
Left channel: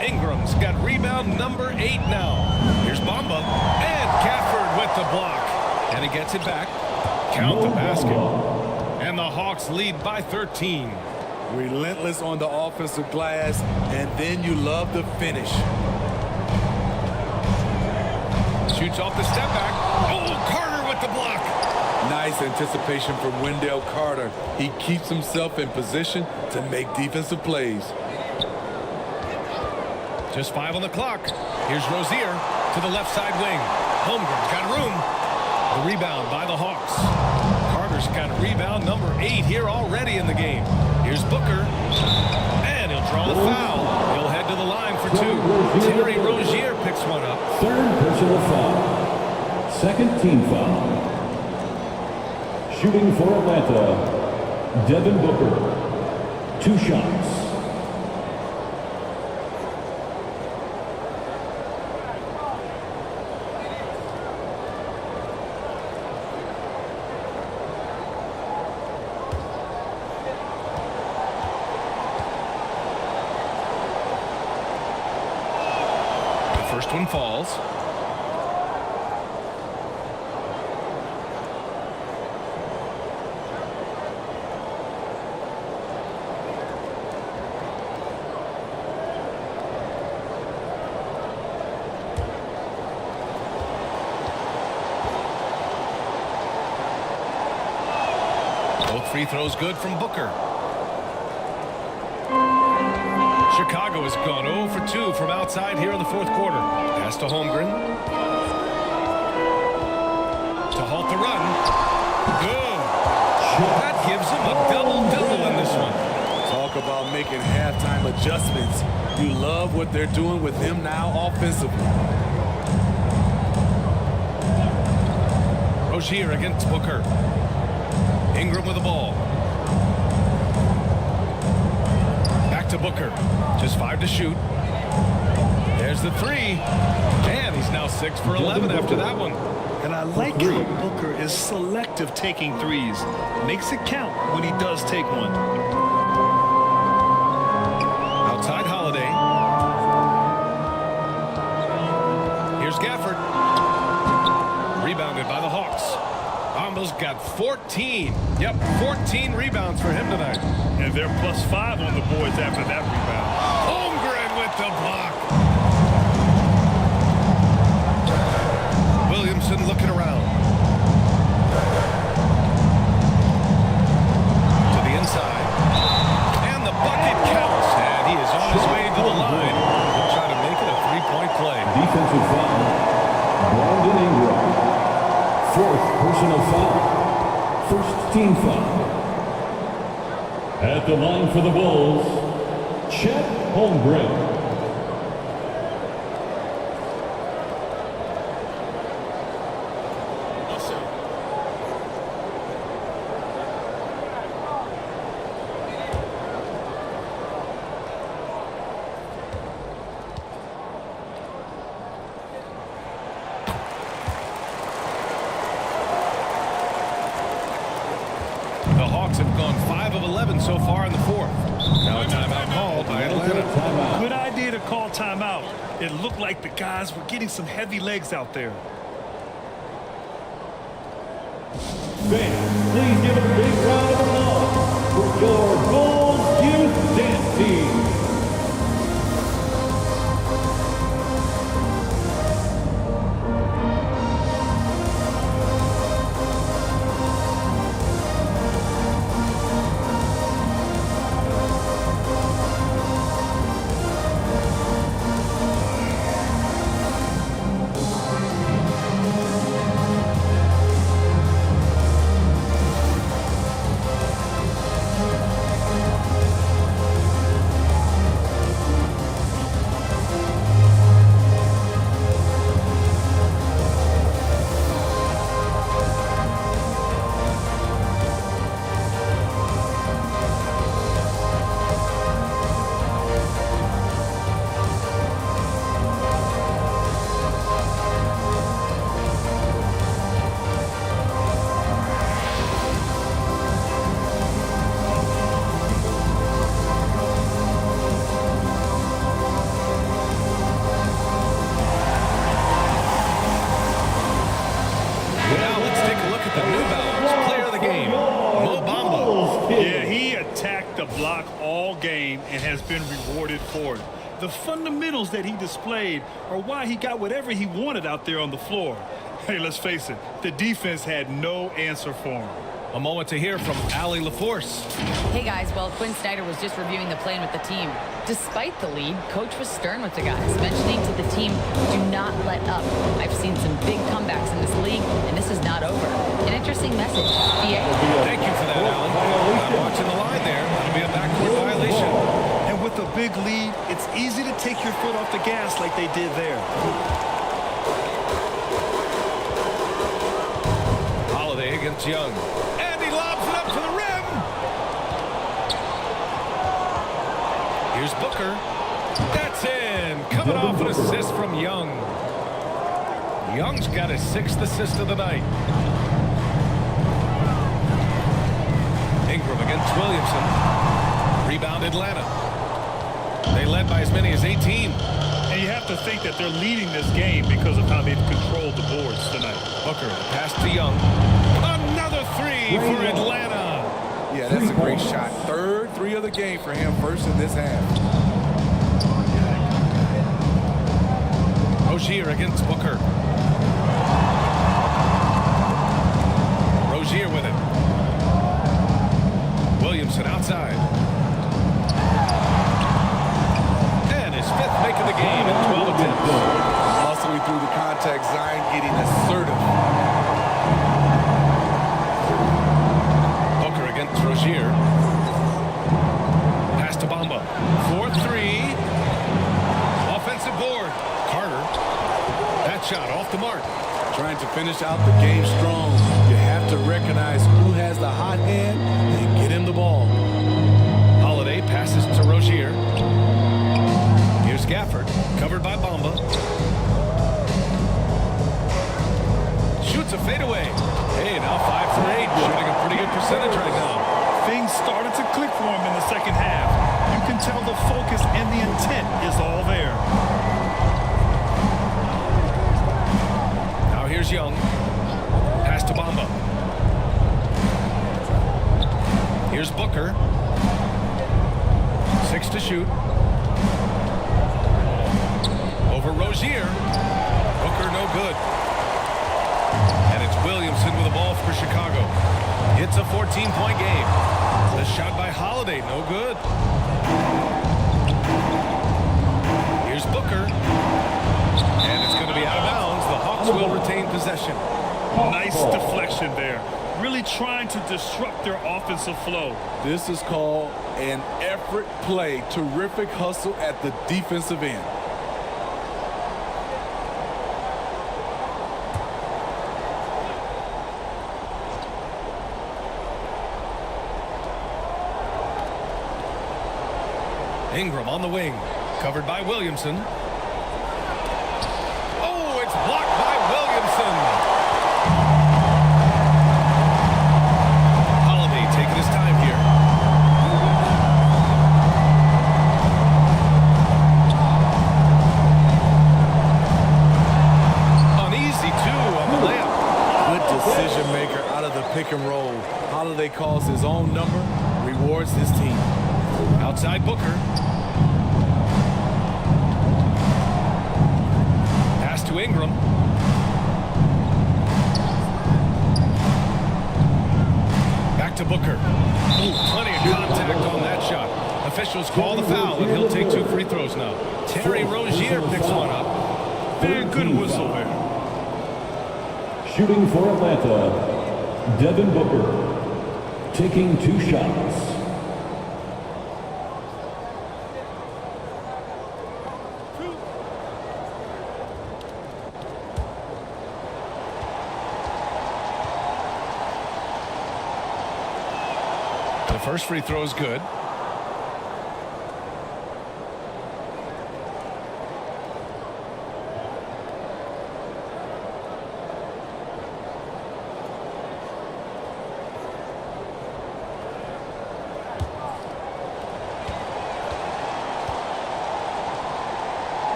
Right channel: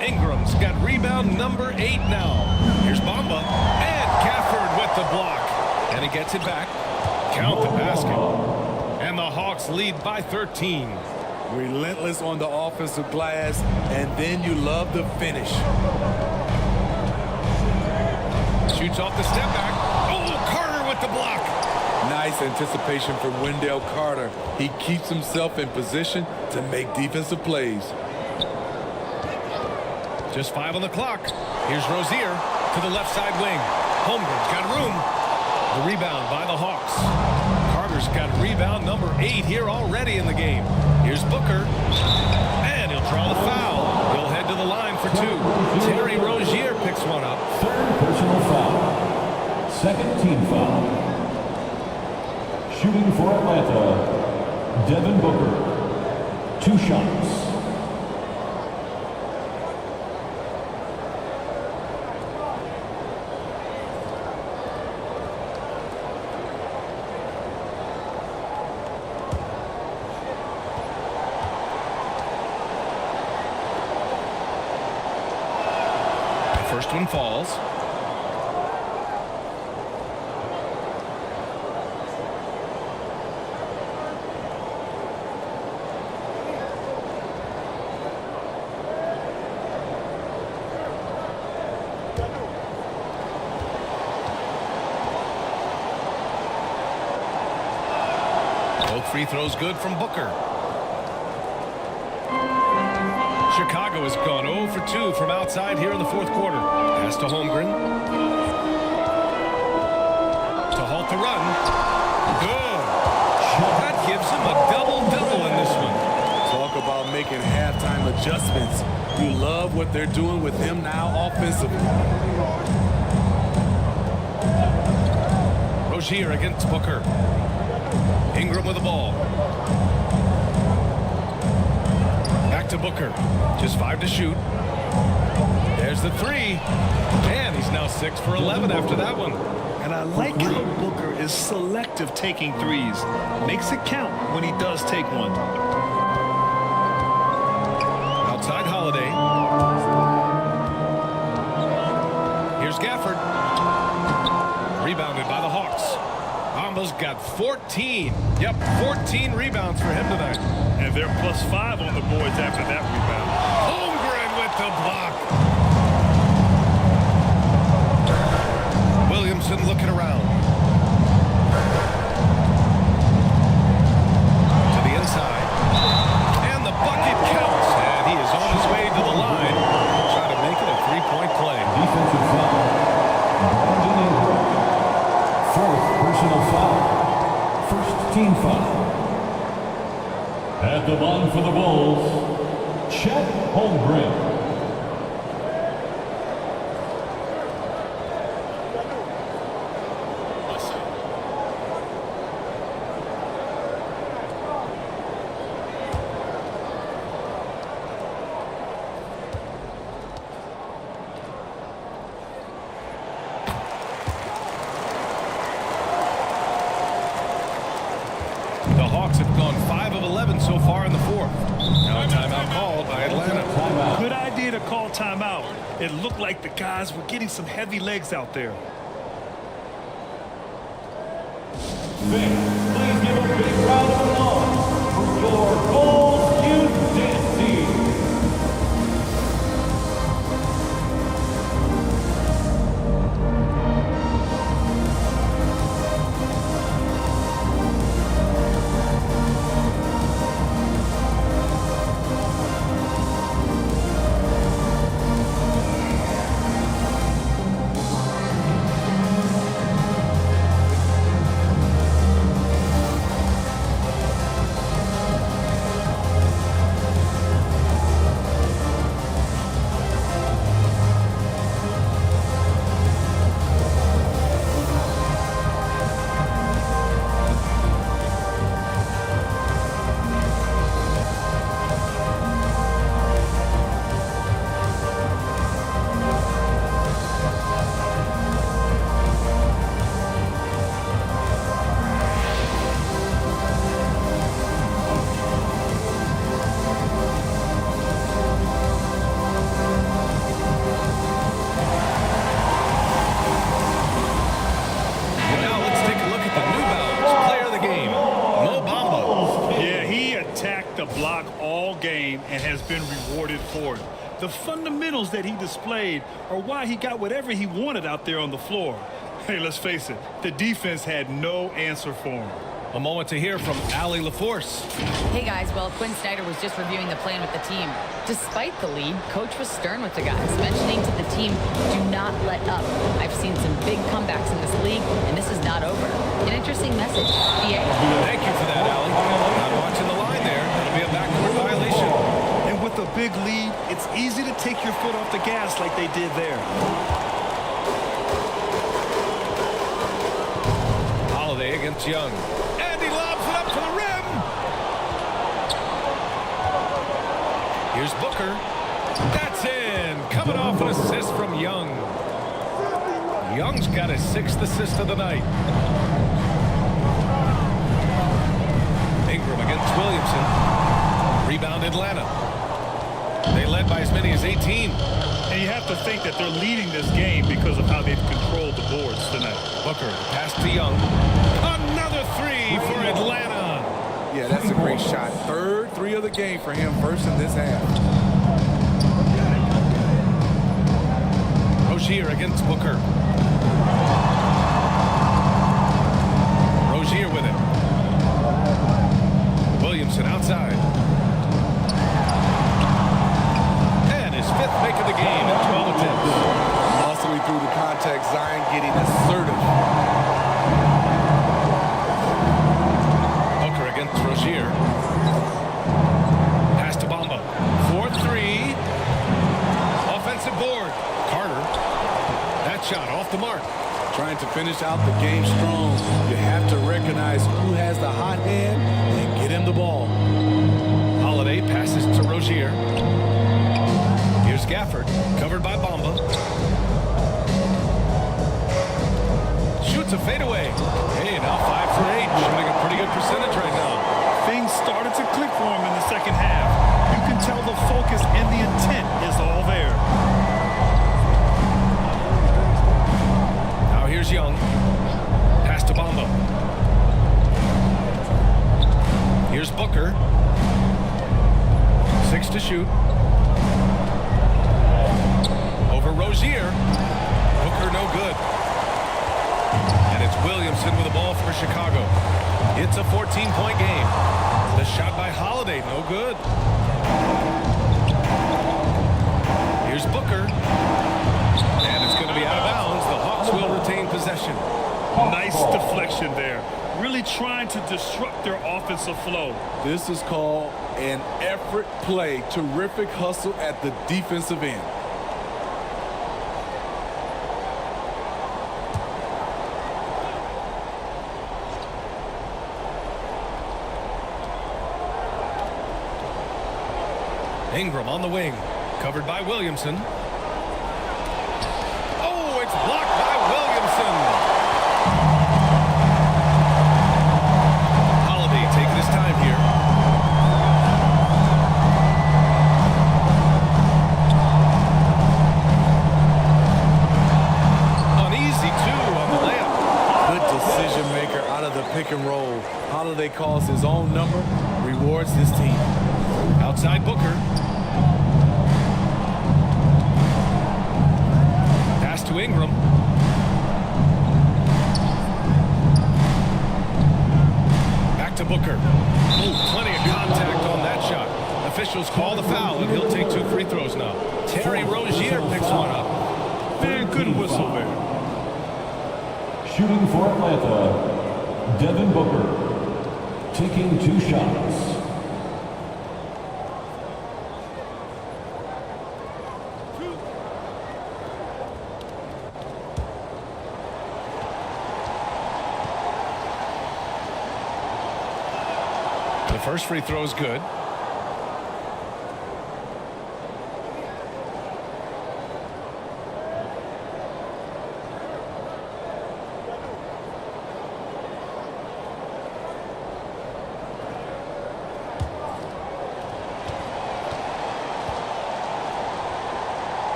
Ingram's got rebound number 8 now. Here's Bamba. And Gafford with the block. And he gets it back. Count the basket. And the Hawks lead by 13. Relentless on the offensive glass, and then you love the finish. Shoots off the step back. Oh, Carter with the block. Nice anticipation from Wendell Carter. He keeps himself in position to make defensive plays. Just 5 on the clock. Here's Rozier to the left side wing. Holmgren's got room. The rebound by the Hawks. Carter's got rebound number 8 here already in the game. Here's Booker. And he'll draw the foul. He'll head to the line for 2. Terry Rozier picks one up. 3rd personal foul. 2nd team foul. Shooting for Atlanta, Devin Booker. 2 shots. First one falls. Both free throws good from Booker. Chicago has gone 0 for 2 from outside here in the 4th quarter. Pass to Holmgren. To halt the run. Good. That gives him a double-double in this one. Talk about making halftime adjustments. You love what they're doing with him now offensively. Rozier against Booker. Ingram with the ball. Back to Booker. Just 5 to shoot. There's the 3. And he's now 6 for 11 after that one. And I like how Booker is selective taking threes. Makes it count when he does take one. Outside Holiday. Here's Gafford. Rebounded by the Hawks. Bamba's got 14. Yep, 14 rebounds for him tonight. And they're +5 on the boards after that rebound. Holmgren with the block. Williamson looking around. To the inside. And the bucket counts. And he is on his way to the line. He'll try to make it a 3-point play. Defensive foul. Brandon Ingram. 4th personal foul. 1st team foul. At the line for the Bulls, Chet Holmgren. One shot. The Hawks have gone 5 of 11 so far in the 4th. Now a timeout called by Atlanta. Good idea to call timeout. It looked like the guys were getting some heavy legs out there. Fans, please give a big round of applause for your Bulls Youth Dance Team. take a look at the New Balance player of the game, Mo Bamba. Yeah, he attacked the block all game and has been rewarded for it. The fundamentals that he displayed are why he got whatever he wanted out there on the floor. Hey, let's face it, the defense had no answer for him. A moment to hear from Allie LaForce. Hey guys, well, Quinn Snyder was just reviewing the plan with the team. Despite the lead, coach was stern with the guys, mentioning to the team, do not let up. I've seen some big comebacks in this league, and this is not over. An interesting message. BA? Thank you for that, Allie. Not watching the line there. That'll be a backcourt violation. And with a big lead, it's easy to take your foot off the gas like they did there. Holiday against Young. And he lobs it up to the rim. Here's Booker. That's in. Coming off an assist from Young. Young's got his 6th assist of the night. Ingram against Williamson. Rebound Atlanta. They led by as many as 18. And you have to think that they're leading this game because of how they've controlled the boards tonight. Booker, the pass to Young. Another 3 for Atlanta. Yeah, that's a great shot. 3rd 3 of the game for him, first in this half. Rozier against Booker. Rozier with it. Williamson outside. And his 5th make of the game in 12 attempts. Muscling through the contact, Zion getting assertive. Booker against Rozier. Pass to Bamba. 4-3. Offensive board. Carter. That shot off the mark. Trying to finish out the game strong. You have to recognize who has the hot hand and get him the ball. Holiday passes to Rozier. Here's Gafford, covered by Bamba. Shoots a fadeaway. Hey, now 5 for 8, shooting a pretty good percentage right now. Things started to click for him in the second half. You can tell the focus and the intent is all there. Now here's Young. Pass to Bamba. Here's Booker. 6 to shoot. Over Rozier. Booker no good. And it's Williamson with the ball for Chicago. It's a 14-point game. The shot by Holiday, no good. Here's Booker. And it's going to be out of bounds. The Hawks will retain possession. Nice deflection there. Really trying to disrupt their offensive flow. This is called an effort play. Terrific hustle at the defensive end. Ingram on the wing, covered by Williamson. Oh, it's blocked by Williamson. Holiday taking his time here. An easy 2 on the layup. Good decision maker out of the pick and roll. Holiday calls his own number, rewards his team. Outside Booker. Pass to Ingram. Back to Booker. Oh, plenty of contact on that shot. Officials call the foul, and he'll take 2 free throws now. Terry Rozier picks one up. Man, good whistle there. Shooting for Atlanta, Devin Booker, taking 2 shots. The first free throw is good.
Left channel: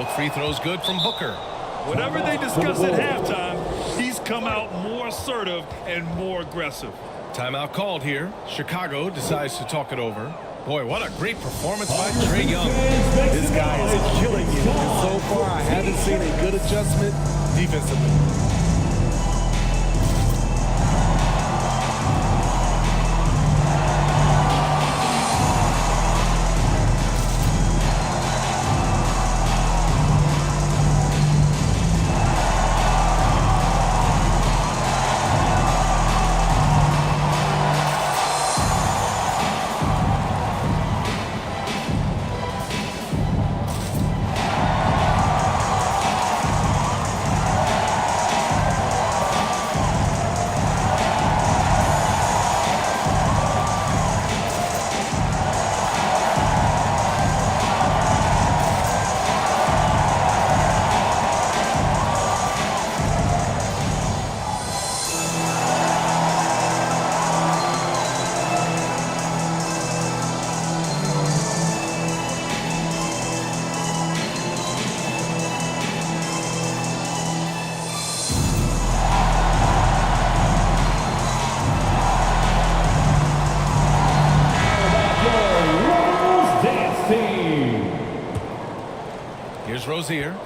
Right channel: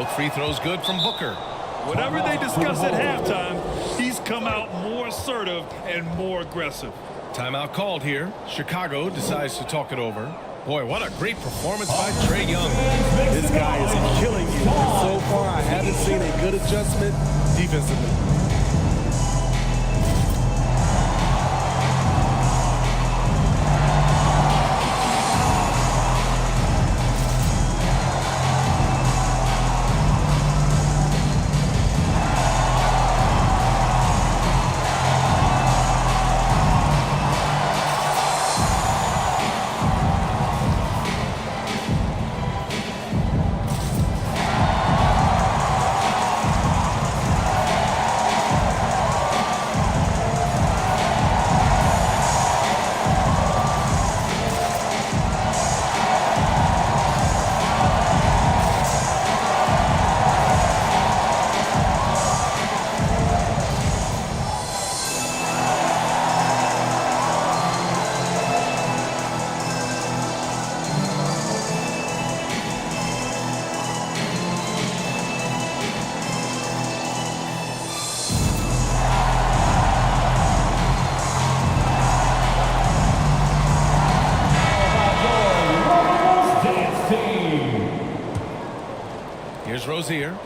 Both free throws good from Booker. Whatever they discuss at halftime, he's come out more assertive and more aggressive. Timeout called here. Chicago decides to talk it over. Boy, what a great performance by Trae Young. This guy is killing you. And so far, I haven't seen a good adjustment defensively. Here's Rozier.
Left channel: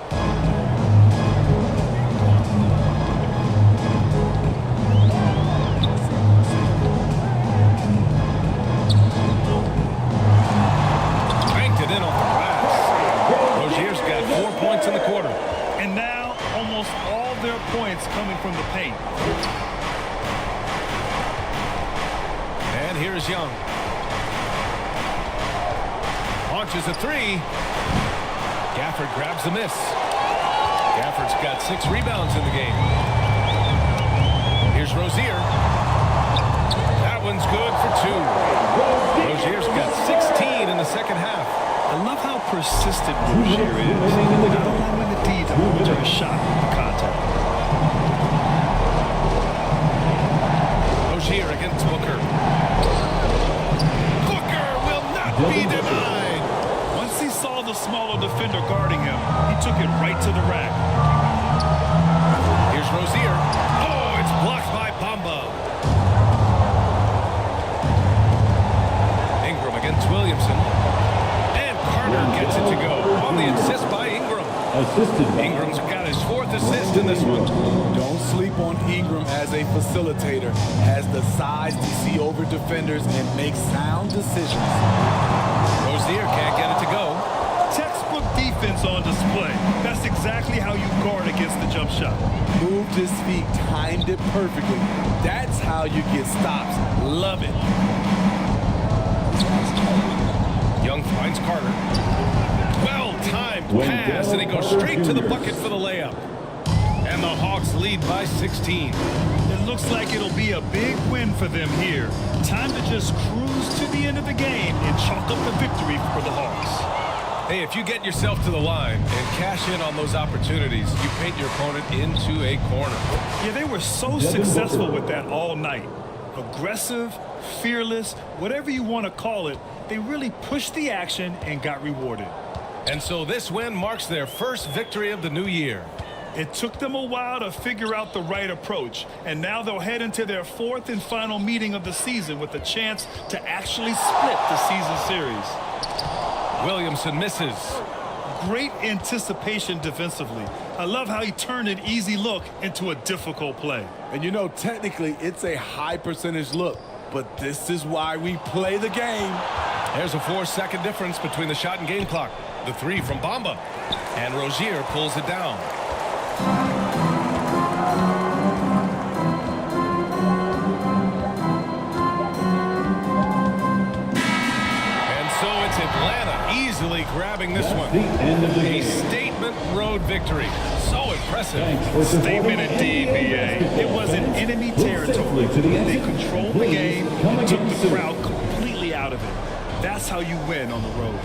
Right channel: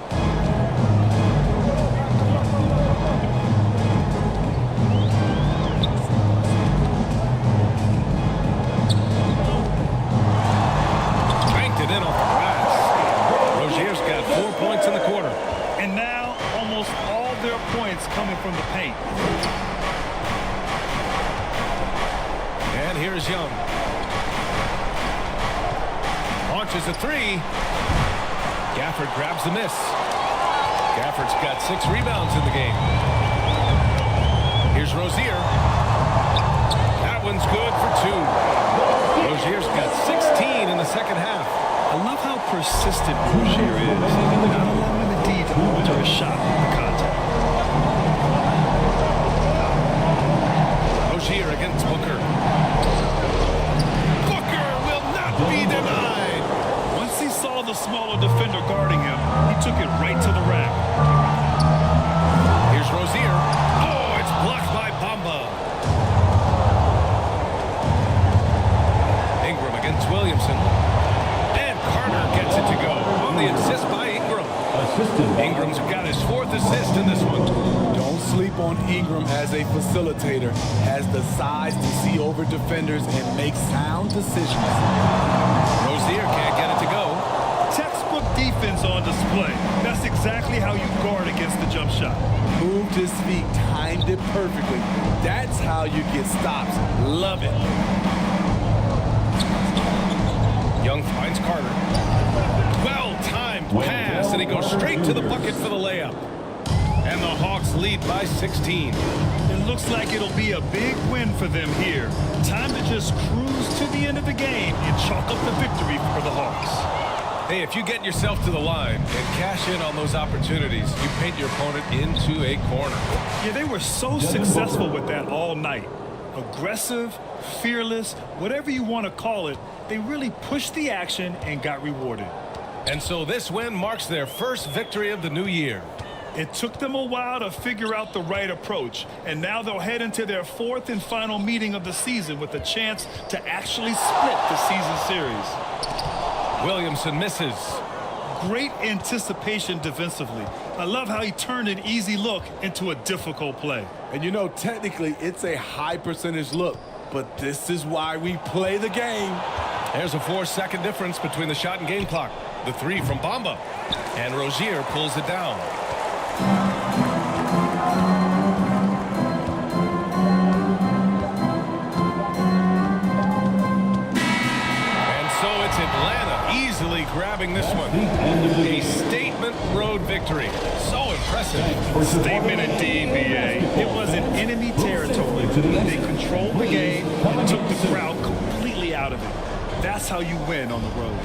Banked it in off the glass. Rozier's got 4 points in the quarter. And now almost all their points coming from the paint. And here's Young. Launches a three. Gafford grabs the miss. Gafford's got 6 rebounds in the game. Here's Rozier. That one's good for 2. Rozier's got 16 in the second half. I love how persistent Rozier is, not allowing the D to alter his shot with the contact. Rozier against Booker. Booker will not be denied. Once he saw the smaller defender guarding him, he took it right to the rack. Here's Rozier. Oh, it's blocked by Bamba. Ingram against Williamson. And Carter gets it to go on the assist by Ingram. Ingram's got his 4th assist in this one. Don't sleep on Ingram as a facilitator. Has the size to see over defenders and make sound decisions. Rozier can't get it to go. Textbook defense on display. That's exactly how you guard against the jump shot. Moved his feet, timed it perfectly. That's how you get stops. Love it. Young finds Carter. Well-timed pass, and he goes straight to the bucket for the layup. And the Hawks lead by 16. It looks like it'll be a big win for them here. Time to just cruise to the end of the game and chalk up the victory for the Hawks. Hey, if you get yourself to the line and cash in on those opportunities, you paint your opponent into a corner. Yeah, they were so successful with that all night. Aggressive, fearless, whatever you want to call it, they really pushed the action and got rewarded. And so this win marks their first victory of the new year. It took them a while to figure out the right approach, and now they'll head into their 4th and final meeting of the season with a chance to actually split the season series. Williamson misses. Great anticipation defensively. I love how he turned an easy look into a difficult play. And you know, technically, it's a high percentage look, but this is why we play the game. There's a 4-second difference between the shot and game clock. The 3 from Bamba. And Rozier pulls it down. And so it's Atlanta easily grabbing this one. A statement road victory. So impressive. Statement indeed, B.A. It was in enemy territory. They controlled the game and took the crowd completely out of it. That's how you win on the road.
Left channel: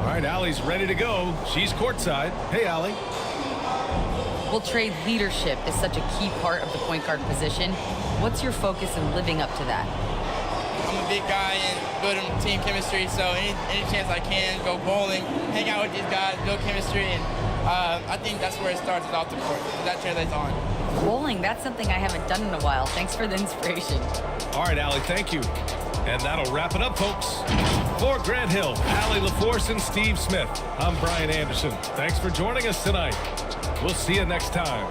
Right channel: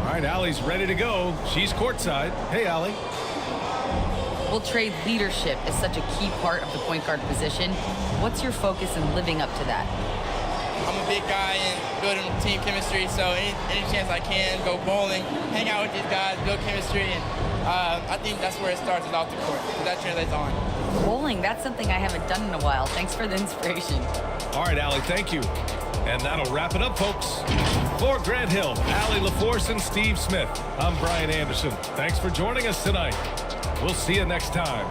All right, Allie's ready to go. She's courtside. Hey, Allie. Well, Trae, leadership is such a key part of the point guard position. What's your focus in living up to that? I'm a big guy and building team chemistry, so any chance I can, go bowling, hang out with these guys, build chemistry, and I think that's where it starts, is off the court, because that translates on. Bowling, that's something I haven't done in a while. Thanks for the inspiration. All right, Allie, thank you. And that'll wrap it up, folks. For Grant Hill, Allie LaForce, and Steve Smith, I'm Brian Anderson. Thanks for joining us tonight. We'll see you next time.